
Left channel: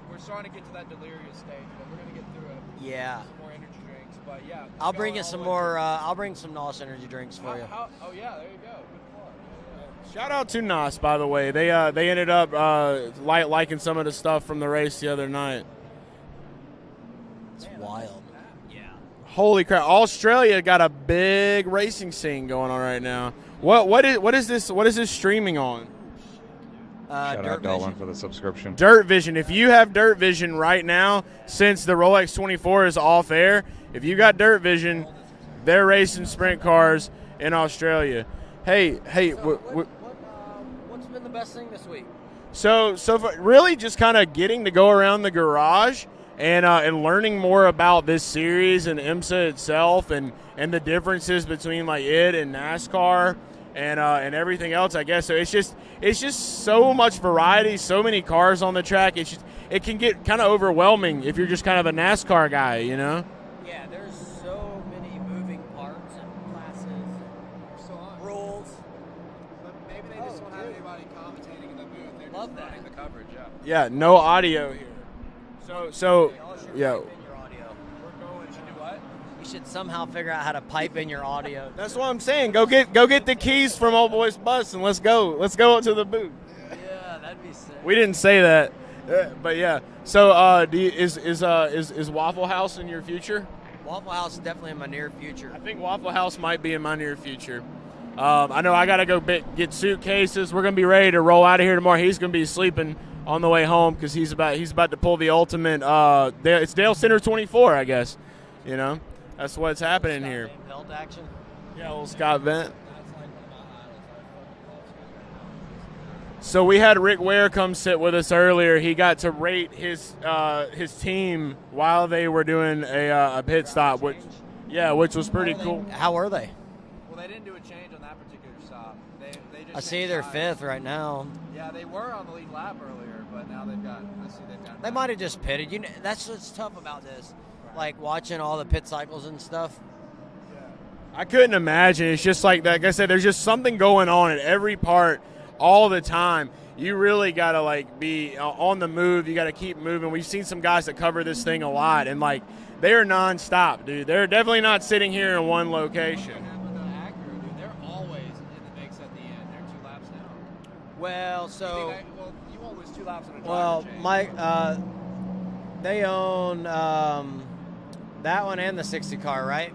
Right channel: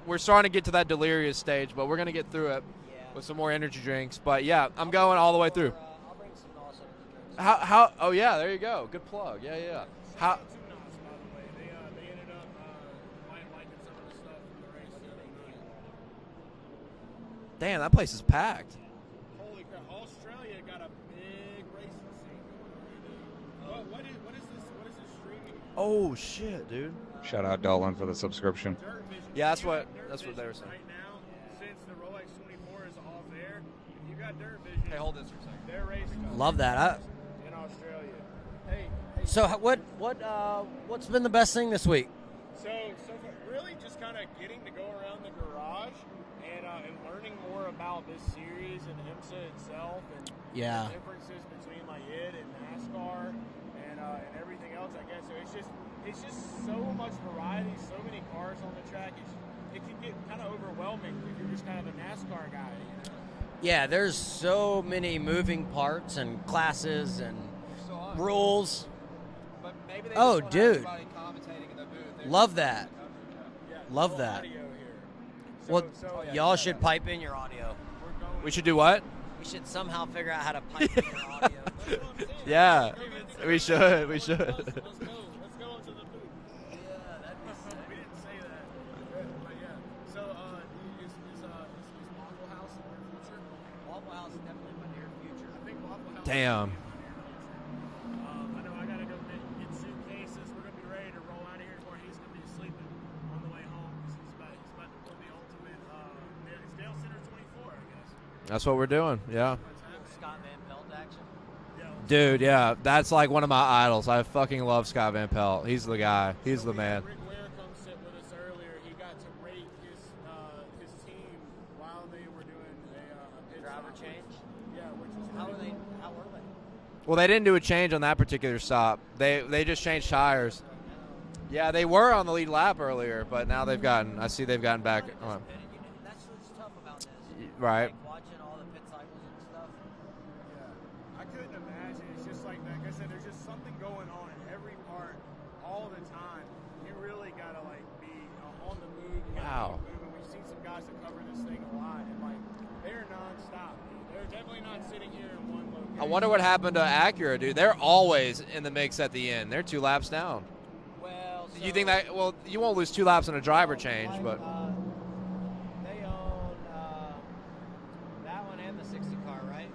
we're starting to get to that delirious stage, but we're gonna get through it. Yeah. With some more energy drinks, but yeah, I'll going bring all the way through. I'll bring some NOS energy drinks. Oh yeah, there you go. Good plug. Yeah. Shout out to NAS, by the way. They ended up liking some of the stuff from the race the other night. Damn, that place is packed. Yeah. Holy crap! Australia got a big racing scene going on right now. What is this streaming on? Oh shit, dude! Shout out Dolan for the subscription. Dirt Vision. Yeah, If you have Dirt Vision right now, since the Rolex 24 is off air, if you got Dirt Vision, they're racing sprint cars in Australia. Hey. So what's been the best thing this week? So far, really just kind of getting to go around the garage and learning more about this series and IMSA itself and the differences between like it and NASCAR and everything else, I guess. So it's just so much variety, so many cars on the track. It can get kind of overwhelming if you're just kind of a NASCAR guy, you know? Yeah, there's so many moving parts and classes and rules. Oh, dude. Love that. Yeah, Love no that. audio here. So y'all should yeah. pipe in your audio. We should do what? We should somehow figure out how to pipe in your audio. That's what I'm saying. Yeah. Go get the keys from Old Boys Bus and let's go up to the booth. Yeah, that'd be sick. We didn't say that, but yeah. So is Waffle House in your future? Waffle House is definitely in my near future. I think Waffle House Damn. might be in my near future. I know I gotta go get suitcases. We're gonna be ready to roll out of here tomorrow. He's gonna be sleeping on the way home because he's about to pull the ultimate. It's Dalescenter 24, I guess. That's what we're doing. Yeah. That's what's happening here. Belt action. Yeah, old Dude, Scott yeah, Bennett. that's like one of my idols. I fucking love Scott Van Pelt. He's the guy. So we had Rick Ware come sit with us earlier. He got to rate his team while they were doing a pit stop, which was pretty cool. How were they? Well, they didn't do a change on that particular stop. They just I changed see they're tires. fifth right now. Yeah, they were on the lead lap earlier, but now they've gotten They back. might have just pitted. You know, that's what's tough about this. Right. Like watching all the pit cycles and stuff. I couldn't imagine. It's just like I said, there's just something going on at every part all the time. You really got to like be on the move. You got to keep moving. We've seen some guys that cover this thing a lot, and like they are nonstop, dude. They're definitely not sitting here in one location. I wonder what happened to Acura, dude. They're always in the mix at the end. They're 2 laps down. Well, so You think that? Well, you won't lose 2 laps on a driver change. but- they own that one and the 60 car, right?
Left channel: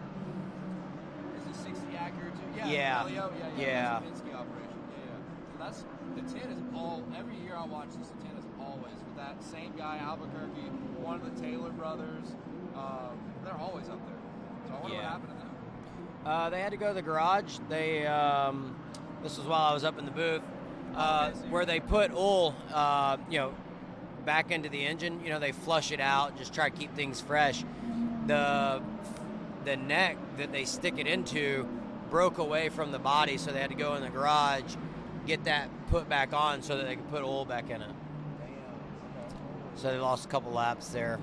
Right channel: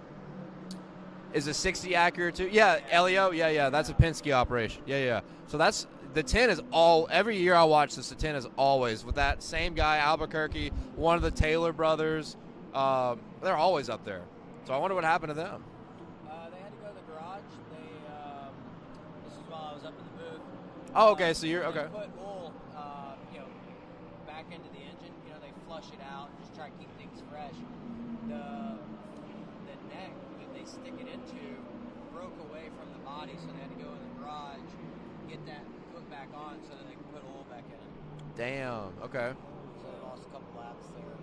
Is a 60 Acura too? Yeah, Yeah. Elio. Yeah. That's a Penske operation. Yeah. So that's the 10 is all. Every year I watch this, the 10 is always with that same guy, Albuquerque, one of the Taylor brothers. They're always up there. So I wonder what happened to them. They had to go to the garage. They this was while I was up in the booth. Oh, okay. So where they put oil, back into the engine. You know, they flush it out, just try to keep things fresh. The neck that they stick it into broke away from the body, so they had to go in the garage, get that put back on so that they could put oil back in it. Damn. Okay. So they lost a couple laps there.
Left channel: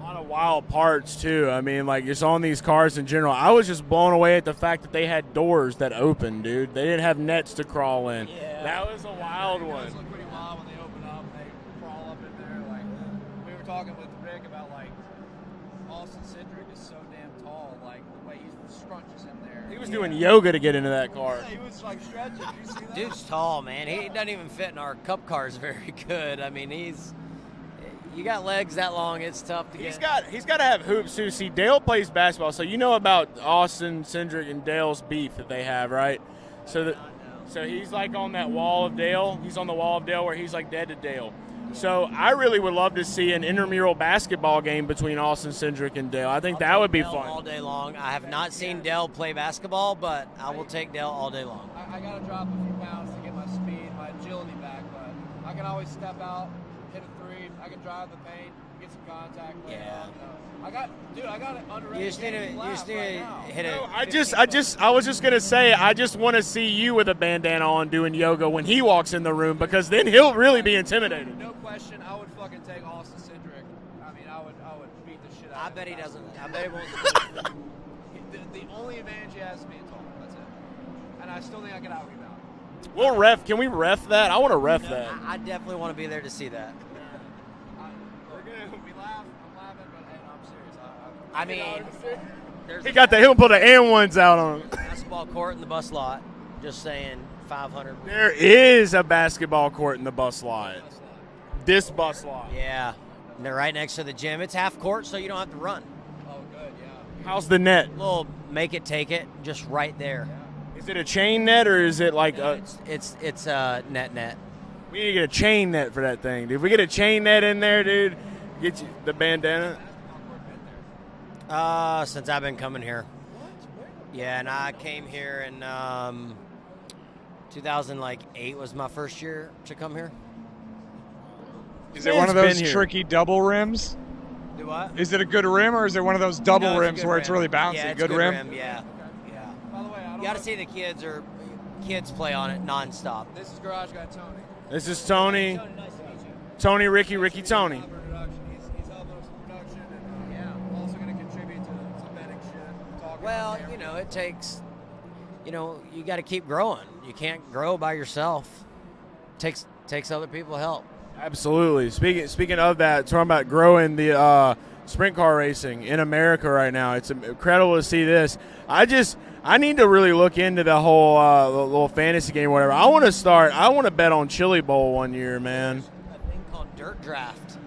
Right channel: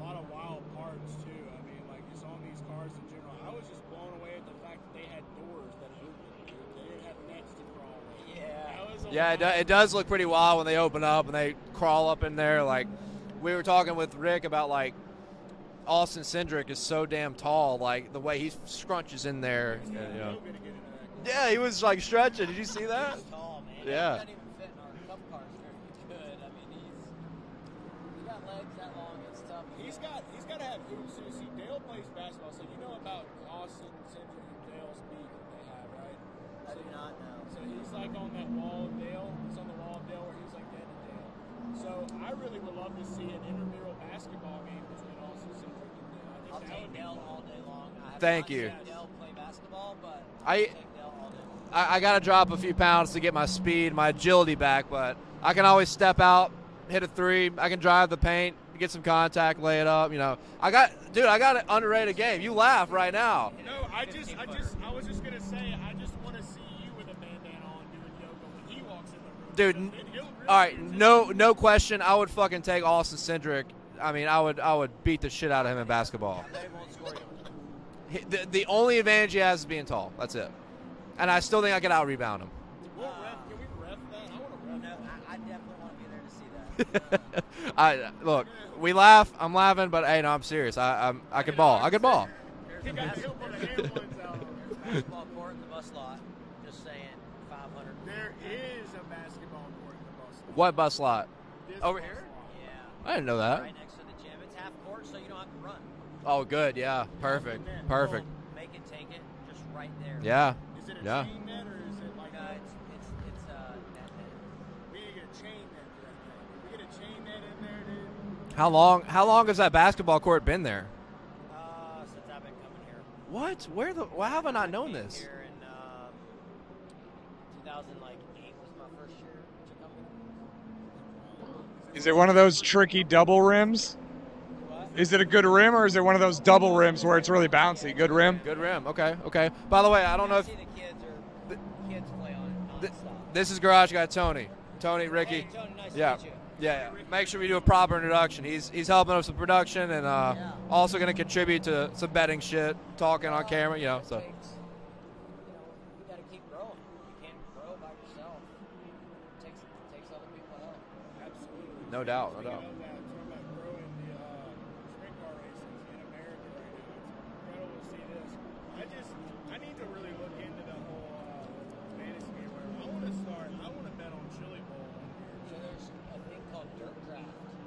A lot of wild parts too. I mean, like just on these cars in general. I was just blown away at the fact that they had doors that opened, dude. They didn't have nets to crawl in. Yeah. That was It does look pretty wild when they open up and they crawl up in there. Like we were talking with Rick about like Austin Cindric is so damn tall. Like the way he scrunches in there. He was doing yoga to get into that car. Yeah, he was like stretching. Did you see that? Dude's tall, man. Yeah. He doesn't even fit in our cup cars very good. I mean, you got legs that long, it's tough to get. He's got to have hoops too. See, Dale plays basketball, so you know about Austin Cindric and Dale's beef that they have, right? So he's like on that wall of Dale. He's on the wall of Dale where he's like dead to Dale. So I really would love to see an intramural basketball game between Austin Cindric and Dale. I think that would be Dale fun. all day long. I have Thank not you. seen Dale play basketball, but I will take Dale all day long. I got to drop a few pounds to get my speed, my agility back, but I can always step out, hit a 3. I can drive the paint, get some contact, lay it up. You know, I got an underrated game. You laugh right now. I was just gonna say, I just want to see you with a bandana on doing yoga when he walks in the room, Dude, because then he'll really be intimidated. No question. I would fucking take Austin Cindric. I mean, I would beat the shit out of him in basketball. The only advantage he has is being tall. That's it. And I still think I could out-rebound him. We'll ref. Can we ref that? I want to ref that. I definitely want to be there to see that. Look, we laugh. I'm laughing, but hey, no, I'm serious. I can ball. I can ball. He'll put the and ones out on him. Basketball court in the bus lot. Just saying, 500. There is a basketball court in the bus lot. What bus lot? This bus lot. Yeah. I didn't know They're that. right next to the gym. It's half court, so you don't have to run. Oh, good. Yeah. How's the net? Perfect. Well, make it, take it, just right there. Yeah. Is it a chain net or is it like a? It's net. We need to get a chain net for that thing, dude. If we get a chain net in there, dude. How long has that basketball court been there? Since I've been coming here. What? Why Yeah, haven't and I I known came this? here in 2008 was my first year to come here. Is it one of those been here. tricky double rims? Do what? Is it a good rim, or is it one of those double No, it's a rims good where it's rim. really bouncy? Yeah, it's a good rim? Good Yeah. rim. Okay. By the way, I You don't know gotta if see the kids play on it nonstop. this is Garage Guy Tony. This is Tony. Tony, nice to Yeah. meet you. Tony, Ricky, Make Ricky, sure we do a Tony. proper introduction. He's helping us with production and also going to contribute to some betting shit, talking on Well, camera. you know, it takes, you got to keep growing. You can't grow by yourself. Takes other people help. Absolutely. Speaking of that, talking about growing the sprint car racing in America right now, it's incredible to see this. I need to really look into the whole little fantasy game, or whatever. I want to bet on Chili Bowl one year, man. A thing called Dirt Draft.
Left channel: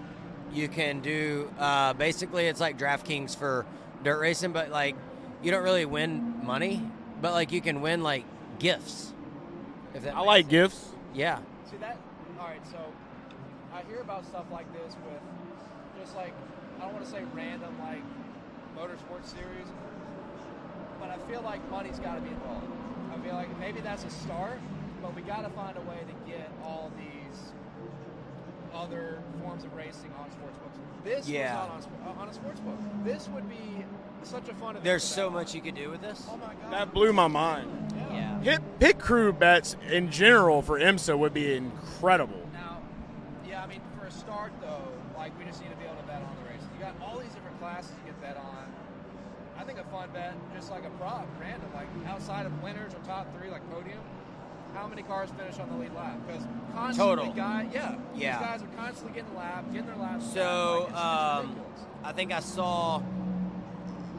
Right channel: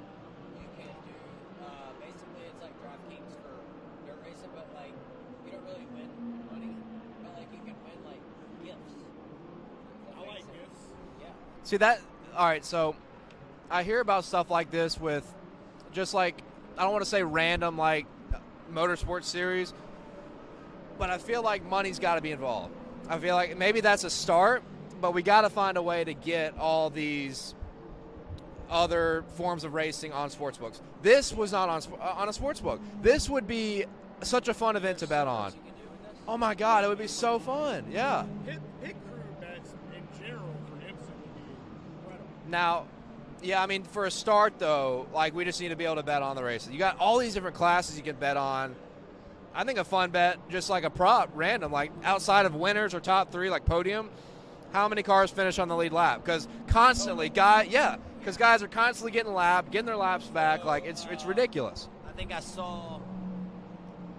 You can do basically it's like DraftKings for dirt racing, but like you don't really win money, but like you can win like gifts. I like gifts. Yeah. See that? All right, so I hear about stuff like this with just like, I don't want to say random like motorsports series, but I feel like money's got to be involved. I feel like maybe that's a start, but we got to find a way to get all these other forms of racing on sportsbooks. This was not on a sportsbook. This would be such a fun event There's to bet so on. much you could do with this. Oh my God, That it would blew be my so mind. fun. Yeah. Pit crew bets in general for IMSA would be incredible. Now, yeah, I mean, for a start, though, like, we just need to be able to bet on the races. You got all these different classes you can bet on. I think a fun bet, just like a prop, random, like outside of winners or top three, like podium, how many cars finish on the lead lap? Because constantly, because guys are constantly getting their laps back. Like, it's ridiculous. I think I saw,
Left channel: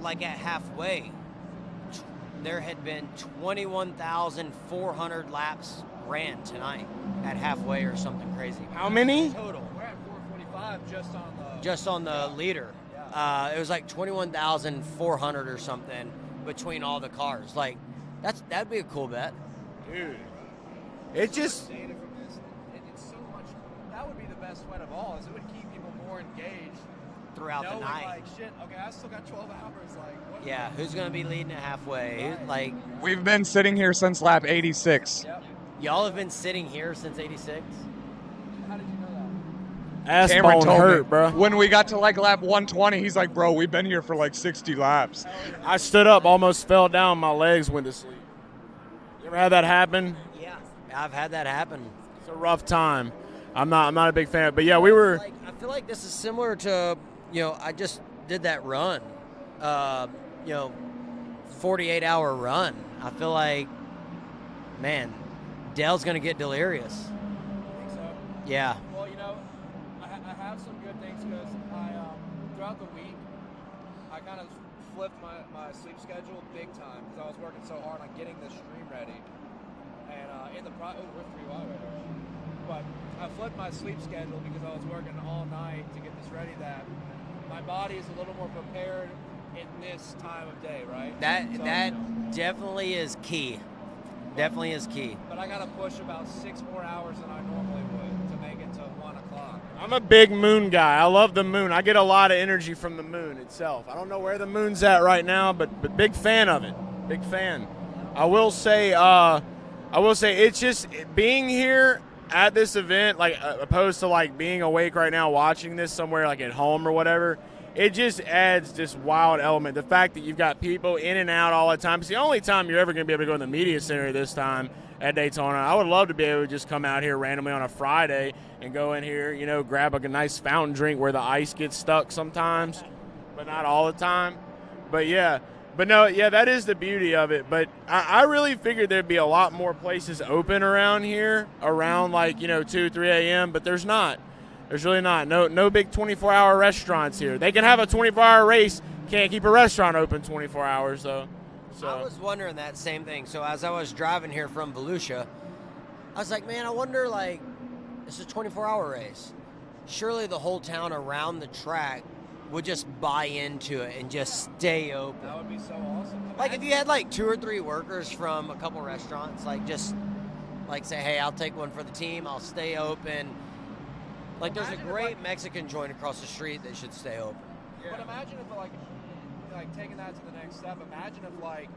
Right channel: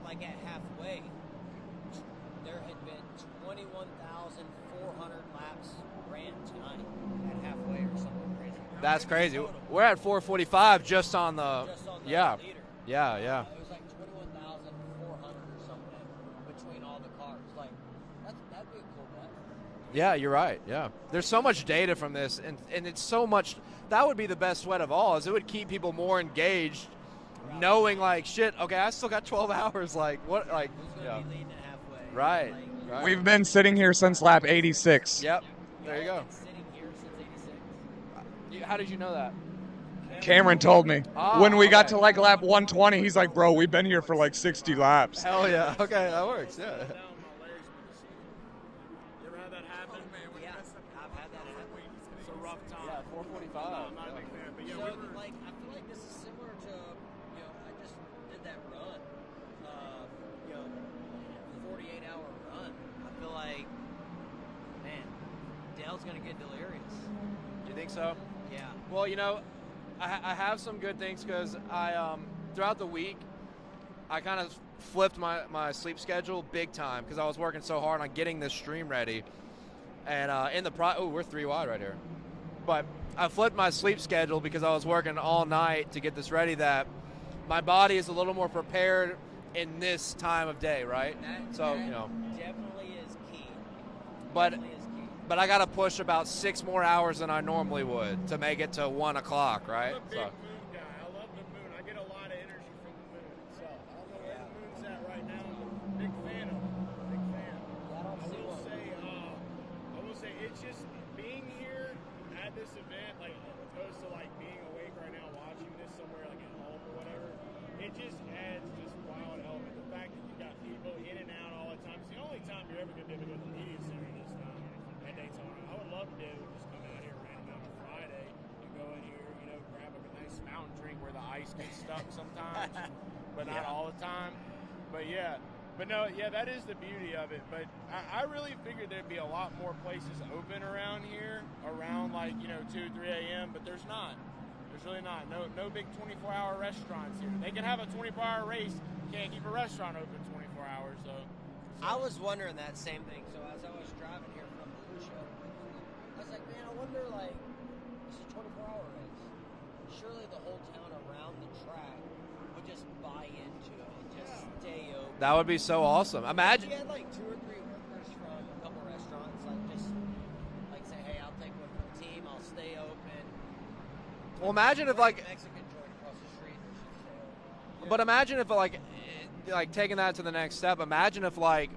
like at halfway, there had been 21,400 laps ran tonight at halfway or something crazy. How many? Crazy. We're at 445 just on the leader. Yeah. It was like 21,400 or something between all the cars. Like that'd be a cool bet. Yeah, you're right. Yeah. There's so much data from this, and it's so much. That would be the best sweat of all, is it would keep people more engaged throughout knowing the night. like, shit, okay, I still got 12 hours. Like, what? Yeah, like, who's going to be leading at halfway? Right. Like, We've been sitting here since lap 86. Yep. y'all have been sitting here since 86? How did you know that? Cameron told me, bro. when we got to like lap 120, he's like, bro, we've been here for like 60 laps. Hell yeah. I stood up, almost fell down, my legs went to sleep. You ever had that happen? Yeah, I've had that happen. It's a rough time. I'm not a big fan, but yeah, we were. I feel like this is similar to, I just did that run, 48-hour run. I feel like, man, Dale's gonna get delirious. You think so? Yeah. Well, I have some good things because I throughout the week I kind of flipped my sleep schedule big time because I was working so hard on getting this stream ready, and we're 3 wide right here, but I flipped my sleep schedule because I was working all night to get this ready. That my body is a little more prepared in this time of day, right? That definitely is key. Definitely is key. But I got to push about 6 more hours than I normally would to make it to 1 o'clock, right? I'm a big moon guy. I love the moon. I get a lot of energy from the moon itself. I don't know where the moon's at right now, but big fan of it. Big fan. I will say it's just being here at this event, like opposed to like being awake right now watching this somewhere like at home or whatever, it just adds this wild element. The fact that you've got people in and out all the time. It's the only time you're ever going to be able to go in the media center this time at Daytona. I would love to be able to just come out here randomly on a Friday and go in here, you know, grab a nice fountain drink where the ice gets stuck sometimes, but not all the time. But yeah. But no, yeah, that is the beauty of it. But I really figured there'd be a lot more places open around here around like, you know, 2, 3 a.m., but there's not. There's really not. No big 24-hour restaurants here. They can have a 24-hour race, can't keep a restaurant open 24 hours, though. So. I was wondering that same thing. So as I was driving here from Volusia, I was like, man, I wonder, like, it's a 24-hour race. Surely the whole town around the track would just buy into it and just stay open. That would be so awesome. Imagine Imagine if you had like 2 or 3 workers from a couple restaurants, like just like say, hey, I'll take one for the team, I'll stay open. Like, well, imagine if like Mexican joint across the street, they should stay open. But imagine if like taking that to the next step. Imagine if like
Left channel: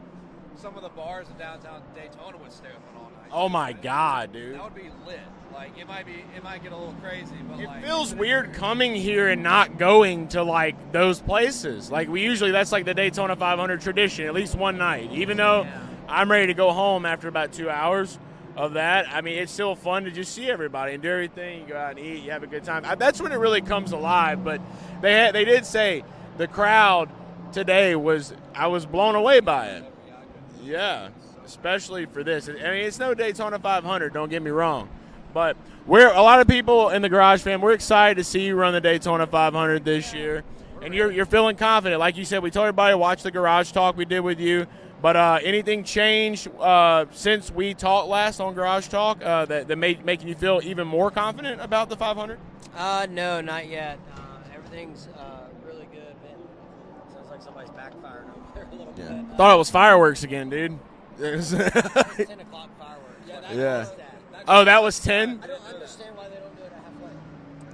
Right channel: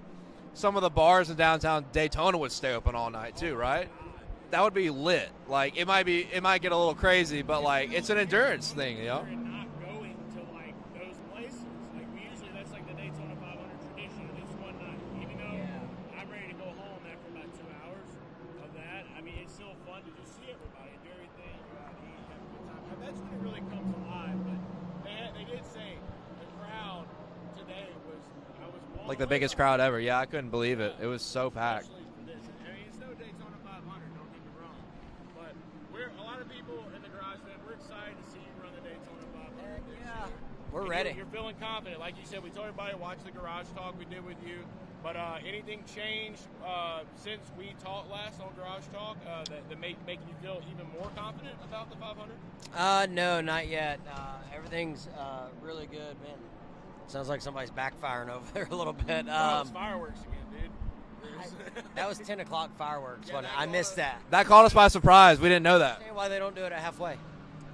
some of the bars in downtown Daytona would stay open all night. Oh too, my right? God, dude! That would be lit. Like it might get a little crazy, but like feels it's an weird endurance coming thing, here and not going to like those places. Like we usually, that's like the Daytona 500 tradition, at least one night. Even though I'm ready to go home after about 2 hours of that, I mean, it's still fun to just see everybody and do everything. You go out and eat, you have a good time. That's when it really comes alive. But they did say the crowd today I was blown away by the biggest crowd ever. Yeah, I couldn't believe it. It was so especially for this. I mean, it's no Daytona 500. Don't get me wrong, but we're a lot of people in the Garage Fam. We're excited to see you run the Daytona 500 this year, and you're feeling confident. Like you said, we told everybody to watch the Garage Talk we did with you. But anything changed since we talked last on Garage Talk that making you feel even more confident about the 500? No, not yet. Everything's really good. Sounds like somebody's backfiring over there a little bit. Thought it was fireworks again, dude. That was 10 o'clock fireworks. I missed that. That caught us by surprise. 10? We didn't know that. I understand why they don't do it at halfway.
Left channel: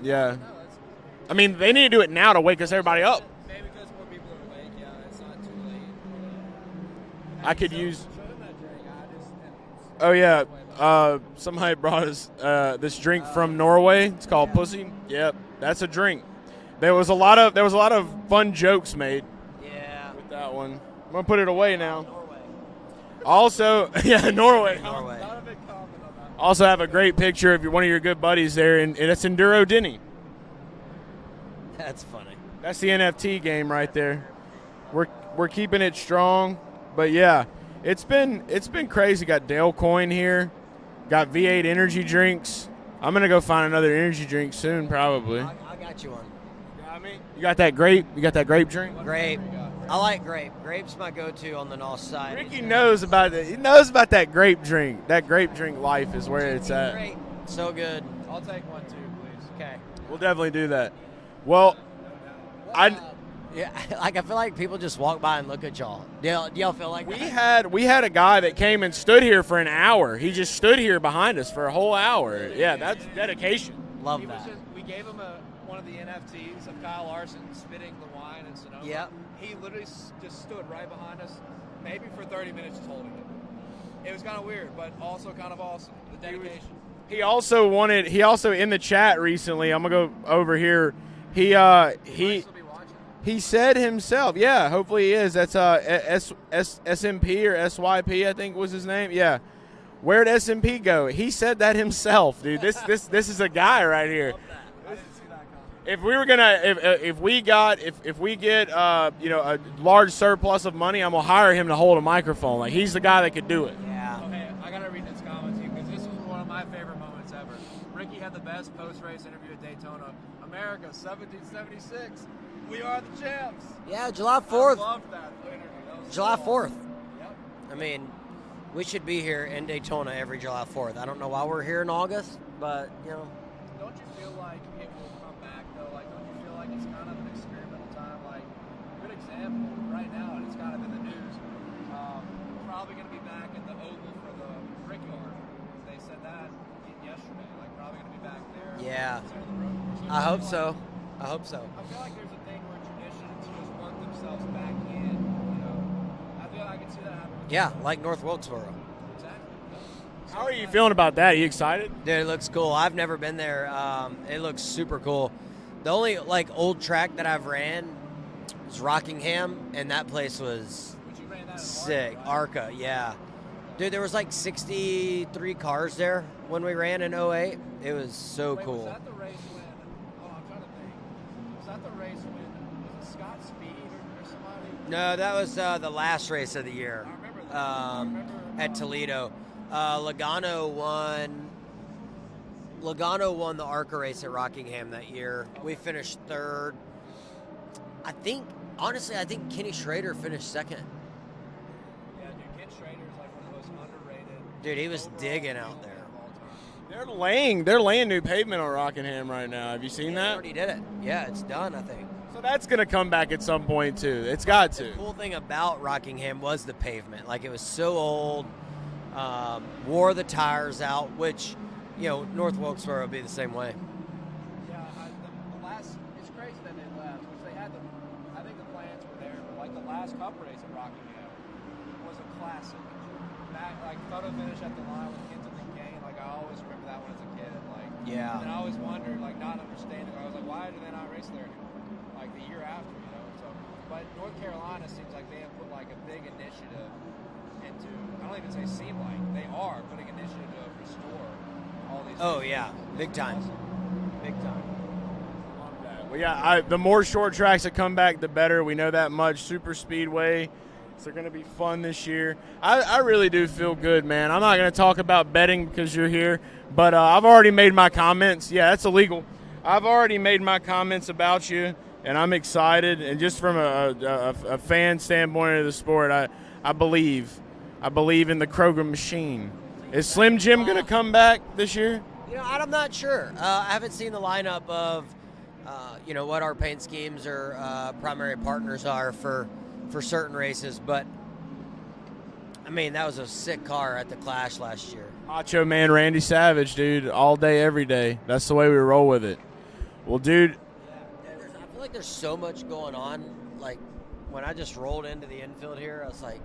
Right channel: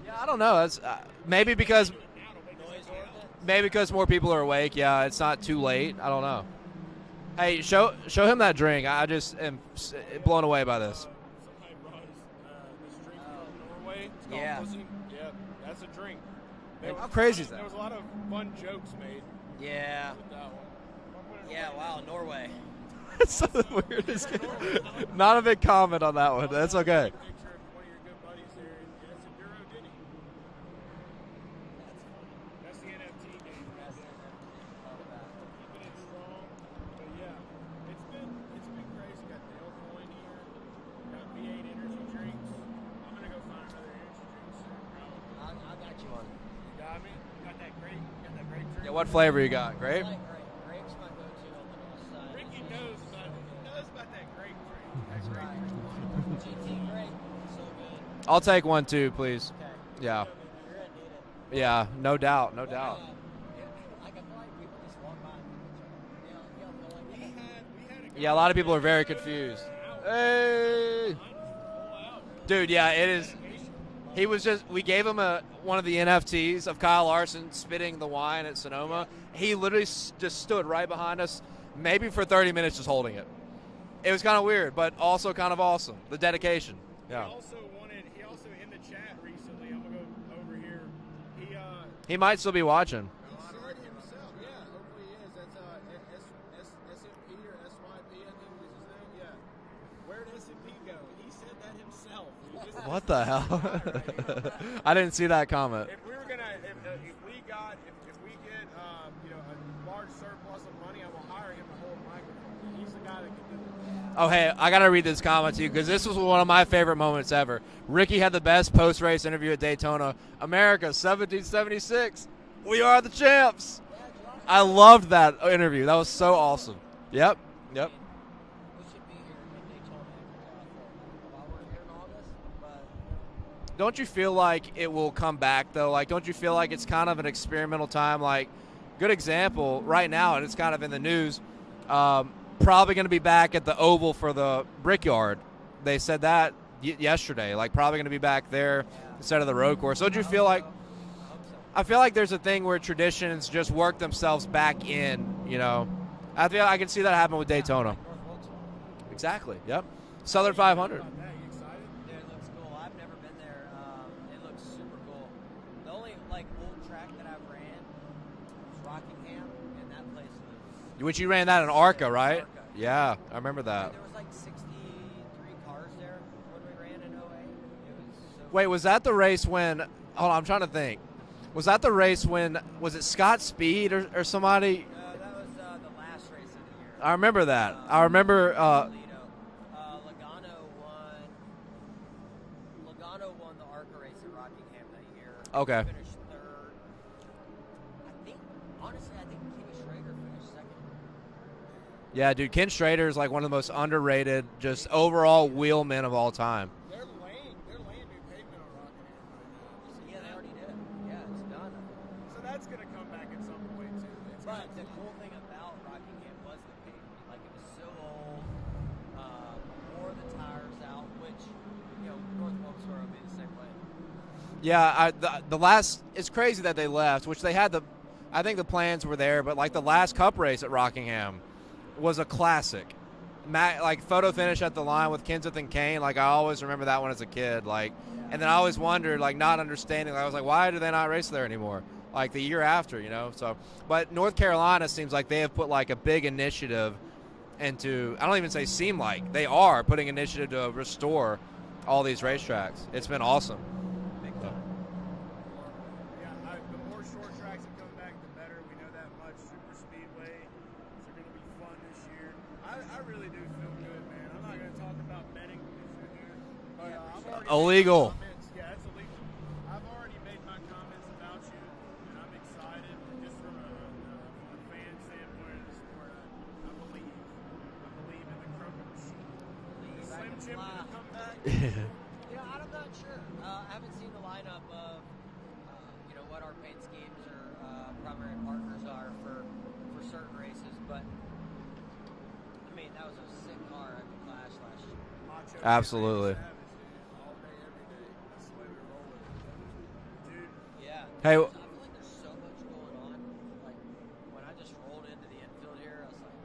Yeah. I don't know. That's. I mean, they need to do it now to wake us everybody up. Maybe because more people are awake. Yeah, it's not too late. I don't know. Hey, show him that drink. I just am blown away by this. Somebody brought us this drink from Norway. It's called Pussy. Yep, that's a drink. There was a lot of fun jokes made. Yeah. With that one, I'm gonna put it away now. Norway. Also, Norway. Not a big comment on that one. Also have a great picture of one of your good buddies there, and it's Enduro Denny. That's funny. That's the NFT game right there. We're keeping it strong. But yeah, it's been crazy. Got Dale Coin here, got V8 energy drinks. I'm gonna go find another energy drink soon, probably. I got you one. You got that grape? You got that grape drink? What flavor you got? Grape? I like grape. Grape's my go-to on the north side. Ricky knows about it. He knows about that grape drink. That grape drink life is where it's at. Great. So good. I'll take one too, please. Okay. Yeah. We'll definitely do that. Well, yeah, no doubt. No doubt. Yeah, like I feel like people just walk by and look at y'all. Do y'all feel like we had a guy that came and stood here for an hour. He just stood here behind us for a whole hour. Dude, that's it is dedication. He was we gave him one of the NFTs of Kyle Larson spitting the wine at Sonoma. Yep. He literally just stood right behind us, maybe for 30 minutes, just holding it. It was kind of weird, but also kind of awesome. The dedication. He also in the chat recently. I'm gonna go over here. He might still be watching. He said himself, yeah, hopefully he is. That's SMP or SYP, I think was his name. Yeah. Where'd SMP go? He said that himself, dude. This is a guy right here. I didn't see that comment. If we were gonna if we get a large surplus of money, I'm gonna hire him to hold a microphone. Like he's the guy that could do it. Yeah. Oh hey, I gotta read this comment to you because this was one of my favorite moments ever. Ricky had the best post-race interview at Daytona. America, 1776. We are the champs. Yeah, July 4th. I loved that interview. That was July so 4th. awesome. Yep. I mean, we should be here in Daytona every July 4th. I don't know why we're here in August, but, Don't you feel like it will come back, though? Like, don't you feel like it's kind of an experimental time? Like, good example right now, and it's kind of in the news, probably going to be back at the Oval for the Brickyard. They said that yesterday. Like, probably going to be back there instead of the road course. Don't you feel like? I hope so. I feel like there's a thing where traditions just work themselves back in. I feel I can see that happen with Daytona. Yeah, like North Wilkesboro. Exactly. Yep. Southern How are you 500. feeling about that? You excited? Dude, it looks cool. I've never been there. It looks super cool. The only like old track that I've ran was Rockingham, and that place was. Which you ran that in ARCA, sick. right? ARCA, yeah. I remember that. Dude, there was like 63 cars there when we ran in 08. It was so Wait, cool. was that the race when? Hold on, I'm trying to think. Was that the race when? Was it Scott Speed or somebody? No, that was the last race of the year. I remember that. I remember. At Toledo. Logano won the ARCA race at Rockingham that year. Okay. We finished third. Honestly, I think Kenny Schrader finished second. Yeah, dude, Ken Schrader is like one of the most underrated, Dude, just he was overall digging out wheelmen of all time. They're laying new pavement on Rockingham right now. Have you seen They that? already did it. Yeah, it's done, I think. So that's gonna come back at some point too. It's got to. The cool thing about Rockingham was the pavement. Like, it was so old, wore the tires out, which, North Wilkesboro would be the same way. Yeah, the last, it's crazy that they left, which they had I think the plans were there, but like the last Cup race at Rockingham was a classic. Like photo finish at the line with Kenseth and Kane, like I always remember that one as a kid. Like, yeah. And then I always wondered, like not understanding, I was like, why do they not race there anymore? Like the year after, So, but North Carolina seems like they have put like a big initiative into. I don't even say seem like they are putting initiative to restore all these racetracks. Yeah. It's Big been time. awesome. Big time. Well, yeah, the more short tracks that come back, the better. We know that much. Super Speedway, they're going to be fun this year. I really do feel good, man. I'm not going to talk about betting because you're here, but I've already made my comments. Yeah, that's illegal. I've already made my comments about you, and I'm excited. And just from a fan standpoint of the sport, I believe in the Kroger machine. Is Slim Jim going to come back this year? I'm not sure. I haven't seen the lineup of, what our paint schemes or primary partners are for certain races, but I mean, that was a sick car at the Clash last year. Macho Man Randy Savage, dude, all day, every day. That's the way we roll with it. Well, dude. Yeah. Hey, I feel like there's so much going on. Like, when I just rolled into the infield here, I was like,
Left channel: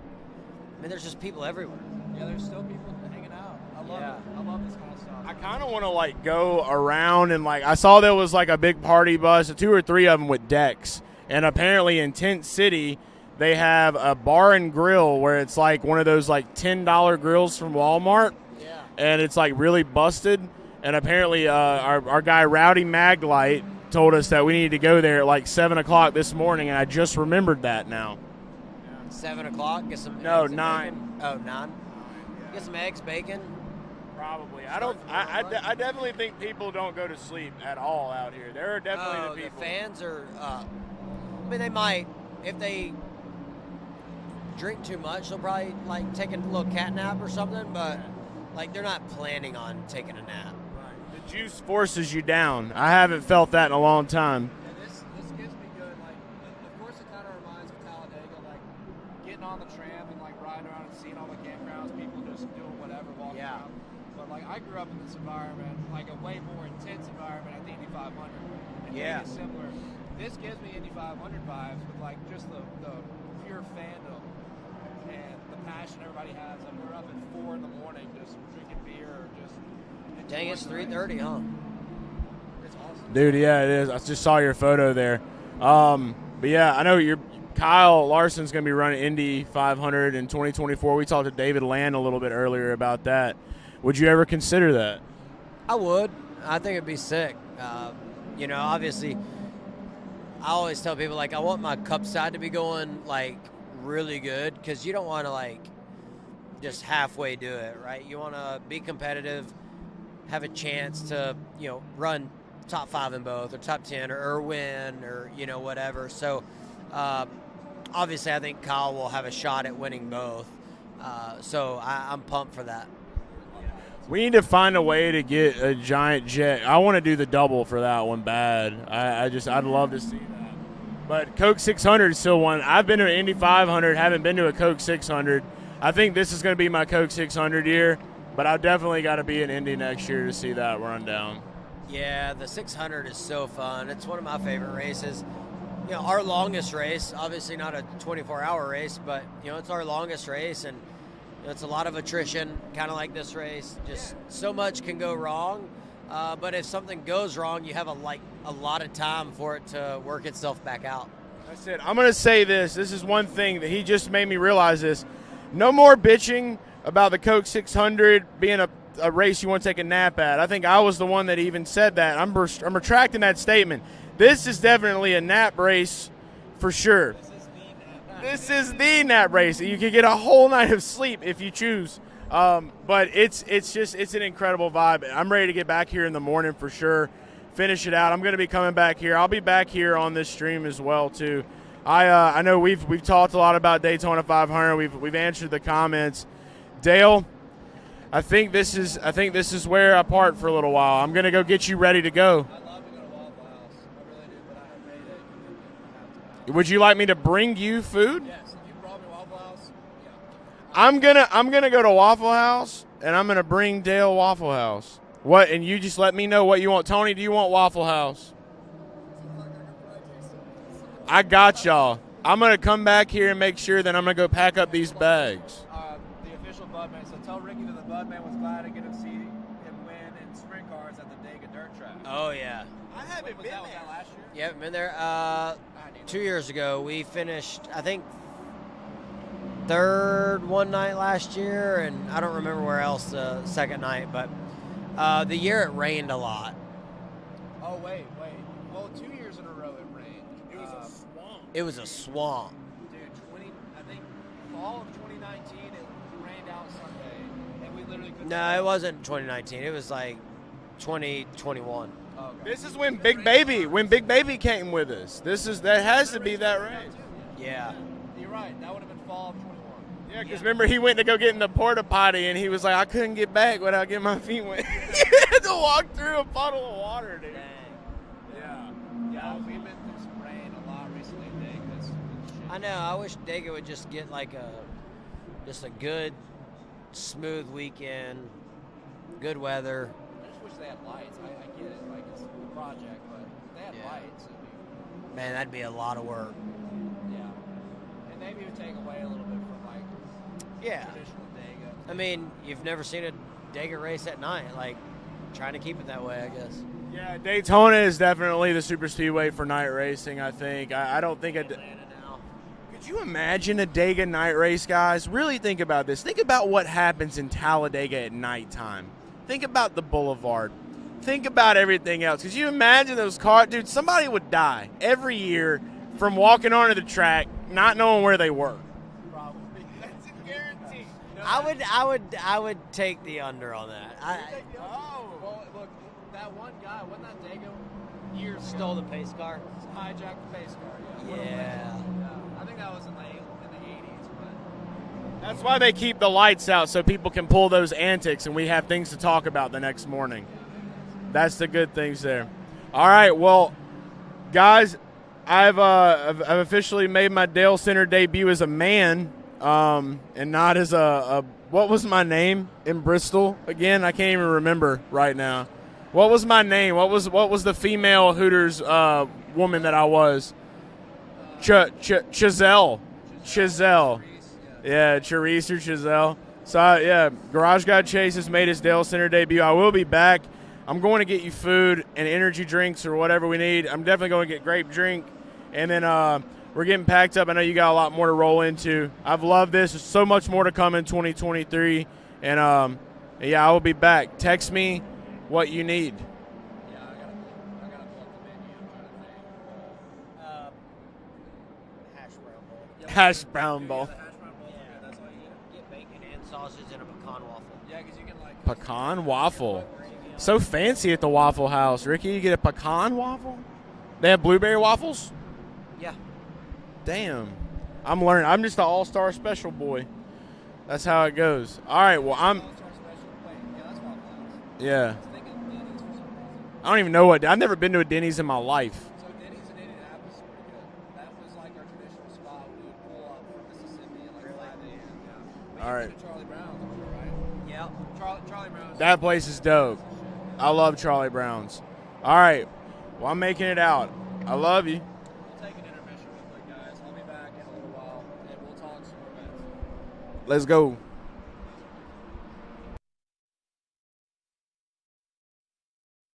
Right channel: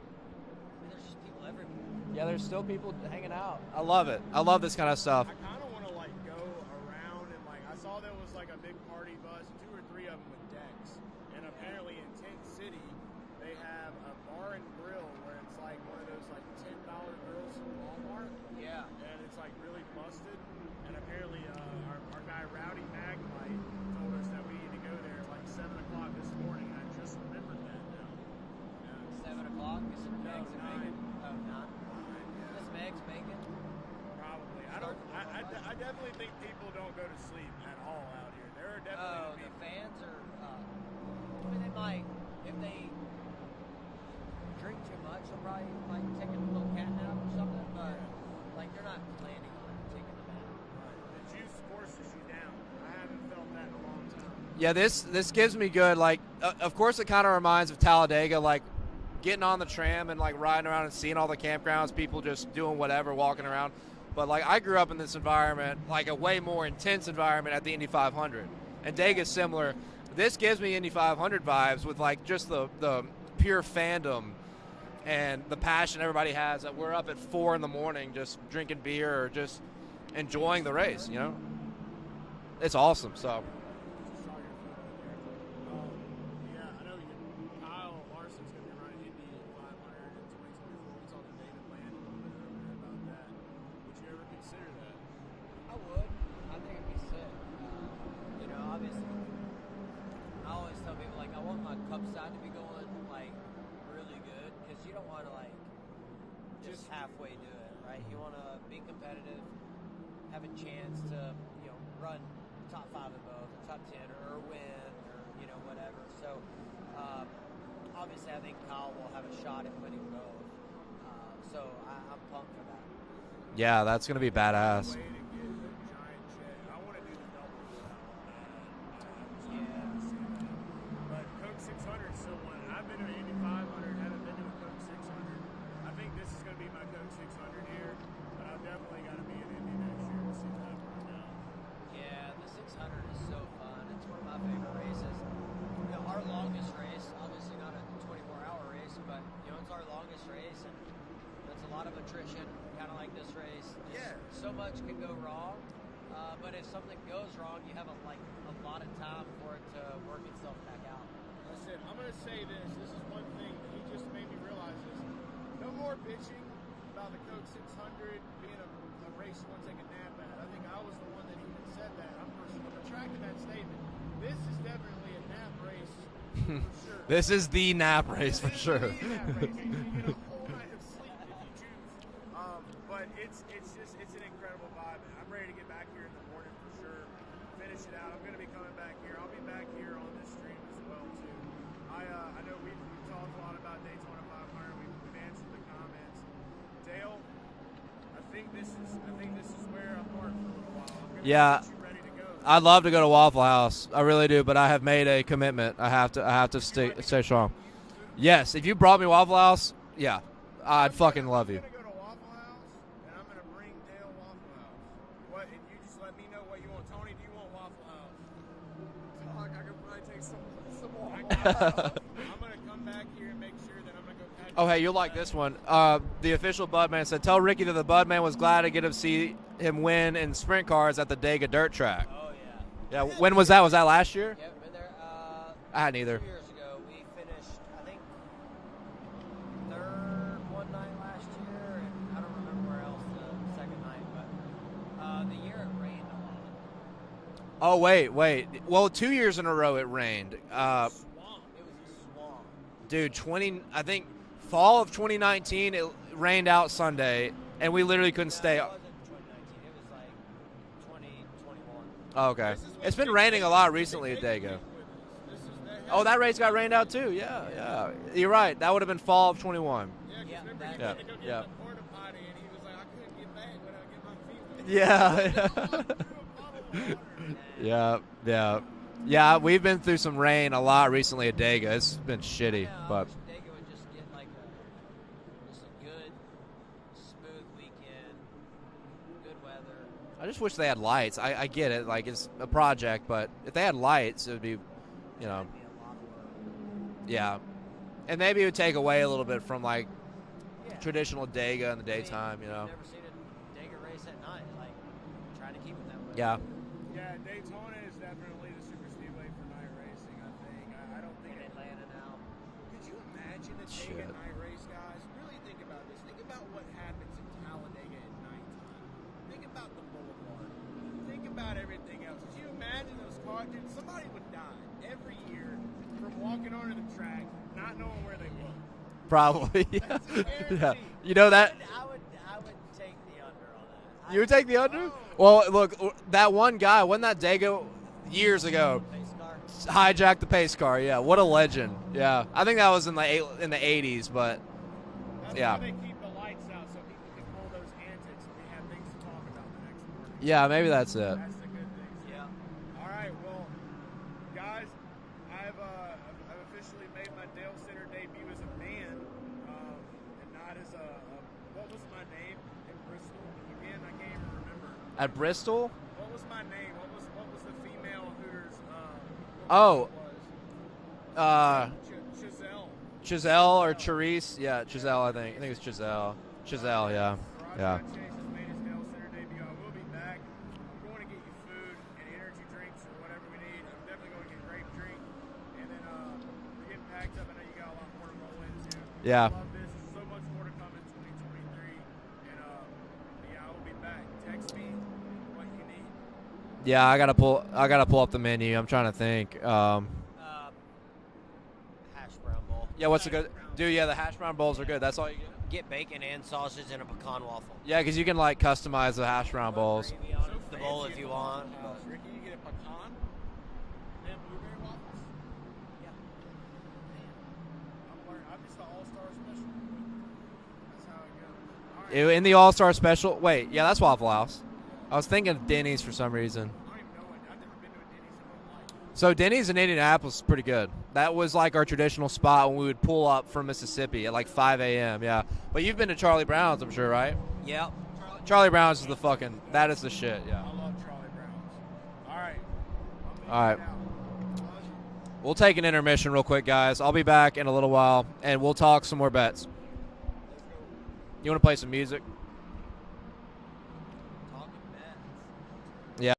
there's just people everywhere. Yeah, there's still people hanging out. I love it. I love this kind of stuff. I kind of want to go around and I saw there was a big party bus, 2 or 3 of them with decks, and apparently in Tent City they have a bar and grill where it's one of those $10 grills from Walmart. Yeah. And it's really busted. And apparently our guy Rowdy Maglight told us that we needed to go there at 7 o'clock this morning, and I just remembered that now. 7 o'clock. Get some. No, eggs and 9. Bacon. Oh, 9. Get some eggs, bacon. Probably. I definitely think people don't go to sleep at all out here. There are definitely the people. The fans are. They might if they drink too much. They'll probably take a little cat nap or something, but they're not planning on taking a nap. The juice forces you down. I haven't felt that in a long time. Yeah, this gives me good. Of course, it kind of reminds of Talladega, getting on the tram and riding around and seeing all the campgrounds, people just doing whatever, walking around. But I grew up in this environment, a way more intense environment at the Indy 500, and Dega's similar. This gives me Indy 500 vibes with just the pure fandom and the passion everybody has. That we're up at 4 in the morning just drinking beer or just enjoying the race. It's awesome, dude. So. Yeah, it is. I just saw your photo there. But yeah, I know Kyle Larson's going to be running Indy 500 in 2024. We talked to David Land a little bit earlier about that. Would you ever consider that? I would. I think it'd be sick. Obviously, I always tell people I want my Cup side to be going really good, because you don't want to just halfway do it, right? You want to be competitive, have a chance to run top 5 in both, or top 10, or win, or whatever. So obviously, I think Kyle will have a shot at winning both. So I'm pumped for that. Yeah, that's gonna we be need to badass. find a way to get a giant jet. I want to do the double for that one bad. I'd love to see that. But Coke 600 is still one. I've been to an Indy 500, haven't been to a Coke 600. I think this is going to be my Coke 600 year, but I've definitely got to be in Indy next year to see that run down. Yeah, the 600 is so fun. It's one of my favorite races. Our longest race, obviously not a 24-hour race, but it's our longest race, and It's a lot of attrition, kind of like this race. Just so much can go wrong. But if something goes wrong, you have a lot of time for it to work itself back out. That's it. I'm going to say this. This is one thing that he just made me realize this. No more bitching about the Coke 600 being a race you want to take a nap at. I think I was the one that even said that. I'm retracting that statement. This is definitely a nap race for sure. This is the nap race. This is the nap race. You can get a whole night of sleep if you choose. But it's an incredible vibe. I'm ready to get back here in the morning for sure. Finish it out. I'm going to be coming back here. I'll be back here on this stream as well too. I know we've talked a lot about Daytona 500. We've answered the comments. Dale, I think this is where I part for a little while. I'm going to go get you ready to go. I'd love to go to Waffle House. I really do, but I have made a commitment. I have to. Would you like me to bring you food? Yes. If you brought me Waffle House, yeah. I'm gonna go to Waffle House and I'm gonna bring Dale Waffle House. What? And you just let me know what you want. Tony, do you want Waffle House? I got y'all. I'm gonna come back here and make sure that I'm gonna go pack up these bags. Like this one. The official Budman said, "Tell Ricky that the Budman was glad to get him see him win in sprint cars at the Dega Dirt Track." Oh yeah. Yeah. When was that? Was that last year? Yeah, been there. I hadn't either. 2 years ago, we finished, I think, third one night last year, and I don't remember where else the second night, but the year it rained a lot. Oh wait. Well, 2 years in a row it rained. It was a swamp, dude. I think fall of 2019 it rained out Sunday, and we literally couldn't stay. No, it wasn't 2019. It was like 2021. Oh, okay. This is when Big Baby came with us. That race got rained out too. Yeah. You're right. That would have been fall of 21. Yeah, because remember he went to go get in the porta potty and he was like, I couldn't get back without getting my feet wet. Yeah. He had to walk through a puddle of water. Dude. Yeah. We've been through some rain a lot recently at Dega. It's been shitty. I know. I wish Dega would just get like a good, smooth weekend, good weather. I just wish they had lights. I get it, like it's a project, but if they had lights, it would be. Man, that'd be a lot of work. Yeah, and maybe it would take away a little bit from like traditional Dega in the daytime. You've never seen a Dega race at night, like trying to keep it that way. Yeah. I guess. Yeah, Daytona is definitely the super speedway for night racing. I think. I don't think Atlanta now. Could you imagine a Dega night race, guys? Really think about this. Think about what happens in Talladega at nighttime. Think about the boulevard. Think about everything else. Could you imagine those cars? Dude, somebody would die every year from walking onto the track, not knowing where they were. Probably. Yeah. You know that? I would take the under on that. You would take the under? Well, look, that one guy, wasn't that Dega years ago? The pace car. Hijacked the pace car. Yeah. What a legend. Yeah. I think that was in the 80s, but. That's why they keep the lights out, so people can pull those antics and we have things to talk about the next morning. Yeah, maybe that's it. That's the good things there. All right, well, guys, I've officially made my Dalescenter debut as a man, and not as a what was my name in Bristol again? I can't even remember right now. Bristol? What was my name? What was the female Hooters woman that I was? Chazelle. Giselle. Or Therese. Yeah, Therese or Giselle. So, Garage Guy Chase has made his Dalescenter debut. I will be back. I'm going to get you food and energy drinks or whatever we need. I'm definitely going to get grape drink. And then we're getting packed up. I know you got a lot more to roll into. Yeah. I've loved this. There's so much more to come in 2023. And, I will be back. Text me what you need. Yeah, I gotta pull up the menu. I'm trying to think. Yeah, hash brown dude, bowl. yeah, the hash brown bowls are good. That's all you get. Bacon and sausage and a pecan waffle. Yeah, because you can like customize the hash brown bowls. So fancy at the Waffle House. Ricky, you get a pecan waffle? They have blueberry waffles? Yeah. Damn. I'm learning. I'm just an all-star special boy. That's how it goes. All right. In the all-star special. Wait, yeah, that's Waffle House. Yeah. I was thinking of Denny's for some reason. I don't even know what. I've never been to a Denny's in my life. So Denny's in Indianapolis is pretty good. That was like our traditional spot when we would pull up from Mississippi at like 5 a.m. Yeah. But you've been to Charlie Brown's, I'm sure, right? Yeah. Charlie Brown's. That place is dope. That is the shit. Yeah. I love Charlie Brown's. All right. Well, I'm making it out. I love you. We'll take an intermission real quick, guys. I'll be back in a little while, and we'll talk some more bets. Let's go. You want to play some music? Yeah.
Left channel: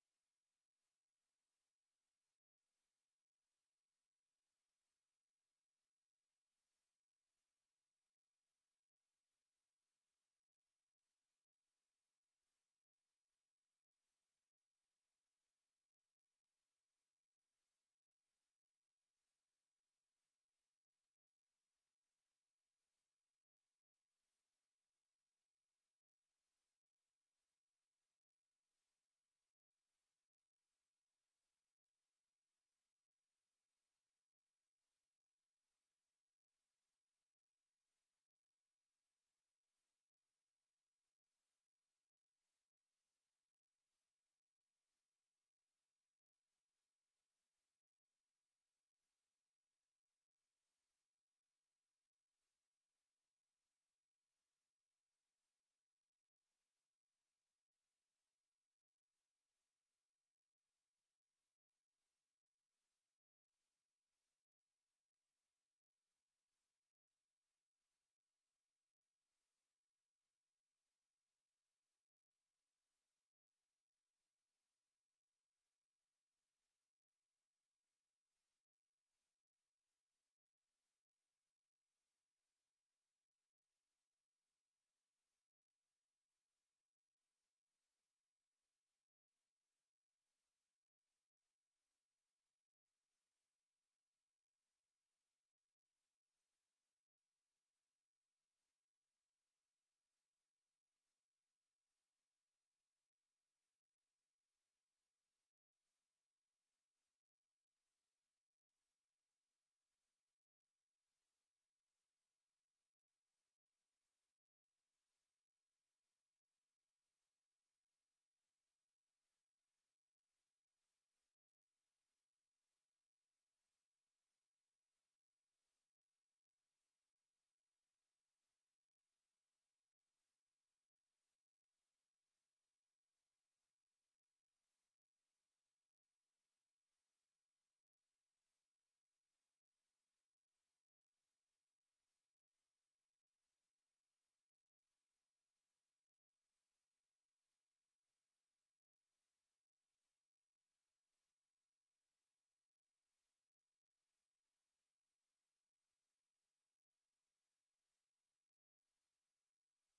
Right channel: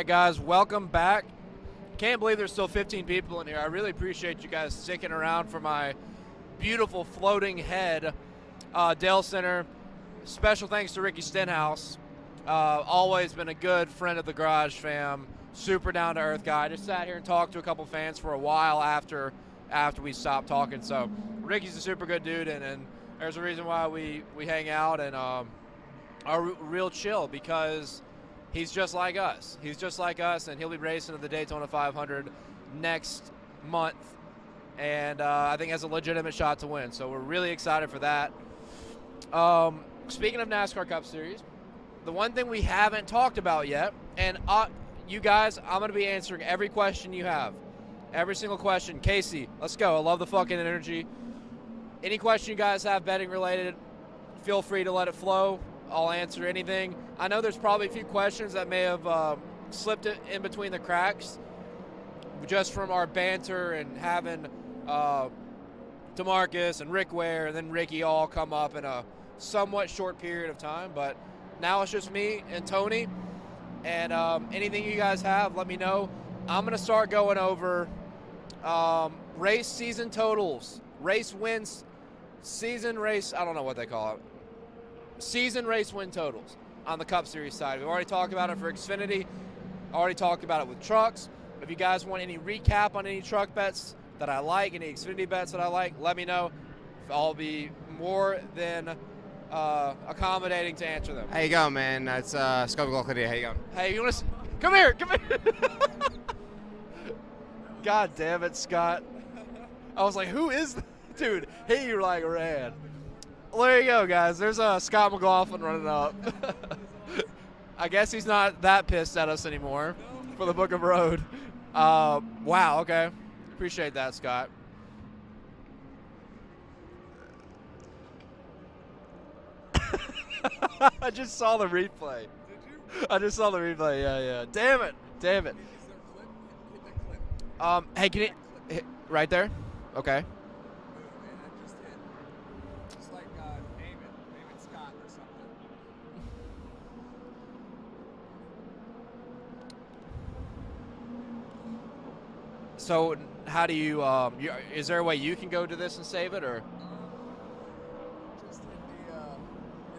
right, guys, welcome back. Can't believe there's still 15 people in here. I really appreciate you guys sticking around for my beautiful floating head, Dalescenter. Special thanks to Ricky Stenhouse. Always been a good friend of the Garage fam. Super down-to-earth guy. Just sat here and talked to a couple fans for a while after we stopped talking. So Ricky's a super good dude, and there's a reason why we hang out and are real chill, because he's just like us. He's just like us, and he'll be racing at the Daytona 500 next month, and I think has a legitimate shot to win. So we're really excited for that. Speaking of NASCAR Cup Series, the one thing we haven't talked about yet, and you guys, I'm going to be answering every question you have. Every single question. Casey, let's go. I love the fucking energy. Any question you guys have betting related, feel free to let it flow. I'll answer anything. I know there's probably a few questions that may have slipped in between the cracks just from our banter and having DeMarcus and Rick Ware and then Ricky all come up in a somewhat short period of time. But now it's just me and Tony. And anything you guys have, let me know. I'm going to start going over race season totals, race wins, season race, I don't know what they call it. Season race win totals on the Cup Series side. We've already talked about it for Xfinity. Already talked about it with trucks. If you guys want any recap on any truck bets that I like, any Xfinity bets that I like, let me know. I'll be more than accommodating to answer them. How you going, man? It's Scott McLaughlin here. How you going? Hey, you want to come here? Come here. God damn it, Scott. I was like, who is that? Dude, he like ran. Well, there you go, guys. There's Scott McLaughlin running up. I guess he's not that pissed at us anymore for the Book of Road. Wow, okay. Appreciate that, Scott. I just saw the replay. Did you? I just saw the replay, yeah. Damn it. Hey, can you hit right there? Okay. So how do you, is there a way you can go to this and save it, or? Just hit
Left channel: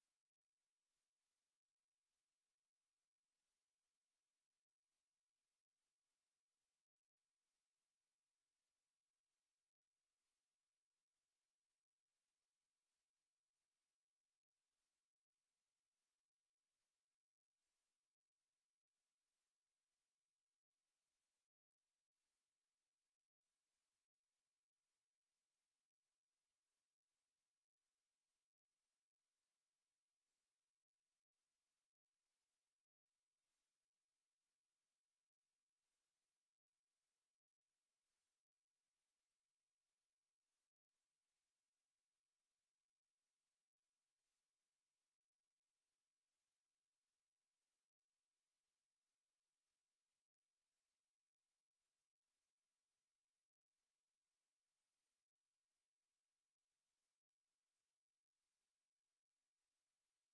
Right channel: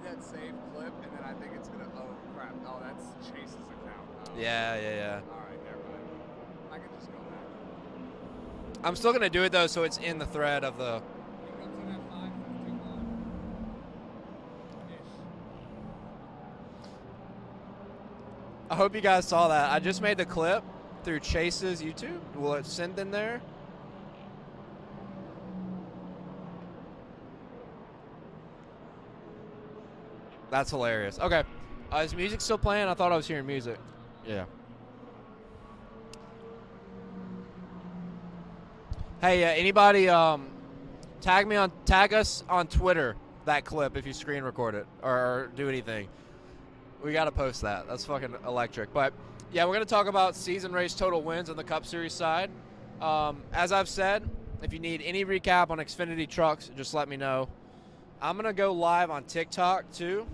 that save clip, and then I think it's gonna, oh crap, oh that's Chase's account. Yeah. Alright, never mind. I can just go back. I'm still gonna do it though, so it's in the thread of the. It comes in at 5:51. I hope you guys saw that. I just made the clip through Chase's YouTube. Will it send in there? That's hilarious. Okay. Is music still playing? I thought I was hearing music. Yeah. Hey, anybody tag us on Twitter that clip if you screen record it or do anything. We got to post that. That's fucking electric. But yeah, we're going to talk about season race total wins on the Cup Series side. As I've said, if you need any recap on Xfinity trucks, just let me know. I'm going to go live on TikTok too,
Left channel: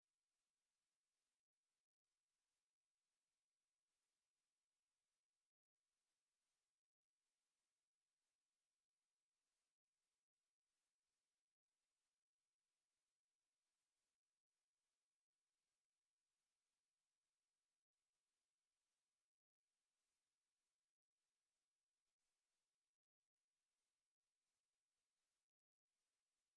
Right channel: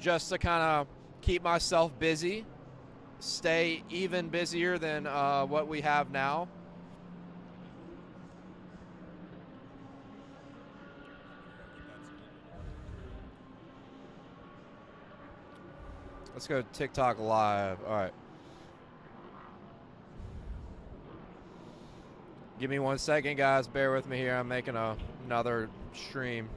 just to kind of keep myself busy, stay even busier than what we have now. Let's go TikTok live. All right. Give me 1 second, guys. Bear with me here. I'm making another stream.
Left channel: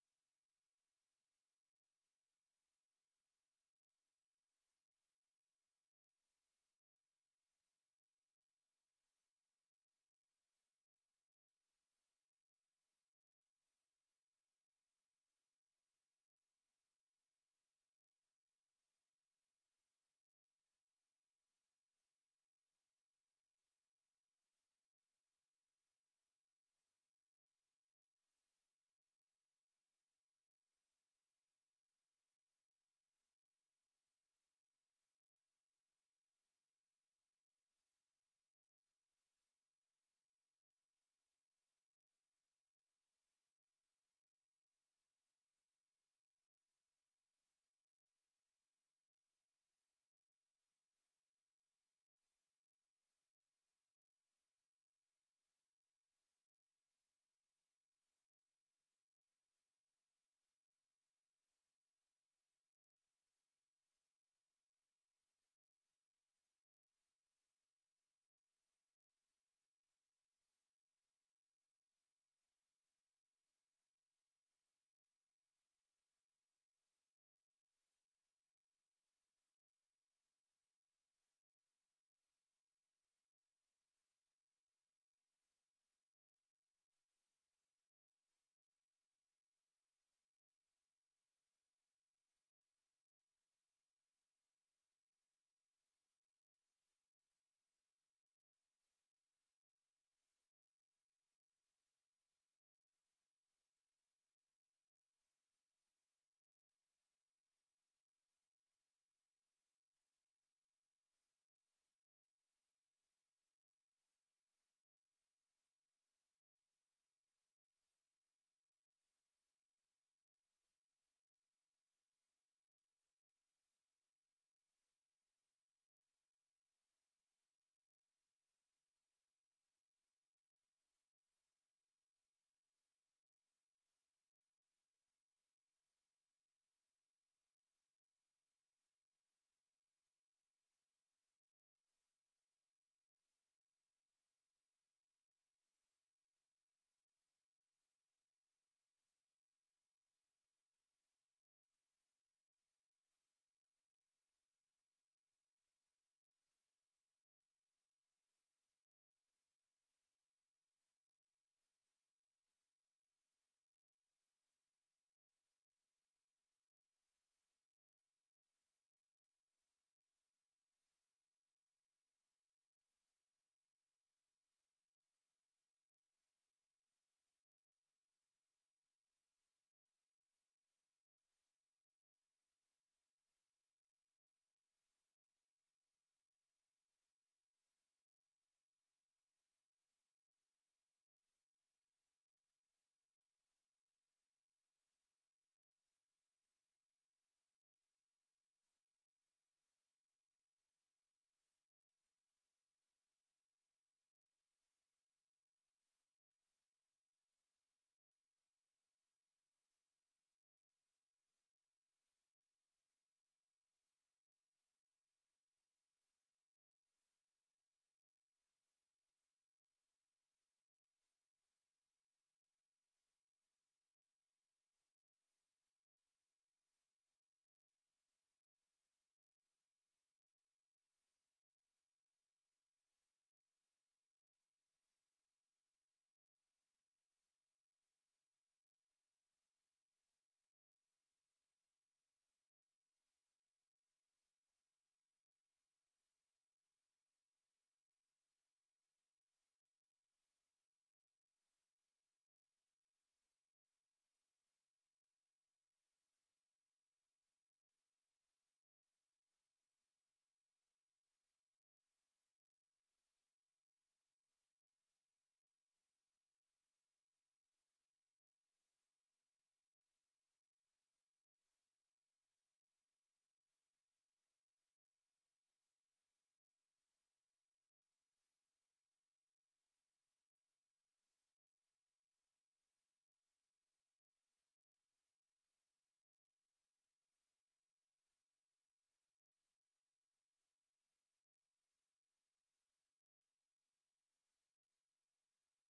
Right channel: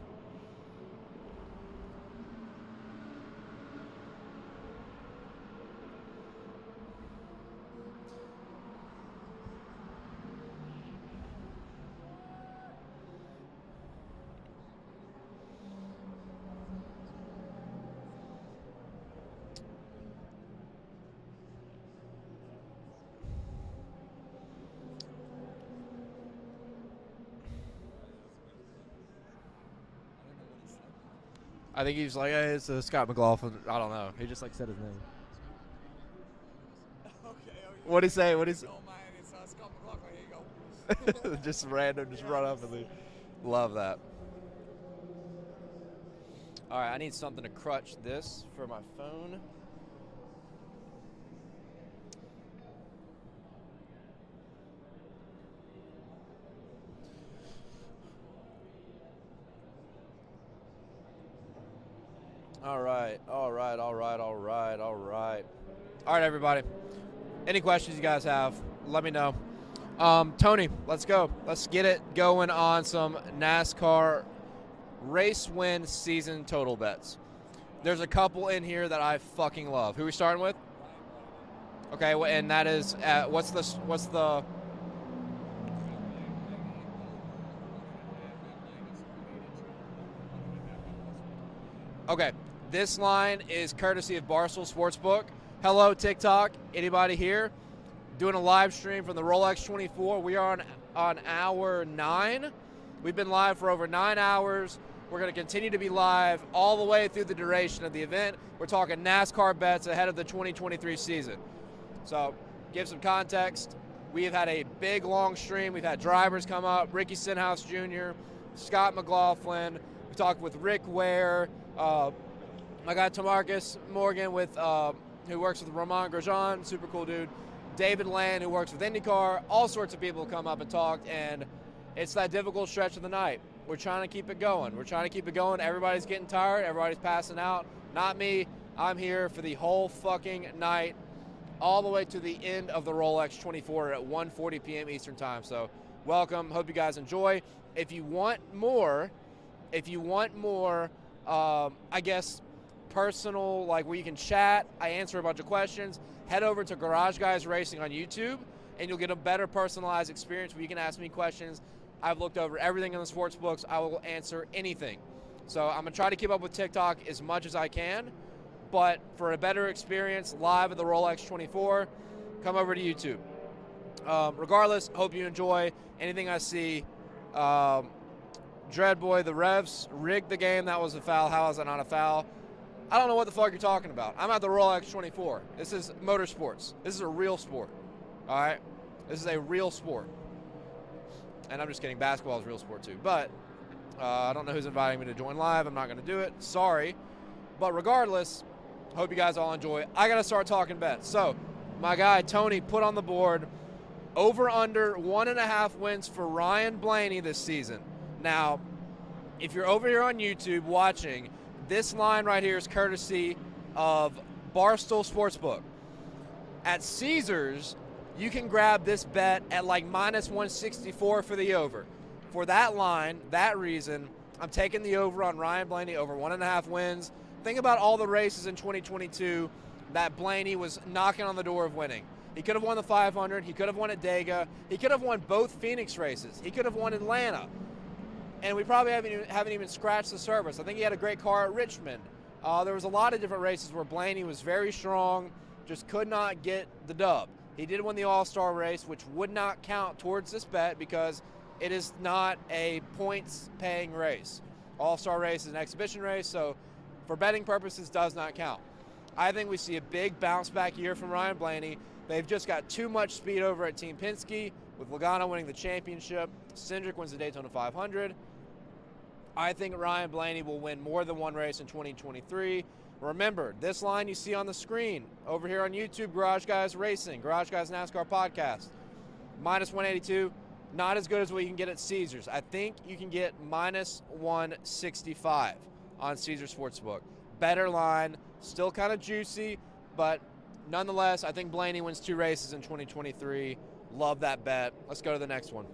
I think he's like, hey, it's Scott McLaughlin. I don't know. He just like said his name. Okay. What'd he say? What'd he say? Oh man, it's Scott McLaughlin. Here you go. Just random, just run up and leave. Love that. All right, I need something to crutch this for my phone. All right. All right, everybody. Any questions you guys have, let me know. Tony, let's go. Let's get it going on some NASCAR race win season total bets. There's a couple in here that I fucking love. Who are we starting with? Okay, and that is what's the Okay, this line is courtesy of Barstool Sportsbook. Hello, TikTok. Anybody here? Doing a live stream from the Rolex 24. We are on hour 9. We've been live for over 9 hours. We're going to continue to be live all the way through the duration of the event. We're talking NASCAR bets ahead of the 2023 season. So, give some context. We have had a big, long stream. We've had drivers come up, Ricky Stenhouse Jr., Scott McLaughlin. We talked with Rick Ware, my guy Tamarcus Morgan who works with Ramon Grosjean, super cool dude. David Land, who works with IndyCar. All sorts of people come up and talked, and it's that difficult stretch of the night. We're trying to keep it going. Everybody's getting tired. Everybody's passing out. Not me. I'm here for the whole fucking night, all the way to the end of the Rolex 24 at 1:40 p.m. Eastern Time. So, welcome. Hope you guys enjoy. If you want more, I guess, personal, like where you can chat, I answer a bunch of questions, head over to Garage Guys Racing on YouTube, and you'll get a better personalized experience where you can ask me questions. I've looked over everything in the sports books. I will answer anything. So I'm going to try to keep up with TikTok as much as I can, but for a better experience live at the Rolex 24, come over to YouTube. Regardless, hope you enjoy anything I see. Dreadboy, the refs rigged the game. That was a foul. How is that not a foul? I don't know what the fuck you're talking about. I'm at the Rolex 24. This is motorsports. This is a real sport. All right? This is a real sport. And I'm just kidding. Basketball is a real sport too. But I don't know who's inviting me to join live. I'm not going to do it. Sorry. But regardless, hope you guys all enjoy. I got to start talking bets. So, my guy Tony put on the board over under 1.5 wins for Ryan Blaney this season. Now, if you're over here on YouTube watching, this line right here is courtesy of Barstool Sportsbook. At Caesars, you can grab this bet at like minus 164 for the over. For that line, that reason, I'm taking the over on Ryan Blaney over 1.5 wins. Think about all the races in 2022 that Blaney was knocking on the door of winning. He could have won the 500. He could have won at Dega. He could have won both Phoenix races. He could have won Atlanta. And we probably haven't even scratched the surface. I think he had a great car at Richmond. There was a lot of different races where Blaney was very strong, just could not get the dub. He did win the All-Star race, which would not count towards this bet because it is not a points-paying race. All-Star race is an exhibition race, so for betting purposes, does not count. I think we see a big bounce-back year from Ryan Blaney. They've just got too much speed over at Team Penske, with Logano winning the championship. Cindric wins the Daytona 500. I think Ryan Blaney will win more than one race in 2023. Remember, this line you see on the screen over here on YouTube, Garage Guys Racing, Garage Guys NASCAR Podcast, minus 182, not as good as what you can get at Caesars. I think you can get minus 165 on Caesars Sportsbook. Better line, still kind of juicy, but nonetheless, I think Blaney wins 2 races in 2023. Love that bet. Let's go to the next one.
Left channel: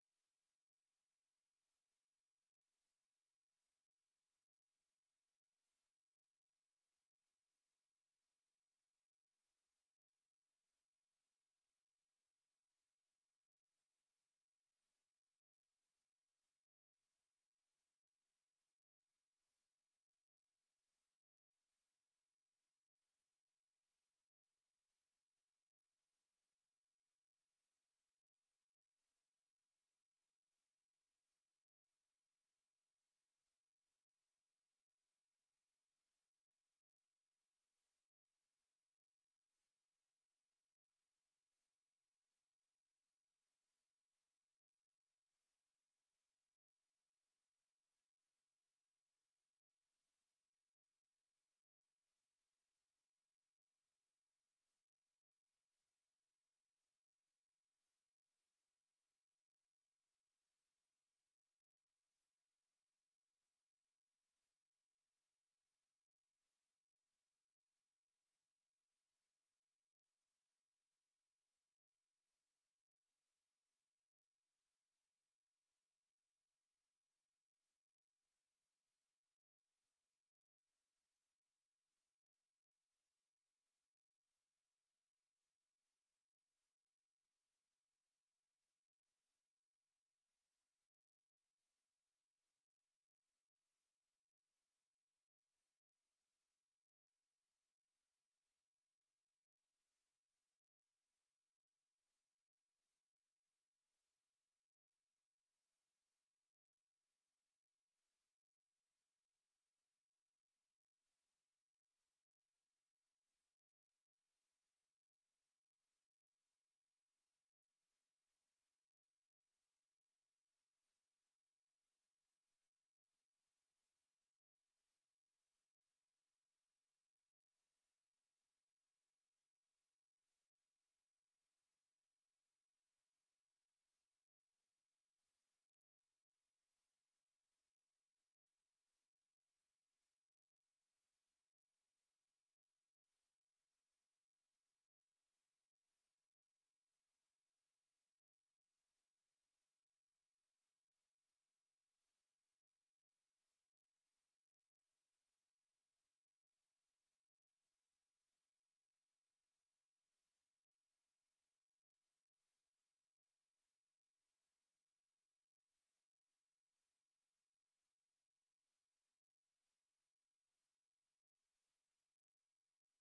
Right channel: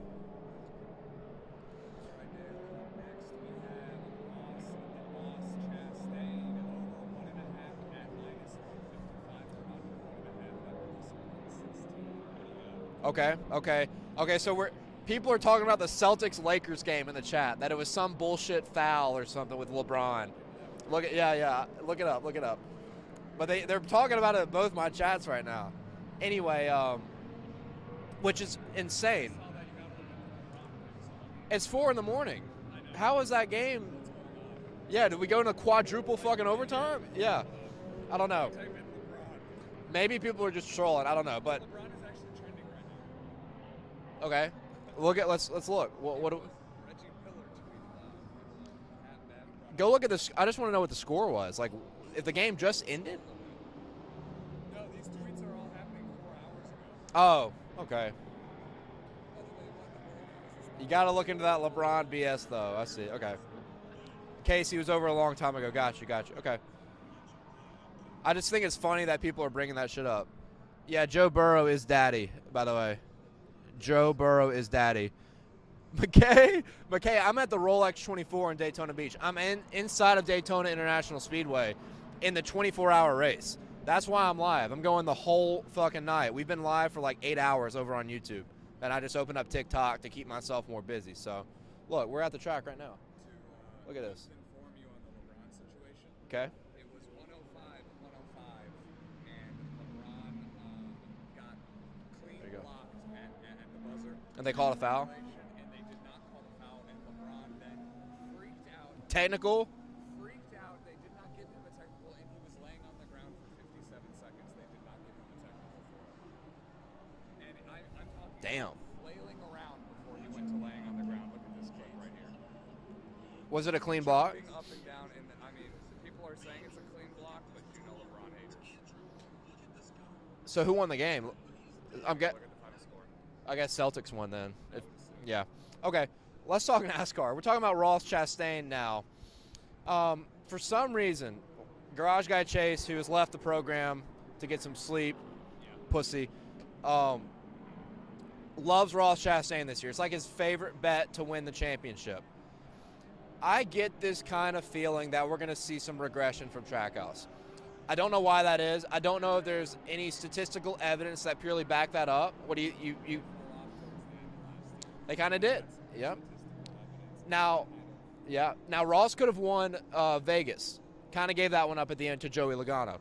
Okay. So people are talking about the Celtics-Lakers game in the chat, that it was some bullshit foul or something with LeBron. Look it up. But they're talking about it in both my chats right now. Anyway, which is insane. It's 4 a.m. How is that game? Yeah, did we go into quadruple fucking overtime? Yeah. I don't know. Maybe people are just trolling. I don't know, but okay. Let's look. What do Go look at this. I just want to know what the score was. Like, if the game just ended. No, these tweets are all happening 4 hours ago. Oh, okay. You got to look into that LeBron BS, though. I see. Okay. Casey was over a long time ago. Got you. Okay. I just think it's funny that people are bringing that shit up. Yeah, Joe Burrow is daddy, by the way. Joe Burrow is daddy. McKay, I'm at the Rolex 24 in Daytona Beach. I'm inside of Daytona International Speedway in the 24-hour race. That's why I'm live. I'm going the whole fucking night. We've been live for like 8 hours over on YouTube. And I just opened up TikTok to keep myself more busy. So, look, we're at the track right now. Look at this. Inform you on the LeBron situation. Okay. It was 105, and LeBron got clean There you go. blocked at the buzzer. And they called a foul? And they did not call the foul, and LeBron then freaked out. Technical? Freaked out. They did not give him a technical, and he was laying on the ground for 57 seconds. They did not give him a technical for it. And I'm talking Damn. flailing around before he went to laying on the ground. Look at this clip right here. Was it a clean block? Jumping up and down, and I mean, people are saying it's a clean block, but you know LeBron haters. So who won the game? I'm Look at the final score. I guess Celtics won then. Yeah. Okay. Let's talk NASCAR. We're talking about Ross Chastain now. For some reason, Garage Guy Chase, who has left the program to get some sleep, pussy, loves Ross Chastain this year. It's like his favorite bet to win the championship. I get this kind of feeling that we're going to see some regression from Trackhouse. I don't know why that is. I don't know if there's any statistical evidence that purely back that up. What do you They kind of did. Yep. Now Ross could have won Vegas. Kind of gave that one up at the end to Joey Logano.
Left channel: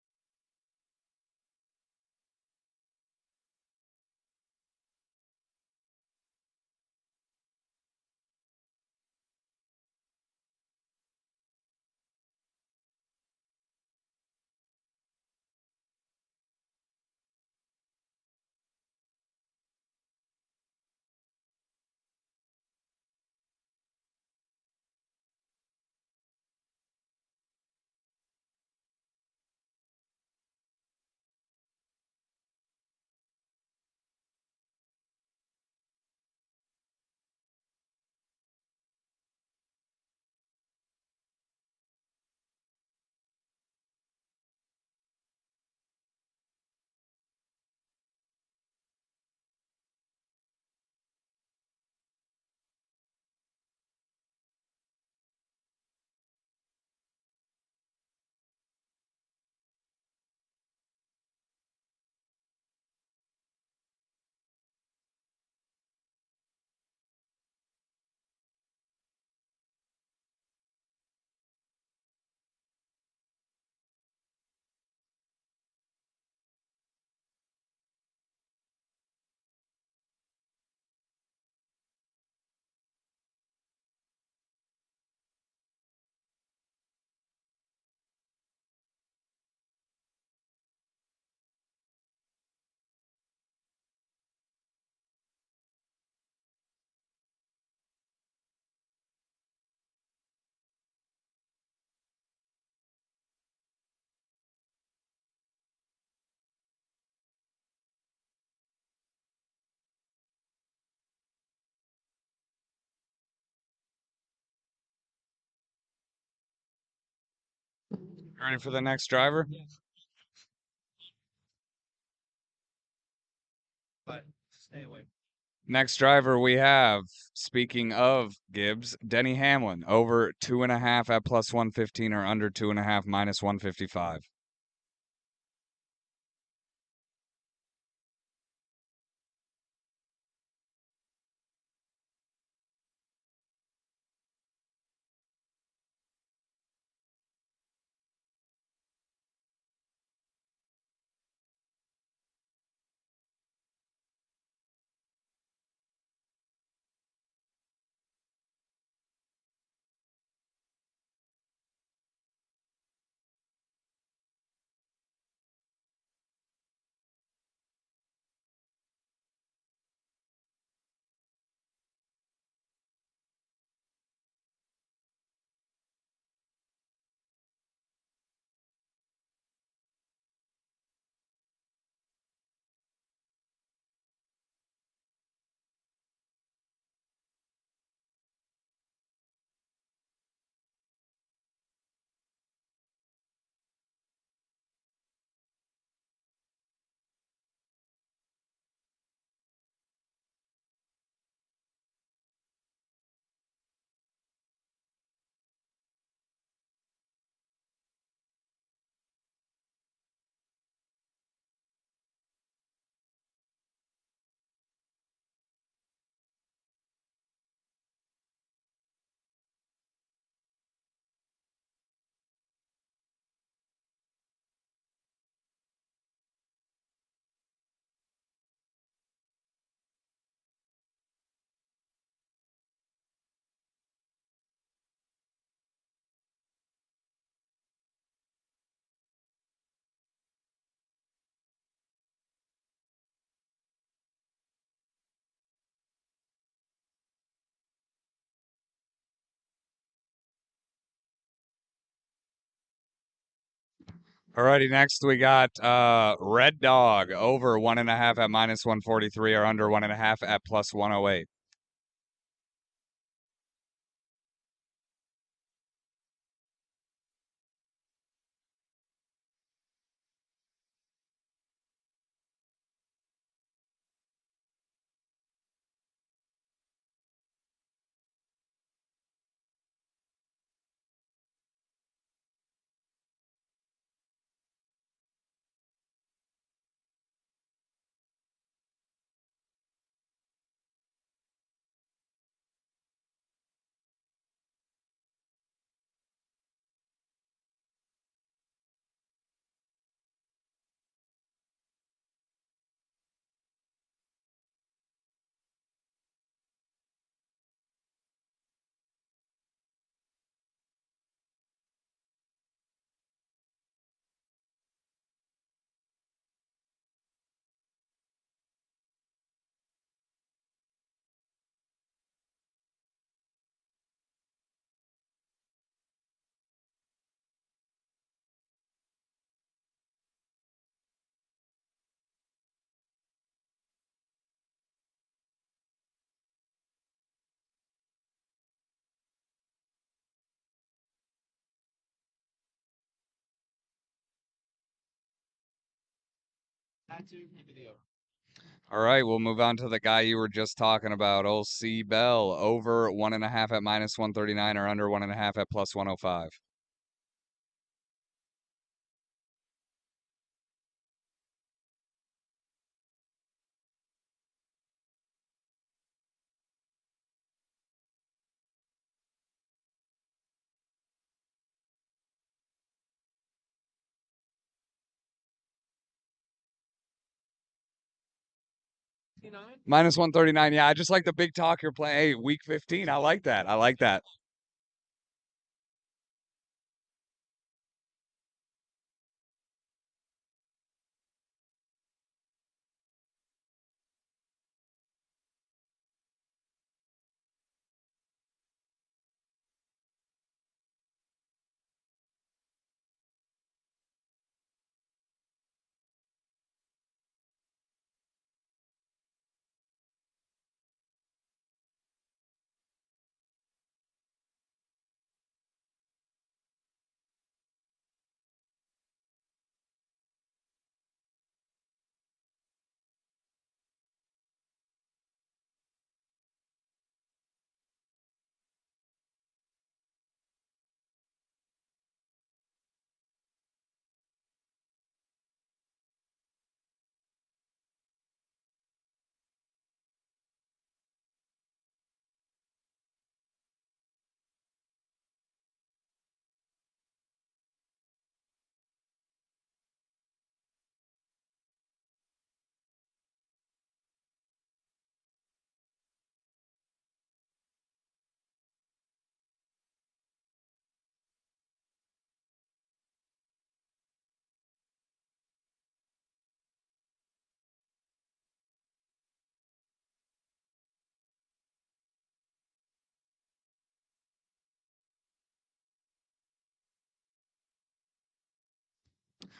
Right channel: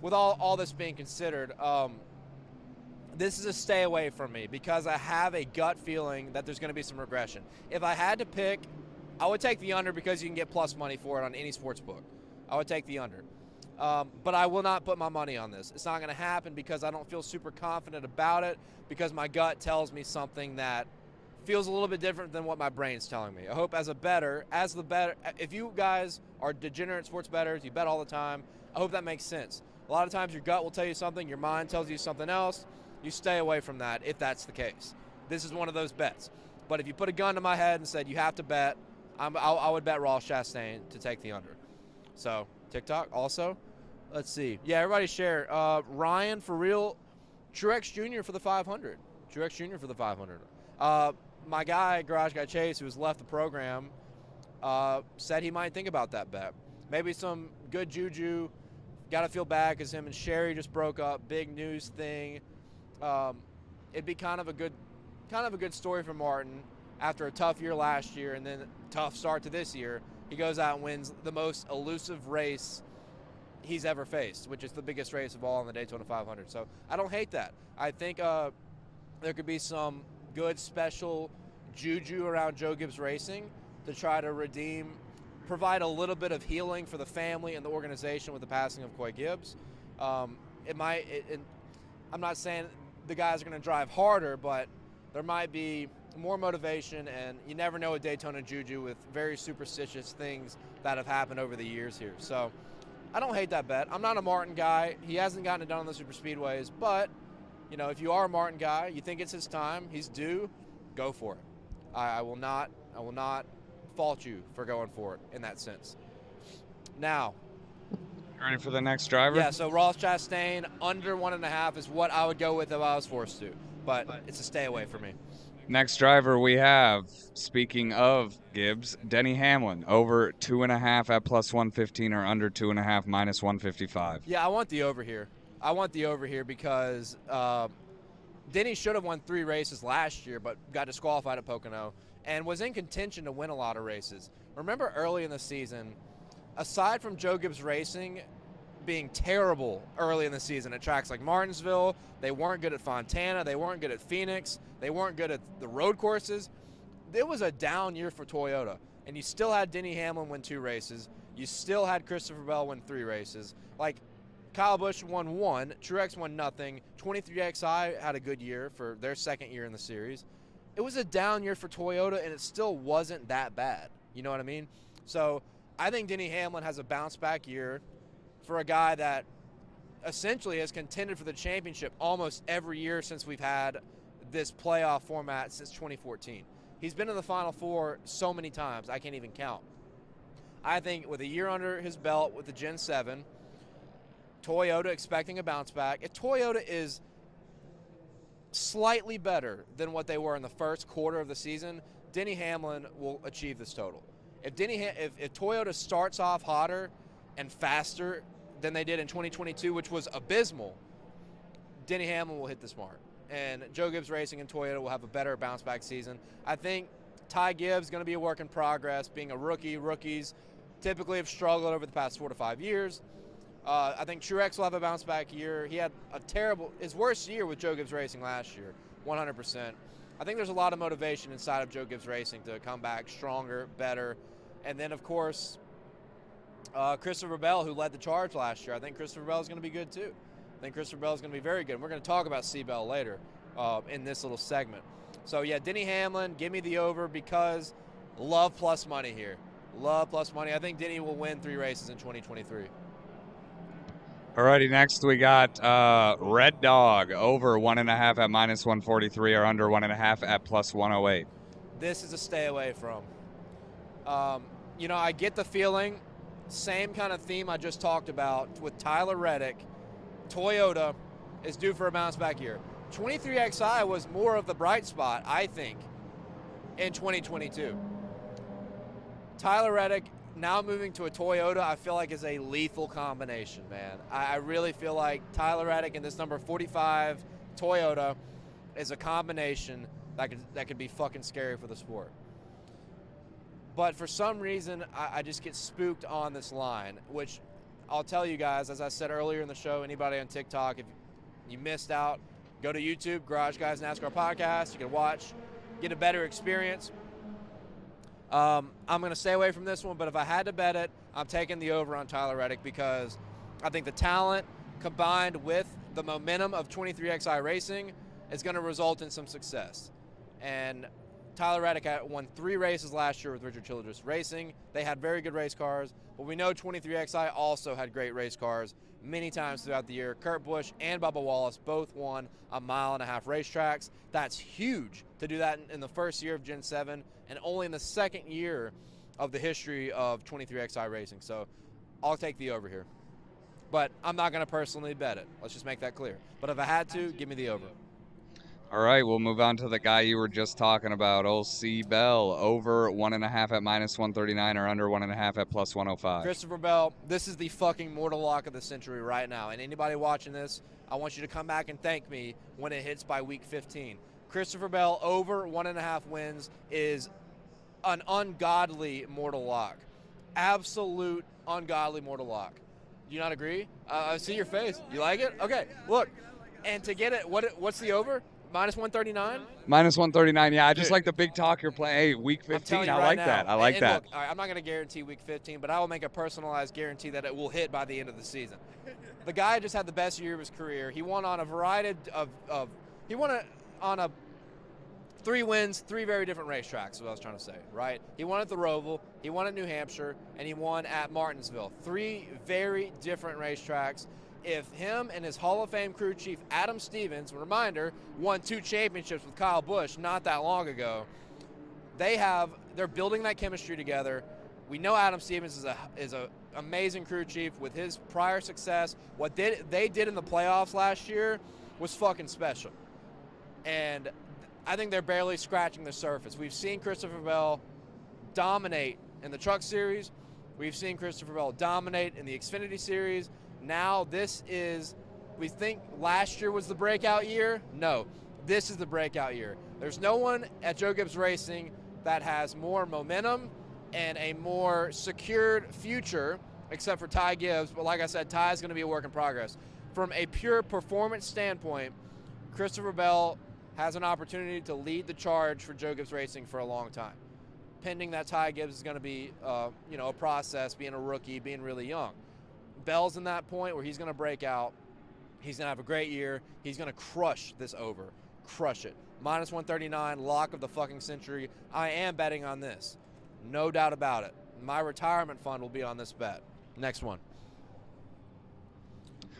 With all this being considered, this is a stay away from me because I have a gut feeling that there's going to be some regression. If I had to pick, I would take the under because you can get plus money for it on any sports book. I would take the under. But I will not put my money on this. It's not going to happen because I don't feel super confident about it because my gut tells me something that feels a little bit different than what my brain's telling me. I hope if you guys are degenerate sports bettors, you bet all the time, I hope that makes sense. A lot of times your gut will tell you something, your mind tells you something else. You stay away from that if that's the case. This is one of those bets. But if you put a gun to my head and said you have to bet, I would bet Ross Chastain to take the under. So, TikTok also. Let's see. Yeah, everybody share. Ryan, for real, Truex Jr. for the 500. Truex Jr. for the 500. My guy, Garage Guy Chase, who's left the program, said he might think about that bet. Maybe some good juju. Got to feel bad because him and Sherry just broke up. Big news thing. It'd be kind of a good story for Martin after a tough year last year and then tough start to this year. He goes out and wins the most elusive race he's ever faced, which is the biggest race of all in the Daytona 500. So I don't hate that. I think there could be some good special juju around Joe Gibbs Racing to try to provide a little bit of healing for the family and the organization with the passing of Coy Gibbs. I'm not saying the guys are going to drive harder, but there might be more motivation, and you never know a Daytona juju with very superstitious things that have happened over the years here. So I don't hate that bet. I'm not a Martin guy. He hasn't gotten it done on the super speedways, but if you are a Martin guy, you think it's his time, he's due, go for it. I will not fault you for going for it in that sense. Now, ready for the next driver? Yeah, so Ross Chastain under 1.5 is what I would go with if I was forced to, but it's a stay away for me. Next driver we have, speaking of Gibbs, Denny Hamlin, over 2.5 at plus 115 or under 2.5 minus 155. Yeah, I want the over here. Because Denny should have won 3 races last year, but got disqualified at Pocono and was in contention to win a lot of races. Remember early in the season, aside from Joe Gibbs Racing being terrible early in the season at tracks like Martinsville, they weren't good at Fontana, they weren't good at Phoenix, they weren't good at the road courses. It was a down year for Toyota, and you still had Denny Hamlin win 2 races. You still had Christopher Bell win 3 races. Like, Kyle Busch won 1, Truex won nothing, 23XI had a good year for their second year in the series. It was a down year for Toyota, and it still wasn't that bad. You know what I mean? So I think Denny Hamlin has a bounce-back year for a guy that essentially has contended for the championship almost every year since we've had this playoff format since 2014. He's been in the Final Four so many times, I can't even count. I think with a year under his belt with the Gen 7, Toyota expecting a bounce back. If Toyota is slightly better than what they were in the first quarter of the season, Denny Hamlin will achieve this total. If Toyota starts off hotter and faster than they did in 2022, which was abysmal, Denny Hamlin will hit this mark. And Joe Gibbs Racing and Toyota will have a better bounce-back season. I think Ty Gibbs is going to be a work in progress, being a rookie. Rookies typically have struggled over the past 4 to 5 years. I think Truex will have a bounce-back year. He had his worst year with Joe Gibbs Racing last year, 100%. I think there's a lot of motivation inside of Joe Gibbs Racing to come back stronger, better. And then, of course, Christopher Bell, who led the charge last year. I think Christopher Bell is going to be good, too. I think Christopher Bell is going to be very good. And we're going to talk about C-Bell later in this little segment. So, yeah, Denny Hamlin, give me the over because love plus money here. Love plus money. I think Denny will win 3 races in 2023. Alrighty, next we got Red Dog over 1.5 at -143 or under 1.5 at +108. This is a stay away from. I get the feeling, same kind of theme I just talked about with Tyler Reddick, Toyota is due for a bounce back year. 23XI was more of the bright spot, I think, in 2022. Tyler Reddick now moving to a Toyota, I feel like is a lethal combination, man. I really feel like Tyler Reddick and this number 45 Toyota is a combination that could be fucking scary for the sport. But for some reason, I just get spooked on this line, which I'll tell you guys, as I said earlier in the show, anybody on TikTok, if you missed out, go to YouTube, Garage Guys NASCAR Podcast. You can watch, get a better experience. I'm going to stay away from this one, but if I had to bet it, I'm taking the over on Tyler Reddick because I think the talent combined with the momentum of 23XI Racing is going to result in some success. And Tyler Reddick won 3 races last year with Richard Childress Racing. They had very good race cars, but we know 23XI also had great race cars many times throughout the year. Kurt Busch and Bubba Wallace both won 1.5 mile racetracks. That's huge to do that in the first year of Gen 7 and only in the second year of the history of 23XI Racing. So I'll take the over here. But I'm not going to personally bet it. Let's just make that clear. But if I had to, give me the over. All right, we'll move on to the guy you were just talking about, old C-Bell, over 1.5 at -139 or under 1.5 at +105. Christopher Bell, this is the fucking mortal lock of the century right now. And anybody watching this, I want you to come back and thank me when it hits by week 15. Christopher Bell over 1.5 wins is an ungodly mortal lock. Absolute ungodly mortal lock. Do you not agree? I see your face. You like it? Okay, look. And to get it, what's the over? -139? -139, yeah. I just like the big talk you're playing. Hey, week 15, I like that. I like that. Look, all right, I'm not going to guarantee week 15, but I will make a personalized guarantee that it will hit by the end of the season. The guy just had the best year of his career. He won on a variety of 3 wins, 3 very different racetracks is what I was trying to say, right? He won at the Roval, he won at New Hampshire, and he won at Martinsville. 3 very different racetracks. If him and his Hall of Fame crew chief, Adam Stevens, reminder, won 2 championships with Kyle Busch not that long ago, they're building that chemistry together. We know Adam Stevens is a amazing crew chief with his prior success. What they did in the playoffs last year was fucking special. And I think they're barely scratching the surface. We've seen Christopher Bell dominate in the Truck Series. We've seen Christopher Bell dominate in the Xfinity Series. Now we think last year was the breakout year. No, this is the breakout year. There's no one at Joe Gibbs Racing that has more momentum and a more secured future except for Ty Gibbs. But like I said, Ty is going to be a work in progress. From a pure performance standpoint, Christopher Bell has an opportunity to lead the charge for Joe Gibbs Racing for a long time, pending that Ty Gibbs is going to be a process, being a rookie, being really young. Bell's in that point where he's going to break out. He's going to have a great year. He's going to crush this over. Crush it. -139, lock of the fucking century. I am betting on this. No doubt about it. My retirement fund will be on this bet. Next one.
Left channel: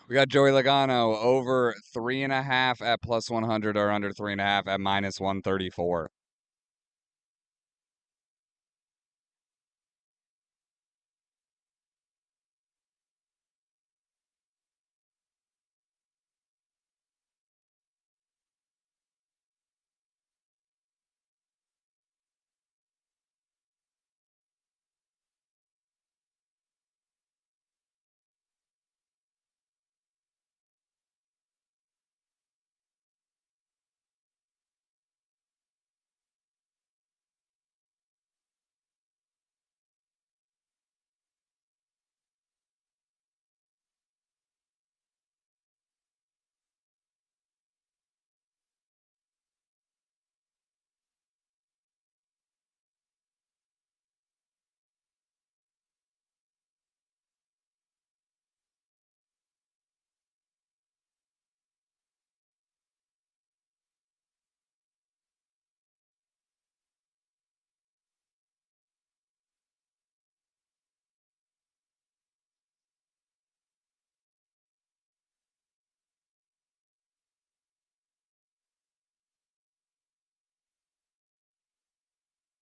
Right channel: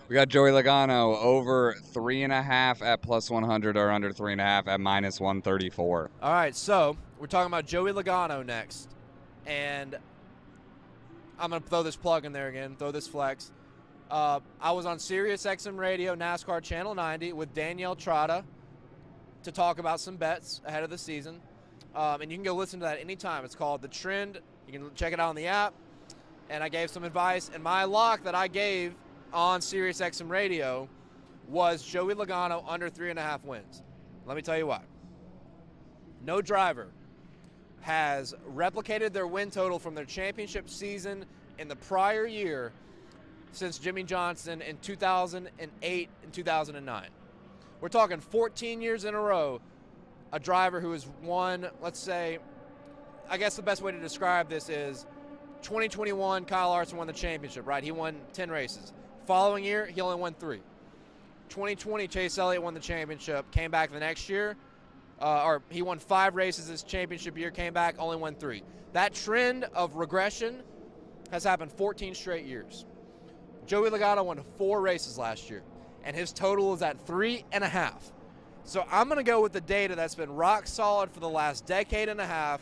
We got Joey Logano over 3.5 at plus 100 or under 3.5 at minus 134. All right, so we're talking about Joey Logano next. And I'm going to throw this plug in there again, throw this flex. I was on Sirius XM Radio, NASCAR Channel 90 with Danielle Trotta to talk about some bets ahead of the season. And you can go listen to that anytime. It's called The Trend. You can check it out on the app. And I gave some advice. And my lock that I gave on Sirius XM Radio was Joey Logano under 3.5 wins. Let me tell you why. No driver has replicated their win total from their championship season in the prior year since Jimmy Johnson in 2008 and 2009. We're talking 14 years in a row, a driver who has won, let's say, I guess the best way to describe this is 2021, Kyle Larson won the championship, right? He won 10 races. Following year, he only won 3. 2020, Chase Elliott won the championship, came back the next year, or he won 5 races this championship year, came back, only won 3. That trend of regression has happened 14 straight years. Joey Logano won 4 races last year, and his total is at 3.5. So I'm going to go with the data that's been rock solid for the last decade and a half,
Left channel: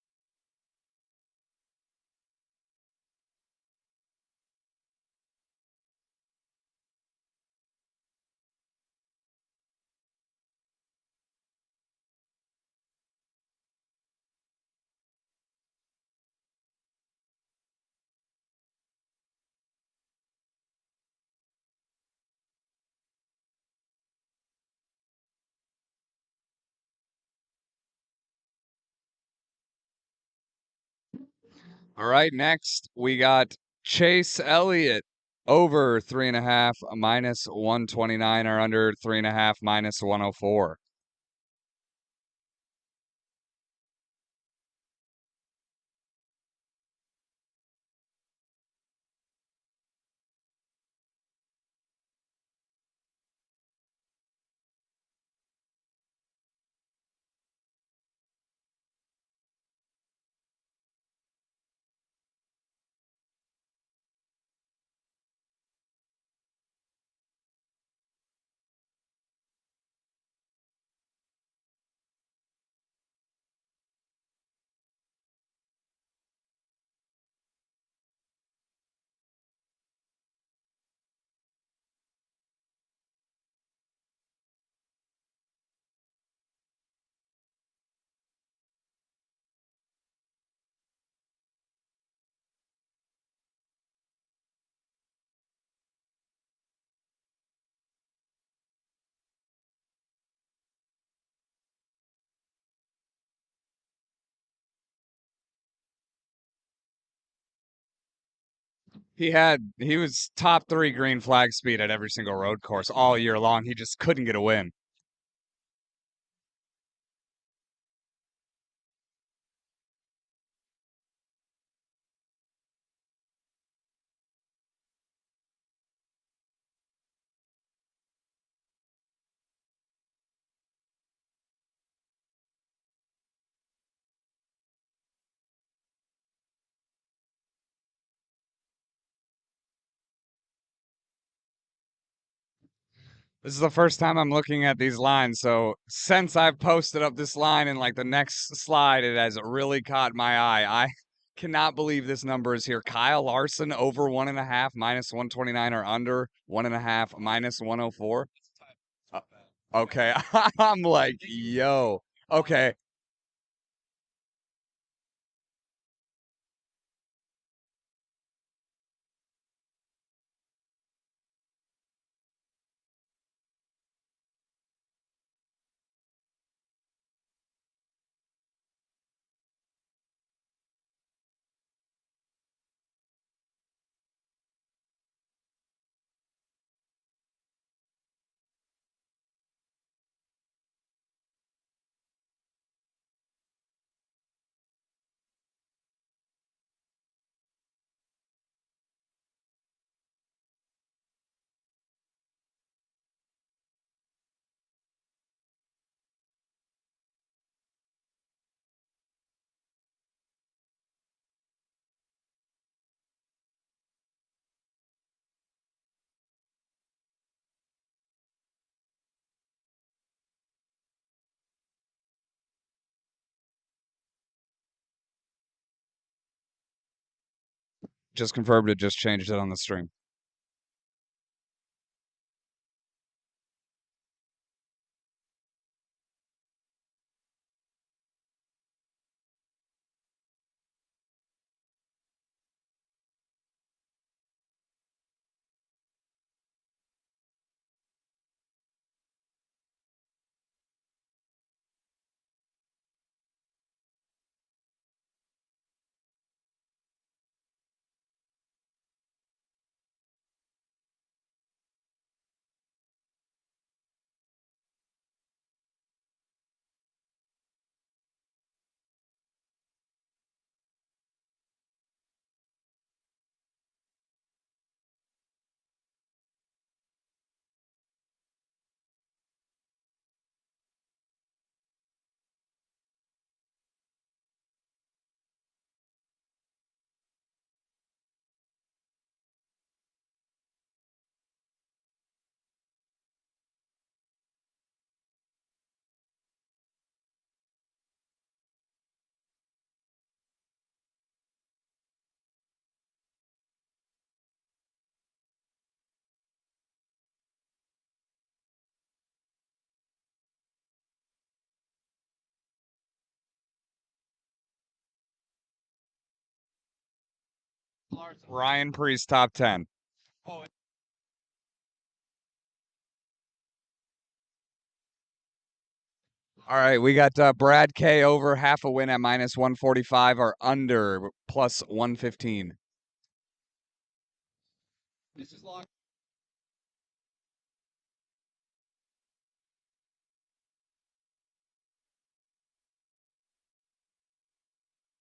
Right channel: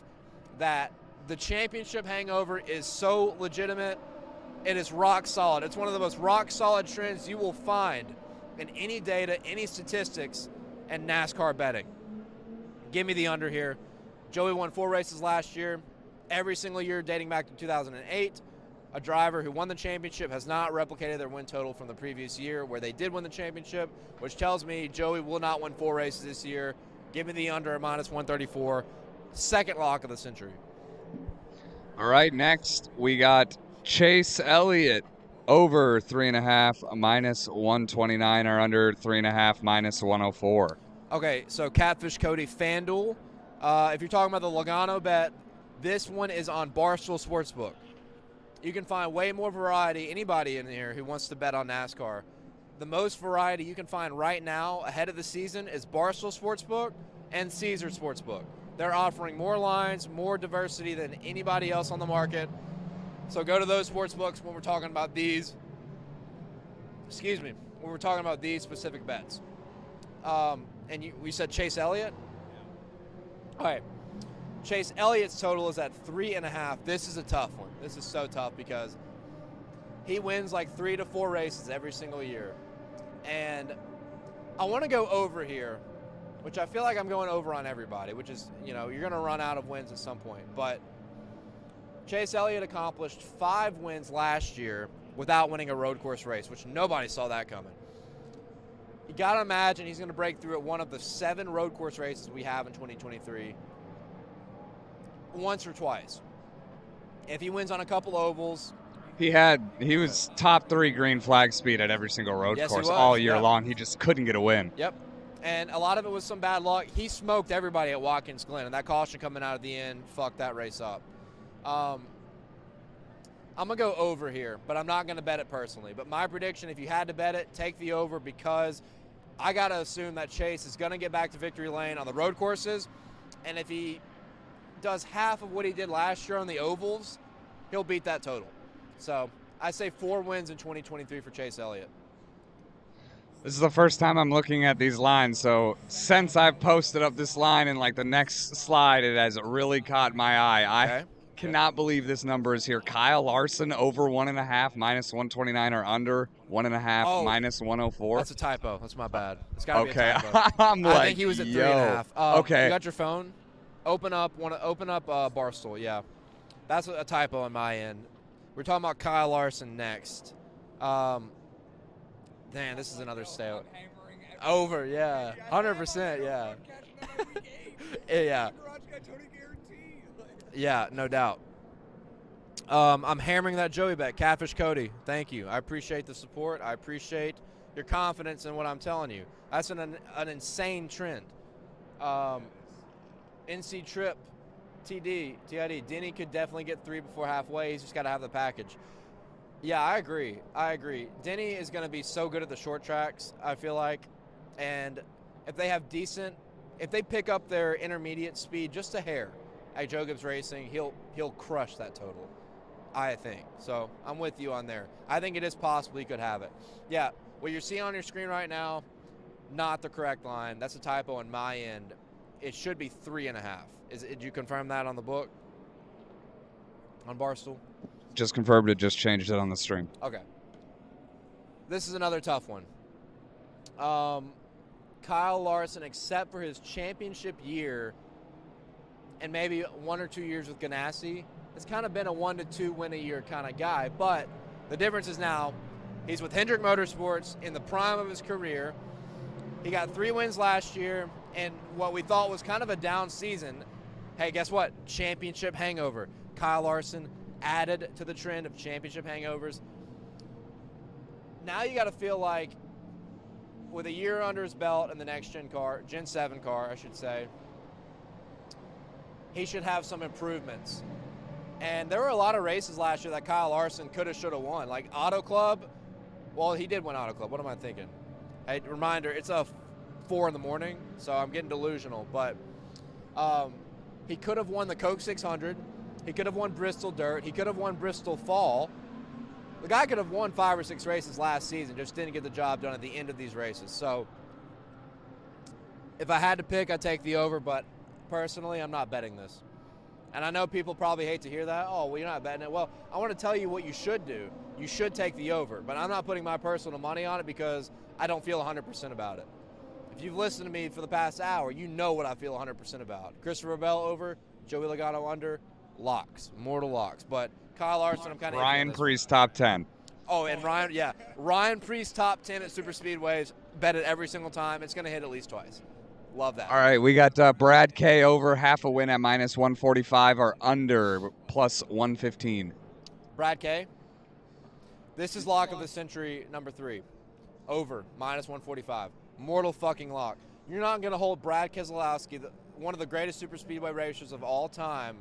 that the championship hangover is so legitimate. It is rock solid. It's one of the most rock solid trends you will find in any data, any statistics, and NASCAR betting. Give me the under here. Joey won 4 races last year. Every single year dating back to 2008. A driver who won the championship has not replicated their win total from the previous year where they did win the championship, which tells me Joey will not win 4 races this year. Give me the under at minus 134. Second lock of the century. All right, next we got Chase Elliott over 3.5 minus 129 or under 3.5 minus 104. Okay, so Catfish Cody FanDuel. If you're talking about the Logano bet, this one is on Barstool Sportsbook. You can find way more variety, anybody in here who wants to bet on NASCAR. The most variety you can find right now ahead of the season is Barstool Sportsbook and Caesar Sportsbook. They're offering more lines, more diversity than anybody else on the market. So go to those sportsbooks when we're talking about these. When we're talking about these specific bets. And we said Chase Elliott? All right. Chase Elliott's total is at 3.5. This is a tough one. This is so tough because he wins like 3 to 4 races every single year. And I want to go over here, which I feel like I'm going over on everybody, which is, you're going to run out of wins at some point. But Chase Elliott accomplished 5 wins last year without winning a road course race, which nobody saw that coming. You got to imagine he's going to break through at one of the 7 road course races we have in 2023 once or twice. If he wins on a couple ovals. He was top 3 green flag speed at every single road course all year long. He just couldn't get a win. Yep. And a lot of it was some bad luck. He smoked everybody at Watkins Glen, and that caution coming out at the end fucked that race up. I'm going to go over here, but I'm not going to bet it personally. But my prediction, if you had to bet it, take the over, because I got to assume that Chase is going to get back to victory lane on the road courses. And if he does half of what he did last year on the ovals, he'll beat that total. So I say 4 wins in 2023 for Chase Elliott. This is the first time I'm looking at these lines, so since I've posted up this line in like the next slide, it has really caught my eye. Okay. I cannot believe this number is here. Kyle Larson over 1.5 minus 129 or under 1.5 minus 104. That's a typo. That's my bad. It's gotta Okay, be a typo. I'm I like, think he was at yo. 3.5. Okay. You got your phone? Open up Barstool. Yeah, that's a typo on my end. We're talking about Kyle Larson next. Damn, this is another sale. Over, yeah, 100%, yeah. Yeah. Yeah, no doubt. I'm hammering that Joey bet. Catfish Cody, thank you. I appreciate the support. I appreciate your confidence in what I'm telling you. That's an insane trend. NC Trip, TID, Denny could definitely get 3 before halfway. He's just got to have the package. Yeah, I agree. Denny is going to be so good at the short tracks, I feel like. And if they have if they pick up their intermediate speed just a hair at Joe Gibbs Racing, he'll crush that total. I think. So I'm with you on there. I think it is possible he could have it. Yeah, what you're seeing on your screen right now, not the correct line. That's a typo on my end. It should be 3.5. Did you confirm that on the book? On Barstool? Just confirmed it, just changed it on the stream. Okay. This is another tough one. Kyle Larson, except for his championship year and maybe 1 or 2 years with Ganassi, has kind of been a 1 to 2 win a year kind of guy. But the difference is now he's with Hendrick Motorsports in the prime of his career. He got 3 wins last year, and what we thought was kind of a down season. Hey, guess what? Championship hangover. Kyle Larson added to the trend of championship hangovers. Now you got to feel like with a year under his belt in the next Gen 7 car, I should say, he should have some improvements. And there were a lot of races last year that Kyle Larson could have, should have won. Like Auto Club, well, he did win Auto Club. What am I thinking? Hey, reminder, it's a 4 in the morning, so I'm getting delusional. But he could have won the Coke 600. He could have won Bristol Dirt. He could have won Bristol Fall. The guy could have won 5 or 6 races last season, just didn't get the job done at the end of these races. So if I had to pick, I'd take the over, but personally, I'm not betting this. And I know people probably hate to hear that. Oh, well, you're not betting it. Well, I want to tell you what you should do. You should take the over, but I'm not putting my personal money on it because I don't feel 100% about it. If you've listened to me for the past hour, you know what I feel 100% about. Christopher Bell over, Joey Logano under, locks, mortal locks. But Kyle Larson, I'm kind of Ryan Priest top 10. Oh, and Ryan Priest top 10 at Super Speedways. Bet it every single time. It's going to hit at least twice. Love that. All right, we got Brad K over half a win at minus 145 or under plus 115. Brad K. This is lock of the century number 3. Over minus 145. Mortal fucking lock. You're not going to hold Brad Keselowski, one of the greatest super speedway racers of all time.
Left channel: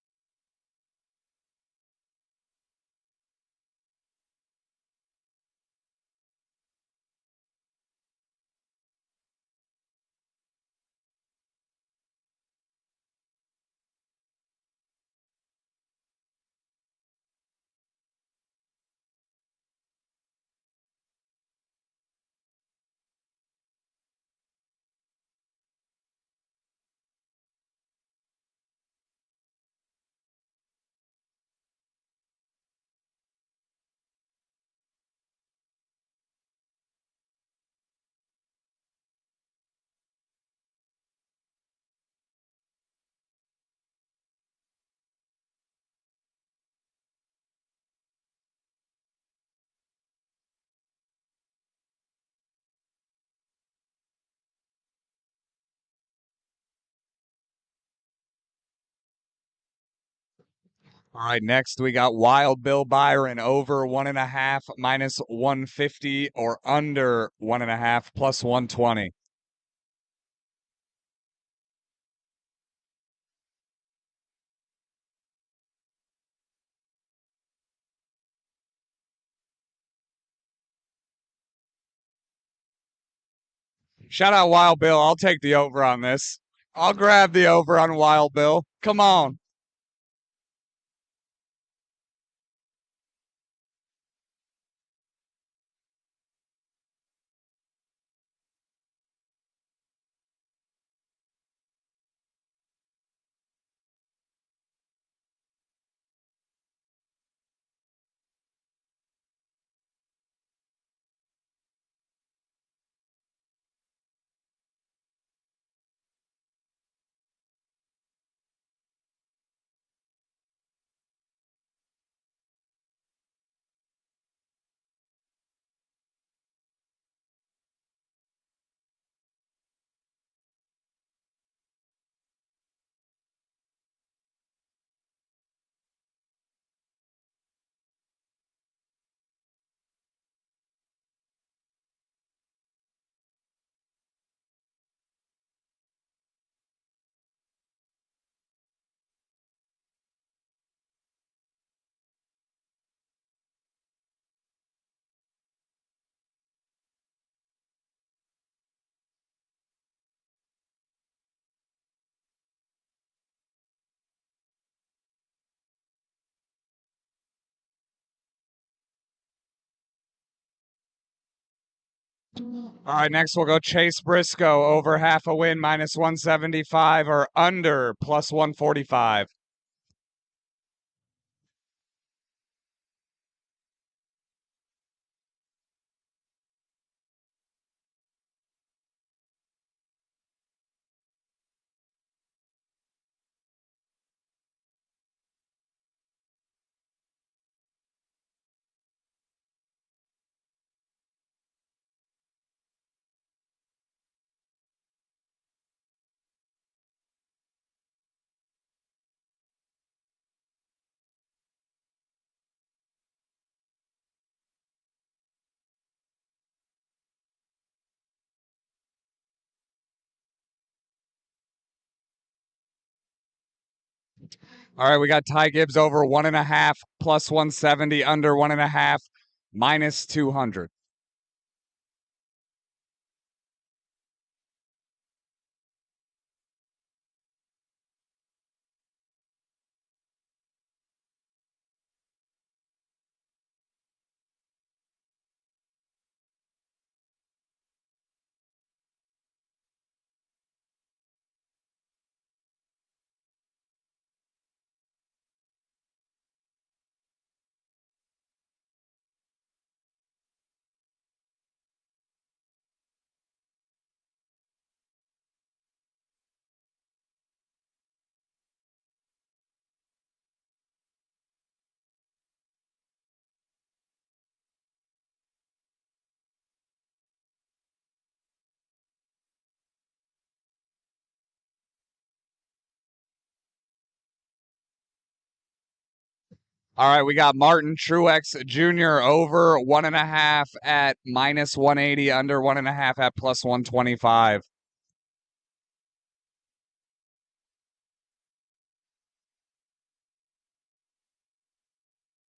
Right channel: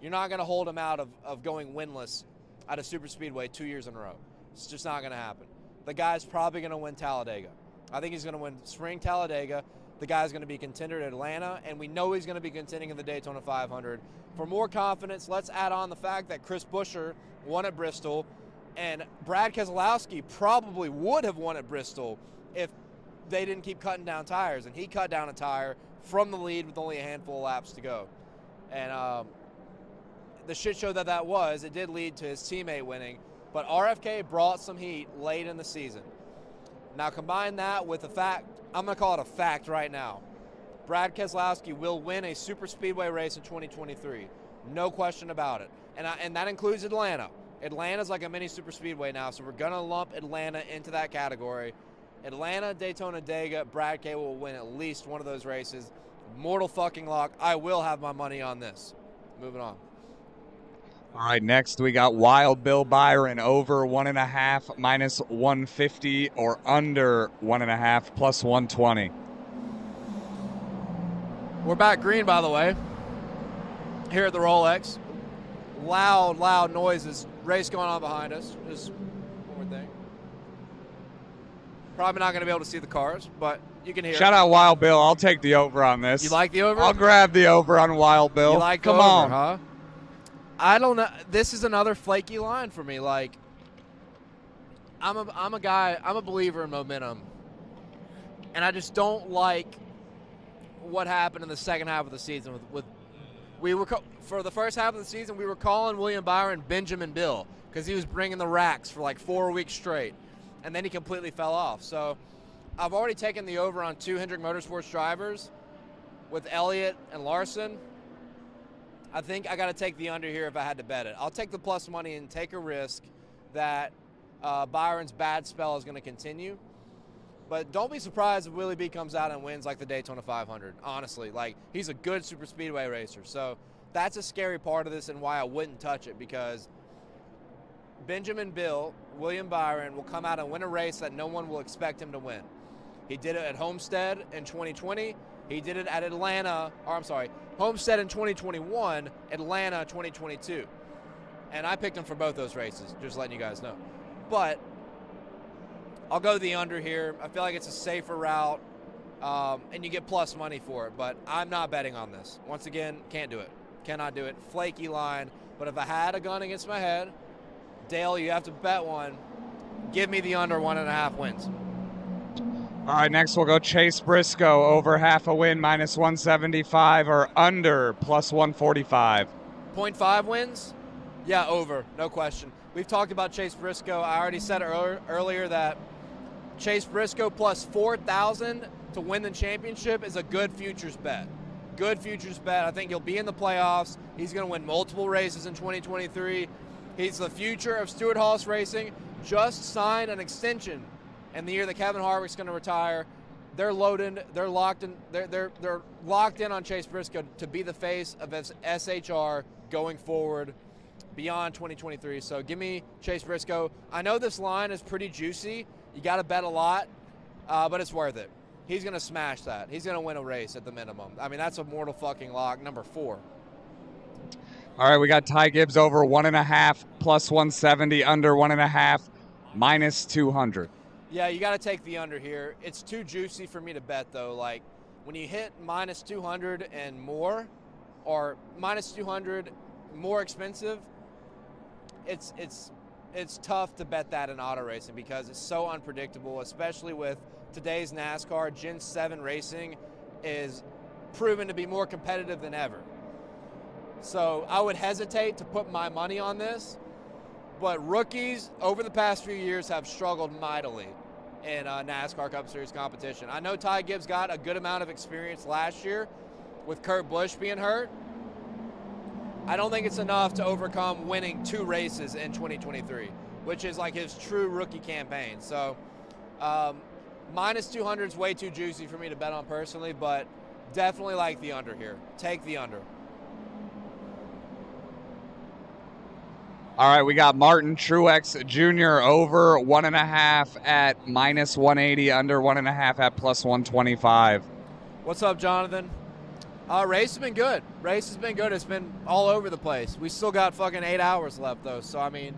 You're not going to hold him out of going winless at a super speedway 2 years in a row. It's just not going to happen. The guy's probably going to win Talladega. I think he's going to win spring Talladega. The guy's going to be contender at Atlanta, and we know he's going to be contending in the Daytona 500. For more confidence, let's add on the fact that Chris Buescher won at Bristol, and Brad Keselowski probably would have won at Bristol if they didn't keep cutting down tires, and he cut down a tire from the lead with only a handful of laps to go. And the shit show that was, it did lead to his teammate winning, but RFK brought some heat late in the season. Now combine that with the fact, I'm going to call it a fact right now. Brad Keselowski will win a super speedway race in 2023. No question about it. And that includes Atlanta. Atlanta's like a mini super speedway now, so we're going to lump Atlanta into that category. Atlanta, Daytona, Dega, Brad K will win at least one of those races. Mortal fucking lock. I will have my money on this. Moving on. All right, next we got Wild Bill Byron over 1.5 minus 150 or under 1.5 plus 120. We're back green, by the way, here at the Rolex. Loud noises. Race going on behind us. Just one more thing. Probably not going to be able to see the cars, but you can hear Shout it. out Wild Bill. I'll take the over on this. You like the over? I'll grab the over on Wild Bill. You like Come over, on. Huh? I don't know. This is another flaky line for me. Like, I'm a guy. I'm a believer in momentum, and I just don't like what happened in the second half of the season. For the first half of the season, we were calling William Byron Benjamin Bill because he was bringing the racks for like 4 weeks straight, and then he completely fell off. So, I've already taken the over on 2 Hendrick Motorsports drivers with Elliott and Larson. I think I got to take the under here if I had to bet it. I'll take the plus money and take a risk that Byron's bad spell is going to continue. But don't be surprised if Willie B comes out and wins like the Daytona 500. Honestly, like, he's a good super speedway racer. So that's a scary part of this and why I wouldn't touch it, because Benjamin Bill, William Byron, will come out and win a race that no one will expect him to win. He did it at Homestead in 2020. He did it at Homestead in 2021, Atlanta 2022. And I picked him for both those races, just letting you guys know. But I'll go the under here. I feel like it's a safer route, and you get plus money for it. But I'm not betting on this. Once again, can't do it. Cannot do it. Flaky line. But if I had a gun against my head, Dale, you have to bet one. Give me the under 1.5 wins. All right, next we'll go Chase Briscoe, over half a win, minus 175, or under, plus 145. 0.5 wins? Yeah, over, no question. We've talked about Chase Briscoe. I already said earlier that Chase Briscoe plus 4,000 to win the championship is a good futures bet. Good futures bet. I think he'll be in the playoffs. He's going to win multiple races in 2023. He's the future of Stewart Haas Racing. Just signed an extension in the year that Kevin Harvick's going to retire. They're loaded. They're locked in. They're locked in on Chase Briscoe to be the face of SHR going forward beyond 2023. So give me Chase Briscoe. I know this line is pretty juicy. You got to bet a lot, but it's worth it. He's going to smash that. He's going to win a race at the minimum. I mean, that's a mortal fucking lock. Number 4. All right, we got Ty Gibbs over 1.5, plus 170, under 1.5, minus 200. Yeah, you got to take the under here. It's too juicy for me to bet, though. Like, when you hit minus 200 and more, or minus 200 more expensive, it's tough to bet that in auto racing because it's so unpredictable, especially with today's NASCAR. Gen 7 racing is proven to be more competitive than ever. So I would hesitate to put my money on this, but rookies over the past few years have struggled mightily in NASCAR Cup Series competition. I know Ty Gibbs got a good amount of experience last year with Kurt Busch being hurt. I don't think it's enough to overcome winning 2 races in 2023, which is like his true rookie campaign. So minus 200 is way too juicy for me to bet on personally, but definitely like the under here. Take the under. All right, we got Martin Truex Jr. over 1.5 at minus 180, under 1.5 at plus 125. What's up, Jonathan? Race has been good. Race has been good. It's been all over the place. We still got fucking 8 hours left, though. So, I mean,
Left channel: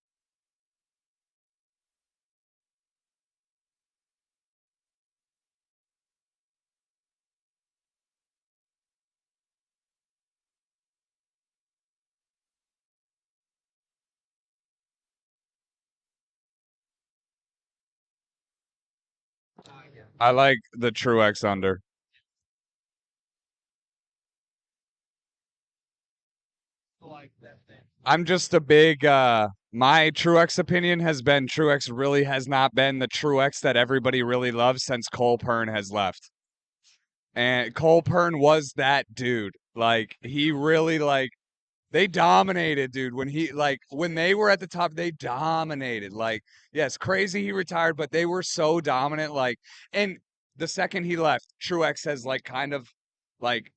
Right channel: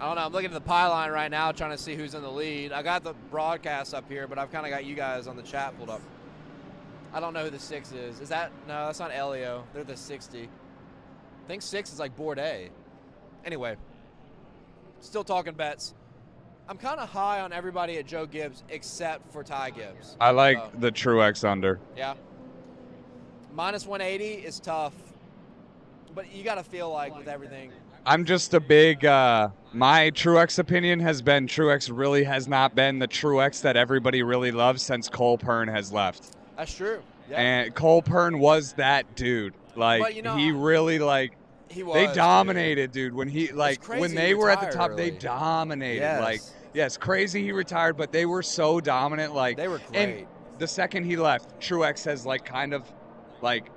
I don't know. I'm looking at the pylon right now trying to see who's in the lead. I got the broadcast up here, but I've kind of got you guys on the chat pulled up. I don't know who the 6 is. Is that? No, that's not Elio. They're the 60. I think 6 is like Bourdais. Anyway, still talking bets. I'm kind of high on everybody at Joe Gibbs except for Ty Gibbs. I like the Truex under. Yeah. Minus 180 is tough, but you got to feel like with everything. I'm just a big, my Truex opinion has been Truex really has not been the Truex that everybody really loves since Cole Pearn has left. That's true. Yeah. And Cole Pearn was that dude. Like, you know, he really, like, they dominated, dude. When he, like, when they were at the top, they dominated. Yes. Like, yes, crazy he retired, but they were so dominant. Like, they were great. And the second he left, Truex has, like, kind of, like,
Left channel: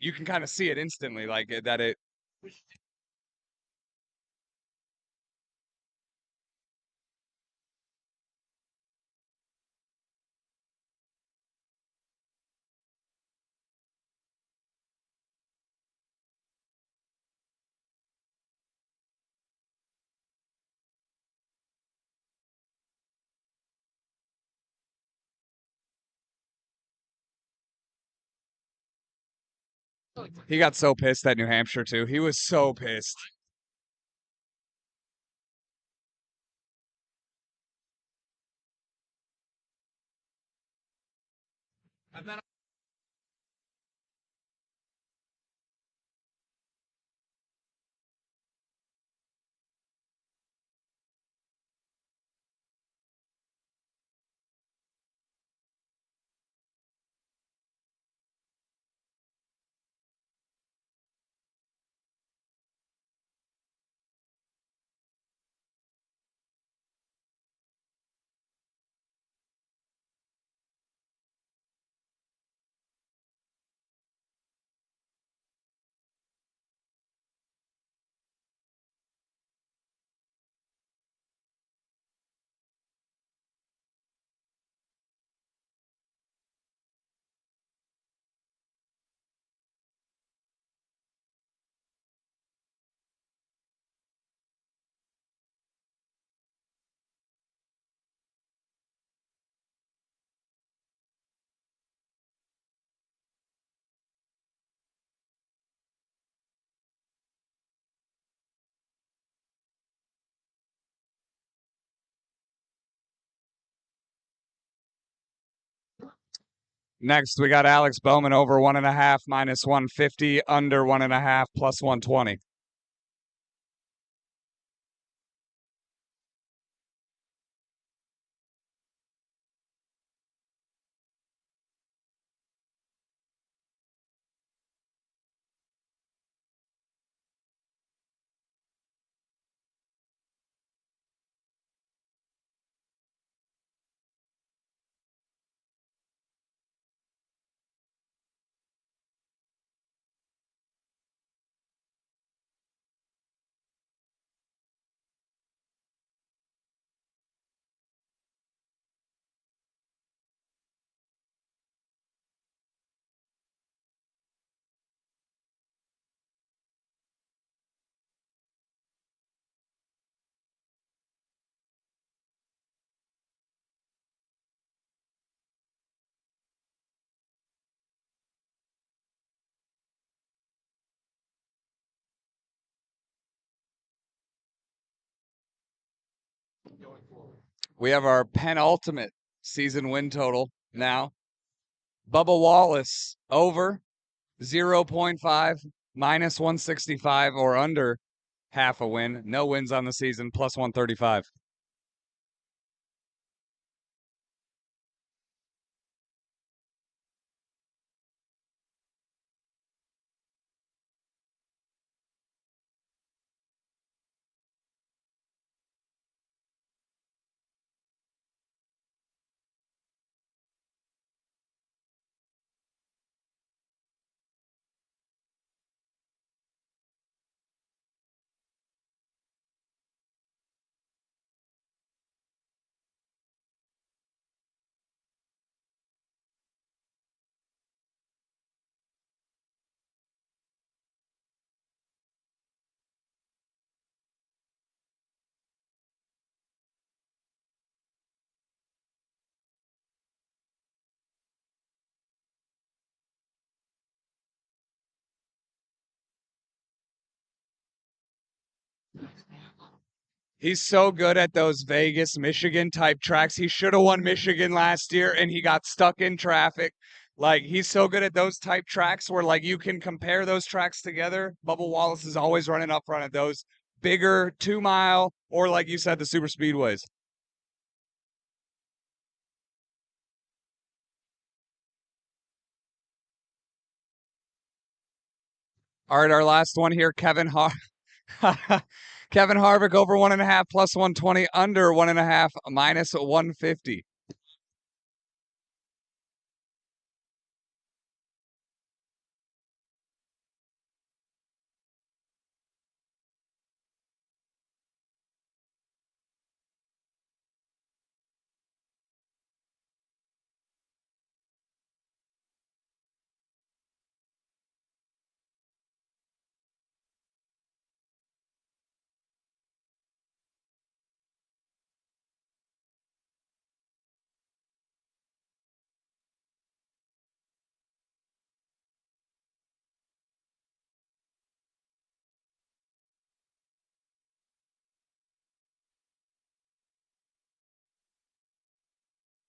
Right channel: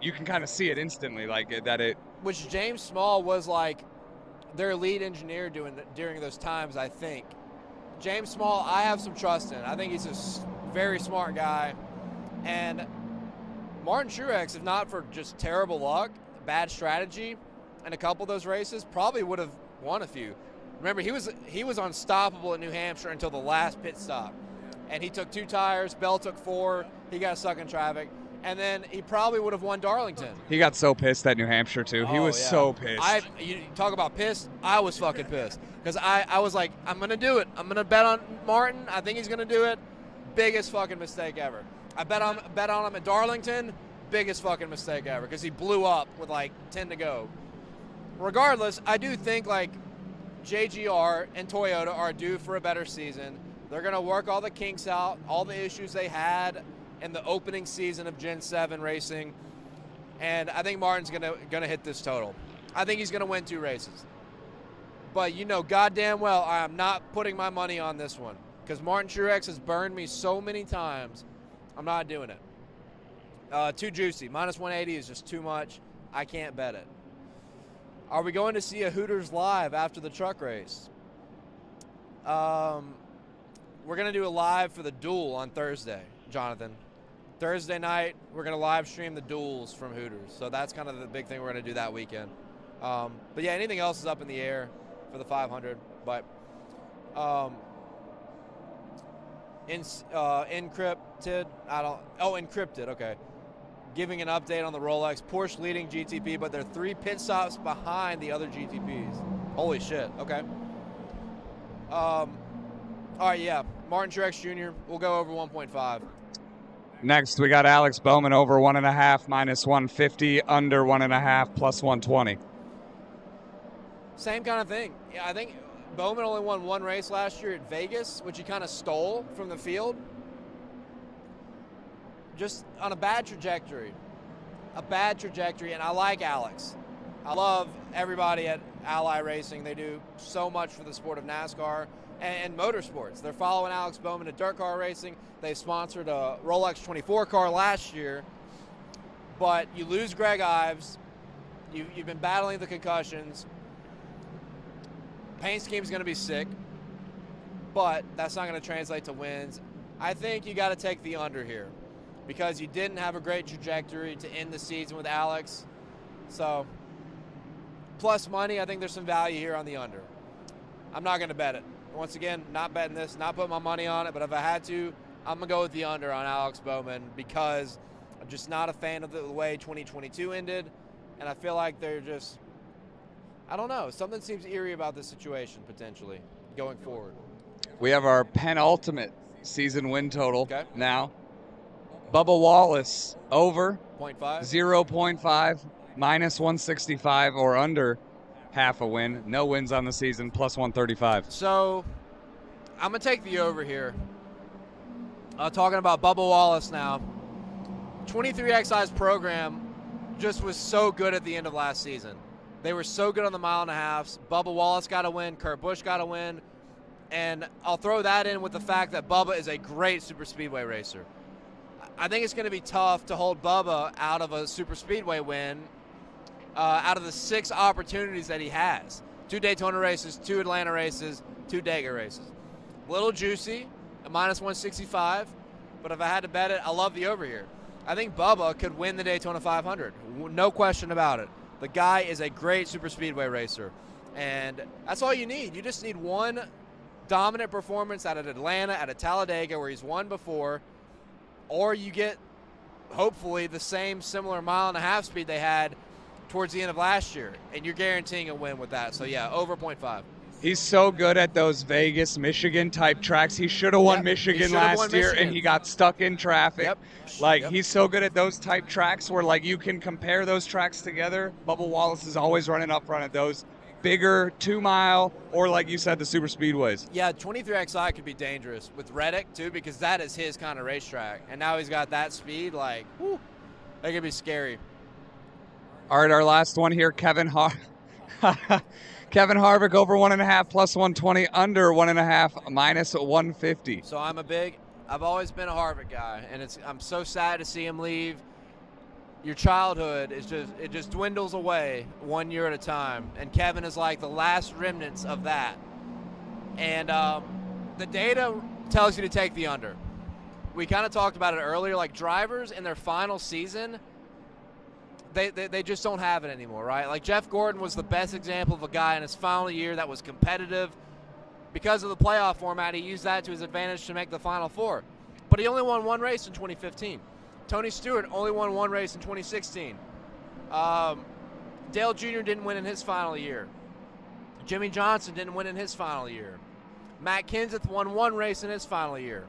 you can kind of see it instantly, like, that it. Which James Small was, like, their lead engineer during those times, I think. James Small, I have some trust in. I think he's a very smart guy. And Martin Truex, if not for just terrible luck, bad strategy, and a couple of those races, probably would have won a few. Remember, he was unstoppable at New Hampshire until the last pit stop. And he took 2 tires, Bell took 4, he got stuck in traffic. And then he probably would have won Darlington. He got so pissed at New Hampshire, too. He was so pissed. You talk about pissed, I was fucking pissed. Because I was like, I'm going to do it. I'm going to bet on Martin. I think he's going to do it. Biggest fucking mistake ever. I bet on him at Darlington. Biggest fucking mistake ever. Because he blew up with like 10 to go. Regardless, I do think like JGR and Toyota are due for a better season. They're going to work all the kinks out, all the issues they had in the opening season of Gen 7 racing, and I think Martin's gonna hit this total. I think he's gonna win 2 races. But you know goddamn well I am not putting my money on this one because Martin Truex has burned me so many times. I'm not doing it. Too juicy. Minus 180 is just too much. I can't bet it. Are we going to see a Hooters live after the truck race? We're gonna do a live for the duel on Thursday, Jonathan. Thursday night, we're going to live stream the duels from Hooters. So that's kind of the big thing we're going to do that weekend. But yeah, anything else is up in the air for the 500. But encrypted, encrypted, okay. giving an update on the Rolex. Porsche leading GTP, but they're 3 pit stops behind the other GTPs. Holy shit. Okay. All right, yeah. Martin Truex Jr. We'll go over 1.5. Next, we got Alex Bowman over 1.5 minus 150, under 1.5 plus 120. Same kind of thing. Yeah, I think Bowman only won 1 race last year at Vegas, which he kind of stole from the field. Just on a bad trajectory. And I like Alex. I love everybody at Ally Racing. They do so much for the sport of NASCAR and motorsports. They're following Alex Bowman at dirt car racing. They sponsored a Rolex 24 car last year. But you lose Greg Ives. You've been battling the concussions. Paint scheme's going to be sick, but that's not going to translate to wins. I think you got to take the under here because you didn't have a great trajectory to end the season with Alex. So, plus money, I think there's some value here on the under. I'm not going to bet it. Once again, not betting this, not putting my money on it, but if I had to, I'm going to go with the under on Alex Bowman because I'm just not a fan of the way 2022 ended, and I feel like they're just, I don't know, something seems eerie about this situation potentially going forward. We have our penultimate season win total now. Bubba Wallace over 0.5 minus 165 or under half a win. No wins on the season, plus 135. So I'm going to take the over here. Talking about Bubba Wallace now. 23XI's program just was so good at the end of last season. They were so good on the mile and a halves. Bubba Wallace got a win. Kurt Busch got a win. And I'll throw that in with the fact that Bubba is a great super speedway racer. I think it's going to be tough to hold Bubba out of a super speedway win out of the 6 opportunities that he has. 2 Daytona races, 2 Atlanta races, 2 Dega races. A little juicy, a minus 165. But if I had to bet it, I love the over here. I think Bubba could win the Daytona 500. No question about it. The guy is a great super speedway racer. And that's all you need. You just need one dominant performance out of Atlanta, out of Talladega, where he's won before. Or you get, hopefully, the same similar mile and a half speed they had towards the end of last year. And you're guaranteeing a win with that. So, yeah, over 0.5. He's so good at those Vegas, Michigan type tracks. He should have won Michigan last year, and he got stuck in traffic. He's so good at those type tracks where, like, you can compare those tracks together. Bubba Wallace is always running up front at those bigger 2-mile or, like you said, the super speedways. Yeah, 23XI could be dangerous with Reddick, too, because that is his kind of racetrack. And now he's got that speed, like, whew, that could be scary. All right, our last one here, Kevin Harvick over 1.5 plus 120, under 1.5 minus 150. So I've always been a Harvick guy, and I'm so sad to see him leave. Your childhood it just dwindles away 1 year at a time, and Kevin is like the last remnants of that. And the data tells you to take the under. We kind of talked about it earlier, like drivers in their final season, they just don't have it anymore, right? Like Jeff Gordon was the best example of a guy in his final year that was competitive. Because of the playoff format, he used that to his advantage to make the Final Four. But he only won 1 race in 2015. Tony Stewart only won 1 race in 2016. Dale Jr. didn't win in his final year. Jimmy Johnson didn't win in his final year. Matt Kenseth won 1 race in his final year.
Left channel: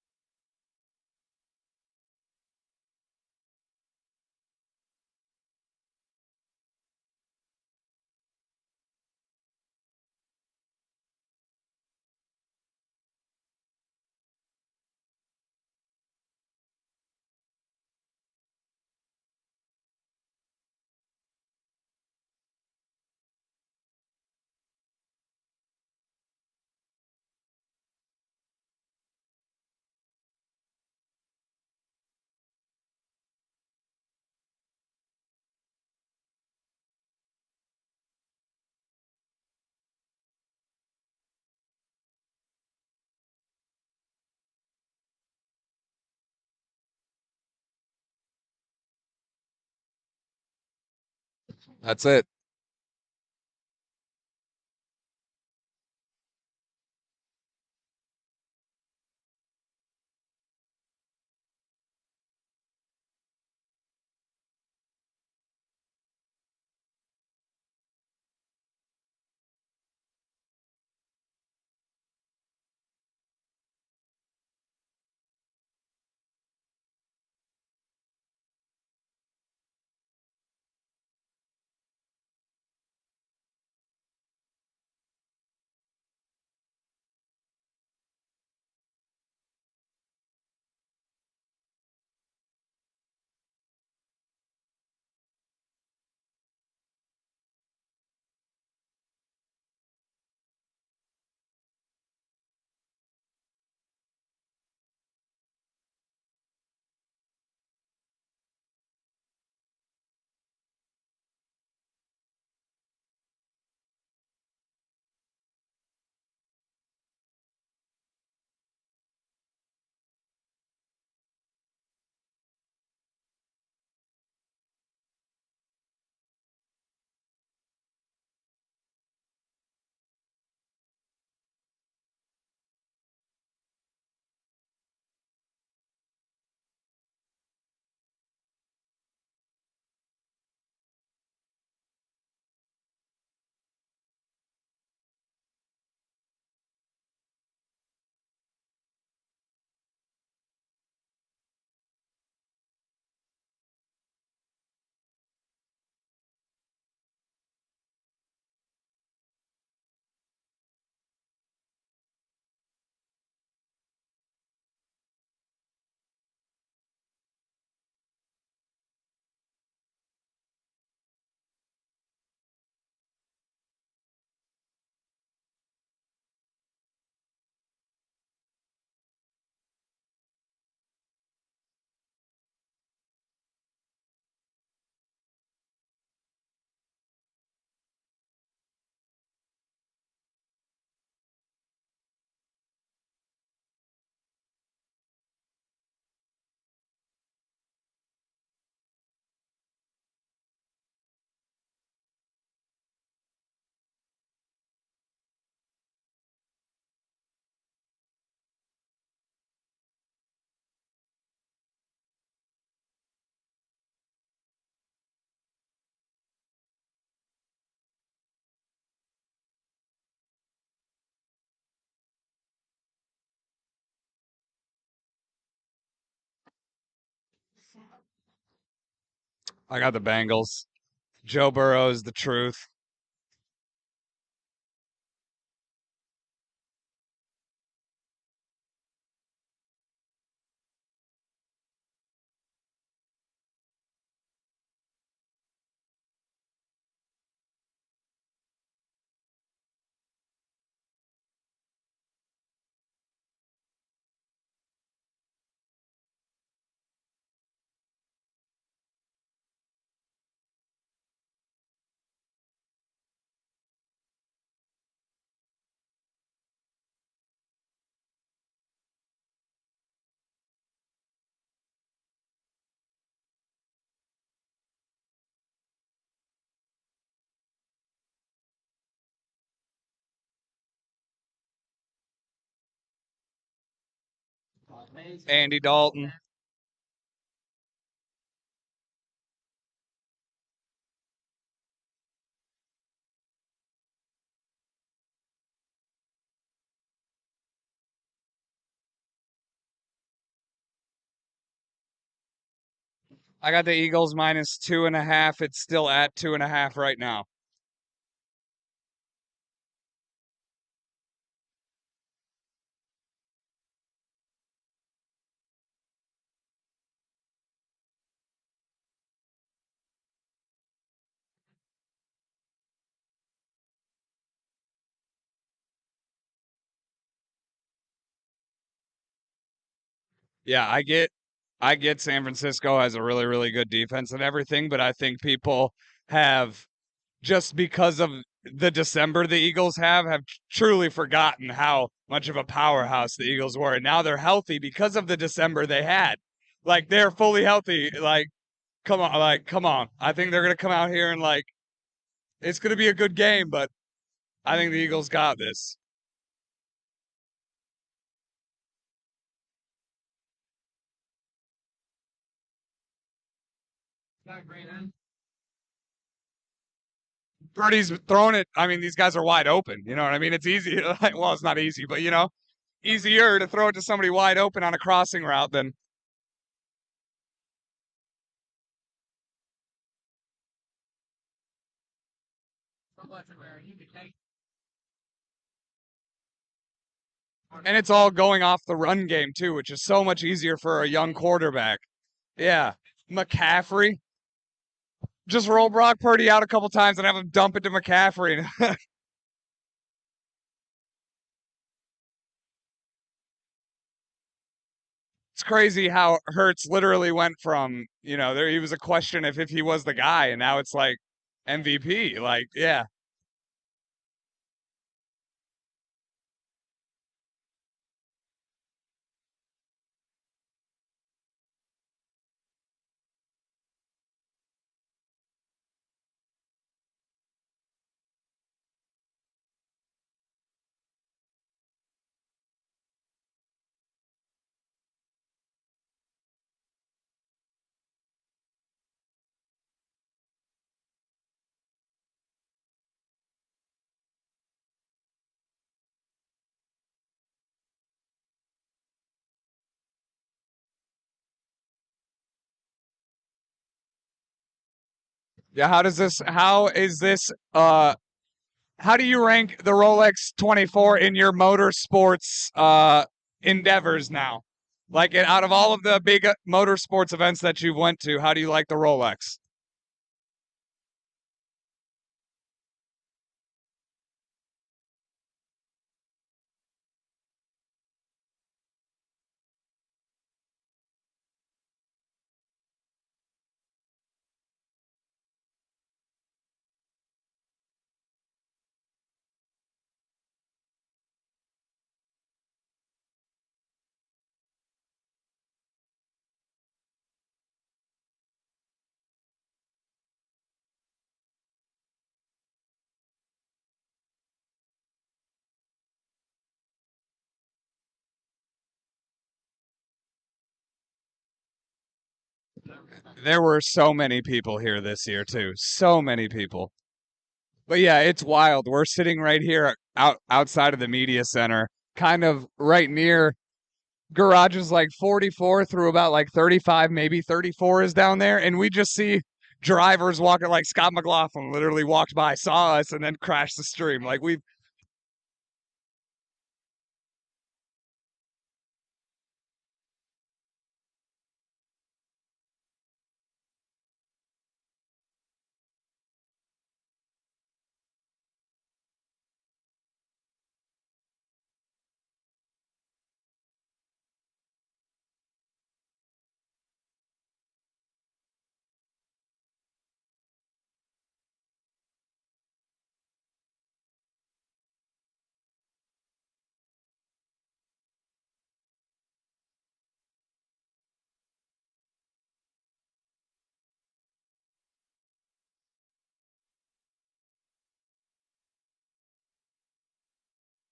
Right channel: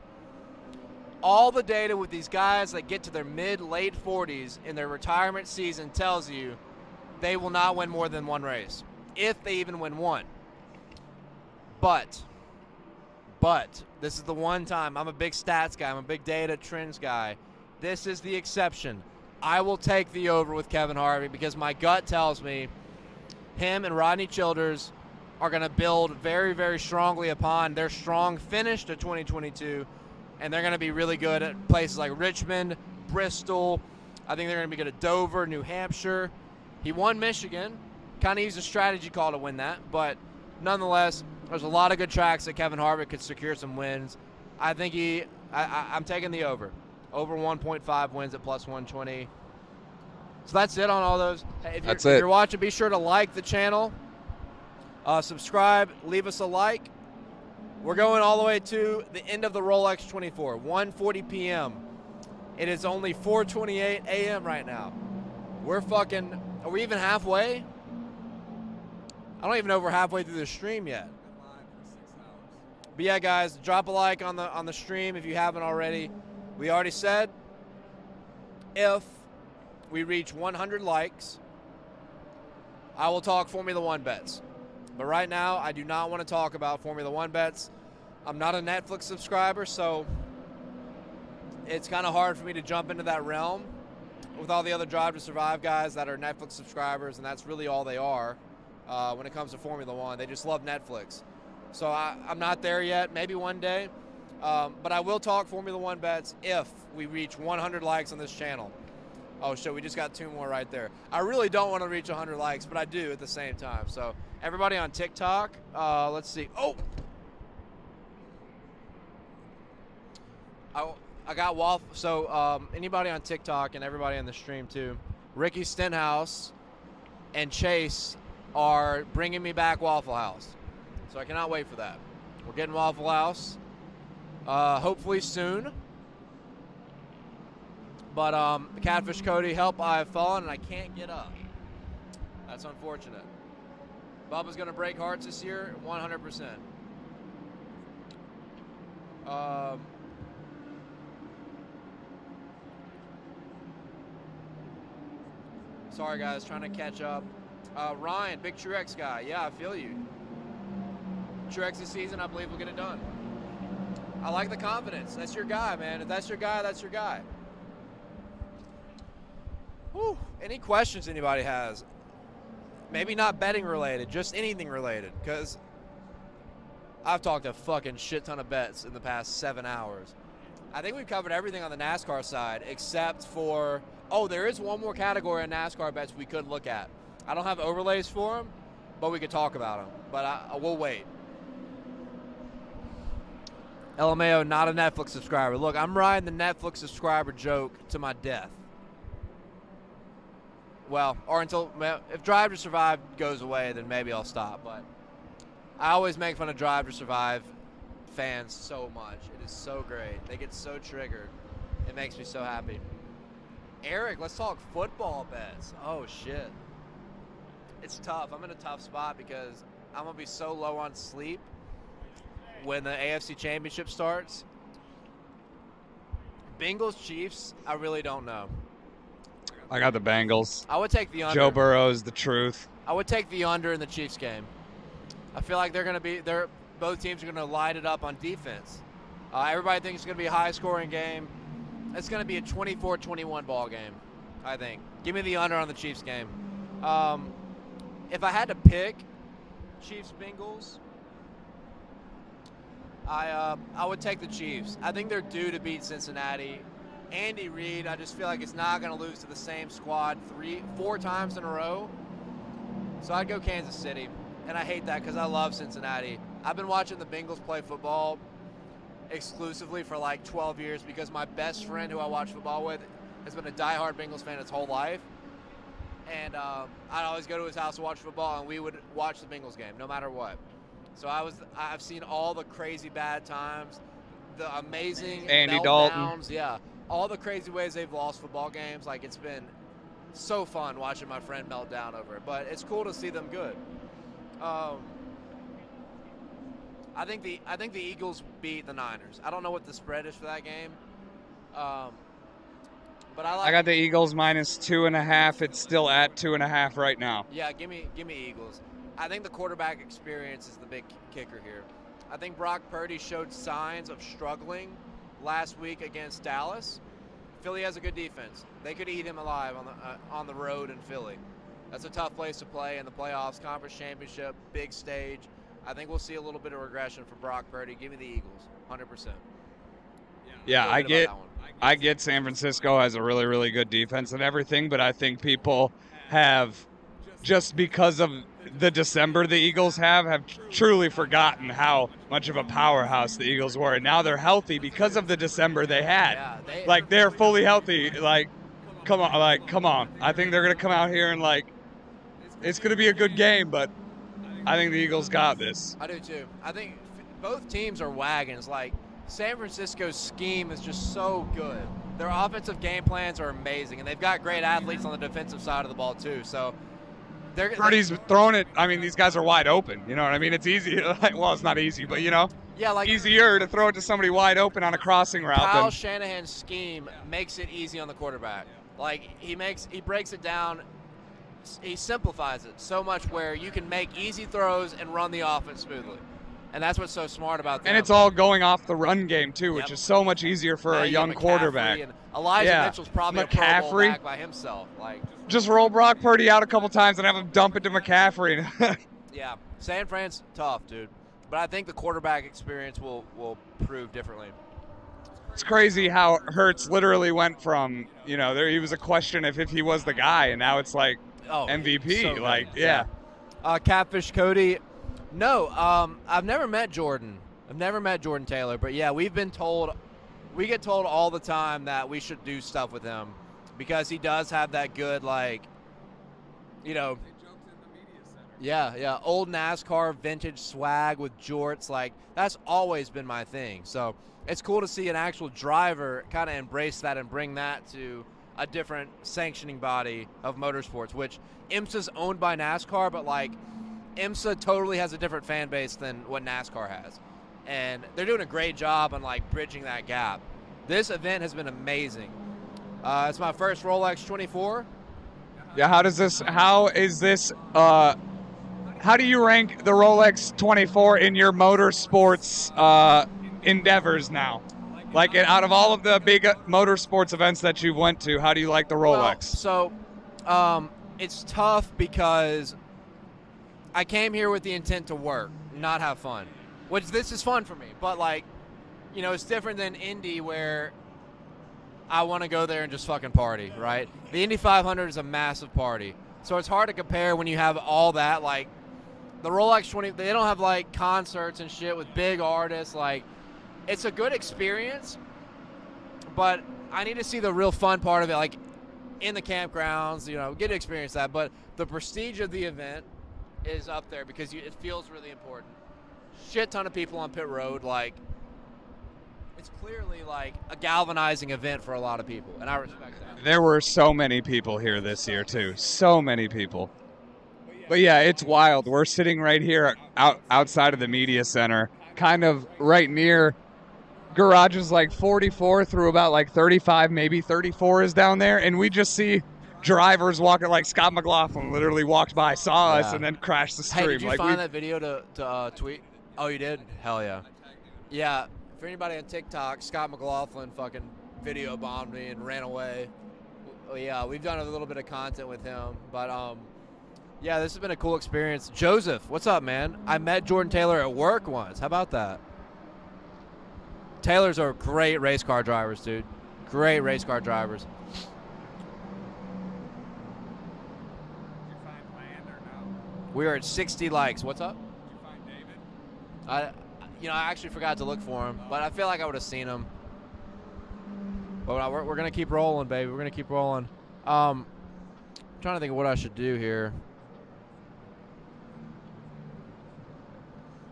All the data with these guys that get to their mid-late 40s in their retirement season tells you they will not win more than 1 race, if they even win 1. But this is the one time. I'm a big stats guy. I'm a big data trends guy. This is the exception. I will take the over with Kevin Harvick because my gut tells me him and Rodney Childers are going to build very, very strongly upon their strong finish to 2022, and they're going to be really good at places like Richmond, Bristol. I think they're going to be good at Dover, New Hampshire. He won Michigan. Kind of used a strategy call to win that, but nonetheless, there's a lot of good tracks that Kevin Harvick could secure some wins. I think I'm taking the over. Over 1.5 wins at plus 120. So that's it on all those. Hey, if you're watching, be sure to like the channel. Subscribe. Leave us a like. We're going all the way to the end of the Rolex 24, 1:40 p.m. It is only 4:28 a.m. right now. Are we even halfway? I don't even know if we're halfway through the stream yet. But yeah, guys, drop a like on the stream if you haven't already. We already said if we reach 100 likes, I will talk Formula One bets. But right now, I do not want to talk about Formula One bets. I'm not a Netflix subscriber, so it's kind of hard for me to jump into that realm with all the other Drive to Survive guys that are Netflix subscribers, and that's really all they are when it comes to Formula One. They just love Netflix. So I'm not there yet. Maybe one day. But I will talk Formula One bets if we reach 100 likes on this channel. Oh, shit, we just got 2 more right there. I really don't want to reach 100 likes, but I do at the same time. So everybody on TikTok, let's see. Oh! I got Waffle. So anybody on TikTok and everybody on the stream too, Ricky Stenhouse and Chase are bringing me back Waffle House. So I cannot wait for that. We're getting Waffle House hopefully soon. But Catfish Cody, help, I have fallen and I can't get up. That's unfortunate. Bubba's going to break hearts this year, 100%. Sorry, guys, trying to catch up. Ryan, big Truex guy. Yeah, I feel you. Truex this season, I believe we'll get it done. I like the confidence. That's your guy, man. If that's your guy, that's your guy. Whew. Any questions anybody has? Maybe not betting related, just anything related, because I've talked a fucking shit ton of bets in the past 7 hours. I think we've covered everything on the NASCAR side except for, oh, there is one more category of NASCAR bets we could look at. I don't have overlays for them, but we could talk about them. But I will wait. LMAO, not a Netflix subscriber. Look, I'm riding the Netflix subscriber joke to my death. Well, or until, if Drive to Survive goes away, then maybe I'll stop. But I always make fun of Drive to Survive fans so much. It is so great. They get so triggered. It makes me so happy. Eric, let's talk football bets. Oh, shit. It's tough. I'm in a tough spot because I'm going to be so low on sleep when the AFC Championship starts. Bengals, Chiefs, I really don't know. I got the Bengals. I would take the under. Joe Burrow is the truth. I would take the under in the Chiefs game. I feel like both teams are going to light it up on defense. Everybody thinks it's going to be a high-scoring game. It's going to be a 24-21 ball game, I think. Give me the under on the Chiefs game. If I had to pick Chiefs-Bengals, I would take the Chiefs. I think they're due to beat Cincinnati. Andy Reid, I just feel like it's not going to lose to the same squad 4 times in a row. So I'd go Kansas City. And I hate that because I love Cincinnati. I've been watching the Bengals play football exclusively for like 12 years because my best friend who I watch football with has been a diehard Bengals fan his whole life. And I'd always go to his house to watch football, and we would watch the Bengals game no matter what. So I've seen all the crazy bad times, the amazing Andy meltdowns, Dalton. yeah, all the crazy ways they've lost football games. Like, it's been so fun watching my friend melt down over it, but it's cool to see them good. I think the Eagles beat the Niners. I don't know what the spread is for that game, but I got the Eagles minus 2.5. It's still at 2.5 right now. Yeah, give me Eagles. I think the quarterback experience is the big kicker here. I think Brock Purdy showed signs of struggling last week against Dallas. Philly has a good defense. They could eat him alive on the road in Philly. That's a tough place to play in the playoffs, conference championship, big stage. I think we'll see a little bit of regression for Brock Purdy. Give me the Eagles, 100%. Yeah, I get San Francisco has a really, really good defense and everything, but I think people have, just because of the December the Eagles have truly forgotten how much of a powerhouse the Eagles were. And now they're healthy because of the December they had. Yeah, they're fully healthy. Come on. I think they're going to come out here and it's going to be a good game, but I think the Eagles got this. I do too. I think both teams are wagons. San Francisco's scheme is just so good. their offensive game plans are amazing, and they've got great athletes on the defensive side of the ball too. So they're Purdy's throwing it. I mean, these guys are wide open. You know what I mean? It's easy. Well, it's not easy, but easier to throw it to somebody wide open on a crossing route Kyle than. Shanahan's scheme makes it easy on the quarterback. Like he breaks it down. He simplifies it so much where you can make easy throws and run the offense smoothly. And that's what's so smart about that. And it's all going off the run game too, which is so much easier for a young quarterback. Elijah Mitchell's probably a Pro Bowl McCaffrey back by himself. Like, just roll Brock Purdy out a couple times and have him dump it to McCaffrey. yeah, San Fran's tough, dude. But I think the quarterback experience will prove differently. It's crazy how Hurts literally went from, there he was a question if he was the guy, and now it's like MVP. So Catfish Cody. No, I've never met Jordan. I've never met Jordan Taylor, but yeah, we get told all the time that we should do stuff with him because he does have that good, old NASCAR vintage swag with jorts. Like, that's always been my thing. So it's cool to see an actual driver kind of embrace that and bring that to a different sanctioning body of motorsports, which IMSA's owned by NASCAR, but IMSA totally has a different fan base than what NASCAR has. And they're doing a great job on bridging that gap. This event has been amazing. It's my first Rolex 24. Yeah, how do you rank the Rolex 24 in your motorsports endeavors now? Out of all of the big motorsports events that you went to, how do you like the Rolex? It's tough because I came here with the intent to work, not have fun, which this is fun for me. But it's different than Indy where I want to go there and just fucking party, right? The Indy 500 is a massive party. So it's hard to compare when you have all that. The Rolex 20, they don't have concerts and shit with big artists. It's a good experience, but I need to see the real fun part of it, in the campgrounds, get to experience that. But the prestige of the event is up there because it feels really important. Shit ton of people on pit road. It's clearly a galvanizing event for a lot of people, and I respect that. There were so many people here this year too. So many people. But yeah, it's wild. We're sitting right here outside of the media center, kind of right near garages 44 through about 35, maybe 34 is down there, and we just see drivers walking. Scott McLaughlin literally walked by, saw us, and then crashed the stream. Hey, did you find that video to tweet? Oh, you did? Hell yeah. Yeah, for anybody on TikTok, Scott McLaughlin fucking video bombed me and ran away. Yeah, we've done a little bit of content with him, but yeah, this has been a cool experience. Joseph, what's up, man? I met Jordan Taylor at work once. How about that? Taylors are great race car drivers, dude. Great race car drivers. We are at 60 likes. What's up? Did you find David? I actually forgot to look for him, but I feel like I would have seen him. But we're gonna keep rolling, baby. We're gonna keep rolling. I'm trying to think of what I should do here.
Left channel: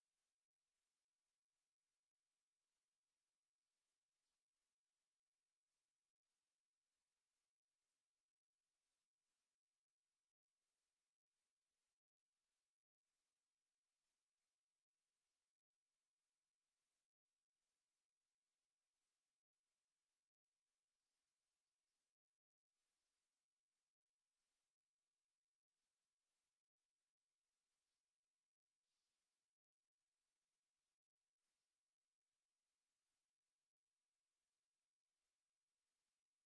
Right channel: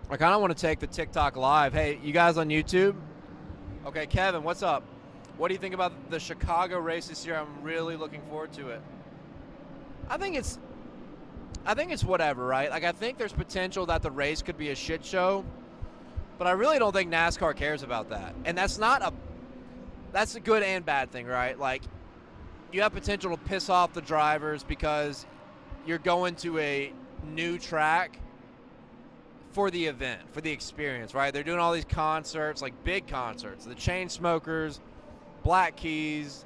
I kind of want to take the TikTok live. Hey, you guys on YouTube? Okay, Kevin, what's up? What do you think about the Chicago race this year? I'm really looking forward to it. I think it's whatever, right? I think there's potential that the race could be a shit show, but I really don't think NASCAR cares about that. And that's a good and bad thing, right? You have potential to piss off the drivers because you're going to a new track for the event, for the experience, right? They're doing all these concerts, big concerts. The Chainsmokers, Black Keys,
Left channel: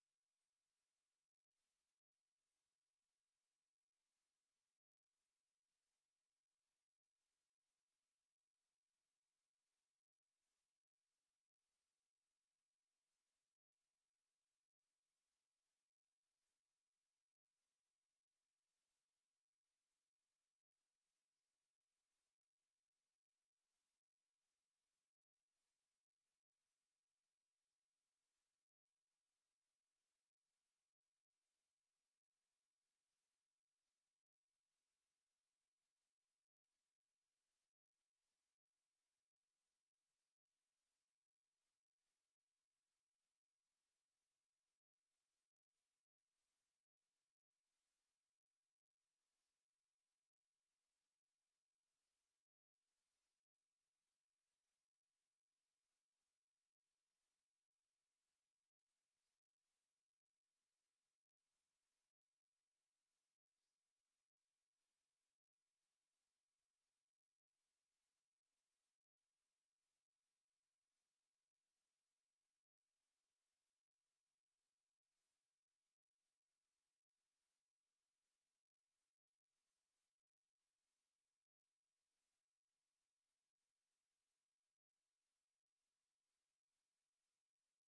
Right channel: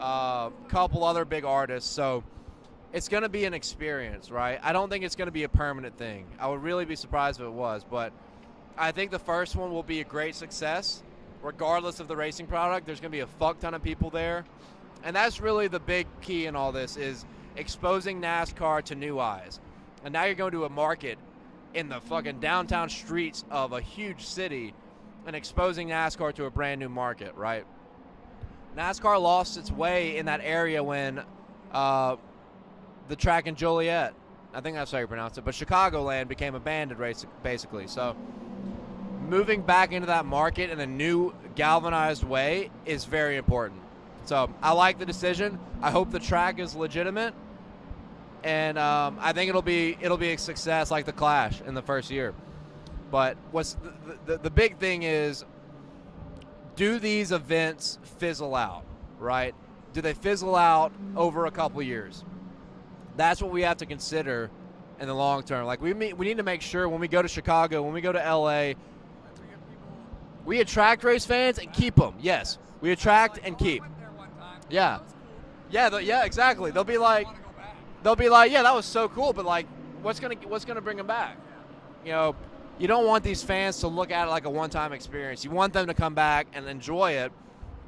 a couple other big artists. So it's going to be an experience, right? I don't think it's going to be a permanent thing. I would really be surprised if it was, but I think the first one will be a great success. Regardless of the racing product, there's going to be a fuck ton of people there. And that's really the big key in all this is exposing NASCAR to new eyes. And now you're going to a market in the fucking downtown streets of a huge city and exposing NASCAR to a brand new market, right? NASCAR lost its way in that area when the track in Joliet, I think that's how you pronounce it, but Chicagoland became abandoned, basically. So moving back into that market in a new galvanized way is very important. So I like the decision. I hope the track is legitimate, and I think it'll be a success like the Clash in the first year. But what's the big thing is, do these events fizzle out, right? Do they fizzle out over a couple years? That's what we have to consider in the long term. Like we need to make sure when we go to Chicago, when we go to LA, we attract race fans and keep them. Yes, we attract and keep. Yeah, yeah, exactly. They'll be like, yeah, that was so cool, but like, what's gonna bring them back? You know, you don't want these fans to look at it like a one-time experience. You want them to come back and enjoy it,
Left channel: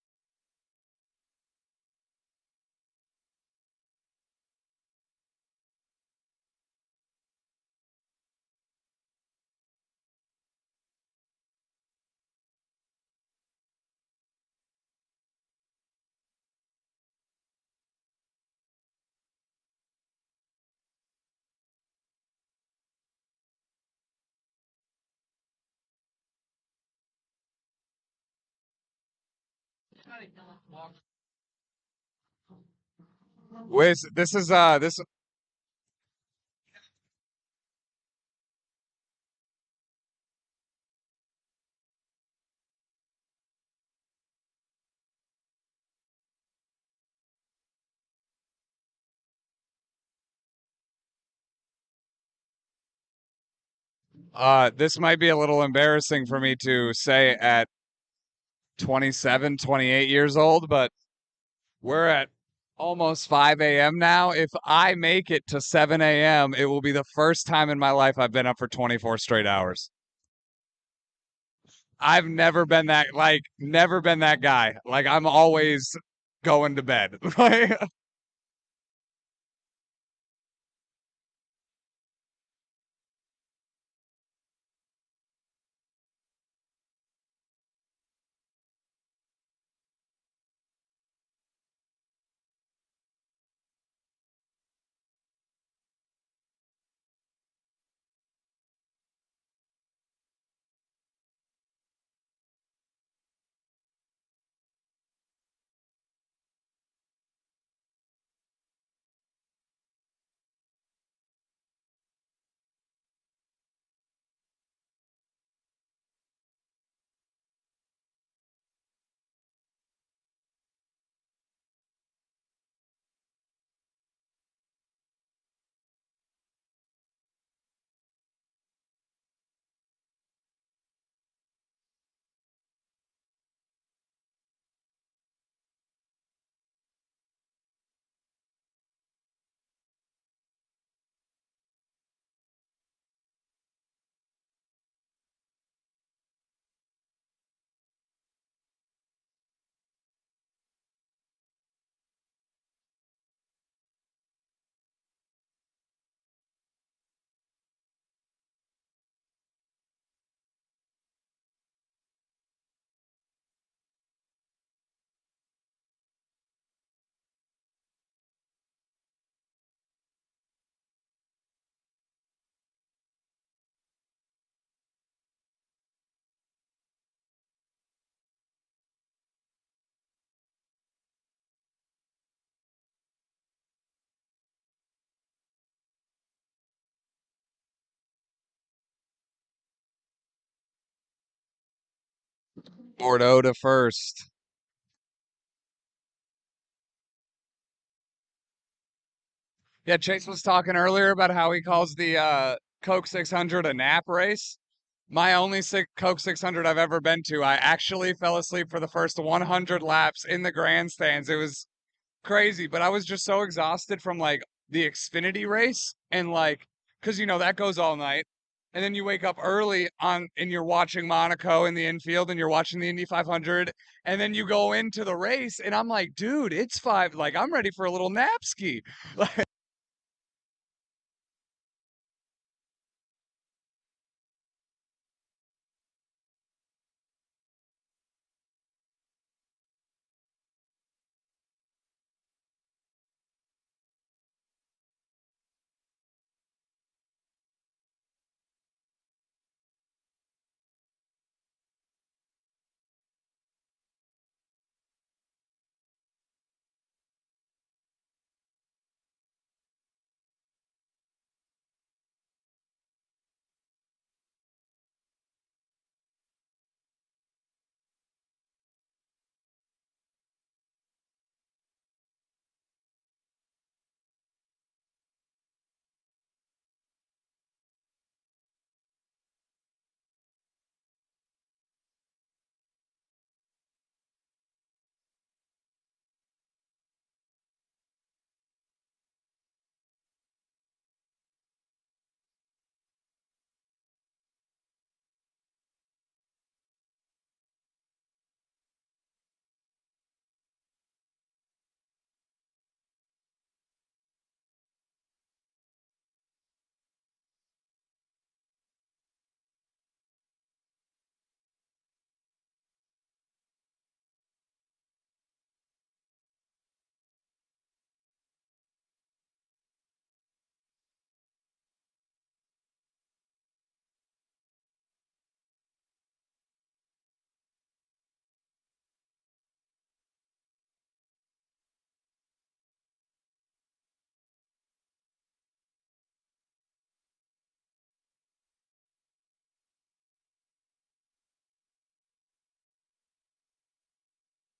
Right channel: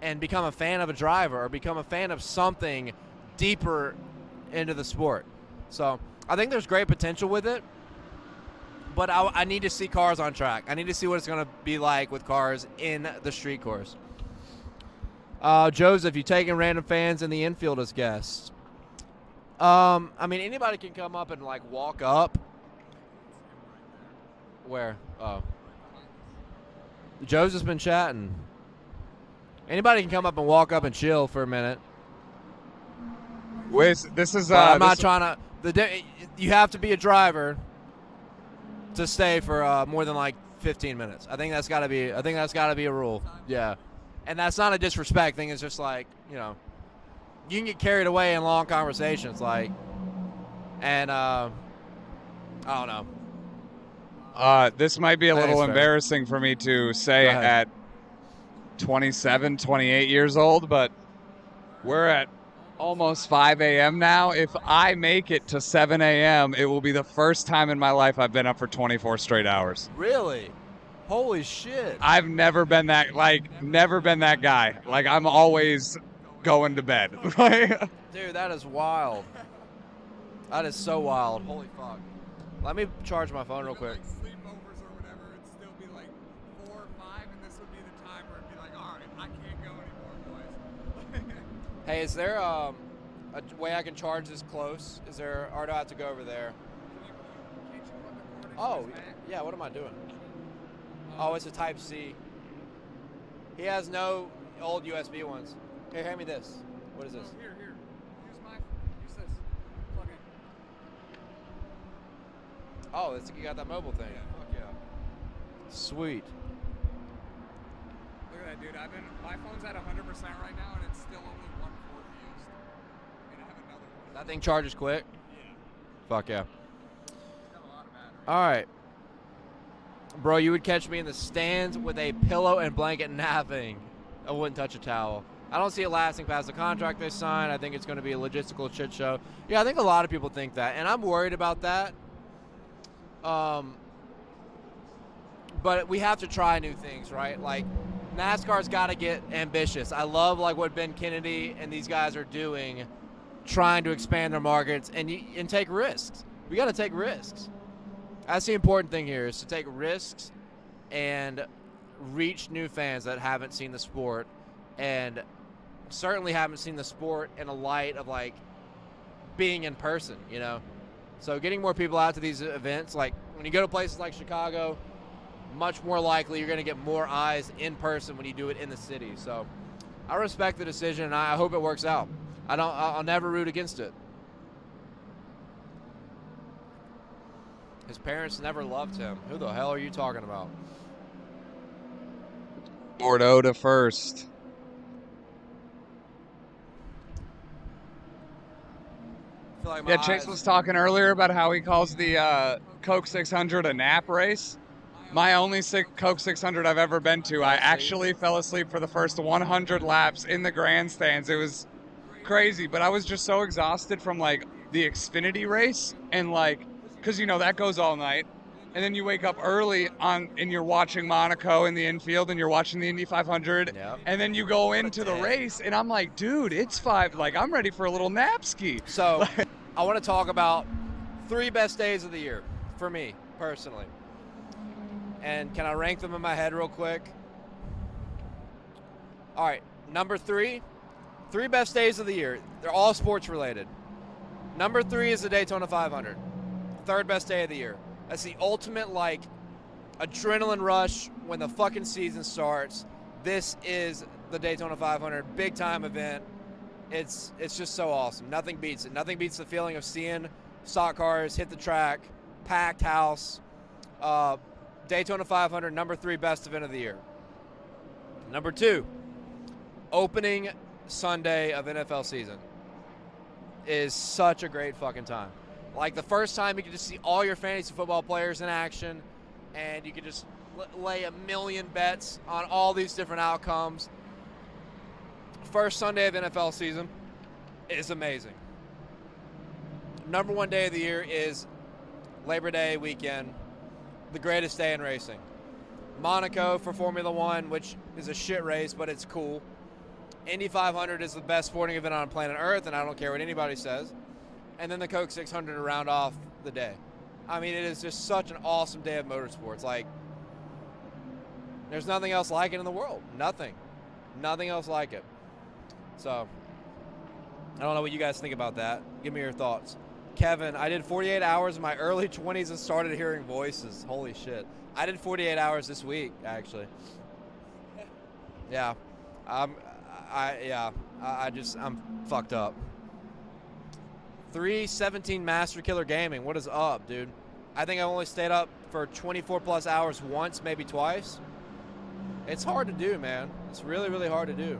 and become a fan of a driver or become a fan of something deeper into the sport. So I think there's great potential with it, but I need to see cars on track. I need to see what it's going to be like with cars in the street course. Joseph, you taking random fans in the infield as guests? I mean, anybody can come up and like walk up. Where? Oh, Joseph's been chatting. Anybody can come up and walk up and chill for a minute. Wiz, this is I'm not trying to. You have to be a driver to stay for more than like 15 minutes. I think that's got to be. I think that's got to be a rule. Yeah, and that's not a disrespect thing. It's just like, you know, you can get carried away in long conversations, like, and I don't know. This might be a little embarrassing for me to say at 27, 28 years old, but we're at almost 5 a.m. now. If I make it to 7 a.m., it will be the first time in my life I've been up for 24 straight hours. Really? Holy shit. I've never been that guy. Like, I'm always going to bed. Dude, that is wild. That is so wild. Holy fuck. Let me charge my phone real quick. Hey, is there a way I can charge this close? Is there, or do I have to go over there? Oh, yeah, what am I doing? Oh, it's a Type-C. He has no old USB ones. Here, hand me this. What is this? Here. Use this. Plug in. Oh, you got that mobile thing. Yeah, fuck yeah. Sweet. Look at that, dude. My phone's at 100% right now, and it's still only 1/4 used. And I have another one. That thing charges quick? Yeah. Fuck yeah. All right. Bro, you would catch me in the stands with a pillow and blanket napping. I wouldn't touch a towel. I don't see it lasting past the contract they signed. I think it's going to be a logistical shit show. Yeah, I think a lot of people think that, and I'm worried about that. But we have to try new things, right? Like, NASCAR's got to get ambitious. I love like what Ben Kennedy and these guys are doing, trying to expand their markets and take risks. We got to take risks. That's the important thing here, is to take risks and reach new fans that haven't seen the sport, and certainly haven't seen the sport in a light of like being in person, you know? So getting more people out to these events, like when you go to places like Chicago, much more likely you're going to get more eyes in person when you do it in the city. So I respect the decision, and I hope it works out. I'll never root against it. His parents never loved him. Who the hell are you talking about? Bordeaux to first. Yeah, Chase was talking earlier about how he calls the Coke 600 a nap race. My only Coke 600 I've ever been to, I actually fell asleep for the first 100 laps in the grandstands. It was crazy, but I was just so exhausted from like the Xfinity race, and like, because you know that goes all night, and then you wake up early and you're watching Monaco in the infield, and you're watching the Indy 500, and then you go into the race, and I'm like, dude, it's 5. Like, I'm ready for a little nap ski. So I want to talk about 3 best days of the year for me personally. And can I rank them in my head real quick? All right, number 3 best days of the year. They're all sports related. Number 3 is the Daytona 500. 3rd best day of the year. That's the ultimate, like, adrenaline rush when the fucking season starts. This is the Daytona 500, big time event. It's just so awesome. Nothing beats it. Nothing beats the feeling of seeing stock cars hit the track, packed house. Daytona 500, number 3 best event of the year. Number 2, opening Sunday of NFL season is such a great fucking time. Like the first time you can just see all your fantasy football players in action, and you can just lay a million bets on all these different outcomes. First Sunday of NFL season is amazing. Number 1 day of the year is Labor Day weekend, the greatest day in racing. Monaco for Formula One, which is a shit race, but it's cool. Indy 500 is the best sporting event on planet Earth, and I don't care what anybody says. And then the Coke 600 to round off the day. I mean, it is just such an awesome day of motorsports. Like, there's nothing else like it in the world. Nothing. Nothing else like it. So, I don't know what you guys think about that. Give me your thoughts. Kevin, I did 48 hours in my early 20s and started hearing voices. Holy shit. I did 48 hours this week, actually. Yeah. I'm fucked up. 317 Master Killer Gaming. What is up, dude? I think I only stayed up for 24 plus hours once, maybe twice. It's hard to do, man. It's really, really hard to do.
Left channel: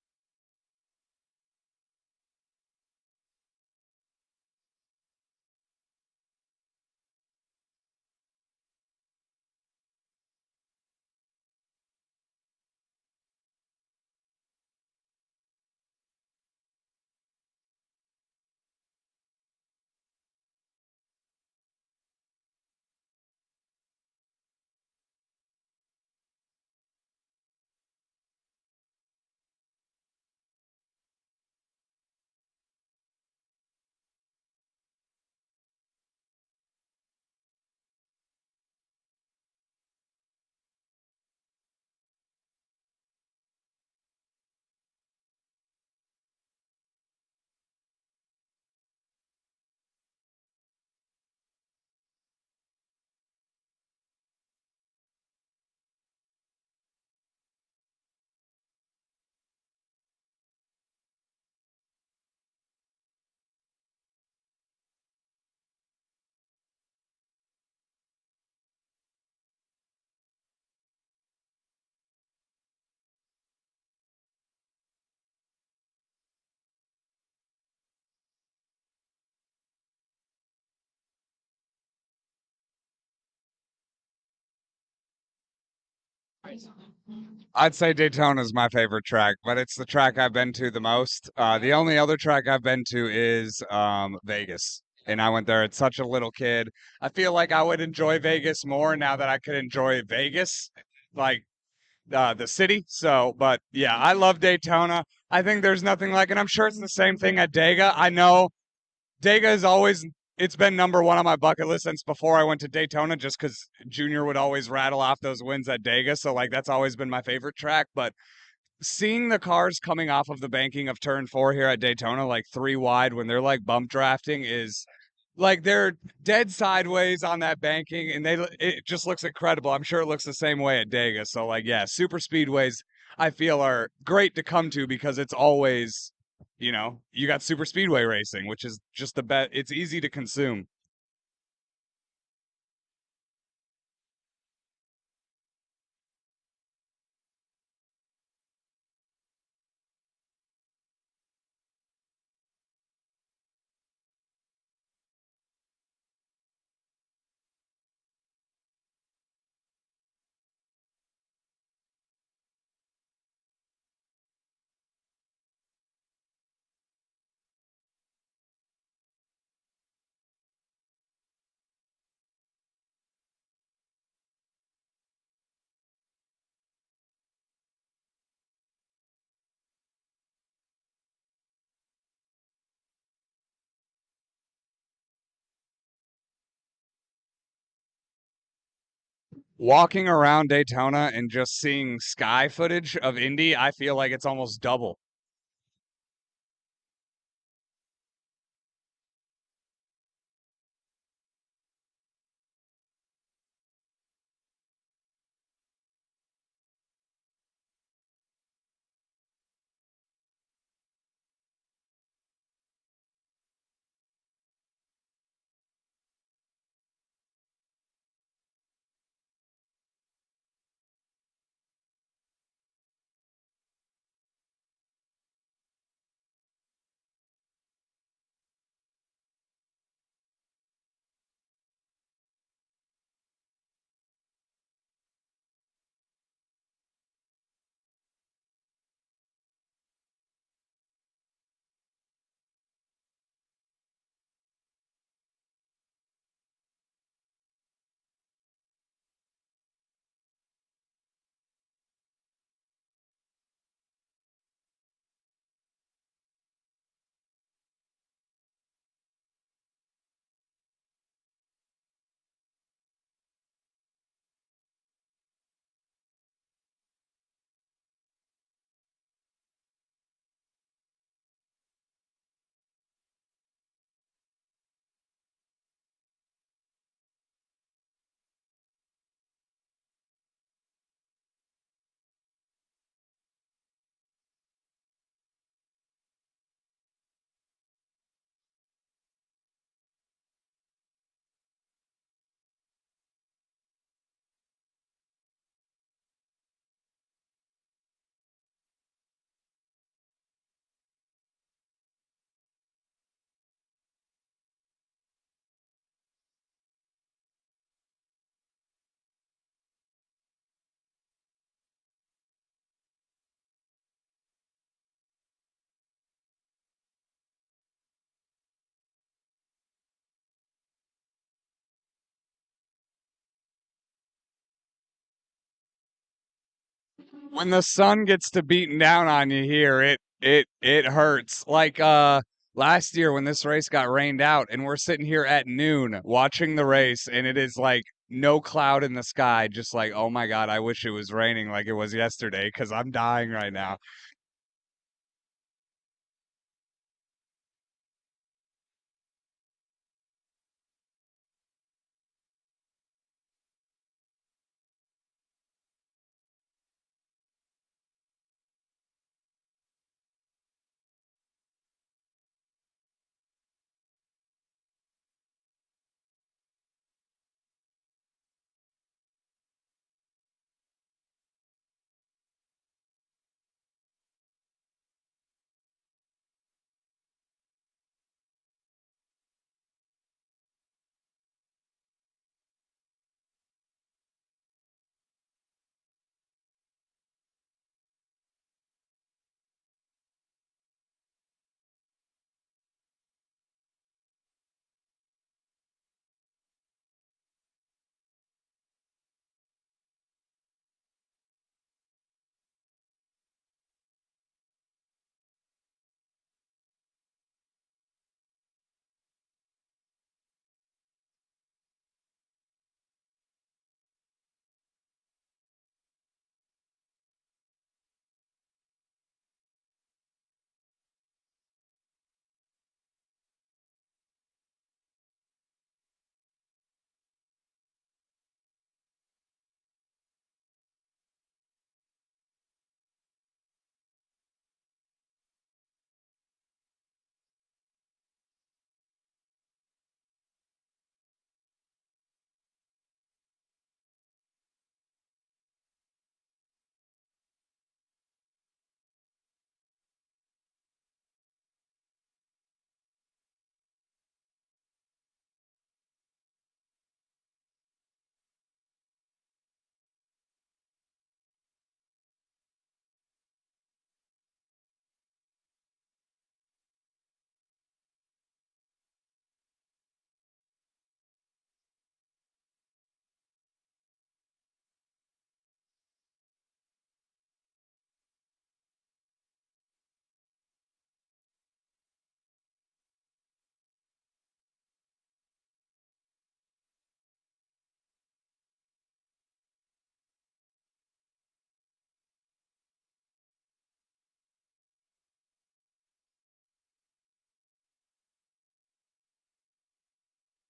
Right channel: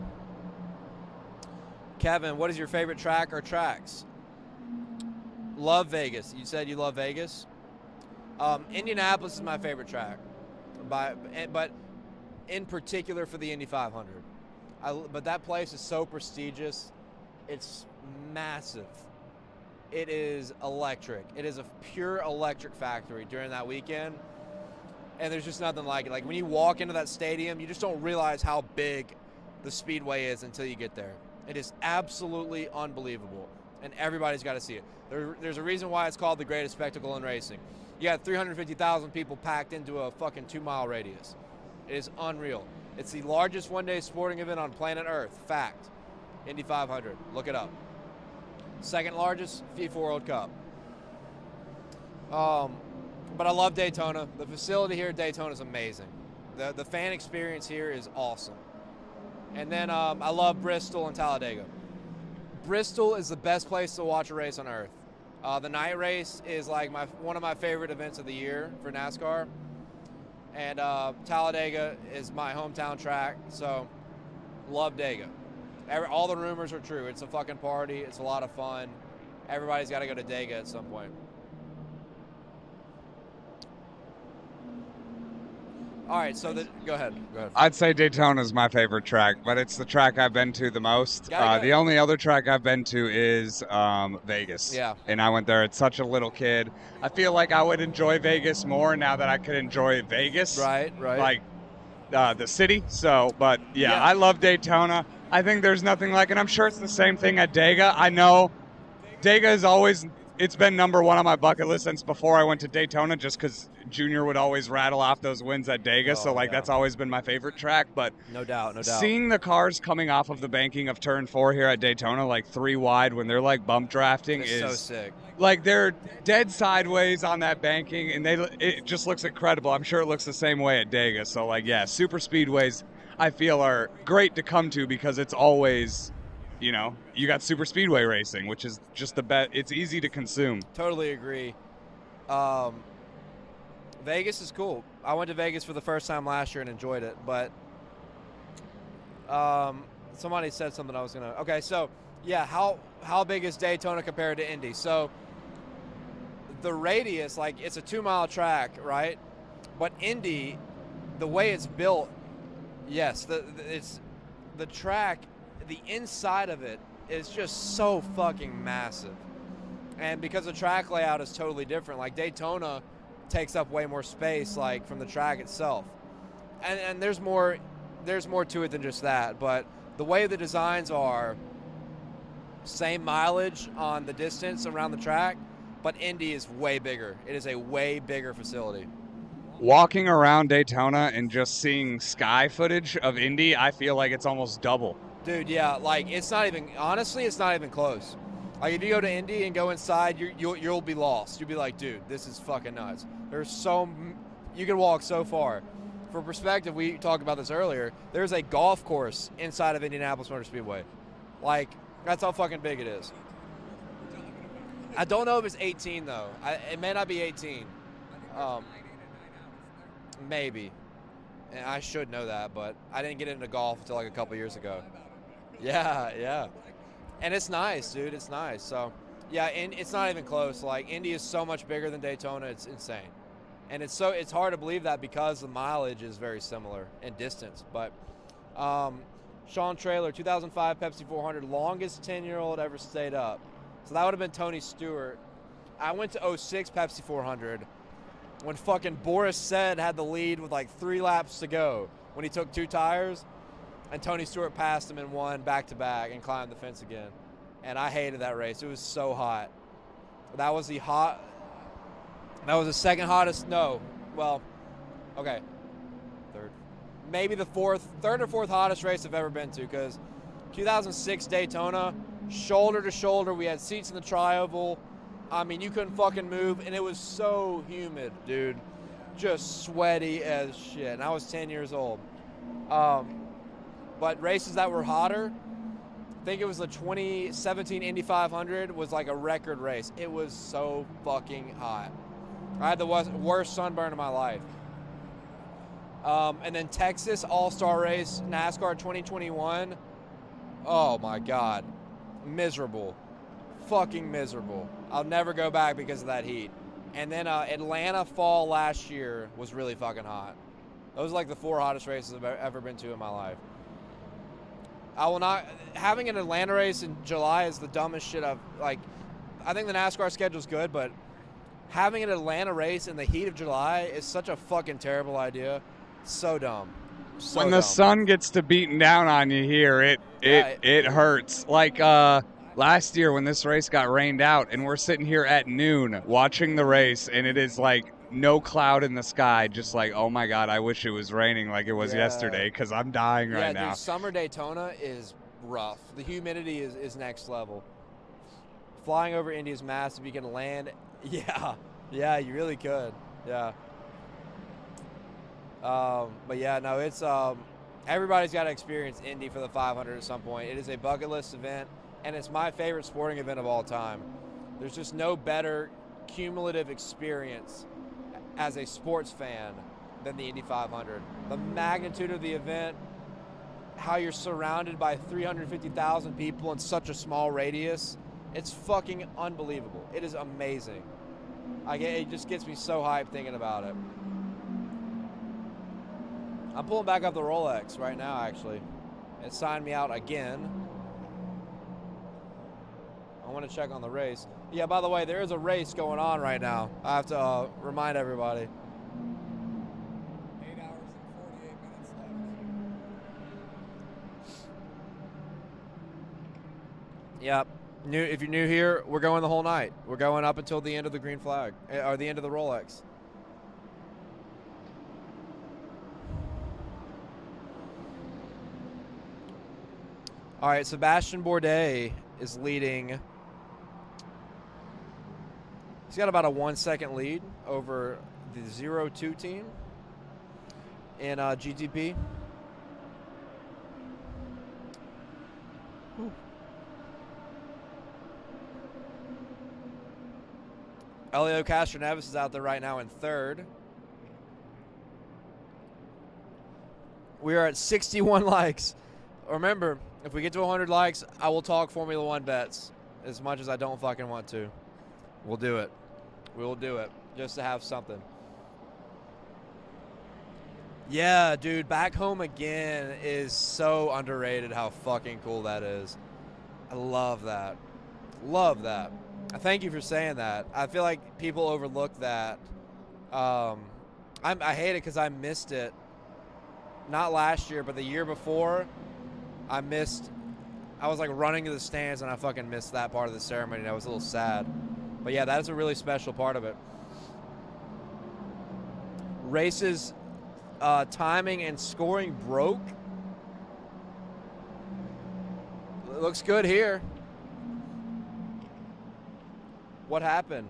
Kevin, what is your favorite track or tracks? Love Vegas. You said you love Vegas. Indianapolis is my favorite track, but in particular for the Indy 500. But that place is so prestigious. It's massive. It is electric. It is a pure electric factory during that weekend. And there's just nothing like it. Like when you walk into that stadium, you just don't realize how big the Speedway is until you get there. It is absolutely unbelievable. And everybody's got to see it. There's a reason why it's called the greatest spectacle in racing. You got 350,000 people packed into a fucking 2-mile radius. It is unreal. It's the largest one-day sporting event on planet Earth. Fact. Indy 500. Look it up. Second largest, FIFA World Cup. But I love Daytona. The facility here at Daytona is amazing. The fan experience here is awesome. And then I love Bristol and Talladega. Bristol is the best place to watch a race on Earth. The night race is like one of my favorite events of the year for NASCAR. And Talladega is my hometown track, so love Dega. All the rumors are true. It's a fucking party. It's a lot of fun. Everybody's got to go to Dega at some point. All right, so go ahead. I'd say Daytona is my favorite track, but it's the track I've been to the most. The only other track I've been to is Vegas. Yeah. And I went there as such a little kid. I feel like I would enjoy Vegas more now that I could enjoy Vegas. Right. Like the city. So, but yeah, I love Daytona. I think there's nothing like it. I'm sure it's the same thing at Dega. I know Dega is always, it's been number 1 on my bucket list since before I went to Daytona, just because Junior would always rattle off those wins at Dega. So, that's always been my favorite track. But no doubt. Seeing the cars coming off of the banking of turn 4 here at Daytona, like 3 wide when they're like bump drafting, is so sick. Like they're dead sideways on that banking, and it just looks incredible. I'm sure it looks the same way at Dega. So, super speedways I feel are great to come to because it's always, you got super speedway racing, which is just the best. It's easy to consume. Totally agree. Vegas is cool. I went to Vegas for the first time last year and enjoyed it, but somebody said something I was going to... Okay, so, yeah, how big is Daytona compared to Indy? So, the radius, it's a 2-mile track, right? But Indy, the way it's built, yes, it's the track, the inside of it is just so fucking massive. And because the track layout is totally different, like Daytona takes up way more space, from the track itself. And there's more to it than just that. But the way the designs are, same mileage on the distance around the track, but Indy is way bigger. It is a way bigger facility. Walking around Daytona and just seeing sky footage of Indy, I feel like it's almost double. Dude, yeah, it's not even, honestly, it's not even close. If you go to Indy and go inside, you'll be lost. You'll be like, dude, this is fucking nuts. You can walk so far. for perspective, we talked about this earlier. There's a golf course inside of Indianapolis Motor Speedway. Like, that's how fucking big it is. I don't know if it's 18 though. It may not be 18. Maybe. And I should know that, but I didn't get into golf until like a couple years ago. Yeah, yeah. And it's nice, dude. It's nice. So, yeah, and it's not even close. Like, Indy is so much bigger than Daytona. It's insane. And it's hard to believe that because the mileage is very similar in distance. But Sean Traylor, 2005 Pepsi 400, longest 10-year-old ever stayed up. So that would have been Tony Stewart. I went to 06 Pepsi 400 when fucking Boris Said had the lead with like 3 laps to go when he took 2 tires, and Tony Stewart passed him and won back-to-back and climbed the fence again. And I hated that race. It was so hot. That was the second hottest. No, well, okay, third, maybe the third or fourth hottest race I've ever been to, because 2006 Daytona, shoulder to shoulder, we had seats in the tri-oval. I mean, you couldn't fucking move, and it was so humid, dude, just sweaty as shit. And I was 10 years old. But races that were hotter, I think it was the 2017 Indy 500 was like a record race. It was so fucking hot. I had the worst sunburn of my life. And then Texas All-Star Race, NASCAR 2021. Oh my God. Miserable. Fucking miserable. I'll never go back because of that heat. And then Atlanta fall last year was really fucking hot. Those are like the 4 hottest races I've ever been to in my life. I will not. Having an Atlanta race in July is the dumbest shit I've, like, I think the NASCAR schedule's good, but having an Atlanta race in the heat of July is such a fucking terrible idea. So dumb. So when the sun gets to beating down on you here, it hurts. Like last year when this race got rained out, and we're sitting here at noon watching the race, and it is like no cloud in the sky, just like, oh my God, I wish it was raining like it was yesterday, because I'm dying right now. Dude, summer Daytona is rough. The humidity is next level. Flying over Indy is massive. You can land. Yeah, you really could. Yeah. But yeah, no, it's everybody's got to experience Indy for the 500 at some point. It is a bucket list event, and it's my favorite sporting event of all time. There's just no better cumulative experience as a sports fan than the Indy 500. The magnitude of the event, how you're surrounded by 350,000 people in such a small radius, it's fucking unbelievable. It is amazing. It just gets me so hyped thinking about it. I'm pulling back up the Rolex right now, actually. It signed me out again. I want to check on the race. Yeah, by the way, there is a race going on right now. I have to remind everybody. 8 hours and 48 minutes left. Yep. If you're new here, we're going the whole night. We're going up until the end of the green flag, or the end of the Rolex. All right, Sebastian Bourdais is leading. He's got about a 1-second lead over the 0-2 team in GTP. Whew. Elio Castroneves is out there right now in 3rd. We are at 61 likes. Remember, if we get to 100 likes, I will talk Formula One bets as much as I don't fucking want to. We'll do it. We will do it just to have something. Yeah, dude, Back Home Again is so underrated how fucking cool that is. I love that. Love that. Thank you for saying that. I feel like people overlook that. I hate it because I missed it. Not last year, but the year before, I was like running to the stands and I fucking missed that part of the ceremony and I was a little sad. But yeah, that is a really special part of it. Races, timing and scoring broke. It looks good here. What happened?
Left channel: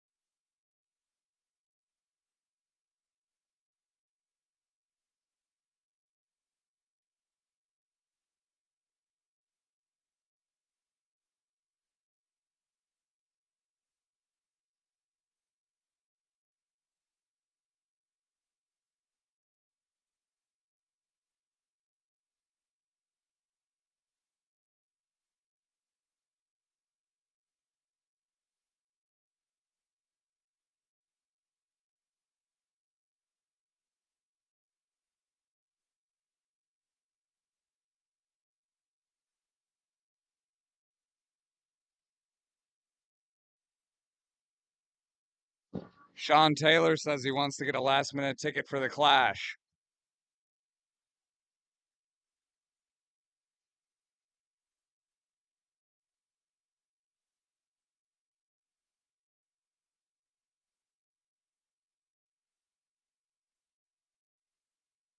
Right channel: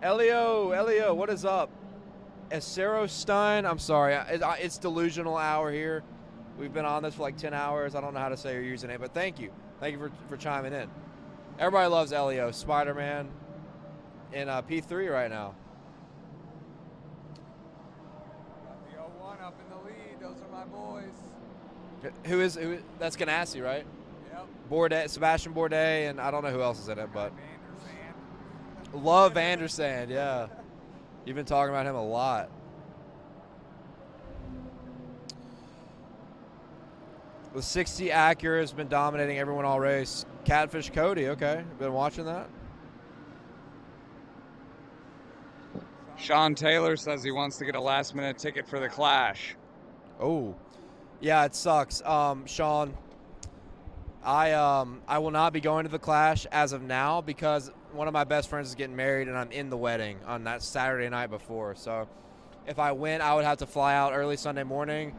Elio, what is up? Acero Stun. I'm sorry. It's delusional hour here. We've been on this for like 10 hours. I don't know how to say your username, but thank you. Thank you for chiming in. Everybody loves Elio. Spider-Man in P3 right now. The 01 up in the lead. Those are my boys. Who? That's Ganassi, right? Yep. Bourdais, Sebastian Bourdais, and I don't know who else is in it, but love Vandersand. Yeah, you've been talking about him a lot. The 60 Acura has been dominating everyone all race. Catfish Cody, okay, been watching that. Sean Taylor says he wants to get a last-minute ticket for the Clash. Oh, yeah, it sucks. Sean, I will not be going to the Clash as of now because one of my best friends is getting married and I'm in the wedding on that Saturday night before. So if I went, I would have to fly out early Sunday morning.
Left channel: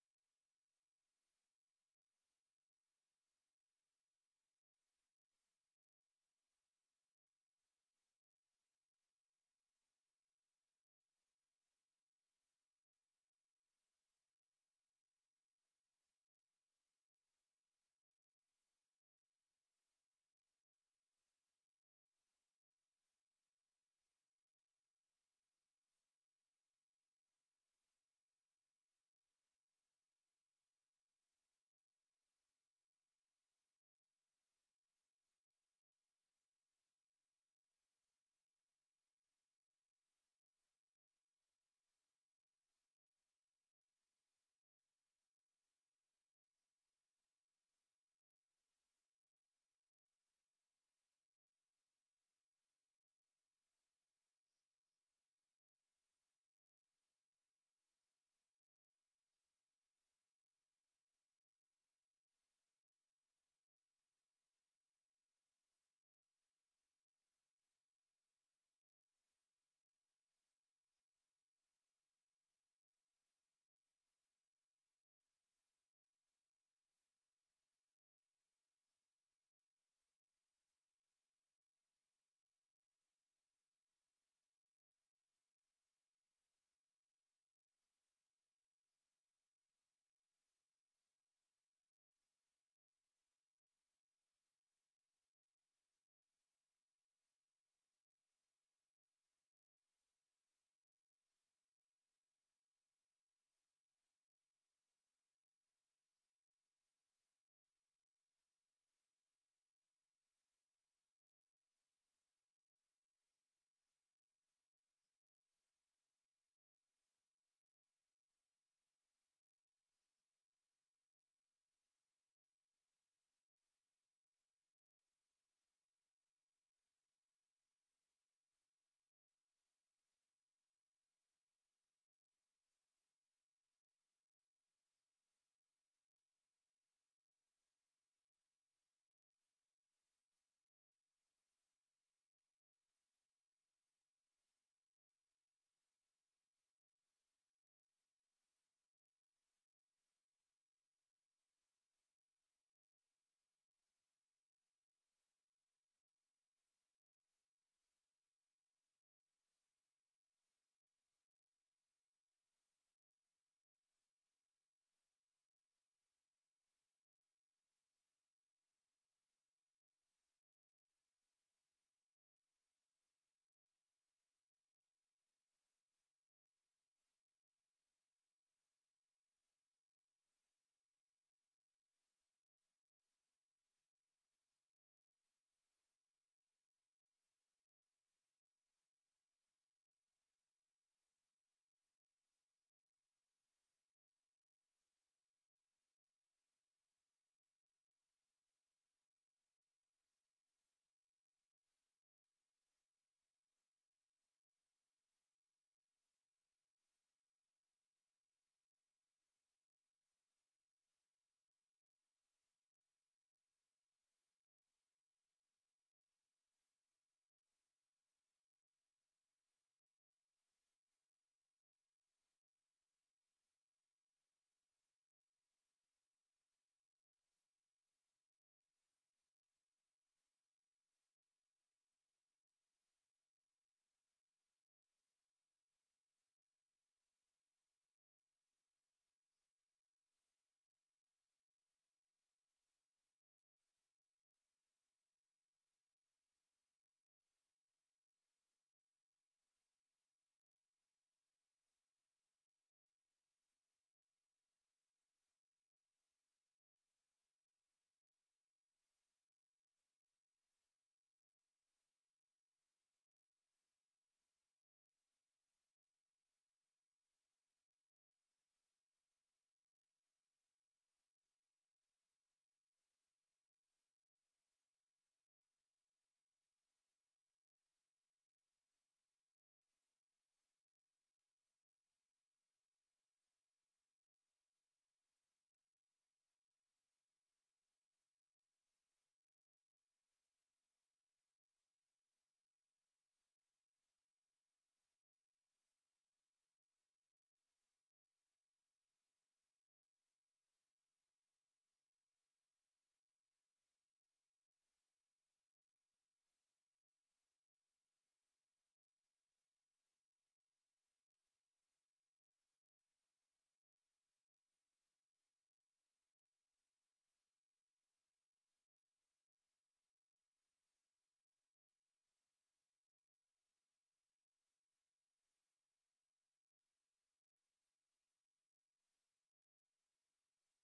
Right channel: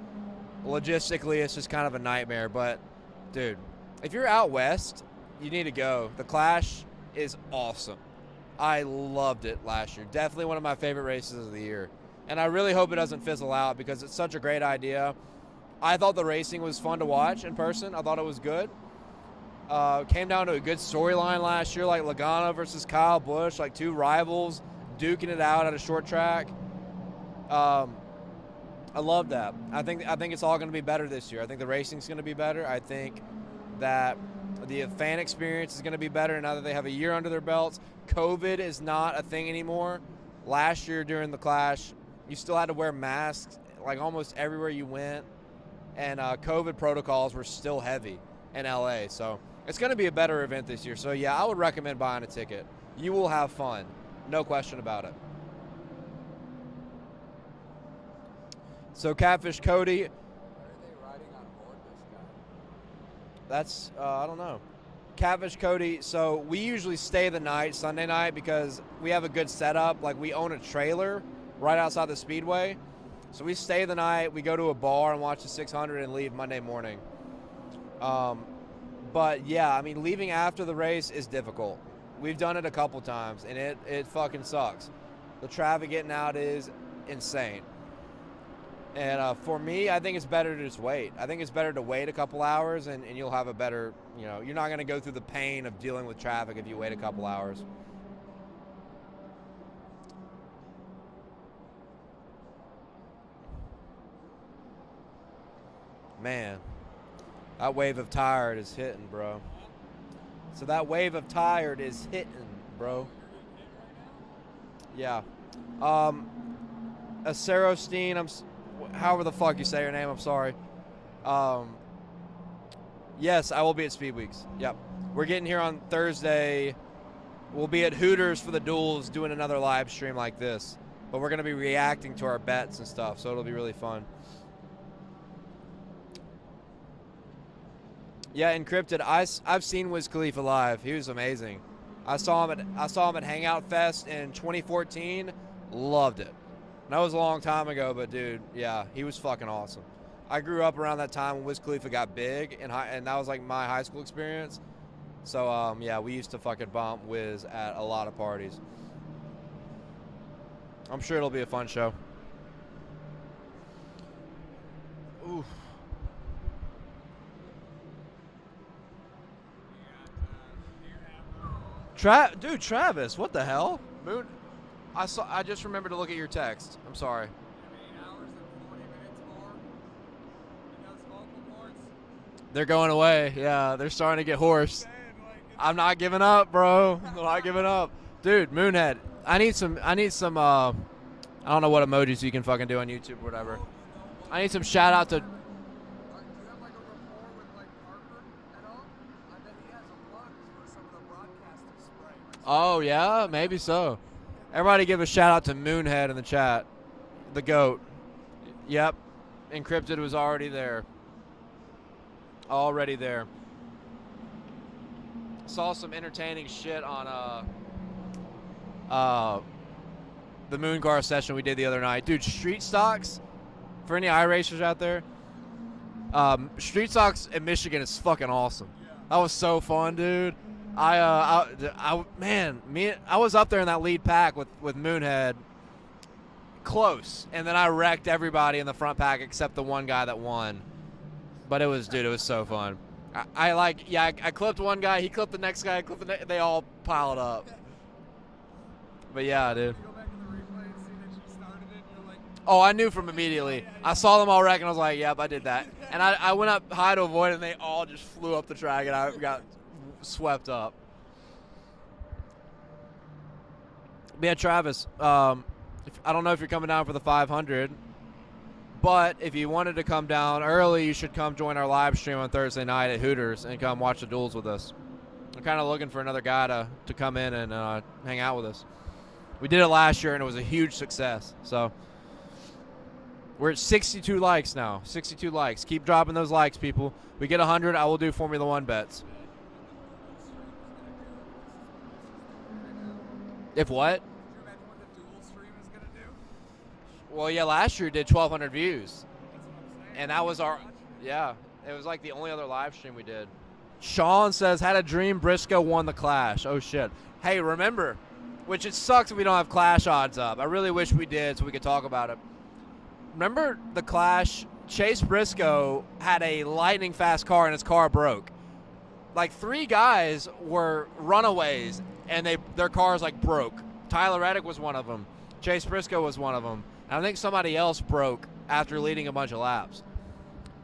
Logistically, it's just kind of a nightmare. But, dude, if you're out west, you need to go. The Clash is awesome. I loved it last year. Definitely one of my favorite races of the year. And I really hope it doesn't fizzle out because it's such a great idea. I thought the racing was fun to watch in person. I thought it was good. Came down to a good storyline last year, like Logano versus Kyle Busch, like two rivals duking it out at a short track. I love that. I think it's all going to be better this year. I think the racing's going to be better. I think that the fan experience is going to be better now that they have a year under their belts. COVID is not a thing anymore. Last year during the Clash, you still had to wear masks like almost everywhere you went, and COVID protocols were still heavy in LA. So it's going to be a better event this year. So yeah, I would recommend buying a ticket. You will have fun, no question about it. So Catfish Cody. Why are they riding on board this guy? That's, I don't know. Catfish Cody, so we usually stay the night, Sunday night, because we have a good setup. Like, we own a trailer right outside the Speedway. So we stay the night, we go to a bar and watch the 600 and leave Monday morning. But, yeah, I mean, leaving after the race is difficult. We've done it a couple times, and it fucking sucks. The traffic getting out is insane. And for me, I think it's better to just wait. I think it's better to wait a couple hours, and you'll have a better, you're not going to go through the pain of dealing with traffic if you wait a couple hours. Man, that wave of tired is hitting, bro. So that wave of tired is hitting, bro. Yeah. Acerostein, however the fuck you say your name, I'm sorry. Yes, I will be at Speed Weeks. Yep. We're getting here on Thursday. We'll be at Hooters for the duels doing another live stream like this. But we're going to be reacting to our bets and stuff, so it'll be really fun. Yeah, Encrypted. I've seen Wiz Khalifa live. He was amazing. I saw him at Hangout Fest in 2014. Loved it. That was a long time ago, but dude, yeah, he was fucking awesome. I grew up around that time when Wiz Khalifa got big, and that was like my high school experience. So yeah, we used to fucking bump Wiz at a lot of parties. I'm sure it'll be a fun show. Oof. Dude, Travis, what the hell? Moon. I just remembered to look at your text. I'm sorry. 8 hours and 40 minutes more. And those vocal cords. They're going away. Yeah, they're starting to get hoarse. I'm not giving up, bro. I'm not giving up. Dude, Moonhead. I need some I don't know what emojis you can fucking do on YouTube or whatever. I need some shout out to Do you have like a rapport with like Parker at all? I bet he has a plug for some of the broadcasters spray. Oh, yeah? Maybe so. Everybody give a shout out to Moonhead in the chat. The GOAT. Yep. Encrypted was already there. Already there. Saw some entertaining shit on the Moon Car session we did the other night. Dude, street stocks, for any iRacers out there, street stocks in Michigan is fucking awesome. That was so fun, dude. I was up there in that lead pack with Moonhead. close, and then I wrecked everybody in the front pack except the one guy that won. But it was so fun. I clipped one guy, he clipped the next guy, they all piled up. But yeah, dude. Oh, I knew from immediately. I saw them all wreck, and I was like, yep, I did that. And I went up high to avoid it, and they all just flew up the track, and I got swept up. But yeah, Travis, I don't know if you're coming down for the 500, but if you wanted to come down early, you should come join our live stream on Thursday night at Hooters and come watch the duels with us. I'm kind of looking for another guy to come in and hang out with us. We did it last year, and it was a huge success. So we're at 62 likes now. 62 likes. Keep dropping those likes, people. We get 100, I will do Formula One bets. If what? Well, yeah, last year did 1,200 views. And that was our, yeah, it was like the only other live stream we did. Sean says, had a dream Briscoe won the Clash. Oh, shit. Hey, remember, which it sucks if we don't have Clash odds up. I really wish we did so we could talk about it. Remember the Clash? Chase Briscoe had a lightning fast car and his car broke. Like 3 guys were runaways and their cars like broke. Tyler Reddick was one of them. Chase Briscoe was one of them. And I think somebody else broke after leading a bunch of laps.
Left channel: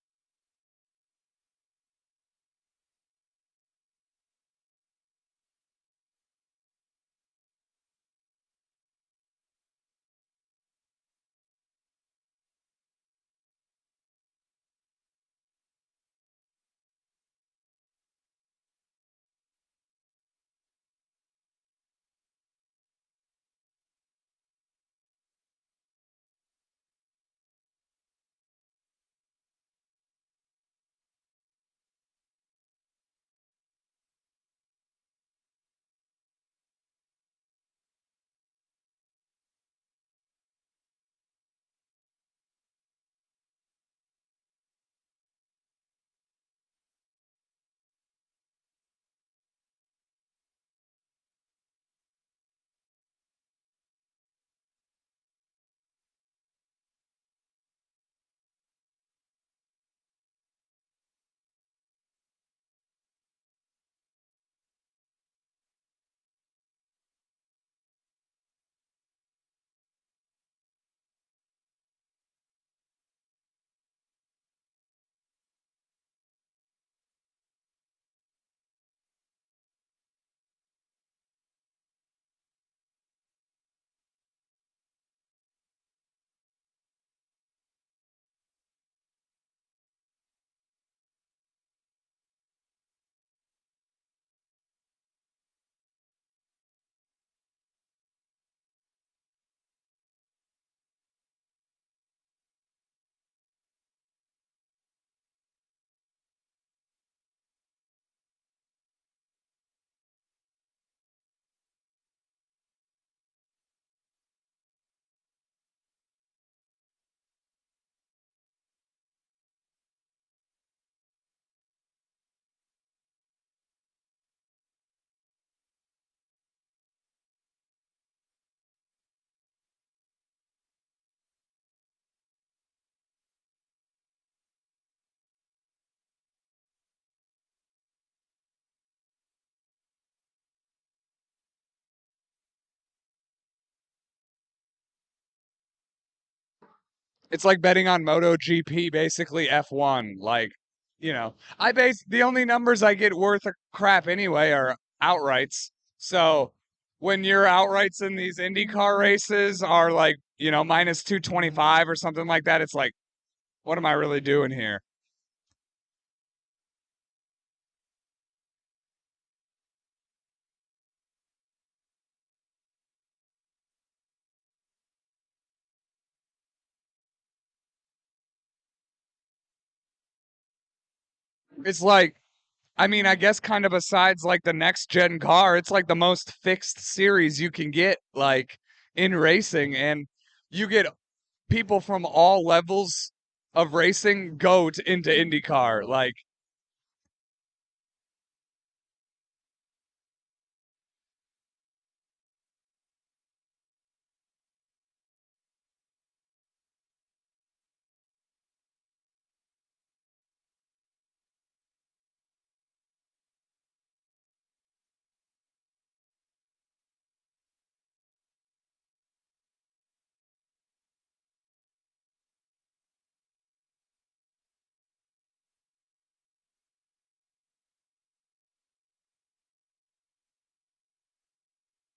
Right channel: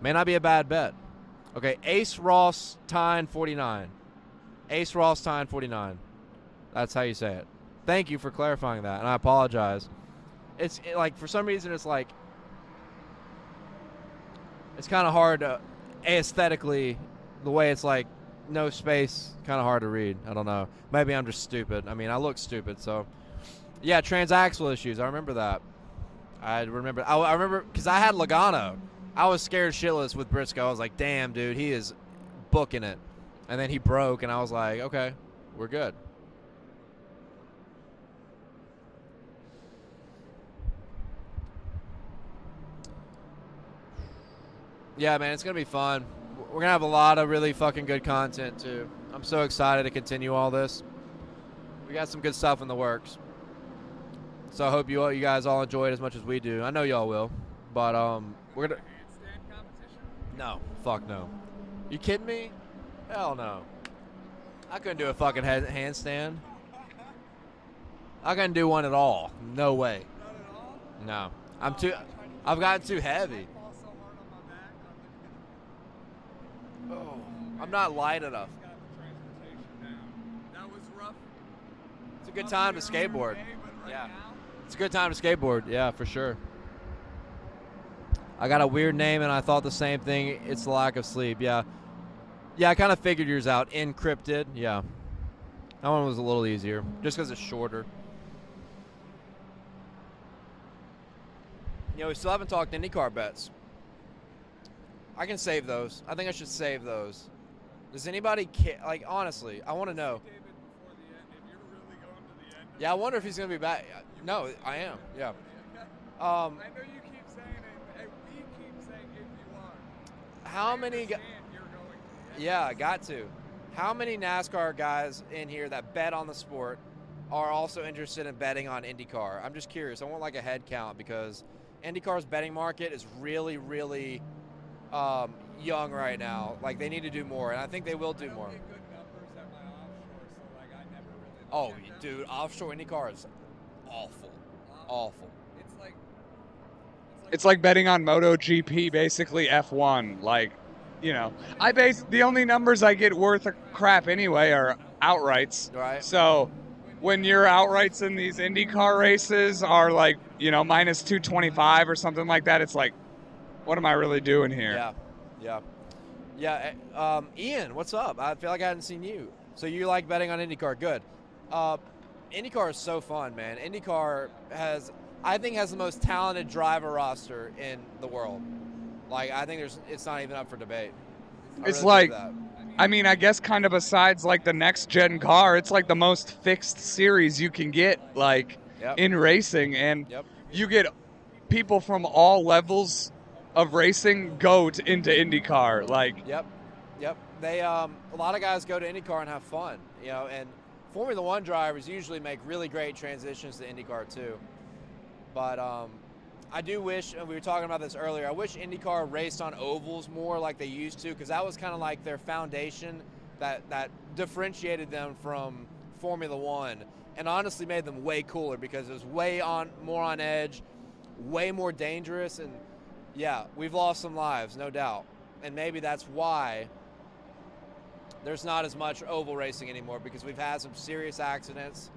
May not be a bad bet. Okay, Ace Ross Tyne 49. Ace Ross Tyne 49. That's how you say it. Thank you for clarifying that, and I apologize. It's like, for some reason, it's like, it's kind of hard to, aesthetically, the way it's like, no space, kind of hard to read. I don't know. Maybe I'm just stupid. I mean, I look stupid, so. Yeah, transaxle issues. I remember that. I remember, because I had Logano. I was scared shitless with Briscoe. I was like, damn, dude, he is booking it. And then he broke, and I was like, okay, we're good. Yeah, man, it's going to be fun. We're going to have a lot of really fucking good content, too. I'm so excited to continue all this. We got some good stuff in the works. So I hope you guys all enjoy it as much as we do. I know y'all will. But we're going to... No. Fuck no. You kidding me? Hell no. I couldn't do a fucking handstand. I couldn't do one at all. No way. No. I've gotten too heavy. Oh, I'm not light enough. It's a good time to skateboard. Yeah. It's a good time to skateboard. Yeah, for sure. I got a weird name, and I thought the same thing. It's the lack of sleep. Yeah. Yeah, I kind of figured yours out. Encrypted. Yeah. That one was a little easier, just because it's shorter. You know, we still haven't talked IndyCar bets. I can save those. I think I should save those. Does anybody care? Like, honestly, I want to know. Yeah, I wonder if he's going to be back. No, I am. Yeah. I know you keep saying it, and we keep saying if you are. How many? Yeah, I got to. How many NASCAR guys in here that bet on the sport are also interested in betting on IndyCar? I'm just curious. I want like a head count because IndyCar's betting market is really, really young right now. Like they need to do more, and I think they will do more. Oh, dude, offshore IndyCar is awful. Awful. It's like betting on MotoGP, basically F1. Like, you know, the only numbers I get worth a crap anyway are outrights. Right. So when your outrights in these IndyCar races are like, you know, minus 225 or something like that, it's like, what am I really doing here? Yeah. Ian, what's up? I feel like I hadn't seen you. So you like betting on IndyCar? Good. IndyCar is so fun, man. IndyCar has the most talented driver roster in the world. Like, I think it's not even up for debate. It's like, I mean, I guess kind of besides like the next gen car, it's like the most fixed series you can get, like in racing, and you get people from all levels of racing go into IndyCar. Like, Yep. They a lot of guys go to IndyCar and have fun, you know, and Formula One drivers usually make really great transitions to IndyCar too. But I do wish, and we were talking about this earlier, I wish IndyCar raced on ovals more like they used to, because that was kind of like their foundation that differentiated them from Formula One, and honestly made them way cooler because it was more on edge, way more dangerous, and yeah, we've lost some lives, no doubt. And maybe that's why there's not as much oval racing anymore, because we've had some serious accidents.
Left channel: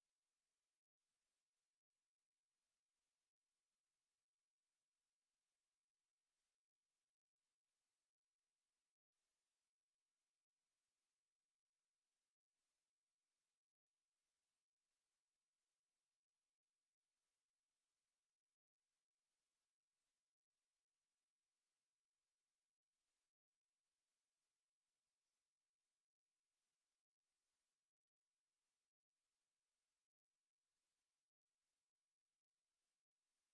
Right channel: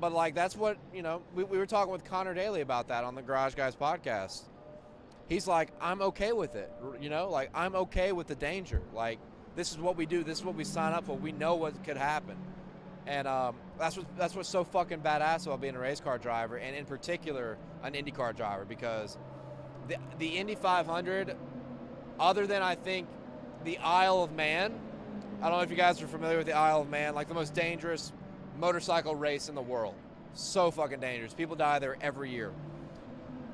But like, that's what, we were talking with Connor Daly about that on the Garage Guys podcast. He's like, I'm okay with it. Like, I'm okay with the danger. Like, this is what we do. This is what we sign up for. We know what could happen. And that's what's so fucking badass about being a race car driver, and in particular, an IndyCar driver, because the Indy 500, other than, I think, the Isle of Man, I don't know if you guys are familiar with the Isle of Man, like the most dangerous motorcycle race in the world. So fucking dangerous. People die there every year.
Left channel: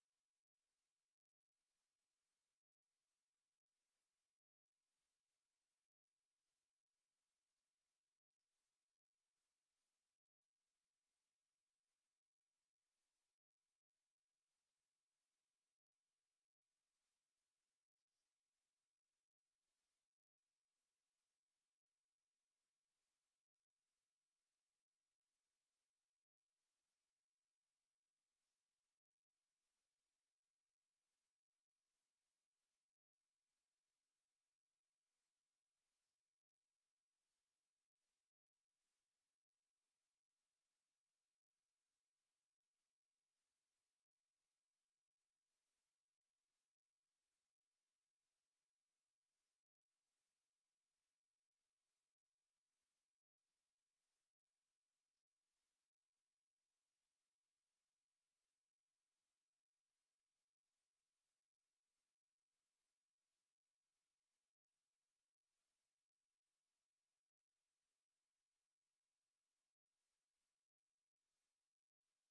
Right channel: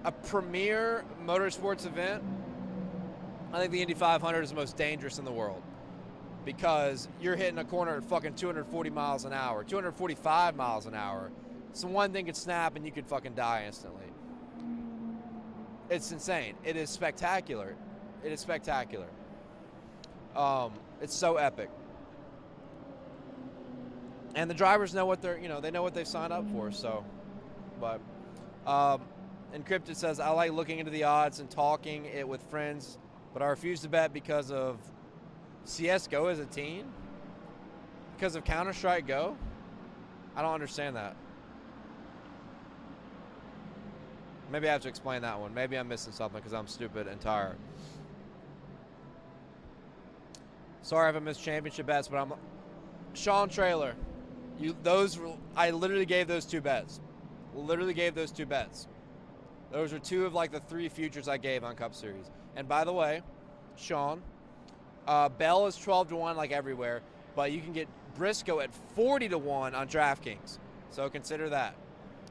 A premier motorsports event, I think the Indy 500 is the most dangerous in the world, because you're hitting a corner at fucking 240 miles an hour, 245 miles an hour. So one thing could snap and you could fucking die instantly. It's insane. It is spectacular. It is spectacular. It's so epic. And the drivers know what they know what they've signed up for. So, but Encrypted says, I like looking into the odds and talking it with friends, but I refuse to bet because of CSGO as a team? Because of Counter-Strike Go? I don't understand that. Maybe I have to explain that one. Maybe I'm missing something because I'm stupid and tired. Sorry I haven't missed championship bets, but I'm... Sean Trailer, I literally gave those two bets. Literally gave those two bets. Those are two of like the three futures I gave on Cup Series. And by the way, Sean, Bell is 12-1 like everywhere, but you can get Briscoe at 40-1 on DraftKings. So consider that.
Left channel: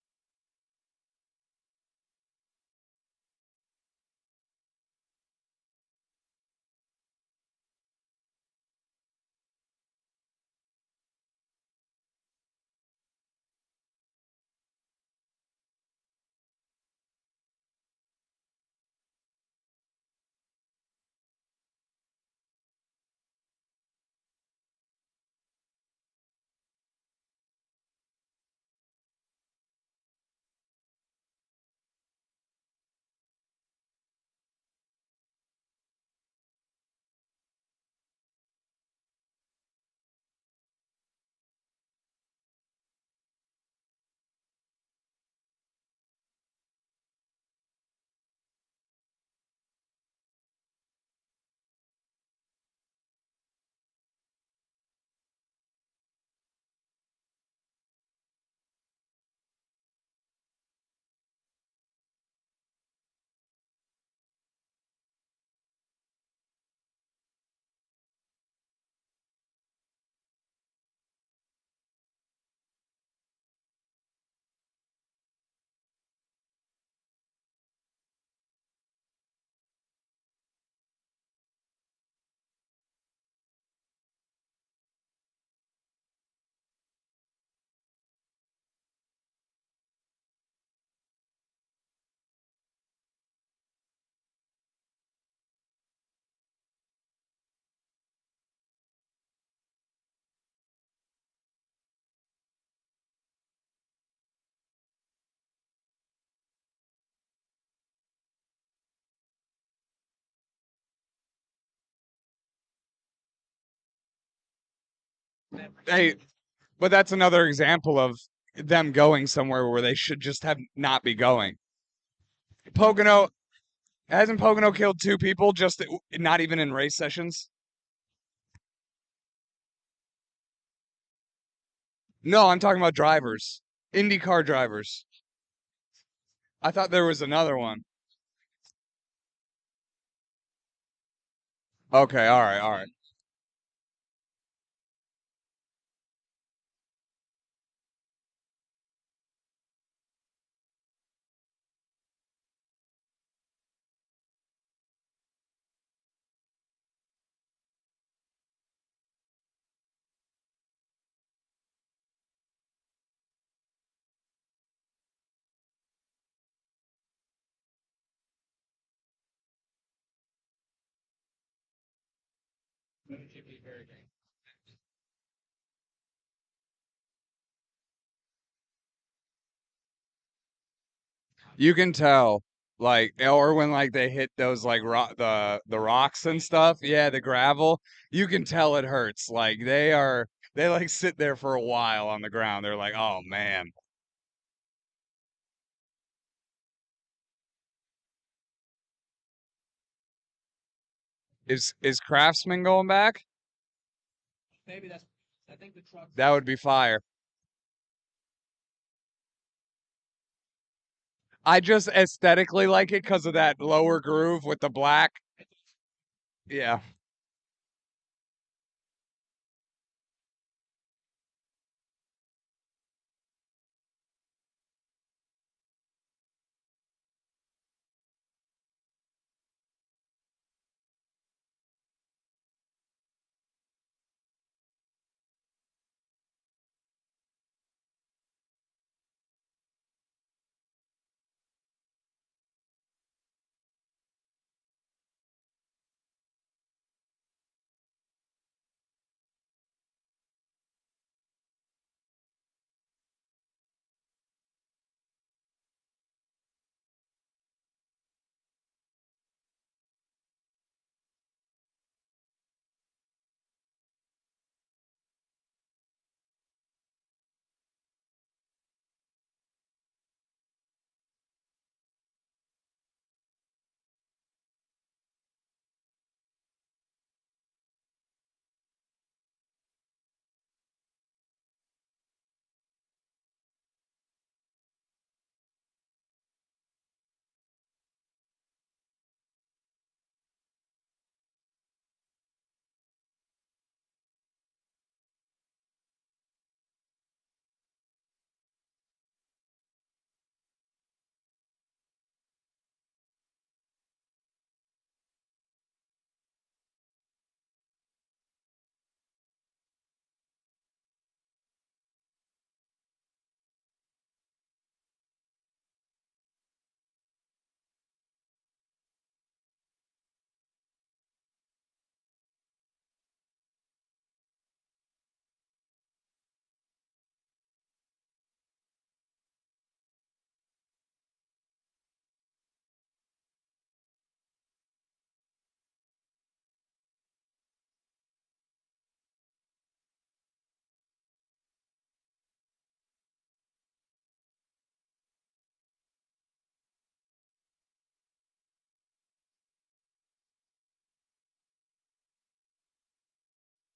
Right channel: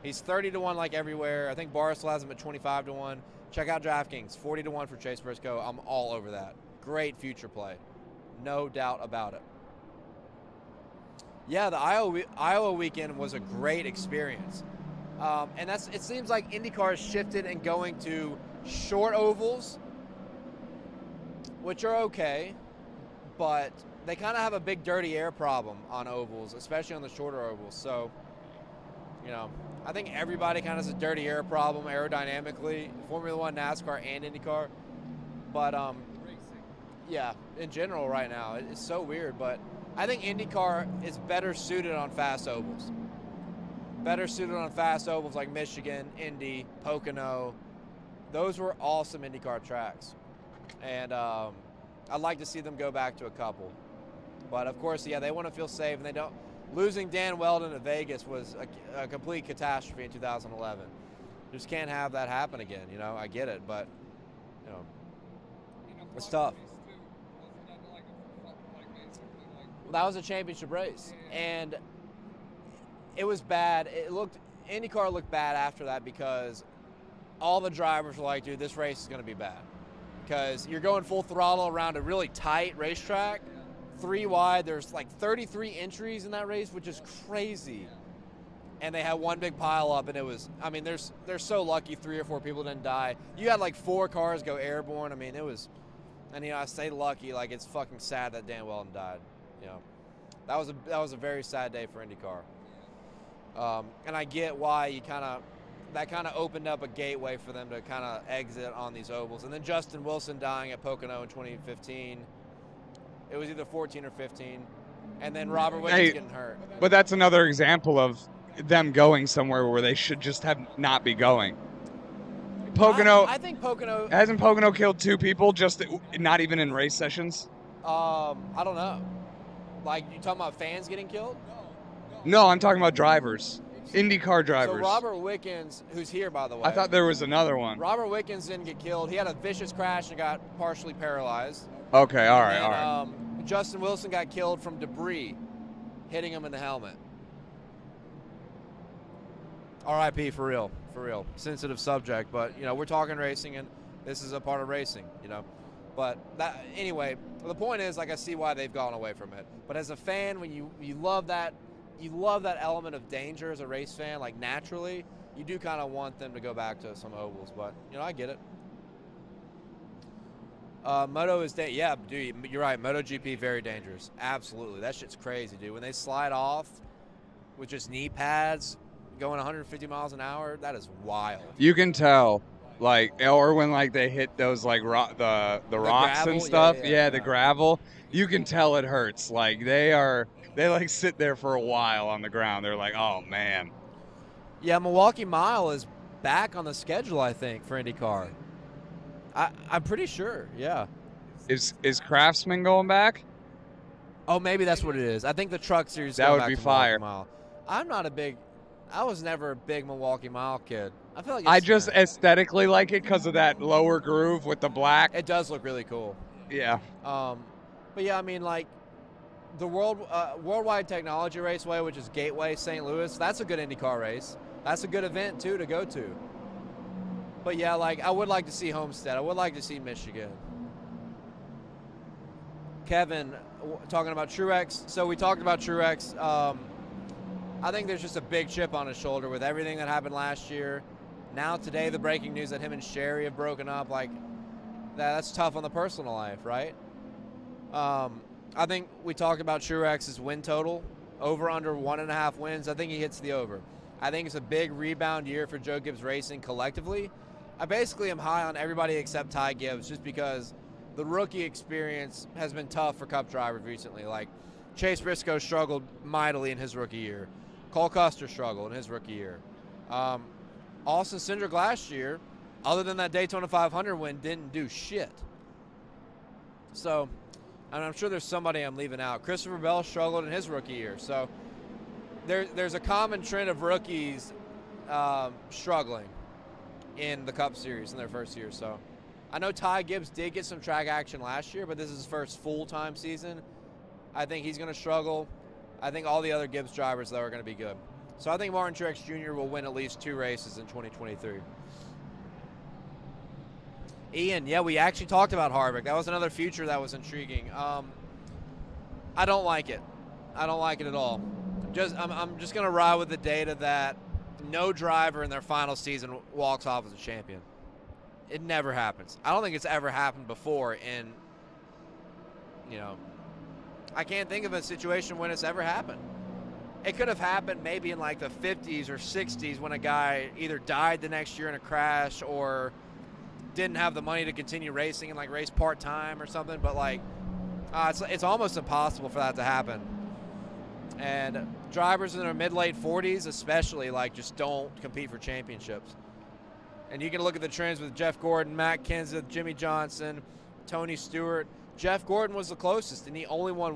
He's 30-1 like everywhere. I think Barstool has him at 25-1. Check out DraftKings, 40-1 for Chase Briscoe. I'm all over that. Great future play. No doubt about it. Yeah, the Iowa weekend was a great experience. And it seems like IndyCar has shifted and going to short ovals, which are okay, but they kind of have a big dirty air problem on ovals, especially on the shorter ovals. So, I think everybody kind of has a dirty air problem aerodynamically, Formula One, NASCAR, and IndyCar. But, yeah, in general right now, it's so weird. But I think IndyCar is better suited on fast ovals. Better suited on fast ovals like Michigan, Indy, Pocono. Those were awesome IndyCar tracks. And I'd like to see them go back to a couple. But, of course, yeah, they want to feel safe, and they don't. Losing Dan Weldon at Vegas was a complete catastrophe in 2011. Just can't have that happen again. I get it, but, it's tough. Well, that was a championship race, and it was bad. IndyCar looked bad after that because all the drivers were like, dude, this race is going to be bad. Because you're going full throttle around a really tight racetrack, 3 wide. There's like 33 entries in that race, which is crazy. And they had one big pile up, and it was, they're so lucky 3 or 4 people didn't die. You had like 4 cars go airborne. It was, and I say lucky, like it's fucking sad that Dan Weldon died. That was a very sad day for IndyCar. And I get why that kind of opened up a gateway for them to kind of exit on these ovals. And then Justin Wilson dying at Pocono in 2015. It was either 14 or 15. And then Robert Wickens getting hurt. But that's another example of them going somewhere where they should just not be going. Pocono. I think Pocono. Hasn't Pocono killed 2 people just not even in race sessions? I don't know. Like, you talking about fans getting killed? No, I'm talking about drivers. IndyCar drivers. So Robert Wickens, who's here, by the way. I thought there was another one. Robert Wickens didn't get killed. He had a vicious crash and got partially paralyzed. Okay, all right. Justin Wilson got killed from debris hitting him in the helmet. RIP, for real. Sensitive subject, but, we're talking racing, and this is a part of racing, But anyway, the point is, like, I see why they've gone away from it. But as a fan, when you love that element of danger as a race fan, like naturally, you do kind of want them to go back to some ovals. But, you know, I get it. Moto is, yeah, dude, you're right. MotoGP, very dangerous. Absolutely. That shit's crazy, dude. When they slide off with just knee pads going 150 miles an hour, that is wild. You can tell, like, or when like they hit those like the rocks gravel? and stuff. Yeah. The gravel. You can tell it hurts. Like they like sit there for a while on the ground. They're like, oh man. Yeah, Milwaukee Mile is back on the schedule, I think, for IndyCar. I'm pretty sure, yeah. Is Craftsman going back? Oh, maybe that's what it is. I think the Truck Series. That would be fire. Mile. I was never a big Milwaukee Mile kid. I feel like I just aesthetically like it because of that lower groove with the black. It does look really cool. Yeah. But yeah, I mean, like the Worldwide Technology Raceway, which is Gateway St. Louis, that's a good IndyCar race. That's a good event too to go to. But yeah, like I would like to see Homestead. I would like to see Michigan. Kevin, talking about Truex. So we talked about Truex. I think there's just a big chip on his shoulder with everything that happened last year. Now today, the breaking news that him and Sherry have broken up. Like that's tough on the personal life, right? I think we talked about Truex's win total, over under 1.5 wins. I think he hits the over. I think it's a big rebound year for Joe Gibbs Racing collectively. I basically am high on everybody except Ty Gibbs just because the rookie experience has been tough for Cup drivers recently. Like Chase Briscoe struggled mightily in his rookie year. Cole Custer struggled in his rookie year. Austin Cindric last year, other than that Daytona 500 win, didn't do shit. So, and I'm sure there's somebody I'm leaving out. Christopher Bell struggled in his rookie year. So there's a common trend of rookies struggling in the Cup Series in their first year. So I know Ty Gibbs did get some track action last year, but this is his first full-time season. I think he's going to struggle. I think all the other Gibbs drivers, though, are going to be good. So I think Martin Truex Jr. will win at least 2 races in 2023. Ian, yeah, we actually talked about Harvick. That was another future that was intriguing. I don't like it. I don't like it at all. I'm just going to ride with the data that no driver in their final season walks off as a champion. It never happens. I don't think it's ever happened before in, I can't think of a situation when it's ever happened. It could have happened maybe in like the 50s or 60s when a guy either died the next year in a crash or didn't have the money to continue racing and like race part-time or something. But like, it's almost impossible for that to happen. And drivers in their mid-late 40s especially, like, just don't compete for championships. And you can look at the trends with Jeff Gordon, Matt Kenseth, Jimmy Johnson, Tony Stewart. Jeff Gordon was the closest, and he only won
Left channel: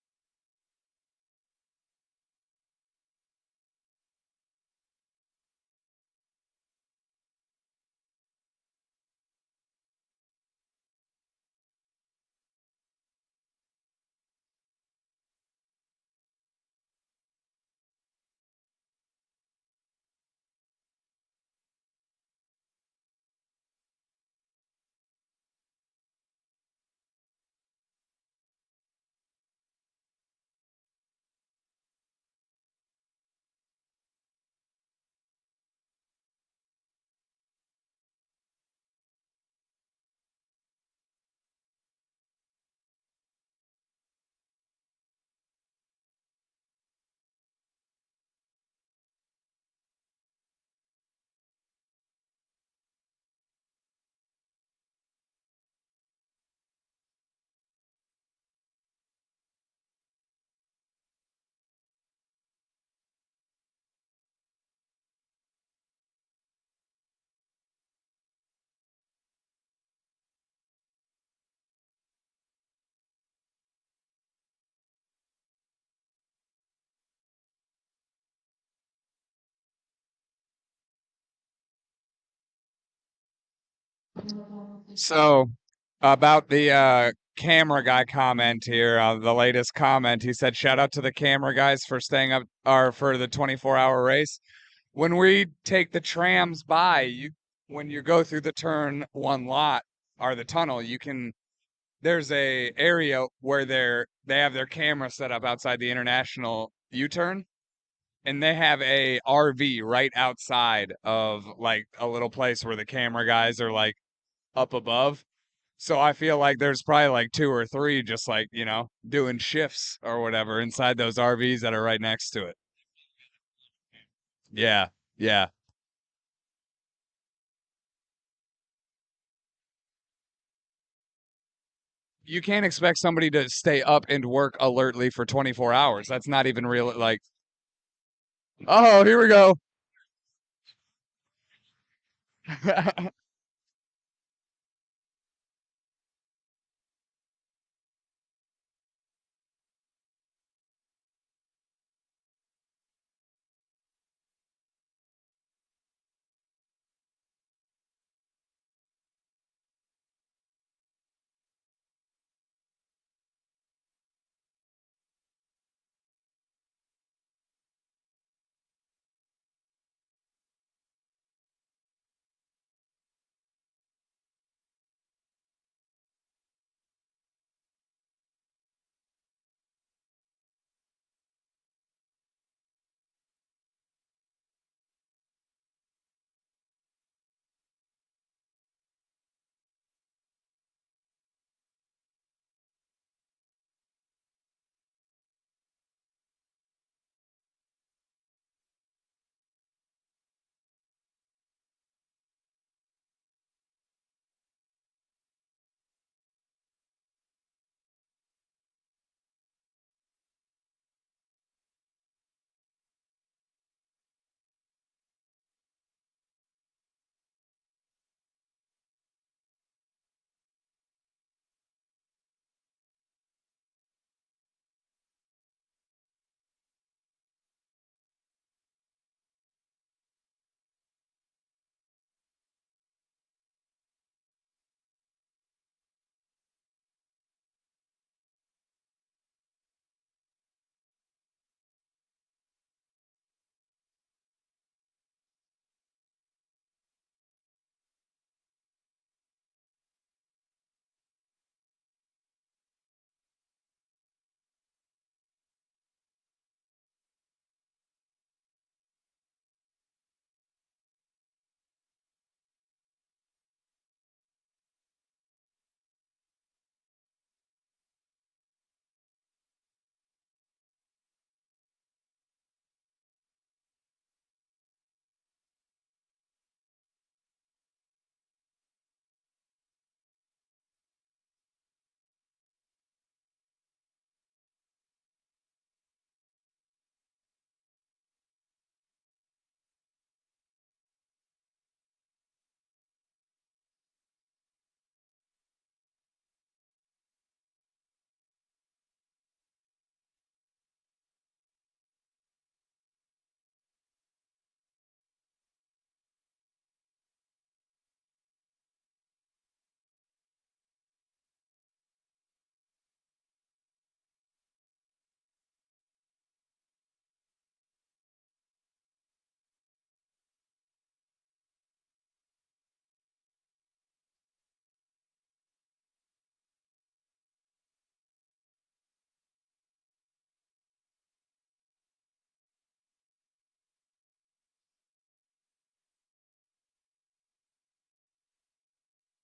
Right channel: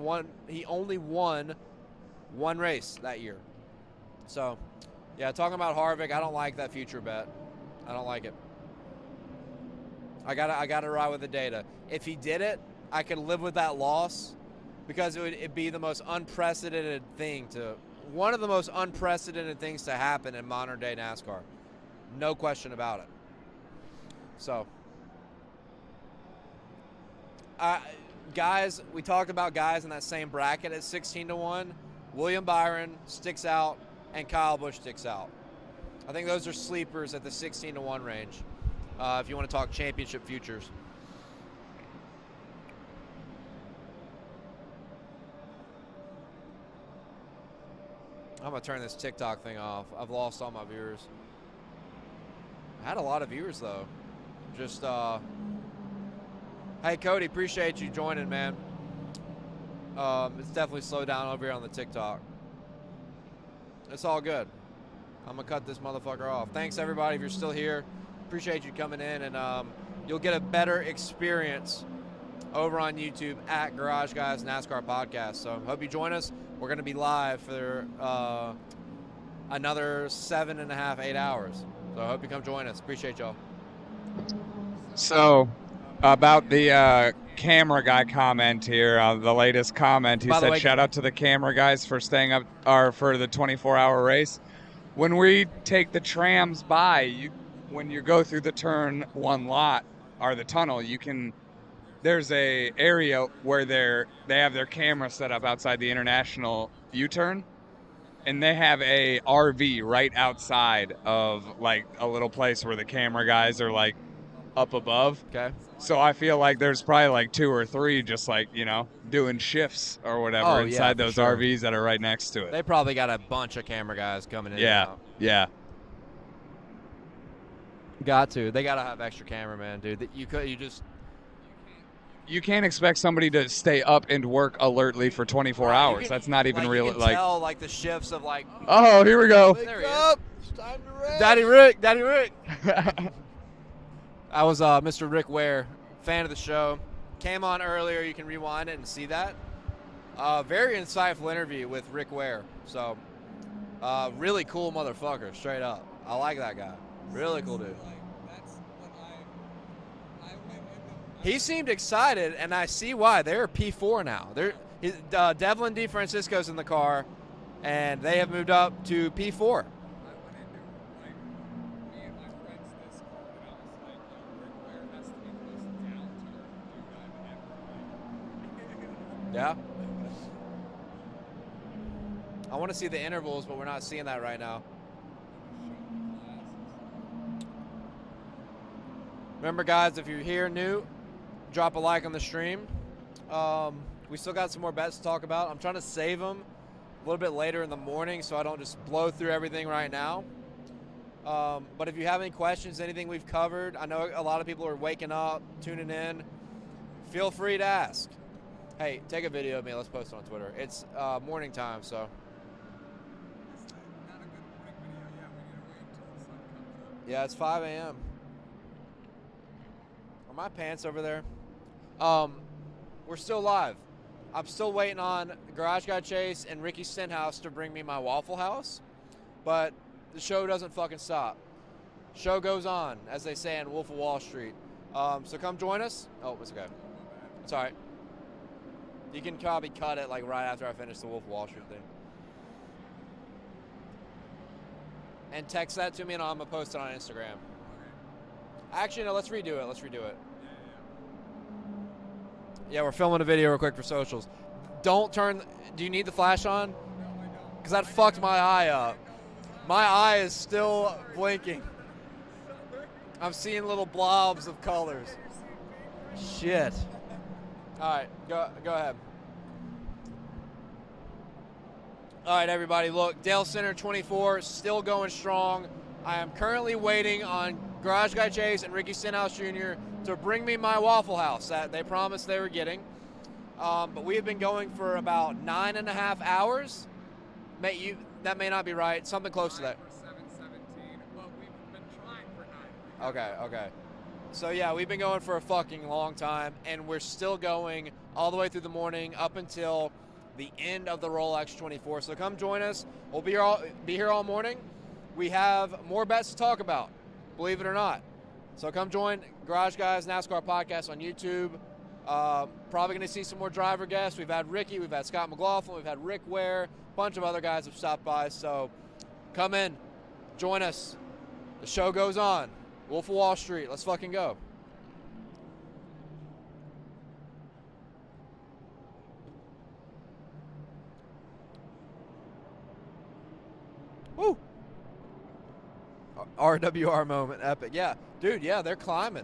one race that year. So, yeah, talking about Harvick, I don't like that future bet. I don't like it. I gotta ride with the data. If he did it, I could live with that loss because it'd be the most unprecedented thing one of the most unprecedented things to happen in modern day NASCAR. No question about it. So, guys, we talked about guys in that same bracket at 16-1. William Byron sticks out, and Kyle Busch sticks out. I think those are sleepers at the 16-1 range. If you want to talk championship futures. I'm going to turn this TikTok thing off. I've lost all my viewers. I had a lot of viewers, though. Just, hey, Cody, appreciate you joining, man. It's definitely slowed down over here on the TikTok. It's all good. I'm going to cut this motherfucker off. Thanks, everybody, if you're still here. Appreciate you coming in, and you'll get a better experience over on YouTube at Garage Guys NASCAR Podcast. So hope you join us. We're going to be live for another 7.5, 8 hours. So I hope you come join us. Appreciate y'all. So about the camera guy comment here, the latest comment, he said, shout out to the camera guys for staying up for the 24-hour race. When we take the trams by, when you go through the turn 1 lot or the tunnel, there's a area where they have their camera set up outside the international U-turn. and they have a RV right outside of like a little place where the camera guys are like up above. Okay. So I feel like there's probably like 2 or 3 just like, doing shifts or whatever Oh, yeah, inside for those sure. RVs that are right next to it. They probably got a bunch of camera guys coming in. Yeah. And out. Yeah. Got to. They got to have extra cameraman, dude. That you just. You can't expect somebody to stay up and work alertly for 24 hours. That's not even real. You can tell like the shifts of like. Oh, here we go. There he is. Daddy Rick. Daddy Rick. I was Mr. Rick Ware, fan of the show. Came on earlier. You can rewind it and see that. Very insightful interview with Rick Ware. So, really cool motherfucker, straight up. I like that guy. Really cool dude. He seemed excited, and I see why. They're P4 now. Devlin DeFrancisco's in the car, and they have moved up to P4. Yeah. I want to see the intervals, but we're not seeing that right now. Remember, guys, if you're here new, drop a like on the stream. We still got some more bets to talk about. I'm trying to save them a little bit later in the morning so I don't just blow through everything right now. But if you have any questions, anything we've covered, I know a lot of people are waking up, tuning in. Feel free to ask. Hey, take a video of me. Let's post it on Twitter. It's morning time, so. Yeah, it's 5 a.m. Are my pants over there? We're still live. I'm still waiting on Garage Guy Chase and Ricky Stenhouse to bring me my Waffle House, but the show doesn't fucking stop. Show goes on, as they say in Wolf of Wall Street. So come join us. Oh, it's okay. It's all right. You can probably cut it like right after I finish the Wolf of Wall Street thing. And text that to me, and I'm gonna post it on Instagram. Actually, no, let's redo it. Let's redo it. Yeah, we're filming a video real quick for socials. Don't turn. Do you need the flash on? Because that fucked my eye up. My eye is still blinking. I'm seeing little blobs of colors. Shit. All right, go ahead. All right, everybody, look, Dalescenter 24 still going strong. I am currently waiting on Garage Guy Chase and Ricky Stenhouse Jr. to bring me my Waffle House that they promised they were getting. But we have been going for about 9.5 hours. That may not be right. Something close to that. Okay. So, yeah, we've been going for a fucking long time, and we're still going all the way through the morning up until the end of the Rolex 24. So come join us. We'll be here all morning. We have more bets to talk about, believe it or not. So come join Garage Guys NASCAR Podcast on YouTube. Probably going to see some more driver guests. We've had Ricky, we've had Scott McLaughlin, we've had Rick Ware, a bunch of other guys have stopped by. So come in, join us. The show goes on. Wolf of Wall Street, let's fucking go. Woo! RWR moment, epic. Yeah, dude, yeah, they're climbing.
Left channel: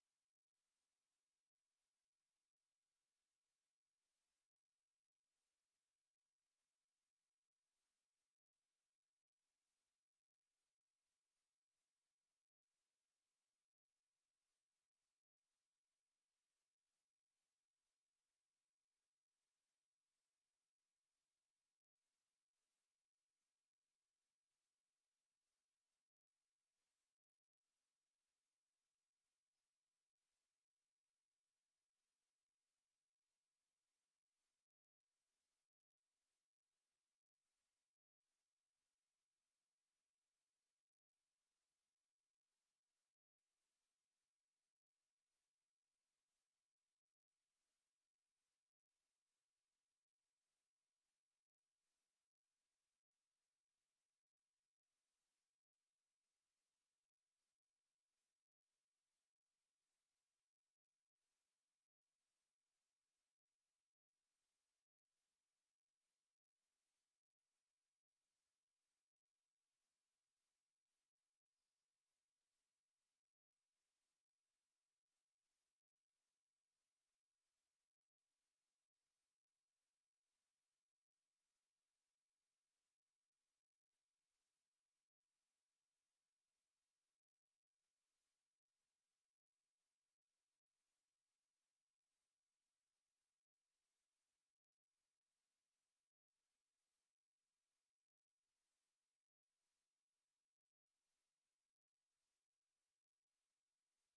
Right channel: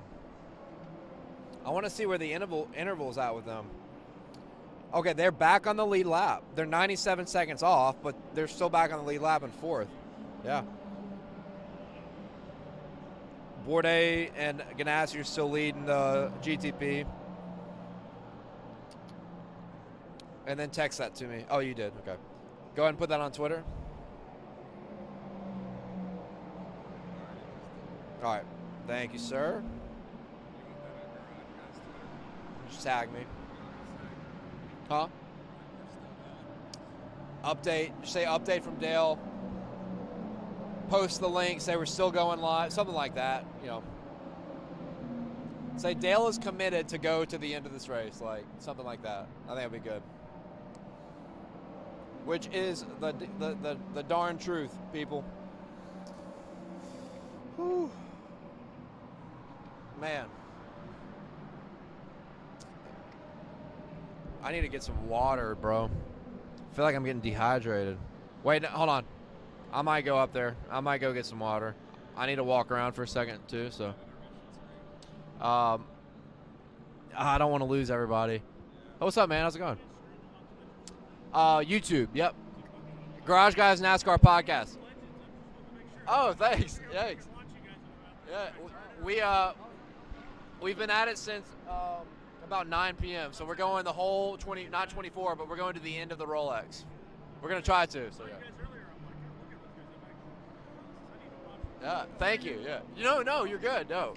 I want to see where the interval's at with them. Okay, they're back on the lead lap. They're 97 seconds off, but they're still back on the lead lap in fourth. Yeah. Bourdais and Ganassi are still leading the GTP. And then text that to me. Oh, you did. Okay. Go ahead and put that on Twitter. All right. Thank you, sir. Just tag me. Huh? Update. Just say update from Dale. Post the link. Say we're still going live. Something like that. You know. Say Dale is committed to go to the end of this race. Like something like that. I think it'll be good. Which is the darn truth, people. Whew. Man. I need to get some water, bro. I feel like I'm getting dehydrated. Wait, no, hold on. I might go up there. I might go get some water. I need to walk around for a second too, so. I don't want to lose everybody. Oh, what's up, man? How's it going? YouTube, yep. Garage Guys NASCAR podcast. Oh, thanks. Thanks. Yeah, we've been at it since about 9 p.m. So we're going the whole 20, not 24, but we're going to the end of the Rolex. We're gonna try to. So yeah. Yeah. Thank you. Yeah. No, you're good. No.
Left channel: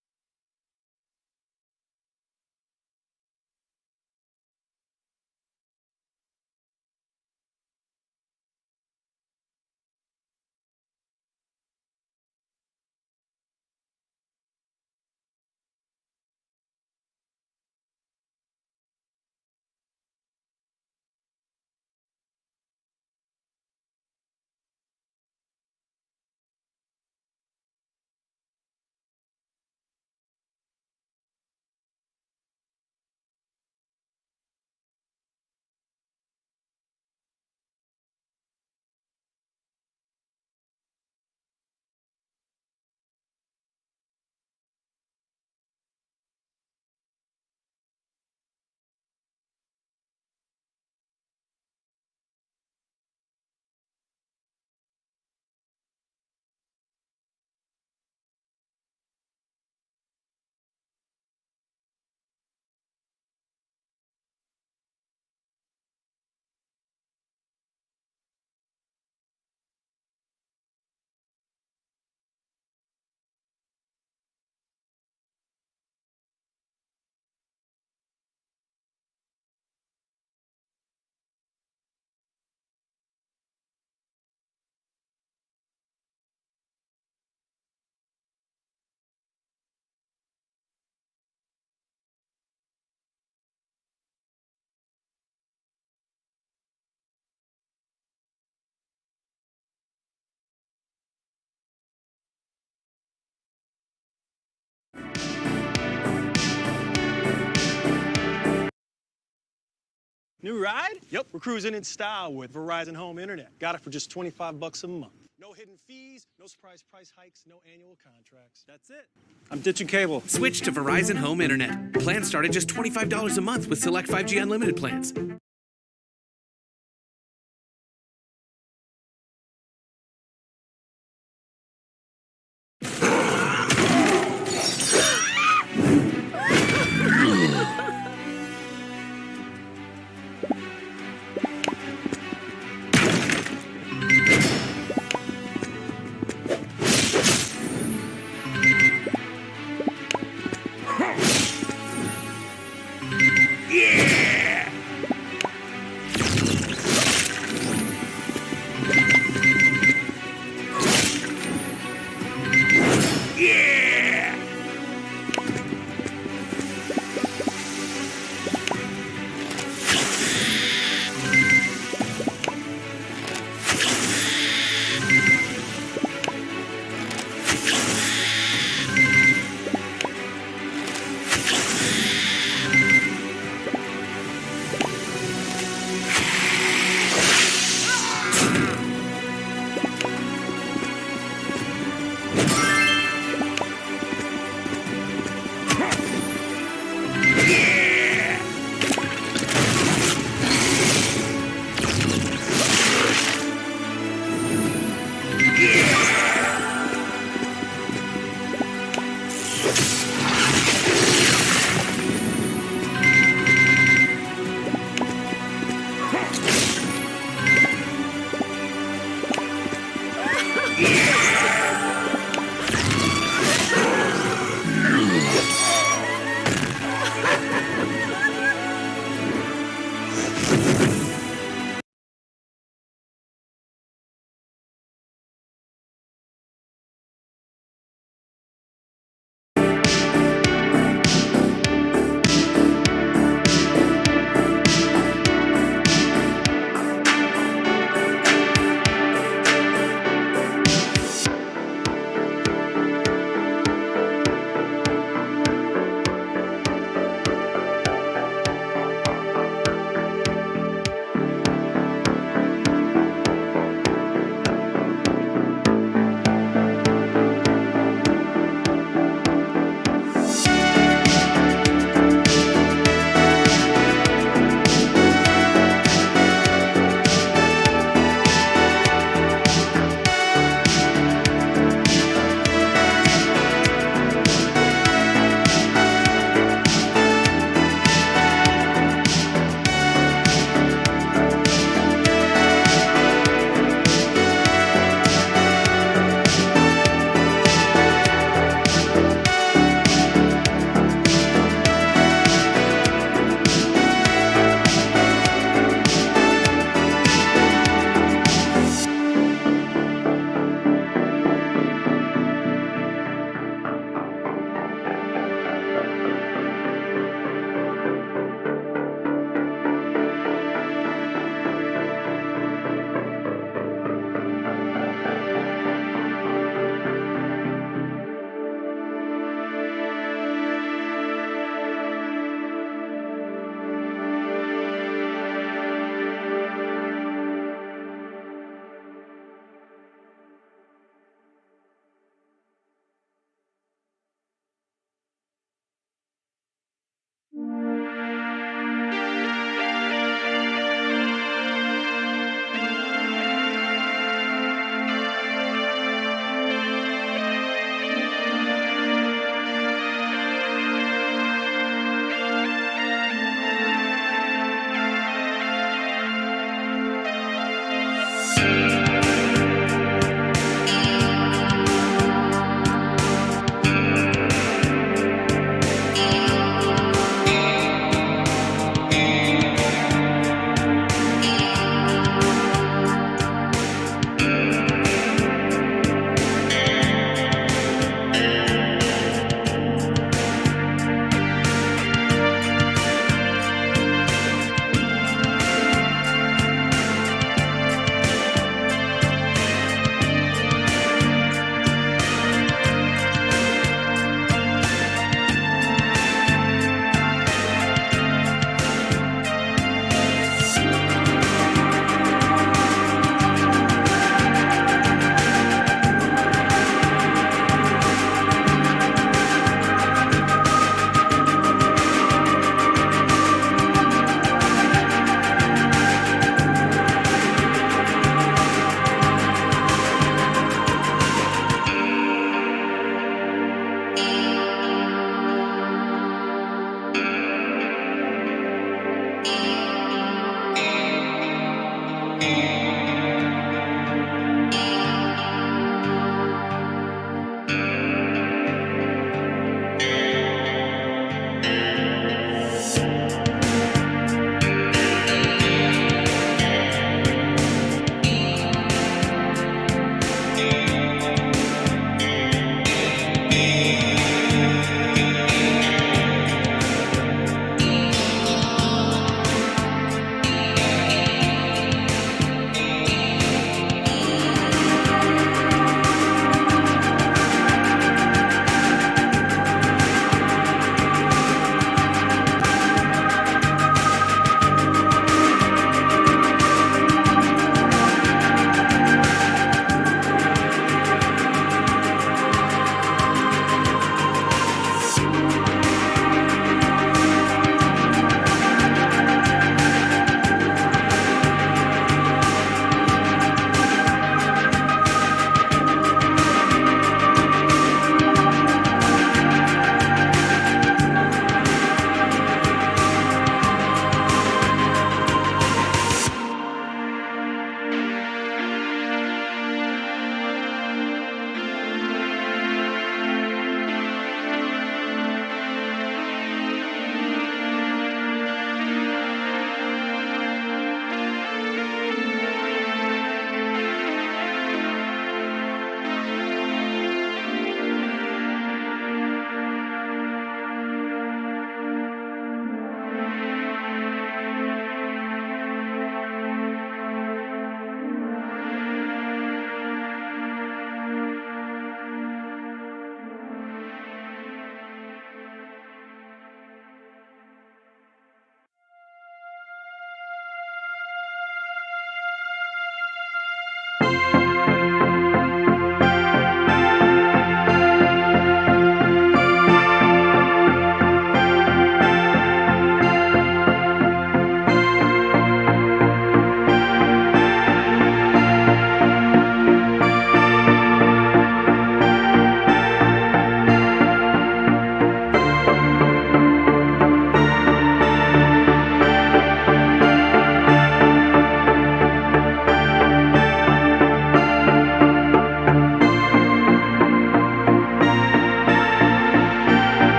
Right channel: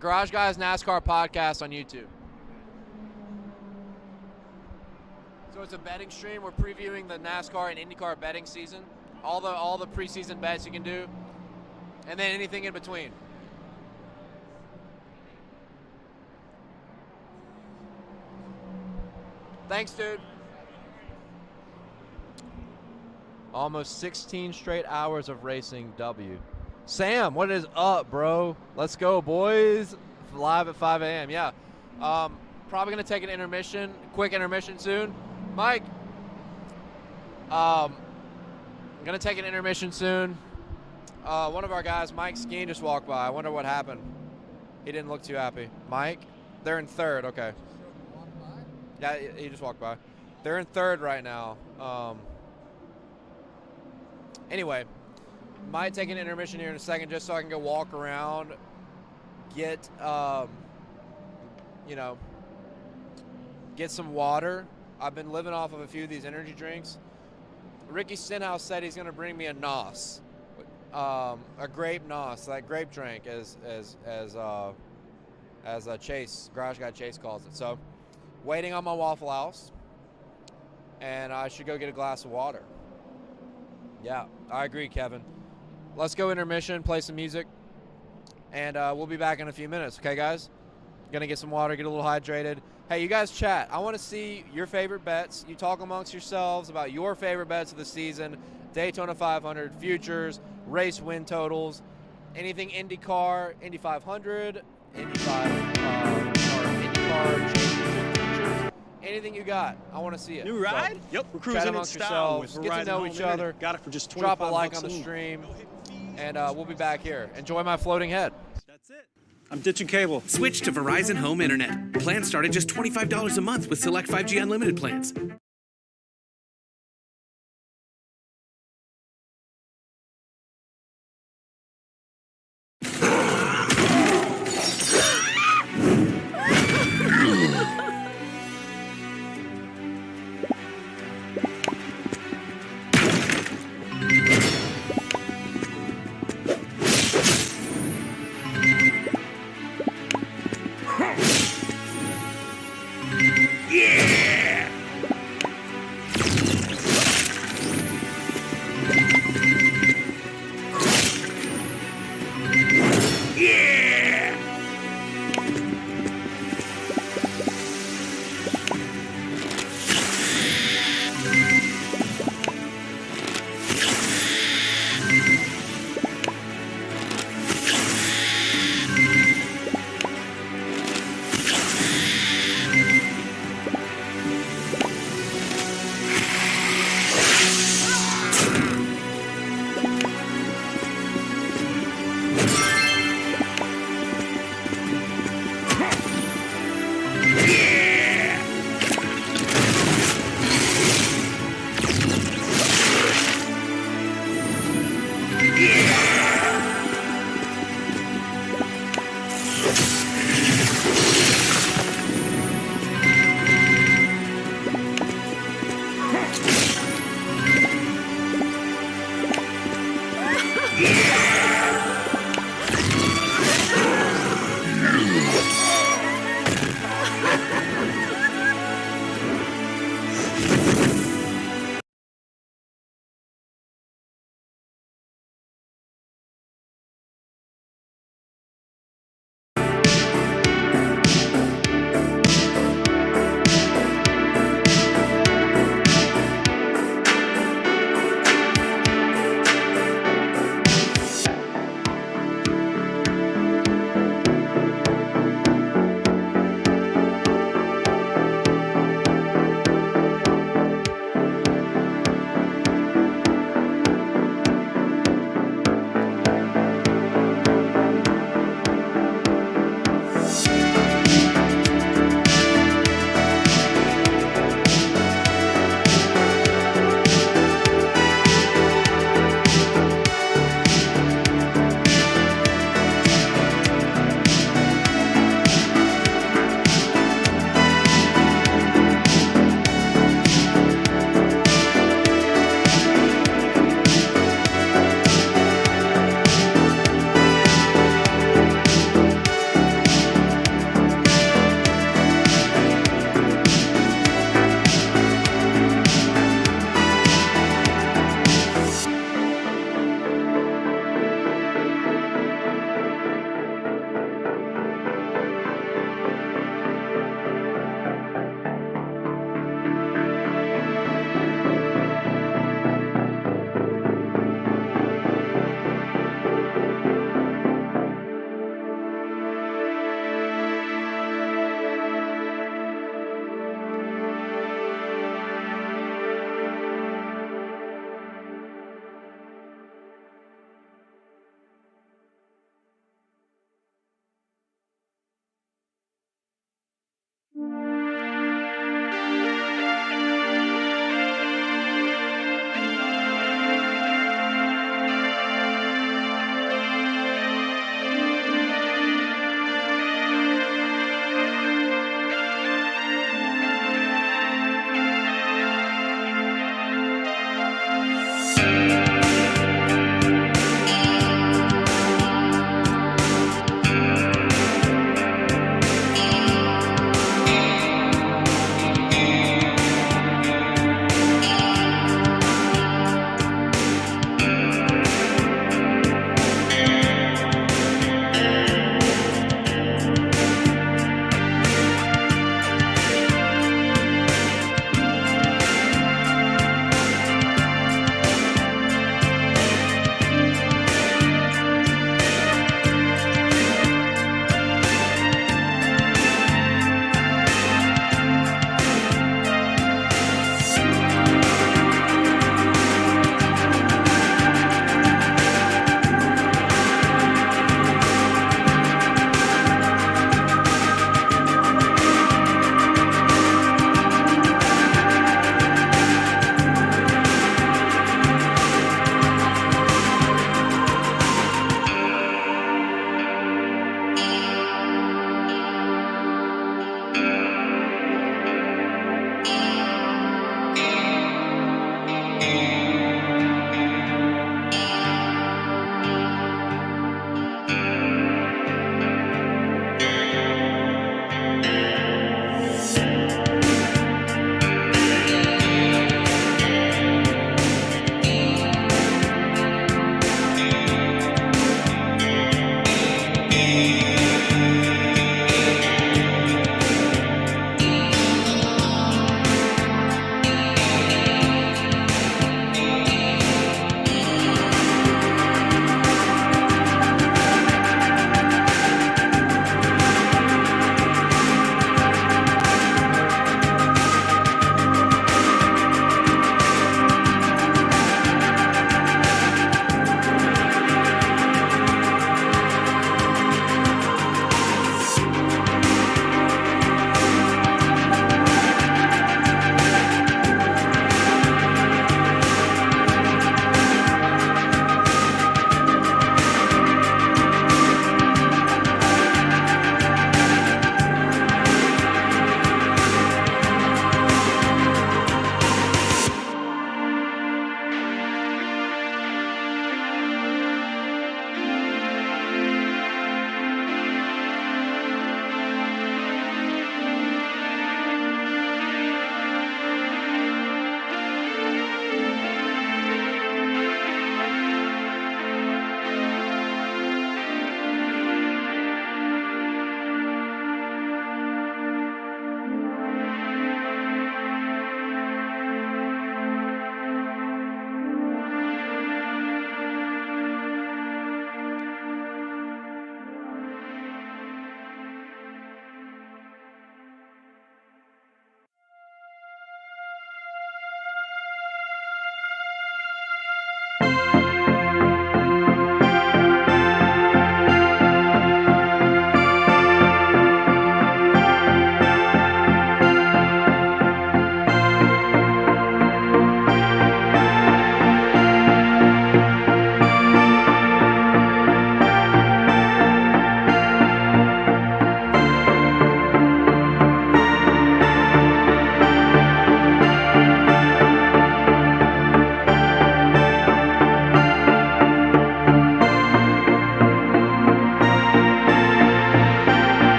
Garage Guys NASCAR podcast on YouTube. So it's a betting stream. We're previewing the NASCAR and IndyCar betting season. All the preseason bets you can do, and then anything in between. Thanks, dude. Almost 16 straight hours of racing W. Sam, what is up, bro? Let's go, boys. Live at 5 a.m. Yeah. Probably going to take an intermission, quick intermission soon. Mike, I'm going to take an intermission soon. One of our guys, Mike Skeen, just walked by. I wonder what happened. He didn't look too happy. Mike, they're in third. Okay. Yeah, he just walked by. They're in third right now. Anyway, might take an intermission here in a second just so I can go walk around, get, get some water. I've been living off of a few of these energy drinks. Ricky Stenhouse said he's going to bring me a NOS, a grape NOS, that grape drink, as Chase, Garage Guy Chase calls it. So, waiting on my Waffle House, and I should go get a glass of water. Yeah, I agree, Kevin. Let's go intermission, play some music, and we'll be back in a few minutes. Okay, guys? Gonna get some water, get a little hydrated. Hey, you guys chat. I want to see your favorite bets. You talk amongst yourselves about your favorite bets of the season. Daytona 500, futures, race win totals, anything IndyCar, Indy 500, Indy 500, anything you got. I want to see it. New ride? So, yep, we're cruising in style with Verizon Home Internet. Got it for just 25 Drop a like bucks on a the month. stream, and we'll be back here. Enjoy my floating head. That's it. I'm ditching cable. Switch to Verizon Home Internet. Plans start at just $25 a month with select 5G unlimited plans.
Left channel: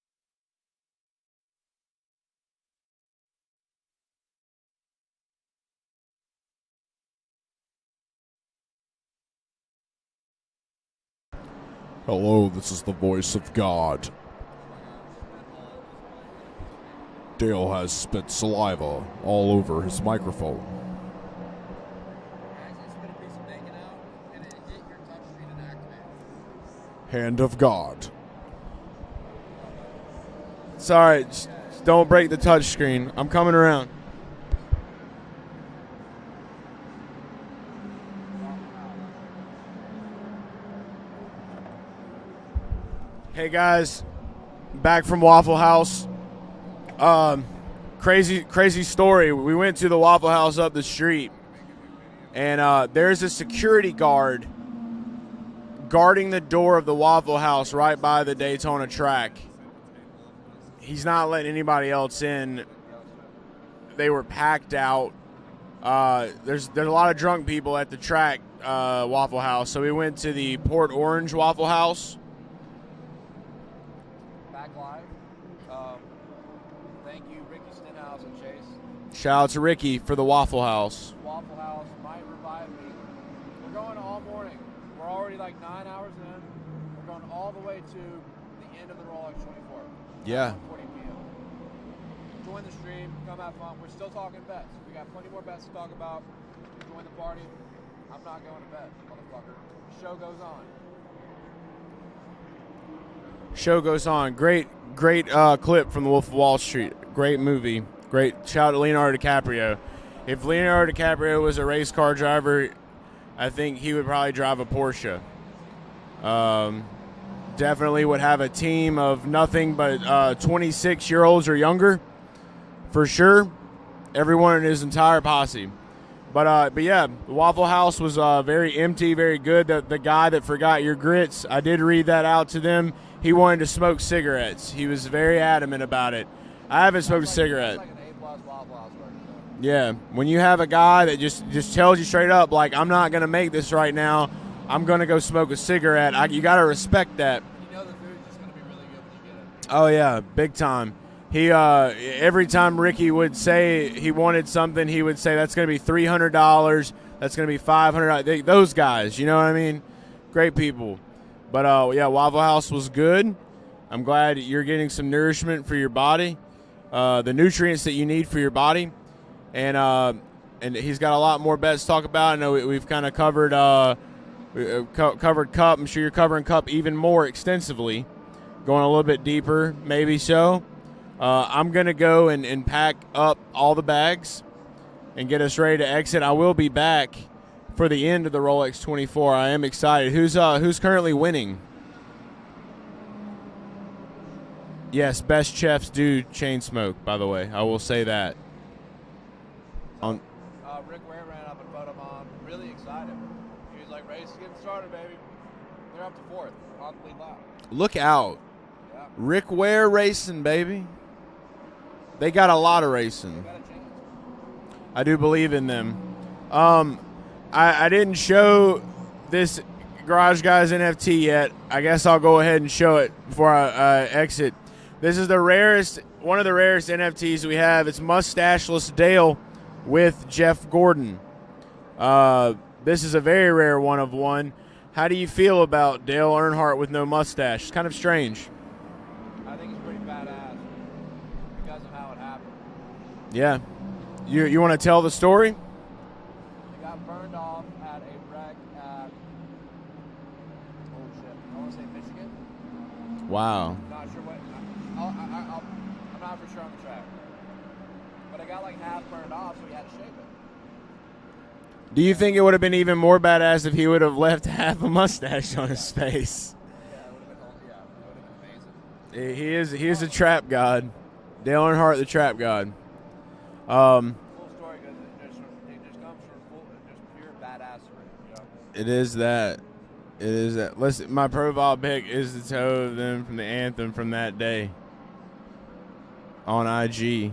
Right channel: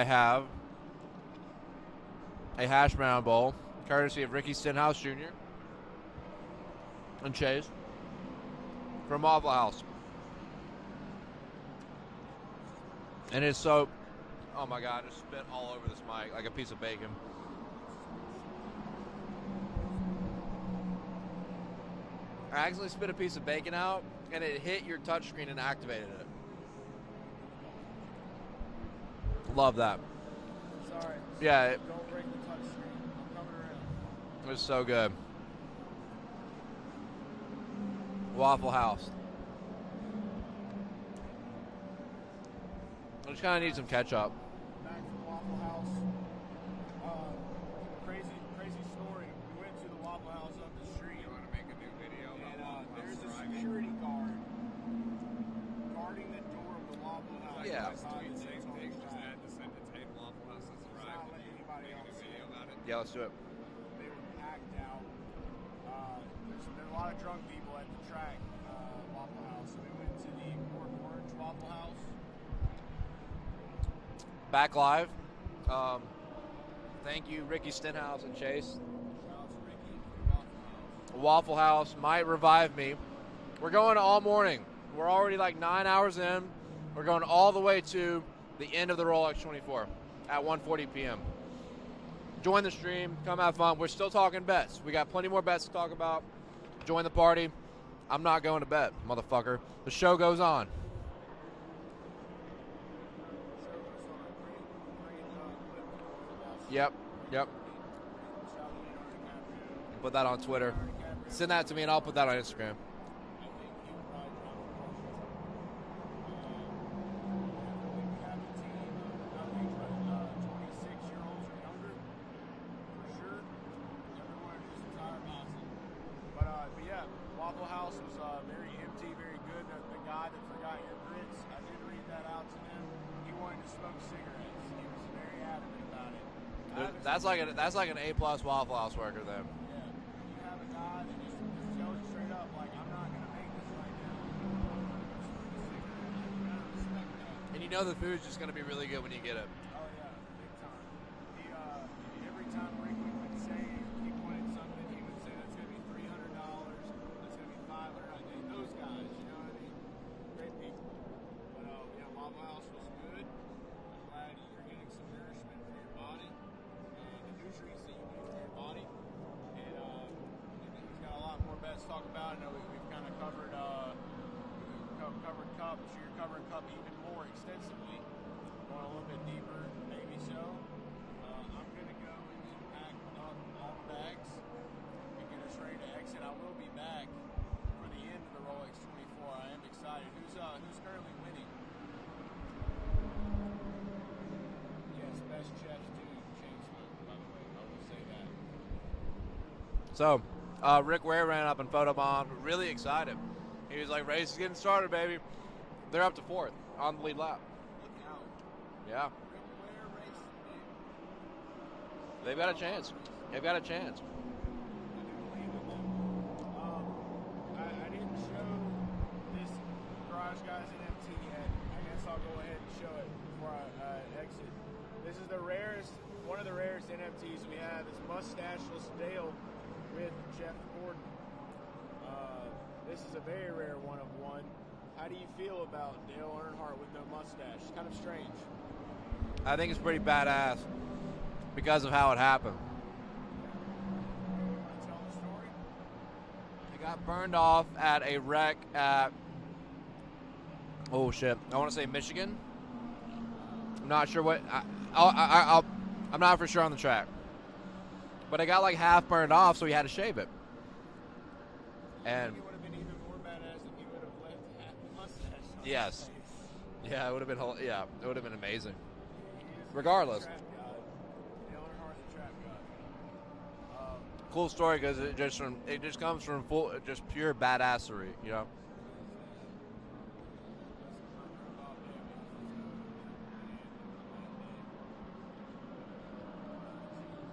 I have a hash brown bowl, courtesy of Ricky Stenhouse Jr. and Chase from Waffle House. Hello, this is the voice And of it's so- God. Oh my God, I just spit all over this mic like a piece of bacon. Dale has spit saliva all over his microphone. I actually spit a piece of bacon out, and it hit your touchscreen and activated it. Hand of God. Love that. Sorry, Yeah. don't break the touch screen. I'm coming around. It was so good. Waffle House. I just Hey kinda need guys, some ketchup. back from Waffle House. Crazy story. We went to the Waffle House up the street, and there's a security guard guarding the door of the Waffle House right by the Daytona track. He's not letting anybody else in. Yeah, let's do it. They were packed out. There's a lot of drunk people at the track Waffle House, so we went to the Port Orange Waffle House. Back live. Thank you, Ricky Stenhouse and Chase. Shout out to Ricky for the Waffle House. Waffle House might revive me. We're going all morning. We're already like 9 hours in. We're going all the way to the end of the Rolex 24 Yeah. at 1:40 p.m. Join the stream. Come have fun. We're still talking bets. We got plenty more bets to talk about. Join the party. I'm not going to bed, motherfucker. The show goes on. Show goes on. Great clip from The Wolf of Wall Street. Yep. Great movie. Great. Shout out to Leonardo DiCaprio. Put that on If Twitter. Leonardo DiCaprio Send was that a to me race and I'll car put that on driver, Instagram. I think he would probably drive a Porsche. Definitely would have a team of nothing but 26-year-olds or younger, for sure. Everyone in his entire posse. But yeah, the Waffle House was very empty, very good. The guy that forgot your grits, I did read that out to them. He wanted to smoke cigarettes. He was very adamant about it. I haven't smoked a cigarette. That's like an A+ Waffle House worker then. Yeah, when you have a guy that just tells you straight up, like, I'm not going to make this right now, I'm going to go smoke a cigarette, you got to respect that. And you know the food's just going to be really good when you get it. Oh, yeah, big time. He every time Ricky would say he wanted something, he would say, that's going to be $300, that's going to be $500. Those guys, you know what I mean? Great people. But, yeah, Waffle House was good. I'm glad you're getting some nourishment for your body, the nutrients that you need for your body. And he's got a lot more bets to talk about. I know we've kind of covered covered Cup. I'm sure you're covering Cup even more extensively, going a little bit deeper, maybe so. I'm going to go and pack up all the bags and get us ready to exit. I will be back for the end of the Rolex 24. I am excited. Who's currently winning? Yes, best chefs do chain smoke, by the way. I will say that. So, Rick Ware ran up and photobomb. Really excited. He was like, race is getting started, baby. They're up to fourth on the lead lap. Look out. Yeah. Rick Ware racing, baby. They got a lot of racing. They've got a chance. I do believe in them. I didn't show this Garage Guys NFT yet. I guess I'll go ahead and show it before I exit. This is one of the rarest NFTs we have. It's Mustacheless Dale with Jeff Gordon. This is a very rare one of one. How do you feel about Dale Earnhardt with no mustache? It's kind of strange. I think it's pretty badass because of how it happened. Yeah. You want to tell the story? He got burned off at a wreck at, oh shit, I want to say Michigan. Wow. I'm not sure what, I'm not for sure on the track. But it got like half burned off, so he had to shave it. Do you think it would have been even more badass if he would have left half a mustache on his Yes. face? Yeah, it would have been. Yeah, it would have been amazing. He is a Regardless. trap god. Dale Earnhardt, the trap god. Cool story because it just comes from just pure badassery, you know. It is that. It is that. Listen, my profile pic is the toe of them from the anthem from that day. On IG.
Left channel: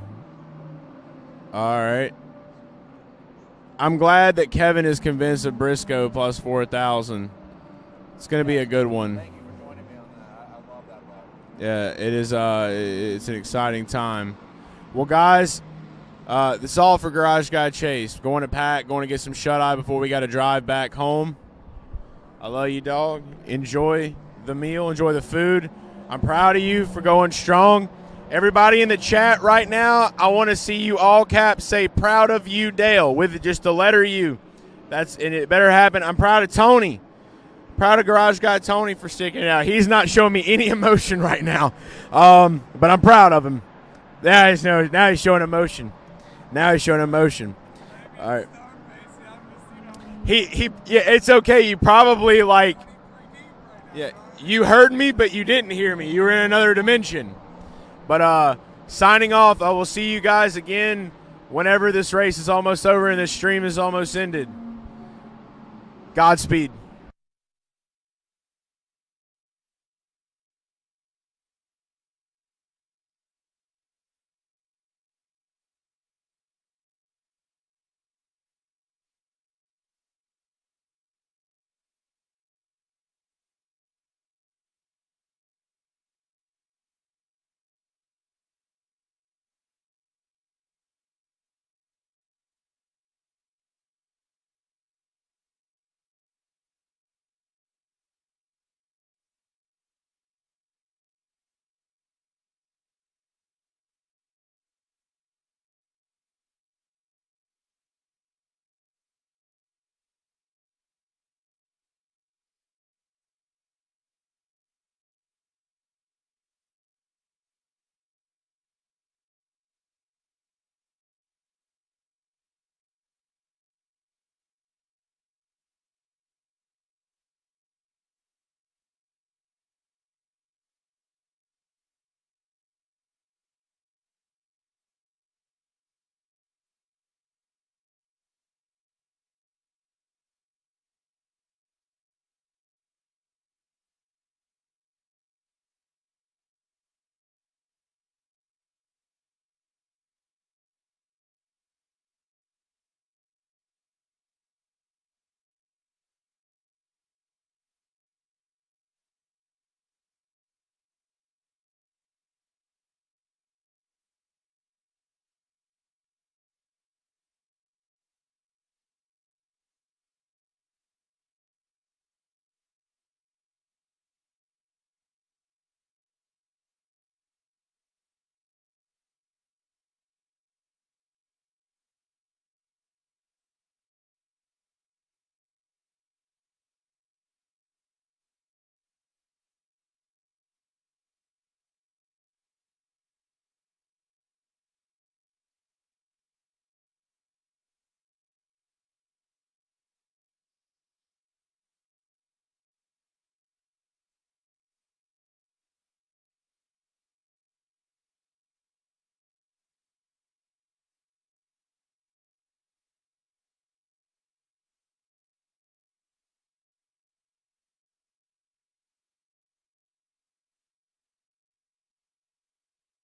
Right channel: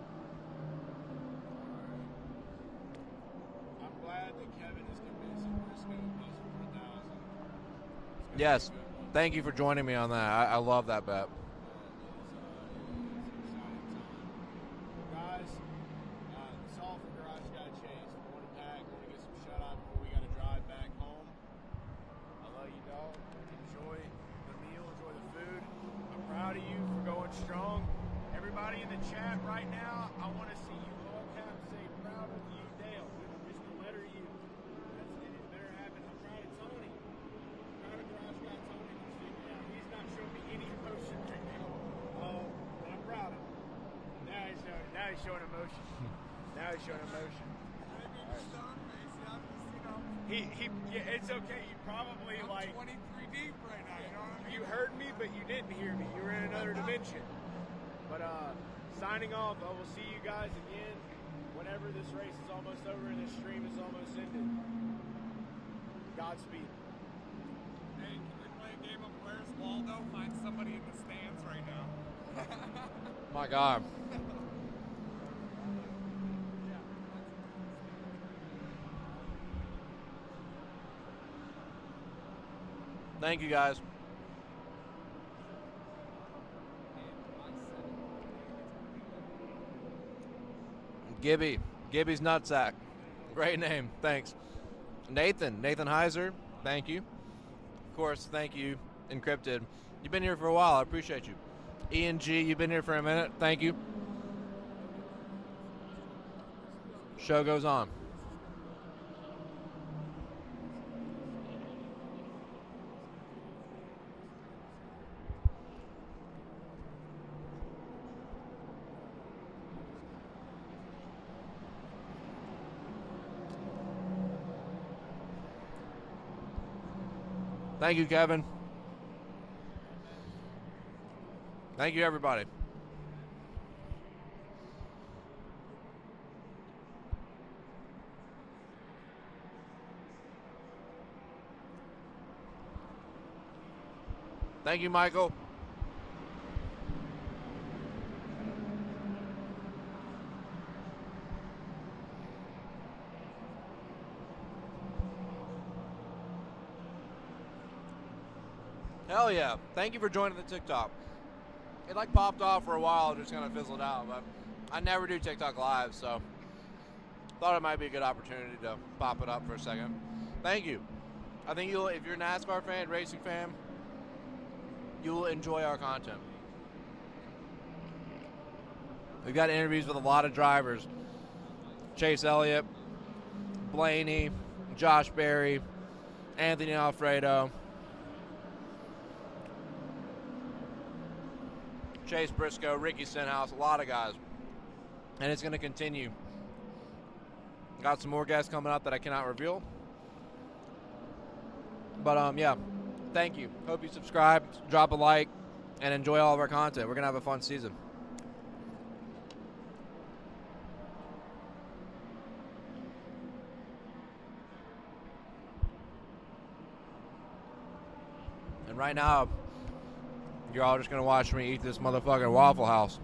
All right. I'm glad that Kevin is convinced of Briscoe plus 4,000. It's going to be a good one. Thank you for joining me on that. I love that bet. Yeah, it is. It's an exciting time. Well, guys, this is all for Garage Guy Chase. Going to pack, going to get some shut-eye before we got to drive back home. I love you, dog. Enjoy the meal. Enjoy the food. I'm proud of you for going strong. Everybody in the chat right now, I want to see you all caps say "proud of you, Dale" with just the letter U. And it better happen. I'm proud of Tony. Proud of Garage Guy Tony for sticking it out. He's not showing me any emotion right now, but I'm proud of him. Now he's showing emotion. Now he's showing emotion. All right. Yeah, it's okay. You probably yeah, you heard me, but you didn't hear me. You were in another dimension. But signing off, I will see you guys again whenever this race is almost over and this stream is almost ended. Godspeed. My God. Thank you, guys. Gibby's Nutsack. Great name. Thanks. Nathan Heiser. Thank you. Of course, thank you, Encrypted. You've been here for a while. I appreciate you. Ian G, you've been here for a minute. Thank you. Show goes on. Thank you, Kevin. Thank you, everybody. Thank you, Michael. Hell yeah. Thank you for joining the TikTok. It popped off for a while, just kind of fizzled out, but I never do TikTok live, so thought it might be a good opportunity to pop it up for a second. Thank you. I think if you're a NASCAR fan, racing fan, you will enjoy our content. We've got interviews with a lot of drivers. Chase Elliott, Blaney, Josh Berry, Anthony Alfredo, Chase Briscoe, Ricky Stenhouse, a lot of guys. And it's going to continue. Got some more guests coming up that I cannot reveal. But, yeah, thank you. Hope you subscribe, drop a like, and enjoy all of our content. We're going to have a fun season. And right now, you're all just going to watch me eat this motherfucking Waffle House.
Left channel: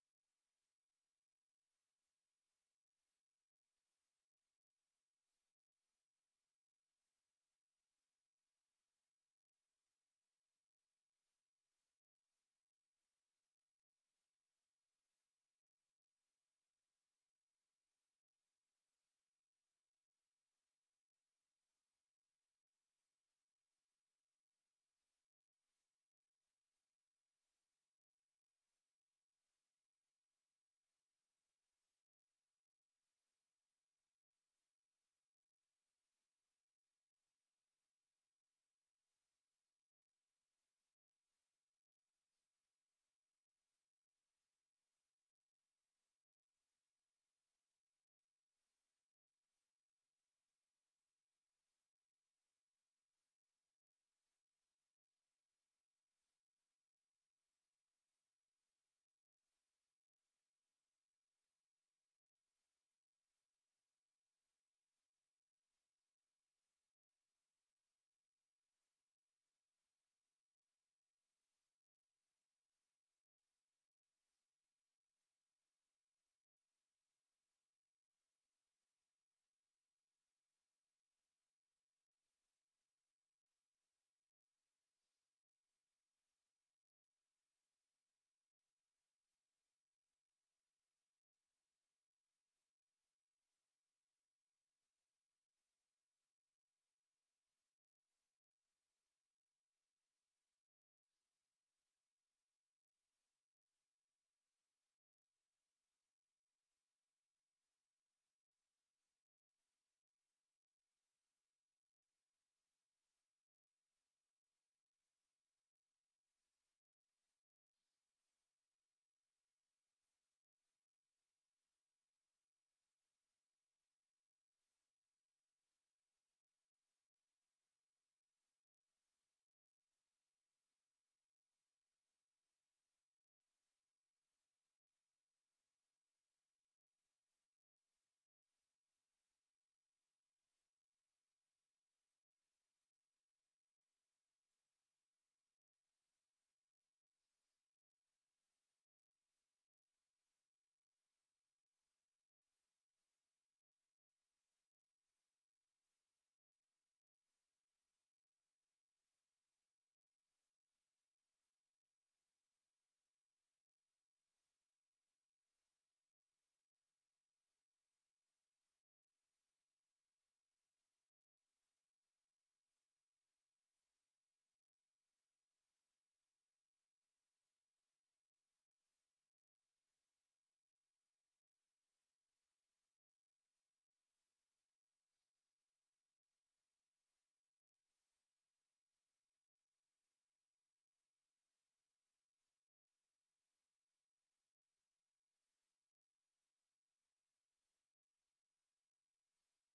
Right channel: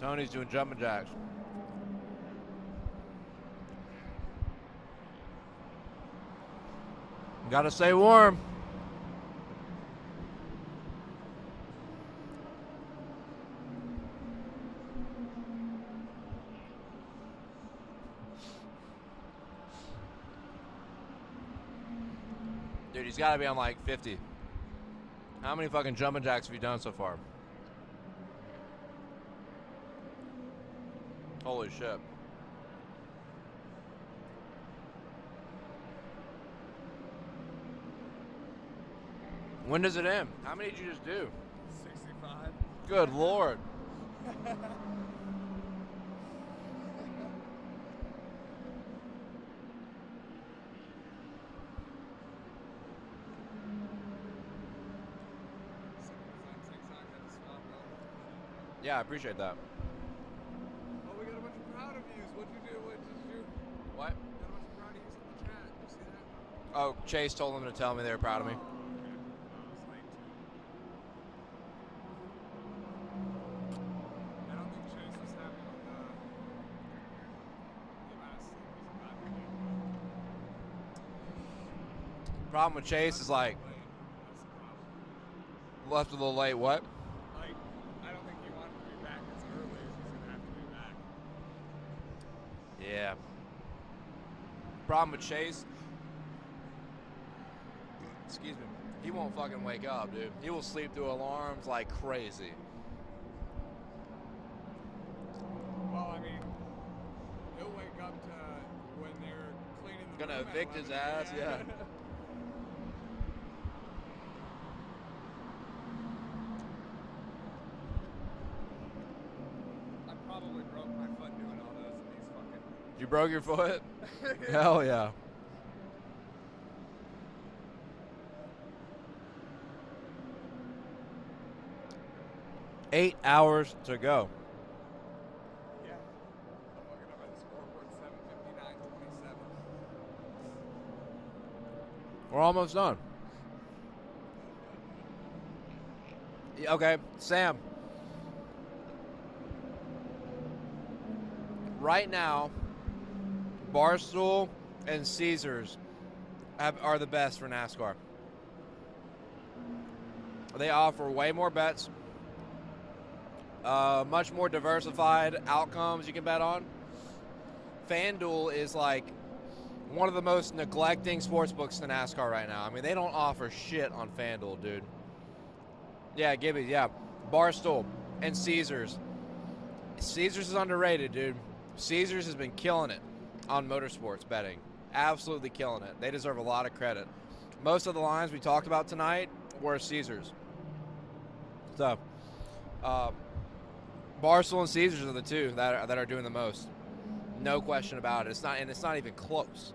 Tony's doing jumping jacks. Gotta stay warm. Dude, he's gotta be on like 50. How many fucking jumping jacks have you done so far? Holy shit. When does it end? How many did you just do? 65. Good Lord. Yeah, I appreciate that. Oh, we got a bunch of proud of yous. What'd you do? What did you do? What? Got a bunch of proud of yous in the Oh, Chase told them to tell me they were proud of me. I don't think Chase was happy with the amount of sleep he's about to get. Problem with Chase is like left a little late. What? Like, I don't think he wanted to be back as early as he's gonna have to be back. Yeah. Problem with Chase. Excuse me. He won't fucking wake up, dude. He will sleep through alarms like crazy. Well, I mean, he'll wake up to when they're cleaning the Gonna room at evict his 11, ass, yeah. I probably broke my foot doing all those in these fucking. You broke your foot? Yeah. Hell yeah. Eight hours to go. Yeah. I'm looking up at the scoreboard, 7:59:27. We're almost done. Yeah, okay, Sam. Right now, Barstool and Caesars are the best for NASCAR. They offer way more bets, much more diversified outcomes you can bet on. FanDuel is like one of the most neglecting sports books in NASCAR right now. I mean, they don't offer shit on FanDuel, dude. Yeah, Gibby, yeah. Barstool and Caesars. Caesars is underrated, dude. Caesars has been killing it on motorsports betting. Absolutely killing it. They deserve a lot of credit. Most of the lines we talked about tonight were Caesars. So, Barstool and Caesars are the two that are doing the most. No question about it. It's not even close.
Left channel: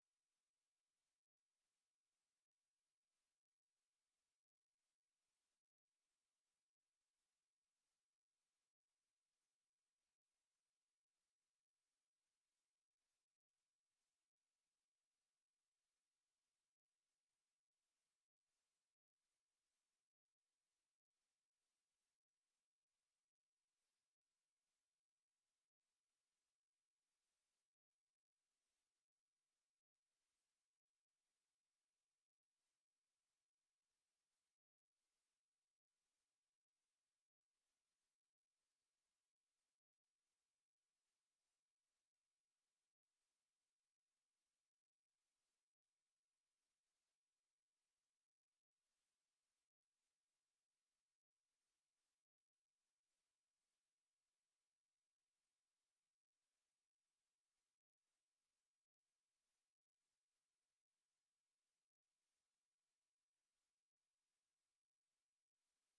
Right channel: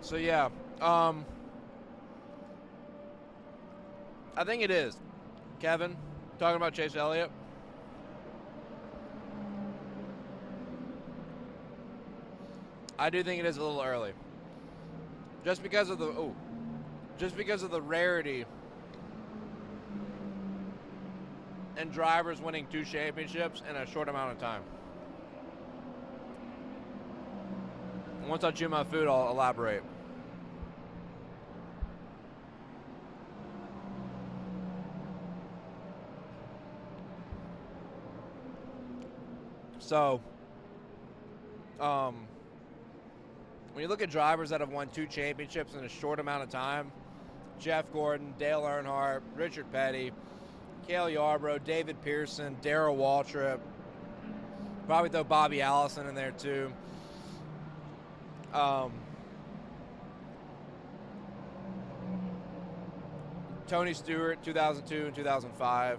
So yeah, I think it is. Kevin, talking about Chase Elliott. I do think it is a little early. Just because of the rarity and drivers winning 2 championships in a short amount of time. Once I chew my food, I'll elaborate. So, when you look at drivers that have won 2 championships in a short amount of time, Jeff Gordon, Dale Earnhardt, Richard Petty, Cale Yarborough, David Pearson, Darrell Waltrip, probably throw Bobby Allison in there too. Tony Stewart, 2002 and 2005.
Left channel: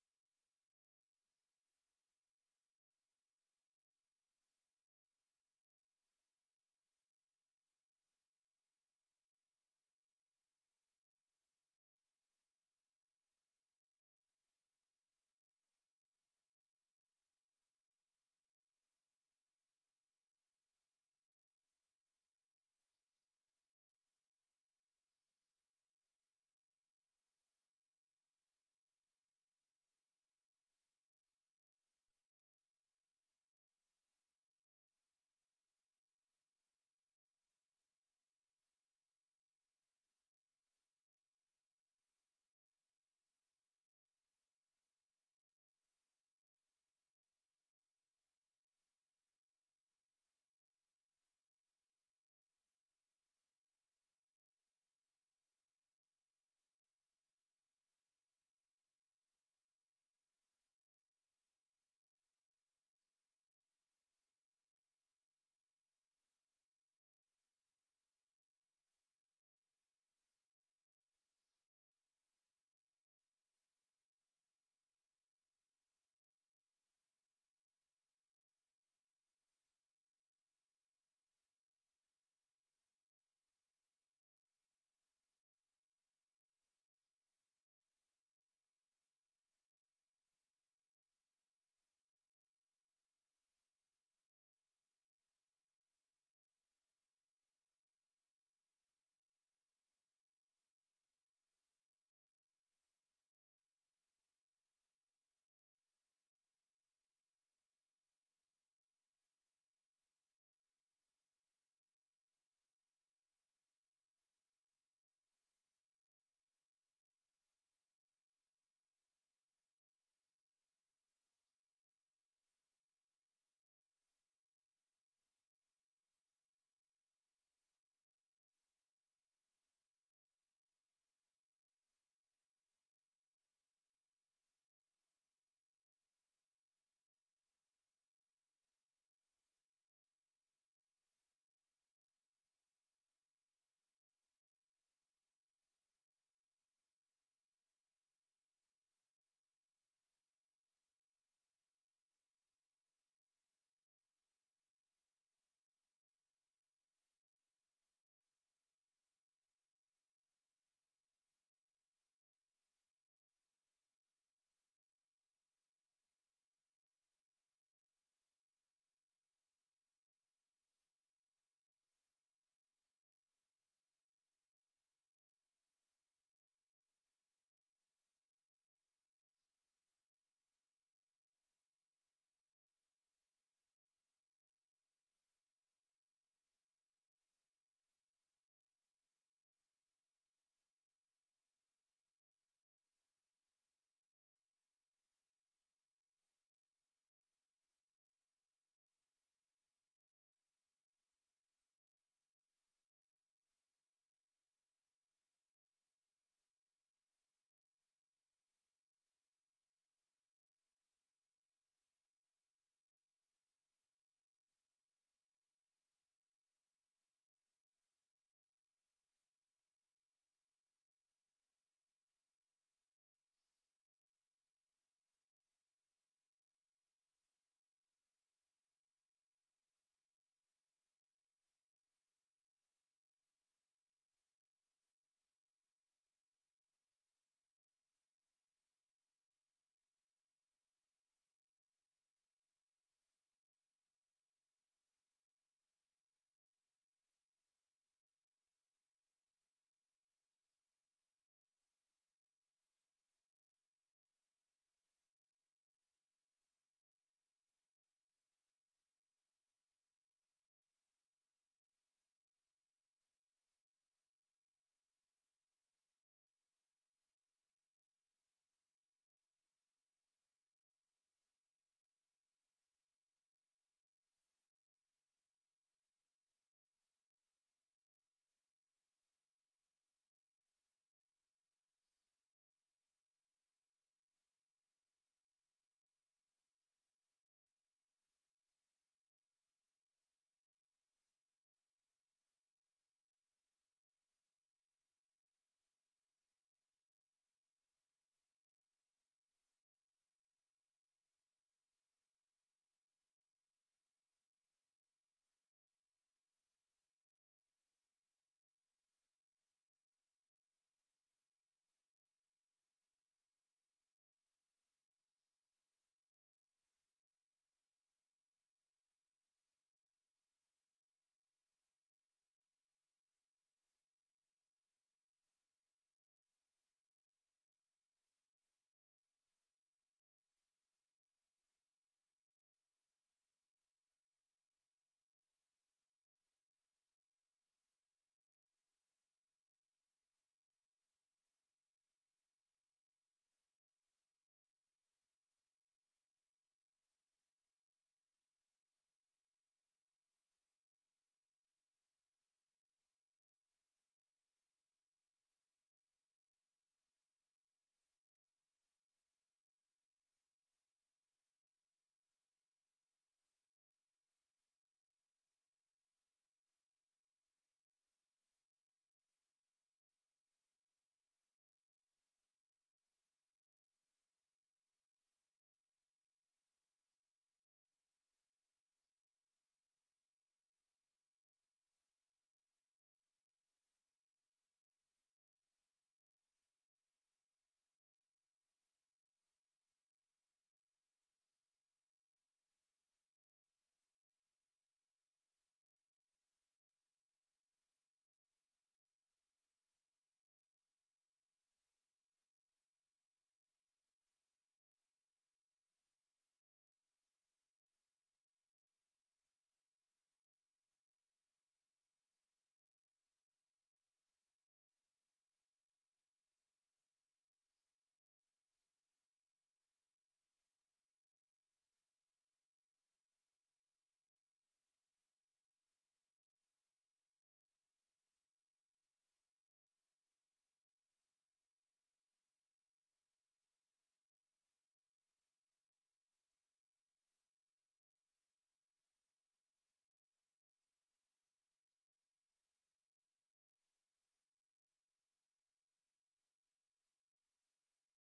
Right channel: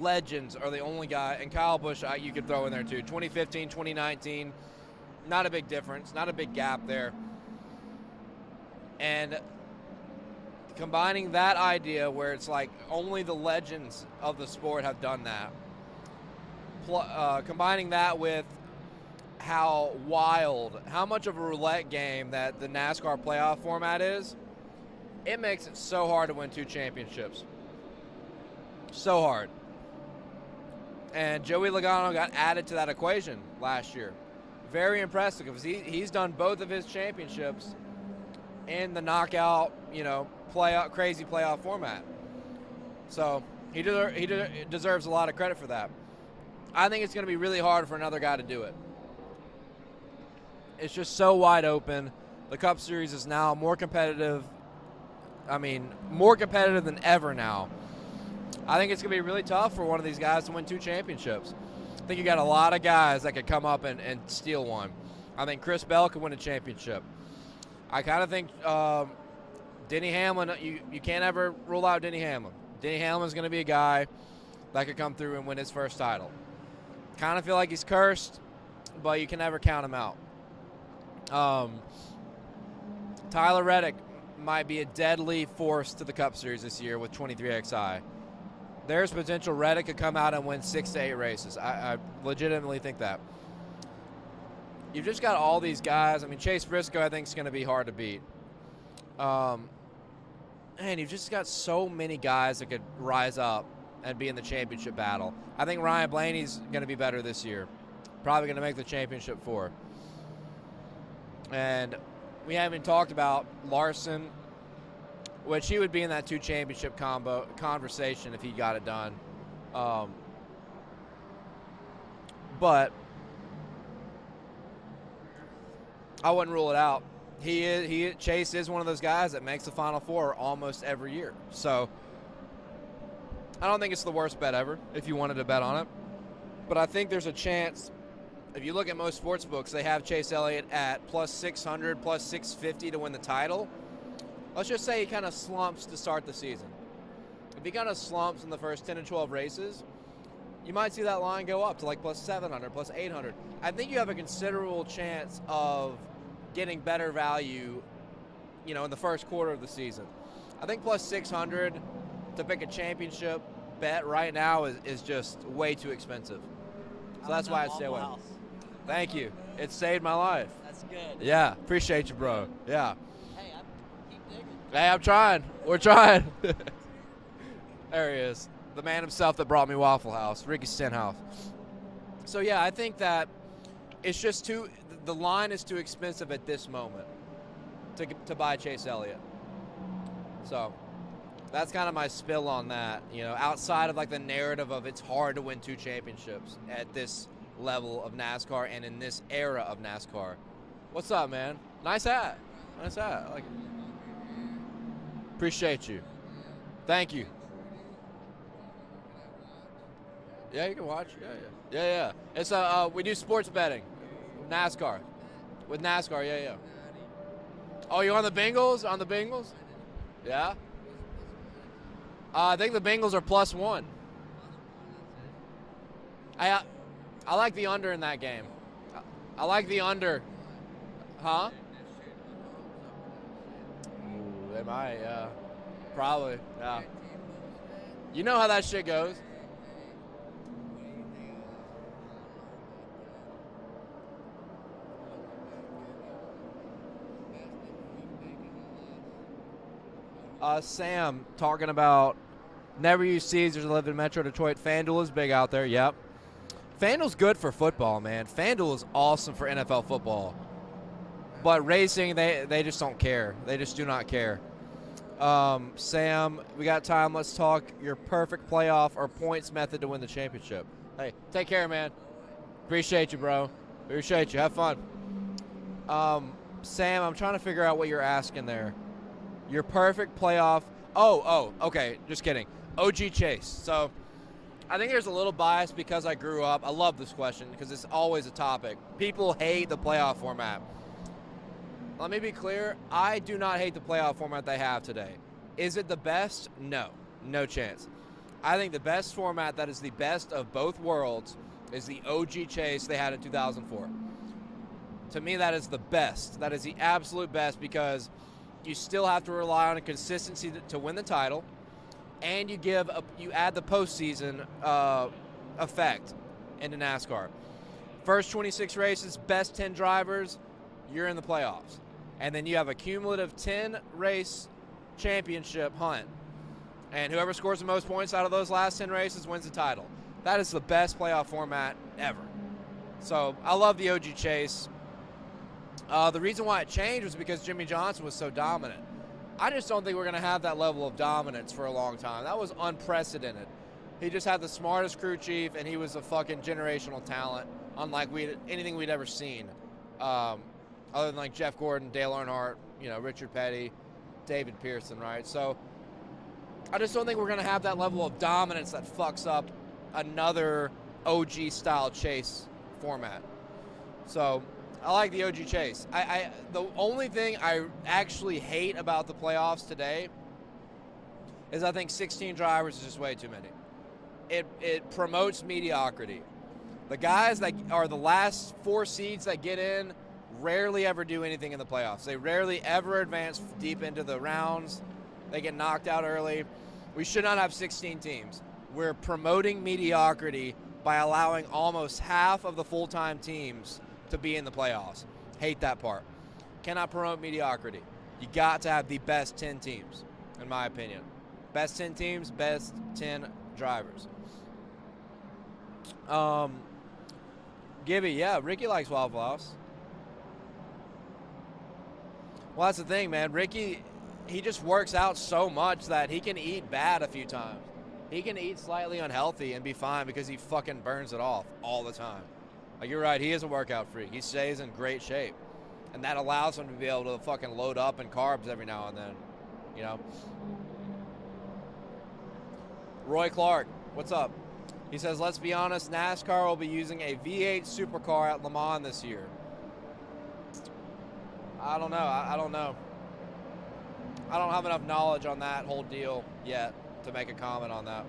Legends are the only guy, and Kyle Busch you could throw in there too. 2015, 2019, not a big difference, not a big gap there. And combining that idea where it's like only the legends of the sport have done that, combining that with how much of a roulette game that the NASCAR playoff format is, it makes it so hard to win 2 championships. So hard. And Joey Logano got added to that equation last year. Very impressive because he's done both of his championships in the knockout, crazy playoff format. So he deserves a lot of credit for that. I think it's going to be really hard for another guy to do it. It's just so wide open. The Cup Series is now more competitive I mean, more competitive than ever now. I think it's going to be really tough for one of these guys to win 2 championships. I think you got a lot of guys that could come up and steal one. I think Chris Bell could win a championship. I kind of think Denny Hamlin, you can't ever rule out Denny Hamlin. Denny Hamlin's going to be a guy that could come through and win his first title. Kind of feel like he's cursed, but you can never count him out. Tyler Reddick might be a deadly force to the Cup Series this year with 23XI. There's potential Reddick could come out and win 6 to 8 races. I legitimately think that. You've just got all these guys. I mean, Chase Briscoe, I think, is going to be hard to beat. And you've just got so many guys that could rise up and be in the championship battle. I think Ryan Blaney's going to be better this year. Probably going to make the championship 4. And we haven't talked about Larson, which he would be in that 2 championship conversation if he got it done. But I wouldn't rule it out. Chase is one of those guys that makes the Final Four almost every year. So I don't think it's the worst bet ever if you wanted to bet on it. But I think there's a chance. If you look at most sports books, they have Chase Elliott at plus 600, plus 650 to win the title. Let's just say he kind of slumps to start the season. If he kind of slumps in the first 10 to 12 races, you might see that line go up to like plus 700, plus 800. I think you have a considerable chance of getting better value, in the first quarter of the season. I think plus 600 to pick a championship bet right now is just way too expensive. So that's why I stay away. Thank you. It saved my life. That's good. Yeah, appreciate you, bro. Yeah. Hey, I'm trying. We're trying. There he is. The man himself that brought me Waffle House, Ricky Stenhouse. So, yeah, I think that it's just the line is too expensive at this moment to buy Chase Elliott. So that's kind of my spill on that. Outside of like the narrative of it's hard to win 2 championships at this level of NASCAR and in this era of NASCAR. What's up, man? Nice hat. Nice hat. I like it. Appreciate you. Thank you. Yeah, you can watch. Yeah. It's we do sports betting. NASCAR. With NASCAR, yeah. Oh, you're on the Bengals? On the Bengals? Yeah. I think the Bengals are plus 1. I like the under in that game. I like the under. Huh? Ooh, they might, yeah. Probably, yeah. You know how that shit goes. Sam talking about never use Caesars, live in Metro Detroit. FanDuel is big out there, yep. FanDuel's good for football, man. FanDuel is awesome for NFL football. But racing, they just don't care. They just do not care. Sam, we got time. Let's talk your perfect playoff or points method to win the championship. Hey, take care, man. Appreciate you, bro. Appreciate you. Have fun. Sam, I'm trying to figure out what you're asking there. Your perfect playoff. Oh, okay. Just kidding. OG Chase. So I think there's a little bias because I grew up. I love this question because it's always a topic. People hate the playoff format. Let me be clear. I do not hate the playoff format they have today. Is it the best? No. No chance. I think the best format that is the best of both worlds is the OG Chase they had in 2004. To me, that is the best. That is the absolute best because you still have to rely on a consistency to win the title, and you add the postseason effect into NASCAR. First 26 races, best 10 drivers, you're in the playoffs. And then you have a cumulative 10-race championship hunt. And whoever scores the most points out of those last 10 races wins the title. That is the best playoff format ever. So I love the OG Chase. The reason why it changed was because Jimmy Johnson was so dominant. I just don't think we're going to have that level of dominance for a long time. That was unprecedented. He just had the smartest crew chief, and he was a fucking generational talent, unlike anything we'd ever seen. Other than like Jeff Gordon, Dale Earnhardt, Richard Petty, David Pearson, right? So I just don't think we're going to have that level of dominance that fucks up another OG style chase format. So I like the OG chase. The only thing I actually hate about the playoffs today is I think 16 drivers is just way too many. It promotes mediocrity. The guys that are the last 4 seeds that get in rarely ever do anything in the playoffs. They rarely ever advance deep into the rounds. They get knocked out early. We should not have 16 teams. We're promoting mediocrity by allowing almost half of the full-time teams to be in the playoffs. Hate that part. Cannot promote mediocrity. You got to have the best 10 teams, in my opinion. Best 10 teams, best 10 drivers. Gibby, yeah, Ricky likes Waffle House. Well, that's the thing, man. Ricky, he just works out so much that he can eat bad a few times. He can eat slightly unhealthy and be fine because he fucking burns it off all the time. Like, you're right, he is a workout freak. He stays in great shape. And that allows him to be able to fucking load up in carbs every now and then, you know? Roy Clark, what's up? He says, let's be honest, NASCAR will be using a V8 supercar at Le Mans this year. I don't know. I don't know. I don't have enough knowledge on that whole deal yet to make a comment on that.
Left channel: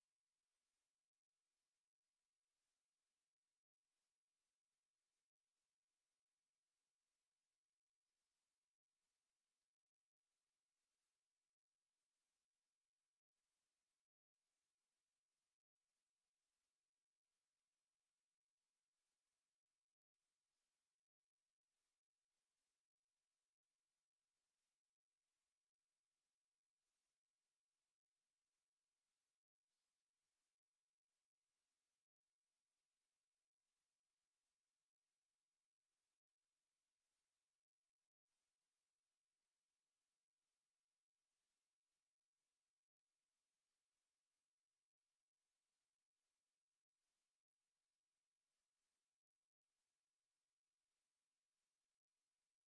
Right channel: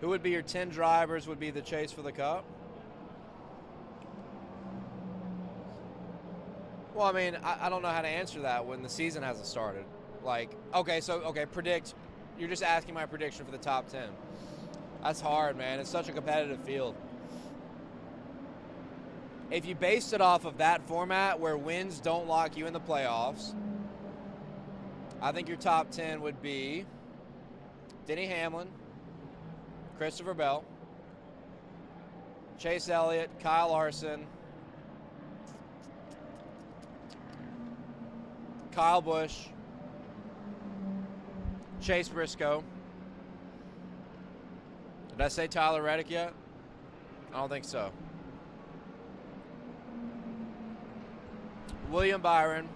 Who would be your 10 drivers would be the chase for the Cup? Well, I mean, I don't know how to answer that when the season hasn't started. Like, okay, predict. You're just asking my prediction for the top 10. That's hard, man. It's such a competitive field. If you based it off of that format where wins don't lock you in the playoffs, I think your top 10 would be Denny Hamlin, Christopher Bell, Chase Elliott, Kyle Larson, Kyle Busch, Chase Briscoe. Did I say Tyler Reddick yet? I don't think so. William Byron.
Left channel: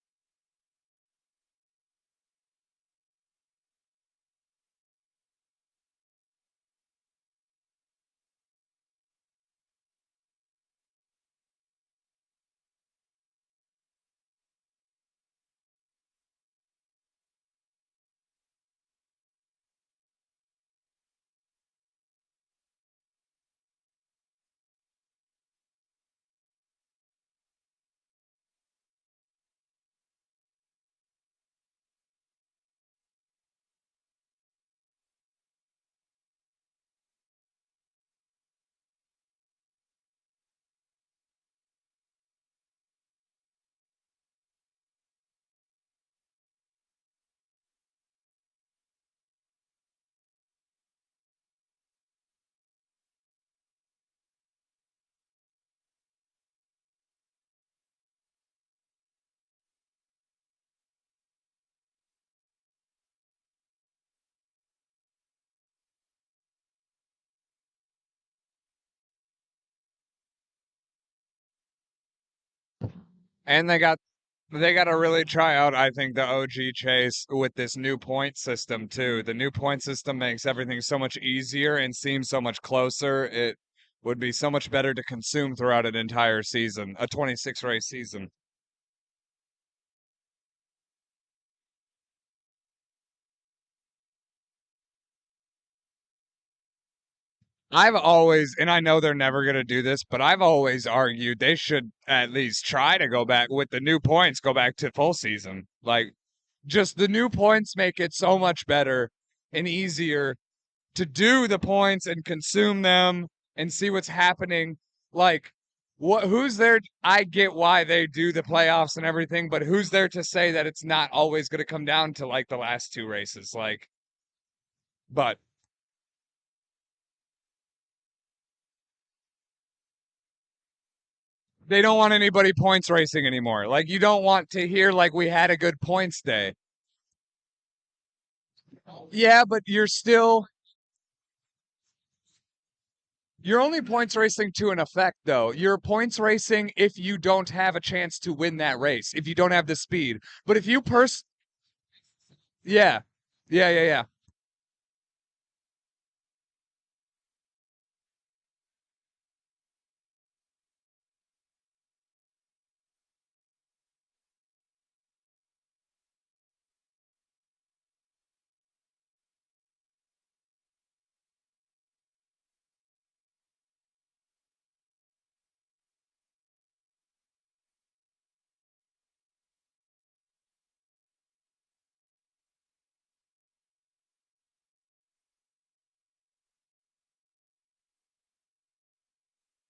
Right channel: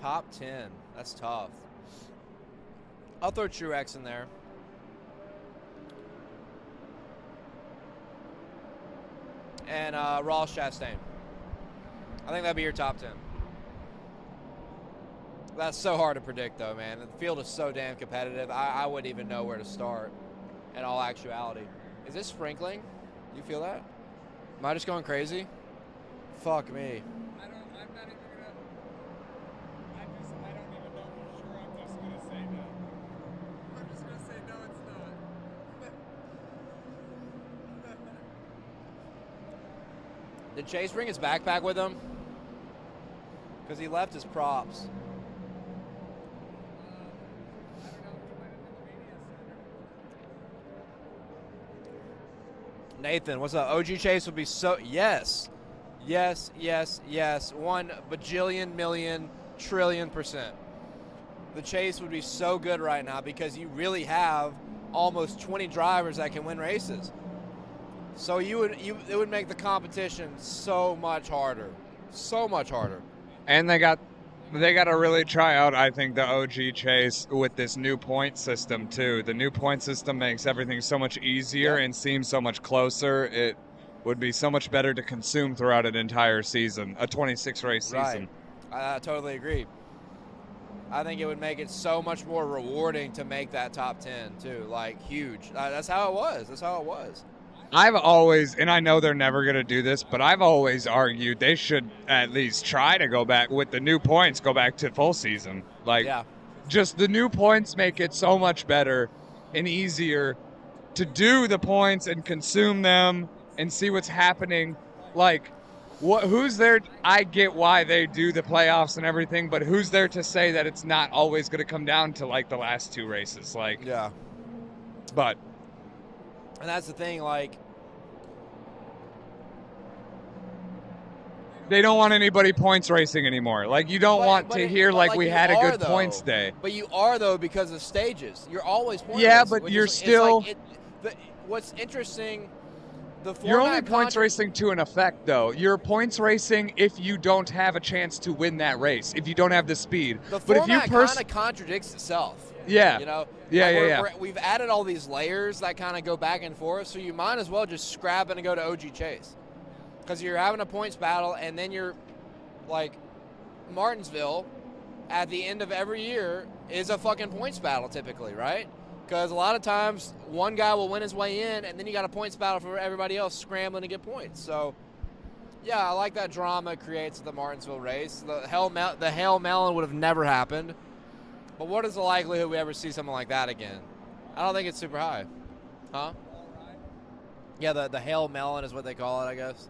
Top 10. That's tough. I'll throw Truex in there. And Ross Chastain. I think that'd be your top 10. That's so hard to predict, though, man. The field is so damn competitive. I wouldn't even know where to start in all actuality. Is this sprinkling? You feel that? Am I just going crazy? Fuck me. I'm not even gonna. I don't even know for sure. I'm just gonna say no. I'm just gonna say no, it's not. Did Chase bring his backpack with him? Because he left his props. Nathan, what's up? OG Chase would be so... Yes. 1 bajillion million trillion %. The Chase would be so good right now because you really have almost 20 drivers that can win races. So it would make the competition so much harder. So much harder. And they got to really try out, I think, the OG Chase with this new point system, too. The new point system makes everything so much easier and seems so much closer. It would be so much better to consume throughout an entire season, a 26-race season. Right. I totally agree. I think it would make it so much more rewarding to make that top 10, too. Like, huge. That's how it was. I've always, and I know they're never going to do this, but I've always argued they should at least try to go back with the new points, go back to full season. Like, just the new points make it so much better and easier to do the points and consume them and see what's happening. Like, who's there? I get why they do the playoffs and everything, but who's there to say that it's not always going to come down to, like, the last 2 races? Like, yeah. But... And that's the thing, like... They don't want anybody points racing anymore. Like, you don't want to hear, like, we had a good points day. But you are, though, because of stages. You're always points Yeah, racing, but which you're is, still... what's interesting You're only points racing to an effect, though. You're points racing if you don't have a chance to win that race, if you don't have the speed. But if you kind of contradicts itself. Yeah. You know? Yeah. We've added all these layers that kind of go back and forth, so you might as well just scrap it and go to OG Chase. Because you're having a points battle, and then you're like Martinsville at the end of every year is a fucking points battle typically, right? Because a lot of times one guy will win his way in, and then you got a points battle for everybody else scrambling to get points. So, yeah, I like that drama it creates at the Martinsville race. The Hail Melon would have never happened. But what is the likelihood we ever see something like that again? I don't think it's super high. Huh? Yeah, the Hail Melon is what they call it, I guess.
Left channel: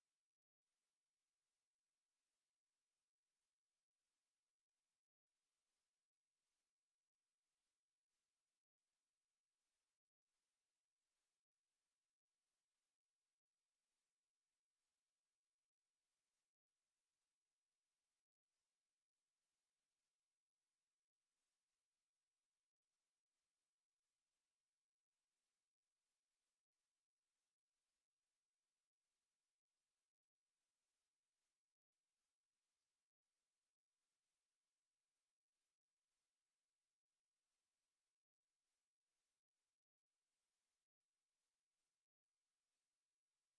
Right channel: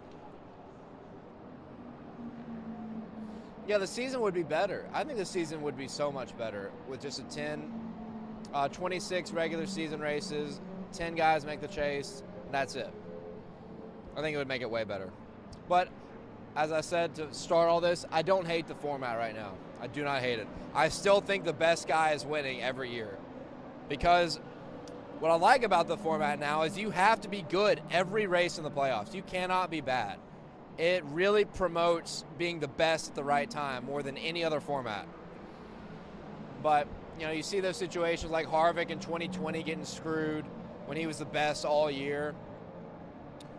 Yeah, the season would be better. I think the season would be so much better with just a 26 regular season races, 10 guys make the chase, and that's it. I think it would make it way better. But as I said to start all this, I don't hate the format right now. I do not hate it. I still think the best guy is winning every year. Because what I like about the format now is you have to be good every race in the playoffs. You cannot be bad. It really promotes being the best at the right time more than any other format. But, you know, you see those situations like Harvick in 2020 getting screwed when he was the best all year.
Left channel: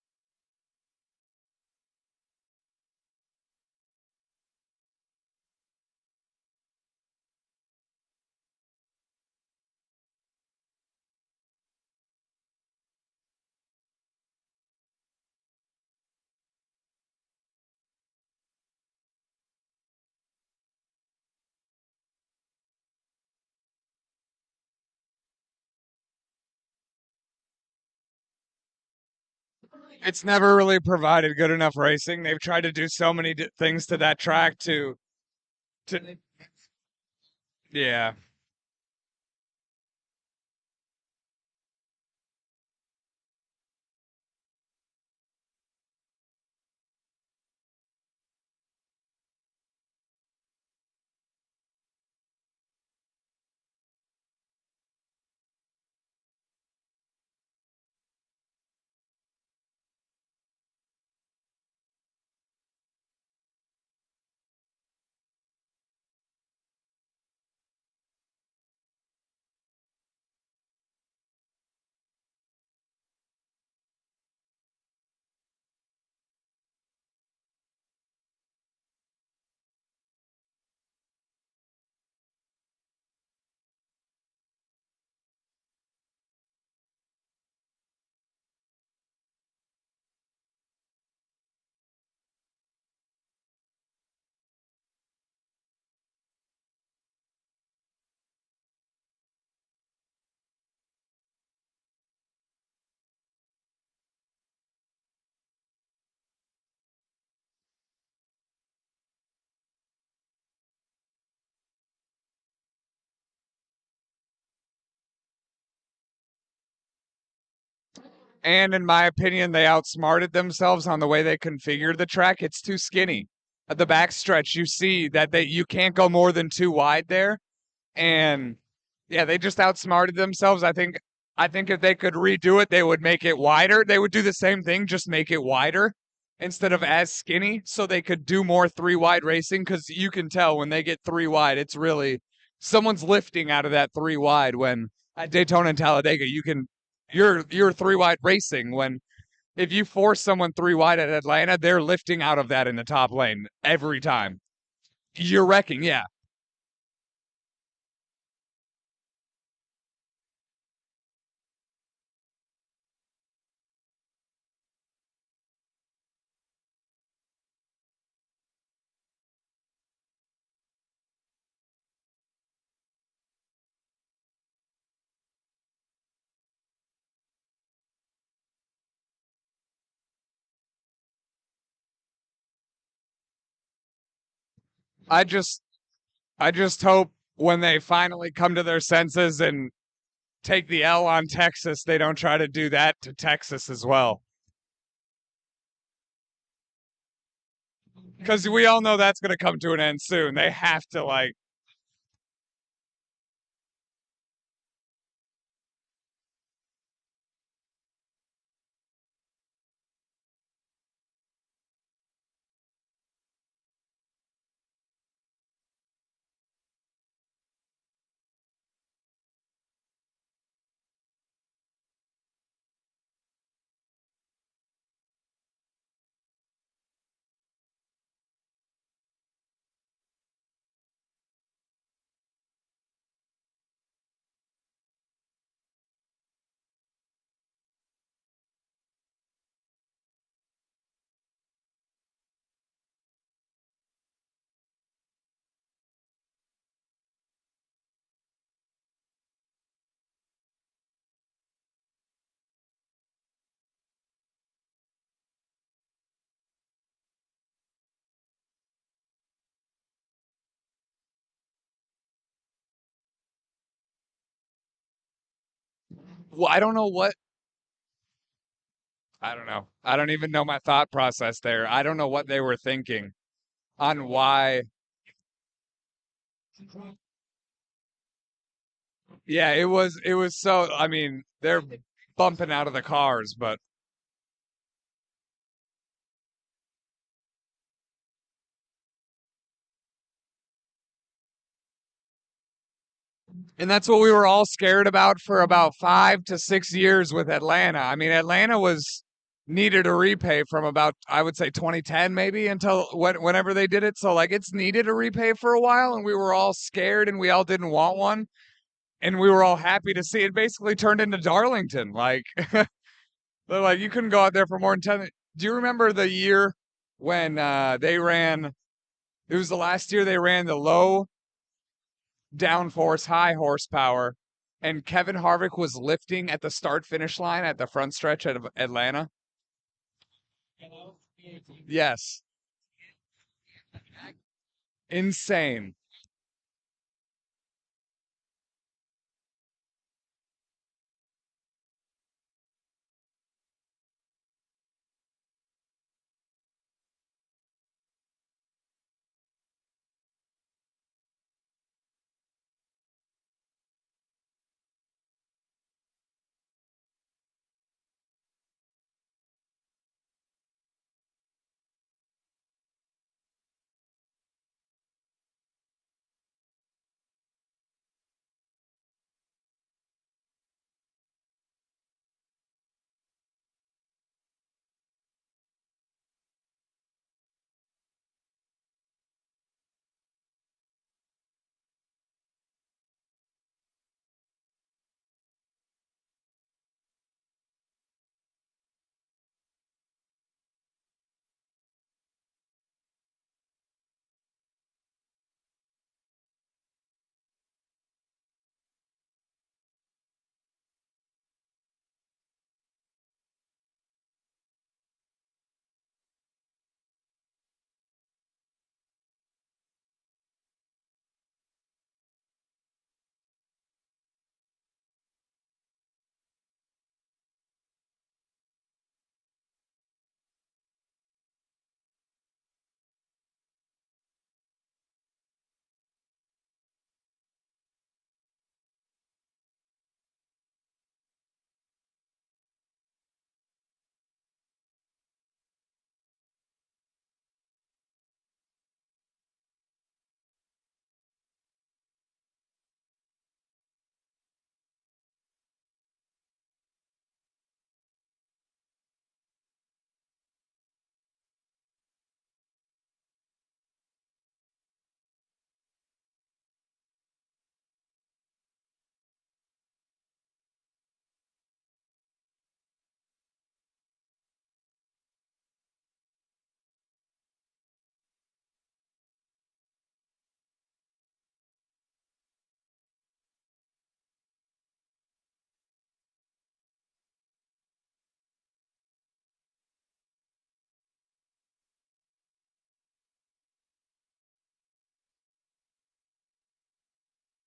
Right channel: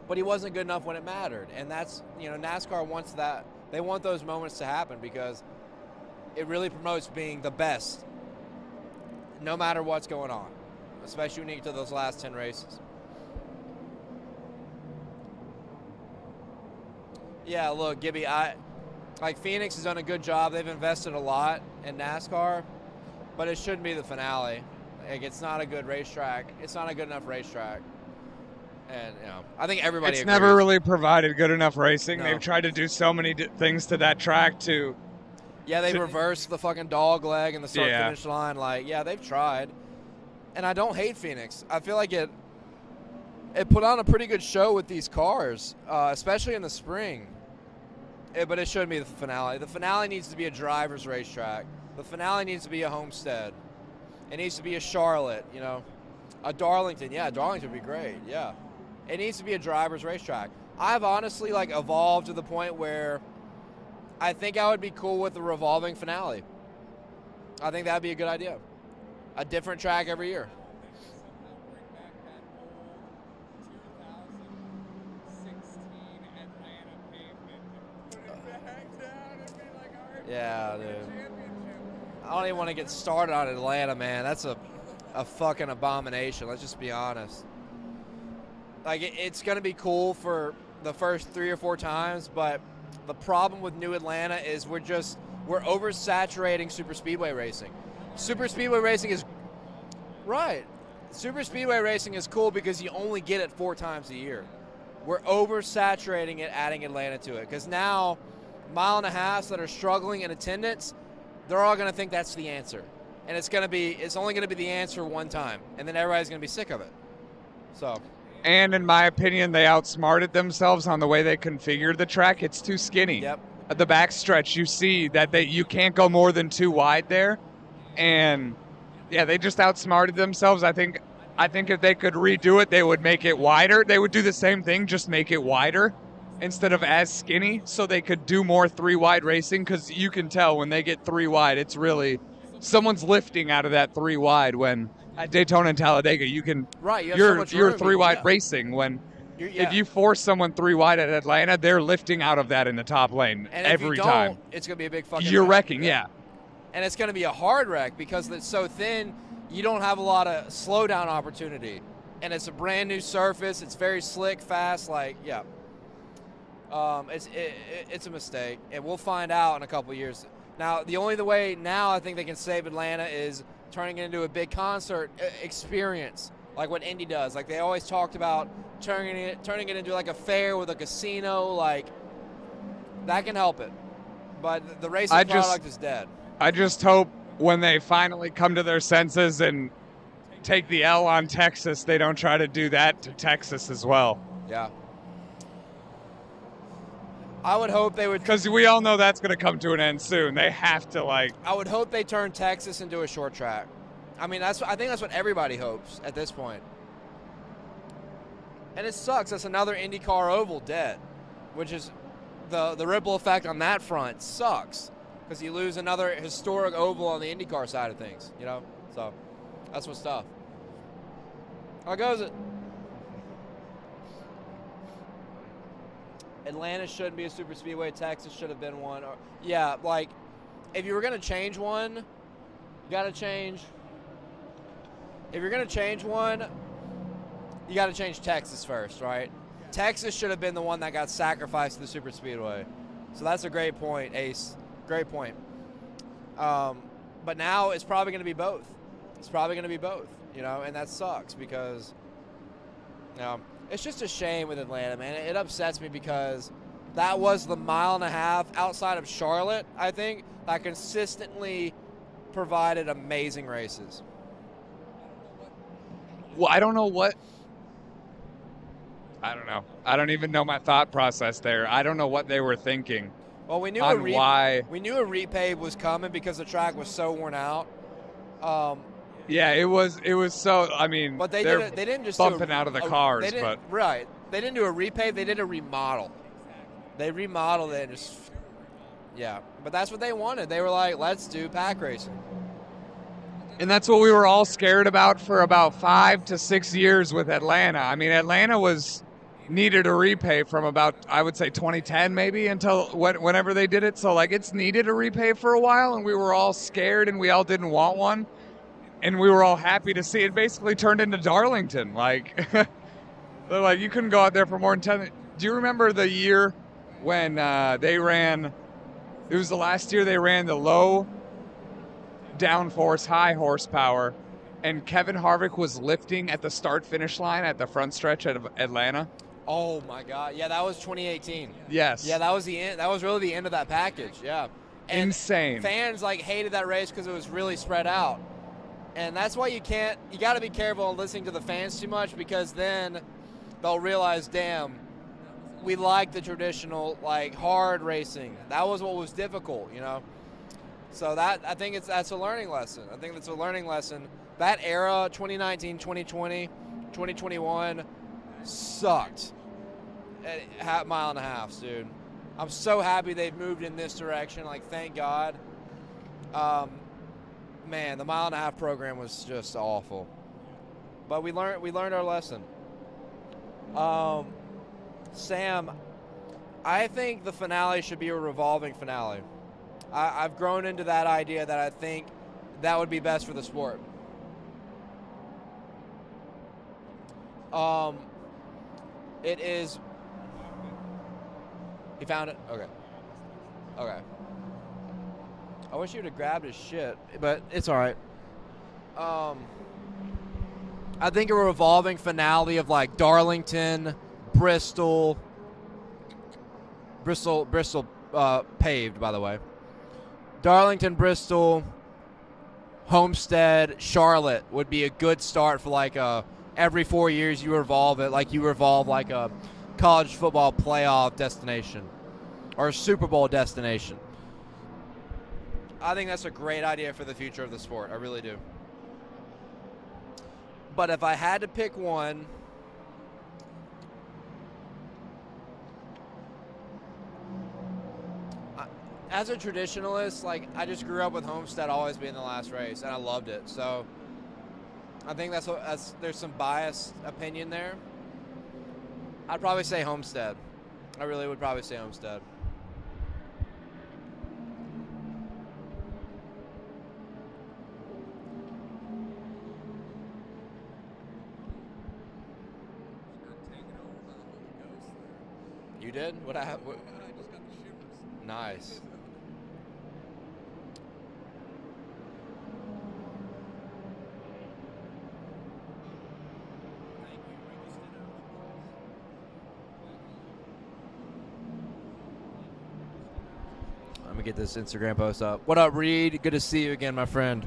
But he wasn't good enough when it mattered. And that's, you know, NASCAR wants that. They want those moments to happen because it really promotes being the best no matter what's going on, especially when you get to those last 10 races. Yeah, look, Gibby, like Phoenix has done a good job. They've invested a lot in NASCAR, but it shouldn't be the finale. Like, it's not a good racetrack. It's not a good enough racetrack. And, you know, I think everybody It's agrees. never really provided good enough racing. No. They've tried to do so many things to that track to... Yeah, they reversed the fucking dog leg and the start-finish line. Like, yeah, they've tried. And I don't hate Phoenix. I feel like it put on a pretty good show with these cars, especially in the spring. But it shouldn't be the finale. The finale needs to be a driver's racetrack. The finale needs to be a Homestead. It needs to be a Charlotte, you know. A Darlington. Yeah, Darlington would be great, yeah. It needs to be a driver's racetrack. I've honestly, like, evolved to the point where I think I would be cool with the revolving finale. I think that would be a good idea. A different track every year. Yeah, dude. I don't even want to get started on Atlanta, man. That's a fucking abomination. Let's just be honest. Like, it's going to be cool for the first 3 or 4 times, but the problem with New Atlanta is we're oversaturating super speedway racing. Super speedway racing is right. Super speedway racing is cool because you only get it 4 times a year. We're oversaturating it, adding Atlanta to it, because now mile and a half that are struggling in attendance, they're all going to think that's the answer, and it's only going to be the answer one time, and then everybody's going to be sick of it. So. And in my opinion, they outsmarted themselves on the way they configured the track. It's too skinny. Yep. At the backstretch, you see that you can't go more than 2 wide there. And, yeah, they just outsmarted themselves. I think if they could redo it, they would make it wider. They would do the same thing, just make it wider instead of as skinny so they could do more 3-wide racing, because you can tell when they get 3 wide, it's really someone's lifting out of that 3 wide when at Daytona and Talladega, you can you're 3-wide racing when if you force someone 3 wide at Atlanta, they're lifting out of that in the top lane every time. It's gonna be a big fucking You're wreck. wrecking, yeah. And it's gonna be a hard wreck because it's so thin. You don't have a lot of slowdown opportunity, and it's a brand new surface. It's very slick, fast. Like, yeah, it's a mistake, and we'll find out in a couple of years. Now, the only way now I think they can save Atlanta is turning it into a big concert experience, like what Indy does. Like they always talked about turning it into like a fair with a casino. Like that can help it, but the racing product is dead. I just hope when they finally come to their senses and take the L on Texas, they don't try to do that to Texas as well. Yeah. I would hope they would. Because we all know that's going to come to an end soon. They have to, like. I would hope they turn Texas into a short track. I mean, I think that's what everybody hopes at this point. And it sucks. That's another IndyCar oval dead, which is the ripple effect on that front sucks because you lose another historic oval on the IndyCar side of things, you know? So that's what's tough. How goes it? Atlanta shouldn't be a super speedway. Texas should have been one. Or, yeah, like, if you were going to change one, you got to change. If you're going to change one, you got to change Texas first, right? Texas should have been the one that got sacrificed to the super speedway. So that's a great point, Ace. Great point. But now it's probably going to be both. It's probably going to be both, you know, and that sucks because, you know, it's just a shame with Atlanta, man. It upsets me because that was the mile and a half outside of Charlotte, I think, that consistently provided amazing races. Well, I don't know what. I don't know. I don't even know my thought process there. I don't know what they were thinking. Well, we knew on why. We knew a repave was coming because the track was so worn out. Yeah, it was so. I mean, but they didn't just bumping out of the cars, but right. They didn't do a repave. They did a remodel. They remodeled it and just, yeah. But that's what they wanted. They were like, let's do pack racing. And that's what we were all scared about for about 5 to 6 years with Atlanta. I mean, Atlanta needed a repave from about, I would say, 2010 maybe until whenever they did it. So, like, it's needed a repave for a while, and we were all scared, and we all didn't want one. And we were all happy to see it basically turned into Darlington. Like, they're like, you couldn't go out there for more than 10. Do you remember the year when they ran, it was the last year they ran the low downforce, high horsepower, and Kevin Harvick was lifting at the start-finish line at the front stretch of Atlanta? Oh, my God. Yeah, that was 2018. Yes. Yeah, that was the end. That was really the end of that package, yeah. And insane. Fans, like, hated that race because it was really spread out. And that's why you got to be careful on listening to the fans too much because then they'll realize, damn, we like the traditional, like, hard racing. That was what was difficult, you know? So I think that's a learning lesson. I think that's a learning lesson. That era, 2019, 2020, 2021, sucked at mile and a half, dude. I'm so happy they've moved in this direction. Like, thank God. Man, the mile and a half program was just awful. But we learned our lesson. Sam, I think the finale should be a revolving finale. I've grown into that idea that I think that would be best for the sport. It is. He found it? Okay. Okay. I wish you would have grabbed his shit, but it's all right. I think a revolving finale of like Darlington, Bristol paved, by the way. Darlington, Bristol, Homestead, Charlotte would be a good start for like every 4 years you revolve it, like you revolve like a college football playoff destination or a Super Bowl destination. I think that's a great idea for the future of the sport. I really do. But if I had to pick one, as a traditionalist, like, I just grew up with Homestead always being the last race, and I loved it. So I think there's some biased opinion there. I'd probably say Homestead. I really would probably say Homestead. You did? What I have? Nice. Let me get this Instagram post up. What up, Reed? Good to see you again, my friend.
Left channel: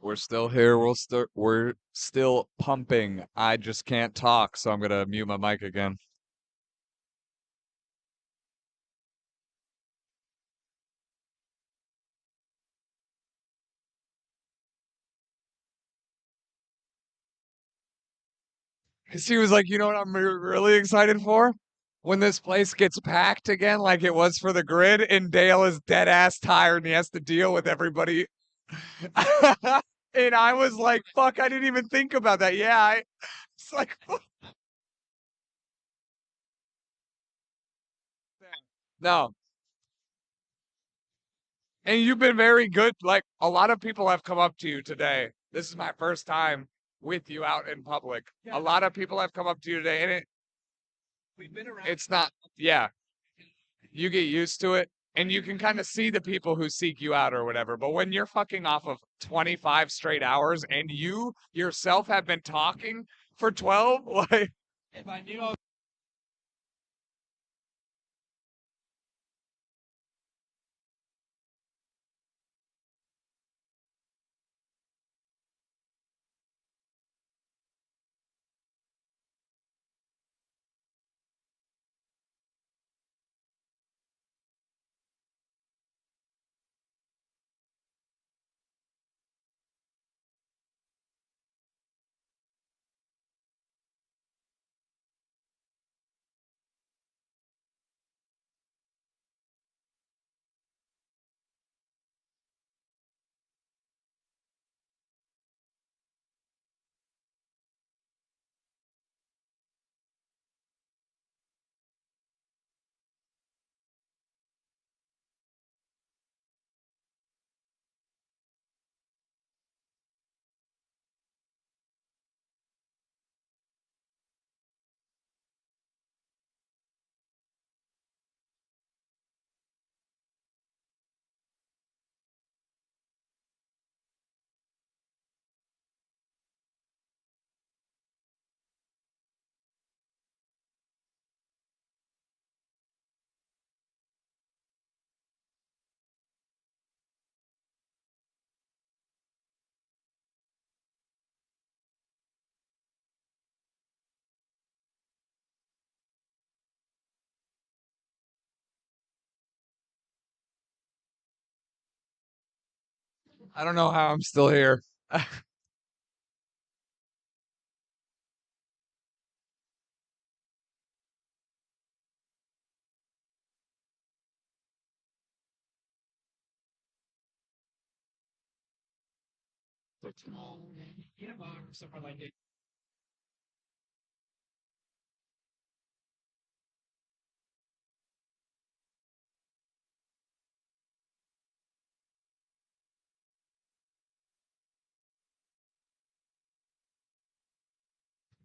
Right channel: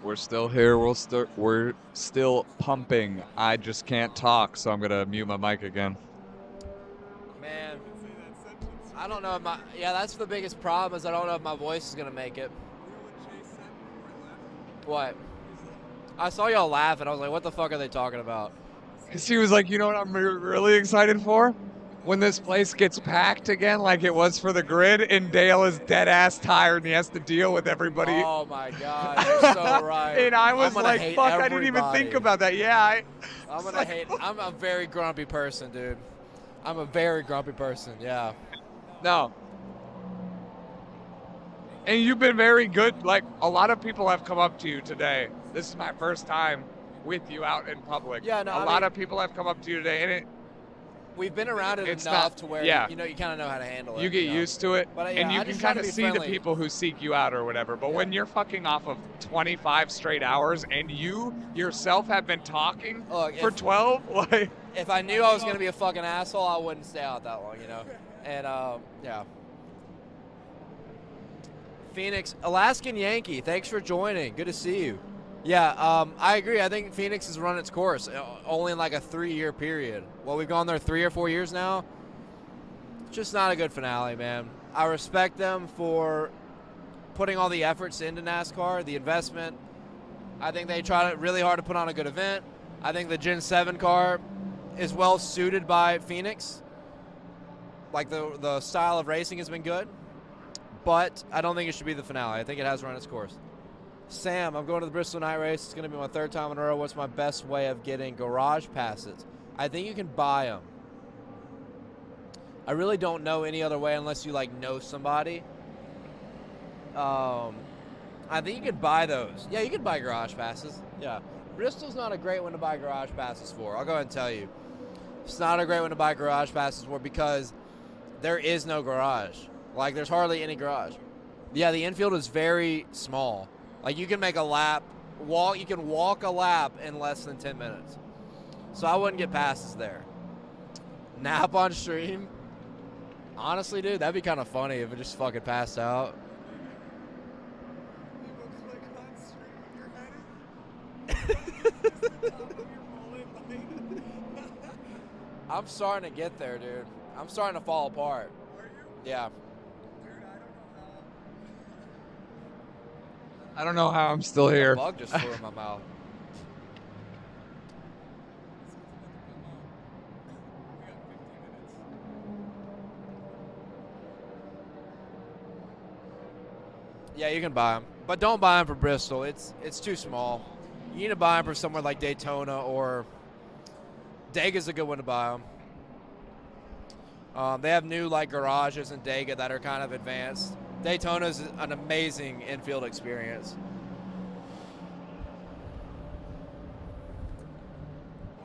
We're still here. We're still pumping. I just can't talk, so I'm gonna mute my mic again. Man, I don't know if my that's the biggest problem is I don't know if my voice is gonna make it. What? I saw y'all laugh and I was like, what the fuck are they talking about? Because he was like, you know what I'm really excited for? When this place gets packed again like it was for the grid and Dale is dead ass tired and he has to deal with everybody. Oh my God, you're so right. And I was I'm like, fuck, everybody. I didn't even think about that. Yeah, I'm gonna hate. I'm a very grumpy person, dude. I'm a very grumpy person. Yeah. No. And you've been very good. Like, a lot of people have come up to you today. This is my first time with you out in public. Yeah, no, a lot of people have come up to you today, and we've been around it it's enough not to where yeah. you kind of know how to handle it. You get used to it, But, and yeah, you I can just try kind to of be see the friendly. people who seek you out or whatever. But when you're fucking off of 25 straight hours and you yourself have been talking for 12, like If I knew I was gonna be a fucking asshole, I wouldn't stay out that long, And yeah. Phoenix, Alaskan Yankee, thanks for joining. Good to see you. Yeah, I agree. I think Phoenix has run its course only in like a 3-year period. Well, we've gone there 3 or 4 years now. It's just not a good finale, man. I respect them for putting all the efforts into NASCAR, the investment. I think they tried really hard to put on a good event. I think the Gen 7 car is well suited by Phoenix. Like the style of racing has been good. But I don't think it should be the finale. I think it has run its course. Sam, I'm going to the Bristol night race. It's going to be my 3rd time in a row. What's my best way of getting garage passes? I think you can buy them. I really don't know any other way unless you know somebody. I think you can buy those. Yeah, you can buy garage passes. Yeah. Bristol's not a great one to buy garage passes for. I'll go ahead and tell you. It's not a great one to buy garage passes for because there is no garage. There's hardly any garage. Yeah, the infield is very small. You can make a lap, you can walk a lap in less than 10 minutes. So I wouldn't get passes there. Nap on stream? Honestly, dude, that'd be kind of funny if it just fucking passed out. I'm starting to get there, dude. I'm starting to fall apart. Yeah. I don't know how I'm still here. A bug just flew in my mouth. Yeah, you can buy them, but don't buy them for Bristol. It's too small. You need to buy them for somewhere like Daytona or Dega's a good one to buy them. They have new garages in Dega that are kind of advanced. Daytona's an amazing infield experience.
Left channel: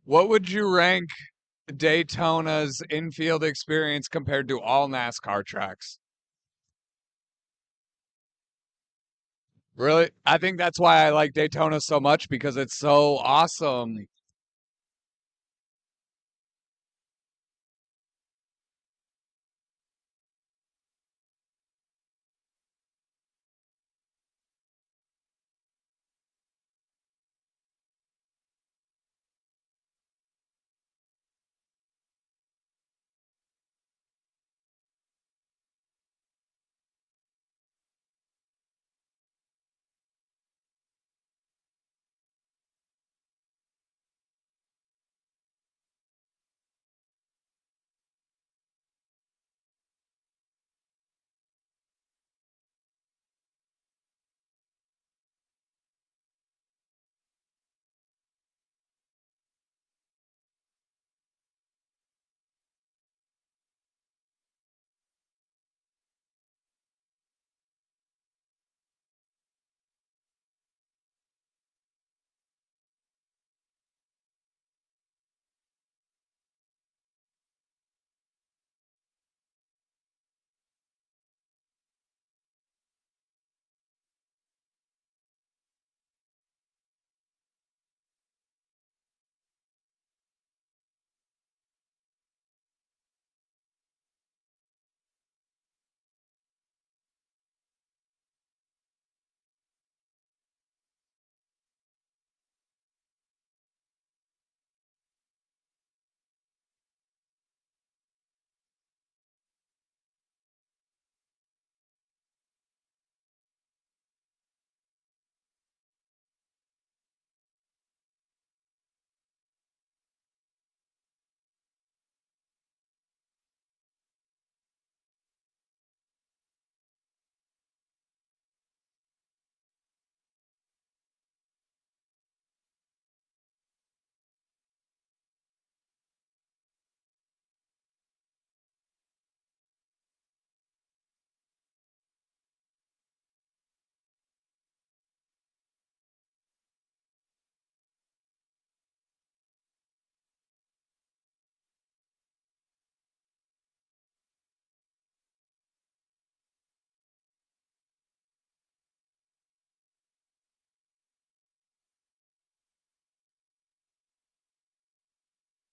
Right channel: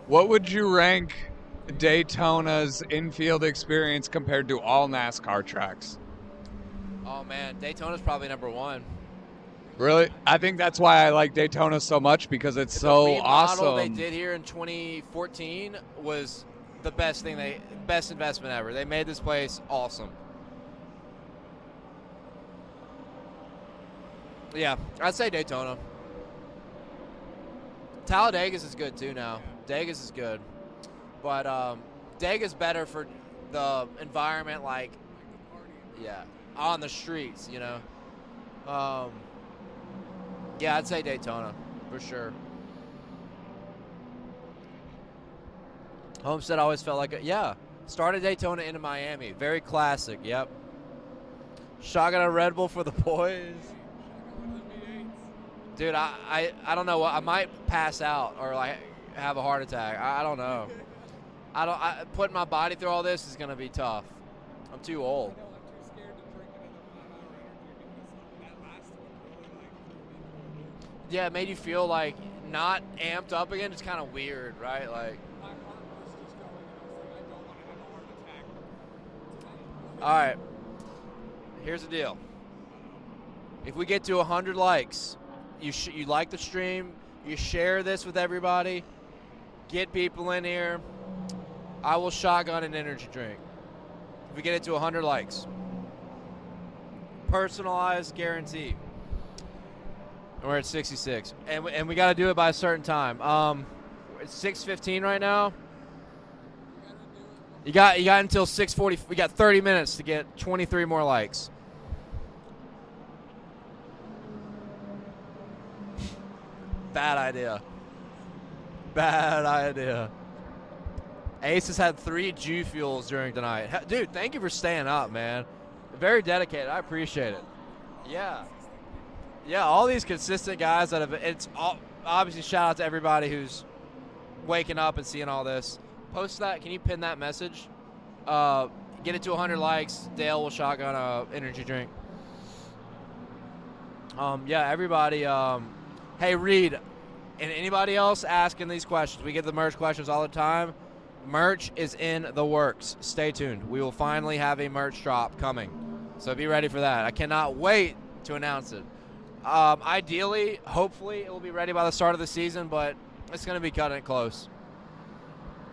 What would you rank Daytona's infield experience compared to all NASCAR tracks? Oh man, Daytona's probably number 1. Really? I think that's why I like Daytona so much because it's so awesome. They did here in 2014 was the best investment ever. They made this place awesome. Yeah, I'd say Daytona. Talladega's is good too now. Dega's is good. But Dega's better for the environment, on the streets, Yeah, I'd say Daytona, for sure. Homestead always felt like started Daytona into Miami. Very classic, yep. Shotgun a Red Bull for the boys. Dude, I don't know what I might pass out or have a heart attack. I don't know. Putting my body through all this is gonna be tough. I'm too old. Yeah, it made you feel not amped up again. It's kind of weird, right? All right. Here's the deal. If we get to 100 likes, you like the stream, you share this with everybody, get people in here, I will shotgun an energy drink. If we get it to 100 likes. Personalized guarantee. And we're at 66. And we got to do it by a certain time. It's 6:15 right now. You got until 6:40. We got 30 minutes to get 23 more likes. Bad idea. Bad idea. Ace has had 3 G Fuels during tonight. Dude, thank you for staying up, man. Very dedicated. I appreciate it. Yeah. Yeah, all these consistent guys that have, it's all, obviously shout out to everybody who's waking up and seeing all this. Post that. Can you pin that message? Get it to 100 likes. Dale will shotgun a energy drink. Yeah, everybody. Hey, Reed, and anybody else asking these questions, we get the merch questions all the time. Merch is in the works. Stay tuned. We will finally have a merch drop coming. So be ready for that. I cannot wait to announce it. Ideally, hopefully, it will be ready by the start of the season, but it's going to be cutting it close.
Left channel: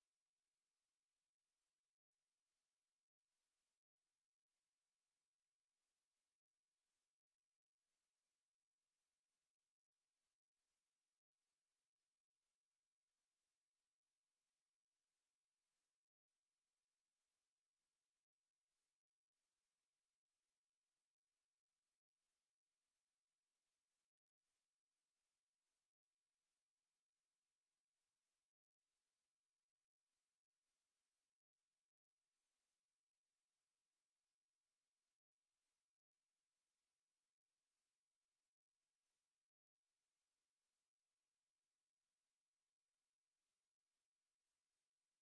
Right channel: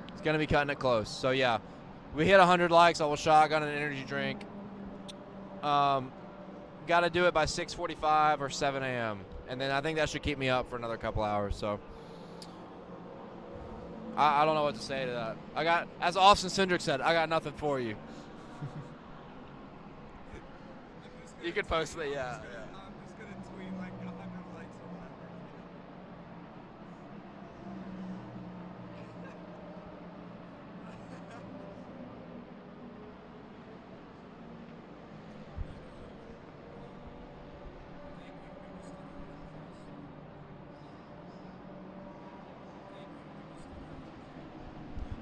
It's going to be cutting it close. So, yeah, we hit 100 likes. I will shotgun an energy drink. Got to do it by 6:45 or 7 a.m. And then I think that should keep me up for another couple hours. So, I don't know what to say to that. I got, as Austin Cindric said, I got nothing for you. You could post it, yeah.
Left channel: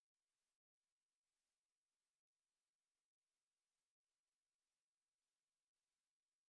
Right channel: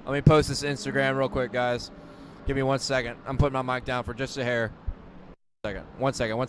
Let me post this Instagram real quick, guys. Give me 1 second. I'm putting my mic down for just a hair. One second.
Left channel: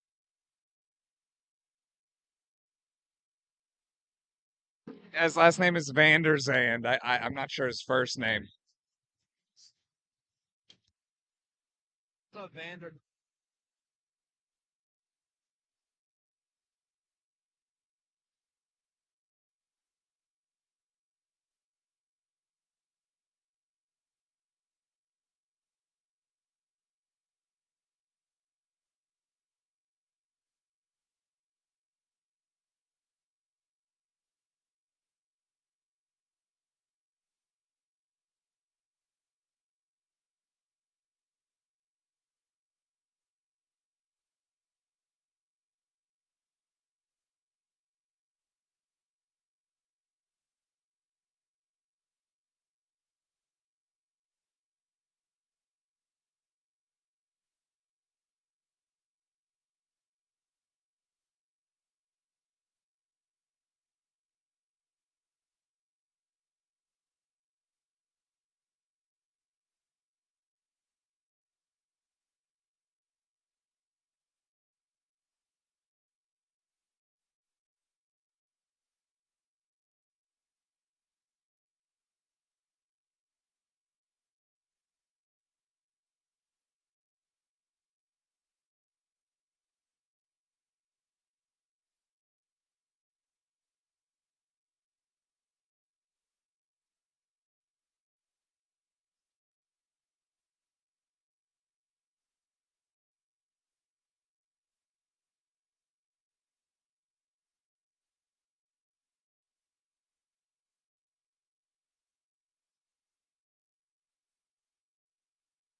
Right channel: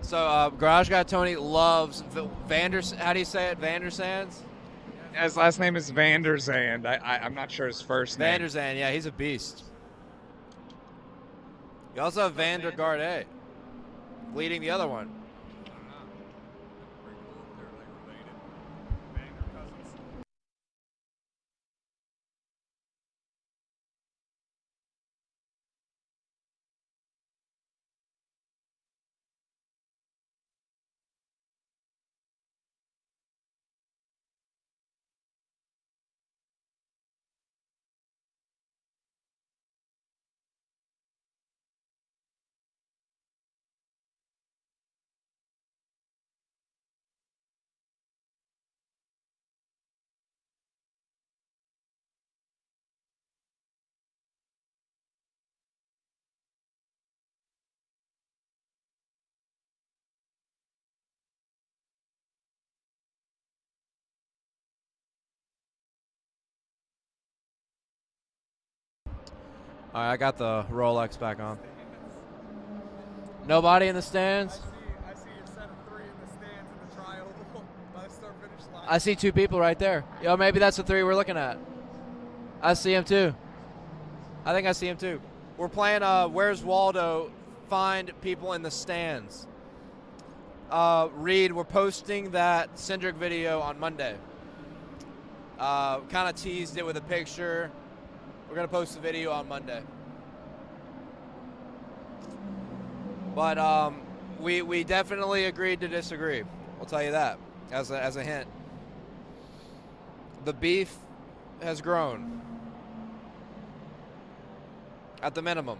So, Garage Guy Tony loves how do you say it? Vandersands? His last name is Vanderzand. I'm not sure his first name. Vanderzand, yeah, he's a beast. You also have Vandergarde leading the other one. All right, I got the Rolex back on. Nobody in the stands? I see your set of 3 in the stands in the tri-oval by the start-finish line. I see 2 people right there. Yo, maybe that's the 3 we're looking at. I see him too. I think I see him too. We're playing Where's Waldo? Find people in the stands. Reed, we're posting that Cindric video on Monday. Kind of teased it with a picture. We're going to post the video on Monday. But we definitely agreed to disagree. I'll tell you that as a hint. The beef has grown. At the minimum.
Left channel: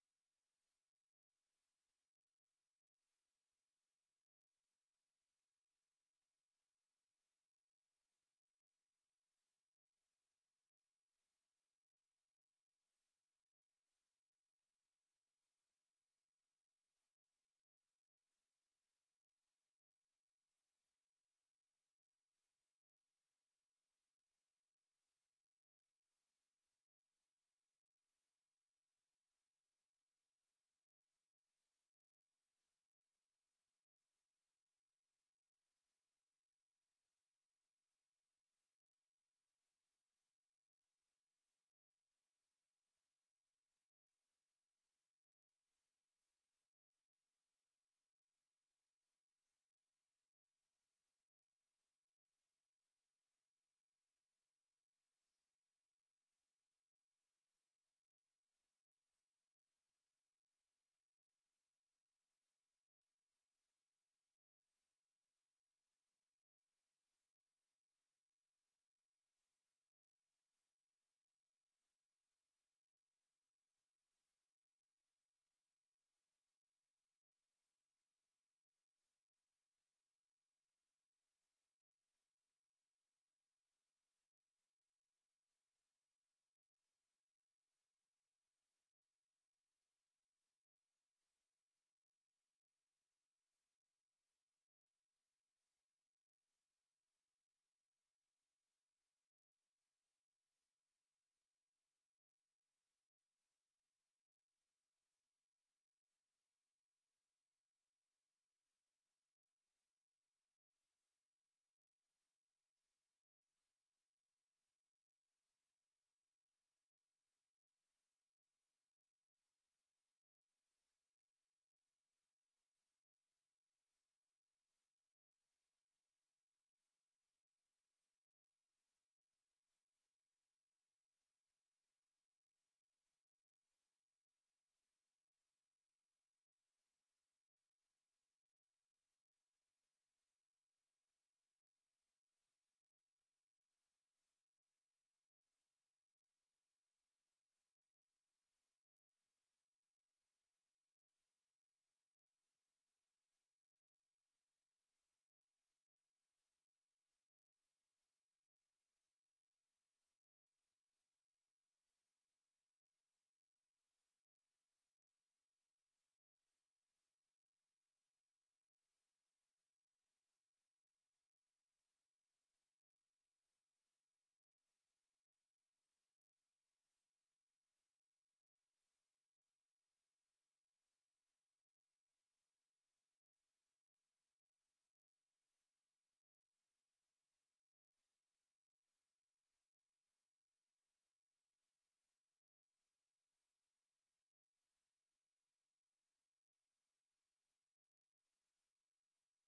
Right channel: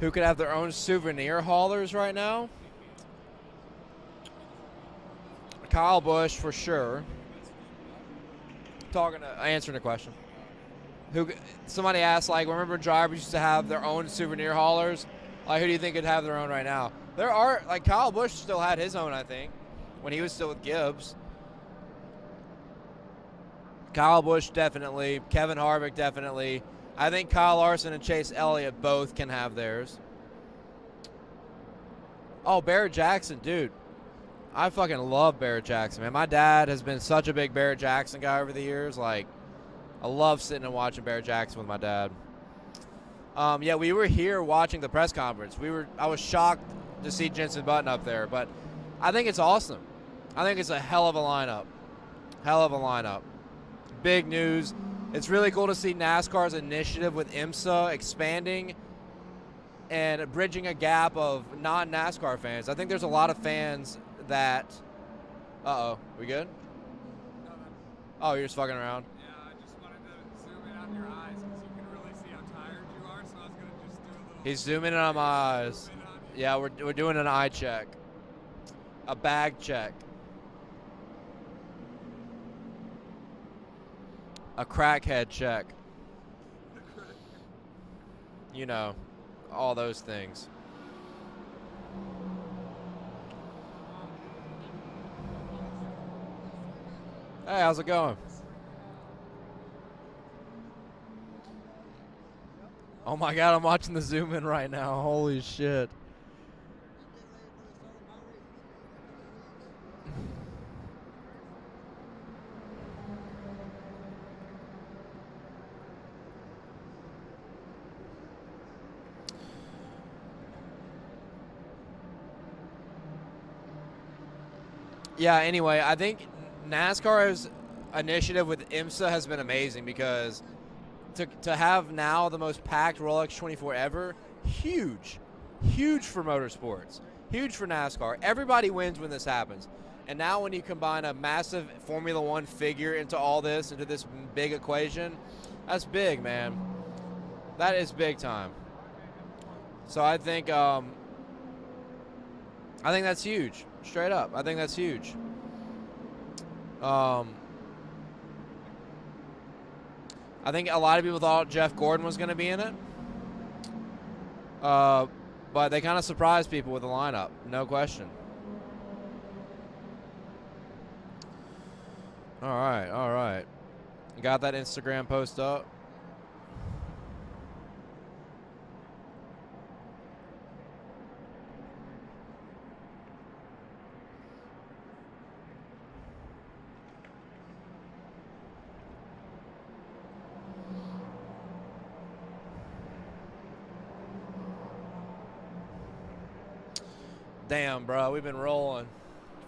Who could have their own souvenir haulers right now? Kyle Busch for sure. Answering the question. Somebody asked, like, remember drivers used to have their own souvenir haulers? Like, who do you think could have their own right now? There are, like, Kyle Busch still had his own, I think, when he was still with Gibbs. Kyle Busch definitely. Kevin Harvick definitely. I think Kyle Larson and Chase Elliott both can have theirs. Oh, Barrett Jackson, dude. I fucking love Barrett Jackson, man. My dad has been such a big Barrett Jackson guy over the years. Like, I love sitting and watching Barrett Jackson with my dad. Yeah, we were here watching the press conference. I was shocked to see Jenson Button up there, but I think it's awesome. I think it's a hell of a lineup. Hell of a lineup. Big news. It's really cool to see NASCAR's initiative with IMSA expanding and bridging a gap of non-NASCAR fans. I think there's a lot of fans that... Uh-oh. We good? Oh, you're just fucking around? Yeah, I just wanted to zoom in on your eyes because you can really see how tired you are, so I was going to just do a little... He's zooming in on my eyes. Yeah, we're doing an eye check. A bag check. A crackhead check. You know, all those things. Hey, how's it going? Oh my God, I'm watching the zoom in right now. Holy shit. Yeah, anyway, I think NASCAR's initiative with IMSA has been amazing because to have now the most packed Rolex 24 ever, huge. Huge for motorsports. Huge for NASCAR. Everybody wins when this happens. And now when you combine a massive Formula One figure into all this, into this big equation, that's big, man. That is big time. So I think that's huge. Straight up. I think that's huge. I think a lot of people thought Jeff Gordon was going to be in it. But they kind of surprised people with the lineup. No question. All right, all right. You got that Instagram post up? Damn, bro. We've been rolling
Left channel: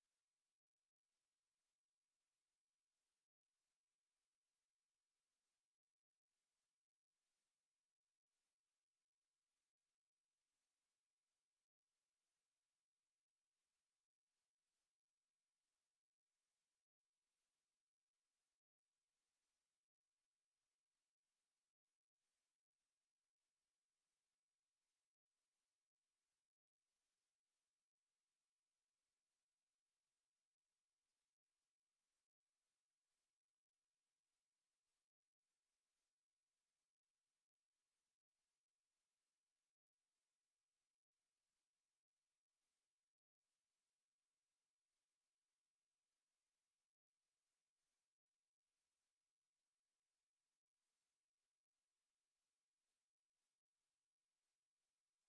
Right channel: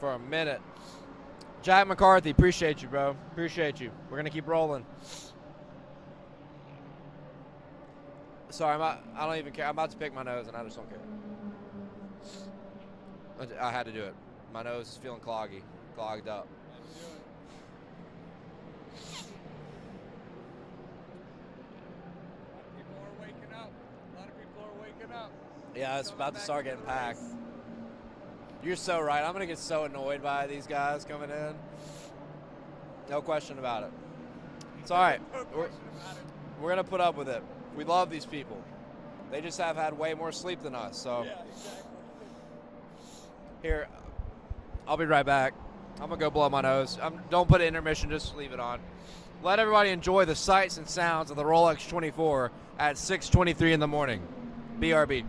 for a minute. Jack McCarthy, appreciate you, bro. Appreciate you. We're going to keep rolling. Sorry, I don't even care. I'm about to pick my nose, and I just don't care. I had to do it. My nose is feeling clogged up. People are waking up. A lot of people are waking up. Yeah, it's about to start getting packed. You're so right. I'm going to get so annoyed by these guys coming in. No question about it. It's all right. We're going to put up with it. We love these people. They just have had way more sleep than us. So Yeah, exactly. here, I'll be right back. I'm going to go blow my nose. Don't put an intermission. Just leave it on. Let everybody enjoy the sights and sounds of the Rolex 24 at 6:23 in the morning. BRB.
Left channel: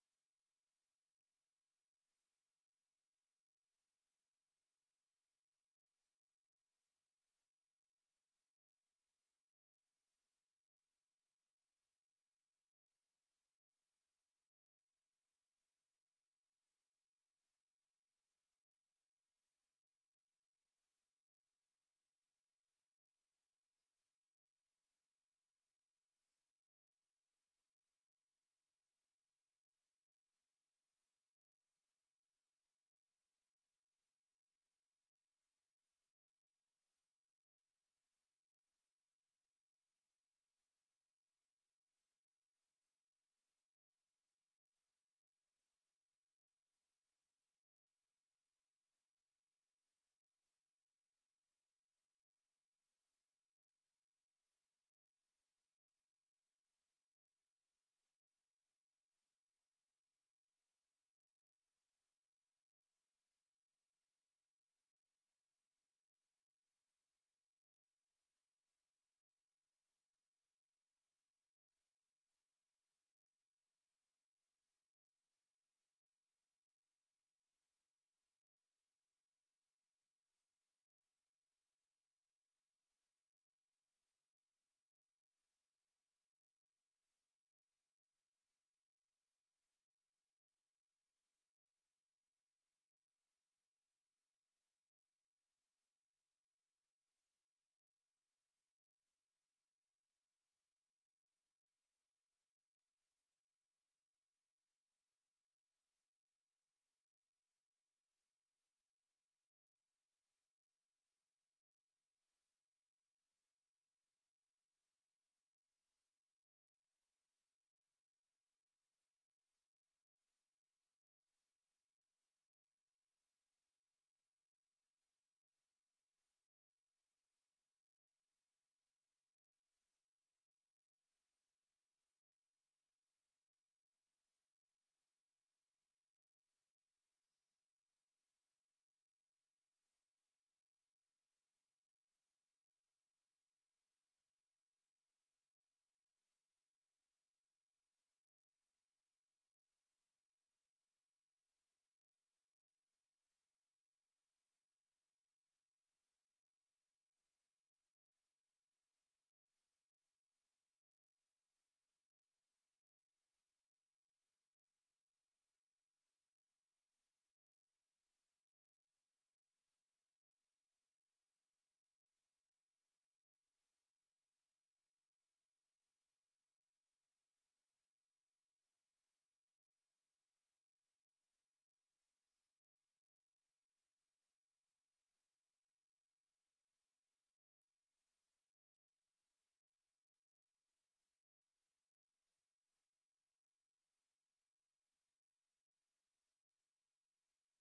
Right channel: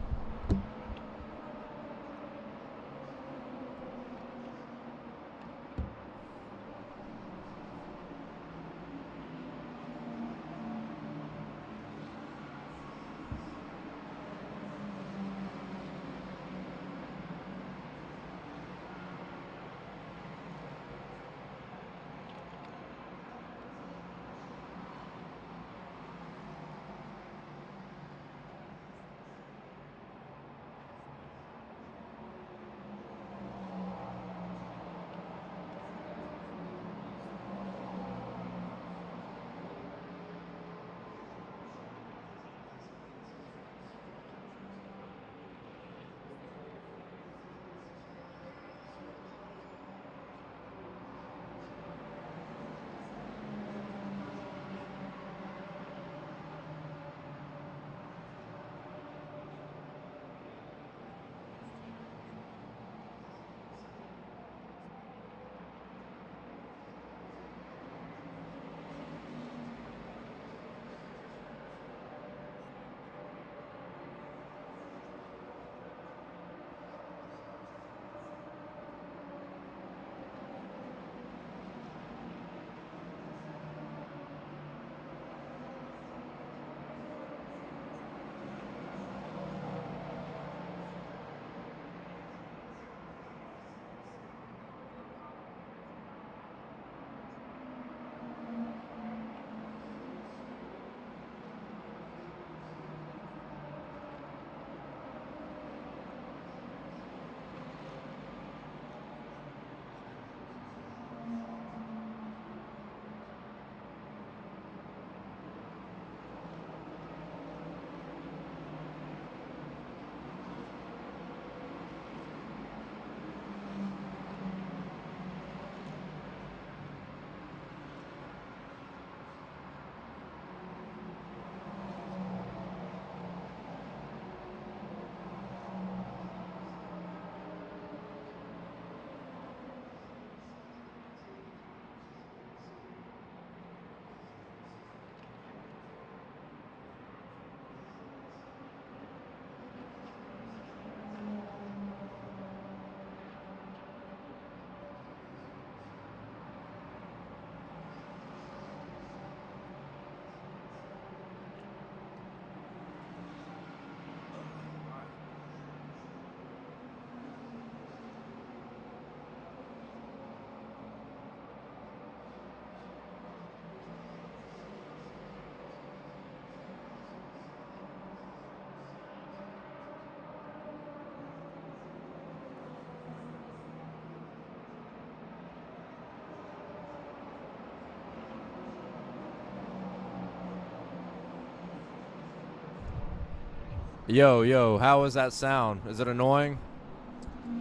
Yo, how was that sound? Is it annoying?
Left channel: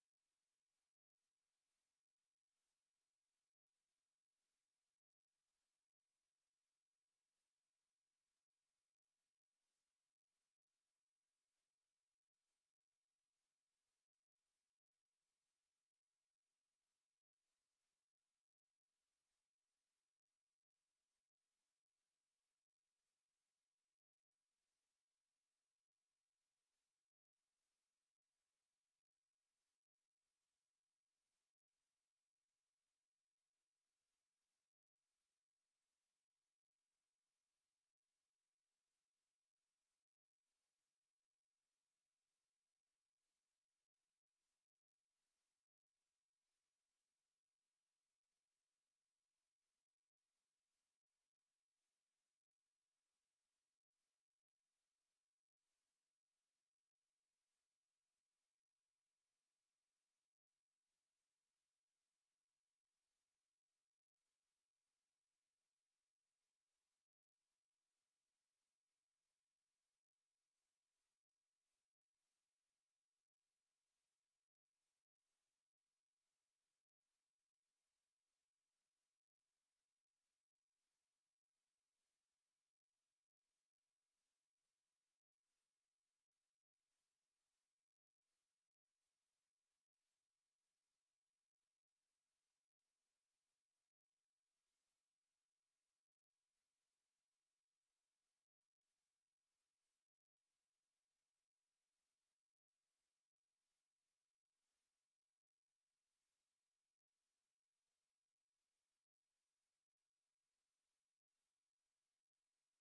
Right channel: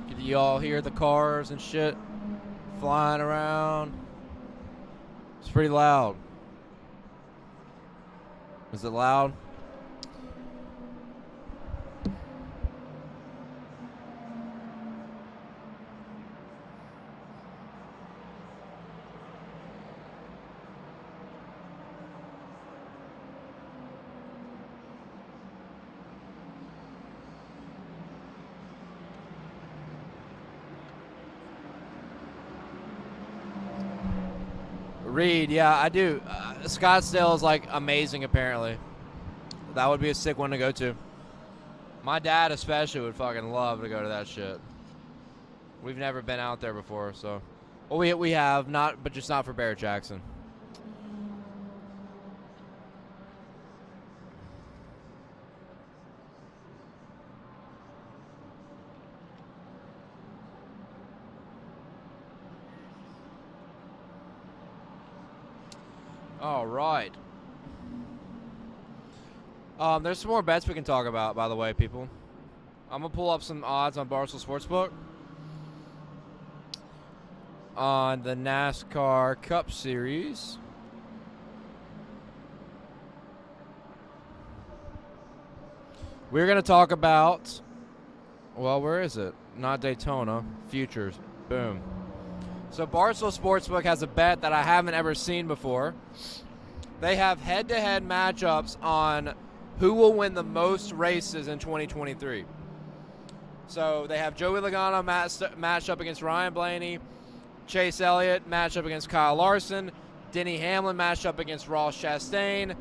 Did you all hear the cars and shit flying around? It's pretty loud. Is it loud? Reed, yeah, I do. Scottsdale is like amazing, apparently. That would be a sick one to go to. My dad especially would fucking love to go to that shit. We've never been out there before, so. Well, we have, not, but just not for Barrett Jackson. All right. There's some more bets we can talk about, by the way, people. I'm going to pull up some odds on Barstool Sportsbook on the NASCAR Cup Series. We're going to talk about, well, where is it? Not Daytona. Futures. Boom. So Barstool Sportsbook has a bet that I haven't ever seen before. They have head-to-head matchups on who will win the most races in 2023. So they have Joey Logano matched up against Ryan Blaney, Chase Elliott matched up against Kyle Larson, Denny Hamlin matched up against Ross Chastain,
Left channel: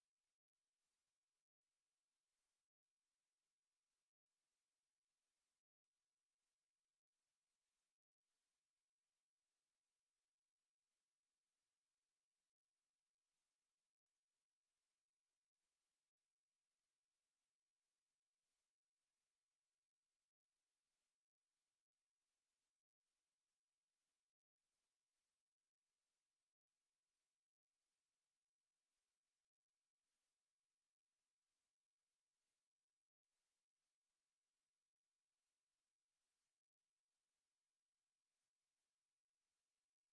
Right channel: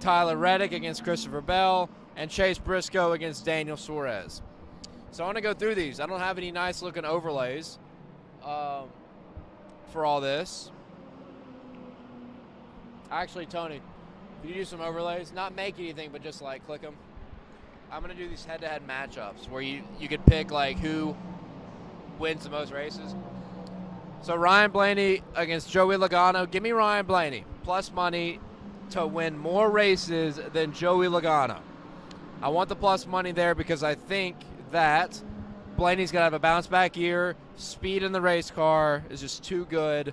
Tyler Reddick against Christopher Bell, and Chase Briscoe against Daniel Suarez. So I want to go through these. I don't have any nice-looking overlays for all this. Actually, Tony, could you do some overlays? Not make anything, but just like click them. I'm going to do these head-to-head matchups where you could pick like who wins the most races. So Ryan Blaney against Joey Logano. Give me Ryan Blaney plus money to win more races than Joey Logano. I want the plus money there because I think that Blaney's going to have a bounce-back year. Speed in the race car is just too good.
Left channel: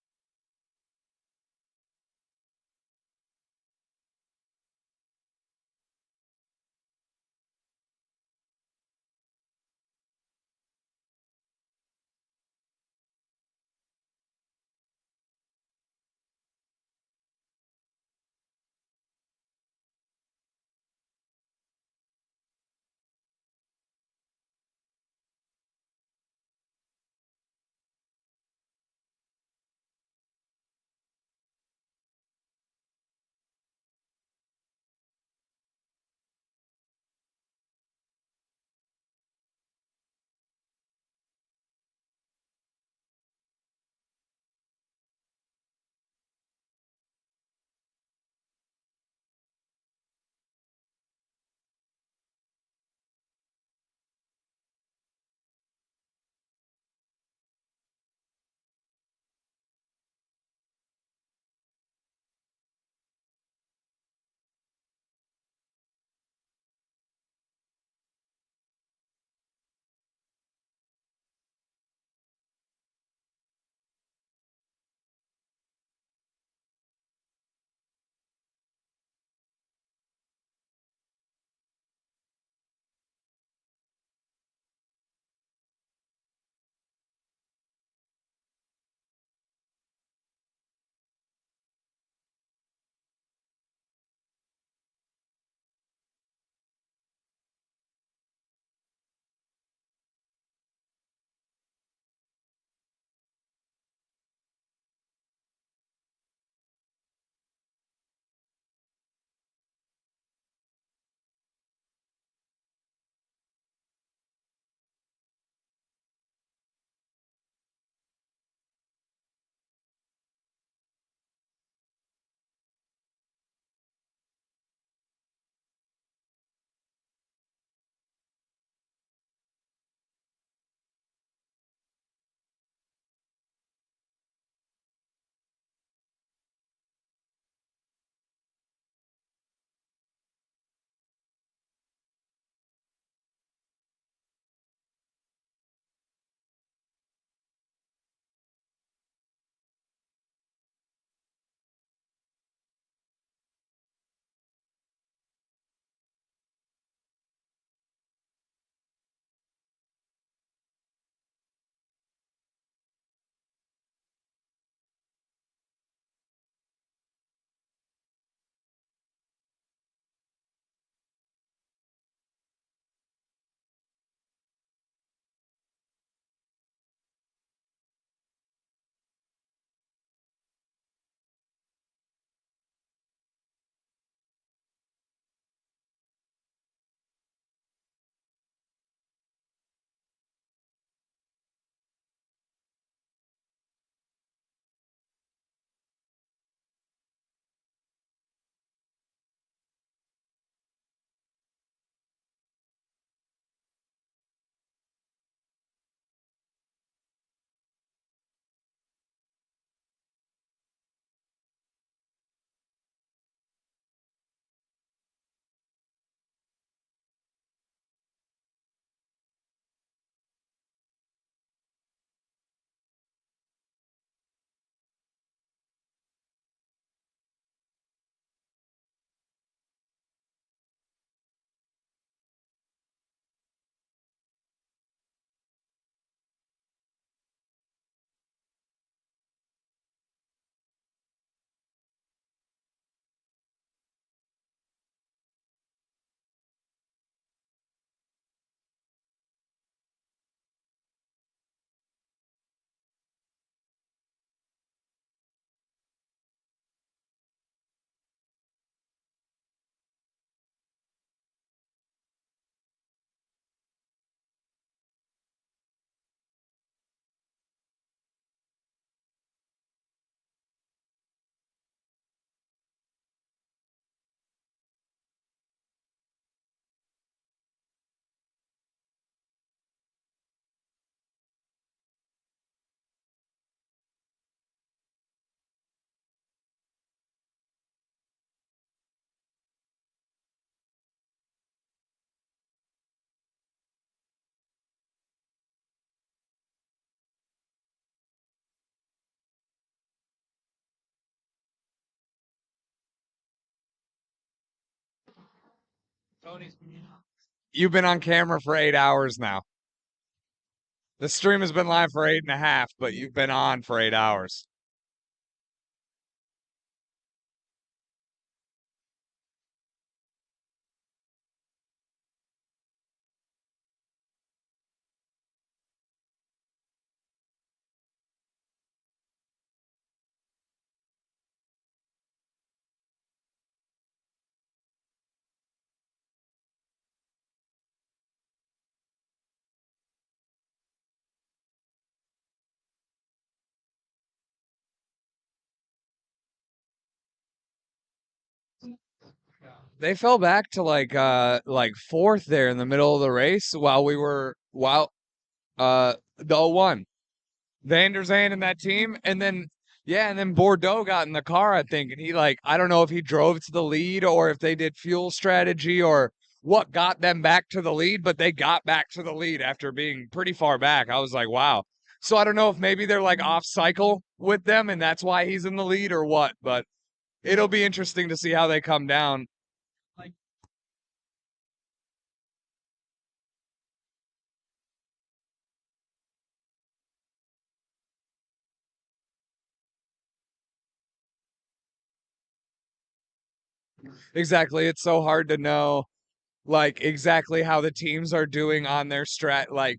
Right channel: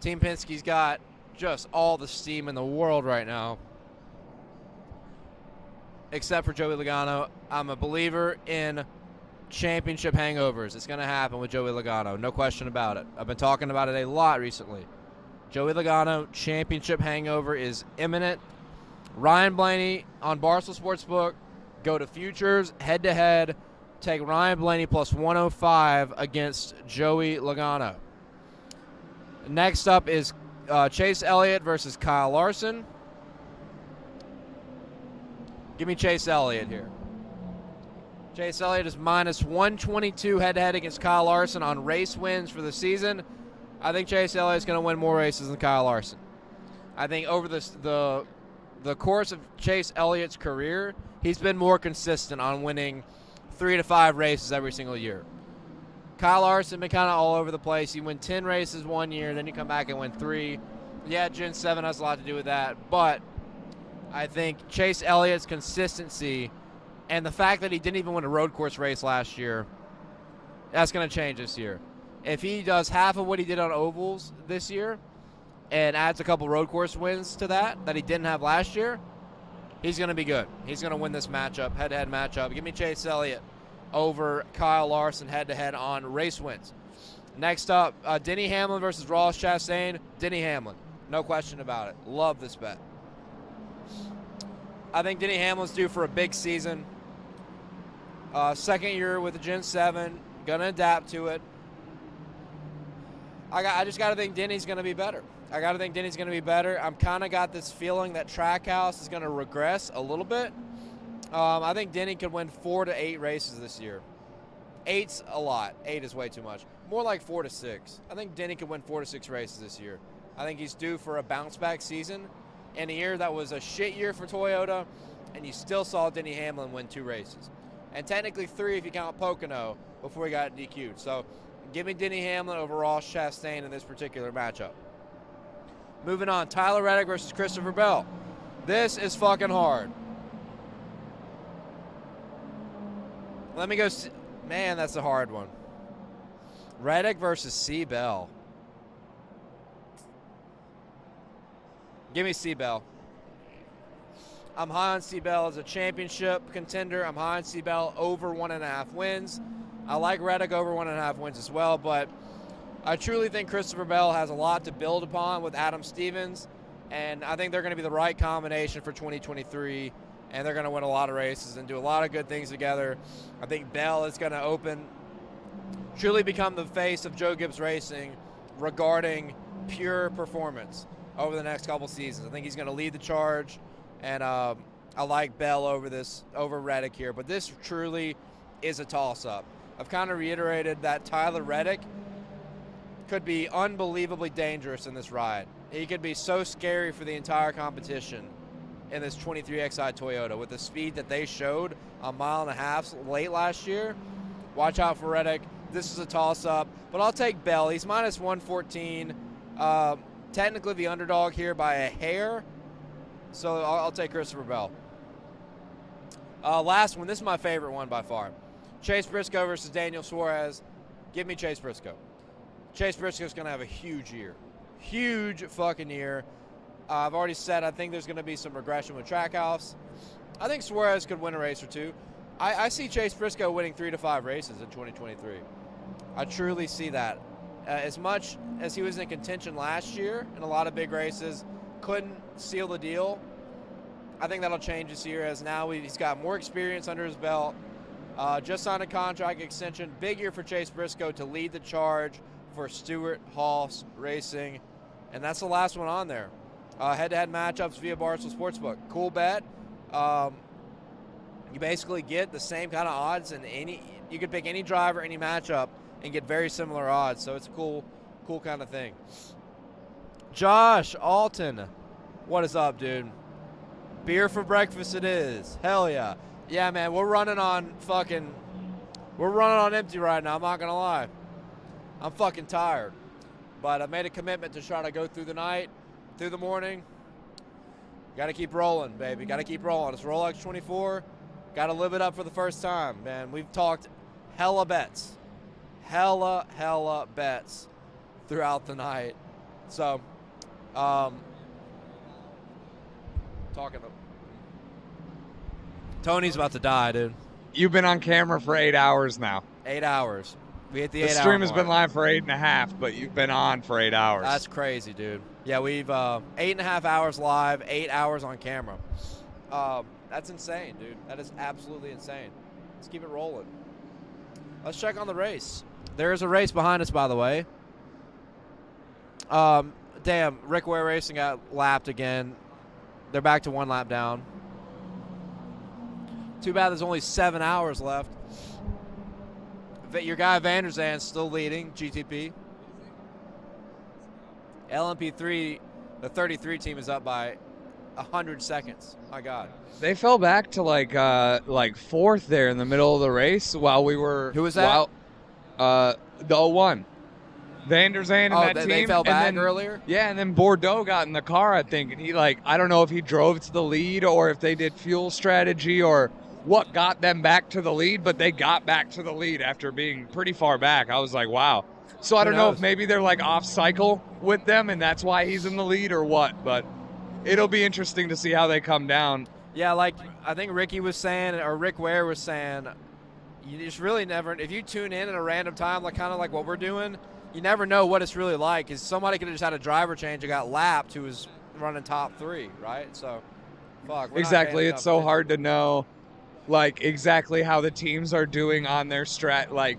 Team Penske's got just all the steam in the world right now. Except for Joey Logano. I'm a believer in championship hangovers. It's going to happen with Joey Logano. No question about it. I've been talking about it a lot recently. Joey Logano, championship hangover is imminent. Ryan Blaney on Barstool Sportsbook. Go to futures, head-to-head. Take Ryan Blaney plus 105 against Joey Logano. Next up is Chase Elliott versus Kyle Larson. Give me Chase Elliott here. Chase Elliott is minus 122 head-to-head against Kyle Larson on race wins for the season. I think Chase Elliott is going to win more races than Kyle Larson. I think over the course of Chase Elliott's career, he's been more consistent on winning 3 to 5 races every single year. Kyle Larson been kind of all over the place. You win 10 races one year, then you come back and win 3. Yeah, Gen 7 has a lot to do with that, but I think Chase Elliott's consistency and the fact that he didn't even win a road course race last year, that's going to change this year. If he does half of what he did on ovals this year and adds a couple road course wins to that he didn't have last year, he's going to be good. He's going to win this matchup, head-to-head matchup. Give me Chase Elliott over Kyle Larson head-to-head on race wins. Next up, Denny Hamlin versus Ross Chastain. Denny Hamlin, no question about it. Love this bet. I think Denny Hamlin's due for a big season. Second year with the Gen 7, going to adapt to it. I just got to think Denny's going to be better. I'm kind of got this feeling that Trackhouse is going to regress a little bit. I think Denny could win 4 to 8 races this year. 8's a lot. 8 is way too much. More like 4 to 6. I think Denny could win 4 to 6 races this year. I think he's due for a bounce-back season. In a year that was a shit year for Toyota, and you still saw Denny Hamlin win 2 races. And technically 3 if you count Pocono before he got DQ'd. So give me Denny Hamlin over Ross Chastain in this particular matchup. Moving on, Tyler Reddick versus Christopher Bell. This is fucking hard. Let me go. Man, that's a hard one. Reddick versus C. Bell. Give me C. Bell. I'm high on C. Bell as a championship contender. I'm high on C. Bell over 1.5 wins. I like Reddick over 1.5 wins as well, but I truly think Christopher Bell has a lot to build upon with Adam Stevens, and I think they're going to be the right combination for 2023, and they're going to win a lot of races and do a lot of good things together. I think Bell is going to truly become the face of Joe Gibbs Racing regarding pure performance over the next couple seasons. I think he's going to lead the charge, and I like Bell over Reddick here. But this truly is a toss-up. I've kind of reiterated that Tyler Reddick could be unbelievably dangerous in this ride. He could be so scary for the entire competition in this 23XI Toyota with the speed that they showed a 1.5 miles late last year. Watch out for Reddick. This is a toss-up, but I'll take Bell. He's minus 114. technically the underdog here by a hair, so I'll take Christopher Bell. Last one. This is my favorite one by far. Chase Briscoe versus Daniel Suarez. Give me Chase Briscoe. Chase Briscoe's going to have a huge year. Huge fucking year. I've already said I think there's going to be some regression with Trackhouse. I think Suarez could win a race or two. I see Chase Briscoe winning 3 to 5 races in 2023. I truly see that. As much as he was in contention last year in a lot of big races, couldn't seal the deal. I think that'll change this year as now he's got more experience under his belt. Just signed a contract extension. Big year for Chase Briscoe to lead the charge for Stewart Haas Racing. And that's the last one on there. Head-to-head matchups via Barstool Sportsbook. Cool bet. You basically get the same kind of odds in any. You could pick any driver, any matchup, and get very similar odds. So it's a cool kind of thing. Josh Alton, what is up, dude? Beer for breakfast it is. Hell yeah. Yeah, man, we're running on empty right now, I'm not going to lie. I'm fucking tired. But I made a commitment to try to go through the night, through the morning. Got to keep rolling, baby. Got to keep rolling. It's Rolex 24. Got to live it up for the first time, man. We've talked hella bets. Hella bets throughout the night. So, talking to Tony's about to die, dude. You've been on camera for 8 hours now. 8 hours. We hit the The stream has been live for 8.5, but you've been on for 8 hours. That's crazy, dude. Yeah, we've 8.5 hours live, 8 hours on camera. That's insane, dude. That is absolutely insane. Let's keep it rolling. Let's check on the race. There is a race behind us, by the way. Damn, Rick Ware Racing got lapped again. They're back to 1 lap down. Too bad there's only 7 hours left. Your guy Van der Zande's still leading GTP. LMP3, the 33 team is up by 100 seconds. My God. They fell back to like fourth there in the middle of the race while we were. Who was that? The 01. Van der Zande and that they team, fell and back then earlier? Yeah, and then Bordeaux got in the car, I think, and he I don't know if he drove to the lead or if they did fuel strategy or what got them back to the lead, but they got back to the lead after being pretty far back. I was like, wow. So I don't know if maybe they're off cycle with them and that's why he's in the lead or what, but it'll be interesting to see how they come down. Yeah, I think Ricky was saying, or Rick Ware was saying, you just really never, if you tune in at a random time, kind of like what we're doing, you never know what it's really like, because somebody could have just had a driver change and got lapped who was running top 3, right? So, fuck. Exactly. It's so hard to know, exactly how the teams are doing on their strat.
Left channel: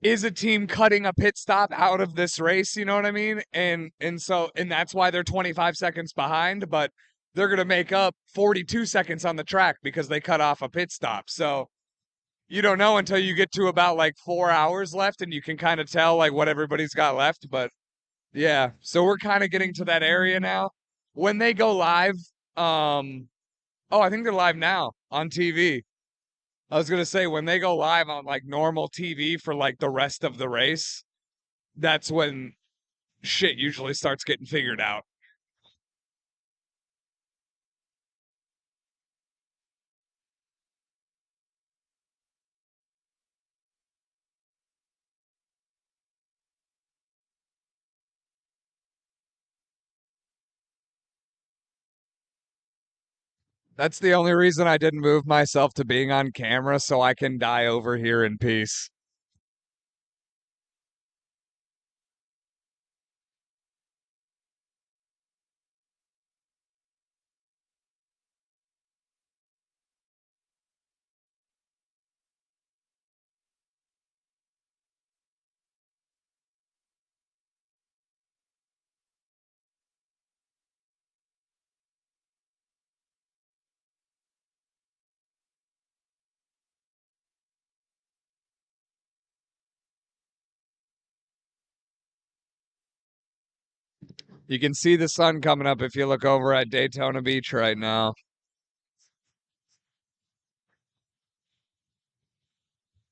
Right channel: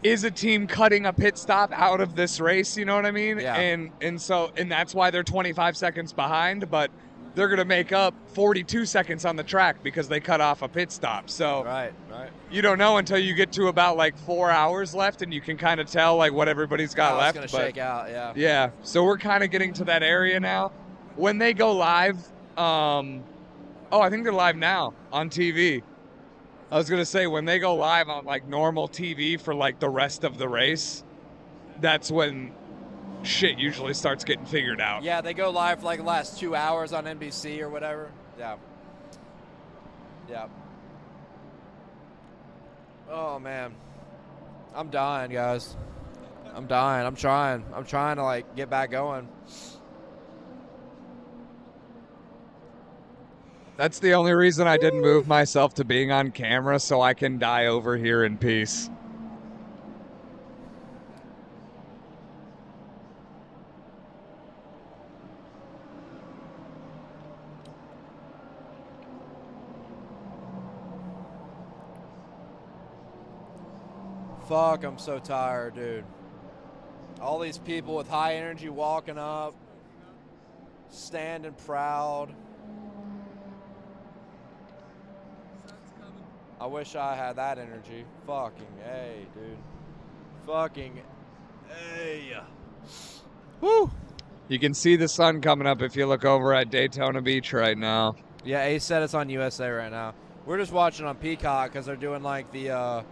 Is a team cutting a pit stop out of this race? You know what I mean? Yeah. And that's why they're 25 seconds behind, but they're going to make up 42 seconds on the track because they cut off a pit stop. So right. You don't know until you get to about 4 hours left and you can kind of tell what everybody's got left. It's But shake out, yeah. Yeah. So we're kind of getting to that area now. When they go live, I think they're live now on TV. I was going to say, when they go live on normal TV for the rest of the race, that's when shit usually starts getting figured out. Yeah, they go live for the last 2 hours on NBC or whatever. Yeah. Yeah. Oh, man. I'm dying, guys. I'm dying. I'm trying to get back going. That's the only reason I didn't move myself to being on camera, so I can die over here in peace. Fuck, I'm so tired, dude. All these people with high energy walking up, standing proud. I wish I had that energy. Fucking A, dude. Fucking A. Woo! You can see the sun coming up if you look over at Daytona Beach right now. Yeah, Ace said it's on USA right now. We're just watching on Peacock because they're doing the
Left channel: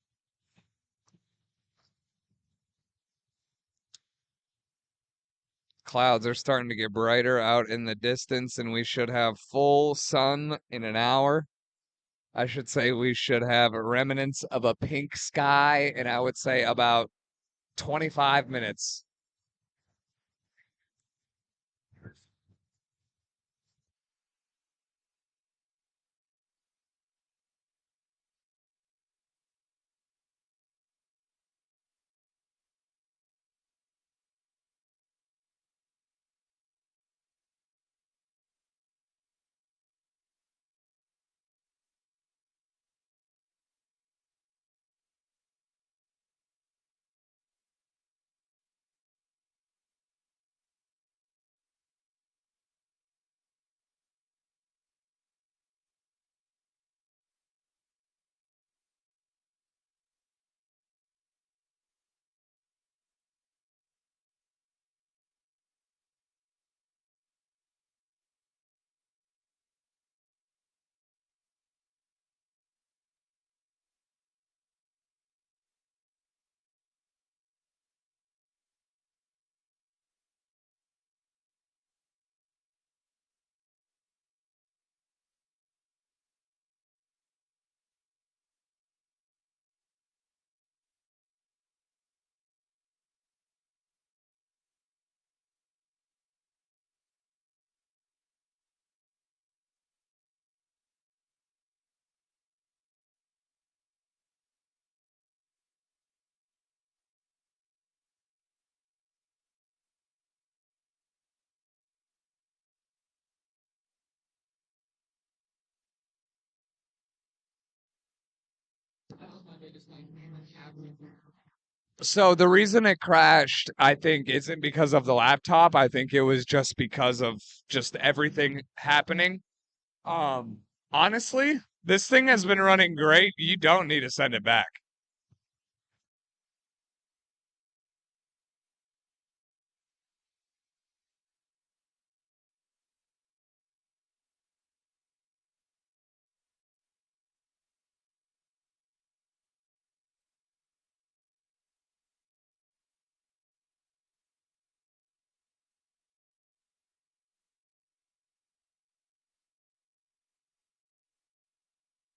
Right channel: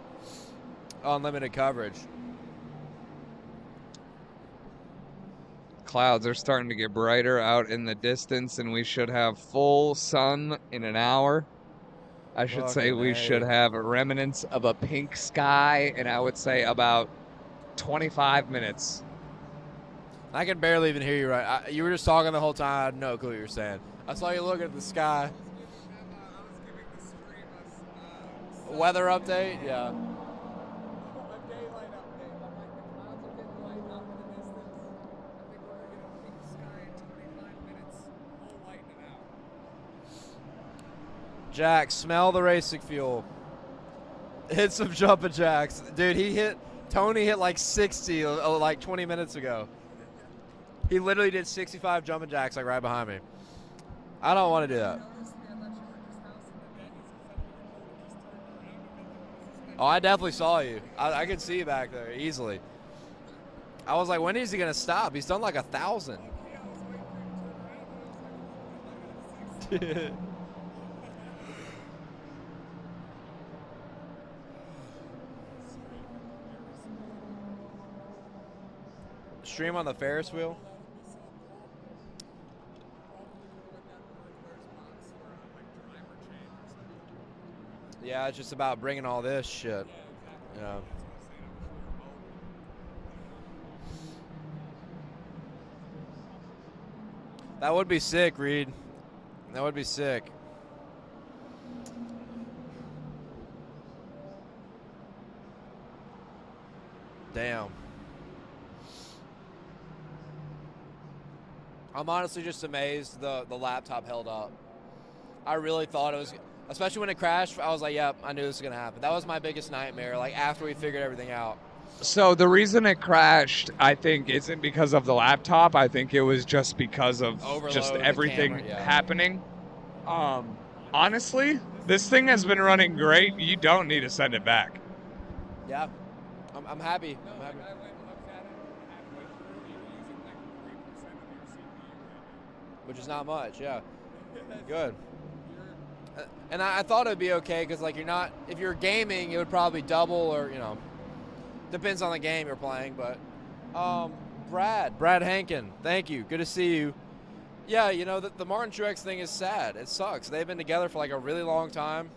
unlimited coverage. clouds are starting to get brighter out in the distance, and we should have full sun in an hour. I should say we should have remnants of a pink sky, and I would say about 25 minutes. I can barely even hear you right. You were just talking the whole time. I had no clue what you were saying. I saw you looking at the sky. Weather update? Yeah. Jack, smell the racing fuel. Hit some jumping jacks. Dude, Tony hit like 60 like 20 minutes ago. He literally did 65 jumping jacks like right behind me. I don't want to do that. Oh, I definitely saw you. I could see you back there easily. I was like, when is he going to stop? He's done like 1,000. Stream on the Ferris wheel? Yeah, it's just about bringing all this shit. You know. That would be sick, Reed. That would be sick. Damn. I'm honestly just amazed the laptop held up. I really thought it was, especially when it crashed, I was like, yep, I knew this was going to happen. That was my biggest nightmare, like after we figured everything out. So the reason it crashed, I think, isn't because of the laptop. I think it was just because of just everything happening. Honestly, this thing has been running great. You don't need to send it back. Yeah, I'm happy. I'm happy. Which is not much, yeah. Good. And I thought it would be okay because, like, if you're gaming, it would probably double or, you know, depends on the game you're playing. But Brad Hankin, thank you. Good to see you. Yeah, you know, the Martin Truex thing is sad. It sucks. They've been together for, like, a really long time.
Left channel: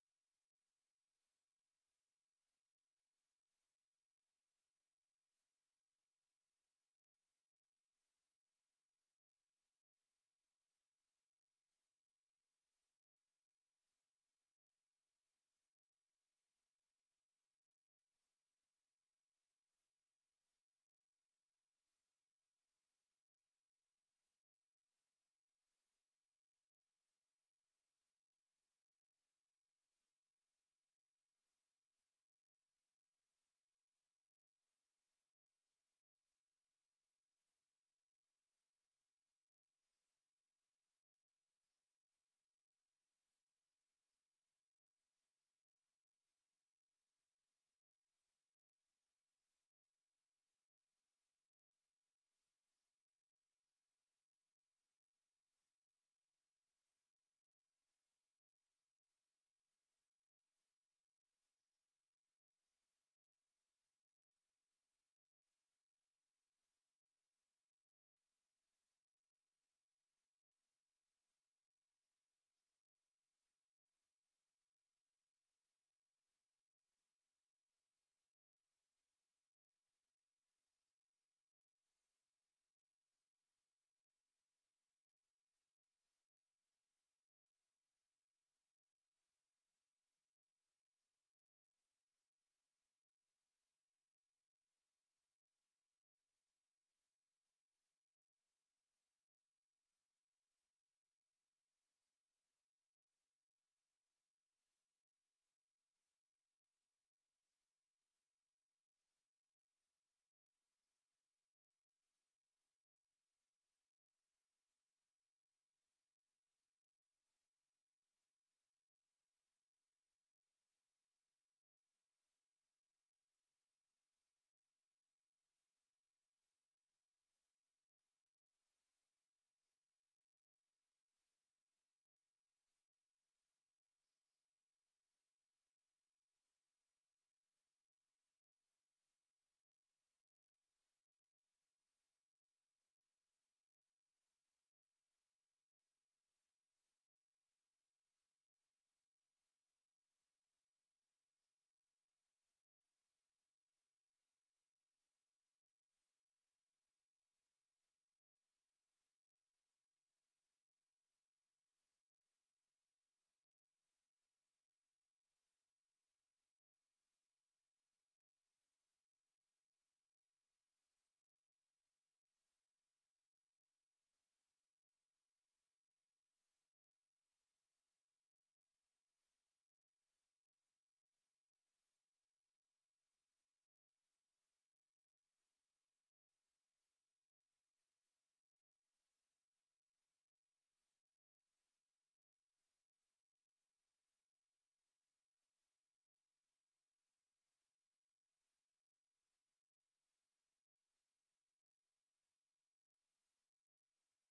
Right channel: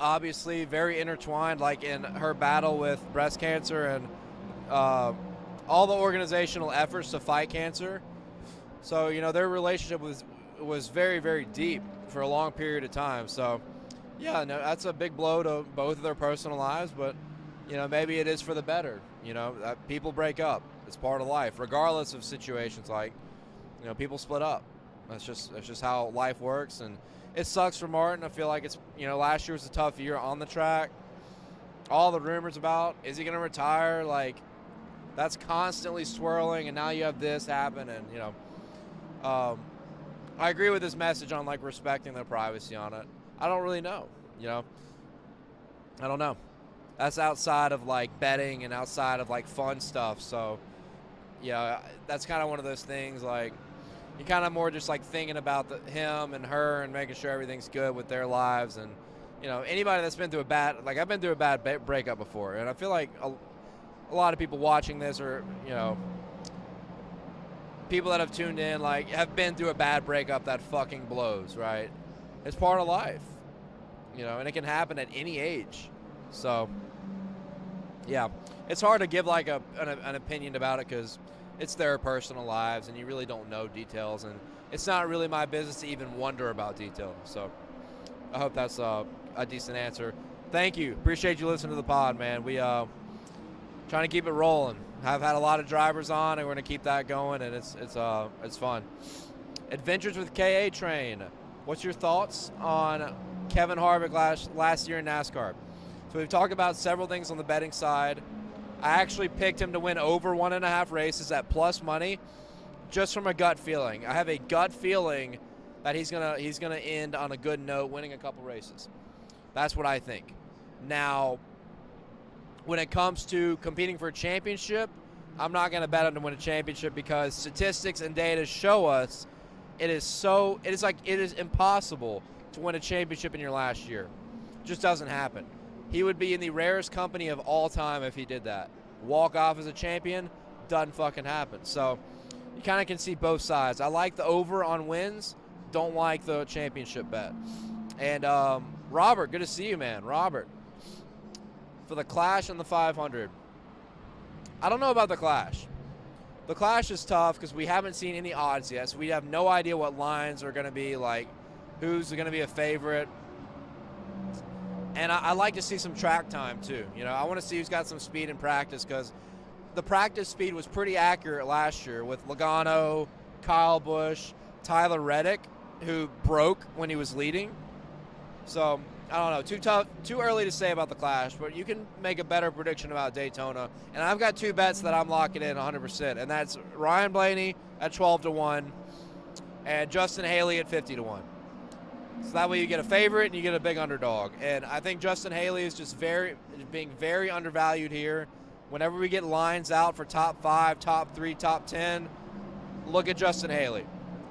Obviously, very intertwined, like, in her battle with breast cancer and all the organizational efforts to fight cancer. So, you know, their relationship was very, very deep for a long period of time. So, yeah, no, that's a big blow to both of their personal lives, but, you know, maybe it is for the better. You know, people break up. It's part of life, regardless of situations. Like, you know, people split up. That's just how life works, and it sucks for Martin. I feel like it's, you know, last year was a tough year on the track. All the rumors about, is he going to retire? Like, that's constantly swirling, and now you have this happen, and, you know, I agree with his message on, like, respecting their privacy on it. I don't really know, you know. I don't know. That's outside of, like, betting and outside of, like, fun stuff. So, yeah, that's kind of one of those things, like, you're kind of more just, like, thinking about him and her and making sure everything's good with their lives. And, you know, anybody that's been through I've been through a bad breakup before. And I feel like a lot of people watching this are, you know, people that have tuned in, like, have been through a bad breakup that fucking blows, right? It's part of life, you know, and it can happen at any age. So, yeah, it's hard to give, like, an opinion about it because it's their personal lives and you really don't know details, and it's not really my business to even wonder about details. So I hope that's a decent answer. Thank you. Appreciate you listening to the pod, man. We trying to keep it rolling. I've had a lot of drivers on, and we're going to keep that going, and it's fun. Adventures with KA Train. What's your thoughts on Kevin Harvick last year in NASCAR? So we've talked about several things on the betting side. I actually picked him to win over 1.5 races at plus money, just from a gut feeling. I have a gut feeling that he's gonna end on a good note, winning a couple races. That's what I think. Now, when it comes to competing for a championship, I'm not going to bet him to win a championship because statistics and data show us it is impossible to win a championship in your last year. It just doesn't happen. He would be in the rarest company of all time if he did that. Walk off as a champion, doesn't fucking happen. So you kind of can see both sides. I like the over on wins, don't like the championship bet. And Robert, good to see you, man. Robert, for the Clash and the 500. I don't know about the Clash. The Clash is tough because we haven't seen any odds yet, so we have no idea what lines are going to be, like who's going to be a favorite. And I like to see some track time too. You know, I want to see who's got some speed in practice, because the practice speed was pretty accurate last year with Logano, Kyle Busch, Tyler Reddick, who broke when he was leading. So I don't know, too early to say about the Clash, but you can make a better prediction about Daytona. And I've got 2 bets that I'm locking in 100%, and that's Ryan Blaney at 12-1 and Justin Haley at 50-1. So that way you get a favorite and you get a big underdog. And I think Justin Haley is just being very undervalued here. Whenever we get lines out for top 5, top 3, top 10, look at Justin Haley.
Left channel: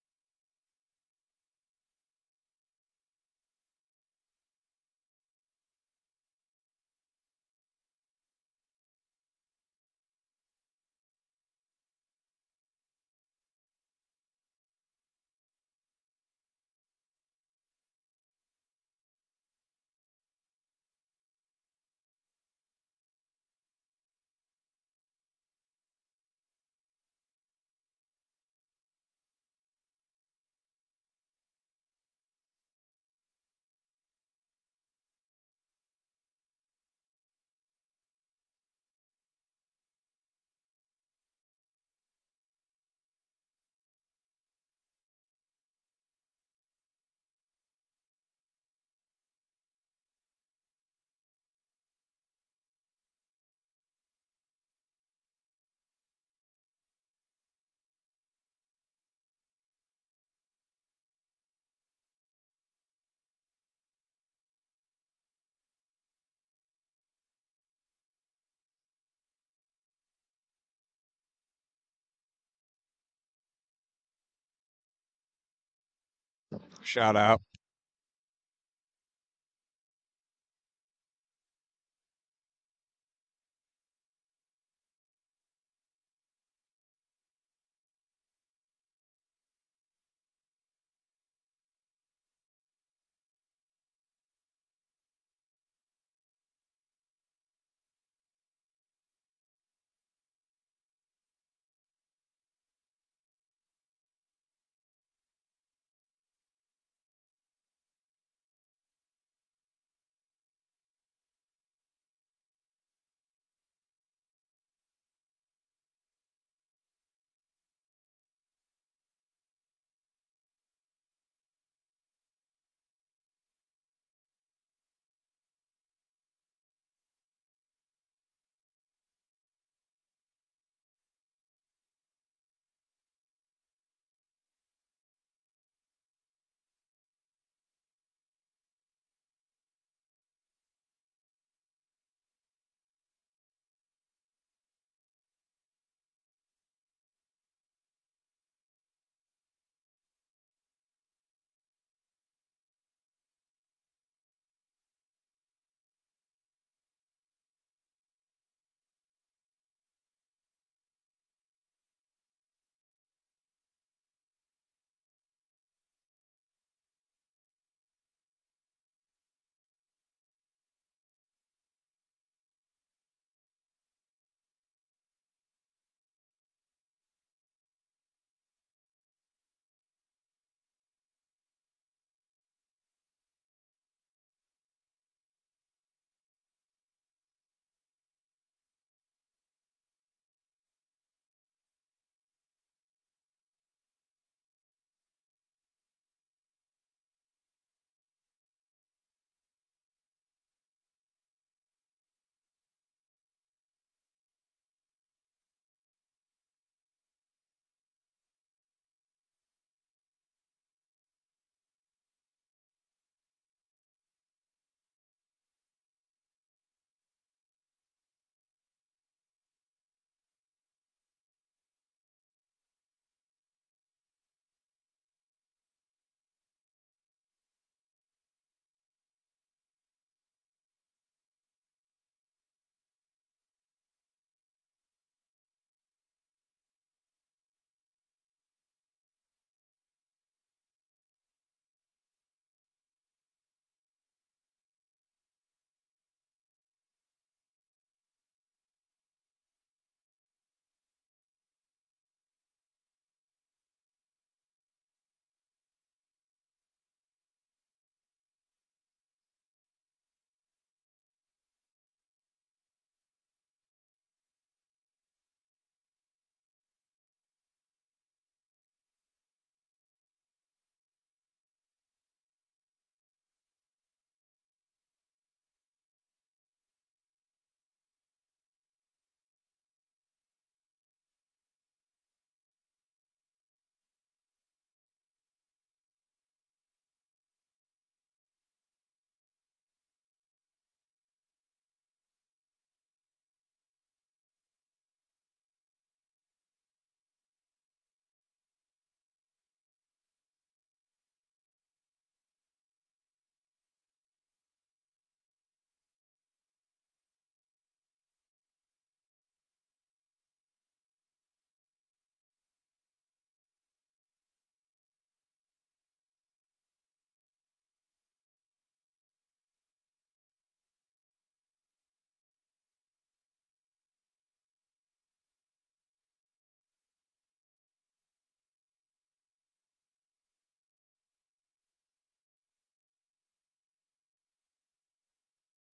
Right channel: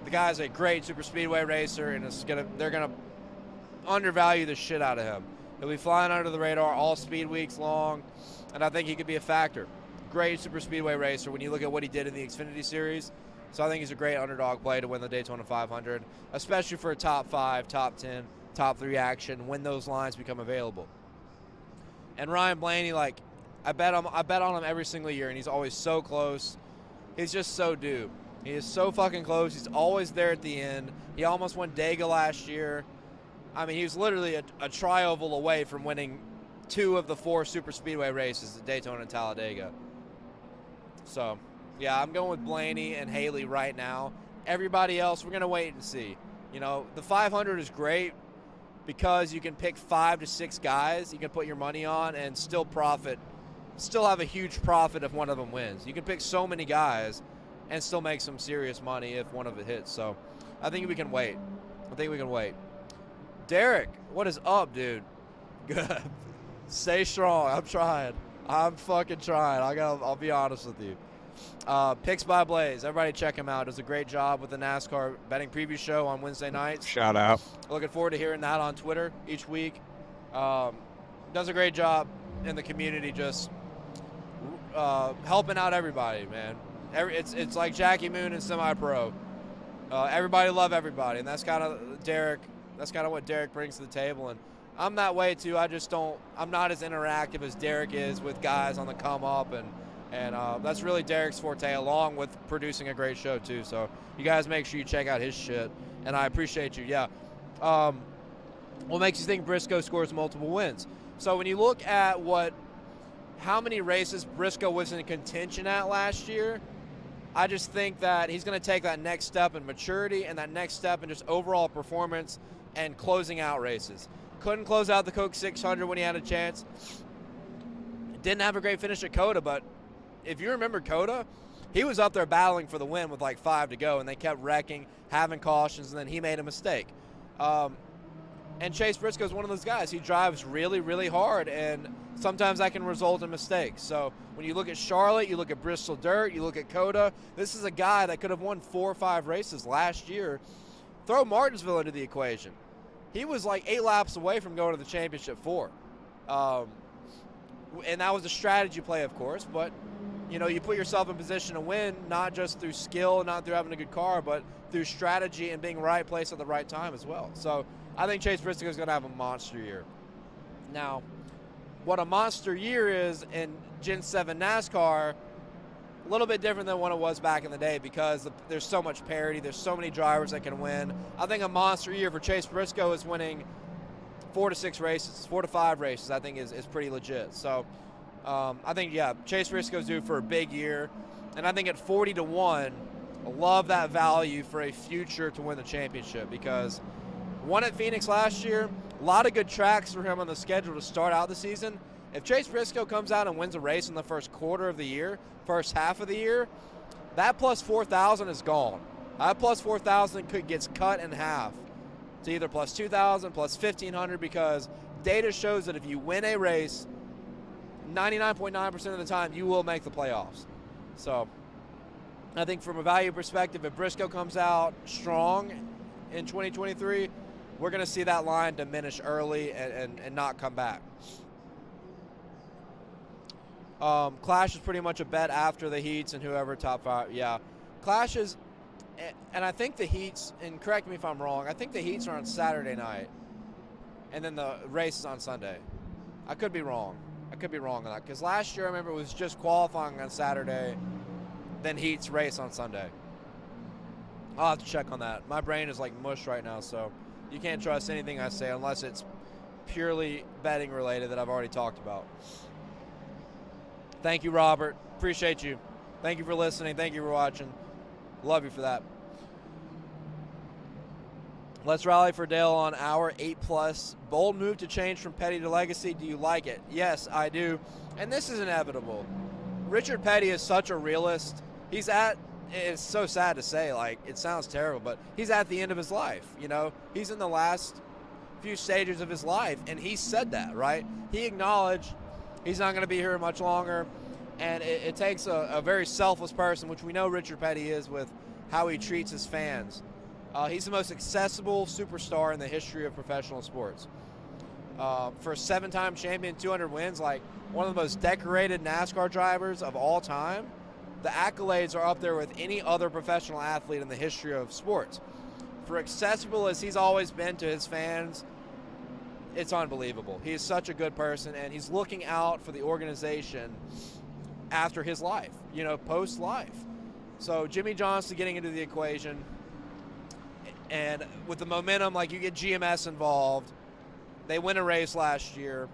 The guy's a great super speedway racer, and they're gonna undervalue the shit out of him. He'll be flying under the radar all speed weeks long, and I think he could be a factor. Great super speedway racer when you look at what he did in the Xfinity Series. So I think he's a great underdog play to win the Daytona 500, especially for a top 5, top 10, top 3 action when those lines become available. And Ryan Blaney, like, I bet on him every single year, and he's always so close. He's just so due. He is so fucking close. He's always there at the end. He almost won Dega last year. I mean, he was literally a tri-oval away from winning 2 of the 4 super speedway races at Daytona and Talladega. So, yeah, I'm going with Blaney and Haley right now. Everybody else, we're going to wait and see. You know, the 500 is great because you can pick 5 to 6 guys you can put your money on and still have a huge profit if one of them wins. You can pick so many guys and still make some serious money if one of it hits. So I think we can wait. Derek, what is up, dude? Good. Stay strong. I'm trying. I'm fucking trying. I'll be honest with you. Picks by Blaze. Everybody check him out. Does a great job with the NASCAR betting preview show on Wednesday nights. Shout out. Looking forward to hearing that on Twitter each week. Does a great job in the community, just helping out everybody, man. It's like Jackie Moon and semi-pro. Everybody love everybody, and that's kind of Derek. That's kind of what Derek brings to the table, and I'm that way too. I'm not as interactive as Derek is with guys on the come up, and that's really Derek's forte, along with producing a great show too. So you guys make sure you check out his shit, and I appreciate you. Yeah. What makes you think Briscoe scores multiple wins? So when you look at how many races Briscoe was in contention at last year, I just think that he's going to take that next step in maturity and that next step in just overall performance and closing out races. Couldn't close out the Coke 600 when he had a chance. Didn't have a great finish at Coda, but if you remember Coda, he was up there battling for the win with like 5 to go, and they kept wrecking, having cautions, and then he made a mistake. And Chase Briscoe is one of those guys. He drives really, really hard, and sometimes that can result in mistakes. So when you look at Charlotte, you look at Bristol Dirt, you look at Coda, this is a guy that could have won 4 or 5 races last year. Throw Martinsville into the equation. He was like 8 laps away from going to the championship 4. And that was a strategy play, of course, but you know, you put yourself in position to win, not just through skill, not through having a good car, but through strategy and being right place at the right time as well. So I think Chase Briscoe is going to have a monster year. Now, what a monster year is in Gen 7 NASCAR, a little bit different than what it was back in the day, because there's so much parity, there's so many drivers that can win. I think a monster year for Chase Briscoe is winning 4 to 6 races, 4 to 5 races, I think is pretty legit. So I think, yeah, Chase Briscoe's due for a big year. And I think at 40 to 1, I love that value for a future to win the championship, because won at Phoenix last year, a lot of good tracks for him on the schedule to start out the season. If Chase Briscoe comes out and wins a race in the first quarter of the year, first half of the year, that plus 4,000 is gone. That plus 4,000 gets cut in half to either plus 2,000, plus 1,500, because data shows that if you win a race, 99.9% of the time you will make the playoffs. So I think from a value perspective, if Briscoe comes out strong in 2023, we're going to see that line diminish early and not come back. Clash is pretty much a bet after the heats and whoever top 5. Yeah. clashes, and I think the heats, and correct me if I'm wrong, I think the heats are on Saturday night, and then the race is on Sunday. I could be wrong. I could be wrong on that, because last year I remember it was just qualifying on Saturday, then heats, race on Sunday. I'll have to check on that. My brain is like mush right now, so you can't trust anything I say unless it's purely betting related that I've already talked about. Thank you, Robert. Appreciate you. Thank you for listening. Thank you for watching. Love you for that. Let's rally for Dale on hour 8+. Bold move to change from Petty to Legacy. Do you like it? Yes, I do. And this is inevitable. Richard Petty is such a realist. He's at, it's so sad to say, like, it sounds terrible, but he's at the end of his life, you know? He's in the last few stages of his life, and he said that, right? He acknowledged he's not going to be here much longer, and it takes a very selfless person, which we know Richard Petty is with how he treats his fans. He's the most accessible superstar in the history of professional sports. For a 7-time champion, 200 wins, like one of the most decorated NASCAR drivers of all time, the accolades are up there with any other professional athlete in the history of sports. For accessible as he's always been to his fans, it's unbelievable. He is such a good person, and he's looking out for the organization after his life, you know, post-life. So Jimmy Johnson getting into the equation, and with the momentum, like you get GMS involved, they win a race last year.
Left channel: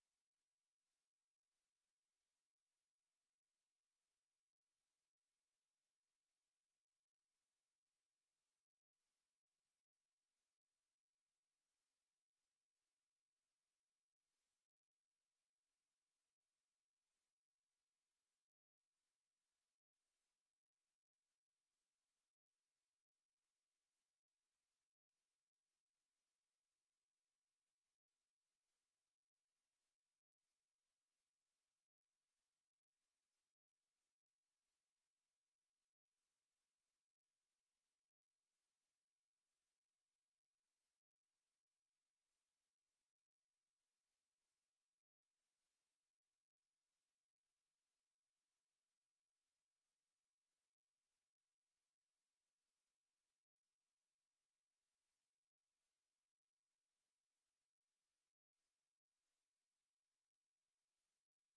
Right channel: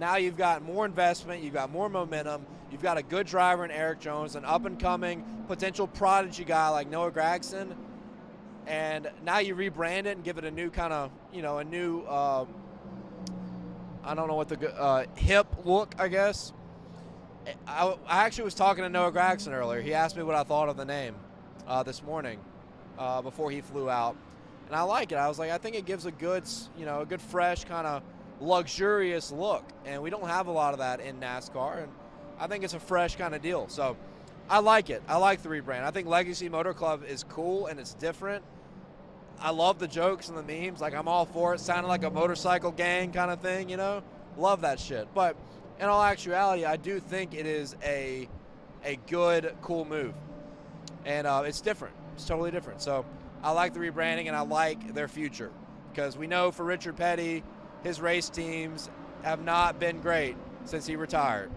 Now you've got more investment, you've got more momentum, you've got a good driver in Eric Jones, an up-and-coming potential prodigy guy like Noah Gragson, and now you rebrand it and give it a new kind of, you know, a new, I don't know what the hip look, I guess. I actually was talking to Noah Gragson earlier. He asked me what I thought of the name this morning before he flew out. And I like it. I was like, I think it gives a good, you know, a good fresh kind of luxurious look. And we don't have a lot of that in NASCAR. And I think it's a fresh kind of deal. So I like it. I like the rebrand. I think Legacy Motor Club is cool and it's different. I love the jokes and the memes. Like, I'm all for it. Sounded like a motorcycle gang kind of thing, you know? Love that shit. But in all actuality, I do think it is a good, cool move. And it's different. It's totally different. So I like the rebranding, and I like their future. Because we know for Richard Petty, his race teams have not been great since he retired.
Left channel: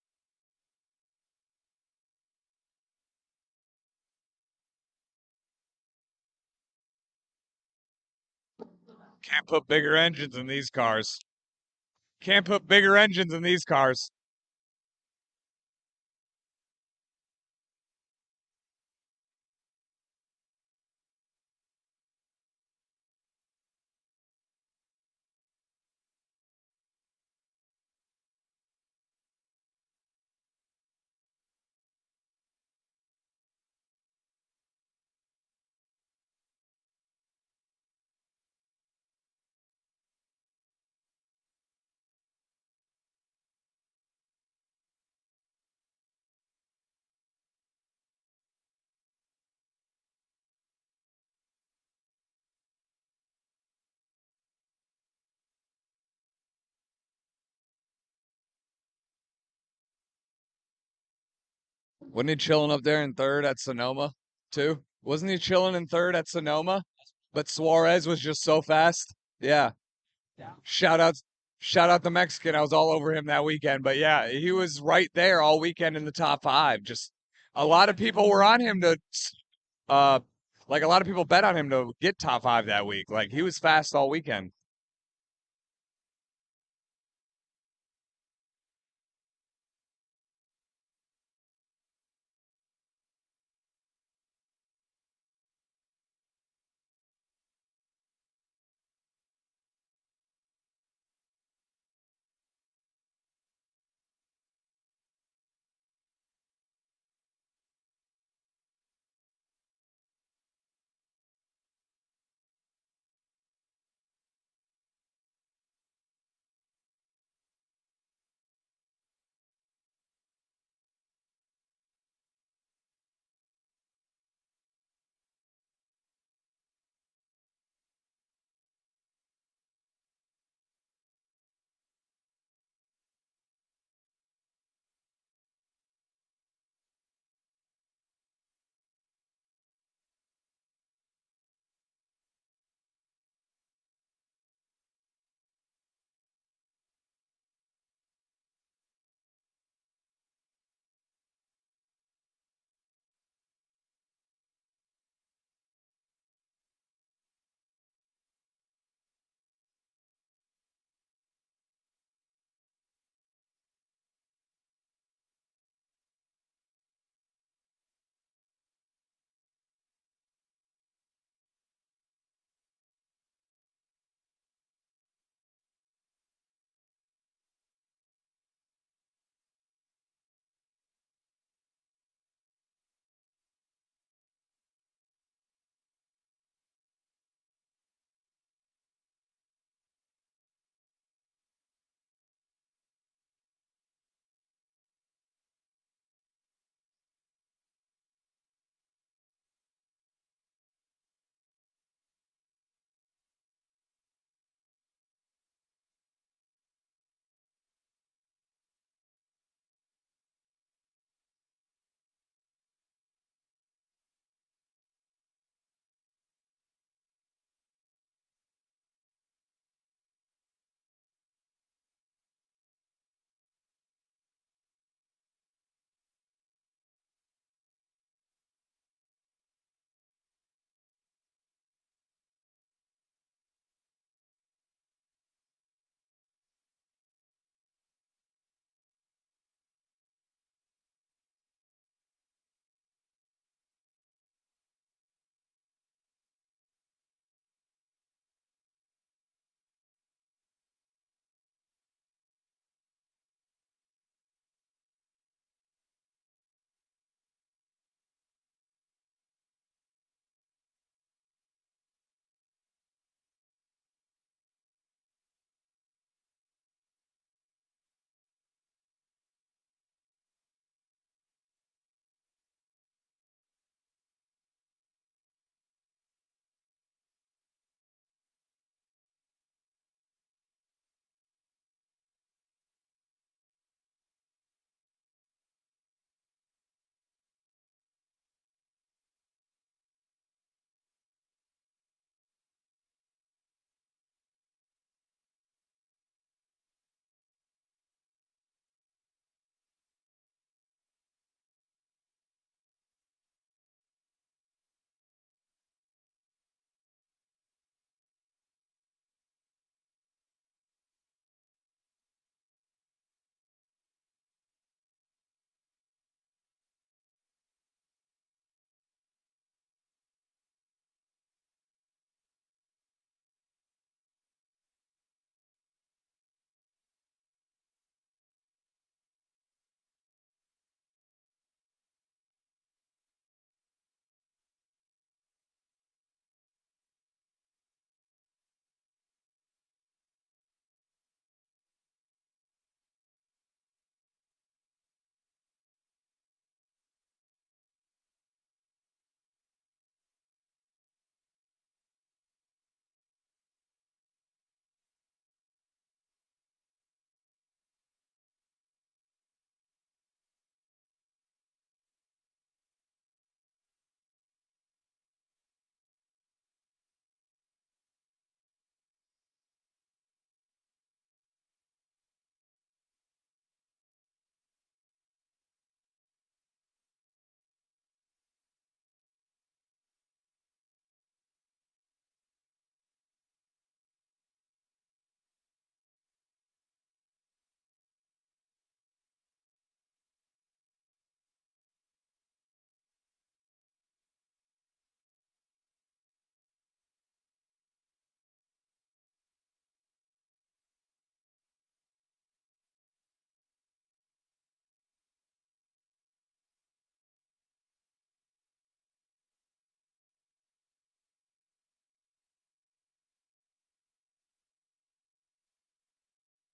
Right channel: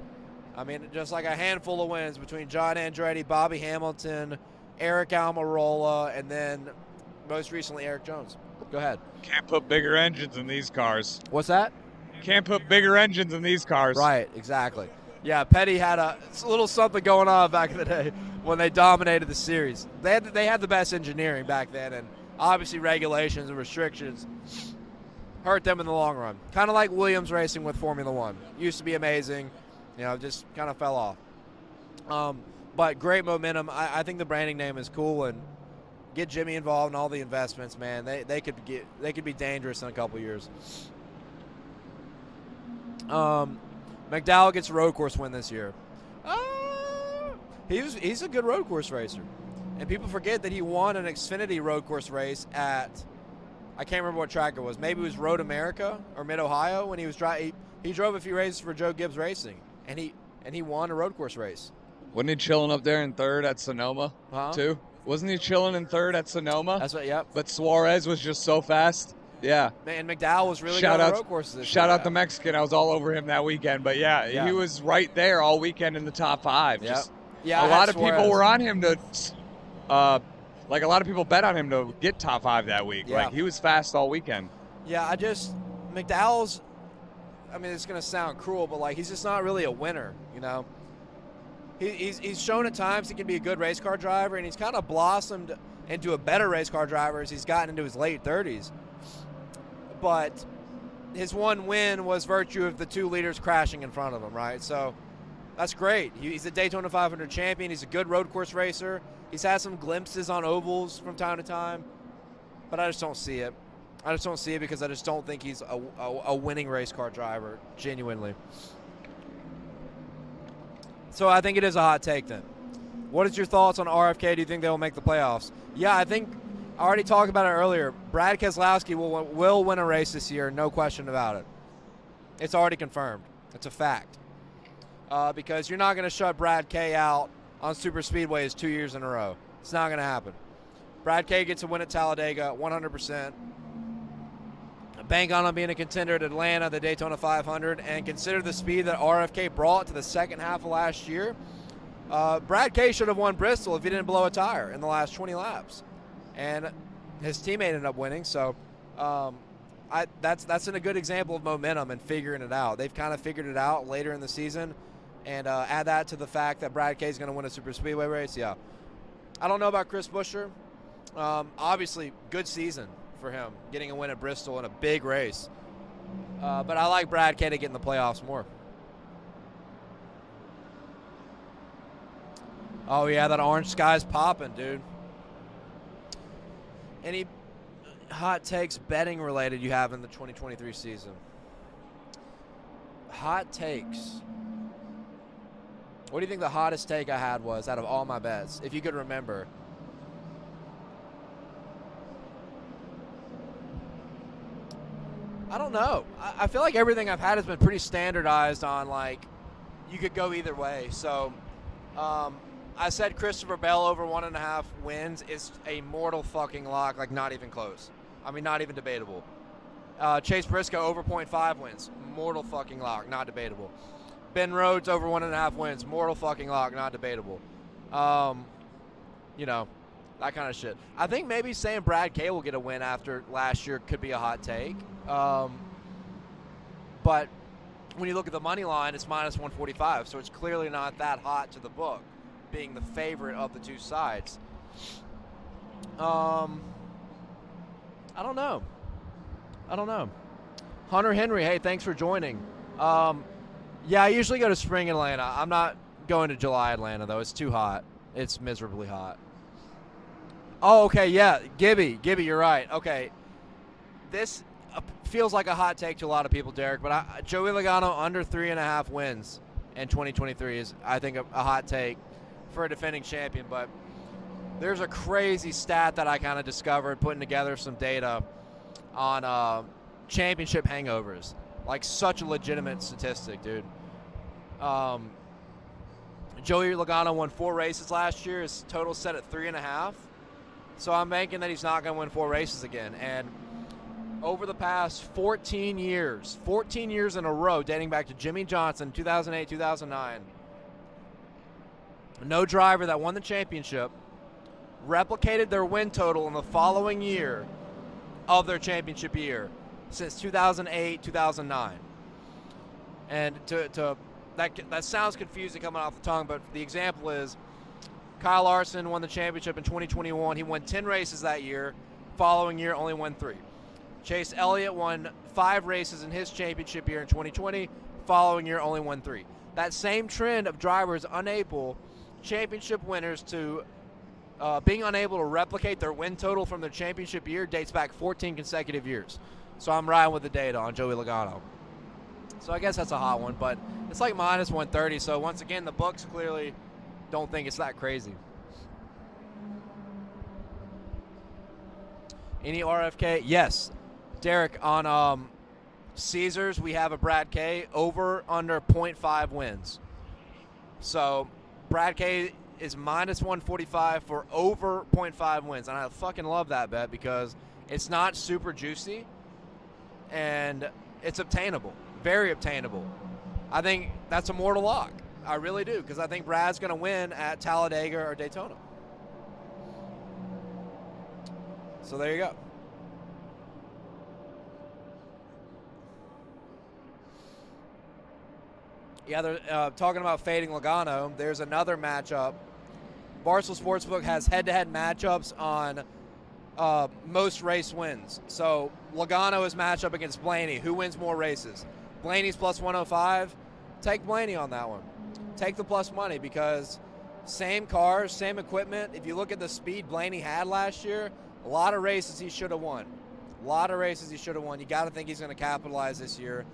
I mean, just like a handful of wins between John Andretti, Bobby Hamilton, Eric Almirola, and then most recently Eric Jones. Go ahead. Can't put bigger engines in these cars. What's that? Can't put bigger engines in these cars. Right, exactly. Yeah, Petty had a little something going on back in the day when they dominated the series. They had the best engineering back then, and obviously regulations and restrictions hurt them in the long run. Kind of like Williams racing with Formula One. Used to be amazing, you know, just kind of fell off. But great momentum. I think the branding name is cool, and get Jimmy involved in all the investments, man. They could be dangerous in a couple years. McDowell gets a road course win this year. He's a good road course racer, and people forget that he won an Xfinity road course race at, I can't remember what track it was. Maybe it was Road America or Mid Ohio when he was he drove a few races for Joe Gibbs Racing, and he won a road course race. Wasn't he chilling up there in third at Sonoma too? Wasn't he chilling in third at Sonoma? That's what. Yep. But Suarez was just so fast. Yeah. Man, McDowell was really shout good out, at road courses. Shout out the Mexican. I was all over him that weekend. But yeah, he was right there all weekend in the top 5. Yep. Just yeah, a lot of people were on him to, like a lot of people bet on him to get top 5 that week. Yeah. Like he was fast all weekend. Yeah, McDowell's, I mean, it's going to sound cruel, but like he's just not really a winner, you know. He's shown at times he can be a good race car driver, and he's kind of blossomed into a better race car driver as he's gotten into his late 30s. But his one win was virtue of the 2 leaders crashing in front of him, right? So that's great. He's a Daytona 500 champion. He's a good road course racer. He's had some glimpses on ovals from time to time, but I just don't see it. I just don't see it because I just don't think he's a winning race car driver, genuinely. So I think it is a hot take then. What is your thoughts on RFK? Do you think they will make the playoffs? Yeah, I think I already talked about it earlier. Brad Keselowski will win a race this year, no question about it. It's already confirmed. It's a fact. Because you're not going to shut Brad K out on super speedways 2 years in a row. It's not going to happen. Brad K gets a win at Talladega, 100%. Bank on him being a contender at Atlanta, the Daytona 500, and consider the speed that RFK brought to the second half of last year. Brad K should have won Bristol if he didn't blow a tire in the last 20 laps. And his teammate ended up winning, so that's a good example of momentum and figuring it out. They've kind of figured it out later in the season, and add that to the fact that Brad K is going to win a super speedway race. Yeah, I don't know about Chris Buescher. Obviously, good season for him, getting a win at Bristol in a big race. But I like Brad K to get in the playoffs more. Oh yeah, that orange sky's popping, dude. Any hot takes betting related you have in the 2023 season? Hot takes. What do you think the hottest take I had was out of all my bets, if you could remember? I don't know. I feel like everything I've had has been pretty standardized on, like, you could go either way. So I said Christopher Bell over 1.5 wins is a mortal fucking lock, like not even close. I mean, not even debatable. Chase Briscoe over 0.5 wins, mortal fucking lock, not debatable. Ben Rhodes over 1.5 wins, mortal fucking lock, not debatable. You know, that kind of shit. I think maybe saying Brad K will get a win after last year could be a hot take. But when you look at the money line, it's minus 145, so it's clearly not that hot to the book, being the favorite of the two sides. I don't know. Hunter Henry, hey, thanks for joining. Yeah, I usually go to spring Atlanta. I'm not going to July Atlanta, though. It's too hot. It's miserably hot. Oh, okay, yeah. Gibby, you're right. Okay. This feels like a hot take to a lot of people, Derek, but Joey Logano under 3.5 wins in 2023 is, I think, a hot take for a defending champion. But there's a crazy stat that I kind of discovered putting together some data on championship hangovers. Like, such a legitimate statistic, dude. Joey Logano won 4 races last year. His total set at 3.5. So I'm banking that he's not going to win 4 races again. And over the past 14 years in a row, dating back to Jimmy Johnson, 2008, 2009, no driver that won the championship replicated their win total in the following year of their championship year since 2008, 2009. And that sounds confusing coming off the tongue, but the example is Kyle Larson won the championship in 2021. He won 10 races that year. Following year, only won 3. Chase Elliott won 5 races in his championship year in 2020. Following year, only won 3. That same trend of drivers championship winners to being unable to replicate their win total from their championship year dates back 14 consecutive years. So I'm riding with the data on Joey Logano. So I guess that's a hot one, but it's like minus 130. So once again, the books clearly don't think it's that crazy. Any RFK? Yes. Derek, on Caesars, we have a Brad K over under 0.5 wins. So Brad K is minus 145 for over 0.5 wins. And I fucking love that bet because it's not super juicy and it's obtainable. Very obtainable. I think that's a mortal lock. I really do, because I think Brad's going to win at Talladega or Daytona. So there you go. Yeah, they're talking about fading Logano. There's another matchup. Barstool Sportsbook has head-to-head matchups on most race wins. So Logano is matched up against Blaney. Who wins more races? Blaney's plus 105. Take Blaney on that one. Take the plus money because same cars, same equipment. If you look at the speed Blaney had last year, a lot of races he should have won. You got to think he's going to capitalize this year.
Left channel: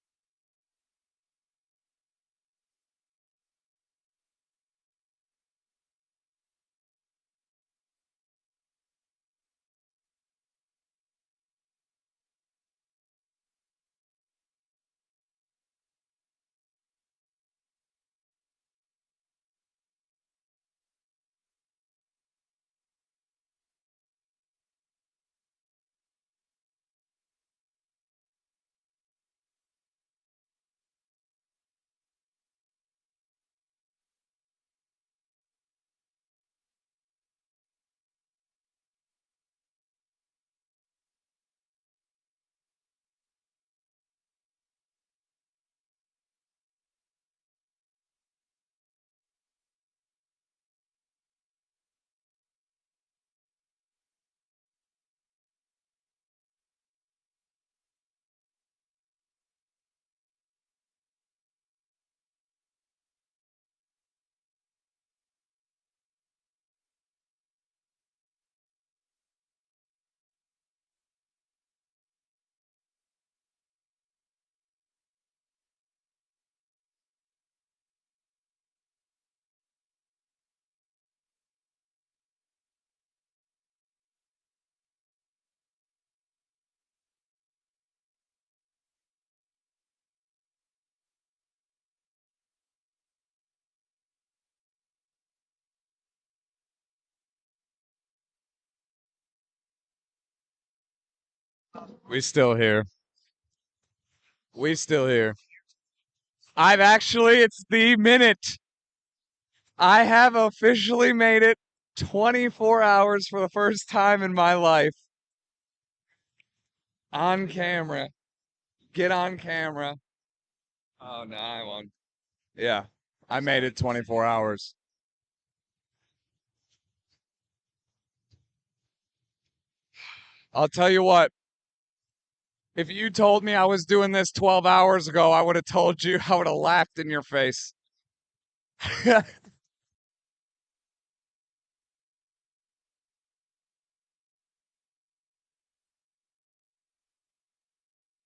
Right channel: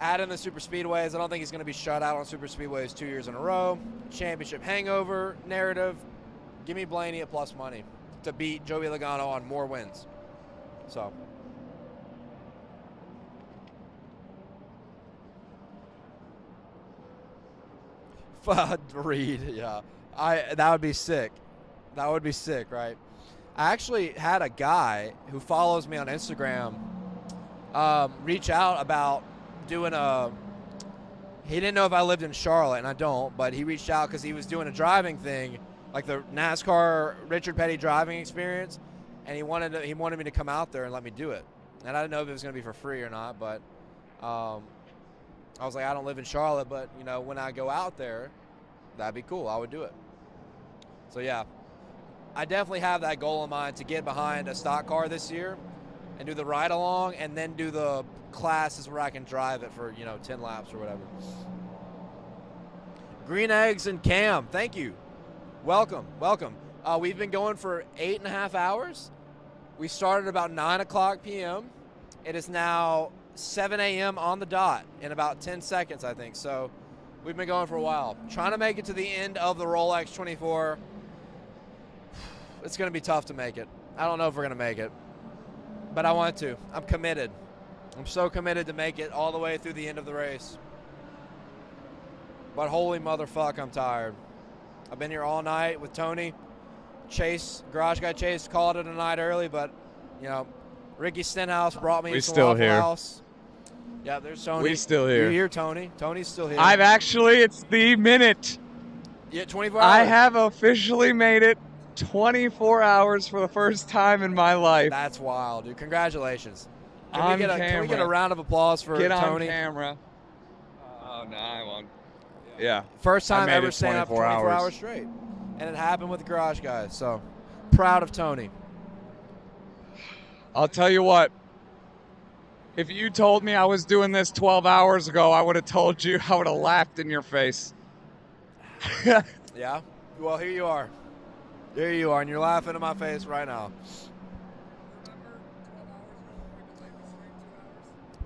Add in the super speedways. I don't think he's going to be shut out on super speedways 2 years in a row. Championship hangover narrative. Give me Blaney at plus money to beat Joey Logano on more wins. So. Reed, yeah. That would be sick. That would be sick, right? I actually had a guy who follows me on Instagram reach out about doing he didn't know if I lived in Charlotte, and I don't, but he reached out because he was doing a driving thing, like the NASCAR Richard Petty driving experience, and he wanted me to come out there and let me do it. And I didn't know if it was going to be for free or not, but I was like, I don't live in Charlotte, but, you know, when I go out there, that'd be cool. I would do it. So, yeah, I definitely have that goal in mind to get behind a stock car this year and do the ride-along and then do the classes where I can drive it for, you know, 10 laps or whatever. Green Eggs and Cam, thank you. Welcome, welcome. We've been going for 8.5 hours. We started about 9 o'clock p.m. It is now 7 a.m. on the dot in about 10 seconds, I think. So we've been going for a while. Trying to make it to the end of the Rolex 24. It's going to be tough to make it. I don't know if we're going to make it, but I want to. I'm committed. I'm so committed to make it all the way through the end of the race. But holy motherfuck, I'm tired. I've been here all night with Tony. Chase, garage guy Chase, called it a night early, but, you know, Ricky Stenhouse brought me. We still here. House. Yeah, there's Tony. We still here. You're here, Tony. Tony's still here. It's the minute. Yeah, 24 hours. I have officially made it 24 hours for the first time in my life. That's wild, dude. Congratulations. On camera. Can we get a round of applause for Get Tony? on camera. Oh, no, I won't. Yeah. First time I made ever it staying up 24 hours. hours straight. And it happened with the garage guys. So proud of Tony. I'll tell you what. If you told me I was doing this 12 hours ago, I would have told you. I would have laughed in your face. Yeah? Well, here you are. There you are, and you're laughing in my face right now.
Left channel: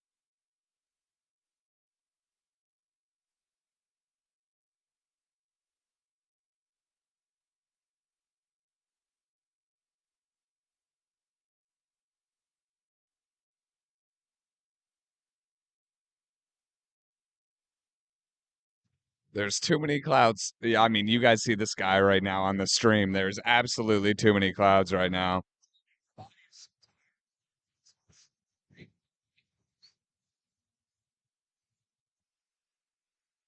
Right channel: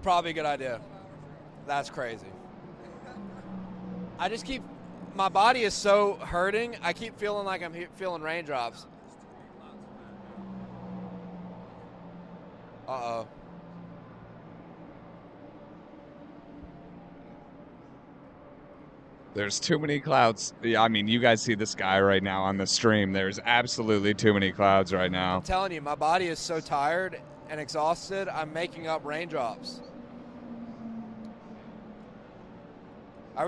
Probably a good idea. That's crazy. I just keep, my body is so hurting, I keep feeling like I'm feeling raindrops. Uh-oh. There's too many clouds. Yeah, I mean, you guys see the sky right now on the stream. There's absolutely too many clouds right now. I'm telling you, my body is so tired and exhausted, I'm making up raindrops. I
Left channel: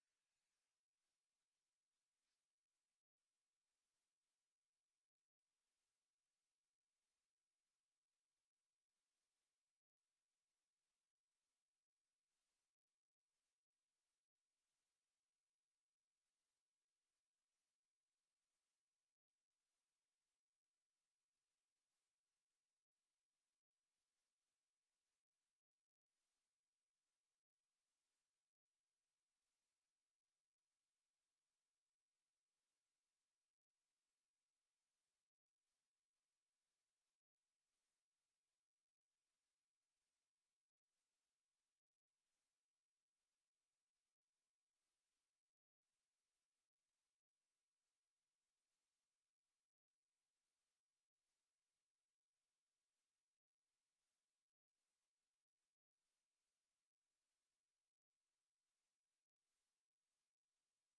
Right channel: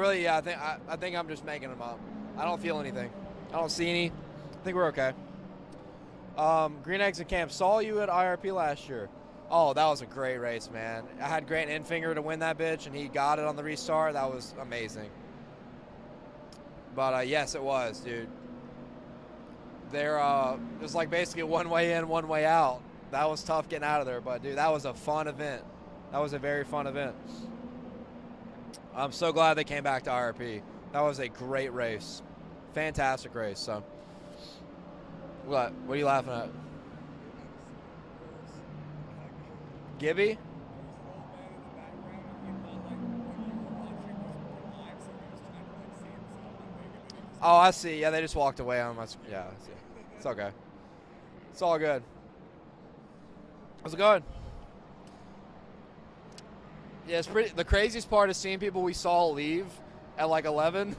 think I'm just making them up. I don't feel anything. I don't see any. I think we're okay. Green Eggs and Camp, saw you at IRP last year. Oh, that was a great race, man. I had Grant Enfinger to win that bitch, and he got it on the restart. That was amazing. But, yes, it was, dude. It was like basically one way in, one way out. That was tough getting out of there. But, dude, that was a fun event. That was a very fun event. I'm so glad they came back to IRP. That was a great race. Fantastic race. So, what are you laughing at? Gibby? Oh, I see. Yeah, they just walked away on my. Yeah, I see. It's okay. It's all good. How's it going? Yeah, it's pretty. The craziest part is seeing people we saw leave at like 11.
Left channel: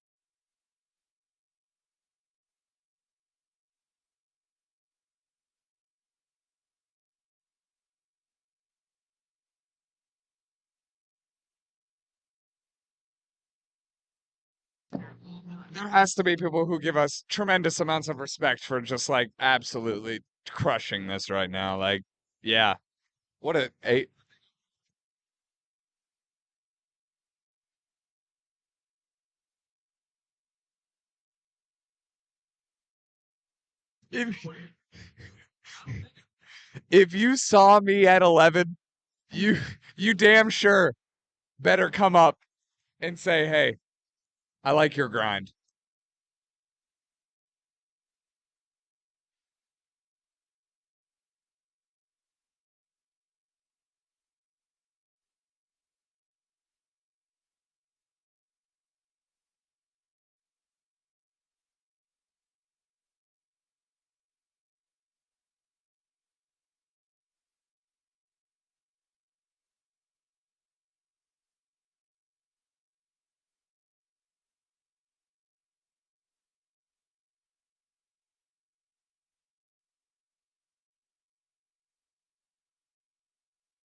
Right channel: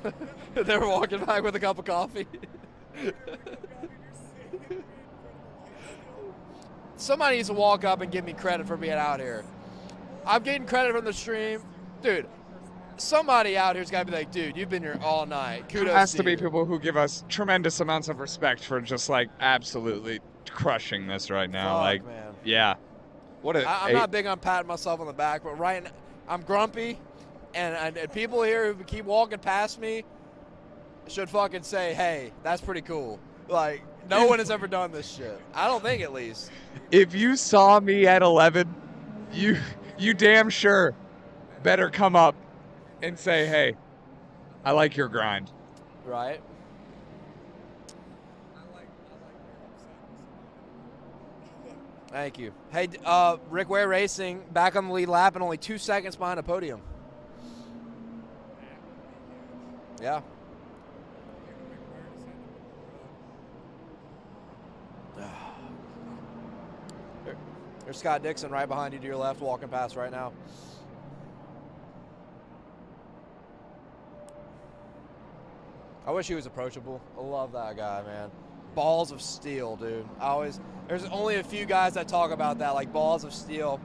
They were walking back with a cup of coffee. Somebody needs to walk up and give me credit for being out here. I'm getting credit from the stream. Dude, somebody out here's got to be like, dude, you've been here all night. There Kudos has to you. be people who give us tremendous amounts of respect for just, like, absolutely crushing this right now. Fuck, like, man. yeah. What a I'm not big on patting myself on the back, but right now, I'm grumpy, and people here who keep walking past me should fucking say, hey, that's pretty cool. Like, no one has ever done this shit. I don't think, at least. If you saw me at 11, you damn sure better come up and say, hey, I like your grind. Right. Thank you. Hey, Rick Ware Racing back on the lead lap and only 2 seconds behind the podium. Yeah. There's Scott Dixon right behind you to your left, walking past right now. I wish he was approachable. I love that guy, man. balls of steel, dude. There's only a few guys that talk about that, like balls of steel.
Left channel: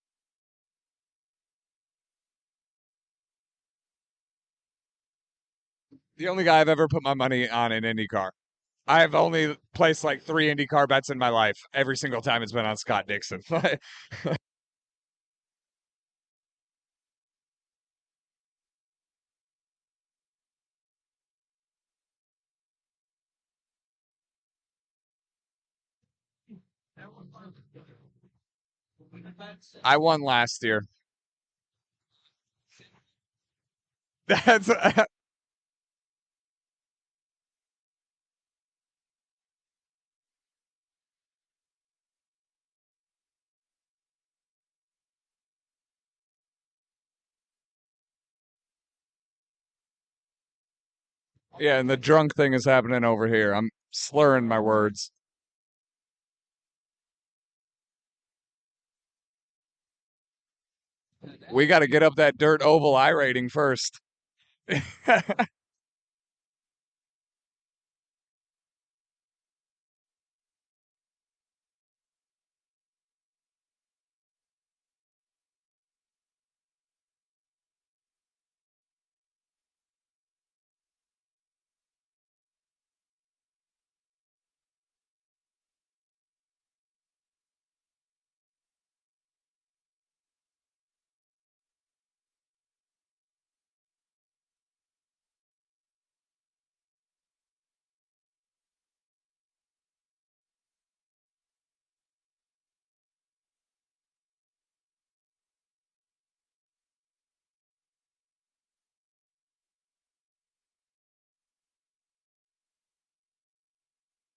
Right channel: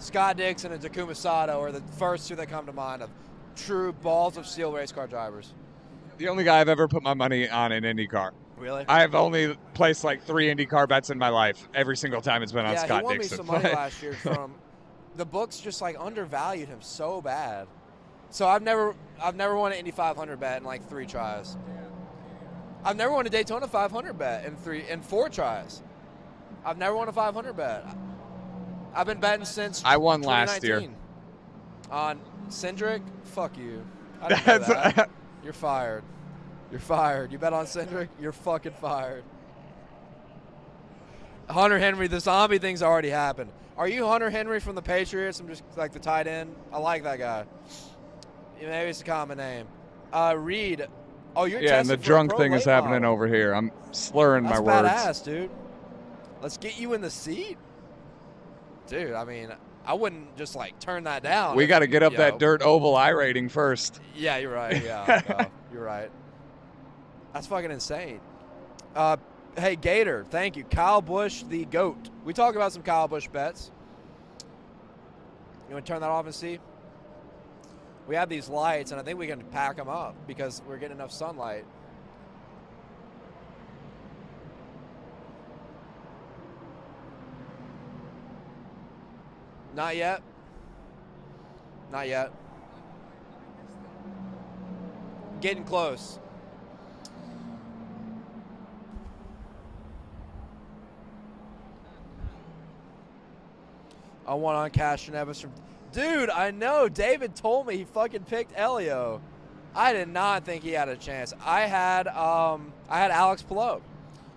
Scott Dixon and Takuma Sato are the first two that come to mind of true balls of steel race car drivers. The only guy I've ever put my money on in IndyCar. Really? I've only placed like 3 IndyCar bets in my life. Every single time it's been on Yeah, Scott he won Dixon. me some money last year from the books. Just like undervalued him so bad. So I've never won an Indy 500 bet in like 3 tries. I've never won a Daytona 500 bet in 4 tries. I've never won a 500 bet. I've been betting since I won last year. On Cindric? Fuck you. That's You're fired. You're fired. You bet on Cindric? You're fucking fired. Hunter Henry, the zombie thing's already happened. Are you Hunter Henry from the Patriots? I'm just like the tight end. I like that guy. Maybe it's a common name. Reed. Oh, you're yeah, and the drunk thing is happening over here. I'm slurring my words. Badass, dude. Let's get you in the seat. Dude, I mean, I wouldn't just like turn that down. We got to get up that dirt oval I rating first. Yeah, you're right. Yeah, you're right. That's fucking insane. Hey, Gator, thank you. Kyle Busch, the GOAT. We talk about some Kyle Busch bets. You want to turn that off and see? We have these lights, and I think we can pack them up because we're getting enough sunlight. Not yet. Not yet. Getting close. I want on Cash and Evans from... Dude, I know. David told me he fucking picked Elio. I did not think he had a chance. I had Alex Palou,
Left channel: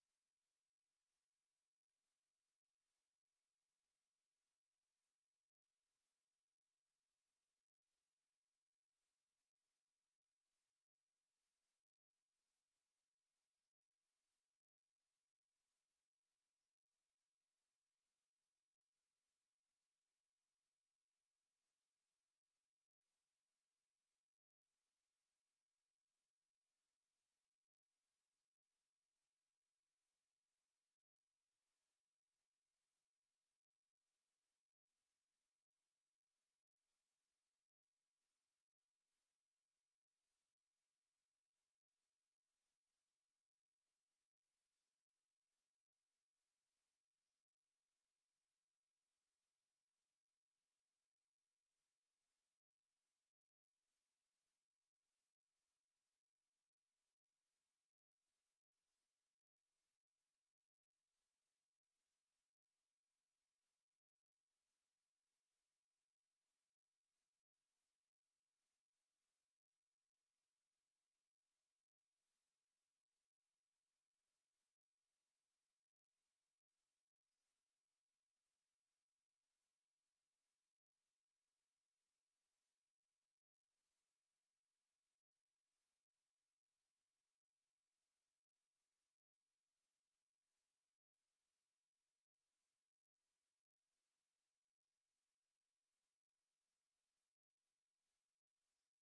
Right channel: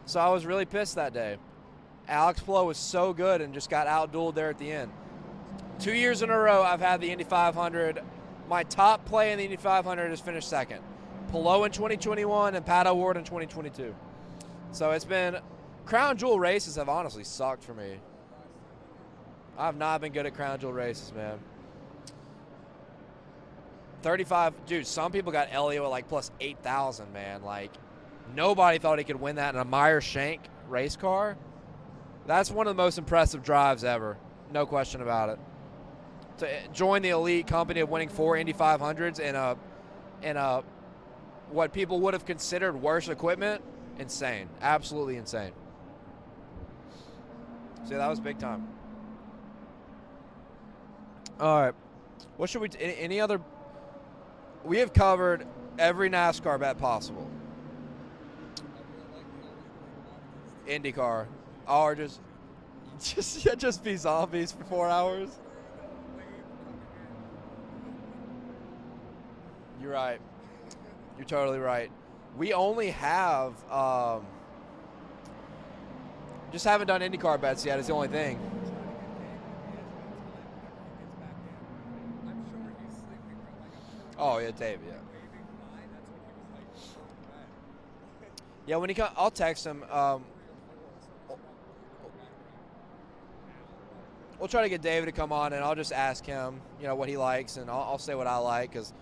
so I was really pissed that day. Alex Palou was so good and just got outdueled there at the end. 2 years in a row, I've had the Indy 500. My top play in the Indy 500 is finished second. Palou in 2021 and Pat O'Ward in 2022. So it's been... Crown Jewel races have honestly sucked for me. I've not been good at Crown Jewel races, man. 35, dude, some people got Elio at like plus 8,000, man. Like, nobody thought he could win that in a Meyer Shank race car. That's one of the most impressive drives ever. No question about it. To join the elite company of winning 4 Indy 500s in a what people would have considered worse equipment, insane. Absolutely insane. See, that was big time. All right. What should we any other? We have covered every NASCAR bet possible. IndyCar. Or just be zombies for 4 hours. You're right. You're totally right. We only have just haven't done IndyCar bets yet. Is the only thing. Oh yeah, Dave. Yeah. Yeah, when he comes, I'll text him. We'll try to get David to come on, and I'll just ask him, what he likes, and I'll say what I like, because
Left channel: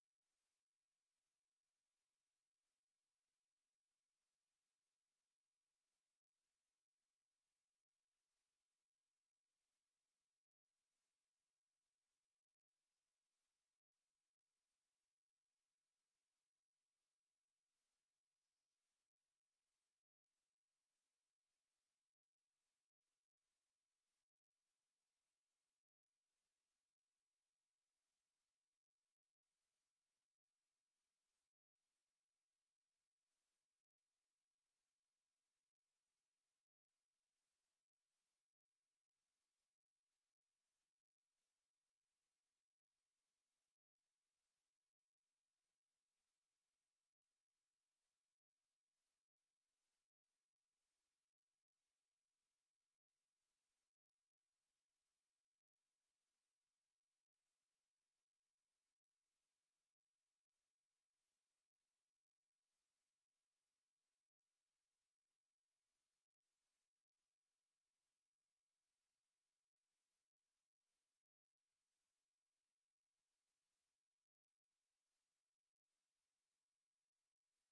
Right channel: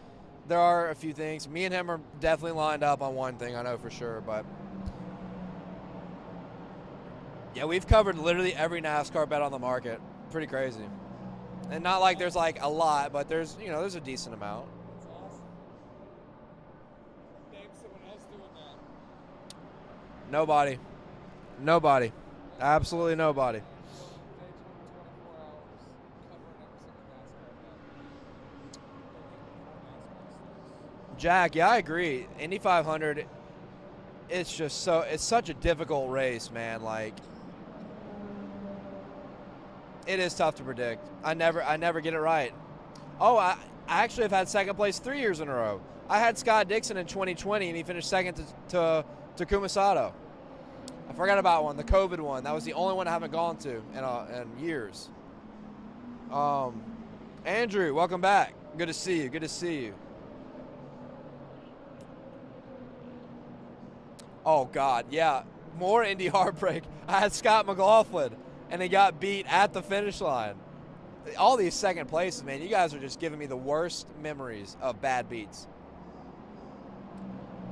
there are a few things. Me and him are definitely lined up on one thing, I know for sure, but yeah, we've covered literally every NASCAR bet on the market. Pretty crazy. And not like there's like a lot, but there's a decent amount. Nobody. Absolutely nobody. Jack, yeah, I agree. Indy 500, it's such a difficult race, man. Like, it is tough to predict. I never get it right. Oh, I actually have had second place 3 years in a row. I had Scott Dixon in 2020, and he finished second to Takuma Sato. I forgot about one, the COVID one. That was the only one I haven't gone to in years. Andrew, welcome back. Good to see you. Oh, God, yeah. More Indy heartbreak. I had Scott McLaughlin, and he got beat at the finish line. All these second places, man, you guys are just giving me the worst memories of bad beats.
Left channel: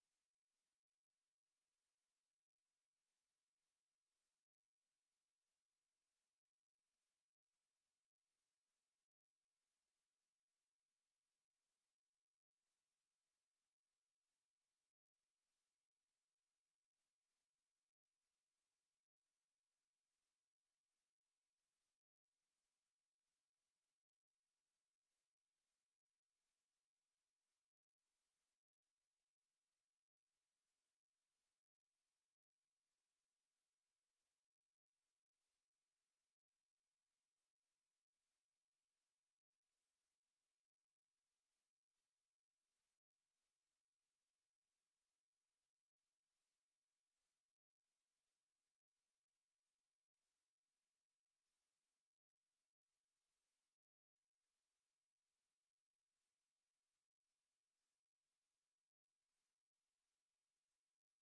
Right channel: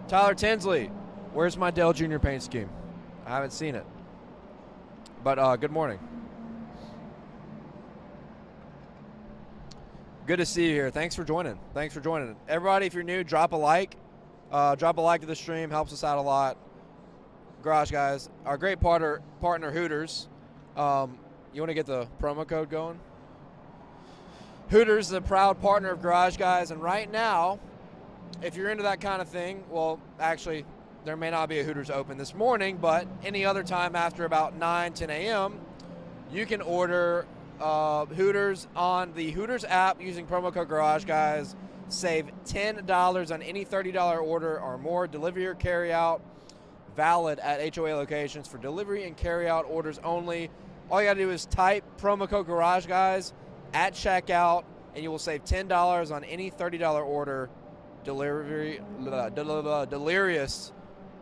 Tyler Tinsley, where's my Dale Jr. paint scheme? I haven't seen it. But good morning. Good to see you here. Thanks for joining. Thanks for joining. Everybody, if you're new, drop a like. Drop a like to the stream. Helps us out a lot. Garage Guys, our great partner Hooters. You want to get the promo code going? Hooters is a proud partner of Garage Guys, and right now, if you're into that kind of thing, well, actually, there may not be a Hooters open this morning, but any other time after about 9, 10 a.m., you can order Hooters on the Hooters app using promo code Garage Guys. Save $10 on any $30 order or more. Delivery or carry out. Valid at HOA locations for delivery and carry out orders only. All you got to do is type promo code Garage Guys at checkout, and you will save $10 on any $30 order. Delirious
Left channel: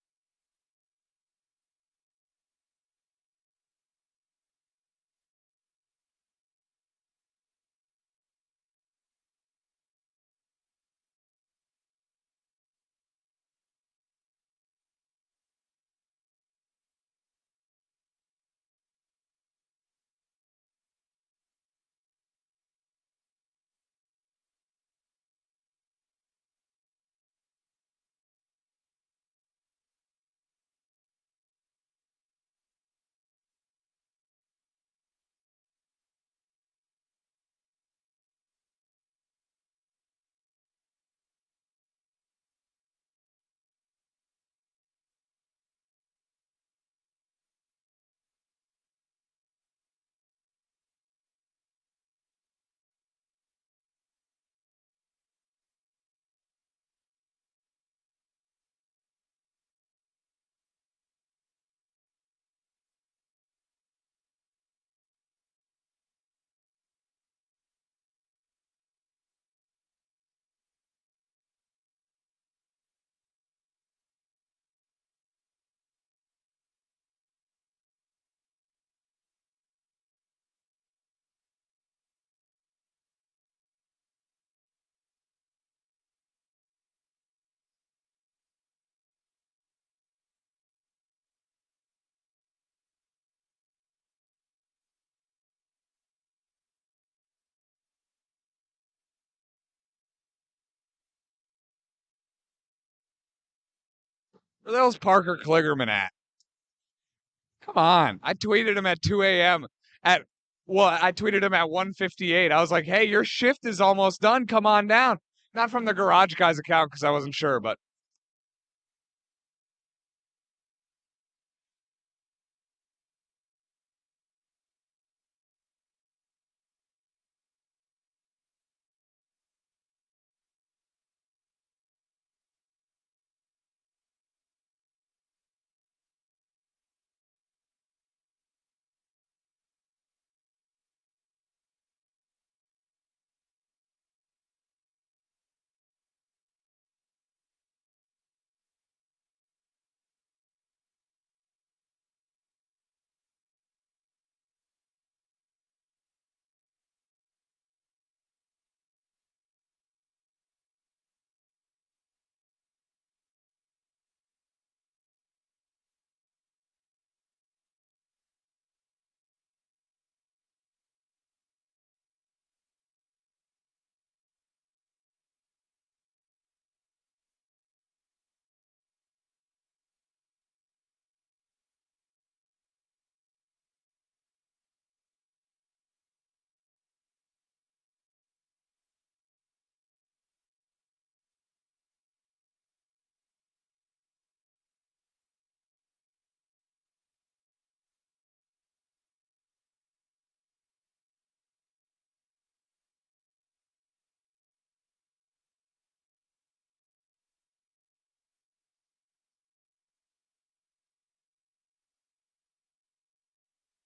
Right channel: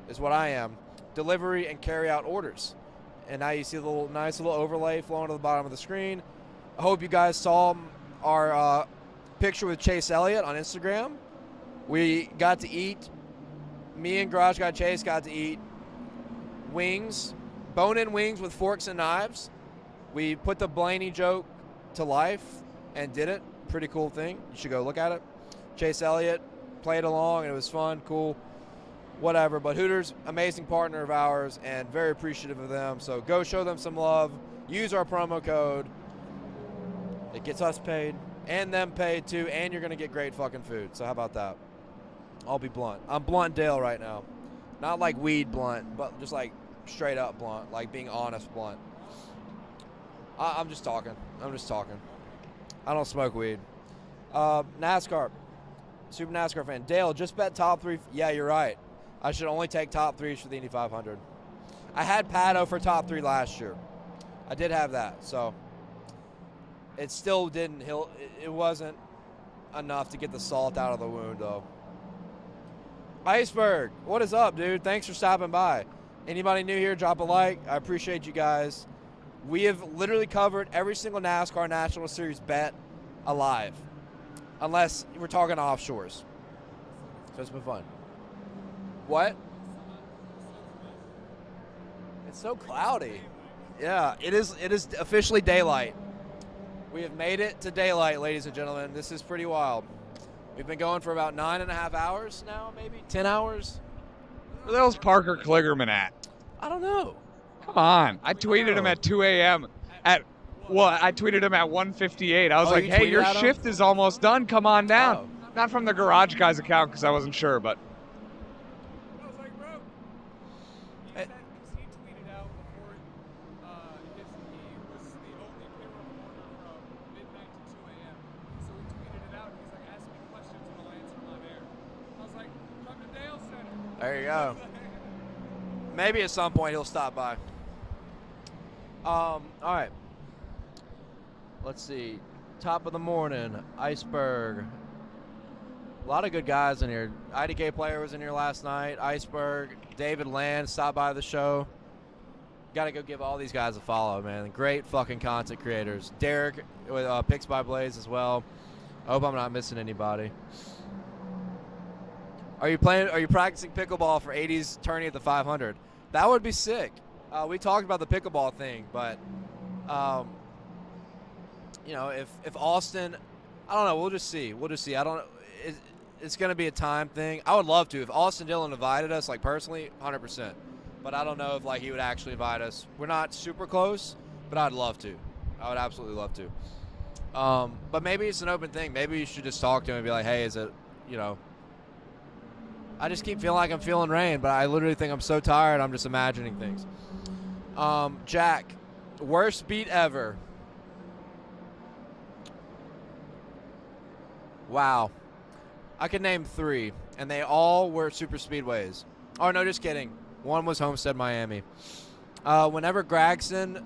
is what I am. Delivery and carry out orders. And now you see the nice little overlay flowing to the bottom of the screen. I hope you guys saw our picture with Chase Elliott on Instagram. We got to eat, me and Garage Guy Chase got to eat wings, bone-in wings with forks and knives. We put the Blaney joke to life and did it. Pretty cool thing. You should go look at it. Chase Elliott played along, and it was fun, cool, whatever. But Hooters, amazing partner of ours, and very appreciative of them. So go show them some love. Use our promo code. It gets us paid and them paid too, and you're going to get great fucking food. So how about that? I'll be blunt. I'm blunt Dale right now. Not like weed blunt, but just like straight up blunt, like being honest blunt. I'm just talking. I don't smoke weed. NASCAR. Super NASCAR fan. Dale, just bet top 3. Yeah, you're right. I should only take top 3s for the Indy 500. I had Pato for top 3 last year. I did have that, so it still didn't. It wasn't enough to get the salt out of the wound, though. Iceberg, what is up, dude? Thanks for stopping by. Anybody new here, drop a like. I appreciate you guys. We have literally covered every single NASCAR National Series bet alive, unless we're talking offshores. So it's been fun. What? It's so cloudy. Yeah, it is officially daylight. We have made it to daylight, ladies and gentlemen. This is pretty wild. We've been going for about 9.5 hours now, maybe 10 hours. Where the hell's Parker Kligerman at? I don't know. Come on. I tweeted him at 2 a.m. I tweeted him at 1:58. I was like, hey, your shift is almost done. Come on down. Not from the Garage Guys account because I wasn't sure, but. There you go. Maybe at some point he'll stop by. All right. Let's see. Top of the morning, Iceberg. A lot of good guys in here. IDK player was in here last night. Iceberg, David Land stopped by the show. Got to go give all these guys a follow, man. Great fucking content creators. Derek with Picks by Blaze as well. I hope I'm not missing anybody. Are you practicing pickleball for 80s tourney at the 500? That would be sick. We talked about the pickleball thing, but if Austin, I don't know. We'll just see. I don't. It's going to be a time thing. I would love to. If Austin Dillon invited us, like personally, 100%. But I don't know if he would actually invite us. We're not super close, but I'd love to. I would absolutely love to. But maybe it's an open thing. Maybe you should just talk to him and be like, hey, is it, I just keep feeling like I'm feeling rain, but I literally think I'm so tired, I'm just imagining things. Jack, worst beat ever. Wow. I could name 3, and they all were super speedways. Oh, no, just kidding. One was Homestead, Miami. Whenever Gragson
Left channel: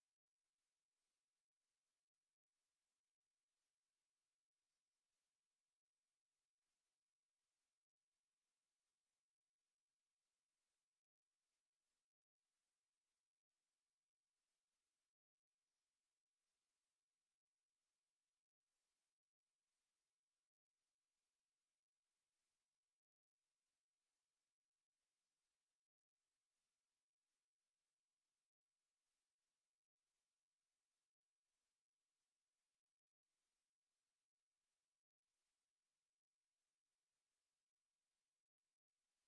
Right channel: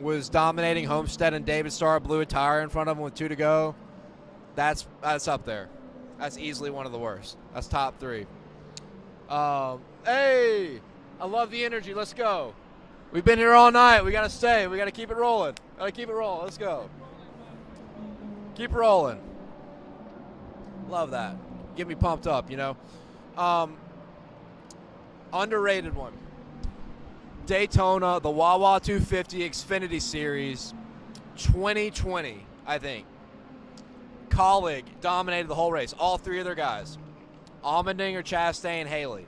was dominating Homestead and David Starr blew a tire in front of him with 2 to go, that's up there. That's easily one of the worst. That's top 3. Hey, I love the energy. Let's go. We've been here all night. We got to stay. We got to keep it rolling. Let's go. Keep rolling. Love that. Get me pumped up, Underrated one. Daytona, the Wawa 250 Xfinity Series, 2020, I think. Colleague dominated the whole race. All three of their guys. Allmendinger, Chastain, Haley.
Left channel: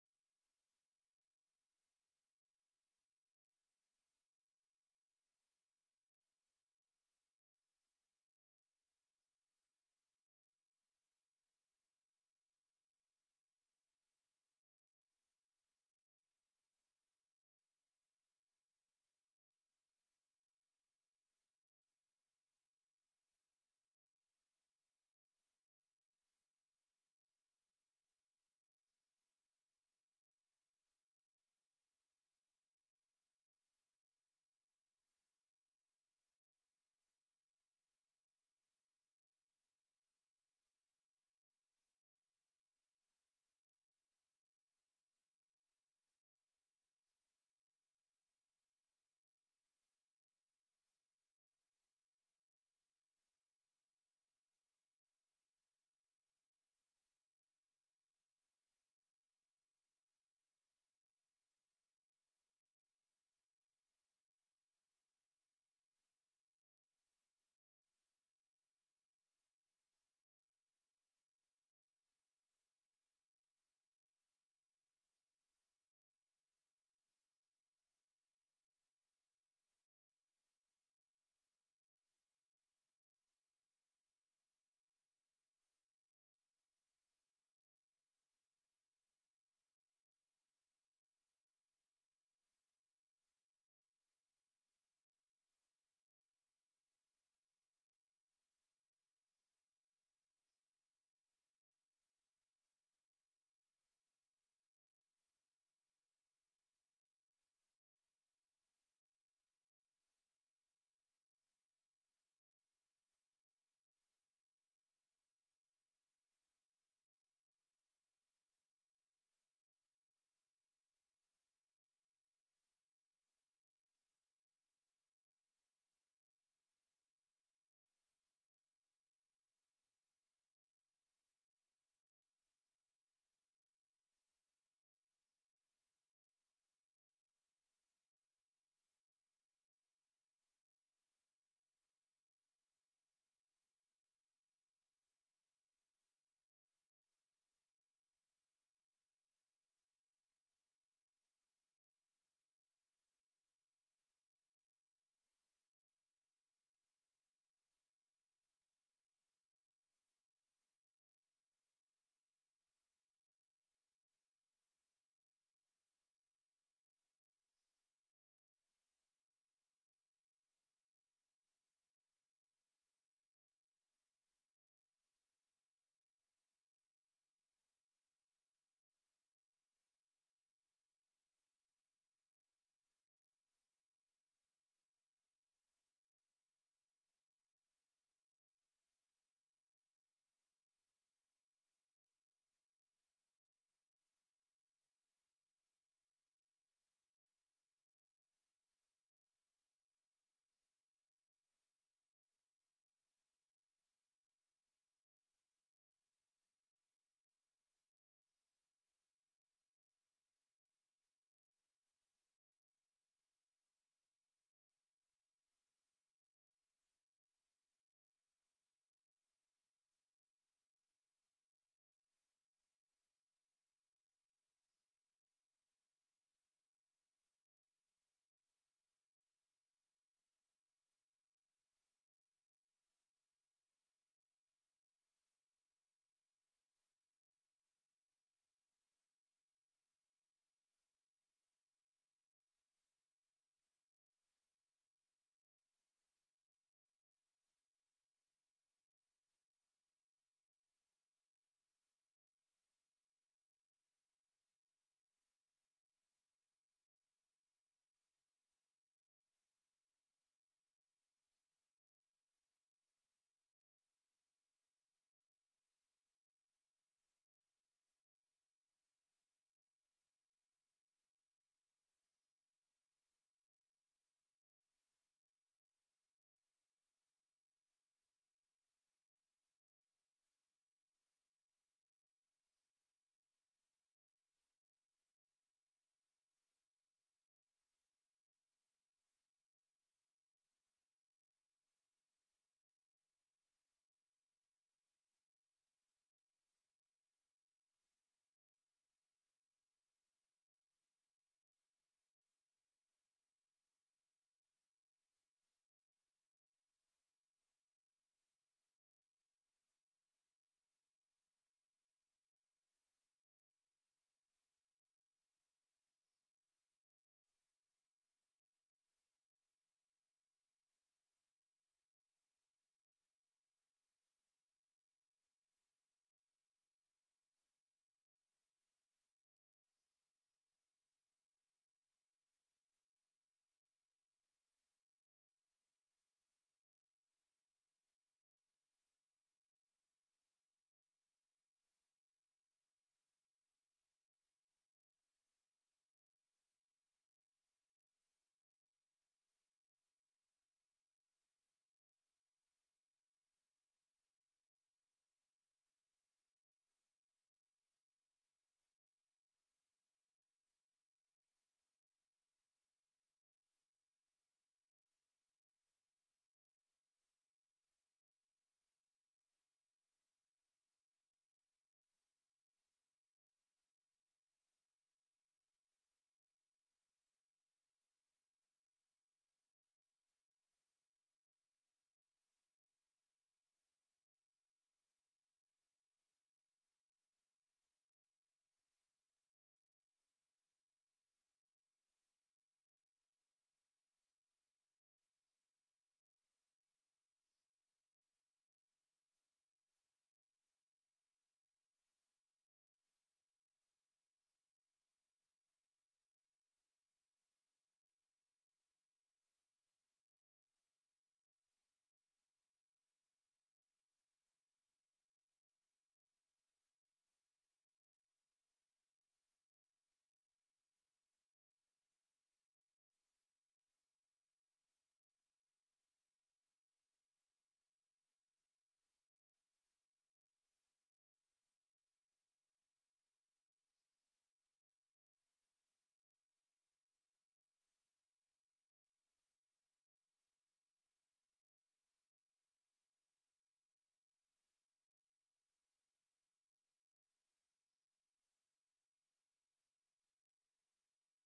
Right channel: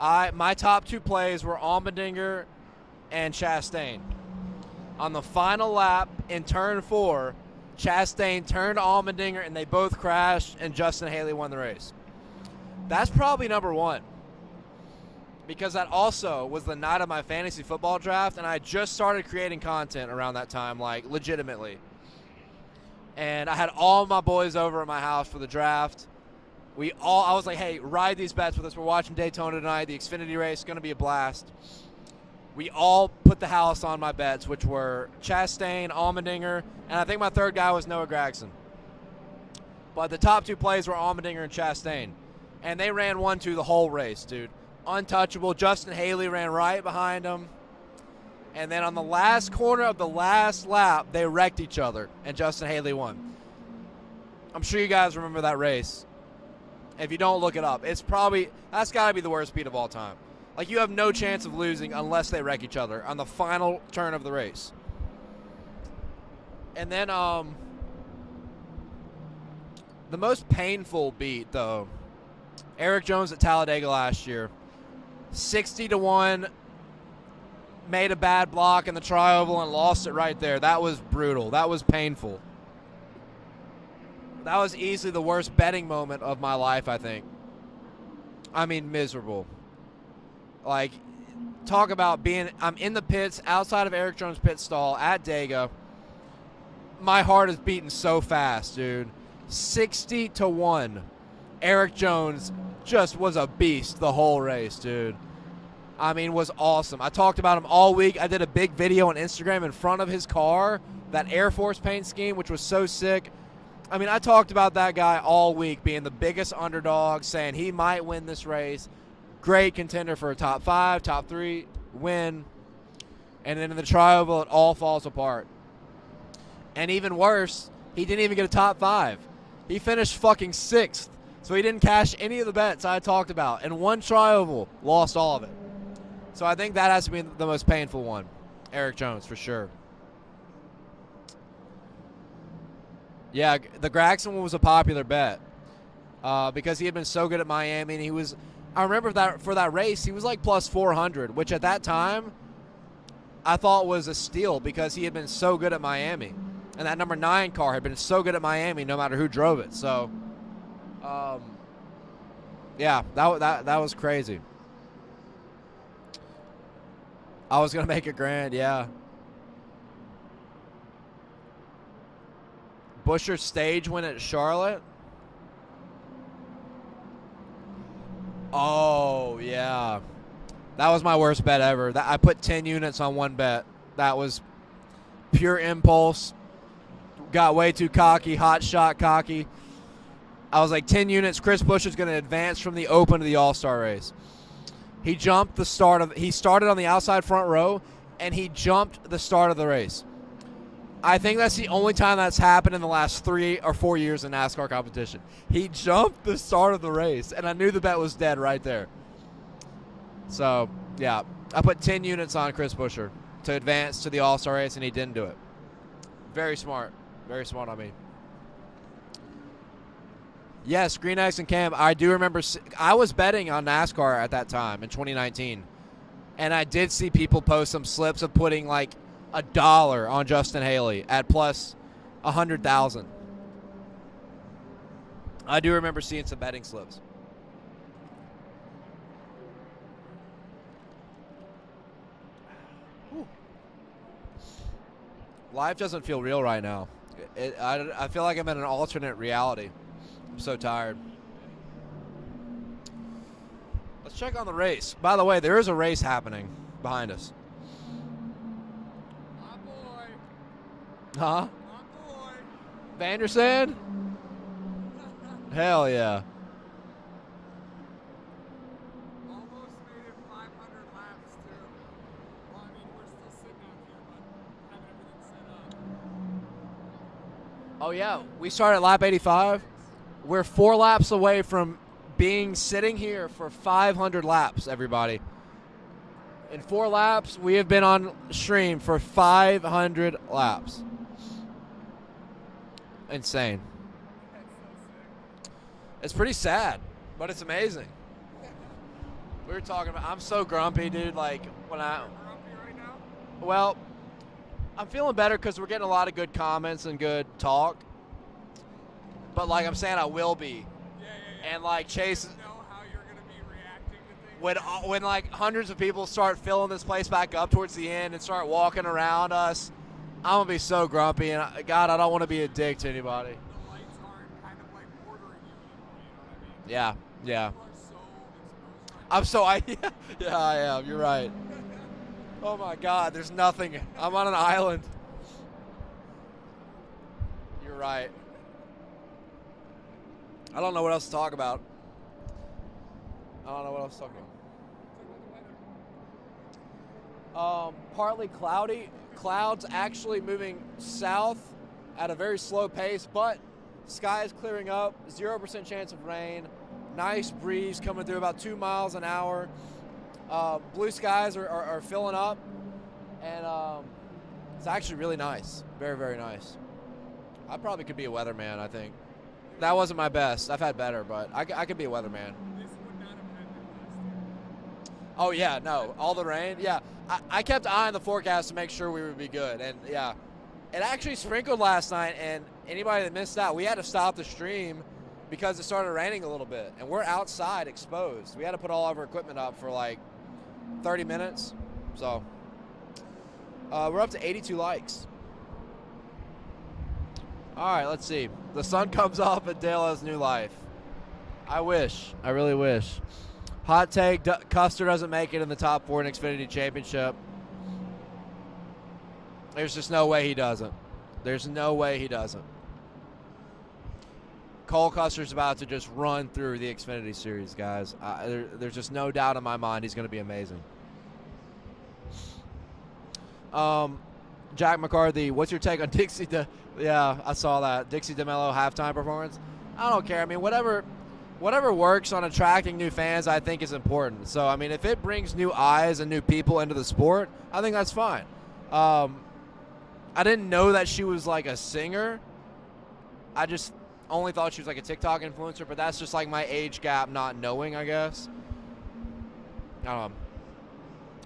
My top 2 plays were Allmendinger and Chastain. On the final lap in turn 4, Chastain turned Allmendinger and they both crashed, and Justin Haley won the race. That's probably number 1. Because that also was the night of my fantasy football draft, and I just started creating content around that time, like legitimately. And I had all my boys over at my house for the draft. I was like, hey, ride these bets with us. We're watching Daytona tonight. The Xfinity race is going to be a blast. We all put the house on my bets, which were Chastain, Allmendinger, and I think my third guy was Noah Gragson. But the top 2 plays were Allmendinger and Chastain. And they ran 1-2 the whole race, dude. Untouchable. Justin Haley ran right behind him. And then on the last corner of the last lap, they wrecked each other, and Justin Haley won. I'm sure you guys remember that race. If you don't, look it up. That's got to be the worst beat of all time. Like, you have no chance of losing unless they wreck each other on the final turn of the race. And then the most painful beat, though, Eric Jones at Talladega last year. 60-1, made a bad block in the tri-oval and lost it right there. That was brutal. That was painful. That was easily the worst betting moment of my life, I think. I mean, miserable. Like, talk about I'm in the pits outside of Eric Jones' pit stall at Dega. My heart is beating so fast, dude. 60-1. Eric Jones just was a beast the whole race, dude. I mean, was awesome. I talked about him all week. I did a big video on Instagram in front of his car, that Air Force paint scheme, which was so sick. I mean, I talked about that guy all week being the biggest underdog, saying he might win this race. Great contender for a top 5, top 3 win. And then in the tri-oval, it all falls apart. And even worse, he didn't even get a top 5. He finished fucking 6th. So he didn't cash any of the bets I talked about. And one tri-oval, lost all of it. So I think that has to be the most painful one. Eric Jones, for sure. Yeah, the Gragson one was a popular bet because he had been so good at Miami. And I remember that for that race, he was like plus 400, which at that time I thought was a steal because he had been so good at Miami. And that number 9 car had been so good at Miami no matter who drove it. So, yeah, that was crazy. I was going to make it grand, yeah. Buescher's stage win at Charlotte. Oh, yeah. That was my worst bet ever. I put 10 units on one bet. That was pure impulse. Got way too cocky, hot shot cocky. I was like 10 units. Chris Buescher's going to advance from the Open to the All-Star race. He jumped he started on the outside front row, and he jumped the start of the race. I think that's the only time that's happened in the last 3 or 4 years in NASCAR competition. He jumped the start of the race, and I knew the bet was dead right there. So, yeah, I put 10 units on Chris Buescher to advance to the All-Star race, and he didn't do it. Very smart. Very smart on me. Yes, Green Eggs and Cam. I do remember. I was betting on NASCAR at that time in 2019, and I did see people post some slips of putting like $1 on Justin Haley at plus 100,000. I do remember seeing some betting slips. Whew. Life doesn't feel real right now. I feel like I'm in an alternate reality. I'm so tired. Let's check on the race. By the way, there is a race happening behind us. My boy. Huh? My boy. Vandersand? Hell yeah. Almost made it 500 laps, too. Well, I mean, we're still sitting out here, but having everything set up. Oh, yeah. We started at lap 85. We're 4 laps away from sitting here for 500 laps, everybody. In 4 laps, we have been on stream for 500 laps. Insane. It's pretty sad, but it's amazing. We were talking about, I'm so grumpy, dude. Like, well, I'm feeling better because we're getting a lot of good comments and good talk. But, like I'm saying, I will be. And, like, Chase, when like hundreds of people start filling this place back up towards the end and start walking around us, I'm going to be so grumpy. And, God, I don't want to be a dick to anybody. Yeah, yeah. Yeah, I am. You're right. Oh my God, there's nothing. I'm on an island. You're right. I don't know what else to talk about. Partly cloudy. Clouds actually moving south at a very slow pace, but sky is clearing up. 0% chance of rain. Nice breeze coming through about 2 miles an hour. Blue skies are filling up, and it's actually really nice. Very, very nice. I probably could be a weatherman, I think. That wasn't my best. I've had better, but I could be a weatherman. Oh, yeah, no. All the rain? Yeah. I kept eyeing the forecast to make sure we would be good, and, yeah. It actually sprinkled last night, and anybody that missed out, we had to stop the stream because it started raining a little bit, and we're outside exposed. We had to put all of our equipment up for like 30 minutes. So we're up to 82 likes. All right, let's see. The sun comes up and Dale has new life. I wish. I really wish. Hot take, Custer doesn't make it in the top 4 in Xfinity Championship. There's just no way he doesn't. There's no way he doesn't. Cole Custer's about to just run through the Xfinity Series, guys. There's just no doubt in my mind he's going to be amazing. Jack McCarthy, what's your take on Dixie? Yeah, I saw that. Dixie DeMello halftime performance. I don't care. I mean, whatever works on attracting new fans, I think is important. So, I mean, if it brings new eyes and new people into the sport, I think that's fine. I didn't know that she was like a singer. I just only thought she was like a TikTok influencer, but that's just like my age gap not knowing, I guess.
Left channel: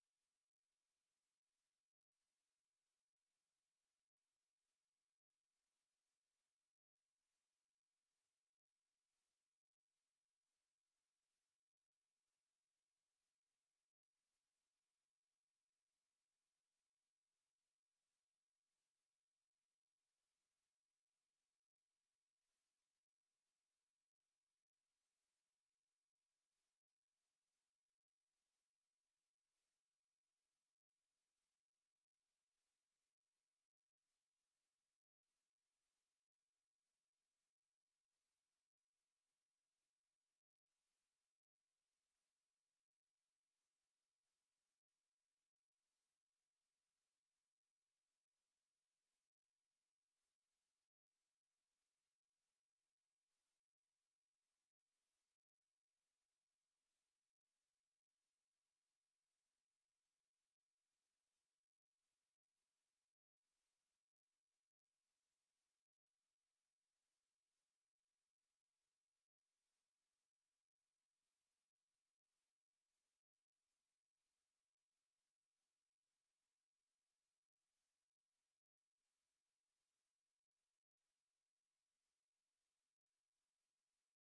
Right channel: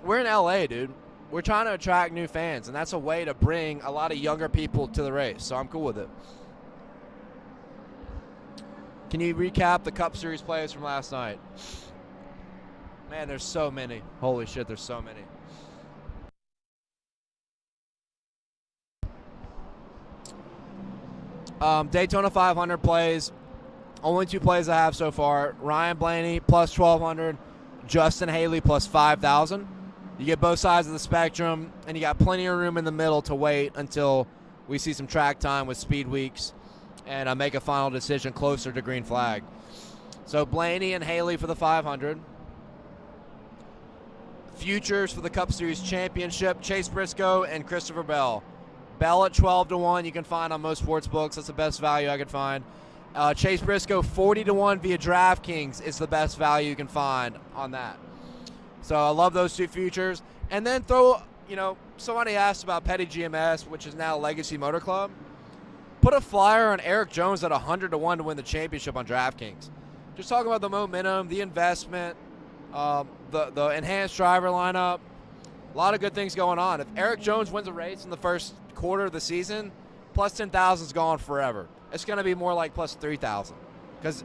We're in LA, dude. We're trying to attract new fans, and that's a way to bring a lot of younger people to the race, so I'm cool with it. Can you recap the Cup Series plays from last night? Man, there's so many. Holy shit, there's so many. Daytona 500 plays. Only 2 plays I have so far. Ryan Blaney plus 1,200. Justin Haley plus 5,000. You get both sides of the spectrum, and you got plenty of room in the middle to wait until we see some track time with speed weeks and make a final decision closer to green flag. So Blaney and Haley for the 500. Futures for the Cup Series Championship, Chase Briscoe and Christopher Bell. Bell at 12-1, you can find on most sports books. That's the best value I could find. Chase Briscoe 40-1 via DraftKings is the best value you can find on that. So I love those 2 futures. And then somebody asked about Petty GMS, which is now Legacy Motor Club. Put a flyer on Eric Jones at 100-1 to win the championship on DraftKings. Just talking about the momentum, the investment, the enhanced driver lineup. A lot of good things going on. If Eric Jones wins a race in the first quarter of the season, plus 10,000 is gone forever. It's going to be more like plus 3,000 because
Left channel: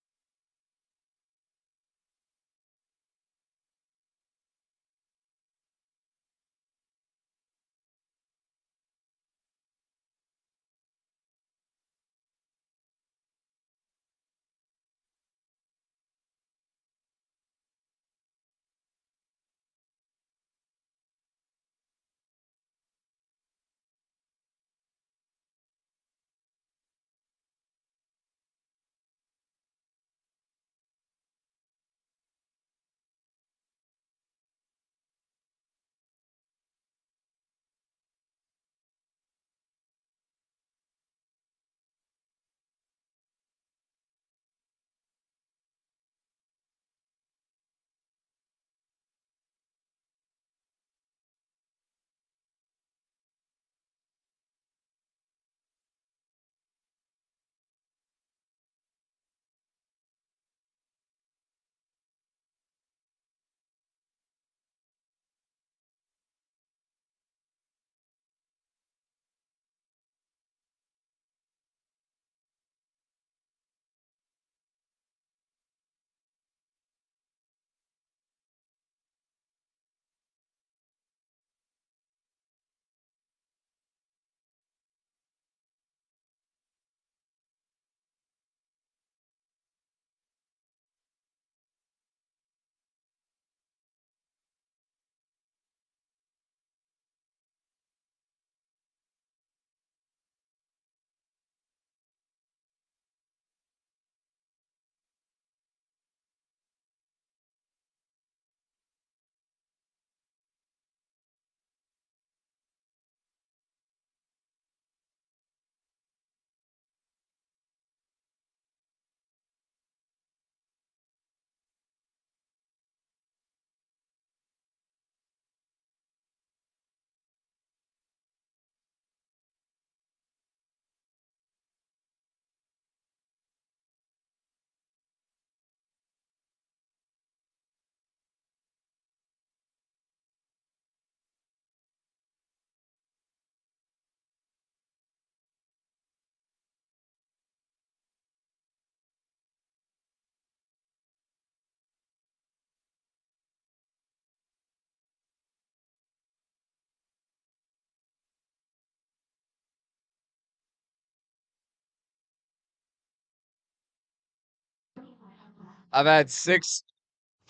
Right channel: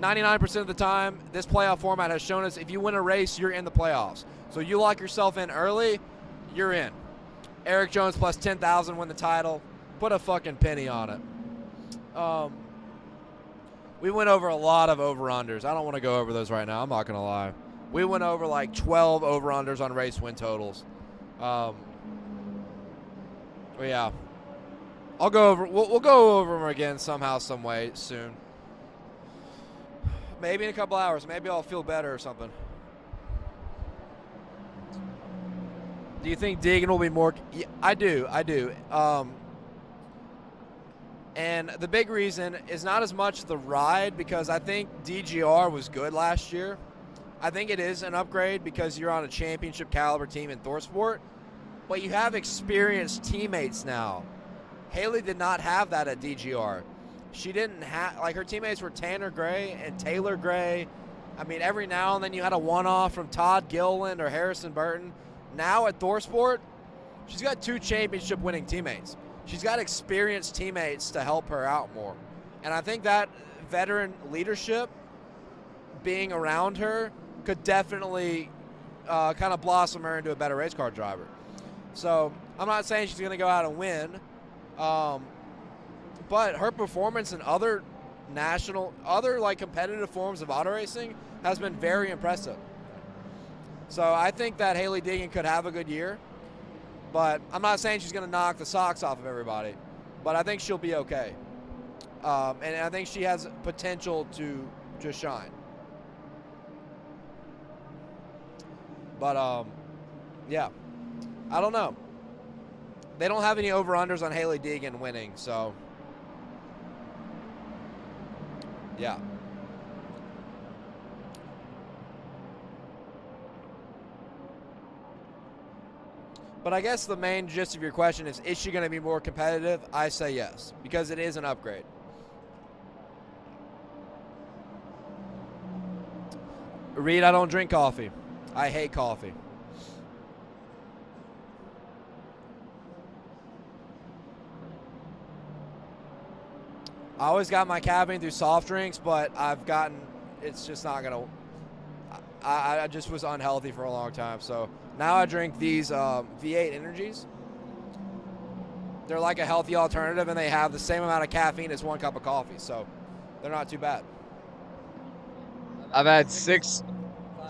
99% of the time, this playoff format has shown us if you win a race, you're in the playoffs. So you lock yourself in early, you're in. Eric Jones plus 10,000 win the title. Put a fucking penny on it. We went over a lot of over-unders. I don't want to go over those right now. I'm not going to lie. We went over like 12 over-unders on race win totals. Yeah. I'll go over. We'll go over them again somehow, some way soon. Maybe in a couple hours. Maybe I'll feel better or something. Do you think Deegan will be more? Yeah, I do. And the big reason is not as much the ride because I think DGR was good last year. I think it is an upgrade because you're on a championship caliber team in ThorSport, but you have experienced teammates now. Haley did not have that at DGR. She didn't have, like, her teammates were Tanner Gray and Taylor Gray. I mean, every now and then you had a one-off from Todd Gilliland or Harrison Burton. Now at ThorSport, she's got 2 championship-winning teammates. She's got experienced teammates to help her out more. And I think that veteran leadership being around her could definitely kind of blossom her into a better race car driver. So I'm not saying she's going to go out and win, but her performance in other like competitive forms of auto racing has been very impressive. So I think that Haley Deegan could have a good year, but I'm not saying she's going to knock the socks off of everybody, but I think she'll be okay. And I think she has potential to shine. But, yeah, I don't know. They don't have any over-unders on Haley Deegan winning, so, yeah. But I guess the main gist of your question is she going to be more competitive? I say yes, because it is an upgrade. Reed, I don't drink coffee. I hate coffee. I always got my caffeine through soft drinks, but it's just not going to, I just was unhealthy for a long time. So now I drink these V8 Energies. They're like a healthy alternative, and they have the same amount of caffeine as 1 cup of coffee. So they're not too bad. I've had 6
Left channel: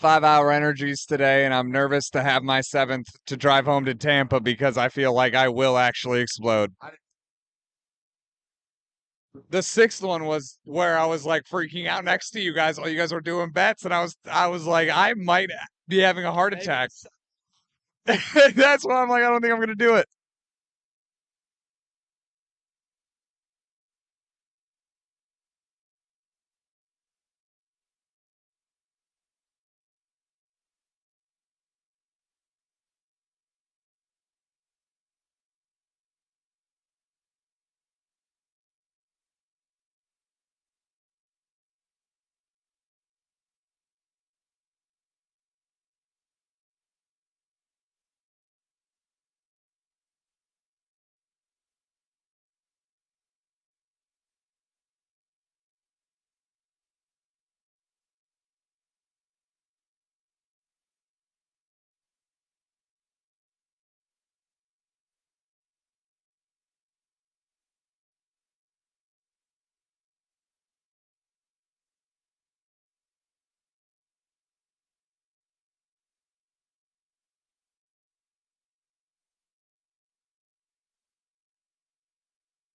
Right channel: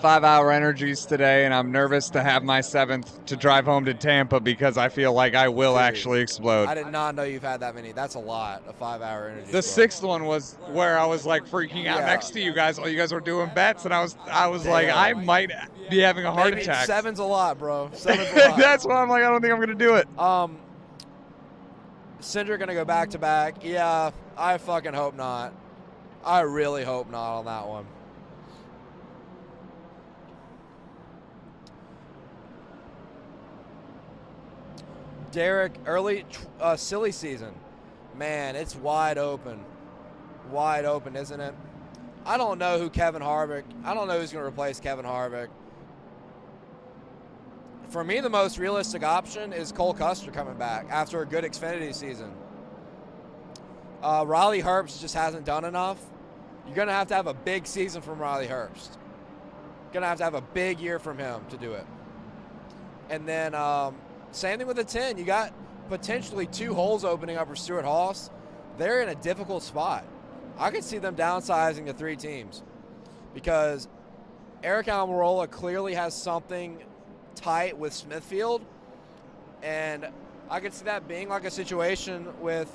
5-hour energies today, and I'm nervous to have my 7th to drive home to Tampa because I feel like I will actually explode. I did not know you've had that many. That's a lot, a 5-hour energy. The 6th one was where I was like freaking out next to you guys while you guys were doing bets, and I was like, I might be having a heart attack. 7's a lot, bro. 7's a lot. That's why I'm like, I don't think I'm gonna do it. Cinder gonna go back to back. Yeah, I fucking hope not. I really hope not on that one. Derek, early silly season. Man, it's wide open. Wide open, isn't it? I don't know who's going to replace Kevin Harvick. For me, the most realistic option is Cole Custer coming back after a good Xfinity season. Riley Herbst just hasn't done enough. You're going to have a big season from Riley Herbst. Going to have a big year from him to do it. And then same thing with the 10. You got potentially 2 holes opening up for Stuart Haas. They're in a difficult spot. I could see them downsizing to 3 teams because Eric Almirola clearly has something tight with Smithfield, and I could see that being like a situation with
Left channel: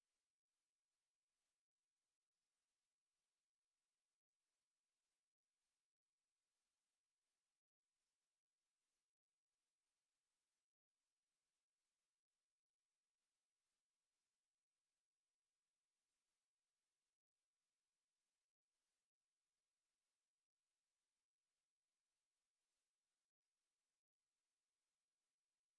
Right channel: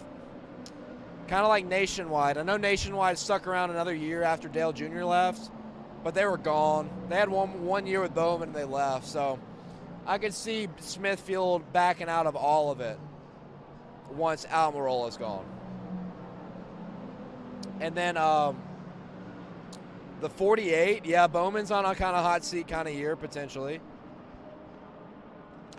kind of like Nationwide. I know Nationwide stuck around another year after Dale Jr. left, but they were gone. They had one year with Bowman and they left, so I could see Smithfield backing out of all of it once Almirola's gone. And then the 48, yeah, Bowman's on a kind of hot seat kind of year, potentially.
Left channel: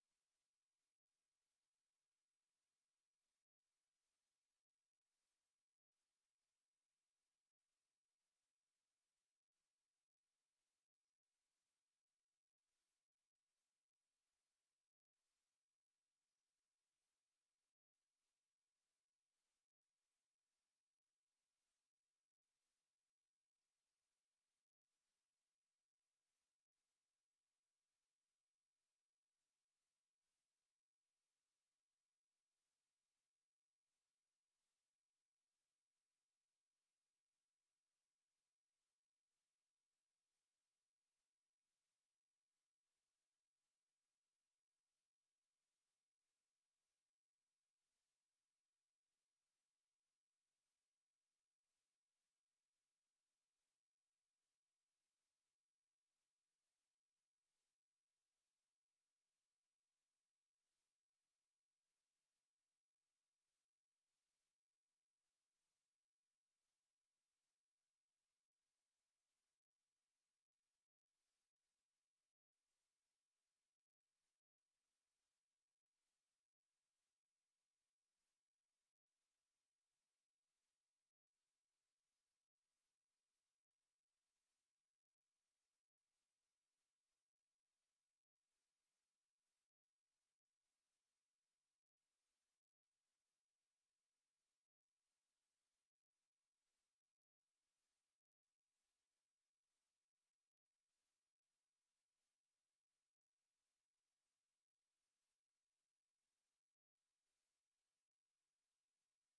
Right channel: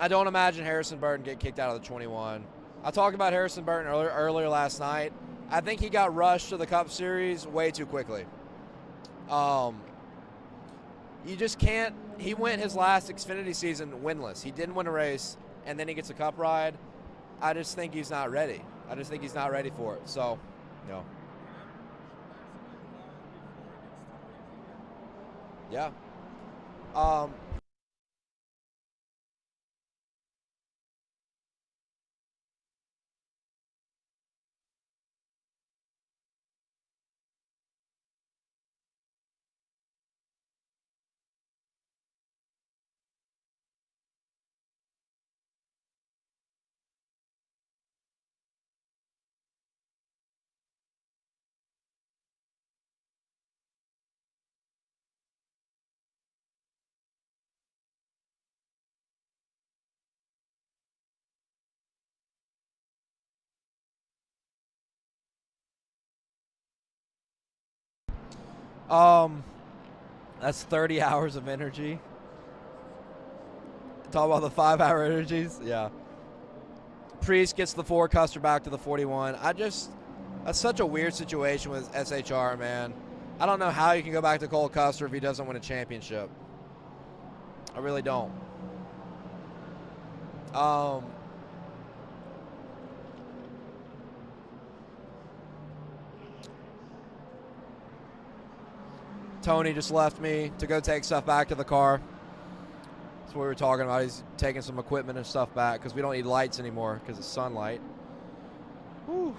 I don't imagine Harrison Burton get kicked out of the 21. I talked about Harrison Burton earlier last night. I think he got rushed to the Cup Series way too quickly. You just can't. He went his last Xfinity season winless. He didn't win a race, and then he gets a Cup ride. I just think he's not ready. I just think he's not ready for it. So, no. Yeah. That's 30 hours of energy. Talk about the 5-hour energies. Yeah. Priest gets the 4, Custer back to the 41. That's such a weird situation with SHR, man. I don't know how you can go back to Cole Custer if he doesn't win a championship. I really don't. Tony just left me to go take stuff back to the car. That's what we were talking about. He's taking some equipment and stuff back because we don't need lights anymore because it's sunlight. Whew.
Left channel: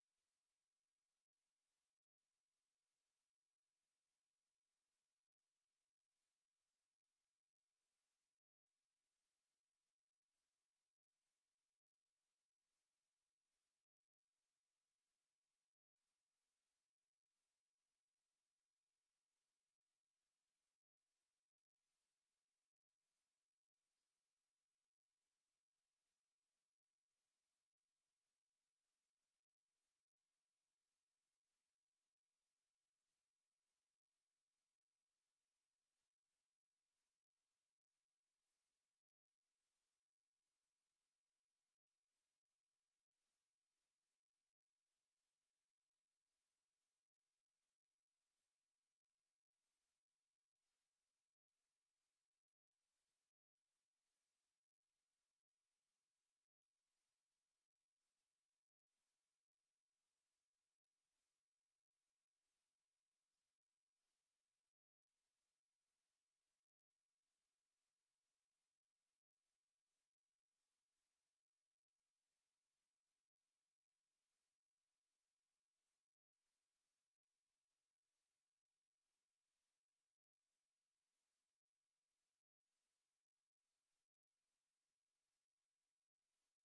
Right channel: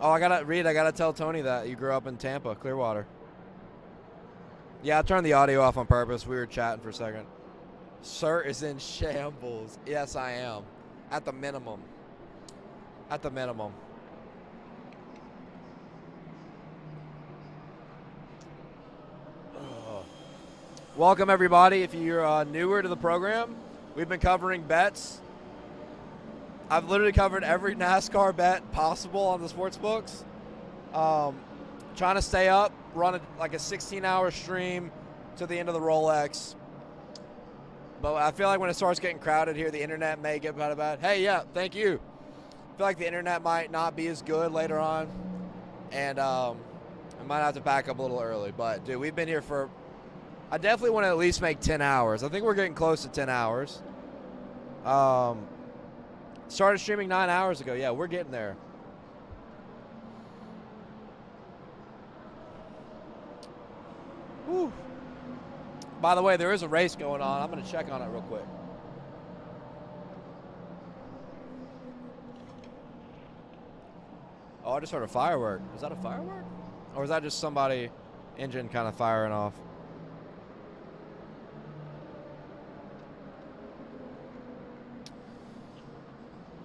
Oh, I gotta tell Tony that you grew up in Tampa, Clearwater. Yeah, I turned the audio off on purpose. We were chatting for a second. Sir is in shambles. Yes, I am. At the minimum. At the minimum. Welcome, everybody. If you're newer to the program, we've been covering bets. I've literally covered every NASCAR bet possible on the sports books. Trying to stay up, run like a 16-hour stream to the end of the Rolex. But I feel like when it starts getting crowded here, the internet may get bad. Hey, yeah, thank you. I feel like the internet might not be as good later on. And I might have to back up a little early. But, dude, we've been here for... I definitely want to at least make 10 hours. I think we're getting close to 10 hours. Started streaming 9 hours ago. Yeah, we're getting there. Whew. By the way, there is a race going on. I'm going to check on it real quick. Oh, I just heard a firework. Is that a firework? Or is that just somebody engine kind of firing off?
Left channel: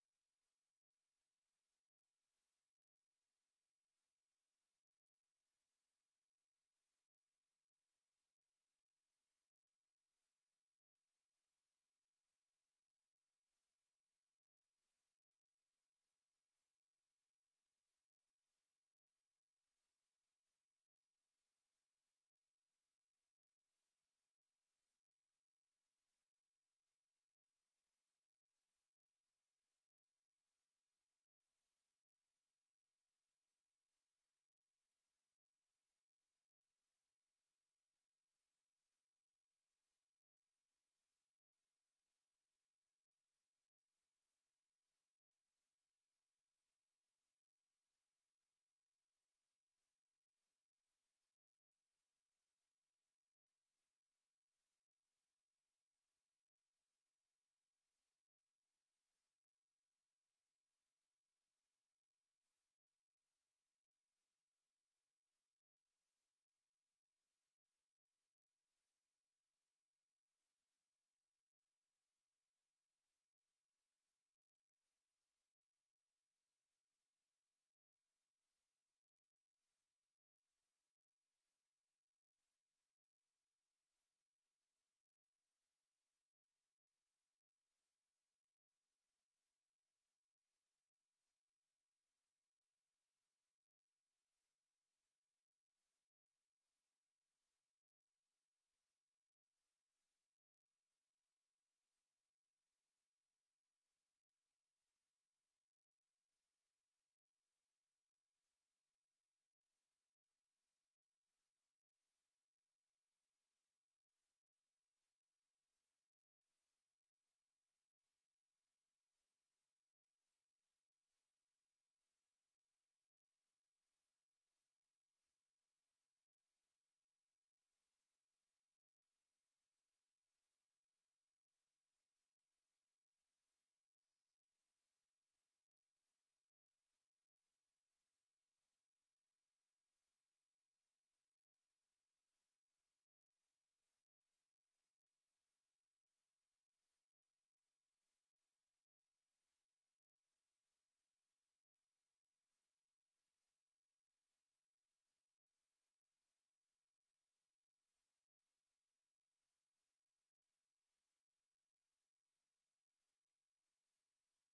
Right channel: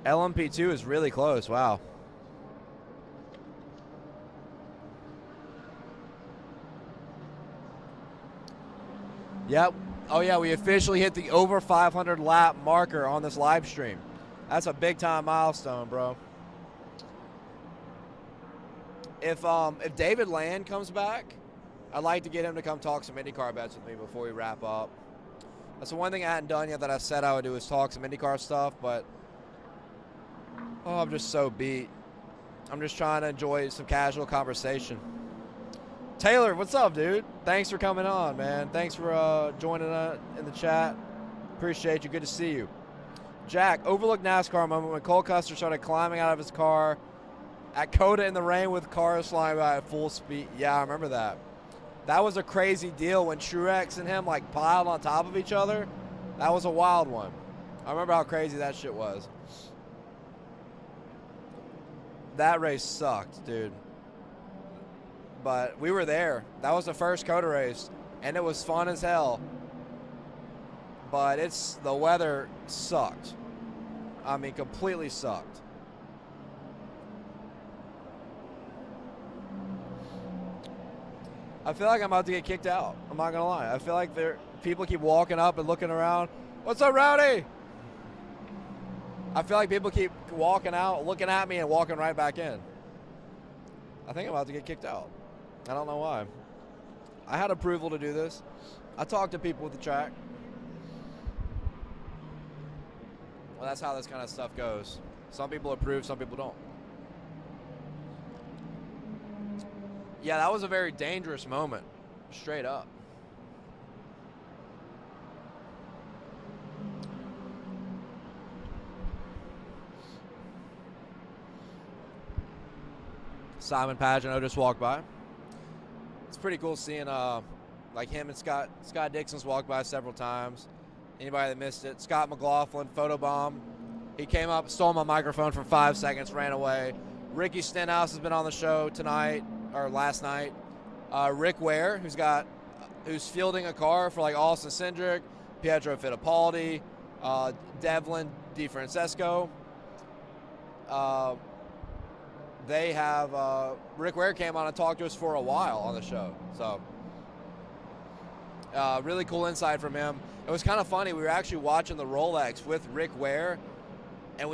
LMP2 is really close. Wow. Yep. Oh, yeah, we officially hit the over 500 lap marker on this live stream. That's a big time milestone, bro. If David Land comes back, I'd like to get him to come talk some IndyCar bets with me before we wrap up. That's the one thing I hadn't done yet that I said I would do is talk some IndyCar stuff, but I'm just so beat. I'm just trying to enjoy some casual conversation. Taylor, what's up, dude? Thanks for coming on, man. Thanks for joining in the chat. Appreciate you. Good to see you. Jack, overlooked NASCAR moment when Cole Custer started climbing out of his car at Coda in the rain with cars flying by at full speed. Yeah, I remember that. That was a crazy deal when Truex and him like piled on top of each other. That was a wild one. I remember how crazy that shit was. That race sucked, dude. But we were there. That was the first Coda race, and it was fun as hell. But the weather sucked. I mean, completely sucked. I feel like I'm about to get kicked out. I'm not gonna lie. I feel like people keep walking up and looking around. What's up, Rowdy? I feel like people keep walking out, looking at me, and walking right back in. I think I'm about to get kicked out. I don't know why. I had approval to do this. I talked to people with the track. Well, that's how this kind of stuff goes. Some people approve, some people don't. Yeah, that was a very dangerous moment, straight up. Simon Pagano just walked by. It's pretty cool seeing like him and Scott Dixon's walked by several times. Anybody that missed it, Scott McLaughlin, photobomb. He came up, stole my microphone for 5 seconds, ran away. Ricky Stenhouse has been on the show tonight or last night. Rick Ware, who's fielding a car for like Austin Cindric, Pietro Fittipaldi, Devlin DeFrancesco. They have Rick Ware came on and talked to us for a while on the show. So really cool insight from him. It was kind of funny. We were actually watching the Rolex with Rick Ware, and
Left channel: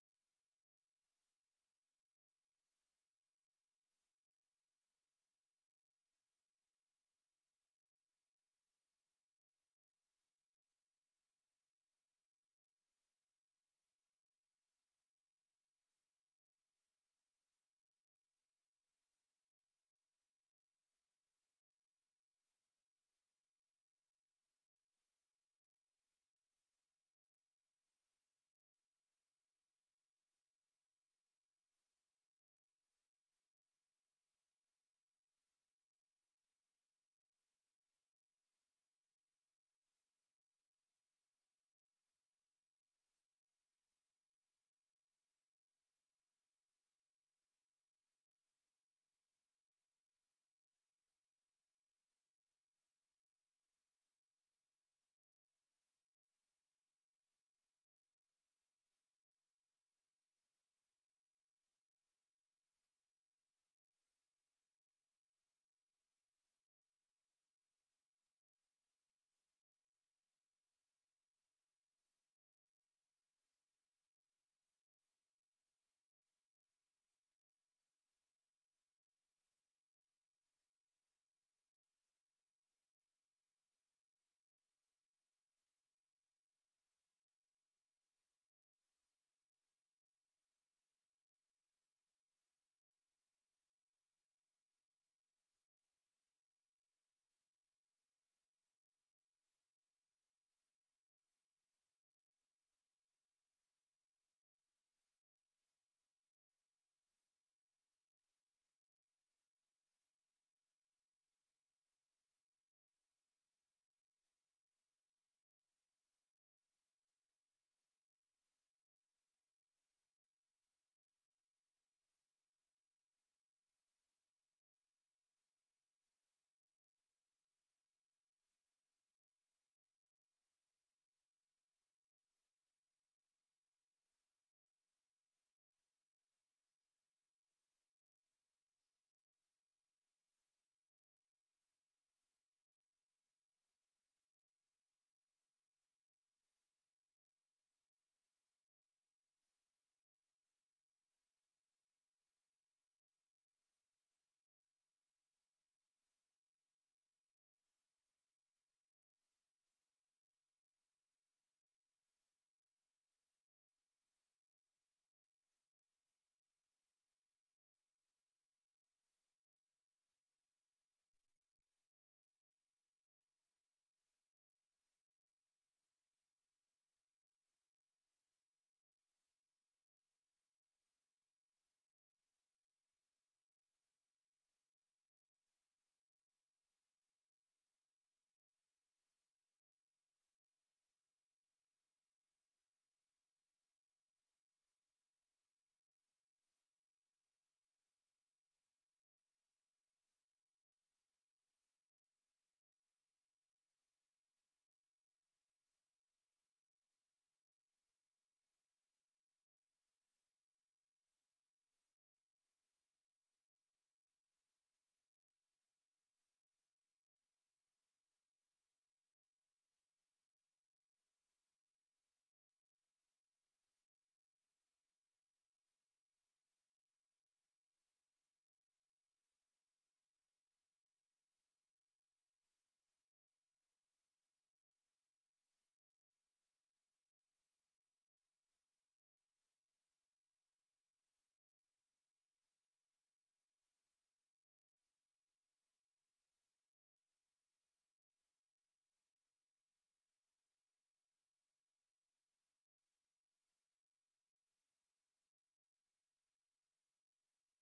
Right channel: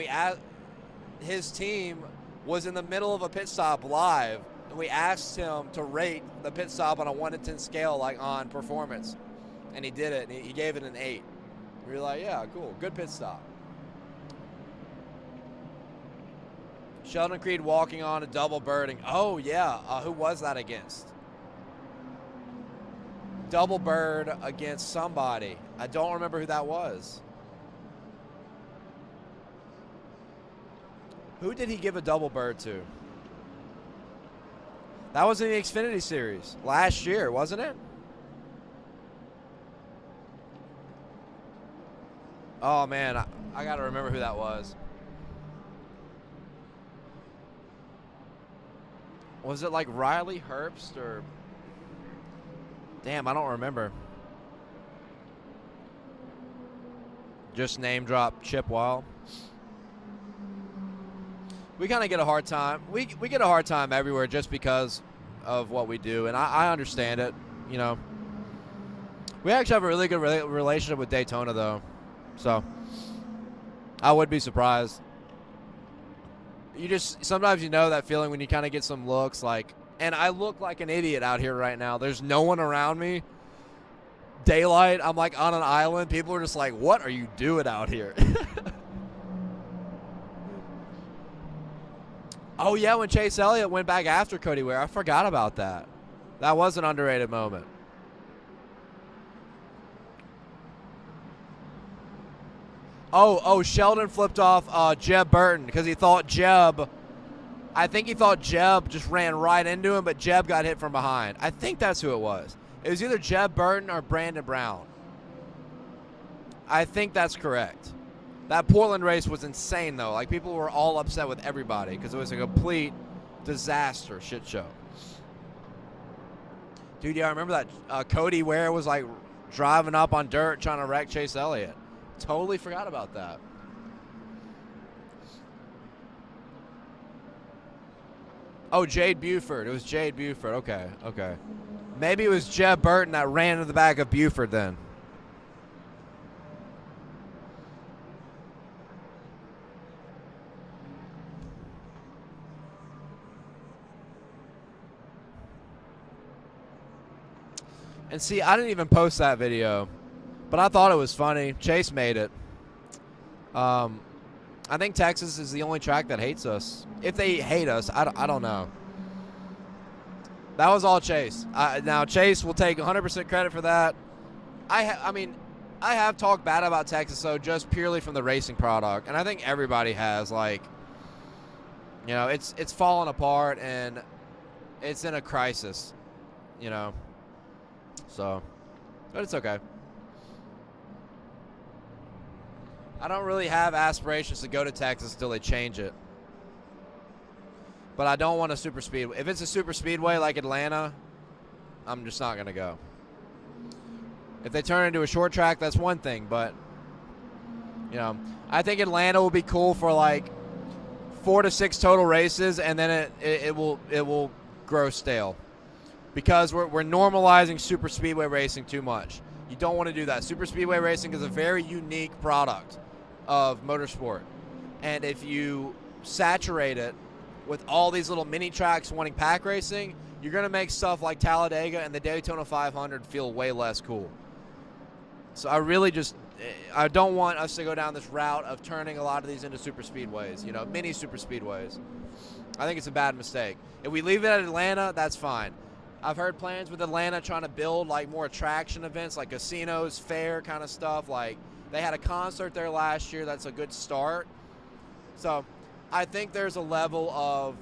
his team was in the middle of a pit stop live, we asked him to rate the pit stop on a 1 to 10 scale, like on performance, and he did it. And he gave it an 8. We were like, yeah, cool, good pit stop. Sheldon Creed walking on a double birding. Oh, yeah. Who was that against? Double bird against somebody. I don't remember who that was. Who did he give a double bird to? That was in the Xfinity Series last year, wasn't it? Oh, man. I got to remember who that was. Was it like Riley Herbst or... Damn, I don't remember. Just name drop Chip Weil. We kind of get a hard time. We get a hard time everywhere just because of what we do, and I understand it, you know. We actually have a really good relationship with Daytona, though, so I would be surprised. You just, sometimes you know that feeling when you kind of get some looks like, and I look like an idiot out here right now. There's no one around me. Daylight, I'm like on an island. People are just like, what are you doing out here? Oh, yeah, when Chase Elliott went back after Cody Ware. I forgot about that. That was an underrated moment. Oh, Sheldon flipped off Jeb Burton because he thought Jeb, I think he thought Jeb just ran right into him, but Jeb got hit from behind. I think that's who it was. It was either Jeb Burton or Brandon Brown. I think that's correct. That Portland race was insane, though. Like, people were all upset with everybody because it was a complete disaster shit show. Dude, yeah, I remember that Cody Ware was, like, driving up on dirt trying to wreck Chase Elliott. Totally forgot about that. Oh, Jade Buford. It was Jade Buford. Okay. Maybe it was Jeb Burton that ran into the back of Buford then. And see, I didn't even post that video, but I thought it was funny. Chase made it. I think Texas is the only track that hates us. If they hate us, I don't know. That was all Chase. Now, Chase will take 100% credit for that. I mean, I have talked bad about Texas, though, just purely from the racing product. And I think everybody has, like, you know, it's fallen apart and it's in a crisis, you know. So, but it's okay. I don't really have aspirations to go to Texas until they change it. But I don't want a super speedway. If it's a super speedway like Atlanta, I'm just not going to go. If they turn it into a short track, that's one thing. But, you know, I think Atlanta will be cool for like 4 to 6 total races, and then it will grow stale. Because we're normalizing super speedway racing too much. You don't want to do that. Super speedway racing is a very unique product of motorsport. And if you saturate it with all these little mini tracks wanting pack racing, you're going to make stuff like Talladega and the Daytona 500 feel way less cool. So I don't want us to go down this route of turning a lot of these into super speedways, you know, mini super speedways. I think it's a bad mistake. If we leave it at Atlanta, that's fine. I've heard plans with Atlanta trying to build like more attraction events, like casinos, fair kind of stuff. Like they had a concert there last year. That's a good start. So I think there's a level of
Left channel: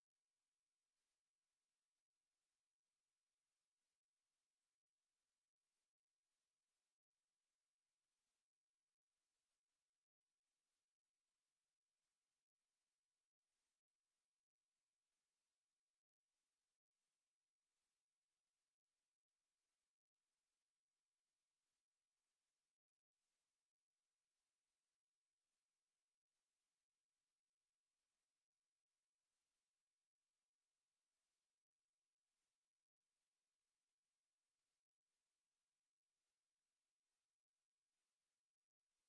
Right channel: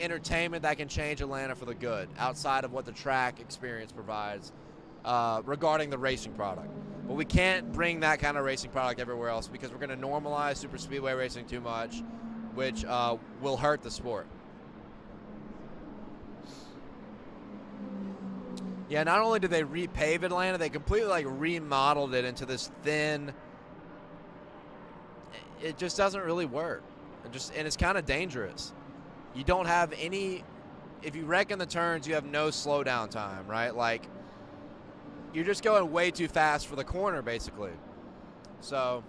entertainment that can change Atlanta for the good outside of what the track experience provides regarding the racing product. But we can't bring that kind of racing product everywhere else because we're going to normalize super speedway racing too much, which will hurt the sport. Yeah, not only did they repave Atlanta, they completely like remodeled it into this thin. It just doesn't really work. And it's kind of dangerous. You don't have any. If you wreck in the turns, you have no slowdown time, right? Like you're just going way too fast for the corner, basically. So,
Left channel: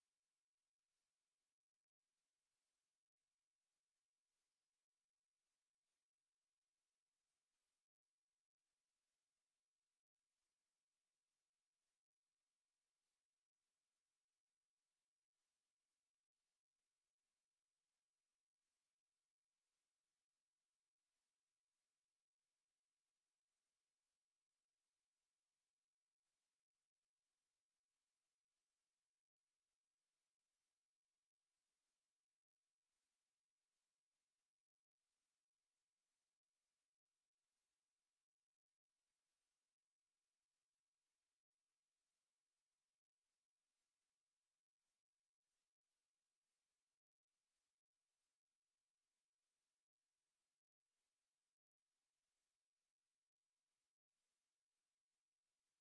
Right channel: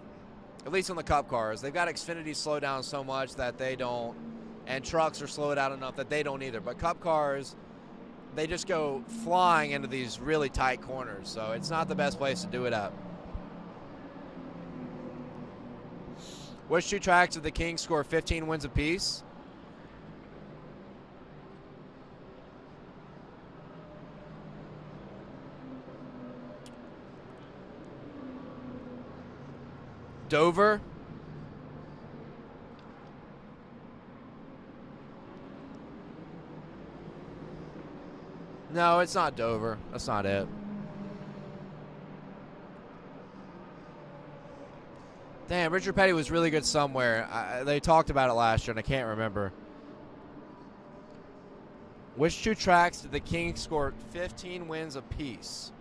at least on the Cup cars, they've got Xfinity slow down so much that they don't and trucks are slowed down enough that they don't either. But Cup cars, they just go flying into these really tight corners, so it's not the best place to do it at. Which two tracks did the Kings score 15 wins apiece? Dover. No, it's not Dover. That's not it. Damn, Richard Petty was really good somewhere. They talked about it last year, and I can't remember. Which two tracks did the Kings score 15 wins apiece?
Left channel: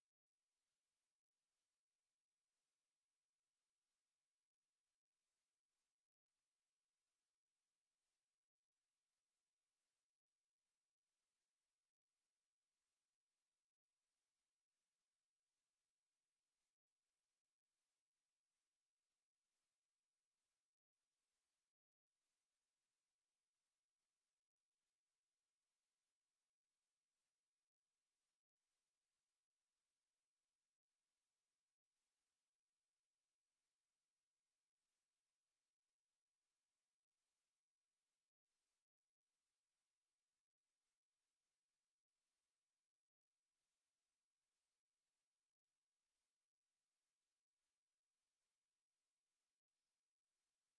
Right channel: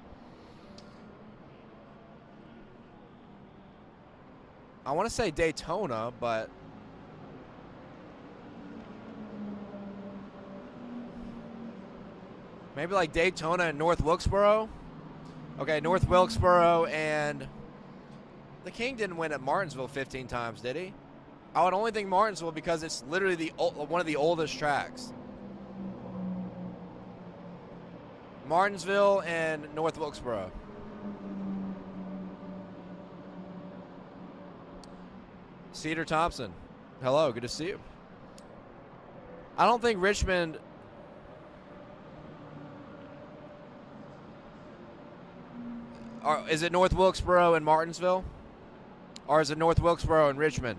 I want to say Daytona, but maybe like Daytona and North Wilkesboro? Okay, North Wilkesboro, and the King didn't win at Martinsville 15 times, did he? I would only think Martinsville because it's literally one of the oldest tracks. Martinsville and North Wilkesboro. Cedar Thompson, hello, good to see you. I don't think Richmond. Is it North Wilkesboro and Martinsville? Or is it North Wilkesboro and Richmond?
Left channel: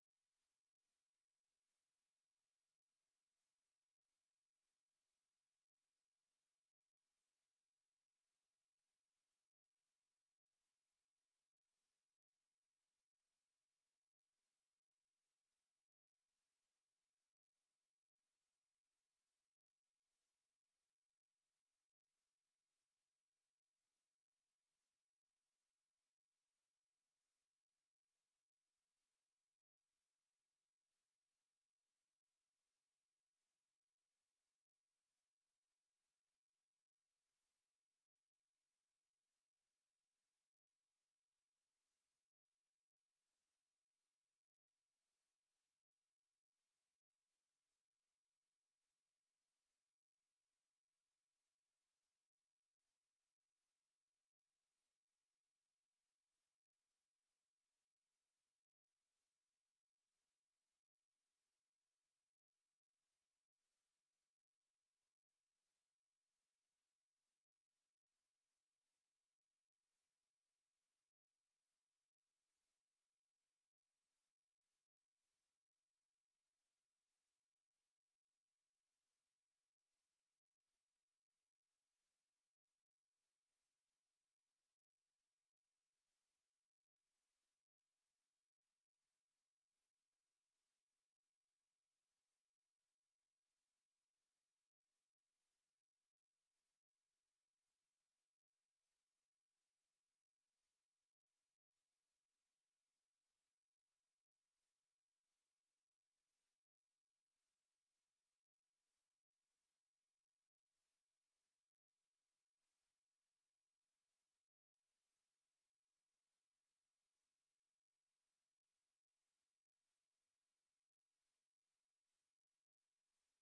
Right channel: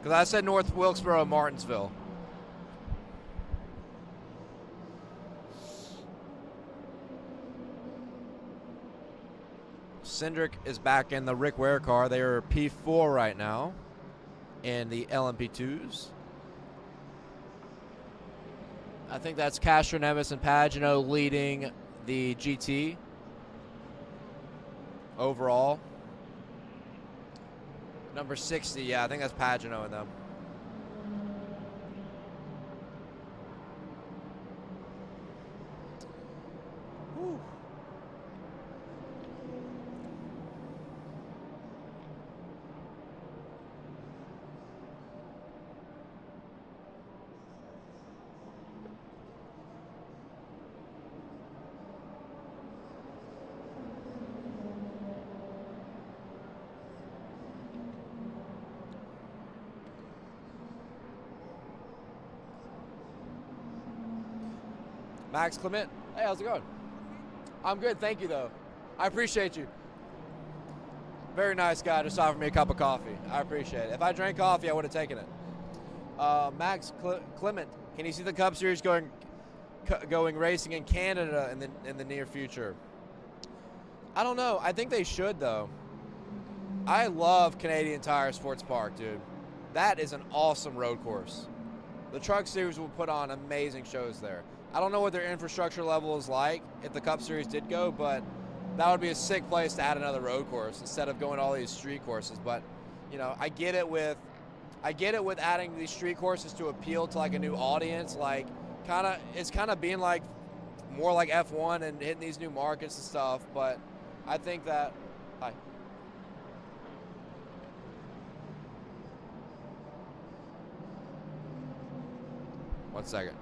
Because I said North Wilkesboro and Martinsville. Cindric is back in the Rick Ware car. They are P4 right now in the LMP2s. I think that's Castro, Nevis, and Pagano leading the GT overall. Number 60, yeah, I think that's Pagano in them. Whew. Max Clement, hey, how's it going? I'm good, thank you, though. I appreciate you. Very nice guy, just offered me a cup of coffee. I appreciate it. If I drank coffee, I would have taken it. Max Clement, can you see the Cup Series going racing in Canada in the near future? I don't know. I think they should, though. I love Canadian Tire Sports Park, dude. That is an awesome road course. The Truck Series will put on amazing shows there. I don't know what their infrastructure level is like if the Cup Series did go, but that would be a sick place to add another road course instead of going to all these street courses. But, you know, I get it with adding these street courses to appeal to like a new audience. Like, it's kind of being like more like F1 and hitting these new markets and stuff. But I think that. Hi. One second.